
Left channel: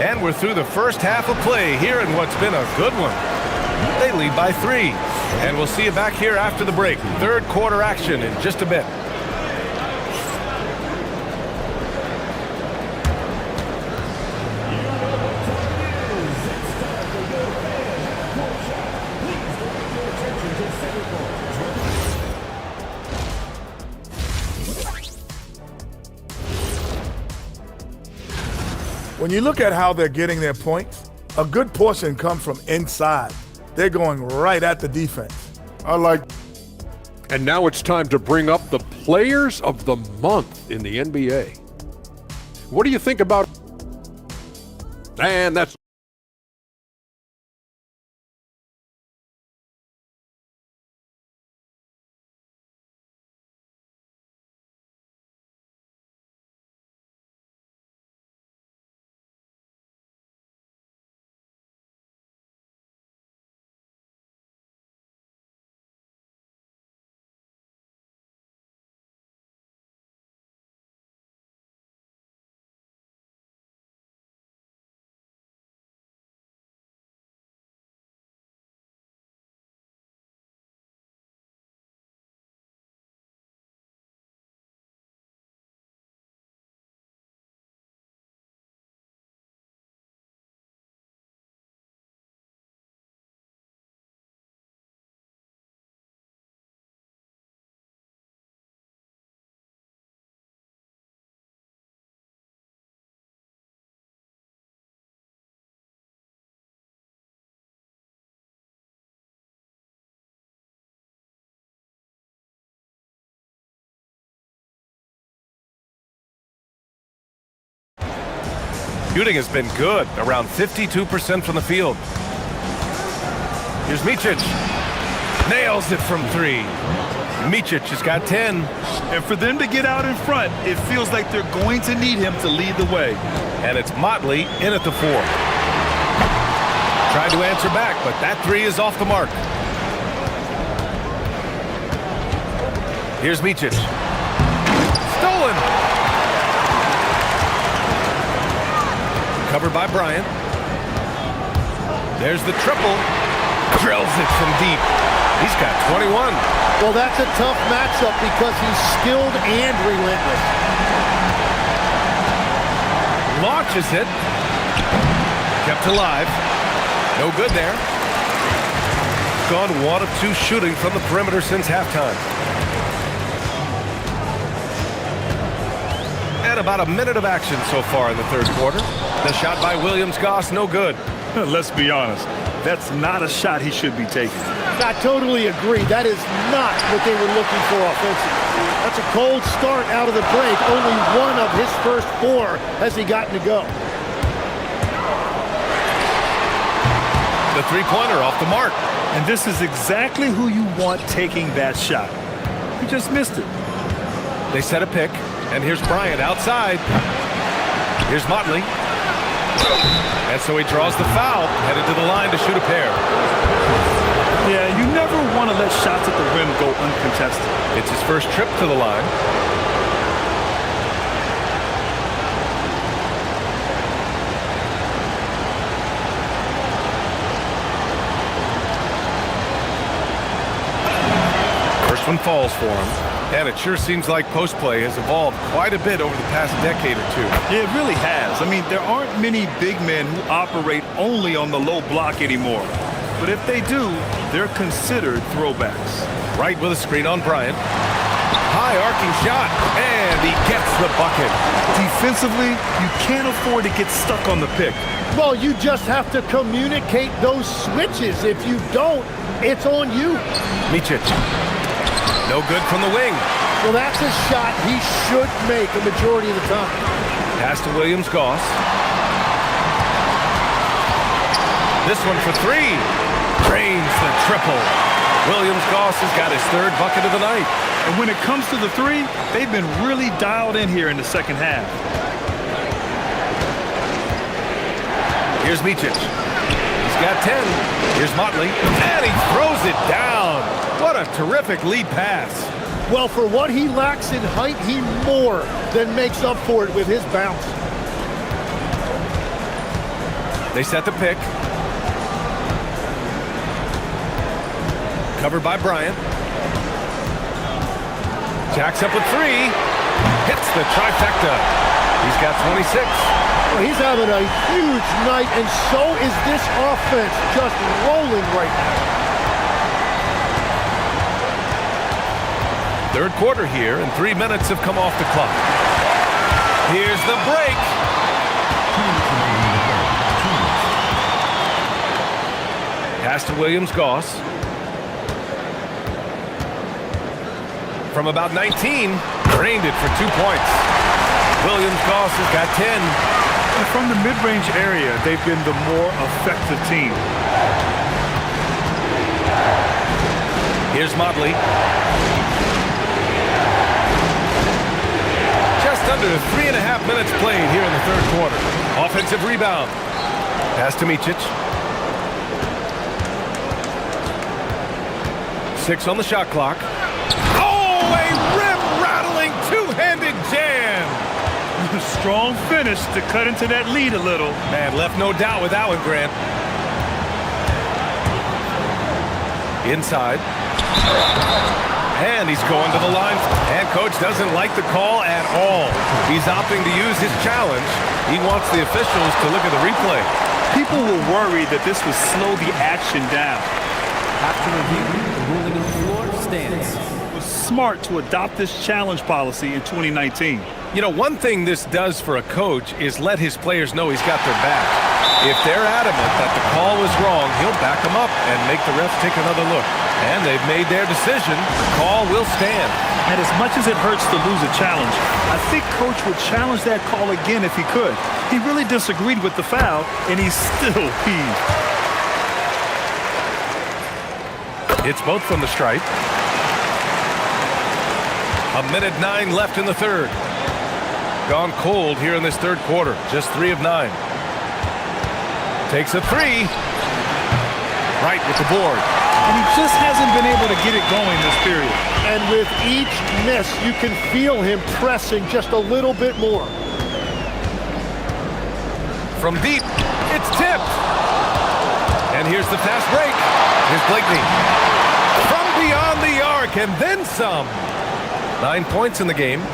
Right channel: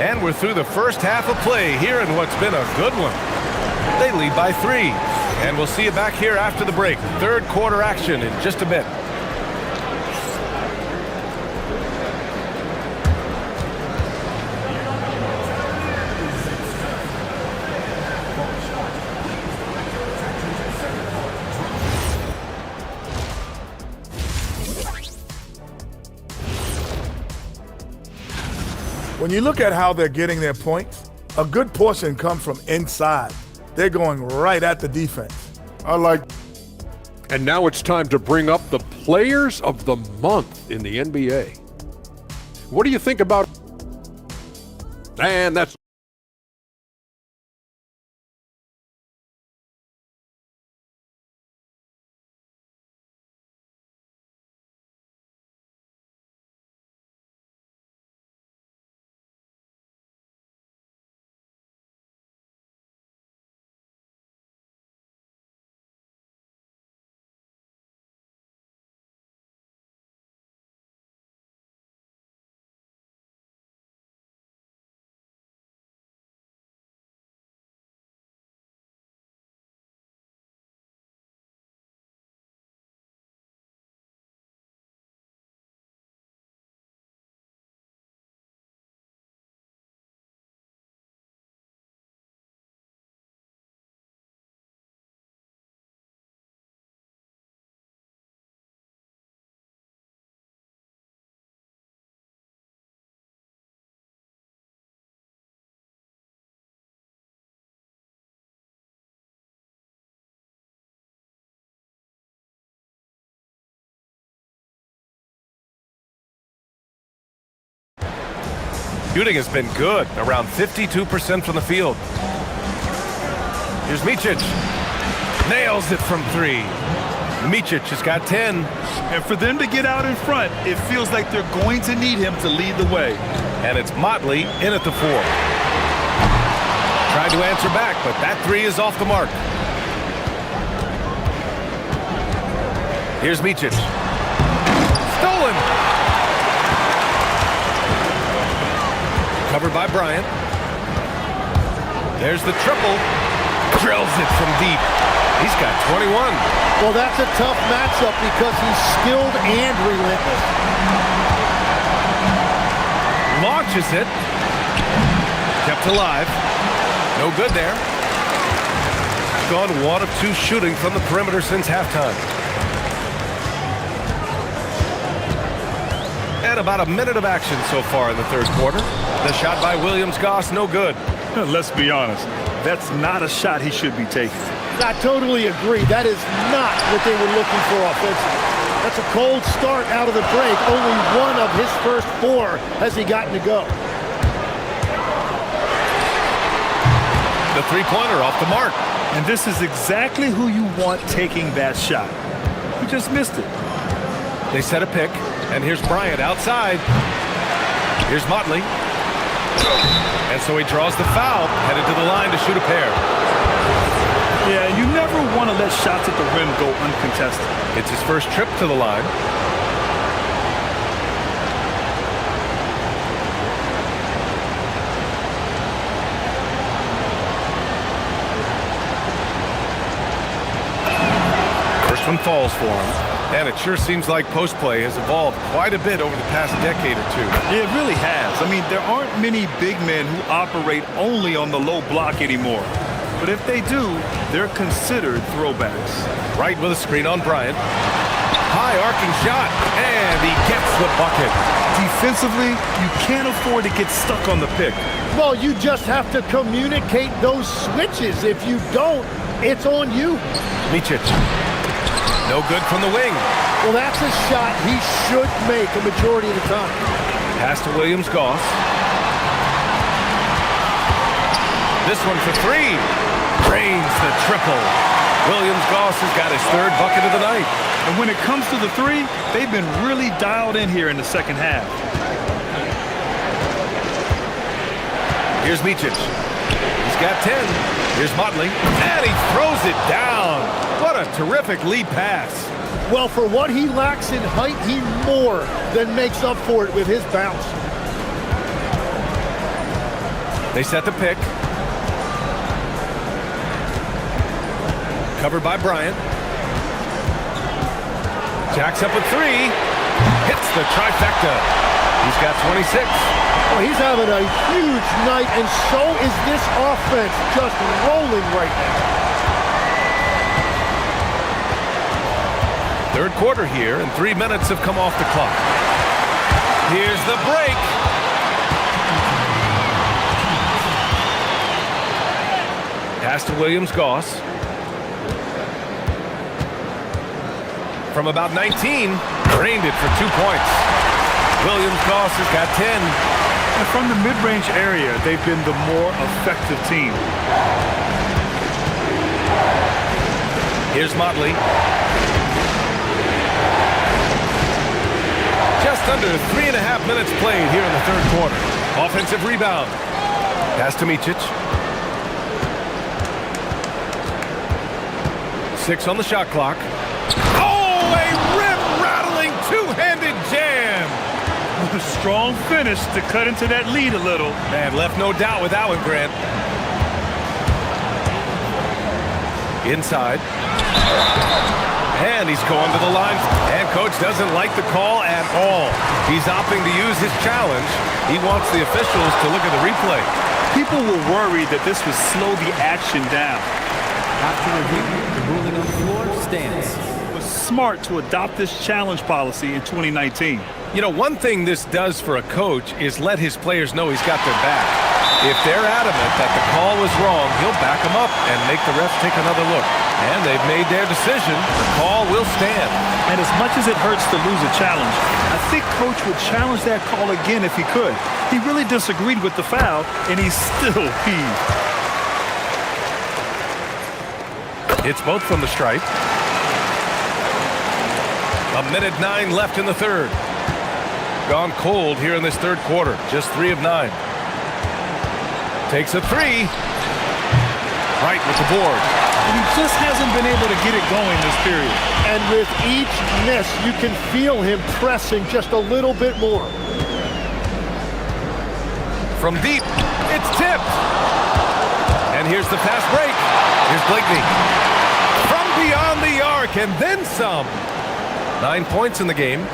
And we're through the first half of play here in what's been a good one. They lead by 3. And we'll see you back here after the break. Third quarter action in just a bit. When you look at how they're getting their points, a good portion comes from inside. They're going right at the defense. I like. And now it's time to bring up the Players of the Month in the NBA. What do you think about? And that's Shooting has been good, around 52% from the field. Here's Micic. Nails it from 3. Micic has got 10. And for them to get out in front, it feels like they're going to need him to lead the way. And it's Motley in at the 4. Tried to answer back, but that 3 is off the mark. Here's Micic. Stolen. Covered by Bryant. There's the triple. Drills it from deep. He's got 21. Well, that's a tough matchup because he's skilled and relentless. Launches it. Kept alive. No good there. Gone 1 of 2 shooting from the perimeter since halftime. And about a minute of action so far in the third quarter. The shot by Williams-Goss, no good. Let's be honest. That's not a shot he should be taking. I totally agree. That is not what they were looking for offensively. That's a cold start out of the break. Only 1 of his first 4 has he gotten to go. The three-pointer off the mark. And this is exactly who you want taking that shot. He just missed it. They set a pick, and here's Bryant outside. Here's Motley. And so he draws the foul, headed to the line to shoot a pair. Yeah, you never want to let shots at the rim go uncontested. It's his first trip to the line. First one falls for him. And it sure seems like post play has evolved quite a bit over the past decade or two. Yeah, it really has. I mean, there aren't many big men who operate only on the low block anymore. But if they do, they're considered throwbacks. Right with a screen on Bryant. High arcing shot, and he gets the bucket. Defensively, you can't afford to get stuck on the pick. Well, you just have to communicate those switches. If you don't, it's on you. Micic. No good from the wing. Well, that's a shot he should make a majority of the time. Pass to Williams-Goss. This one for three. Drains the triple. Williams-Goss has got his third bucket of the night. And when it comes to the three, they've been really dialed in here in the second half. Here's Micic. He's got 10. Here's Motley. And he throws it down. What a terrific lead pass. Well, for what he lacks in height, he more than makes up for it with his bounce. They set the pick. Covered by Bryant. Jacks up with three. Hits the trifecta. He's got 26. Well, he's having a huge night, and so is this offense just rolling right now. Third quarter here, and 3 minutes have come off the clock. Here's the break. Pass to Williams-Goss. From about 19, drained it for 2 points. Williams-Goss has got 10. And from the mid-range area, they've been the more effective team. Here's Motley. Just under 3.5 minutes played here in the third quarter. Offensive rebound. Pass to Micic. 6 on the shot clock. Oh, a rim-rattling two-handed jam. Strong finish to cut into that lead a little. Man, left no doubt with that one, Grant. Inside. And he's going to the line. And coach doesn't like the call at all. He's opting to use his challenge. He wants the officials to look at the replay. People were worried that this would slow the action down. After review, the ruling on the floor stands. It was smart to adopt this challenge policy in 2019. You know, one thing this does for a coach is let his players know he's got their back. If they're adamant that the call was wrong, he'll back them up and make the refs take another look. And they've made their decision. The call will stand. And as much as it hurts to lose a challenge, I think coach would challenge that call again if he could. He really disagreed with the foul, and he's still peeved. It's both from the stripe. 1:09 left in the third. Gone cold here in this third quarter. Just 3 of 9. Takes a three. Right with the board. And he just hasn't been able to get it going this period. And with each miss, you can feel him pressing just a little bit more. From deep, it's tipped. And here's the fast break. Here's Blakeney. From beyond the arc, and then some. 9 points in the game.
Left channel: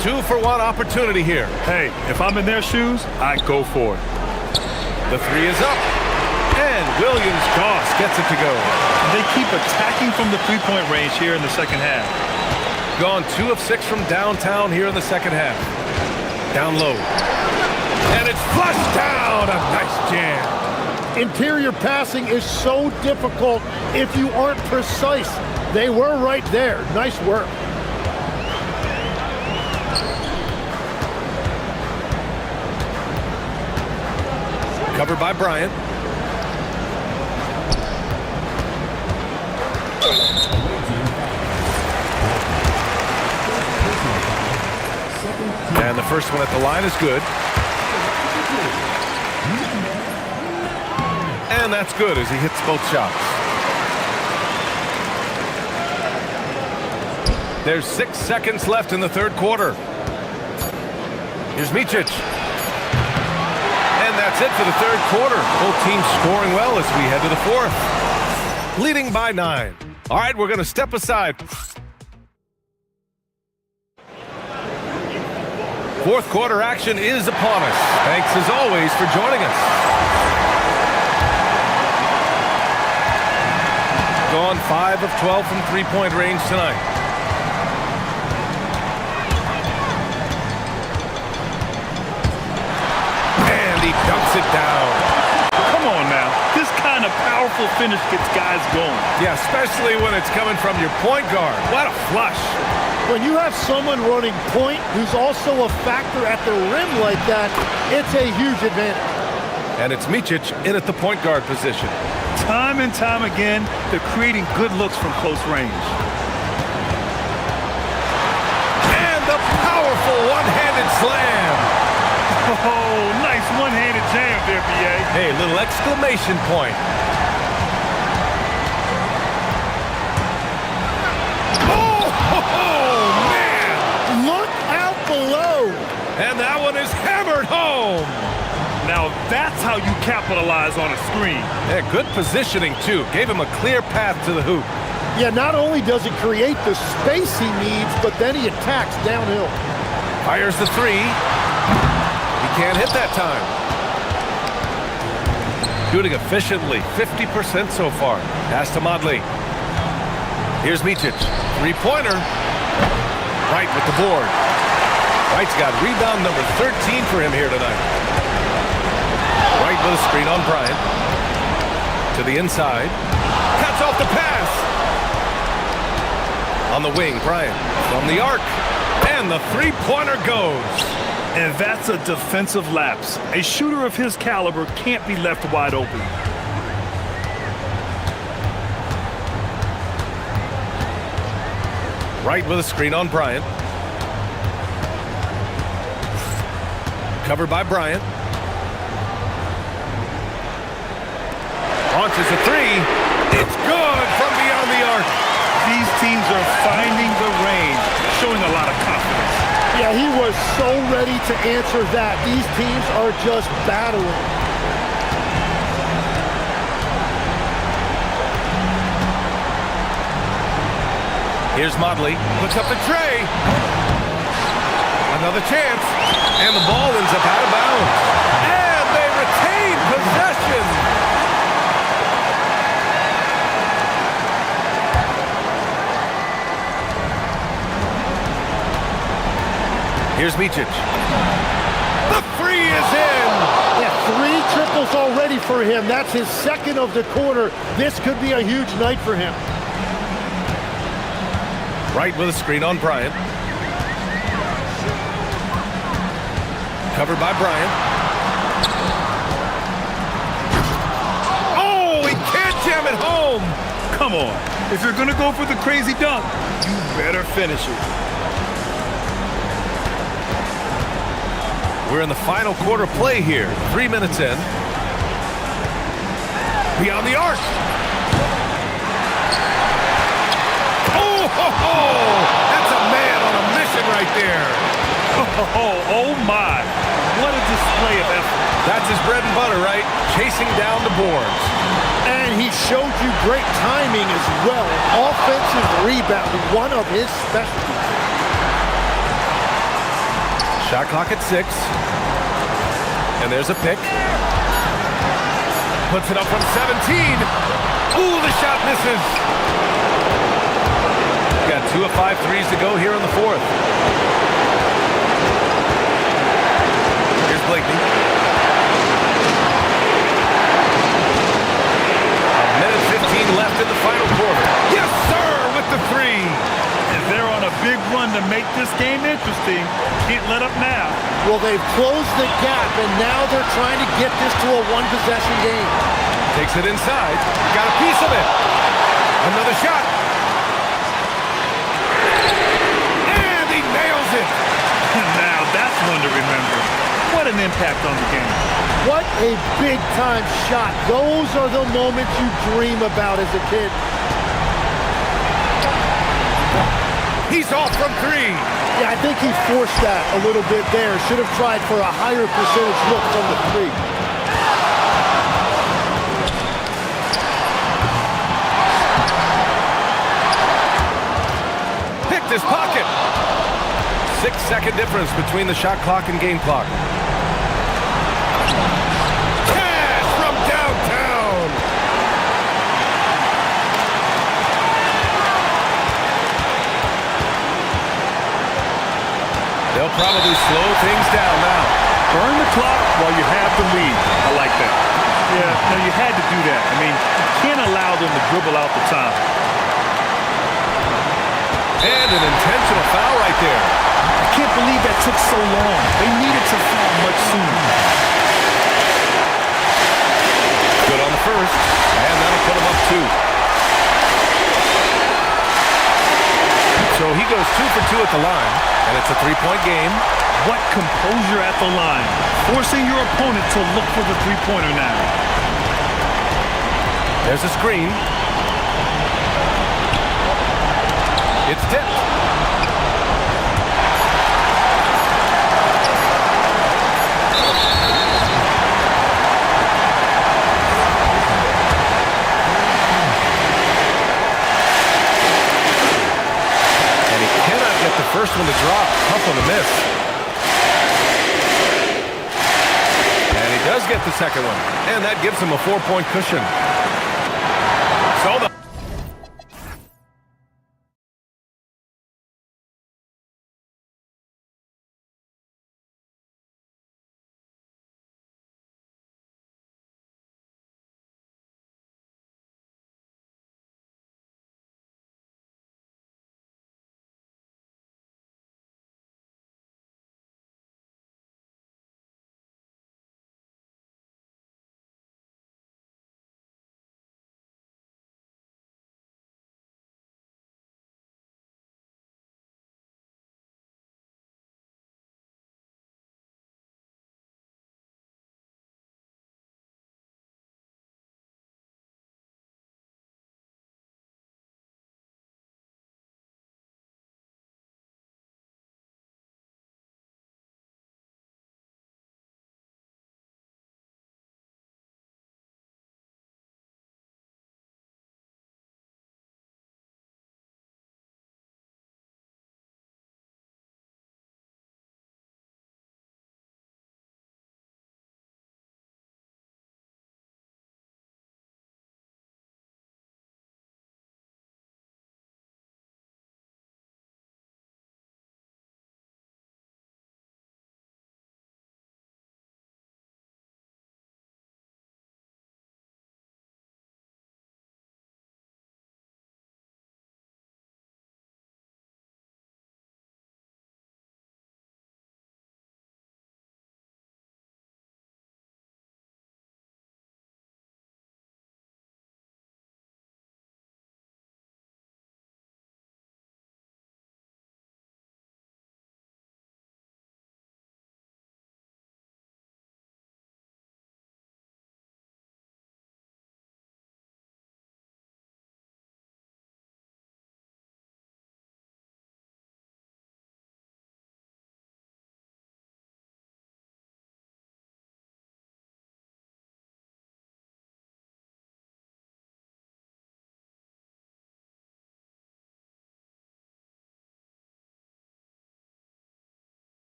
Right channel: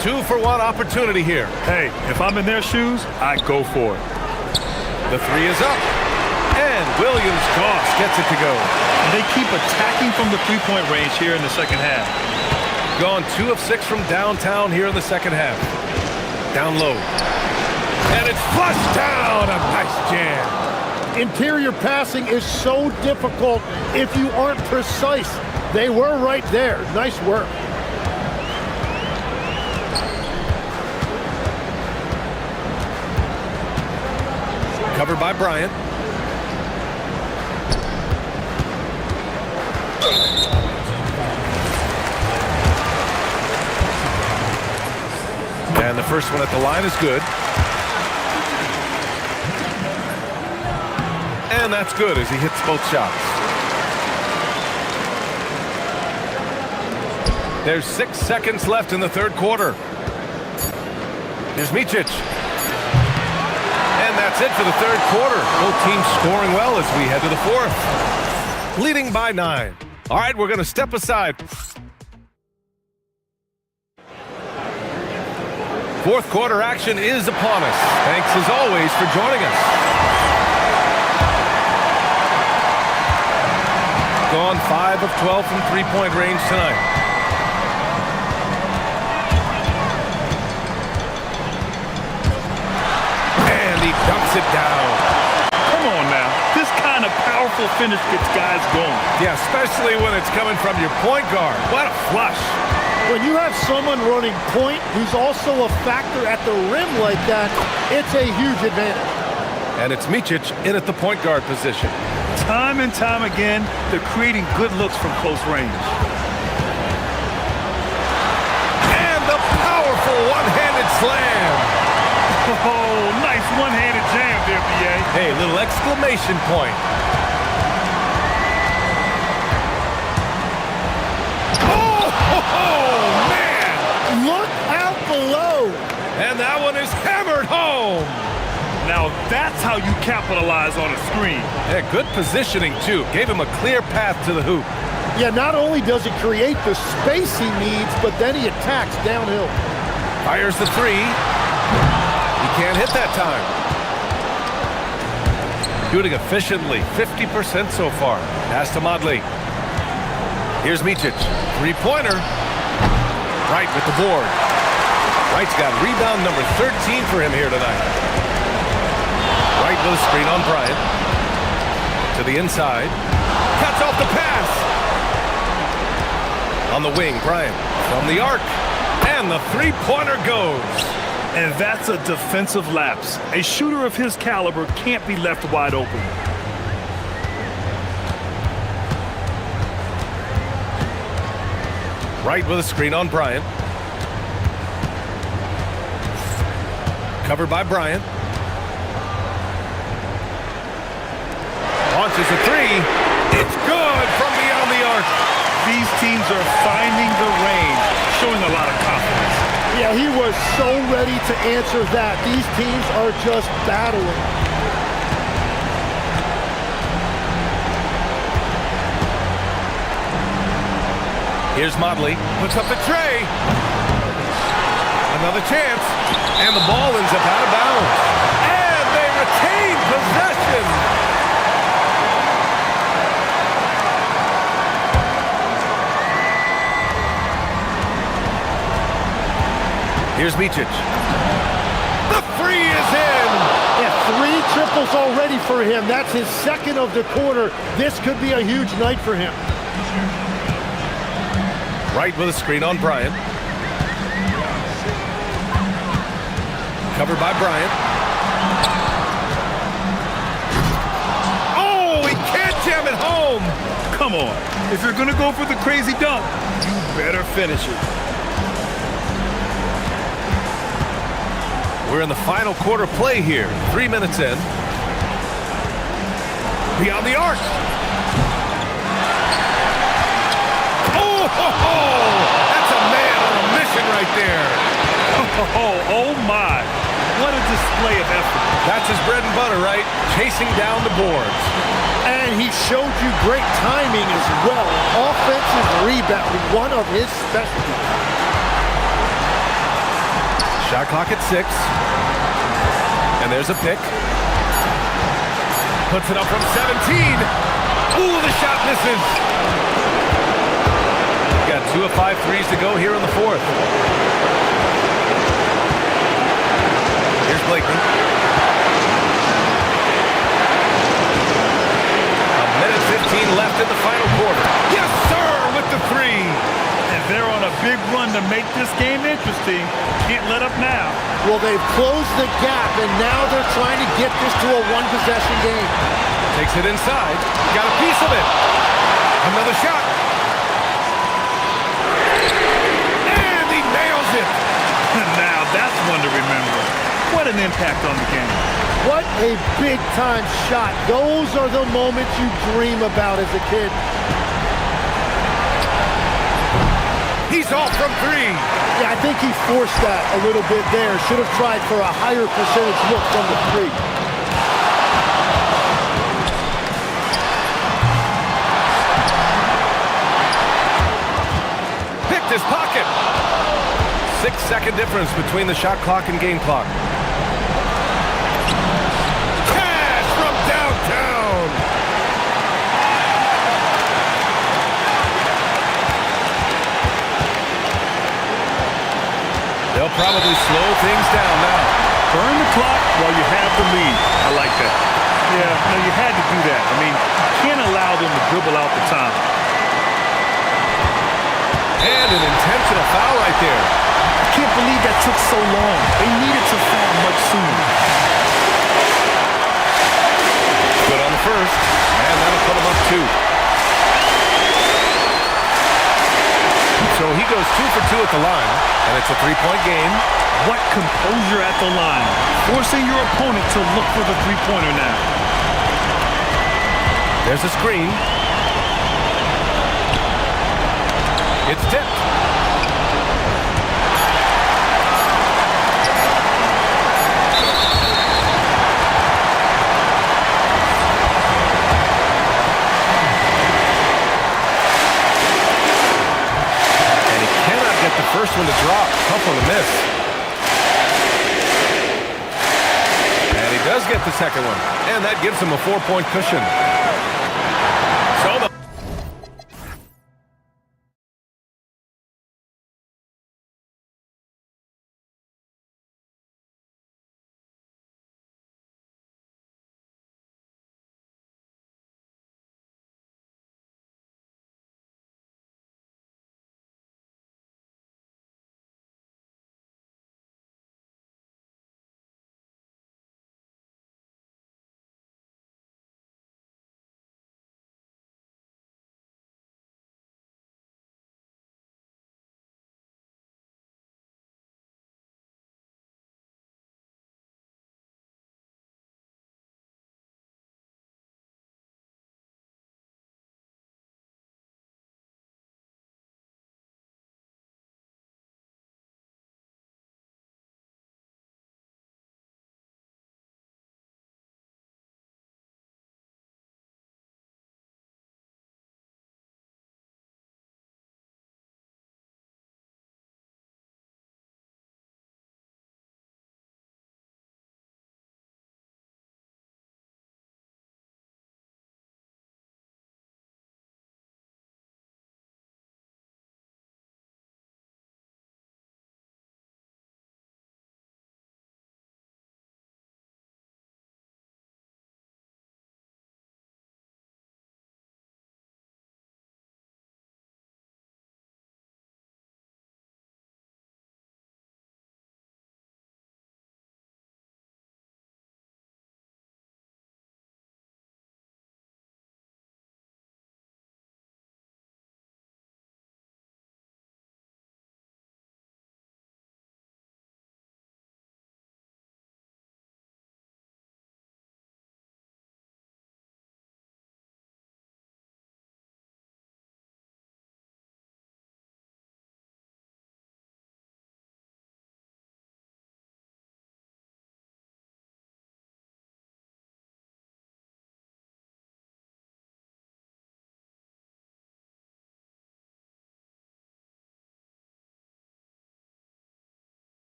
2-for-1 opportunity here. Hey, if I'm in their shoes, I go for it. The three is up. And Williams-Goss gets it to go. And they keep attacking from the three-point range here in the second half. Gone 2 of 6 from downtown here in the second half. Down low. And it's flushed down. A nice jam. Interior passing is so difficult if you aren't precise. They were right there. Nice work. Covered by Bryant. And the first one at the line is good. And that's good as he hits both shots. There's 6 seconds left in the third quarter. Here's Micic. And that's it for the third quarter. Both teams scoring well as we head to the fourth. Leading by 9. All right, we're going to step aside. Fourth quarter action is upon us. Thanks as always for joining us. Gone 5 of 12 from three-point range tonight. And he dunks it down. Come on now. This kind of powerful finish gets guys going. Yeah, especially when it's coming from your point guard. What a flush. When you have someone running point who's also a factor at the rim like that, it's a huge advantage. And it's Micic in at the point guard position. Time and time again, they're creating good looks from close range. And the powerful one-handed slam. Oh, nice one-handed jam there, B.A. Hey, little exclamation point. Oh, man! Look out below! And that one is hammered home! Now that's how you capitalize on a screen. Yeah, good positioning, too. Gave him a clear path to the hoop. Yeah, not only does he create the space he needs, but then he attacks downhill. Fires the three. He can't hit that time. Shooting efficiently, 50% so far. Pass to Modley. Here's Micic. Three-pointer. Wright with the board. Wright's got rebound number 13 for him here tonight. Wright with a screen on Bryant. To the inside. Cuts off the pass. On the wing, Bryant from the arc. And the three-pointer goes. And that's a defensive lapse. A shooter of his caliber can't be left wide open. Wright with a screen on Bryant. Covered by Bryant. Launches a three. It's good from beyond the arc. These teams are finding the range, showing a lot of confidence. Yeah, he was so ready to answer that. These teams are just battling. Here's Modley. Puts up the tray. Another chance. And the ball ends up out of bounds. And they retain possession. Here's Micic. The three is in. Yeah, 3 triples already for him. That's his second of the quarter. This could be a huge night for him. Wright with a screen on Bryant. Covered by Bryant. Oh, he can't jam it home. Come on. If you're going to go for the crazy dunk, you better finish it. We're in the final quarter play here. 3 minutes in. Beyond the arc. Oh, that's a man on a mission right there. Oh my. What a display of effort. That's his bread and butter, right? Chasing down the boards. And he showed you great timing as well. Offensive rebounding, one of his specialties. Shot clock at 6. And there's a pick. Puts it up from 17. Ooh, the shot misses. Got 2 of 5 threes to go here in the fourth. Here's Blakeney. A minute 15 left in the final quarter. Yes, sir, with the three. And they're on a big run to make this game interesting. Can't let up now. Well, they've closed the gap, and now they're trying to get this to a one-possession game. Takes it inside. Got a piece of it. Another shot. And he nails it. Now that's one to remember. What an impact on the game. What a big-time shot. Those are the moments you dream about as a kid. He's off from three. Yeah, I think he forced that a little bit there. Should have tried for a higher percentage look from the three. Picked his pocket. 6-second difference between the shot clock and game clock. Cash from downtown. They'll probably slow things down now. Burn the clock while you have the lead. I like that. Yeah, no, you had to do that. I mean, you can't allow them to dribble out the time. And an intentional foul right there. I can't believe that took so long. They needed to foul much sooner. Good on the first, and that'll put him up 2. So he goes 2 for 2 at the line, and it's a 3-point game. What composure at the line. Forcing your opponent to look for the three-pointer now. There's a screen. It's tipped. And he cannot get the first one to drop. Tough one to miss. And he does get the second one. And that gives him a 4-point cushion. So the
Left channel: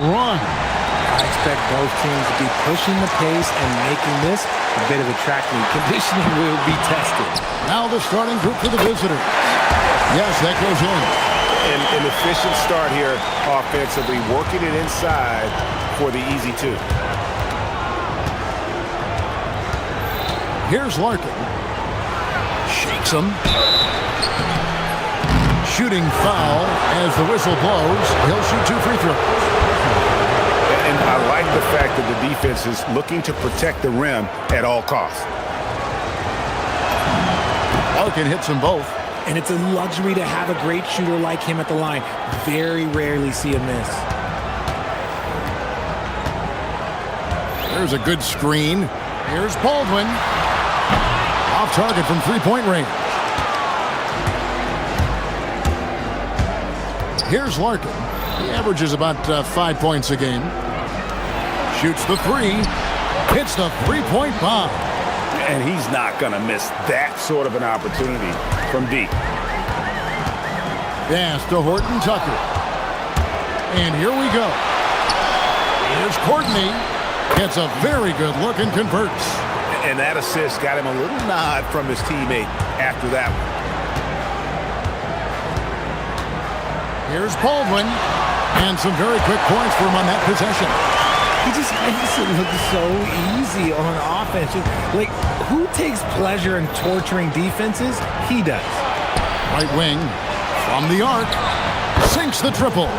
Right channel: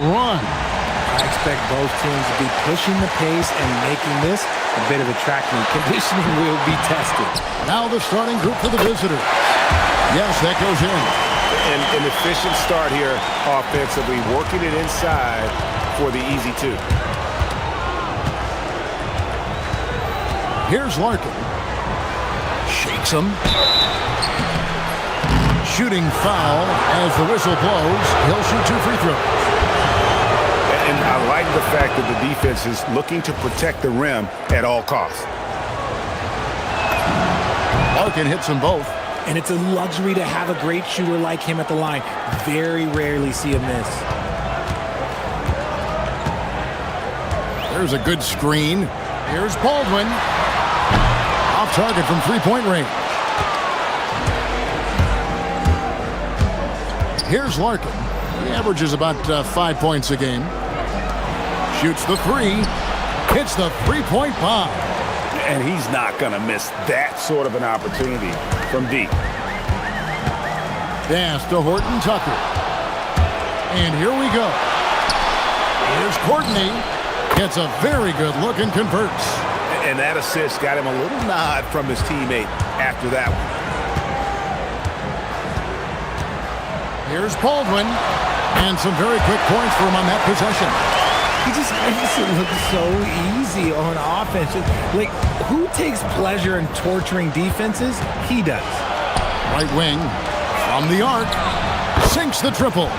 run. I expect both teams to be pushing the pace and making this a bit of a track meet. Conditioning will be tested. Now the starting group for the visitors. Yes, that goes in. An efficient start here offensively, working it inside for the easy two. Here's Larkin. Shakes him. Shooting foul as the whistle blows. He'll shoot 2 free throws. And I like the fact that the defense is looking to protect the rim at all costs. Larkin hits them both. And it's a luxury to have a great shooter like him at the line. Very rarely see a miss. There's a good screen. Here's Baldwin. Off target from three-point range. Here's Larkin. He averages about 5 points a game. Shoots the three. Hits the three-point bomb. And he's not going to miss that sort of an opportunity from deep. Pass to Horton Tucker. And here we go. Here's Courtney. Gets a very good look and converts. And that assist got him a little nod from his teammate after that one. Here's Baldwin. And some very quick points for him on that possession. He just makes it look so easy on offense. Like, who takes pleasure in torturing defenses? He does. Right wing from the arc. Sinks the triple.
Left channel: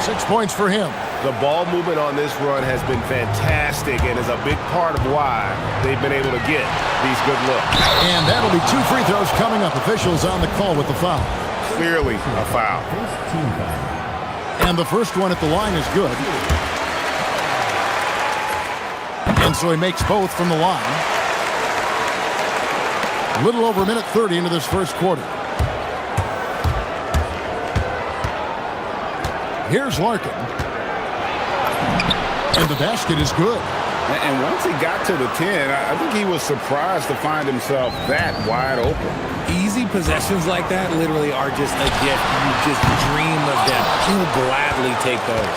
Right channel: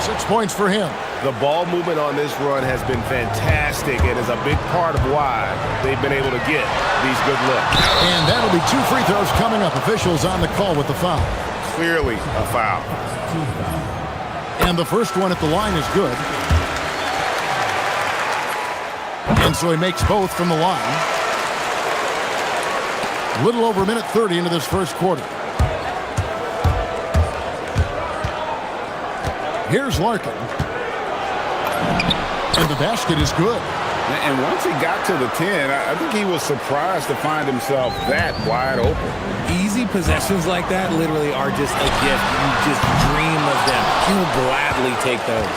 6 points for him. The ball movement on this run has been fantastic and is a big part of why they've been able to get these good looks. And that'll be 2 free throws coming up. Officials on the call with the foul. Clearly a foul. And the first one at the line is good. And so he makes both from the line. A little over a minute 30 into this first quarter. Here's Larkin. And the basket is good. And once he got to the 10, I think he was surprised to find himself that wide open. Easy possessions like that literally are just a gift. You just dream of them. He'll gladly take those.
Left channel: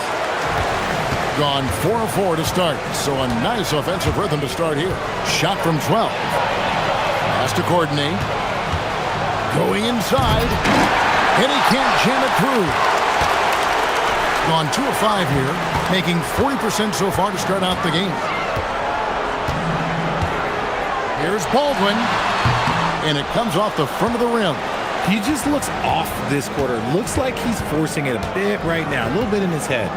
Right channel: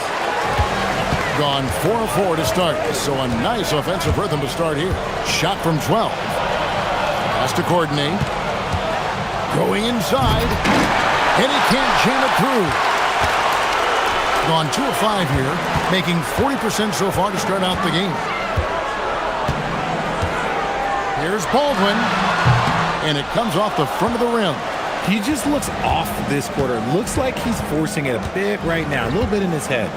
Gone 4 of 4 to start. So a nice offensive rhythm to start here. Shot from 12. Pass to Courtney. Going inside. And he can't jam it through. Gone 2 of 5 here. Making 40% so far to start out the game. Here's Baldwin. And it comes off the front of the rim. He just looks off this quarter. Looks like he's forcing it a bit right now. A little bit in his head.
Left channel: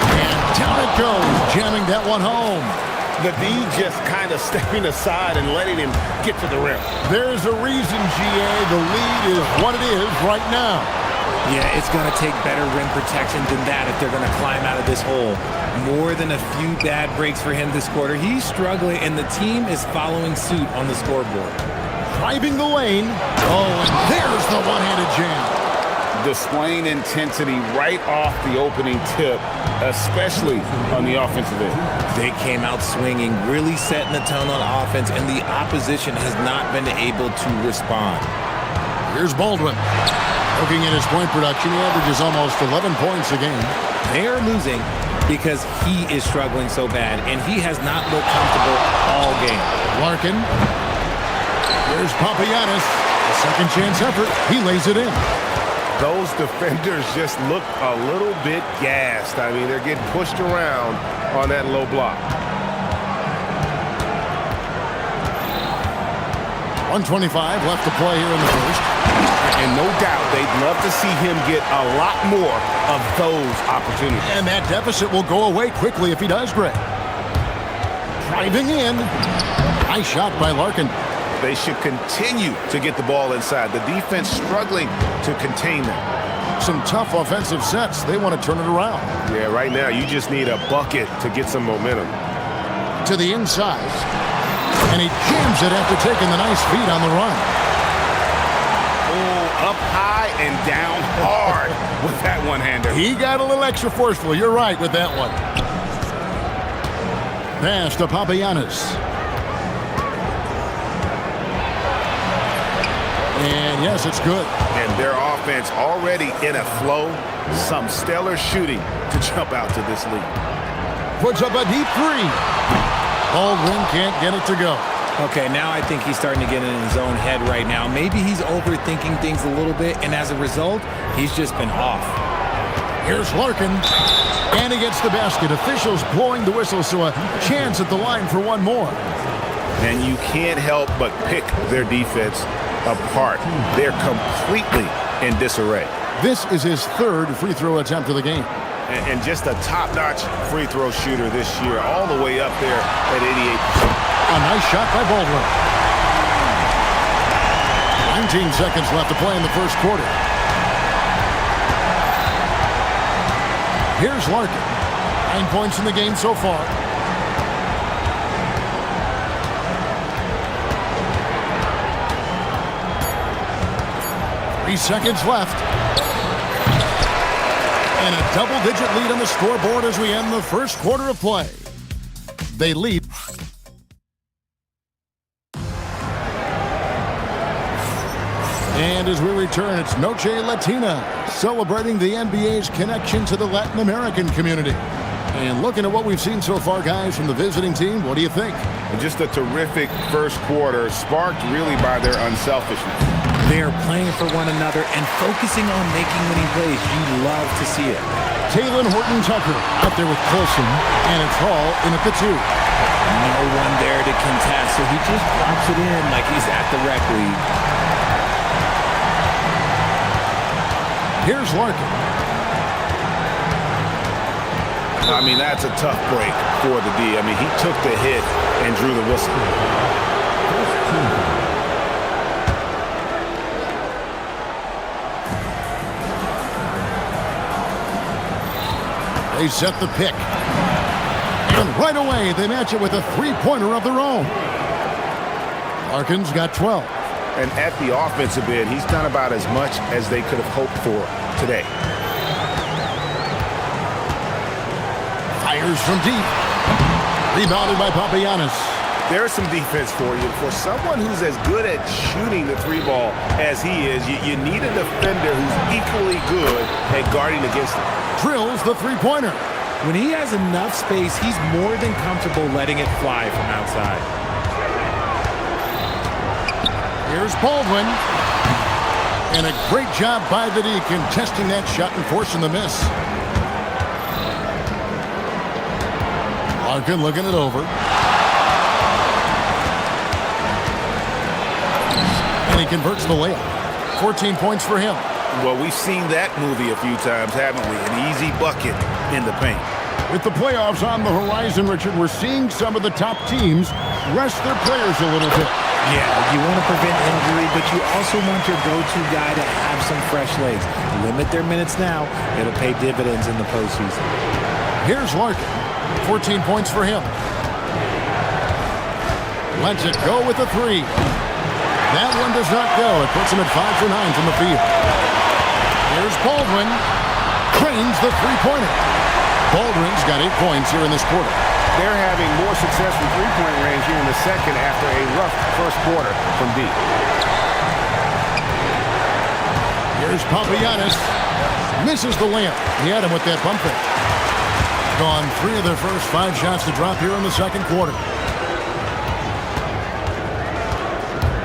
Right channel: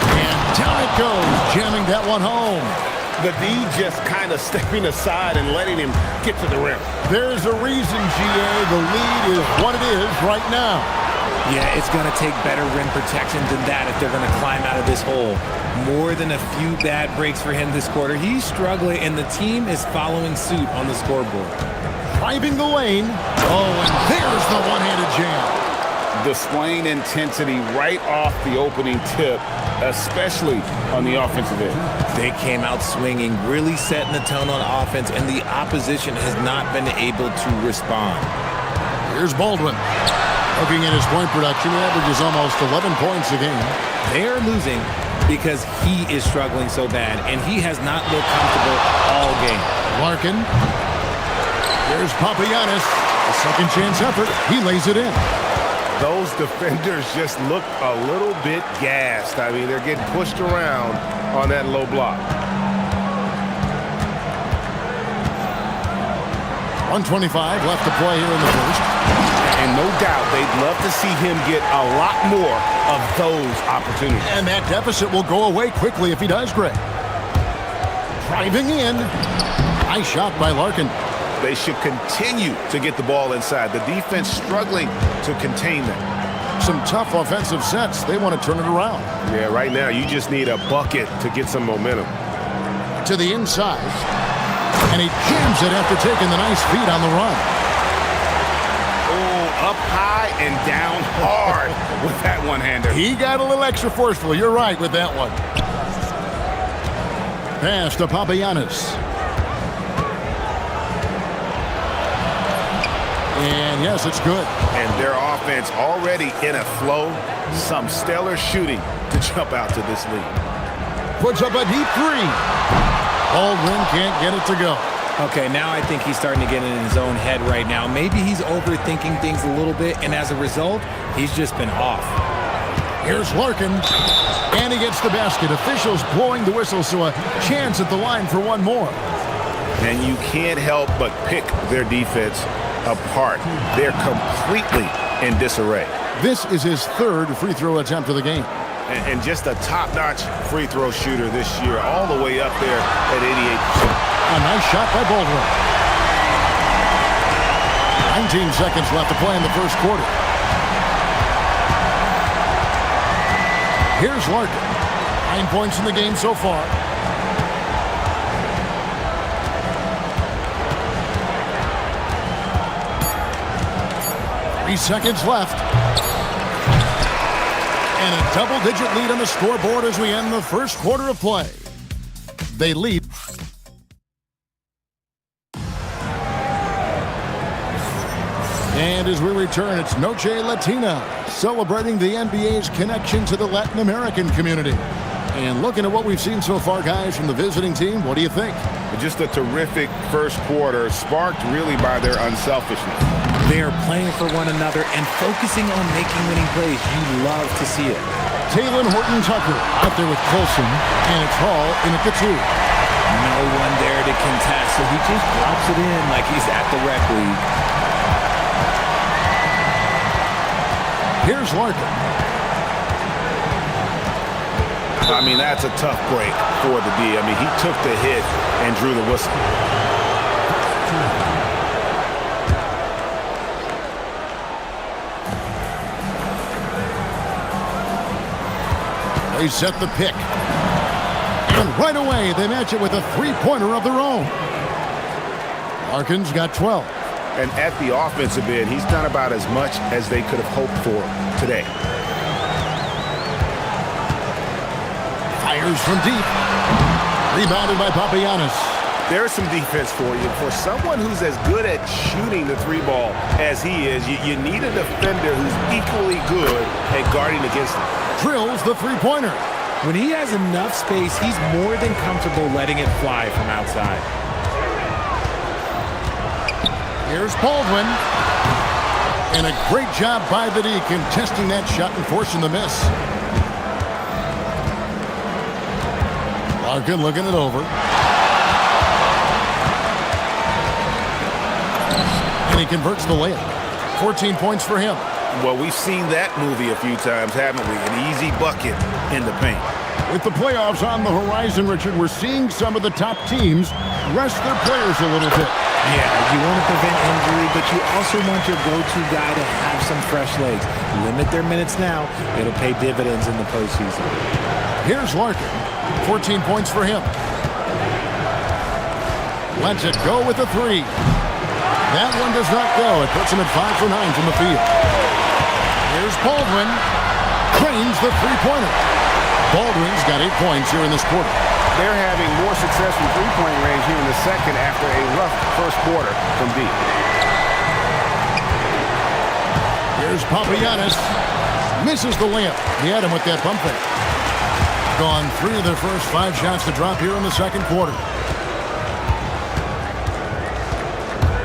And down it goes. Jamming that one home. The D just kind of stepping aside and letting him get to the rim. There's a reason, GA. The lead is what it is right now. Yeah, it's going to take better rim protection than that if they're going to climb out of this hole. More than a few bad breaks for him this quarter. He's struggling, and the team is following suit on the scoreboard. Driving the lane. Oh, and there's the one-handed jam. Displaying intensity right off the opening tip, especially on the offensive end. They came out swinging, really setting the tone on offense, and the opposition has not been able to respond. Here's Baldwin. Looking at his point production, he averages almost 11 points a game. They are losing because he is struggling so bad, and he has not looked comfortable all game. Larkin. Here's Papagiannis. A second chance effort. He lays it in. Those defenders just look a little bit gassed. I mean, they're getting pushed around on that low block. 1:25 left to play here in the first. And no doubt they'd love to see him get a lot more of those opportunities. And that deficit will go away quickly if he does, Greg. Driving in. Nice shot by Larkin. They should continue to get the ball inside. The defense struggling to contain them. Some tough offensive sets. They want to turn it around. Yeah, right now you just need a bucket to get some momentum. To the inside. And he jams it after taking the nice feed on the run. Oh, up high and down hard with that one-hander. He got a little extra forceful. You're right with that one. Pass to Papagiannis. And yes, it's good. And their offense already in a flow. Some stellar shooting to jump out to this lead. Puts up a deep three. Baldwin can't get it to go. Okay, now I think he's starting to get in his own head right now. Maybe he's overthinking things a little bit, and as a result, he's just been off. Here's Larkin, and he gets the basket. Officials blowing the whistle, so a chance at the line for one more. And you can't help but pick their defense apart. They're completely in disarray. This is his third free throw attempt of the game. And just a top-notch free throw shooter this year, all the way up there at 88%. A nice shot by Baldwin. 19 seconds left to play in the first quarter. Here's Larkin. 9 points in the game so far. Three seconds left. And a double-digit lead on the scoreboard as we end the first quarter of play. They lead. And as we return, it's Noche Latina, celebrating the NBA's connection to the Latin American community. And looking at what we've seen so far, guys, from the visiting team, what do you think? Just a terrific first quarter, sparked really by their unselfishness. They are playing for one another and focusing on making winning plays. You love to see it. Taylor Horton-Tucker out there with Colson, and it's Hall in at the 2. No one there to contest, so he just drops it in like he's at the rec league. Here's Larkin. I mean, that's a tough break for the D. I mean, he took the hit and drew the whistle. They set the pick. And right away, they match it with a three-pointer of their own. Larkin's got 12. And at the offensive end, he's done about as much as they could have hoped for today. Fires from deep. Rebounded by Papagiannis. There's some defense for you. For someone who's as good at shooting the three ball as he is, you need a defender who's equally good at guarding against him. Drills the three-pointer. When he has enough space, he's more than comfortable letting it fly from outside. Here's Baldwin. And a great job by the D contesting that shot and forcing the miss. Larkin looking it over. And he converts the layup. 14 points for him. Well, we've seen that movie a few times, haven't we? An easy bucket in the paint. With the playoffs on the horizon, Richard, we're seeing some of the top teams rest their players a little bit. Yeah, you want to prevent injury, but you also want your go-to guy to have some fresh legs. Limit their minutes now. It'll pay dividends in the postseason. Here's Larkin. 14 points for him. Lets it go with a three. That one does not go. It puts him at 5 for 9 from the field. Here's Baldwin. Cranes the three-pointer. Baldwin's got 8 points here in this quarter. They're having more success from three-point range here in the second after a rough first quarter from deep. Here's Papagiannis. Misses the layup. He had him with that bump fake. Gone 3 of their first 5 shots to drop here in the second quarter.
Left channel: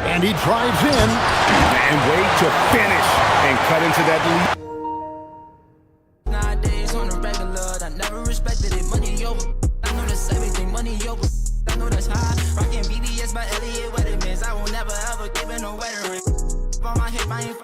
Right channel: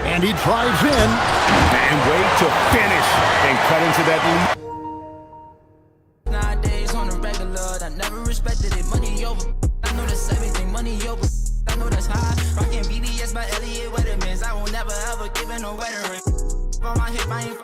And he drives in. And wait to finish and cut into that lead. Nowadays on the regular, I never respected it. Money over. I know that's everything. Money over. I know that's high. Rocking BDS by Elliot Weathermans. I will never ever give it no wedding ring. On my hip, I ain't.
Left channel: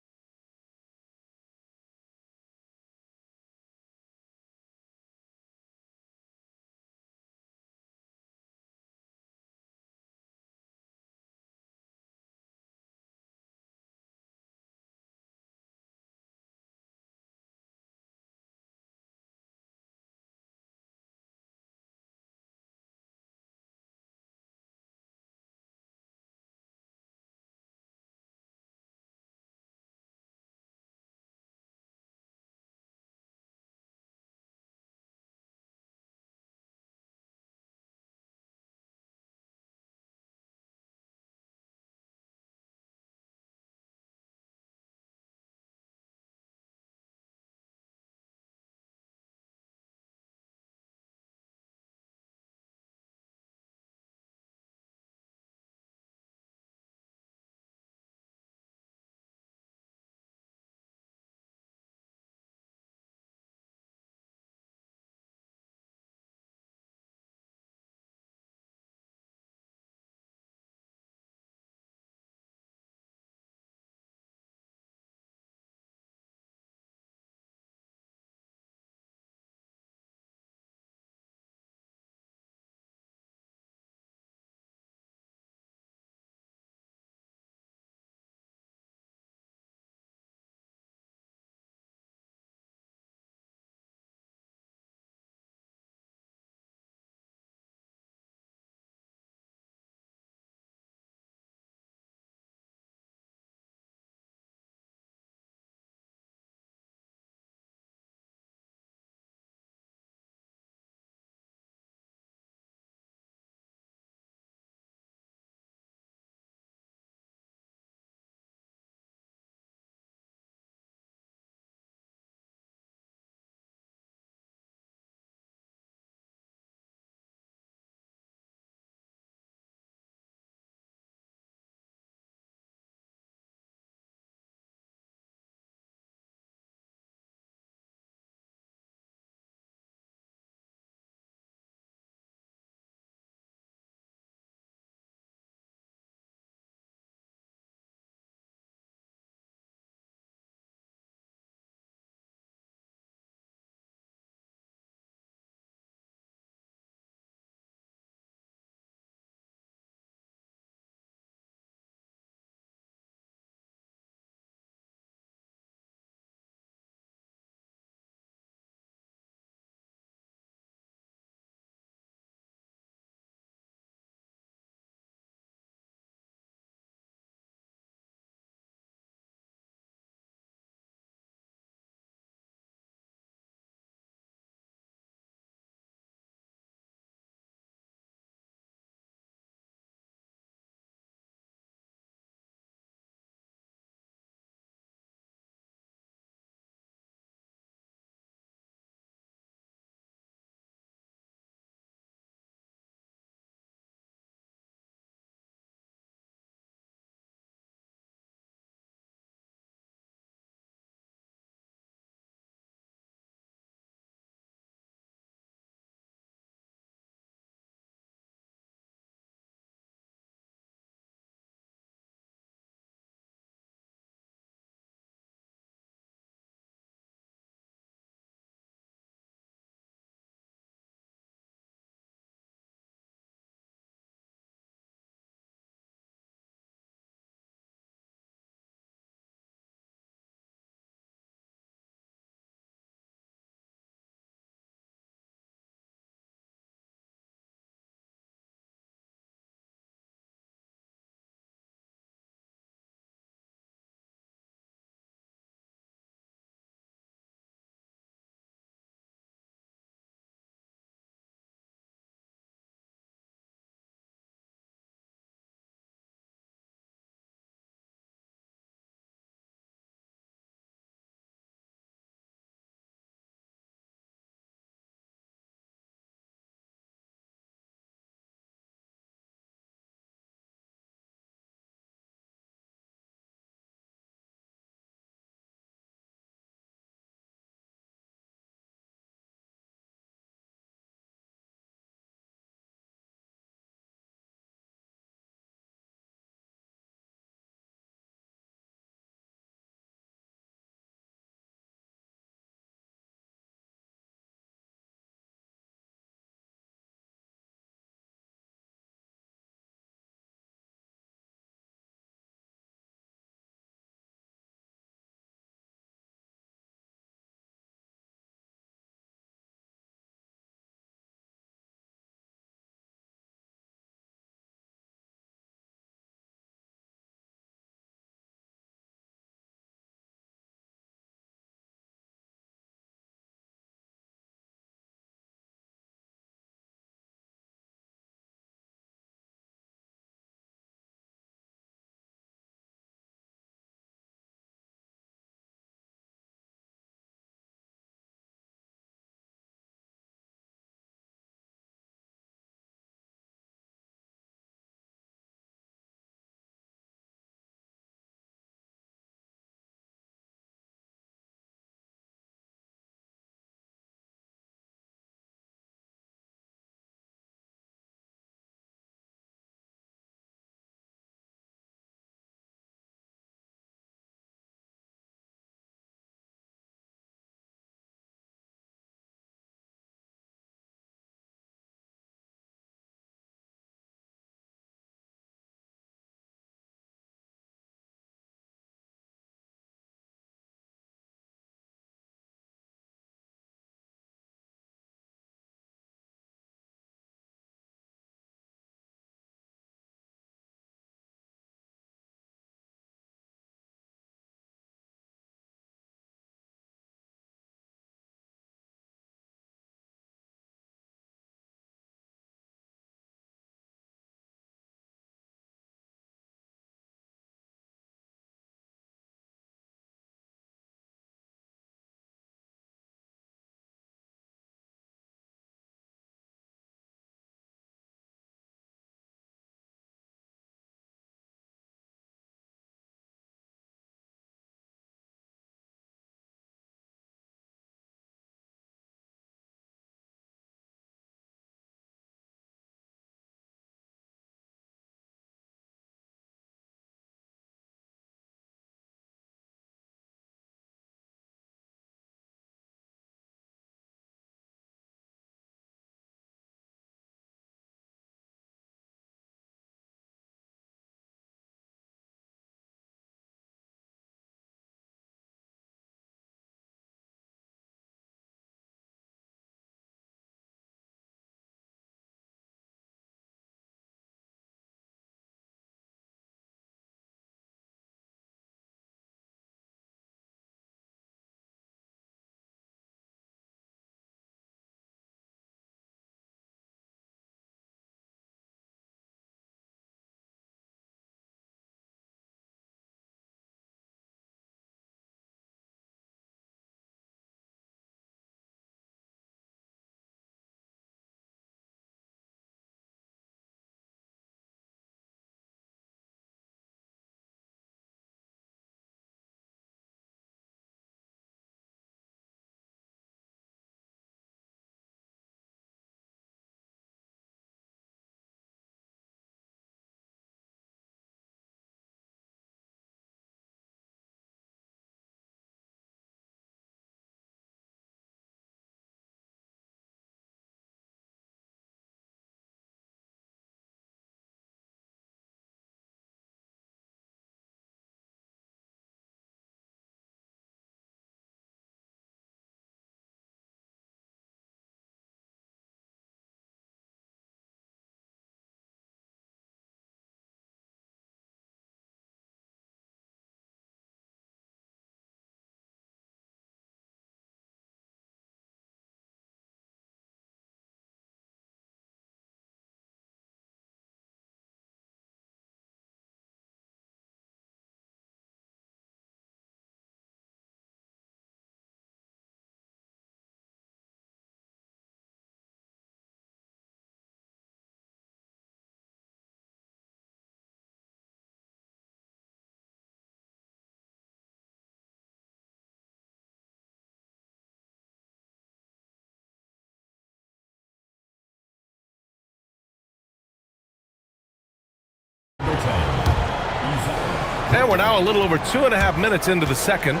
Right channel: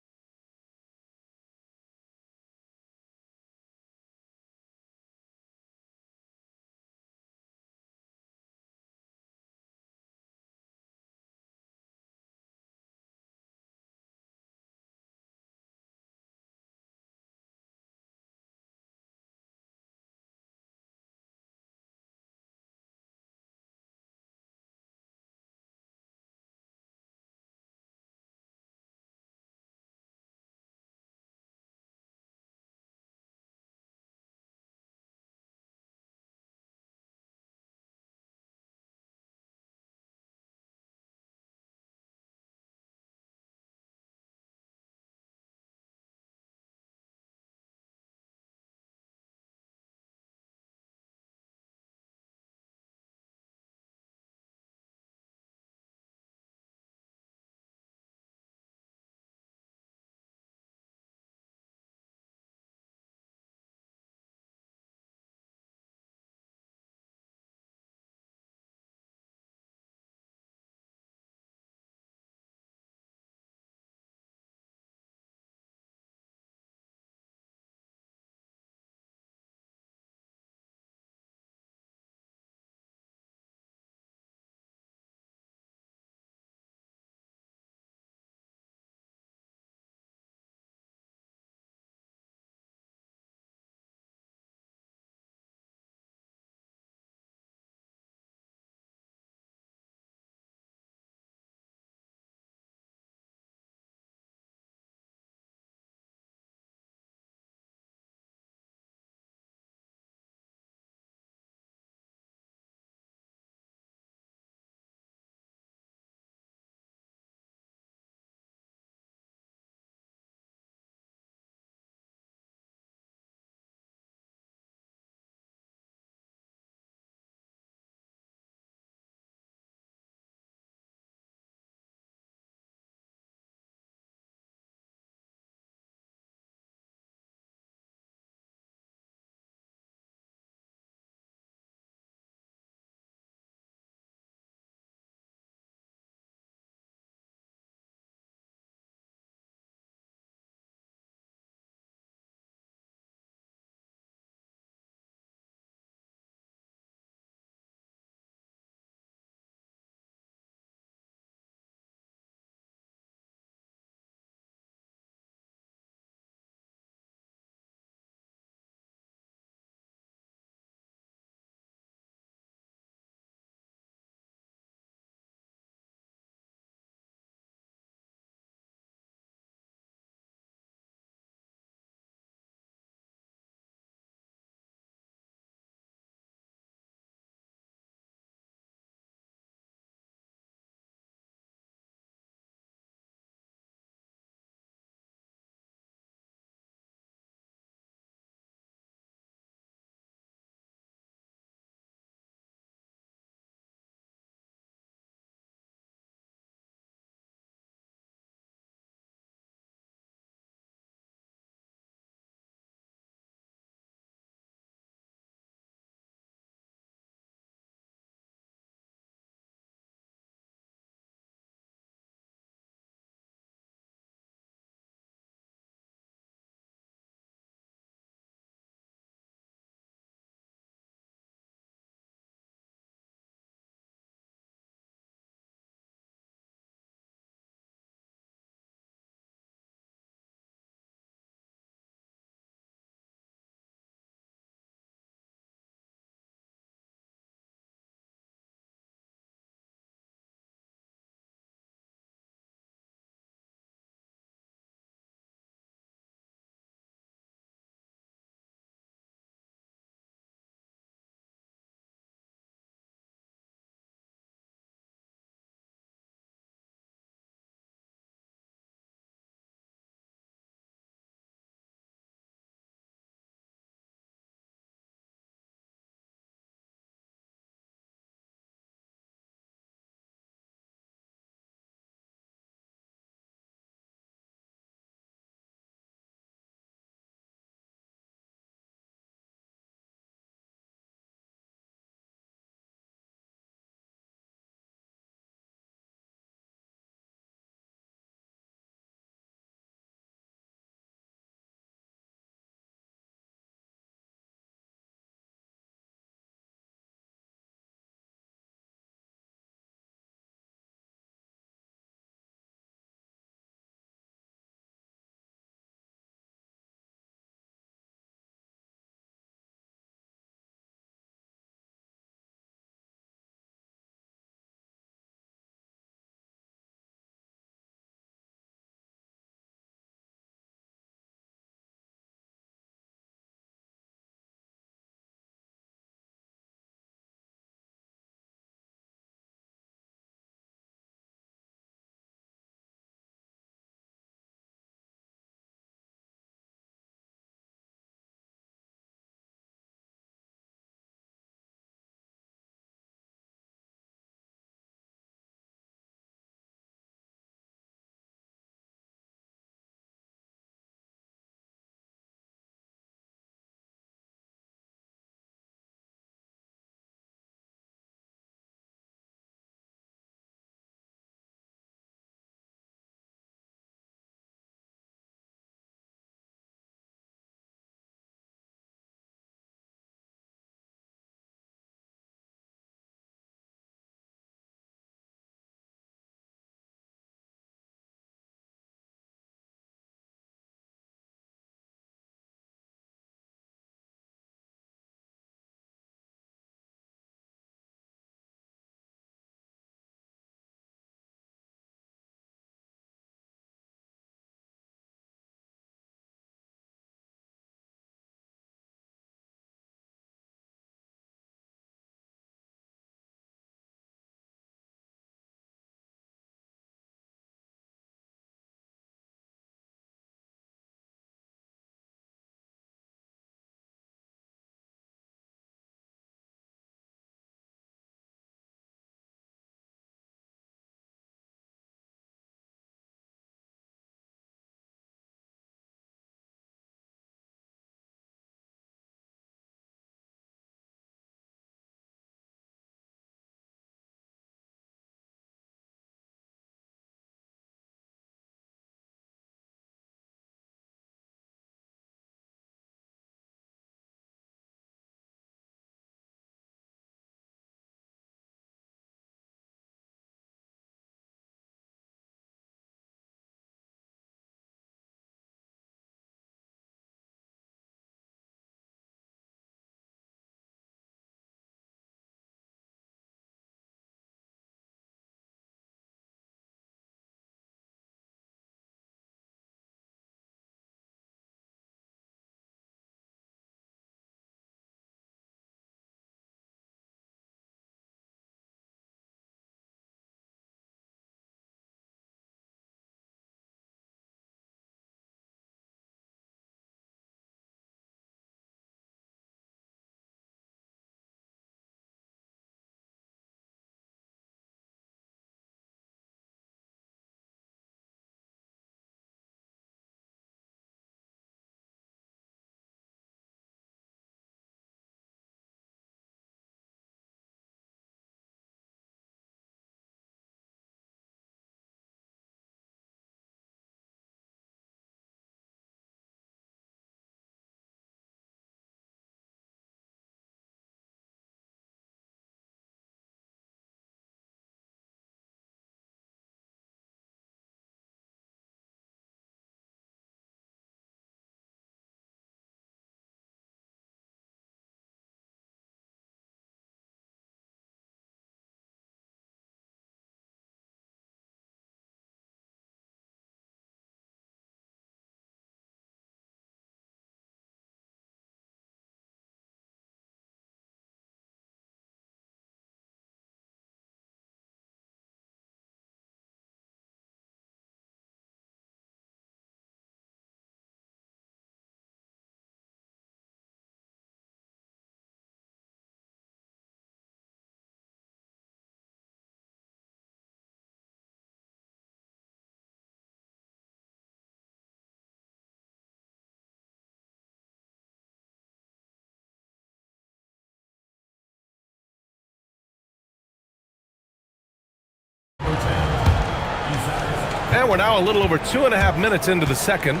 And we're now a little over 2.5 minutes into the second.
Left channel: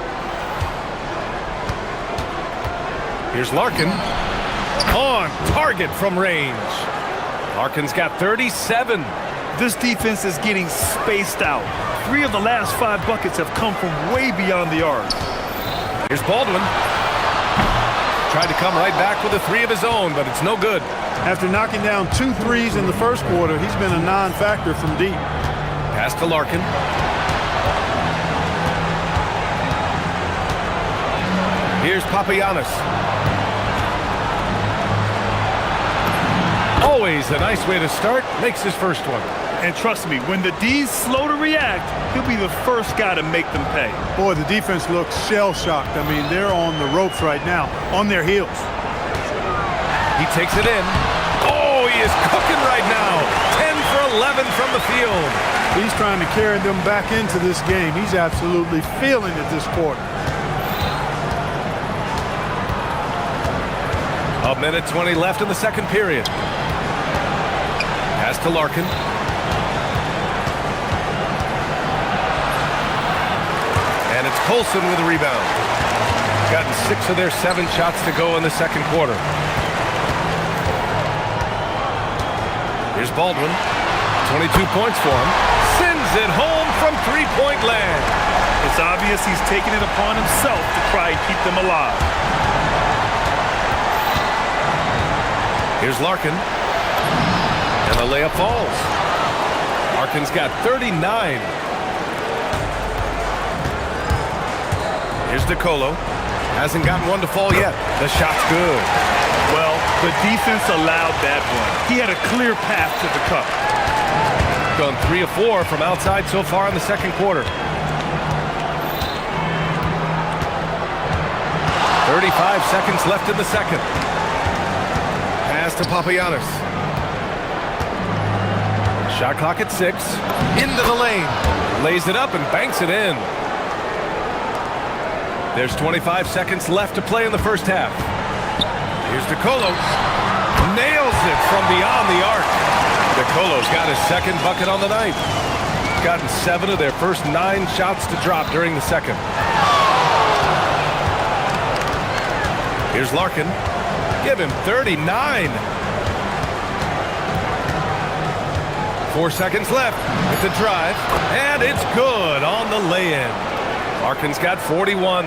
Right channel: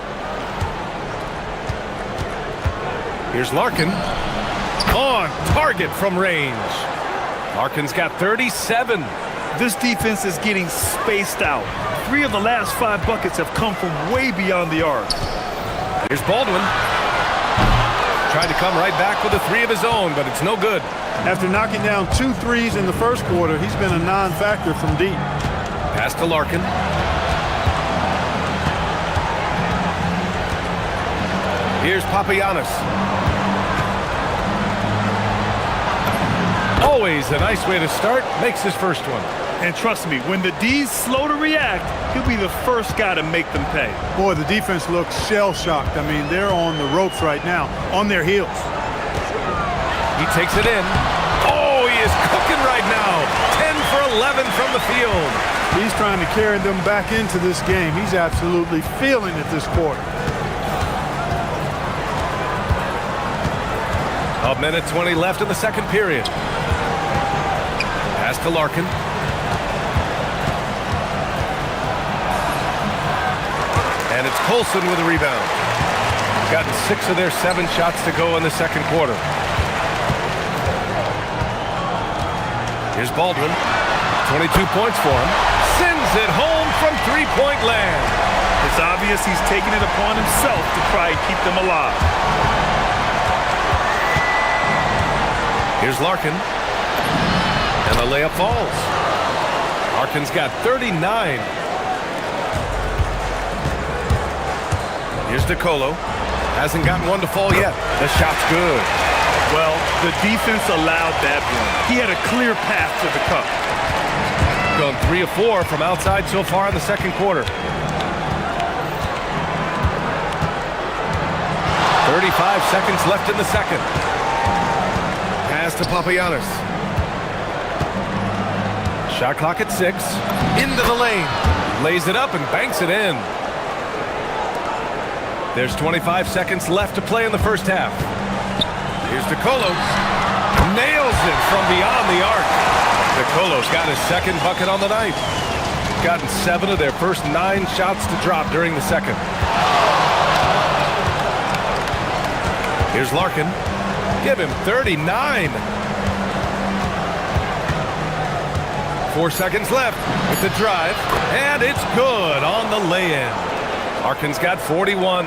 Here's Larkin. On target from range. Larkin's got 37. This defense is getting spaced out. 3 of the last 5 buckets have come from way beyond the arc. Here's Baldwin. Tried to come right back with a 3 of his own, but it's no good. After knocking down 2 threes in the first quarter, he's been a non-factor from deep. Pass to Larkin. Here's Papagiannis. Always a nice way to start. Makes his first one. And trust me, when the D's slow to react, he'll be the first guy to make them pay. Boy, the defense looks shell-shocked. I mean, they're on the ropes right now, on their heels. He takes it in. Oh, he is cooking right now. 10 for 11 from the field. He's trying to carry them back into this game. He's absolutely feeling it this quarter. A minute 20 left in the second period. Pass to Larkin. And it's Colson with a rebound. Gotten 6 of their 7 shots to go in the second quarter. Here's Baldwin. 22 points for him. Sends it home from three-point land. It's obvious he's taking it upon himself to try and keep them alive. Here's Larkin. And the layup falls. Larkin's got 39. Here's DeColo. Hasn't gotten one to fall yet. The shot's good. Well, the defense allowed that one. He had a clear path to the cup. Gone 3 of 4 from outside so far in the second quarter. 35 seconds left in the second. Pass to Papagiannis. Shot clock at 6. Into the lane. Lays it up and banks it in. There's 25 seconds left to play in the first half. Here's DeColo. Nails it from beyond the arc. DeColo's got his second bucket on the night. Gotten 7 of their first 9 shots to drop during the second. Here's Larkin. Give him 39. 4 seconds left with the drive. And it's good on the lay-in. Larkin's got 41.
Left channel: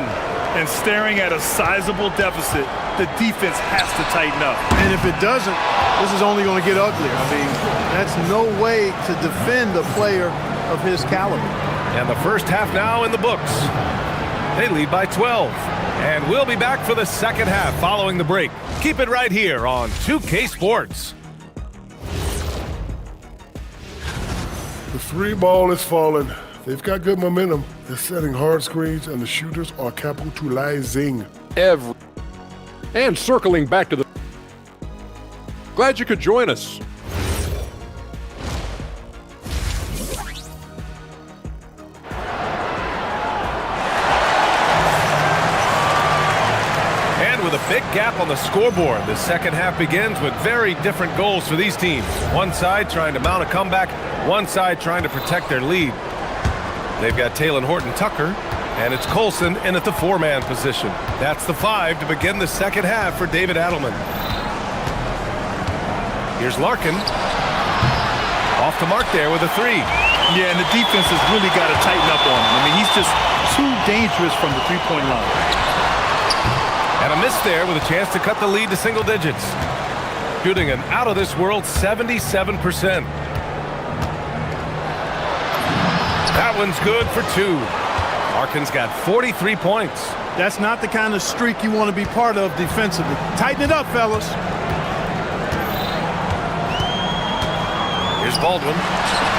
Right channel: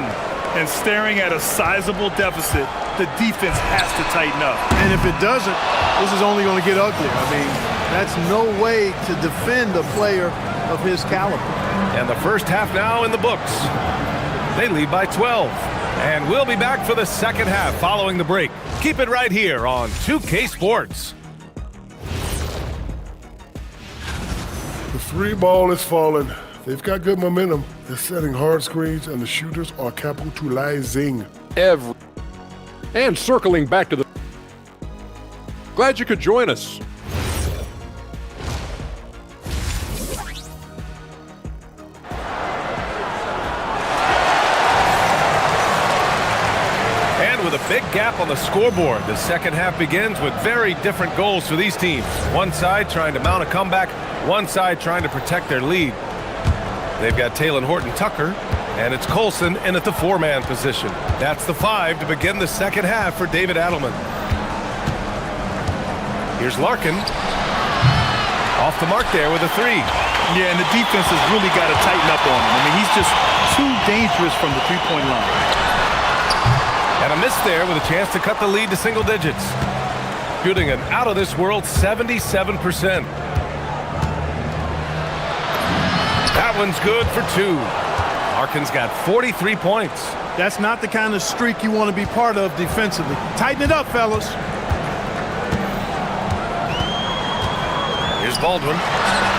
And staring at a sizable deficit, the defense has to tighten up. And if it doesn't, this is only going to get uglier. I mean, that's no way to defend a player of his caliber. And the first half now in the books. They lead by 12. And we'll be back for the second half following the break. Keep it right here on 2K Sports. The 3 ball is falling. They've got good momentum. They're setting hard screens, and the shooters are capitalizing. And circling back to the... Glad you could join us. And with a big gap on the scoreboard, the second half begins with very different goals for these teams. One side trying to mount a comeback, one side trying to protect their lead. They've got Taylor Horton-Tucker, and it's Colson in at the 4-man position. That's the 5 to begin the second half for David Adelman. Here's Larkin. Off the mark there with a 3. Yeah, and the defense has really got to tighten up on him. I mean, he's just too dangerous from the three-point line. And a miss there with a chance to cut the lead to single digits. Shooting an out-of-this-world 77%. That one's good for 2. Larkin's got 43 points. That's not the kind of streak you want to be part of defensively. Tighten it up, fellas. Here's Baldwin.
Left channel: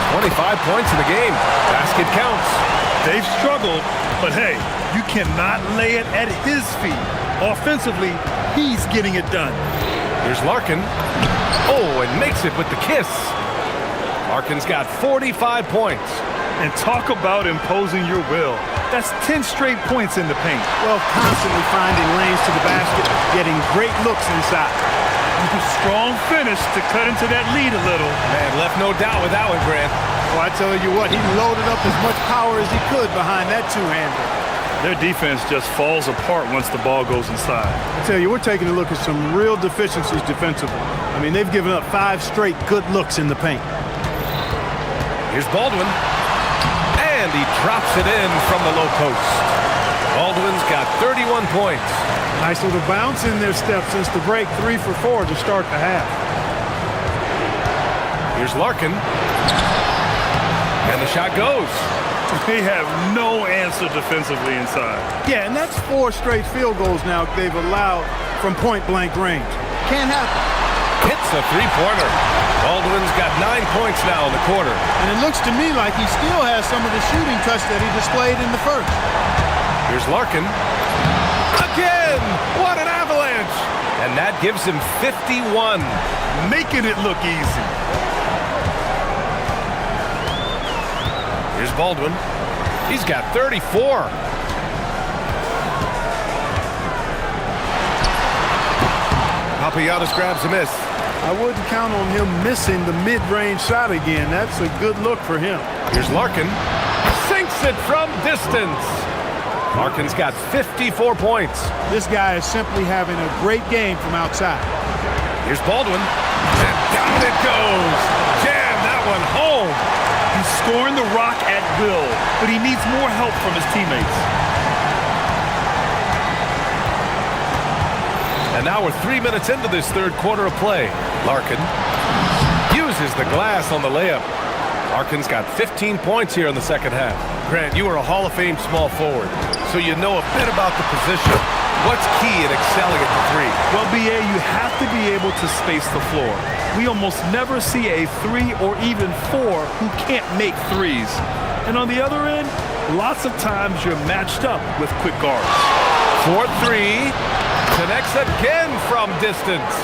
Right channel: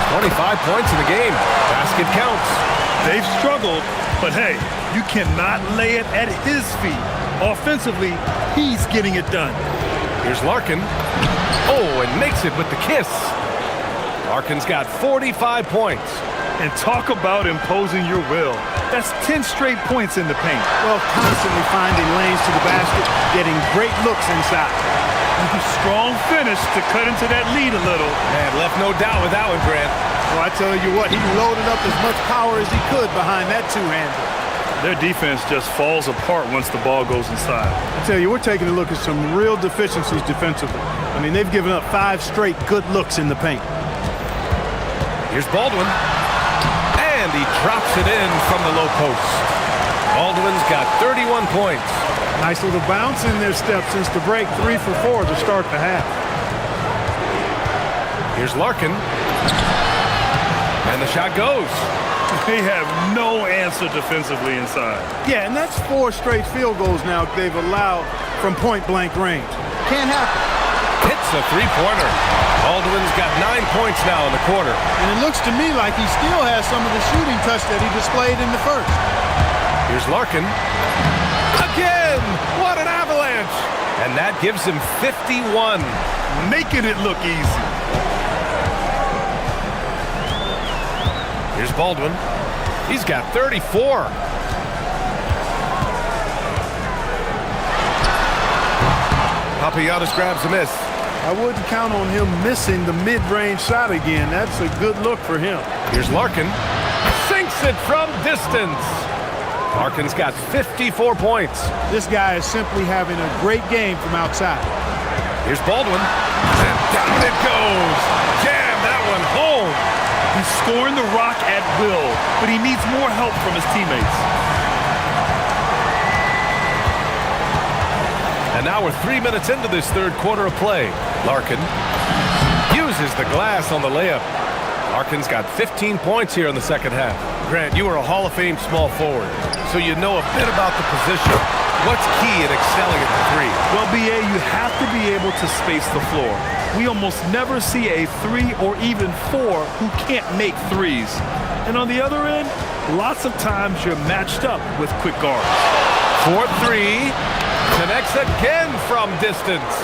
25 points in the game. Basket counts. They've struggled, but hey, you cannot lay it at his feet. Offensively, he's getting it done. Here's Larkin. Oh, and makes it with the kiss. Larkin's got 45 points. And talk about imposing your will. That's 10 straight points in the paint. Well, constantly finding lanes to the basket, getting great looks inside. Strong finish to cut into that lead a little. Man, left no doubt with that one, Grant. Well, I tell you what, he loaded up as much power as he could behind that two-hander. Their defense just falls apart once the ball goes inside. I tell you, we're taking a look at some real deficiencies defensively. I mean, they've given up 5 straight good looks in the paint. Here's Baldwin. And he drops it in from the low post. Baldwin's got 31 points. Nice little bounce in their step since the break. 3 for 4 to start the half. Here's Larkin. And the shot goes. They have no answer defensively inside. Yeah, and that's 4 straight field goals now they've allowed from point-blank range. Can't happen. Hits a three-pointer. Baldwin's got 9 points now in the quarter. And it looks to me like he still has some of the shooting touch that he displayed in the first. Here's Larkin. Again! What an avalanche! And that gives him 51. Making it look easy. Here's Baldwin. He's got 34. Papagiannis grabs a miss. I wouldn't count on him missing the mid-range shot again. That's a good look for him. Here's Larkin. Sinks it from distance. Larkin's got 54 points. This guy is simply having a great game from outside. Here's Baldwin. And down it goes. Jam that one home. He's scoring the rock at will, but he needs more help from his teammates. And now we're 3 minutes into this third quarter of play. Larkin uses the glass on the layup. Larkin's got 15 points here in the second half. Grant, you are a Hall of Fame small forward, so you know a bit about the position. What's key in excelling at the 3? Well, BA, you have to be able to space the floor. We almost never see a 3 or even 4 who can't make threes. And on the other end, lots of times you're matched up with quick guards. 4-3. Connects again from distance.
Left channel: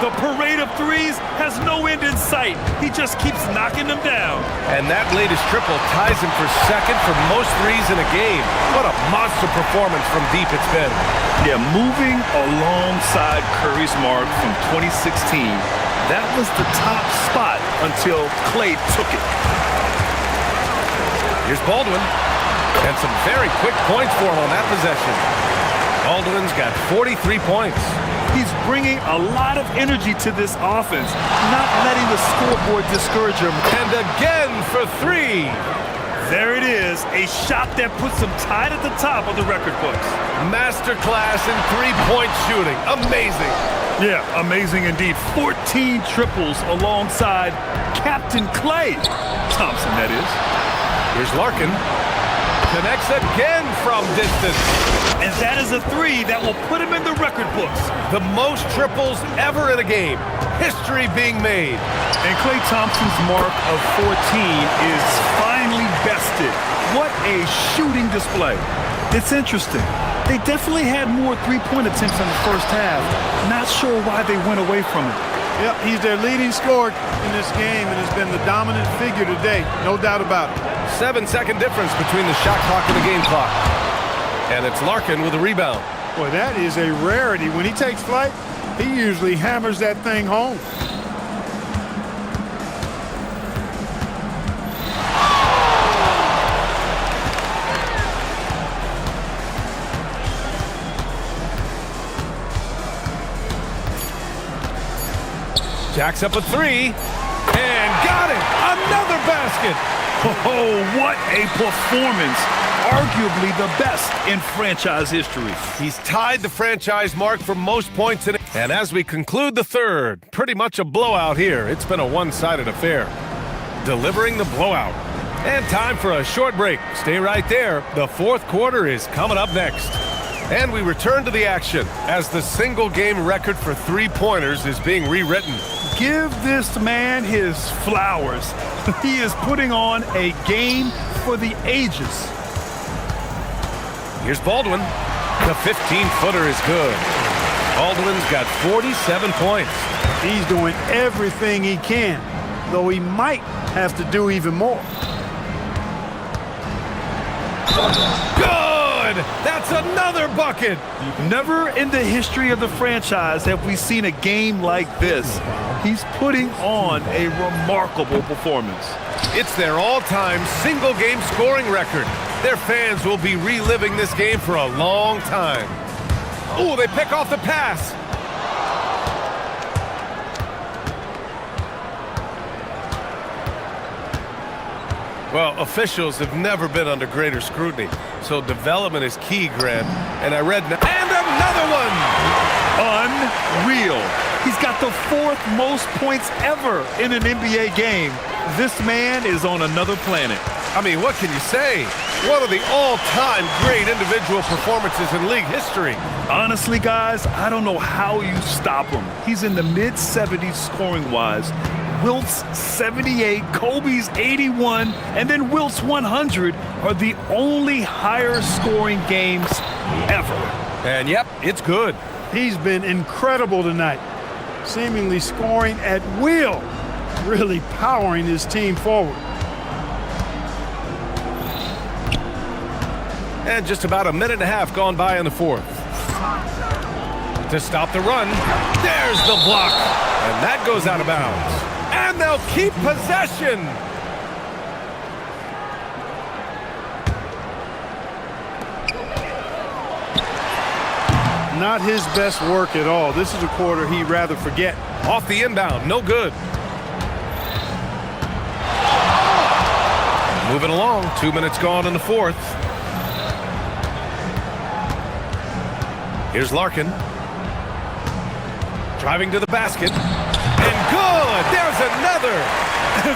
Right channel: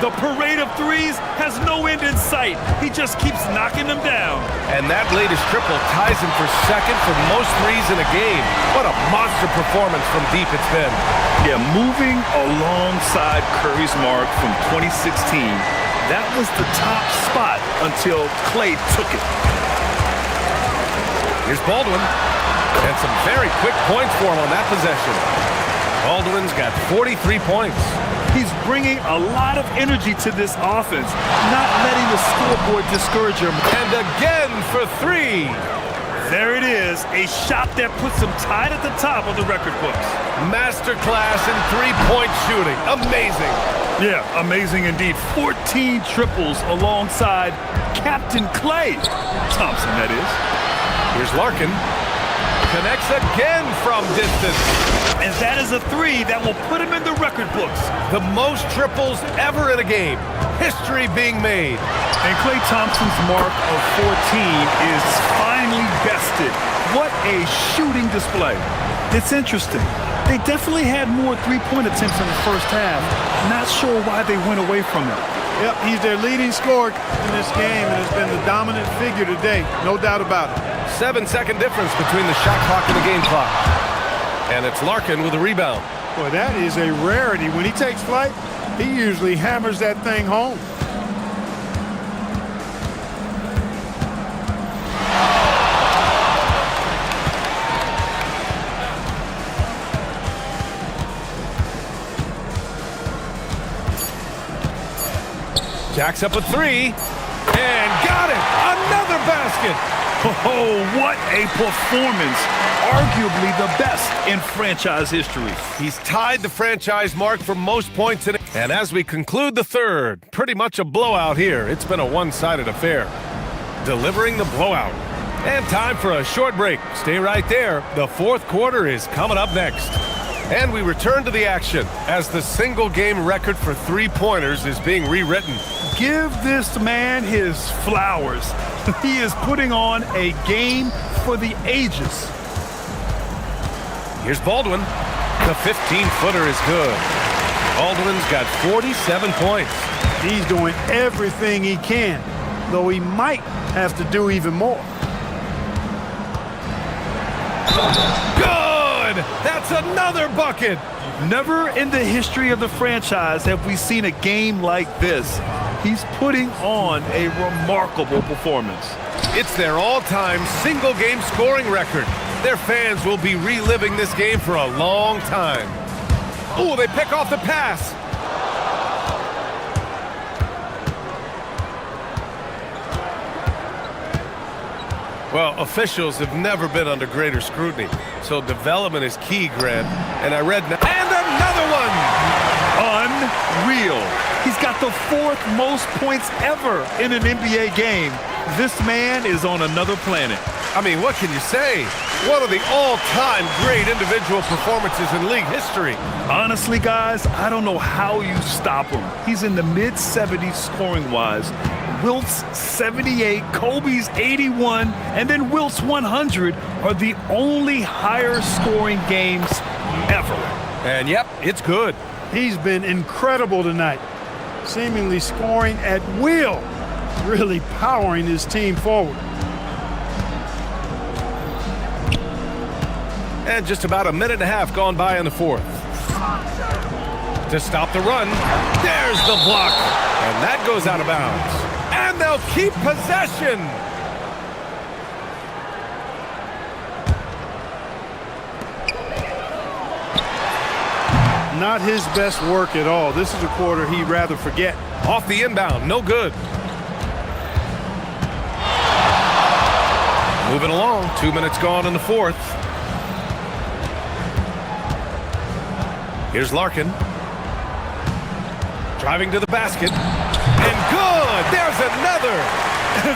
The parade of threes has no end in sight. He just keeps knocking them down. And that latest triple ties him for second for most threes in a game. What a monster performance from deep it's been. Yeah, moving alongside Curry's mark from 2016, that was the top spot until Clay took it. Here's Baldwin. And some very quick points for him on that possession. Baldwin's got 43 points. He's bringing a lot of energy to this offense, not letting the scoreboard discourage him. And again for 3. There it is, a shot that puts him tied at the top of the record books. Masterclass in three-point shooting. Amazing. Yeah, amazing indeed. 14 triples alongside Captain Clay Thompson, that is. Here's Larkin. Connects again from distance. And that is a 3 that will put him in the record books. The most triples ever in a game. History being made. And Klay Thompson's mark of 14 is finally bested. What a shooting display. It's interesting. They definitely had more three-point attempts in the first half. Not sure why they went away from it. Yep, he's their leading scorer in this game and has been the dominant figure today. No doubt about it. 7-second difference between the shot clock and the game clock. And it's Larkin with a rebound. Boy, that is a rarity. When he takes flight, he usually hammers that thing home. Jacks up a 3. And got it! Another basket! Oh, what a performance. Arguably the best in franchise history. He's tied the franchise mark for most points in it. And as we conclude the third, pretty much a blowout here. It's been a one-sided affair. Delivering the blowout. And time for a short break. Stay right there. The fourth quarter is coming up next. And we return to the action as the single-game record for three-pointers is being rewritten. Give this man his flowers. He is putting on a game for the ages. Here's Baldwin. The 15-footer is good. Baldwin's got 47 points. He's doing everything he can, though he might have to do even more. Good! That's another bucket! Never in the history of the franchise have we seen a game like this. He's putting on a remarkable performance. It's their all-time single-game scoring record. Their fans will be reliving this game for a long time. Oh, they pick off the pass. Well, officials have never been under greater scrutiny, so development is key, Grant. And I read... And another one! Unreal. He's got the 4th most points ever in an NBA game. This man is on another planet. I mean, what can you say? One of the all-time great individual performances in league history. Honestly, guys, I don't know how you stop him. He's in the mid-70s scoring-wise. Wilt's 78, Kobe's 81, and then Wilt's 100 are the only higher scoring games ever. And yep, it's good. He's been incredible tonight, seemingly scoring at will, really powering his team forward. And just about a minute and a half gone by in the 4th. To stop the run, there's the block. And that goes out of bounds. And they'll keep possession. Not his best work at all. This is a quarter he'd rather forget. Off the inbound, no good. Moving along, 2 minutes gone in the 4th. Here's Larkin. Driving to the basket. And good! There's another!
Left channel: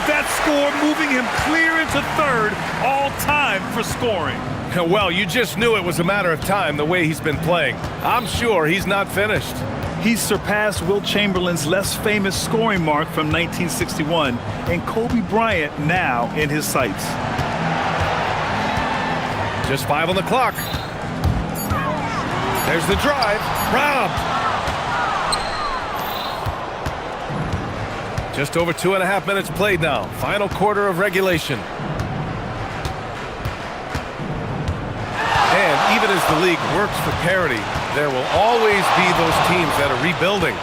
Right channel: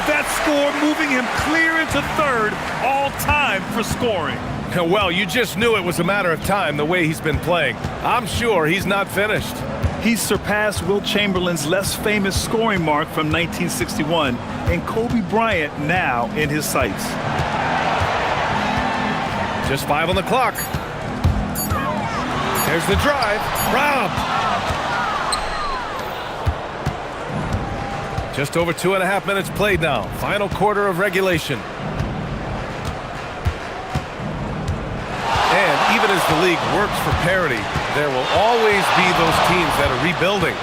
That score moving him clear into 3rd all time for scoring. Well, you just knew it was a matter of time the way he's been playing. I'm sure he's not finished. He's surpassed Wilt Chamberlain's less famous scoring mark from 1961 and Kobe Bryant now in his sights. Just 5 on the clock. There's the drive. Robbed. Just over 2.5 minutes played now. Final quarter of regulation. And even as the league works for parity, there will always be those teams that are rebuilding.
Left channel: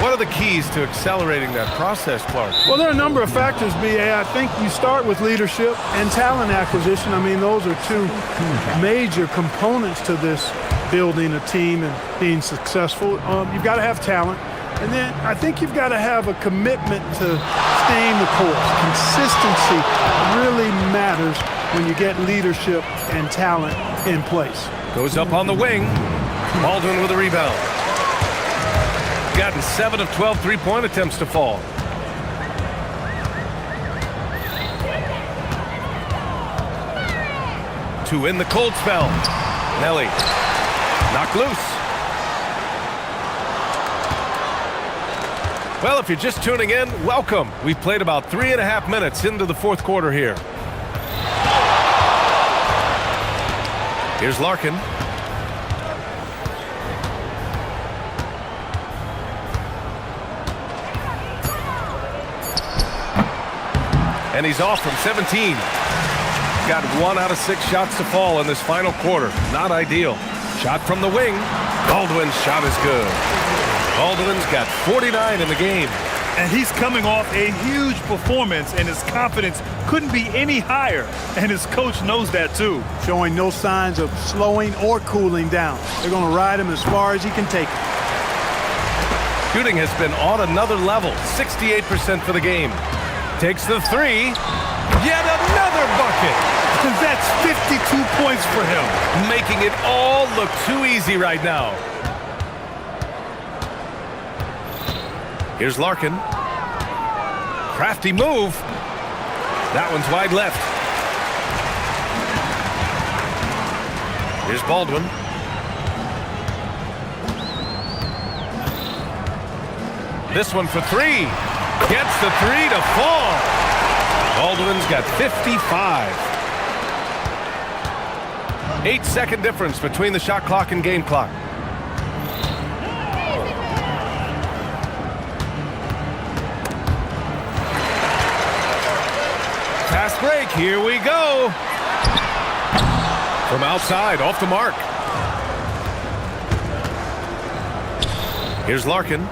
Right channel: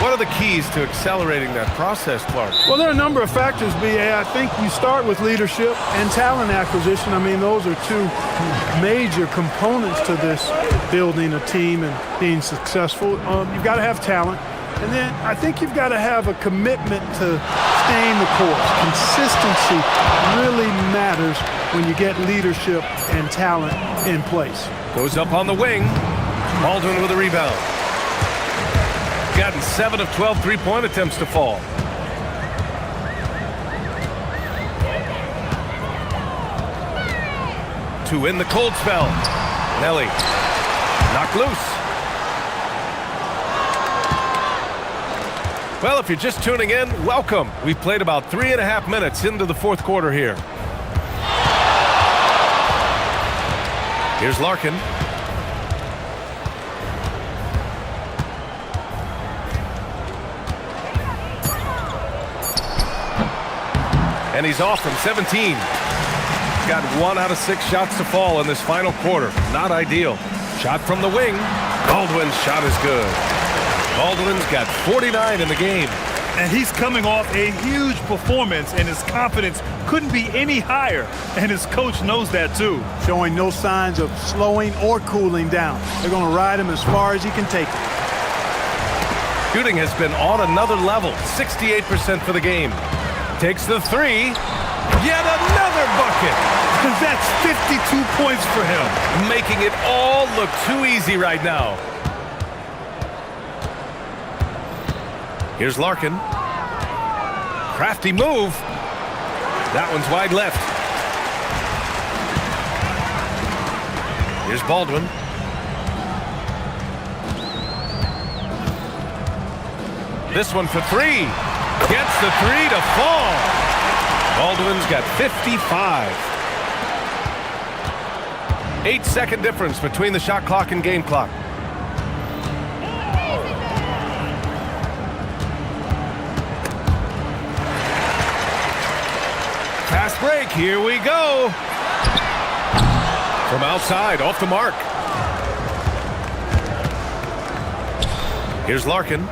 What are the keys to accelerating that process, Clark? Well, there are a number of factors, B.A. I think you start with leadership and talent acquisition. I mean, those are 2 major components to this building a team and being successful. You've got to have talent. And then I think you've got to have a commitment to staying the course. Consistency really matters when you get leadership and talent in place. Goes up on the wing. Baldwin with a rebound. Gotten 7 of 12 three-point attempts to fall. To in the cold spell. Nelly. Knocked loose. Well, if you're just tuning in, welcome. We've played about 3.5 minutes into the 4th quarter here. Here's Larkin. And he's off from 17. Got 1 out of 6 shots to fall in this final quarter. Not ideal. Shot from the wing. Baldwin's shot is good. Baldwin's got 49 in the game. And he's coming off a huge performance, and his confidence couldn't be any higher. And his coach knows that, too. Showing no signs of slowing or cooling down. They're going to ride him as far as he can take it. Shooting has been on another level. 68% for the game. Takes the 3. Yet another bucket. That's 52 points for him. Making it all look too easy right now. Here's Larkin. Crafty move. That one's wide left. Here's Baldwin. This one for 3. Gets the 3 to fall. Baldwin's got 55. 8-second difference between the shot clock and game clock. Fast break, here we go. From outside, off the mark. Here's Larkin.